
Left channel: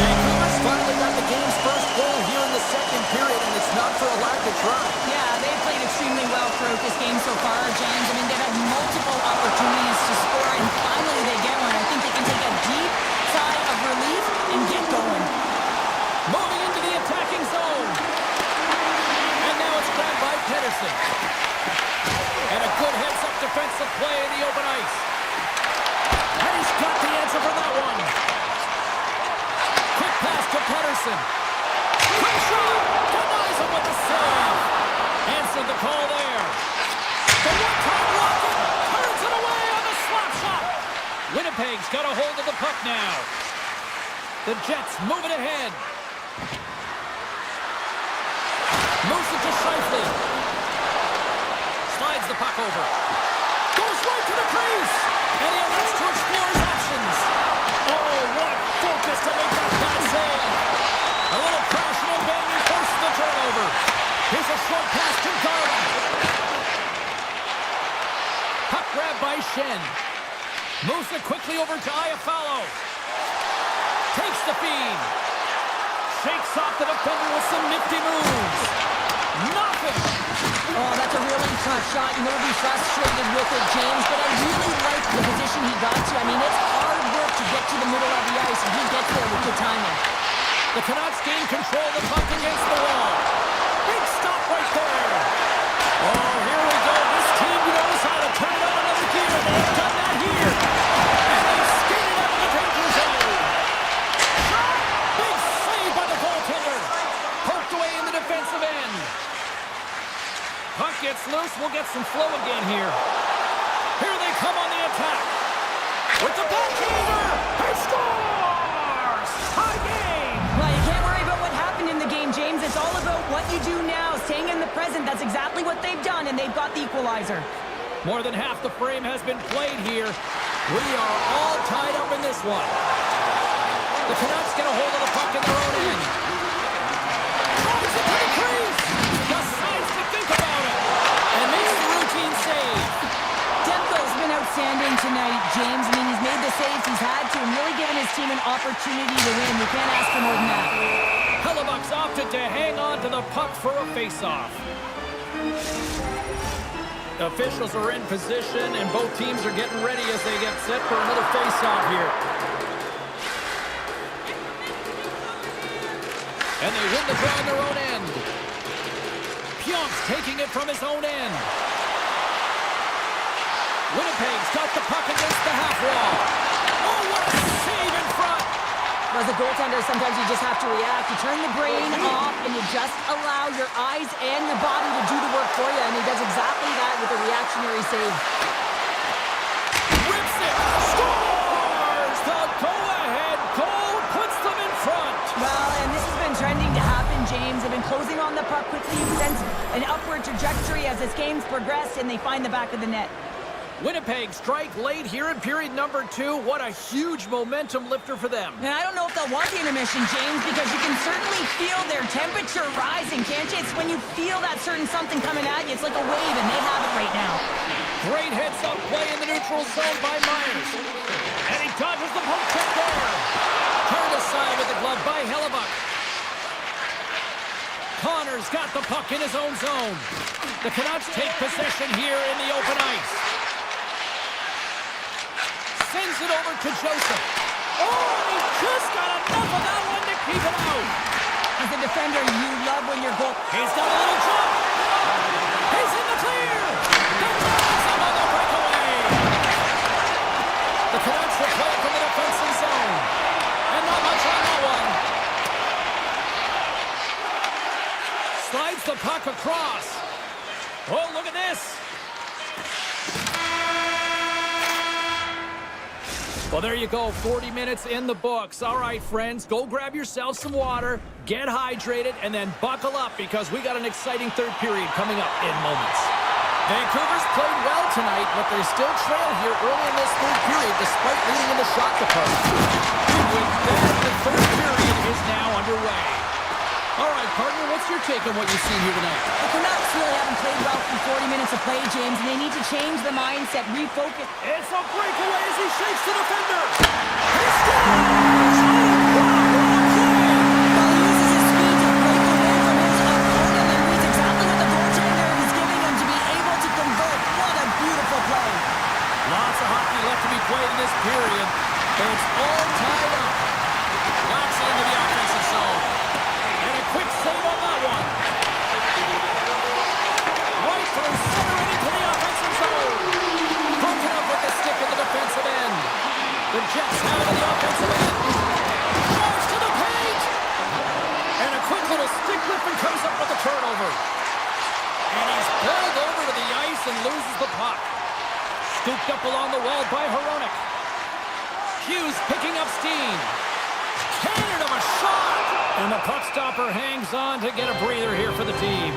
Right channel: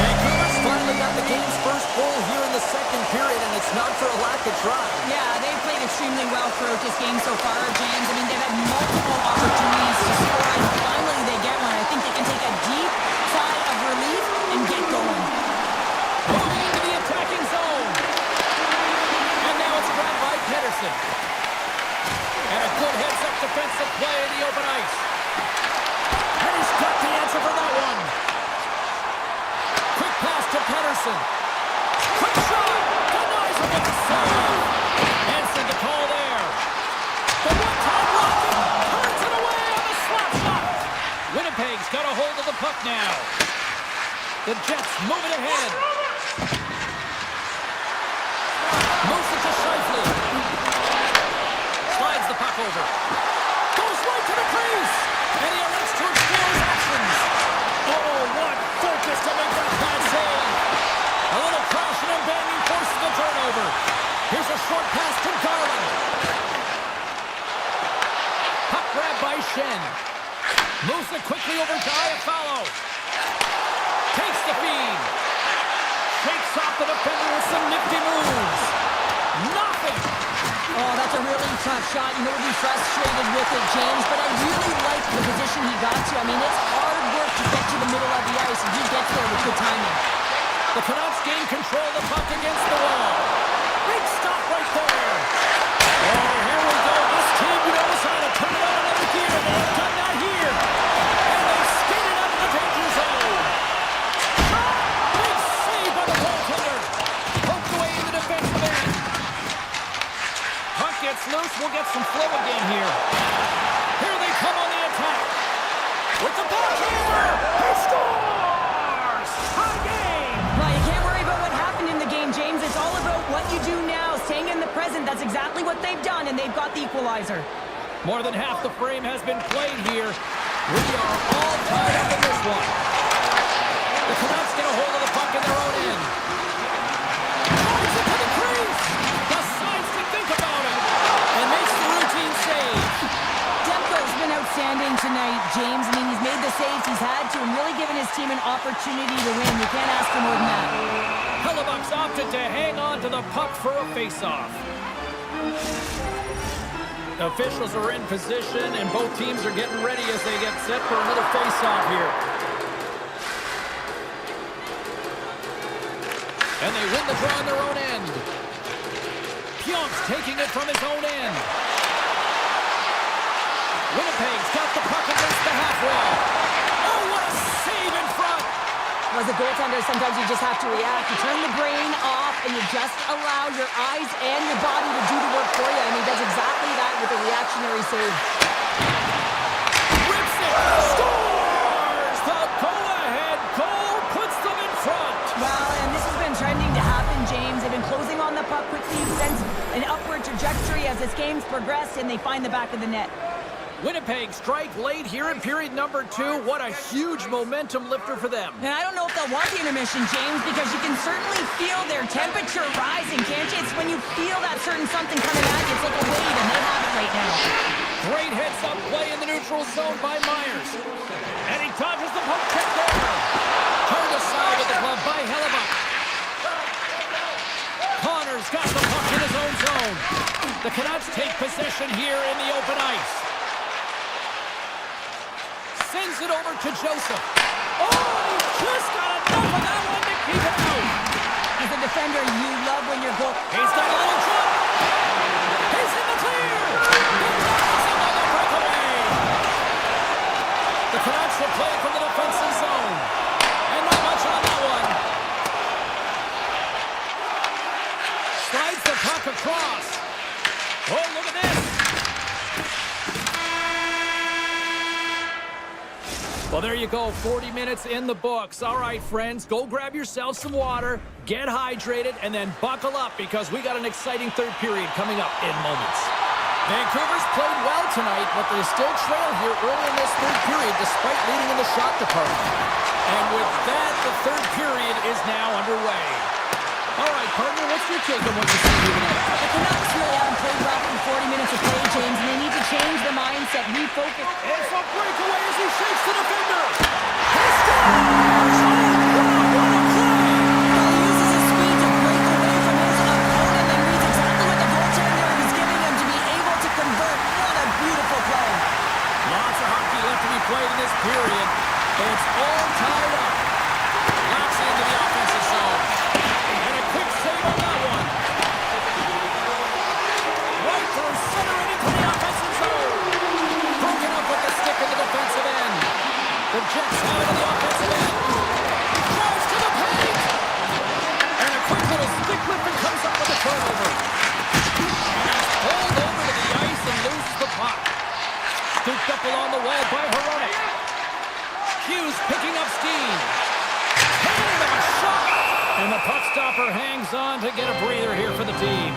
Vancouver's finally got the game's first goal here in the second period, and it's It's not for a lack of trying. Yeah, they've played extremely well throughout this game so far, James. I mean, they've had multiple opportunities to score, and finally they get one. I think they can take a deep sigh of relief and get going. Moving into the attacking zone. And now it's grabbed by Pedersen. And a good heads-up defensive play in the open ice. And he's got the answer for that one. Quick pass to Pedersen. Quick shot! Denies him with the save. Hansen the call there. The one-time rocket turns it away on the slap shot. Winnipeg's got a hold of the puck now. The Jets move it ahead. Moves it to Scheifele. Slides the puck over. Goes right to the crease. And he elects to explore his actions. Oh, what focus to make that bad save. A little crashing and banging forces the turnover. Here's a short pass to Garland. Puck grab by Shen. Moves it quickly over to Iafallo. Takes the feed. Shakes off the defender with some nifty moves. Nothing. Oh, that's a really tough shot. You know, he'll be frustrated with it, James, but I really like the position he got to. I mean, it's hard work to get to the middle of the ice, and he gets there with good timing. The Canucks gain control of the puck against the wall. Big stop right there. Oh, here we go. This team knows how to turn it on another gear. They have done that here. And they skated out of the danger zone. Shot! Big save by the goaltender. Poked away in the defensive end. Puck gets loose. We'll get some flow again here. Here they come on the attack. With the backhander. He scores! High game. Well, you can't worry about what happened in the game, James. It's all about what you do now, staying in the present. That's exactly what they've done, and they've got the equalizer. More than half the frame has been played here. We are all tied up in this one. The Canucks get a hold of the puck in their own end. Drives it to the crease. Decides to think about it. And makes the routine save. Demko's been outstanding tonight, James. I mean, he's made the saves he's had to and really given his team an opportunity to win. You can't ask for more than that. Hellebuck's opted to hang on to the puck for a face-off. Officials are in position, and both teams are getting ready as they get set for another face-off here. And they win the draw on their own end. Pionk's taking it from his own end. Winnipeg's got the puck against the half wall. Oh, what a save in front! As a goaltender, sometimes you just have to react. You turn the brain off, and you just allow your eyes and your body to do the work for you, and he does exactly that with a reactionary save. Rips it! Scores! The go-ahead goal puts them in front! Well, and this has been trending to happen, James. They've been closing on the puck quickly. You sense an upward trajectory as this game's progressed, and they find the back of the net. Winnipeg strike late here in period number 2. What a huge momentum lifter for them. And I don't know if they'll want the intermission, James, because you can certainly feel their temperature rising, can't you? It's when you feel that certain something coming at you. It's like a wave, and they have it right now. Great heads-up play in the neutral zone by Myers. And he dodges the poke check there. Turned aside with the glove by Hellebuck. Connor's got the puck in his own zone. The Canucks take possession here in the open ice. Sends it over to Joseph. Oh, and he just got enough of that one to keep it out. As a defender, you love when your goal... He's got a little jump. He's in the clear. Denies him on the breakaway. The Canucks will play it from the defensive zone. And not much on that one. Slides the puck across. Oh, look at this. Well, there you go. 40 minutes in the books. All right, friends, go grab yourself some water, get hydrated, and then buckle up because we got an exciting third period coming up in moments. Vancouver's played well tonight, but they still trail here early in this third period despite leading in the shot department. And with that, the third period is now underway. All right, partner, what's your take on what you've seen here tonight? The Canucks really haven't played well through 40 minutes of play, James, and they need to change the mindset, refocus. It's a breakaway as he shakes the defender. He scores! Oh, wow, what a play! Well, he uses his speed to break away from his opponent. Jets have it in the offensive end. Drives to the paint. And a quick little stick lift and comes up with a turnover. And he's pulled over to the ice and loses the puck. Scooped up along the wall by Hronek. Hughes picking up steam. Cannon of a shot. And the puck stopper hangs on to get a breather here for the team.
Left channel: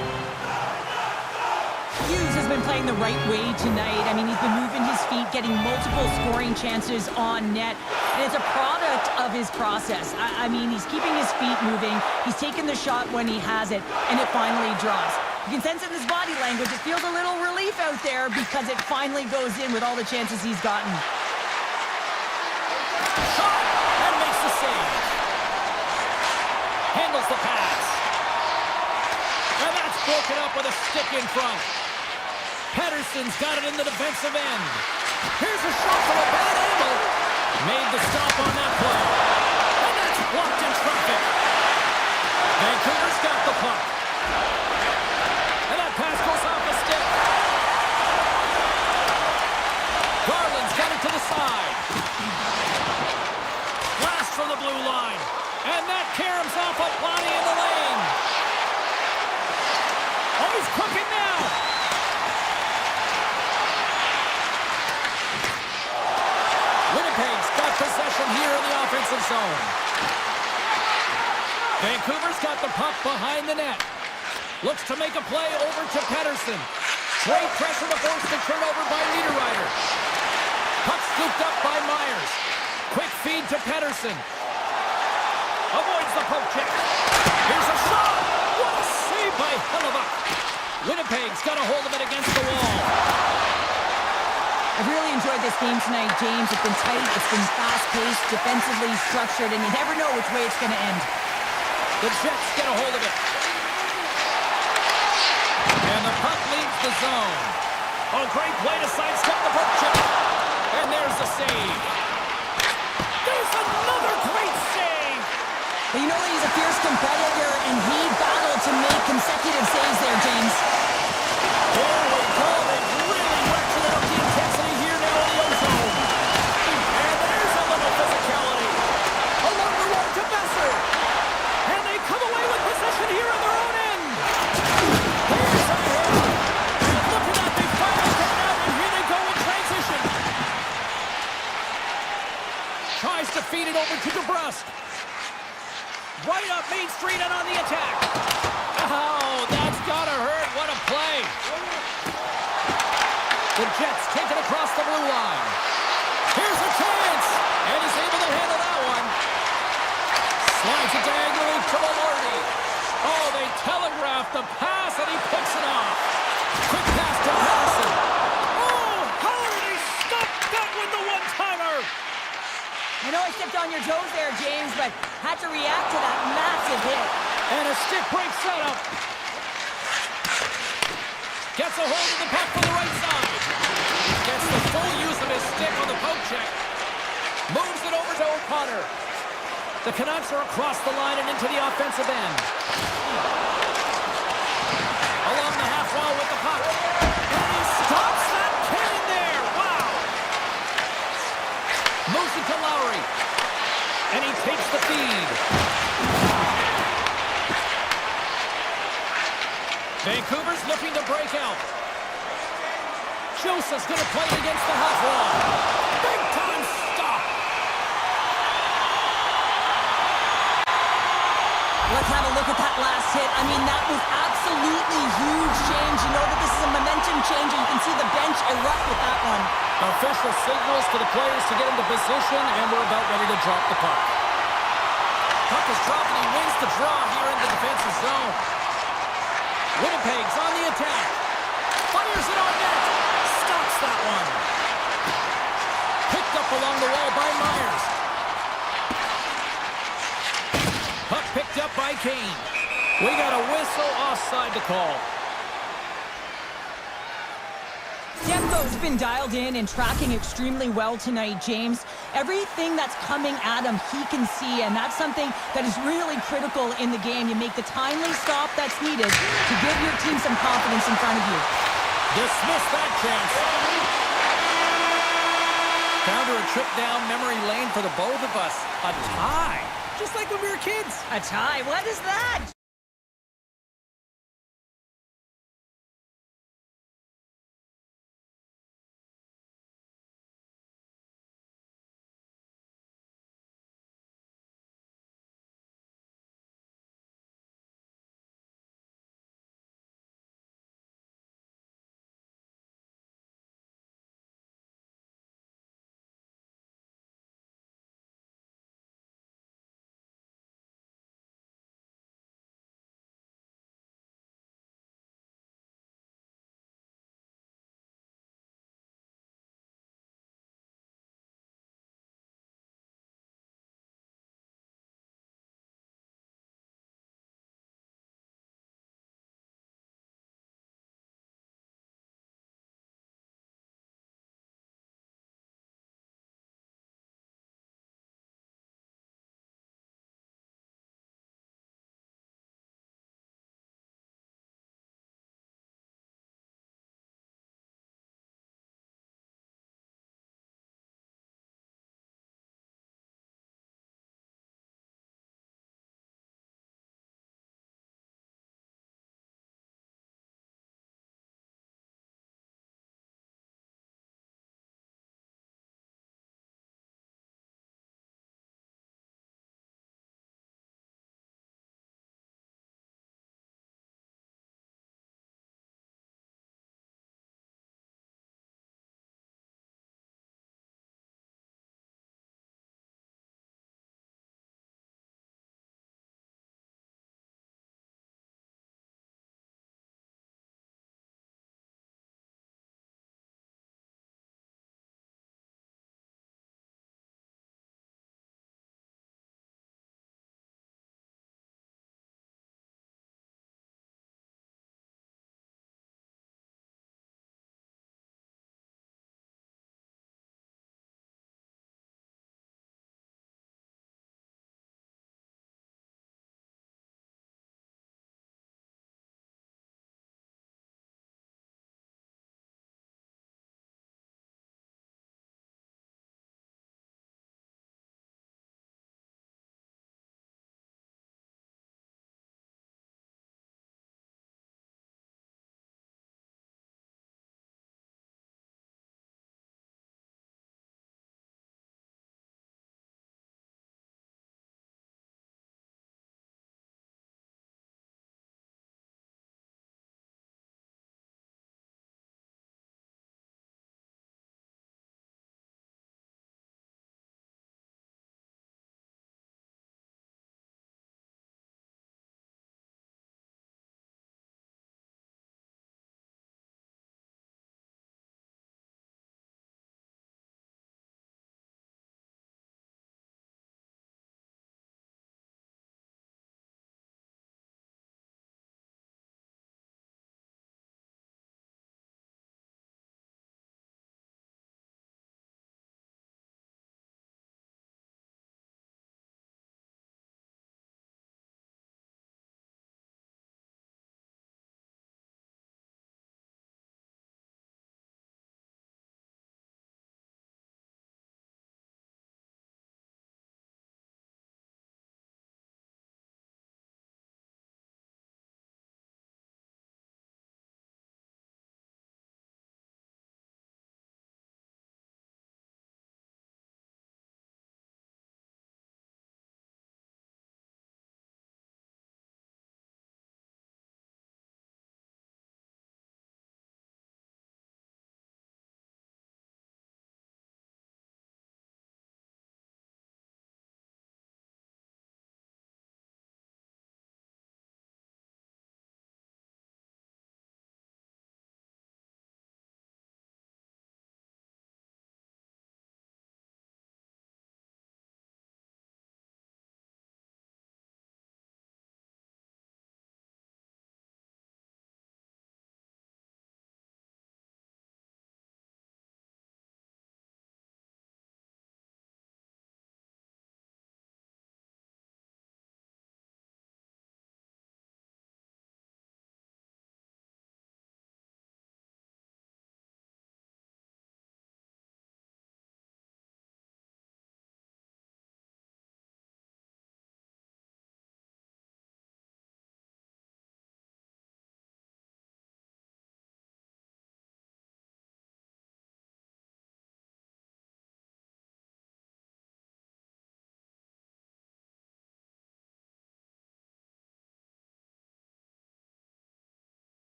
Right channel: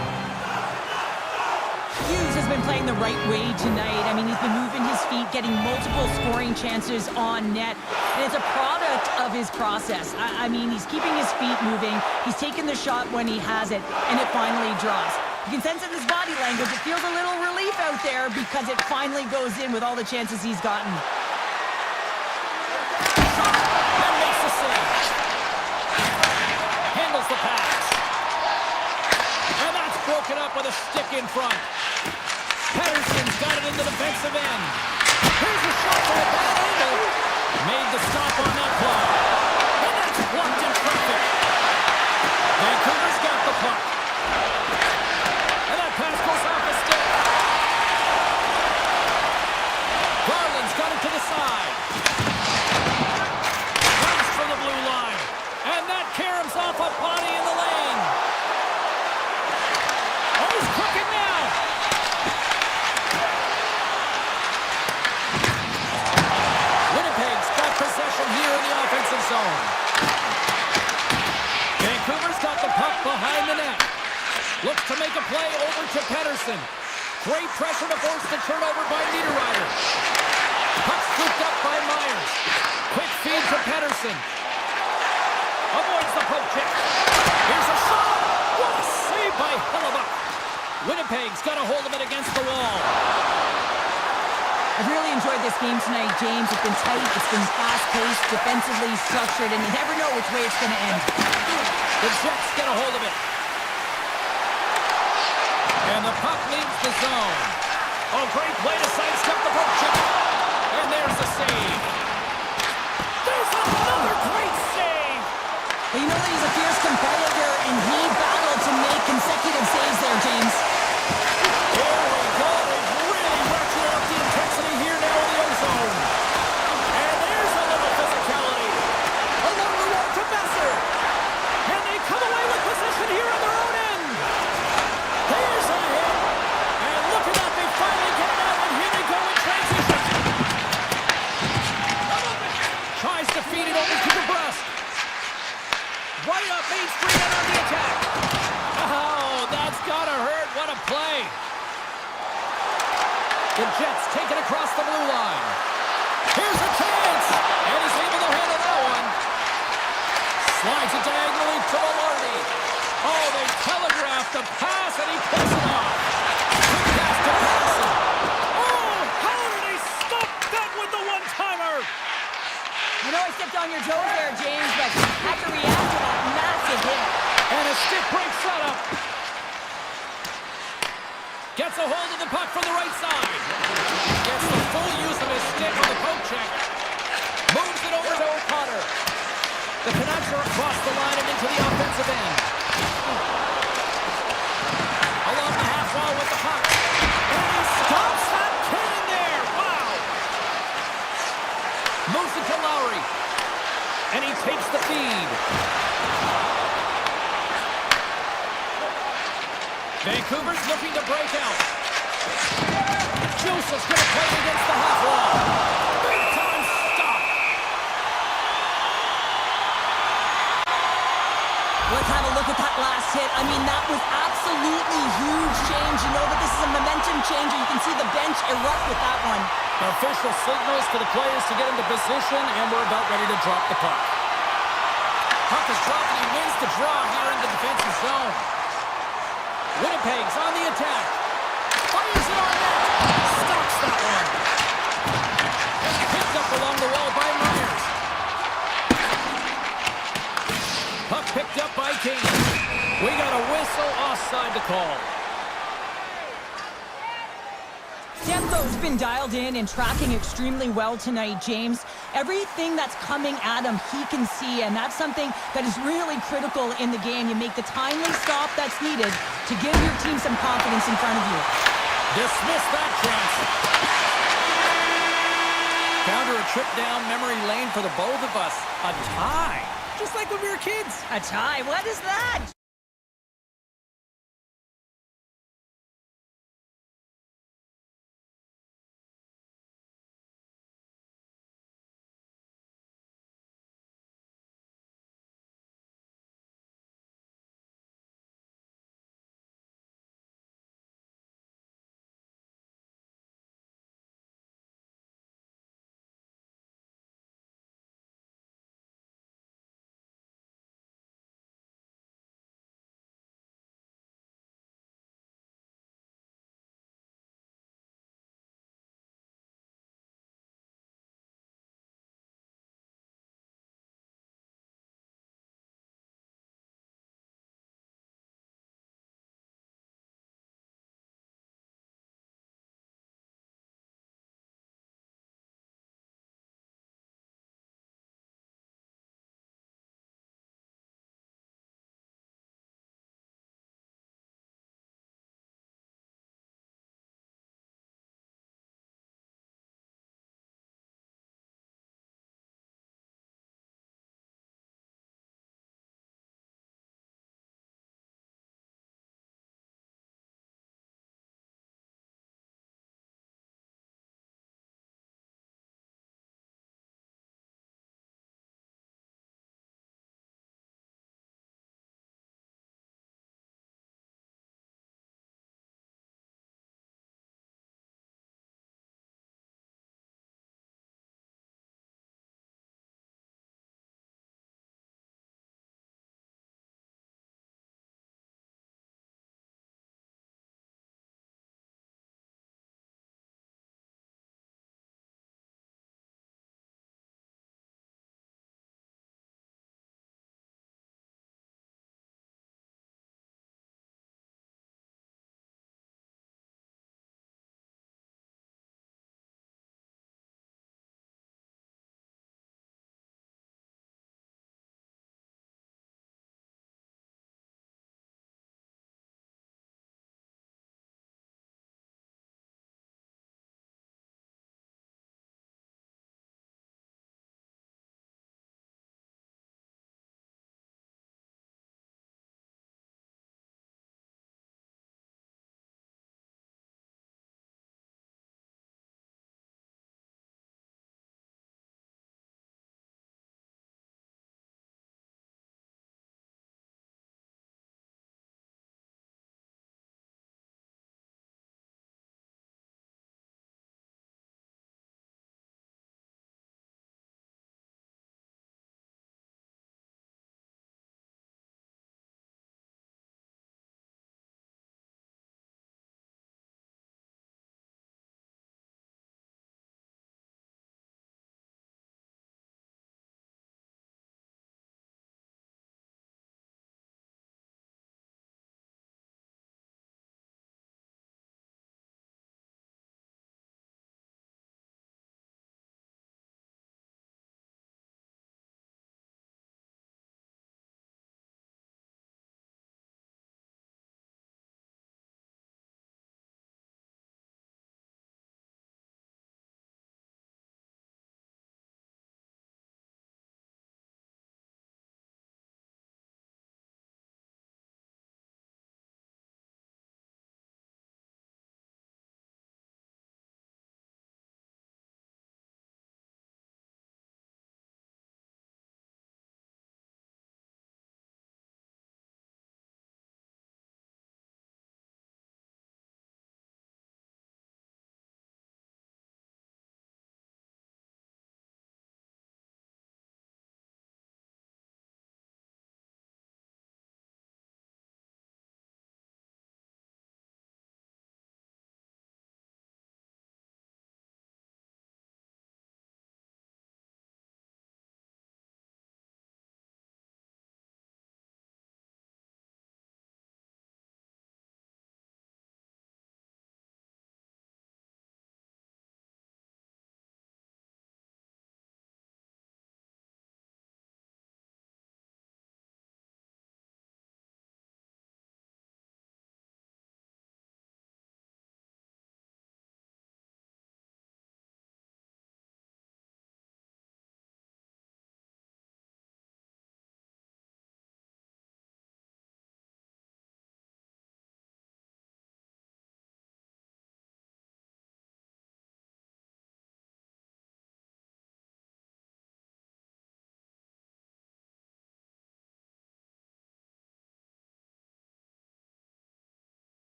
Hughes has been playing the right way tonight. I mean, he's been moving his feet, getting multiple scoring chances on net. And it's a product of his process. I mean, he's keeping his feet moving. He's taking the shot when he has it, and it finally drops. You can sense in his body language, it feels a little relief out there because it finally goes in with all the chances he's gotten. Shot and makes the save. Handles the pass. And that's broken up with a stick in front. Pettersson's got it in the defensive end. Here's a shot from a bad angle. Made the stop on that play. And that's blocked in traffic. Vancouver's got the puck. And that pass goes off the stick. Garland's got it to the side. Blast from the blue line. And that caroms off a body in the lane. Oh, he's cooking now. Winnipeg's got possession here in the offensive zone. Vancouver's got the puck behind the net. Looks to make a play over to Pettersson. Great pressure to force the turnover by Niederreiter. Puck scooped up by Myers. Quick feed to Pettersson. Avoids the poke check. Here's a shot. What a save by Hellebuck. Winnipeg's got a hold of it against the wall. I've really enjoyed this game tonight, James. It's been tight, it's been fast-paced, defensively structured, and you never know which way it's going to end. The Jets get a hold of it. And the puck leaves the zone. Oh, great play to sidestep the poke check. And there's the save. There's another great save. But you know that he's a fierce competitor, and he battled to make consecutive saves there, James. Here we go. They've really ratcheted up the intensity here now in the ozone. And there's a little physicality. Along the wall to Besser. And they come away with possession here on their own end. Here's a hit. And look at that. They finally get it out, and here they go in transition. Tries to feed it over to DeBrusque. Right up Main Street and on the attack. Oh, that's gotta hurt. What a play. The Jets take it across the blue line. Here's a chance. And he's able to handle that one. Slides it diagonally to Velarde. Oh, they telegraphed the pass and he picks it off. Quick pass to Pettersson. Oh, how did he stop that with the one-timer? I know I stepped on your toes there, James, but had to react to that massive hit. And a stick break setup. Gets a hold of the puck from the right side. Gets the full use of his stick on the poke check. Moves it over to O'Connor. The Canucks are across the line and into the offensive end. Along the half wall with the puck. And he stops that cannon there. Wow. Moves it to Lowry. And he takes the feed. Vancouver's looking to break out. Joseph's going to play it against the half wall. Big time stop. Let's have a look at that last hit. I mean, that was absolutely huge, James. You know that this is a momentum changer. You can see the bench erupt with that one. Official signals to the players to get into position, and we're about ready to drop the puck. Puck is dropped, and he wins the draw here in the defensive zone. Winnipeg's on the attack. Fires it on net. Stops that one. Picked up along the wall by Myers. Puck picked up by Kane. We got a whistle offside to call. Demko's been dialed in and tracking extremely well tonight, James. Everything that's coming at him, he can see, and that's something that is really critical in the game. You make the timely stop that's needed to give your team some confidence in front of you. Dismiss that chance. Counter a trip down memory lane for the both of us. A tie. Just like when we were kids. A tie? What is that?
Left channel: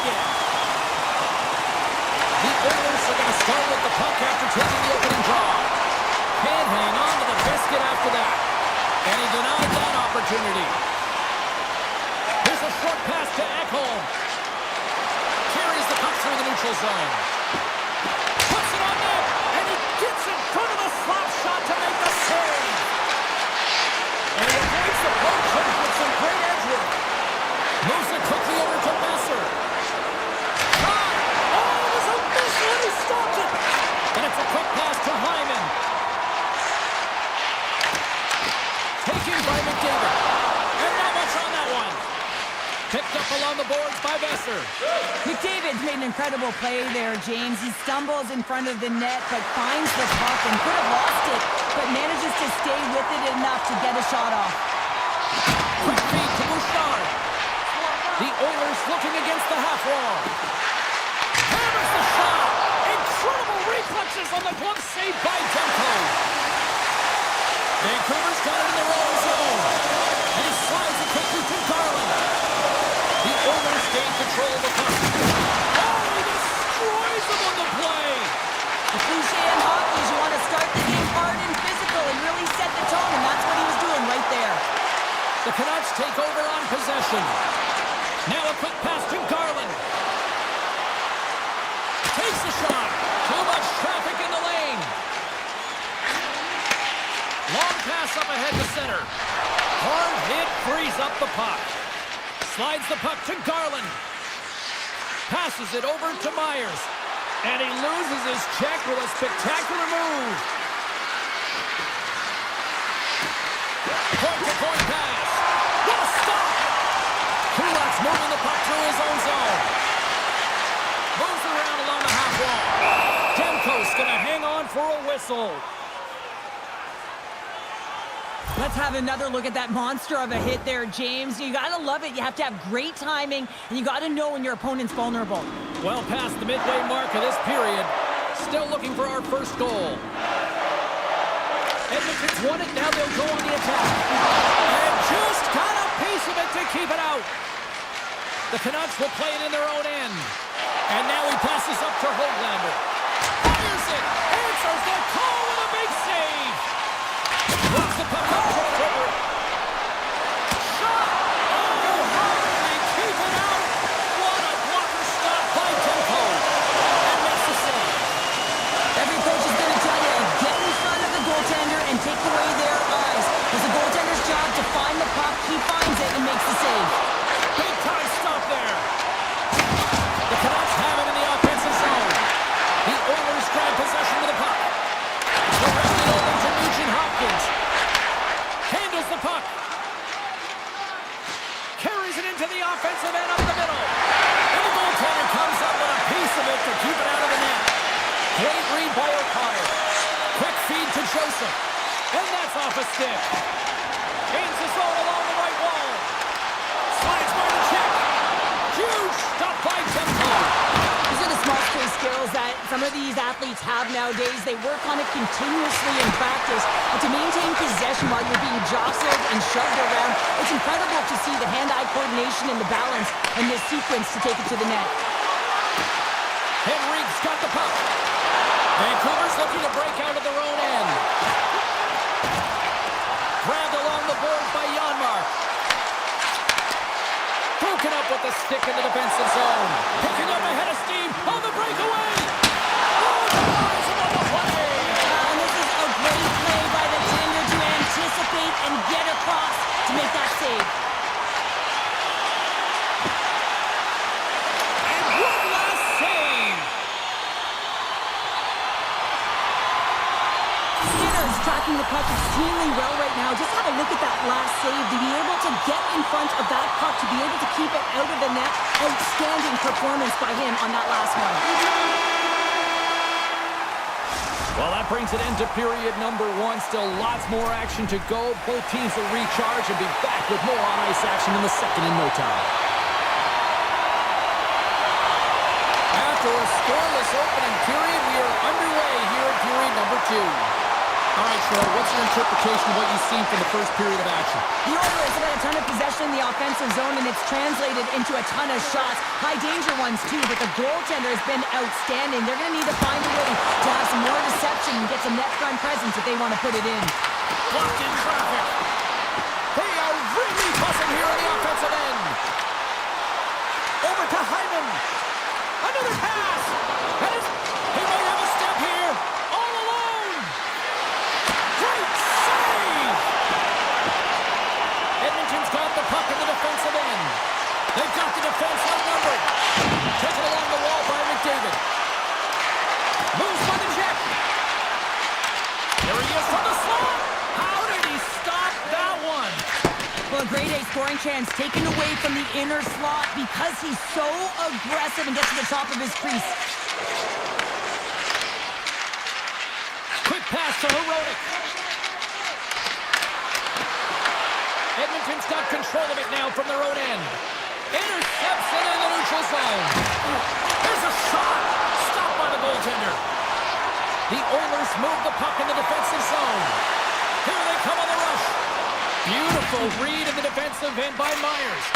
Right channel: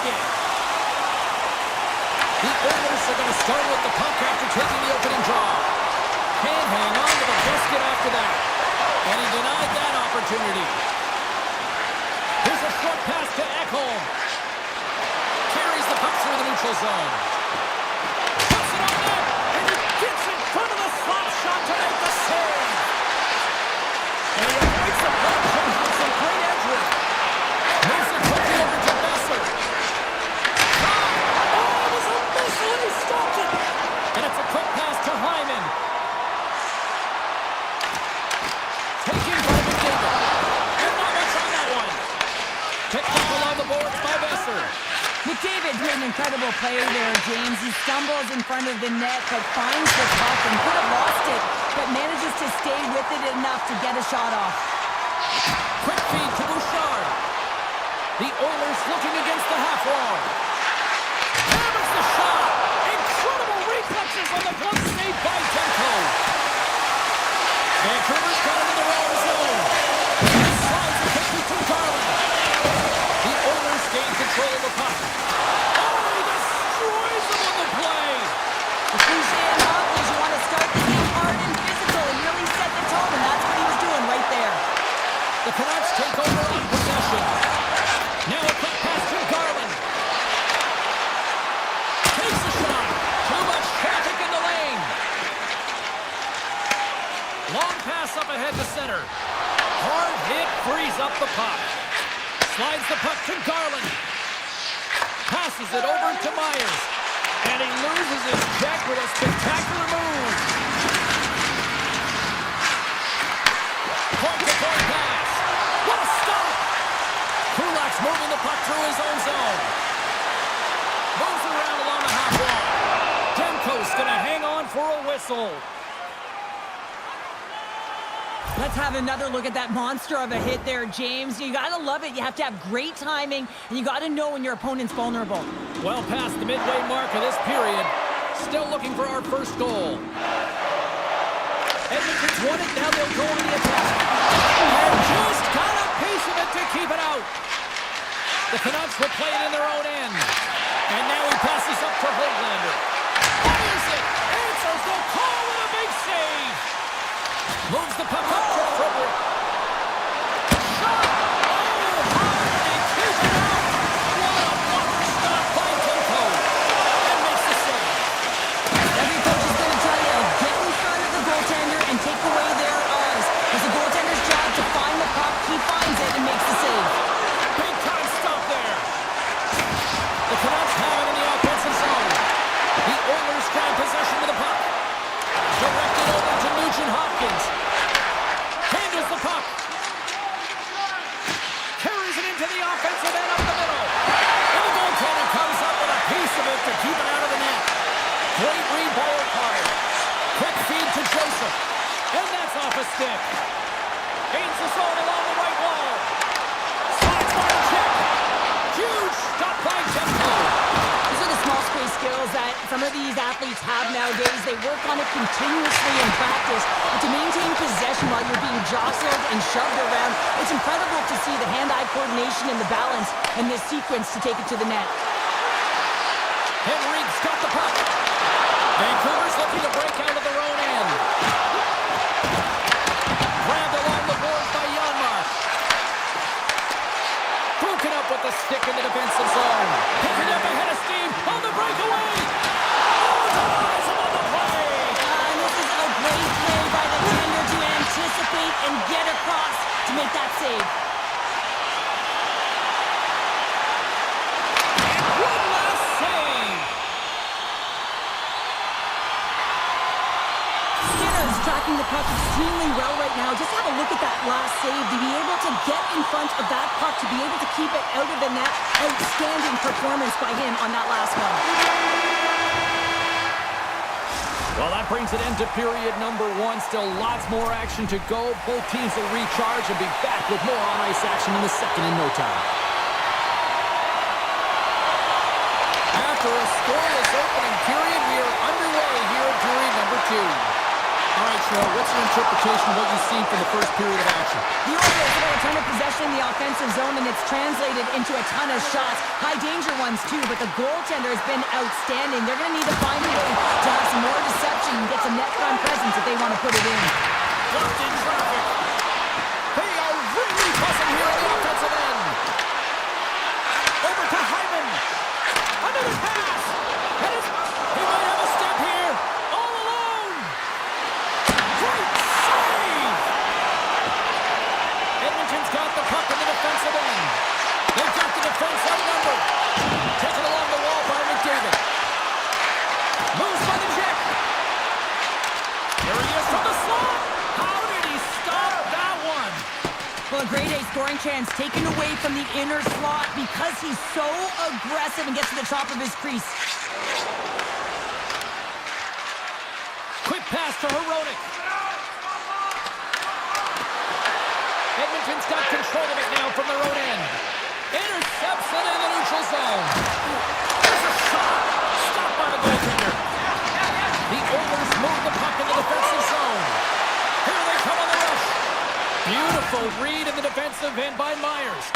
again. The Oilers are going to start with the puck after taking the opening draw. Can't hang on to the biscuit after that. And he denied that opportunity. Here's a short pass to Ekholm. Carries the puck through the neutral zone. Puts it on net, and he gets in front of the slap shot to make the save. And he avoids the poke check with some great edge work. Moves it quickly over to Besser. Shot! Oh, it was a missile, and he stopped it. And it's a quick pass to Hyman. Taken by McDavid. And not much on that one. Picked up along the boards by Besser. McDavid's made an incredible play there, James. He stumbles in front of the net, but finds the puck and could have lost it, but manages to stay with it enough to get a shot off. Quick feed to Bouchard. The Oilers looking against the half wall. Hammers the shot. Incredible reflexes on the glove save by Demko. Vancouver's got it in their own zone. And he slides it quickly to Garland. The Oilers gain control of the puck. Oh, he destroys them on the play. The cliche in hockey is you want to start the game hard and physical and really set the tone, and that's what he was doing right there. The Canucks take over on possession. Now a quick pass to Garland. Takes the shot. Too much traffic in the lane. Long pass up ahead to center. Hard hit frees up the puck. Slides the puck to Garland. Passes it over to Myers. And he loses his check with a spectacular move. Point-to-point pass. What a stop! Kulak's moving the puck through his own zone. Moves it around along the half wall. Demko's going to hang on for a whistle. Let's have another look at that monster of a hit there, James. You gotta love it. You have to have great timing, and you gotta know when your opponent's vulnerable. Well past the midway mark of this period. Still looking for our first goal. Edmonton's won it. Now they'll go on the attack. And just got a piece of it to keep it out. The Canucks will play it in their own end. And now he passes up to Höglander. Fires it. Answers the call with a big save. Moves the puck up to Frederick. Shot! Oh, hard, and they keep it out. What a blocker stop by Demko. And makes the save. Every coach is going to tell you, get in front of the goaltender and take away their eyes. It's the goaltender's job to find the puck. He finds it and makes the save. Big time stop there. The Canucks have it in the offensive zone. The Oilers grab possession of the puck. Directed over to Nugent-Hopkins. Handles the puck. Carries it into the offensive end up the middle. And the goaltender comes up with a piece of it to keep it out of the net. Great read by O'Connor. Quick feed to Joseph. And that's off a stick. Gains the zone along the right wall. Slides by the check. Huge stop by Demko. These are the small space skills that some of these athletes have nowadays. They work on it continuously in practice. But to maintain possession while you're being jostled and shoved around, it's incredible to see the hand-eye coordination and the balance in this sequence to take it to the net. Henrique's got the puck. Vancouver's looking to break out of their own end. Grabbed along the board by Janmark. Broken up with the stick in the defensive zone. Picking up ahead of steam on the breakaway. Oh, denies him on the play. And this is a great play by the tender to anticipate and get across to make that save. And one last save. Skinner's tracking the puck extremely well right now. Just have a look at that last save. To be able to get in front of that puck, to be able to keep it out of the net. Outstanding performance by him on that last one. Well, that brings an end to period number one. Still lots more action to go. Both teams will recharge and be back with more on-ice action in the second in no time. After a scoreless opening period, we are underway here in period number two. All right, Cheryl, what's your interpretation of what you've seen from the first period of action? The Oilers have got a ton of possession in the offensive zone, and it's translated into a ton of shots. High-danger ones, too, but the goaltender has been outstanding. They're going to need to find a way to have some more deception and get some net-front presence if they want to put it in. Blocked in traffic. They are really buzzing here on the offensive end. Over to Hyman. Another pass. And he might have a step here. All alone. Great save. Edmonton's got the puck in the defensive end. They've got the defense outnumbered. Taken along the wall by McDavid. Moves by the check. There he is from the slot. How did he stop that one? Well, a grade A scoring chance taken away from the inner slot because he's so aggressive and gets to the top of his crease. Quick pass to Herodic. Edmonton's got control of it now from their own end. Intercepts it in the neutral zone. There's a shot. Stopped by the goaltender. The Oilers move the puck in the defensive zone. Here they come on the rush. Beautiful read in the defensive end by Myers.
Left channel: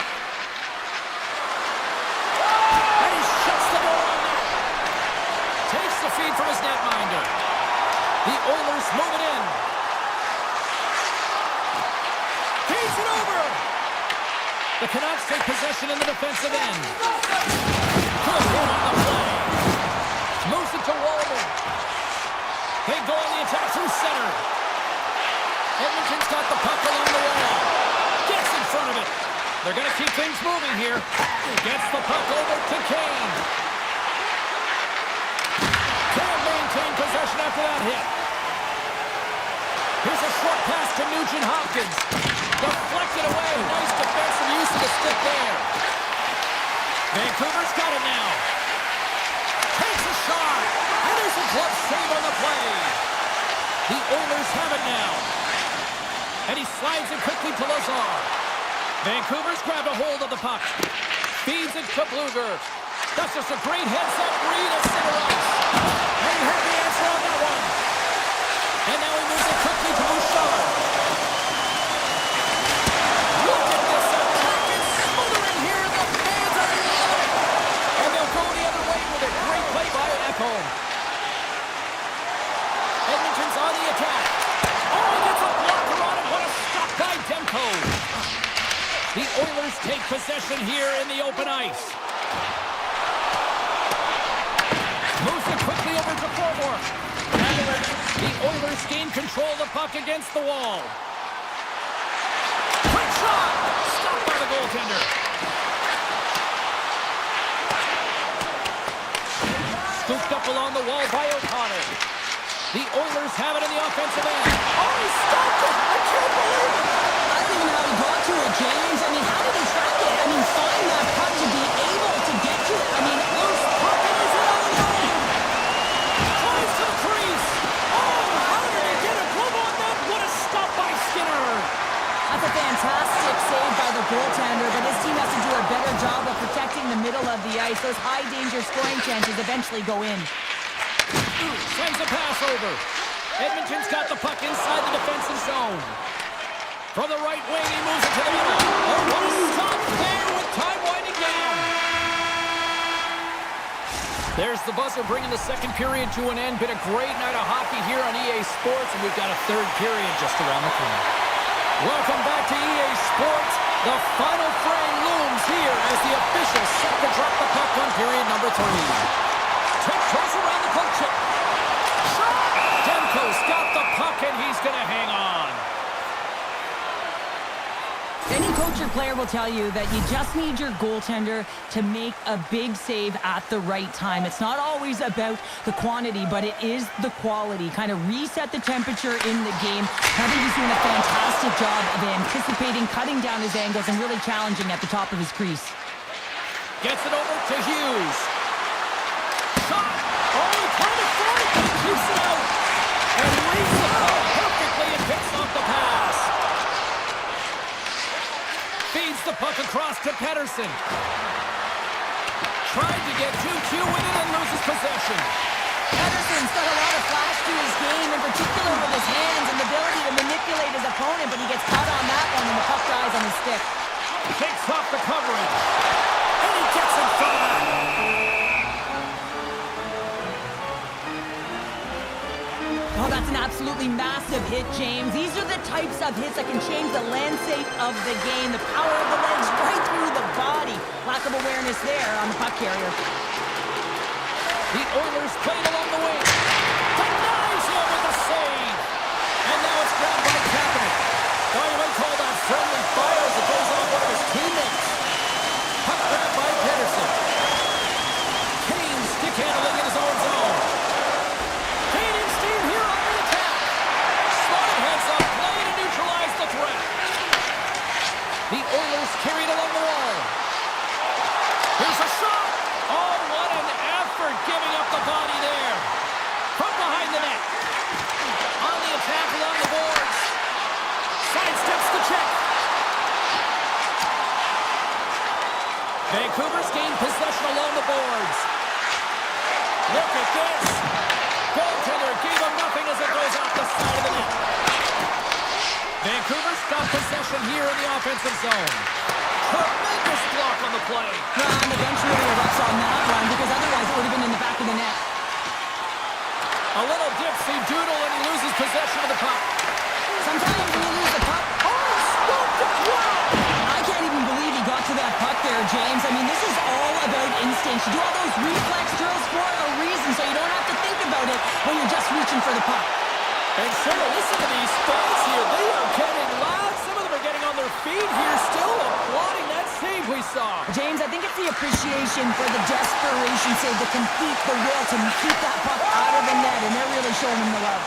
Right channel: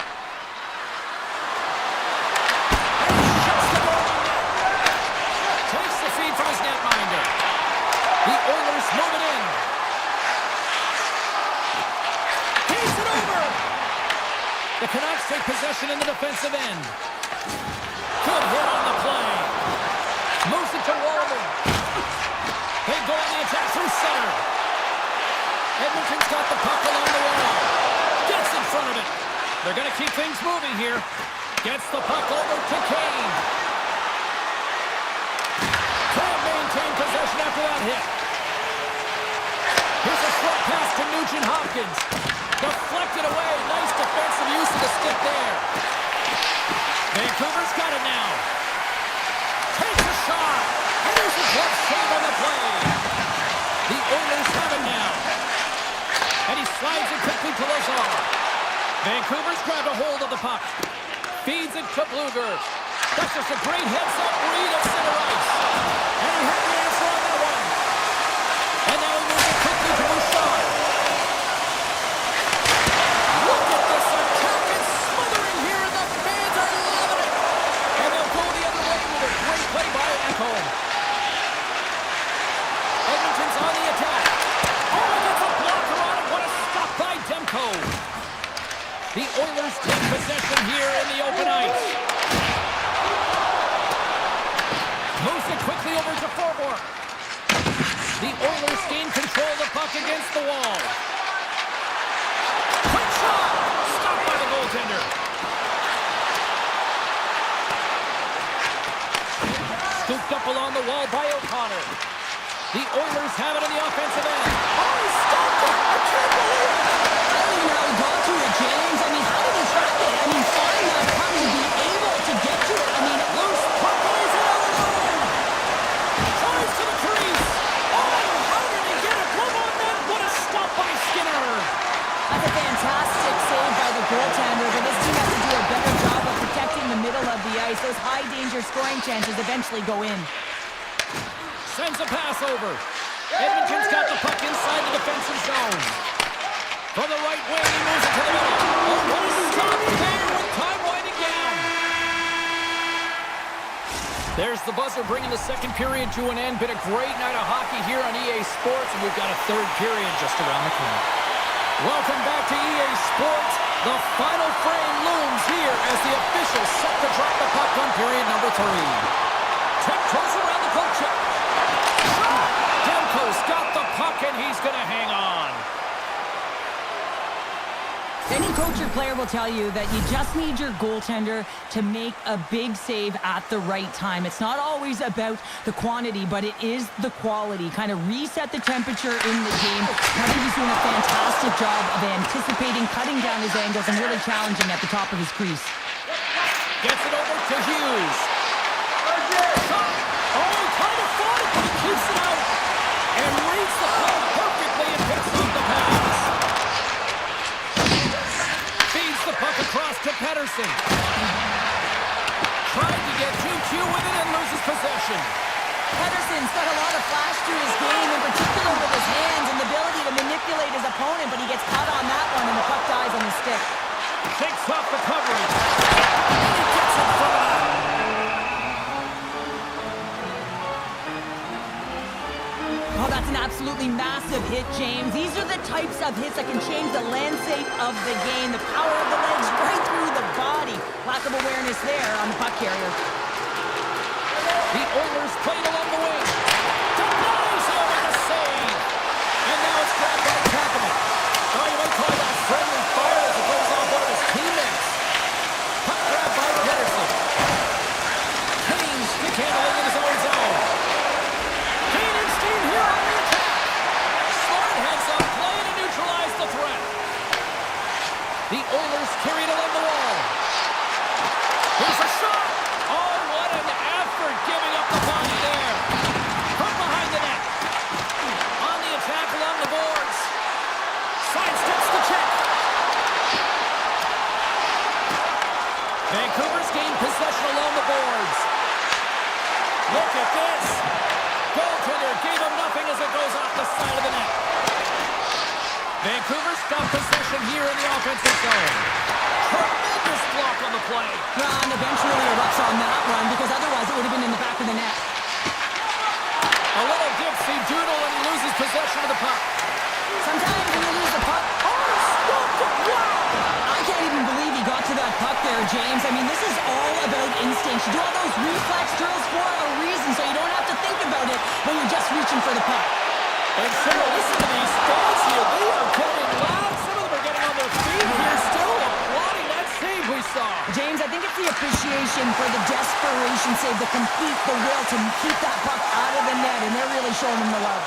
And he shuts the door on net. Takes the feed from his netminder. The Oilers move it in. Keeps it over. The Canucks take possession in the defensive end. Good hit on the play. Moves it to Wallaman. They go on the attack through center. Edmonton's got the puck along the wall. Gets in front of it. They're going to keep things moving here. Gets the puck over to Kane. Can't maintain possession after that hit. Here's a short pass to Nugent Hopkins. Deflected away. Nice defensive use of the stick there. Vancouver's got it now. Takes a shot. And there's a glove save on the play. The Oilers have it now. And he slides it quickly to Lazar. Vancouver's grabbed a hold of the puck. Feeds it to Bluger. That's just a great heads-up read at center ice. And he had the answer on that one. And now he moves it quickly to Bouchard. Look at this attack. It's smothering here, and the fans are loving it. And they'll go the other way with a great play by Ekholm. Edmonton's on the attack. Oh, he gets a blocker on it. What a stop by Demko. The Oilers take possession here in the open ice. Moves it quickly over to Forward. The Oilers gain control of the puck against the wall. Quick shot! Stopped by the goaltender. Scooped up along the wall by O'Connor. The Oilers have it in the offensive end. Oh, he stopped it! I can't believe it! I don't even know how he got to it, James. I mean, how did he track it? I mean, find that puck to be able to get to it. I mean, Loose puck and he's in on the line. Tries to the crease. Oh, how did he get a glove on that? What a stop by Skinner. that's a fantastic save by the goaltender, but his team has to do a better job of protecting the middle of the ice. Those high-danger scoring chances eventually go in. Sends a pass over. Edmonton's got the puck inside the defensive zone. From the right wing, he moves it to the middle. Oh, what a stop there with time winding down. There's the buzzer bringing the second period to an end. Been a great night of hockey here on EA Sports, and we've got a third period just around the corner. Welcome back to EA Sports. The final frame looms here as the officials set to drop the puck on period number 3. Tiptoes around the poke check. Shot! Demko's got the puck, and he's going to hang on. Any coach or player will tell you that you just need your goaltender to make a big save at the right time. It's not always about the quantity, but it is the quality. Kind of reset the temperature in the game. I think he's doing a fantastic job of anticipating, cutting down his angles, and really challenging at the top of his crease. Gets it over to Hughes. Shot! Oh, he kind of fought it, but he keeps it out. And reads the ball perfectly and picks off the pass. Feeds the puck across to Pettersson. Tried to get 2-2 with it and loses possession. Pedersen's got a lot of flash to his game, in particular with his hands and the ability to manipulate his opponent, but he gets caught on that one and the puck dies on his stick. Takes off the coverage. And he gets in front of that. Oh, that's an absolutely massive hit, James. These are the types of hits that can change the landscape of the game. The power of the legs right through the body. Lack of awareness there on the puck carrier. The Oilers played along the wing. Denies him with the save. And now it's grabbed by Kapanen. Oh, you might call that friendly fire as it goes off one of his teammates. Puck grabbed by Pedersen. Kane stick handling in his own zone. Kane and Steen here on the attack. Slotted heads up play to neutralize the threat. The Oilers carried along the wall. Here's a shot. Oh, what an effort giving up the body there. From behind the net. On the attack along the boards. Sidesteps the check. Vancouver's gained possession along the boards. Look at this. Goaltender gave him nothing as it goes off the side of the net. Vancouver's got possession here in the offensive zone. Tremendous block on the play. And eventually erupts on that one because otherwise it would have been in the back of the net. A little dipsy doodle and he loses possession of the puck. Sometimes when you lose the puck, wow! I can't even believe he got to that puck there, James. I mean, this is all about instinct. You do all those reflex drills for a reason, so you don't have to think about it when you're just reaching for the puck. And Cheryl, listen to these fans here. They are getting loud. Some of them are getting on their feet here, still applauding that save we saw. James, I think it's the appreciation for the desperation save, the will to keep that puck out of the net, and they're really showing him the love.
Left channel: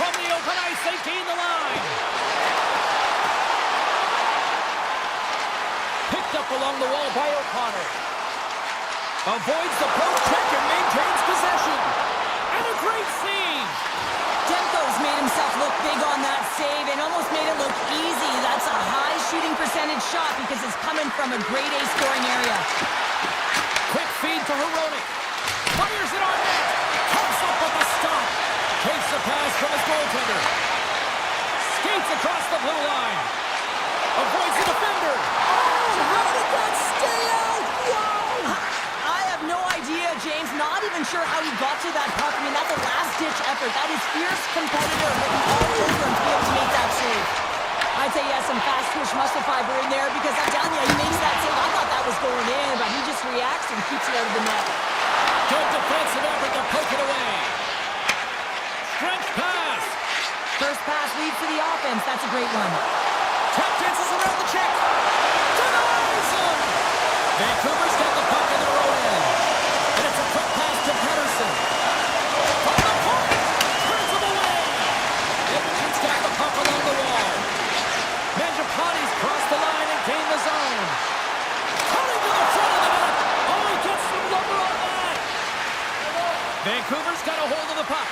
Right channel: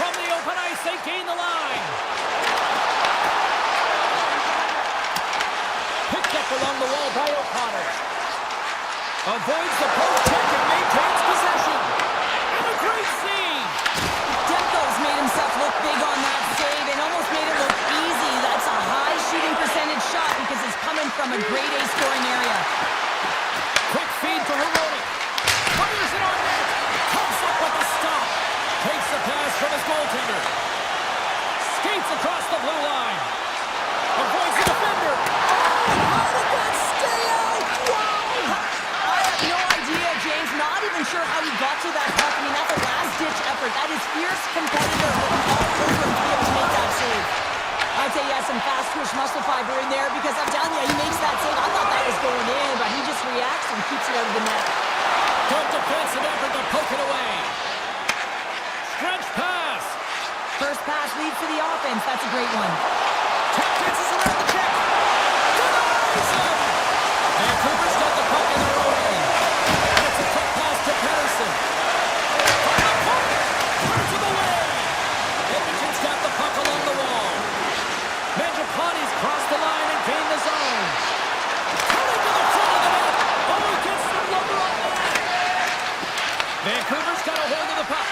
From the open ice, they gain the line. Picked up along the wall by O'Connor. Avoids the poke check and maintains possession. And a great save. Demko's made himself look big on that save and almost made it look easy. That's a high shooting percentage shot because it's coming from a grade A scoring area. Quick feed to Hronek. Fires it on net. Comes up with a stop. Takes the pass from his goaltender. Skates across the blue line. Avoids the defender. Oh, how did that stay out? Wow! I have no idea, James. Not even sure how he got to that puck. I mean, that's a last-ditch effort. That is fierce competitor written all over him to be able to make that save. I'd say he has some fast-twitch muscle fiber in there because I'm telling you, he makes that save. I thought that was going in, but he just reacts and keeps it out of the net. Good defensive effort to poke it away. Stretch pass. First pass leads to the offense. That's a great one. Tap dances around the check. Denies him. Vancouver's got the puck in their own end. And it's a quick pass to Pedersen. From the point. Turns him away. Edmonton's got the puck along the wall. Mangiapane's crossed the line and gained the zone. Coming to the front of the net. Oh, he gets some lumber on that. Vancouver's got a hold of the puck.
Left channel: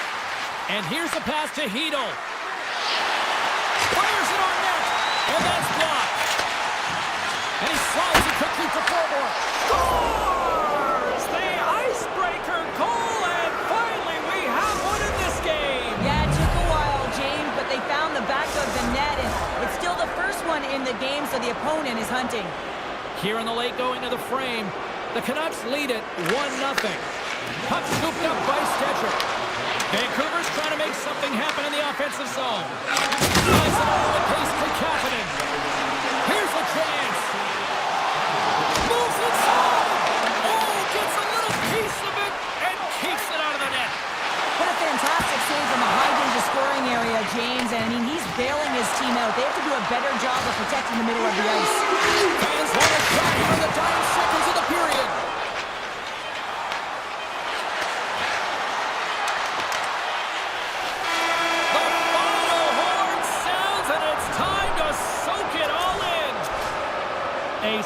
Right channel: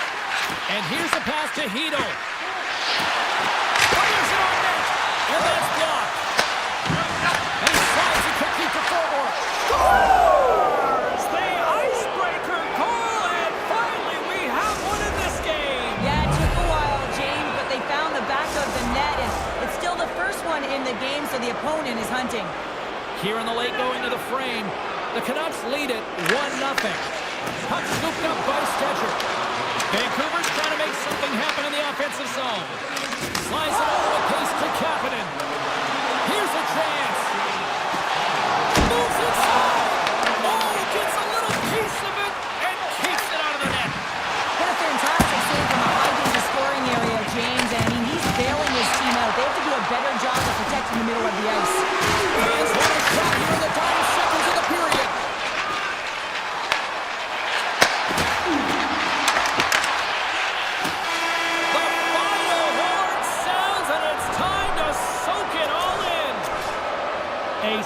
And here's the pass to Heedle. Fires it on net. And that's blocked. And he slides it quickly to forward. Scores! The icebreaker goal, and finally we have one in this game. Yeah, it took a while, James, but they found the back of the net, and it's still the first one in the game, so the opponent is hunting. Here in the late going to the frame, the Canucks lead it 1-0. Puck scooped up by Stetcher. Vancouver's trying to make something happen in the offensive zone. Slides it over with pace to Kapanen. Here's a chance. Moves inside. Oh, gets a little piece of it and keeps it out of the net. What a fantastic save from a high-danger scoring area, James. And I mean, he's bailing his team out. They have to do a better job of protecting the middle of the ice. Fans want a shot here in the dying seconds of the period. The final horn sounds, and it's time to soak it all in. A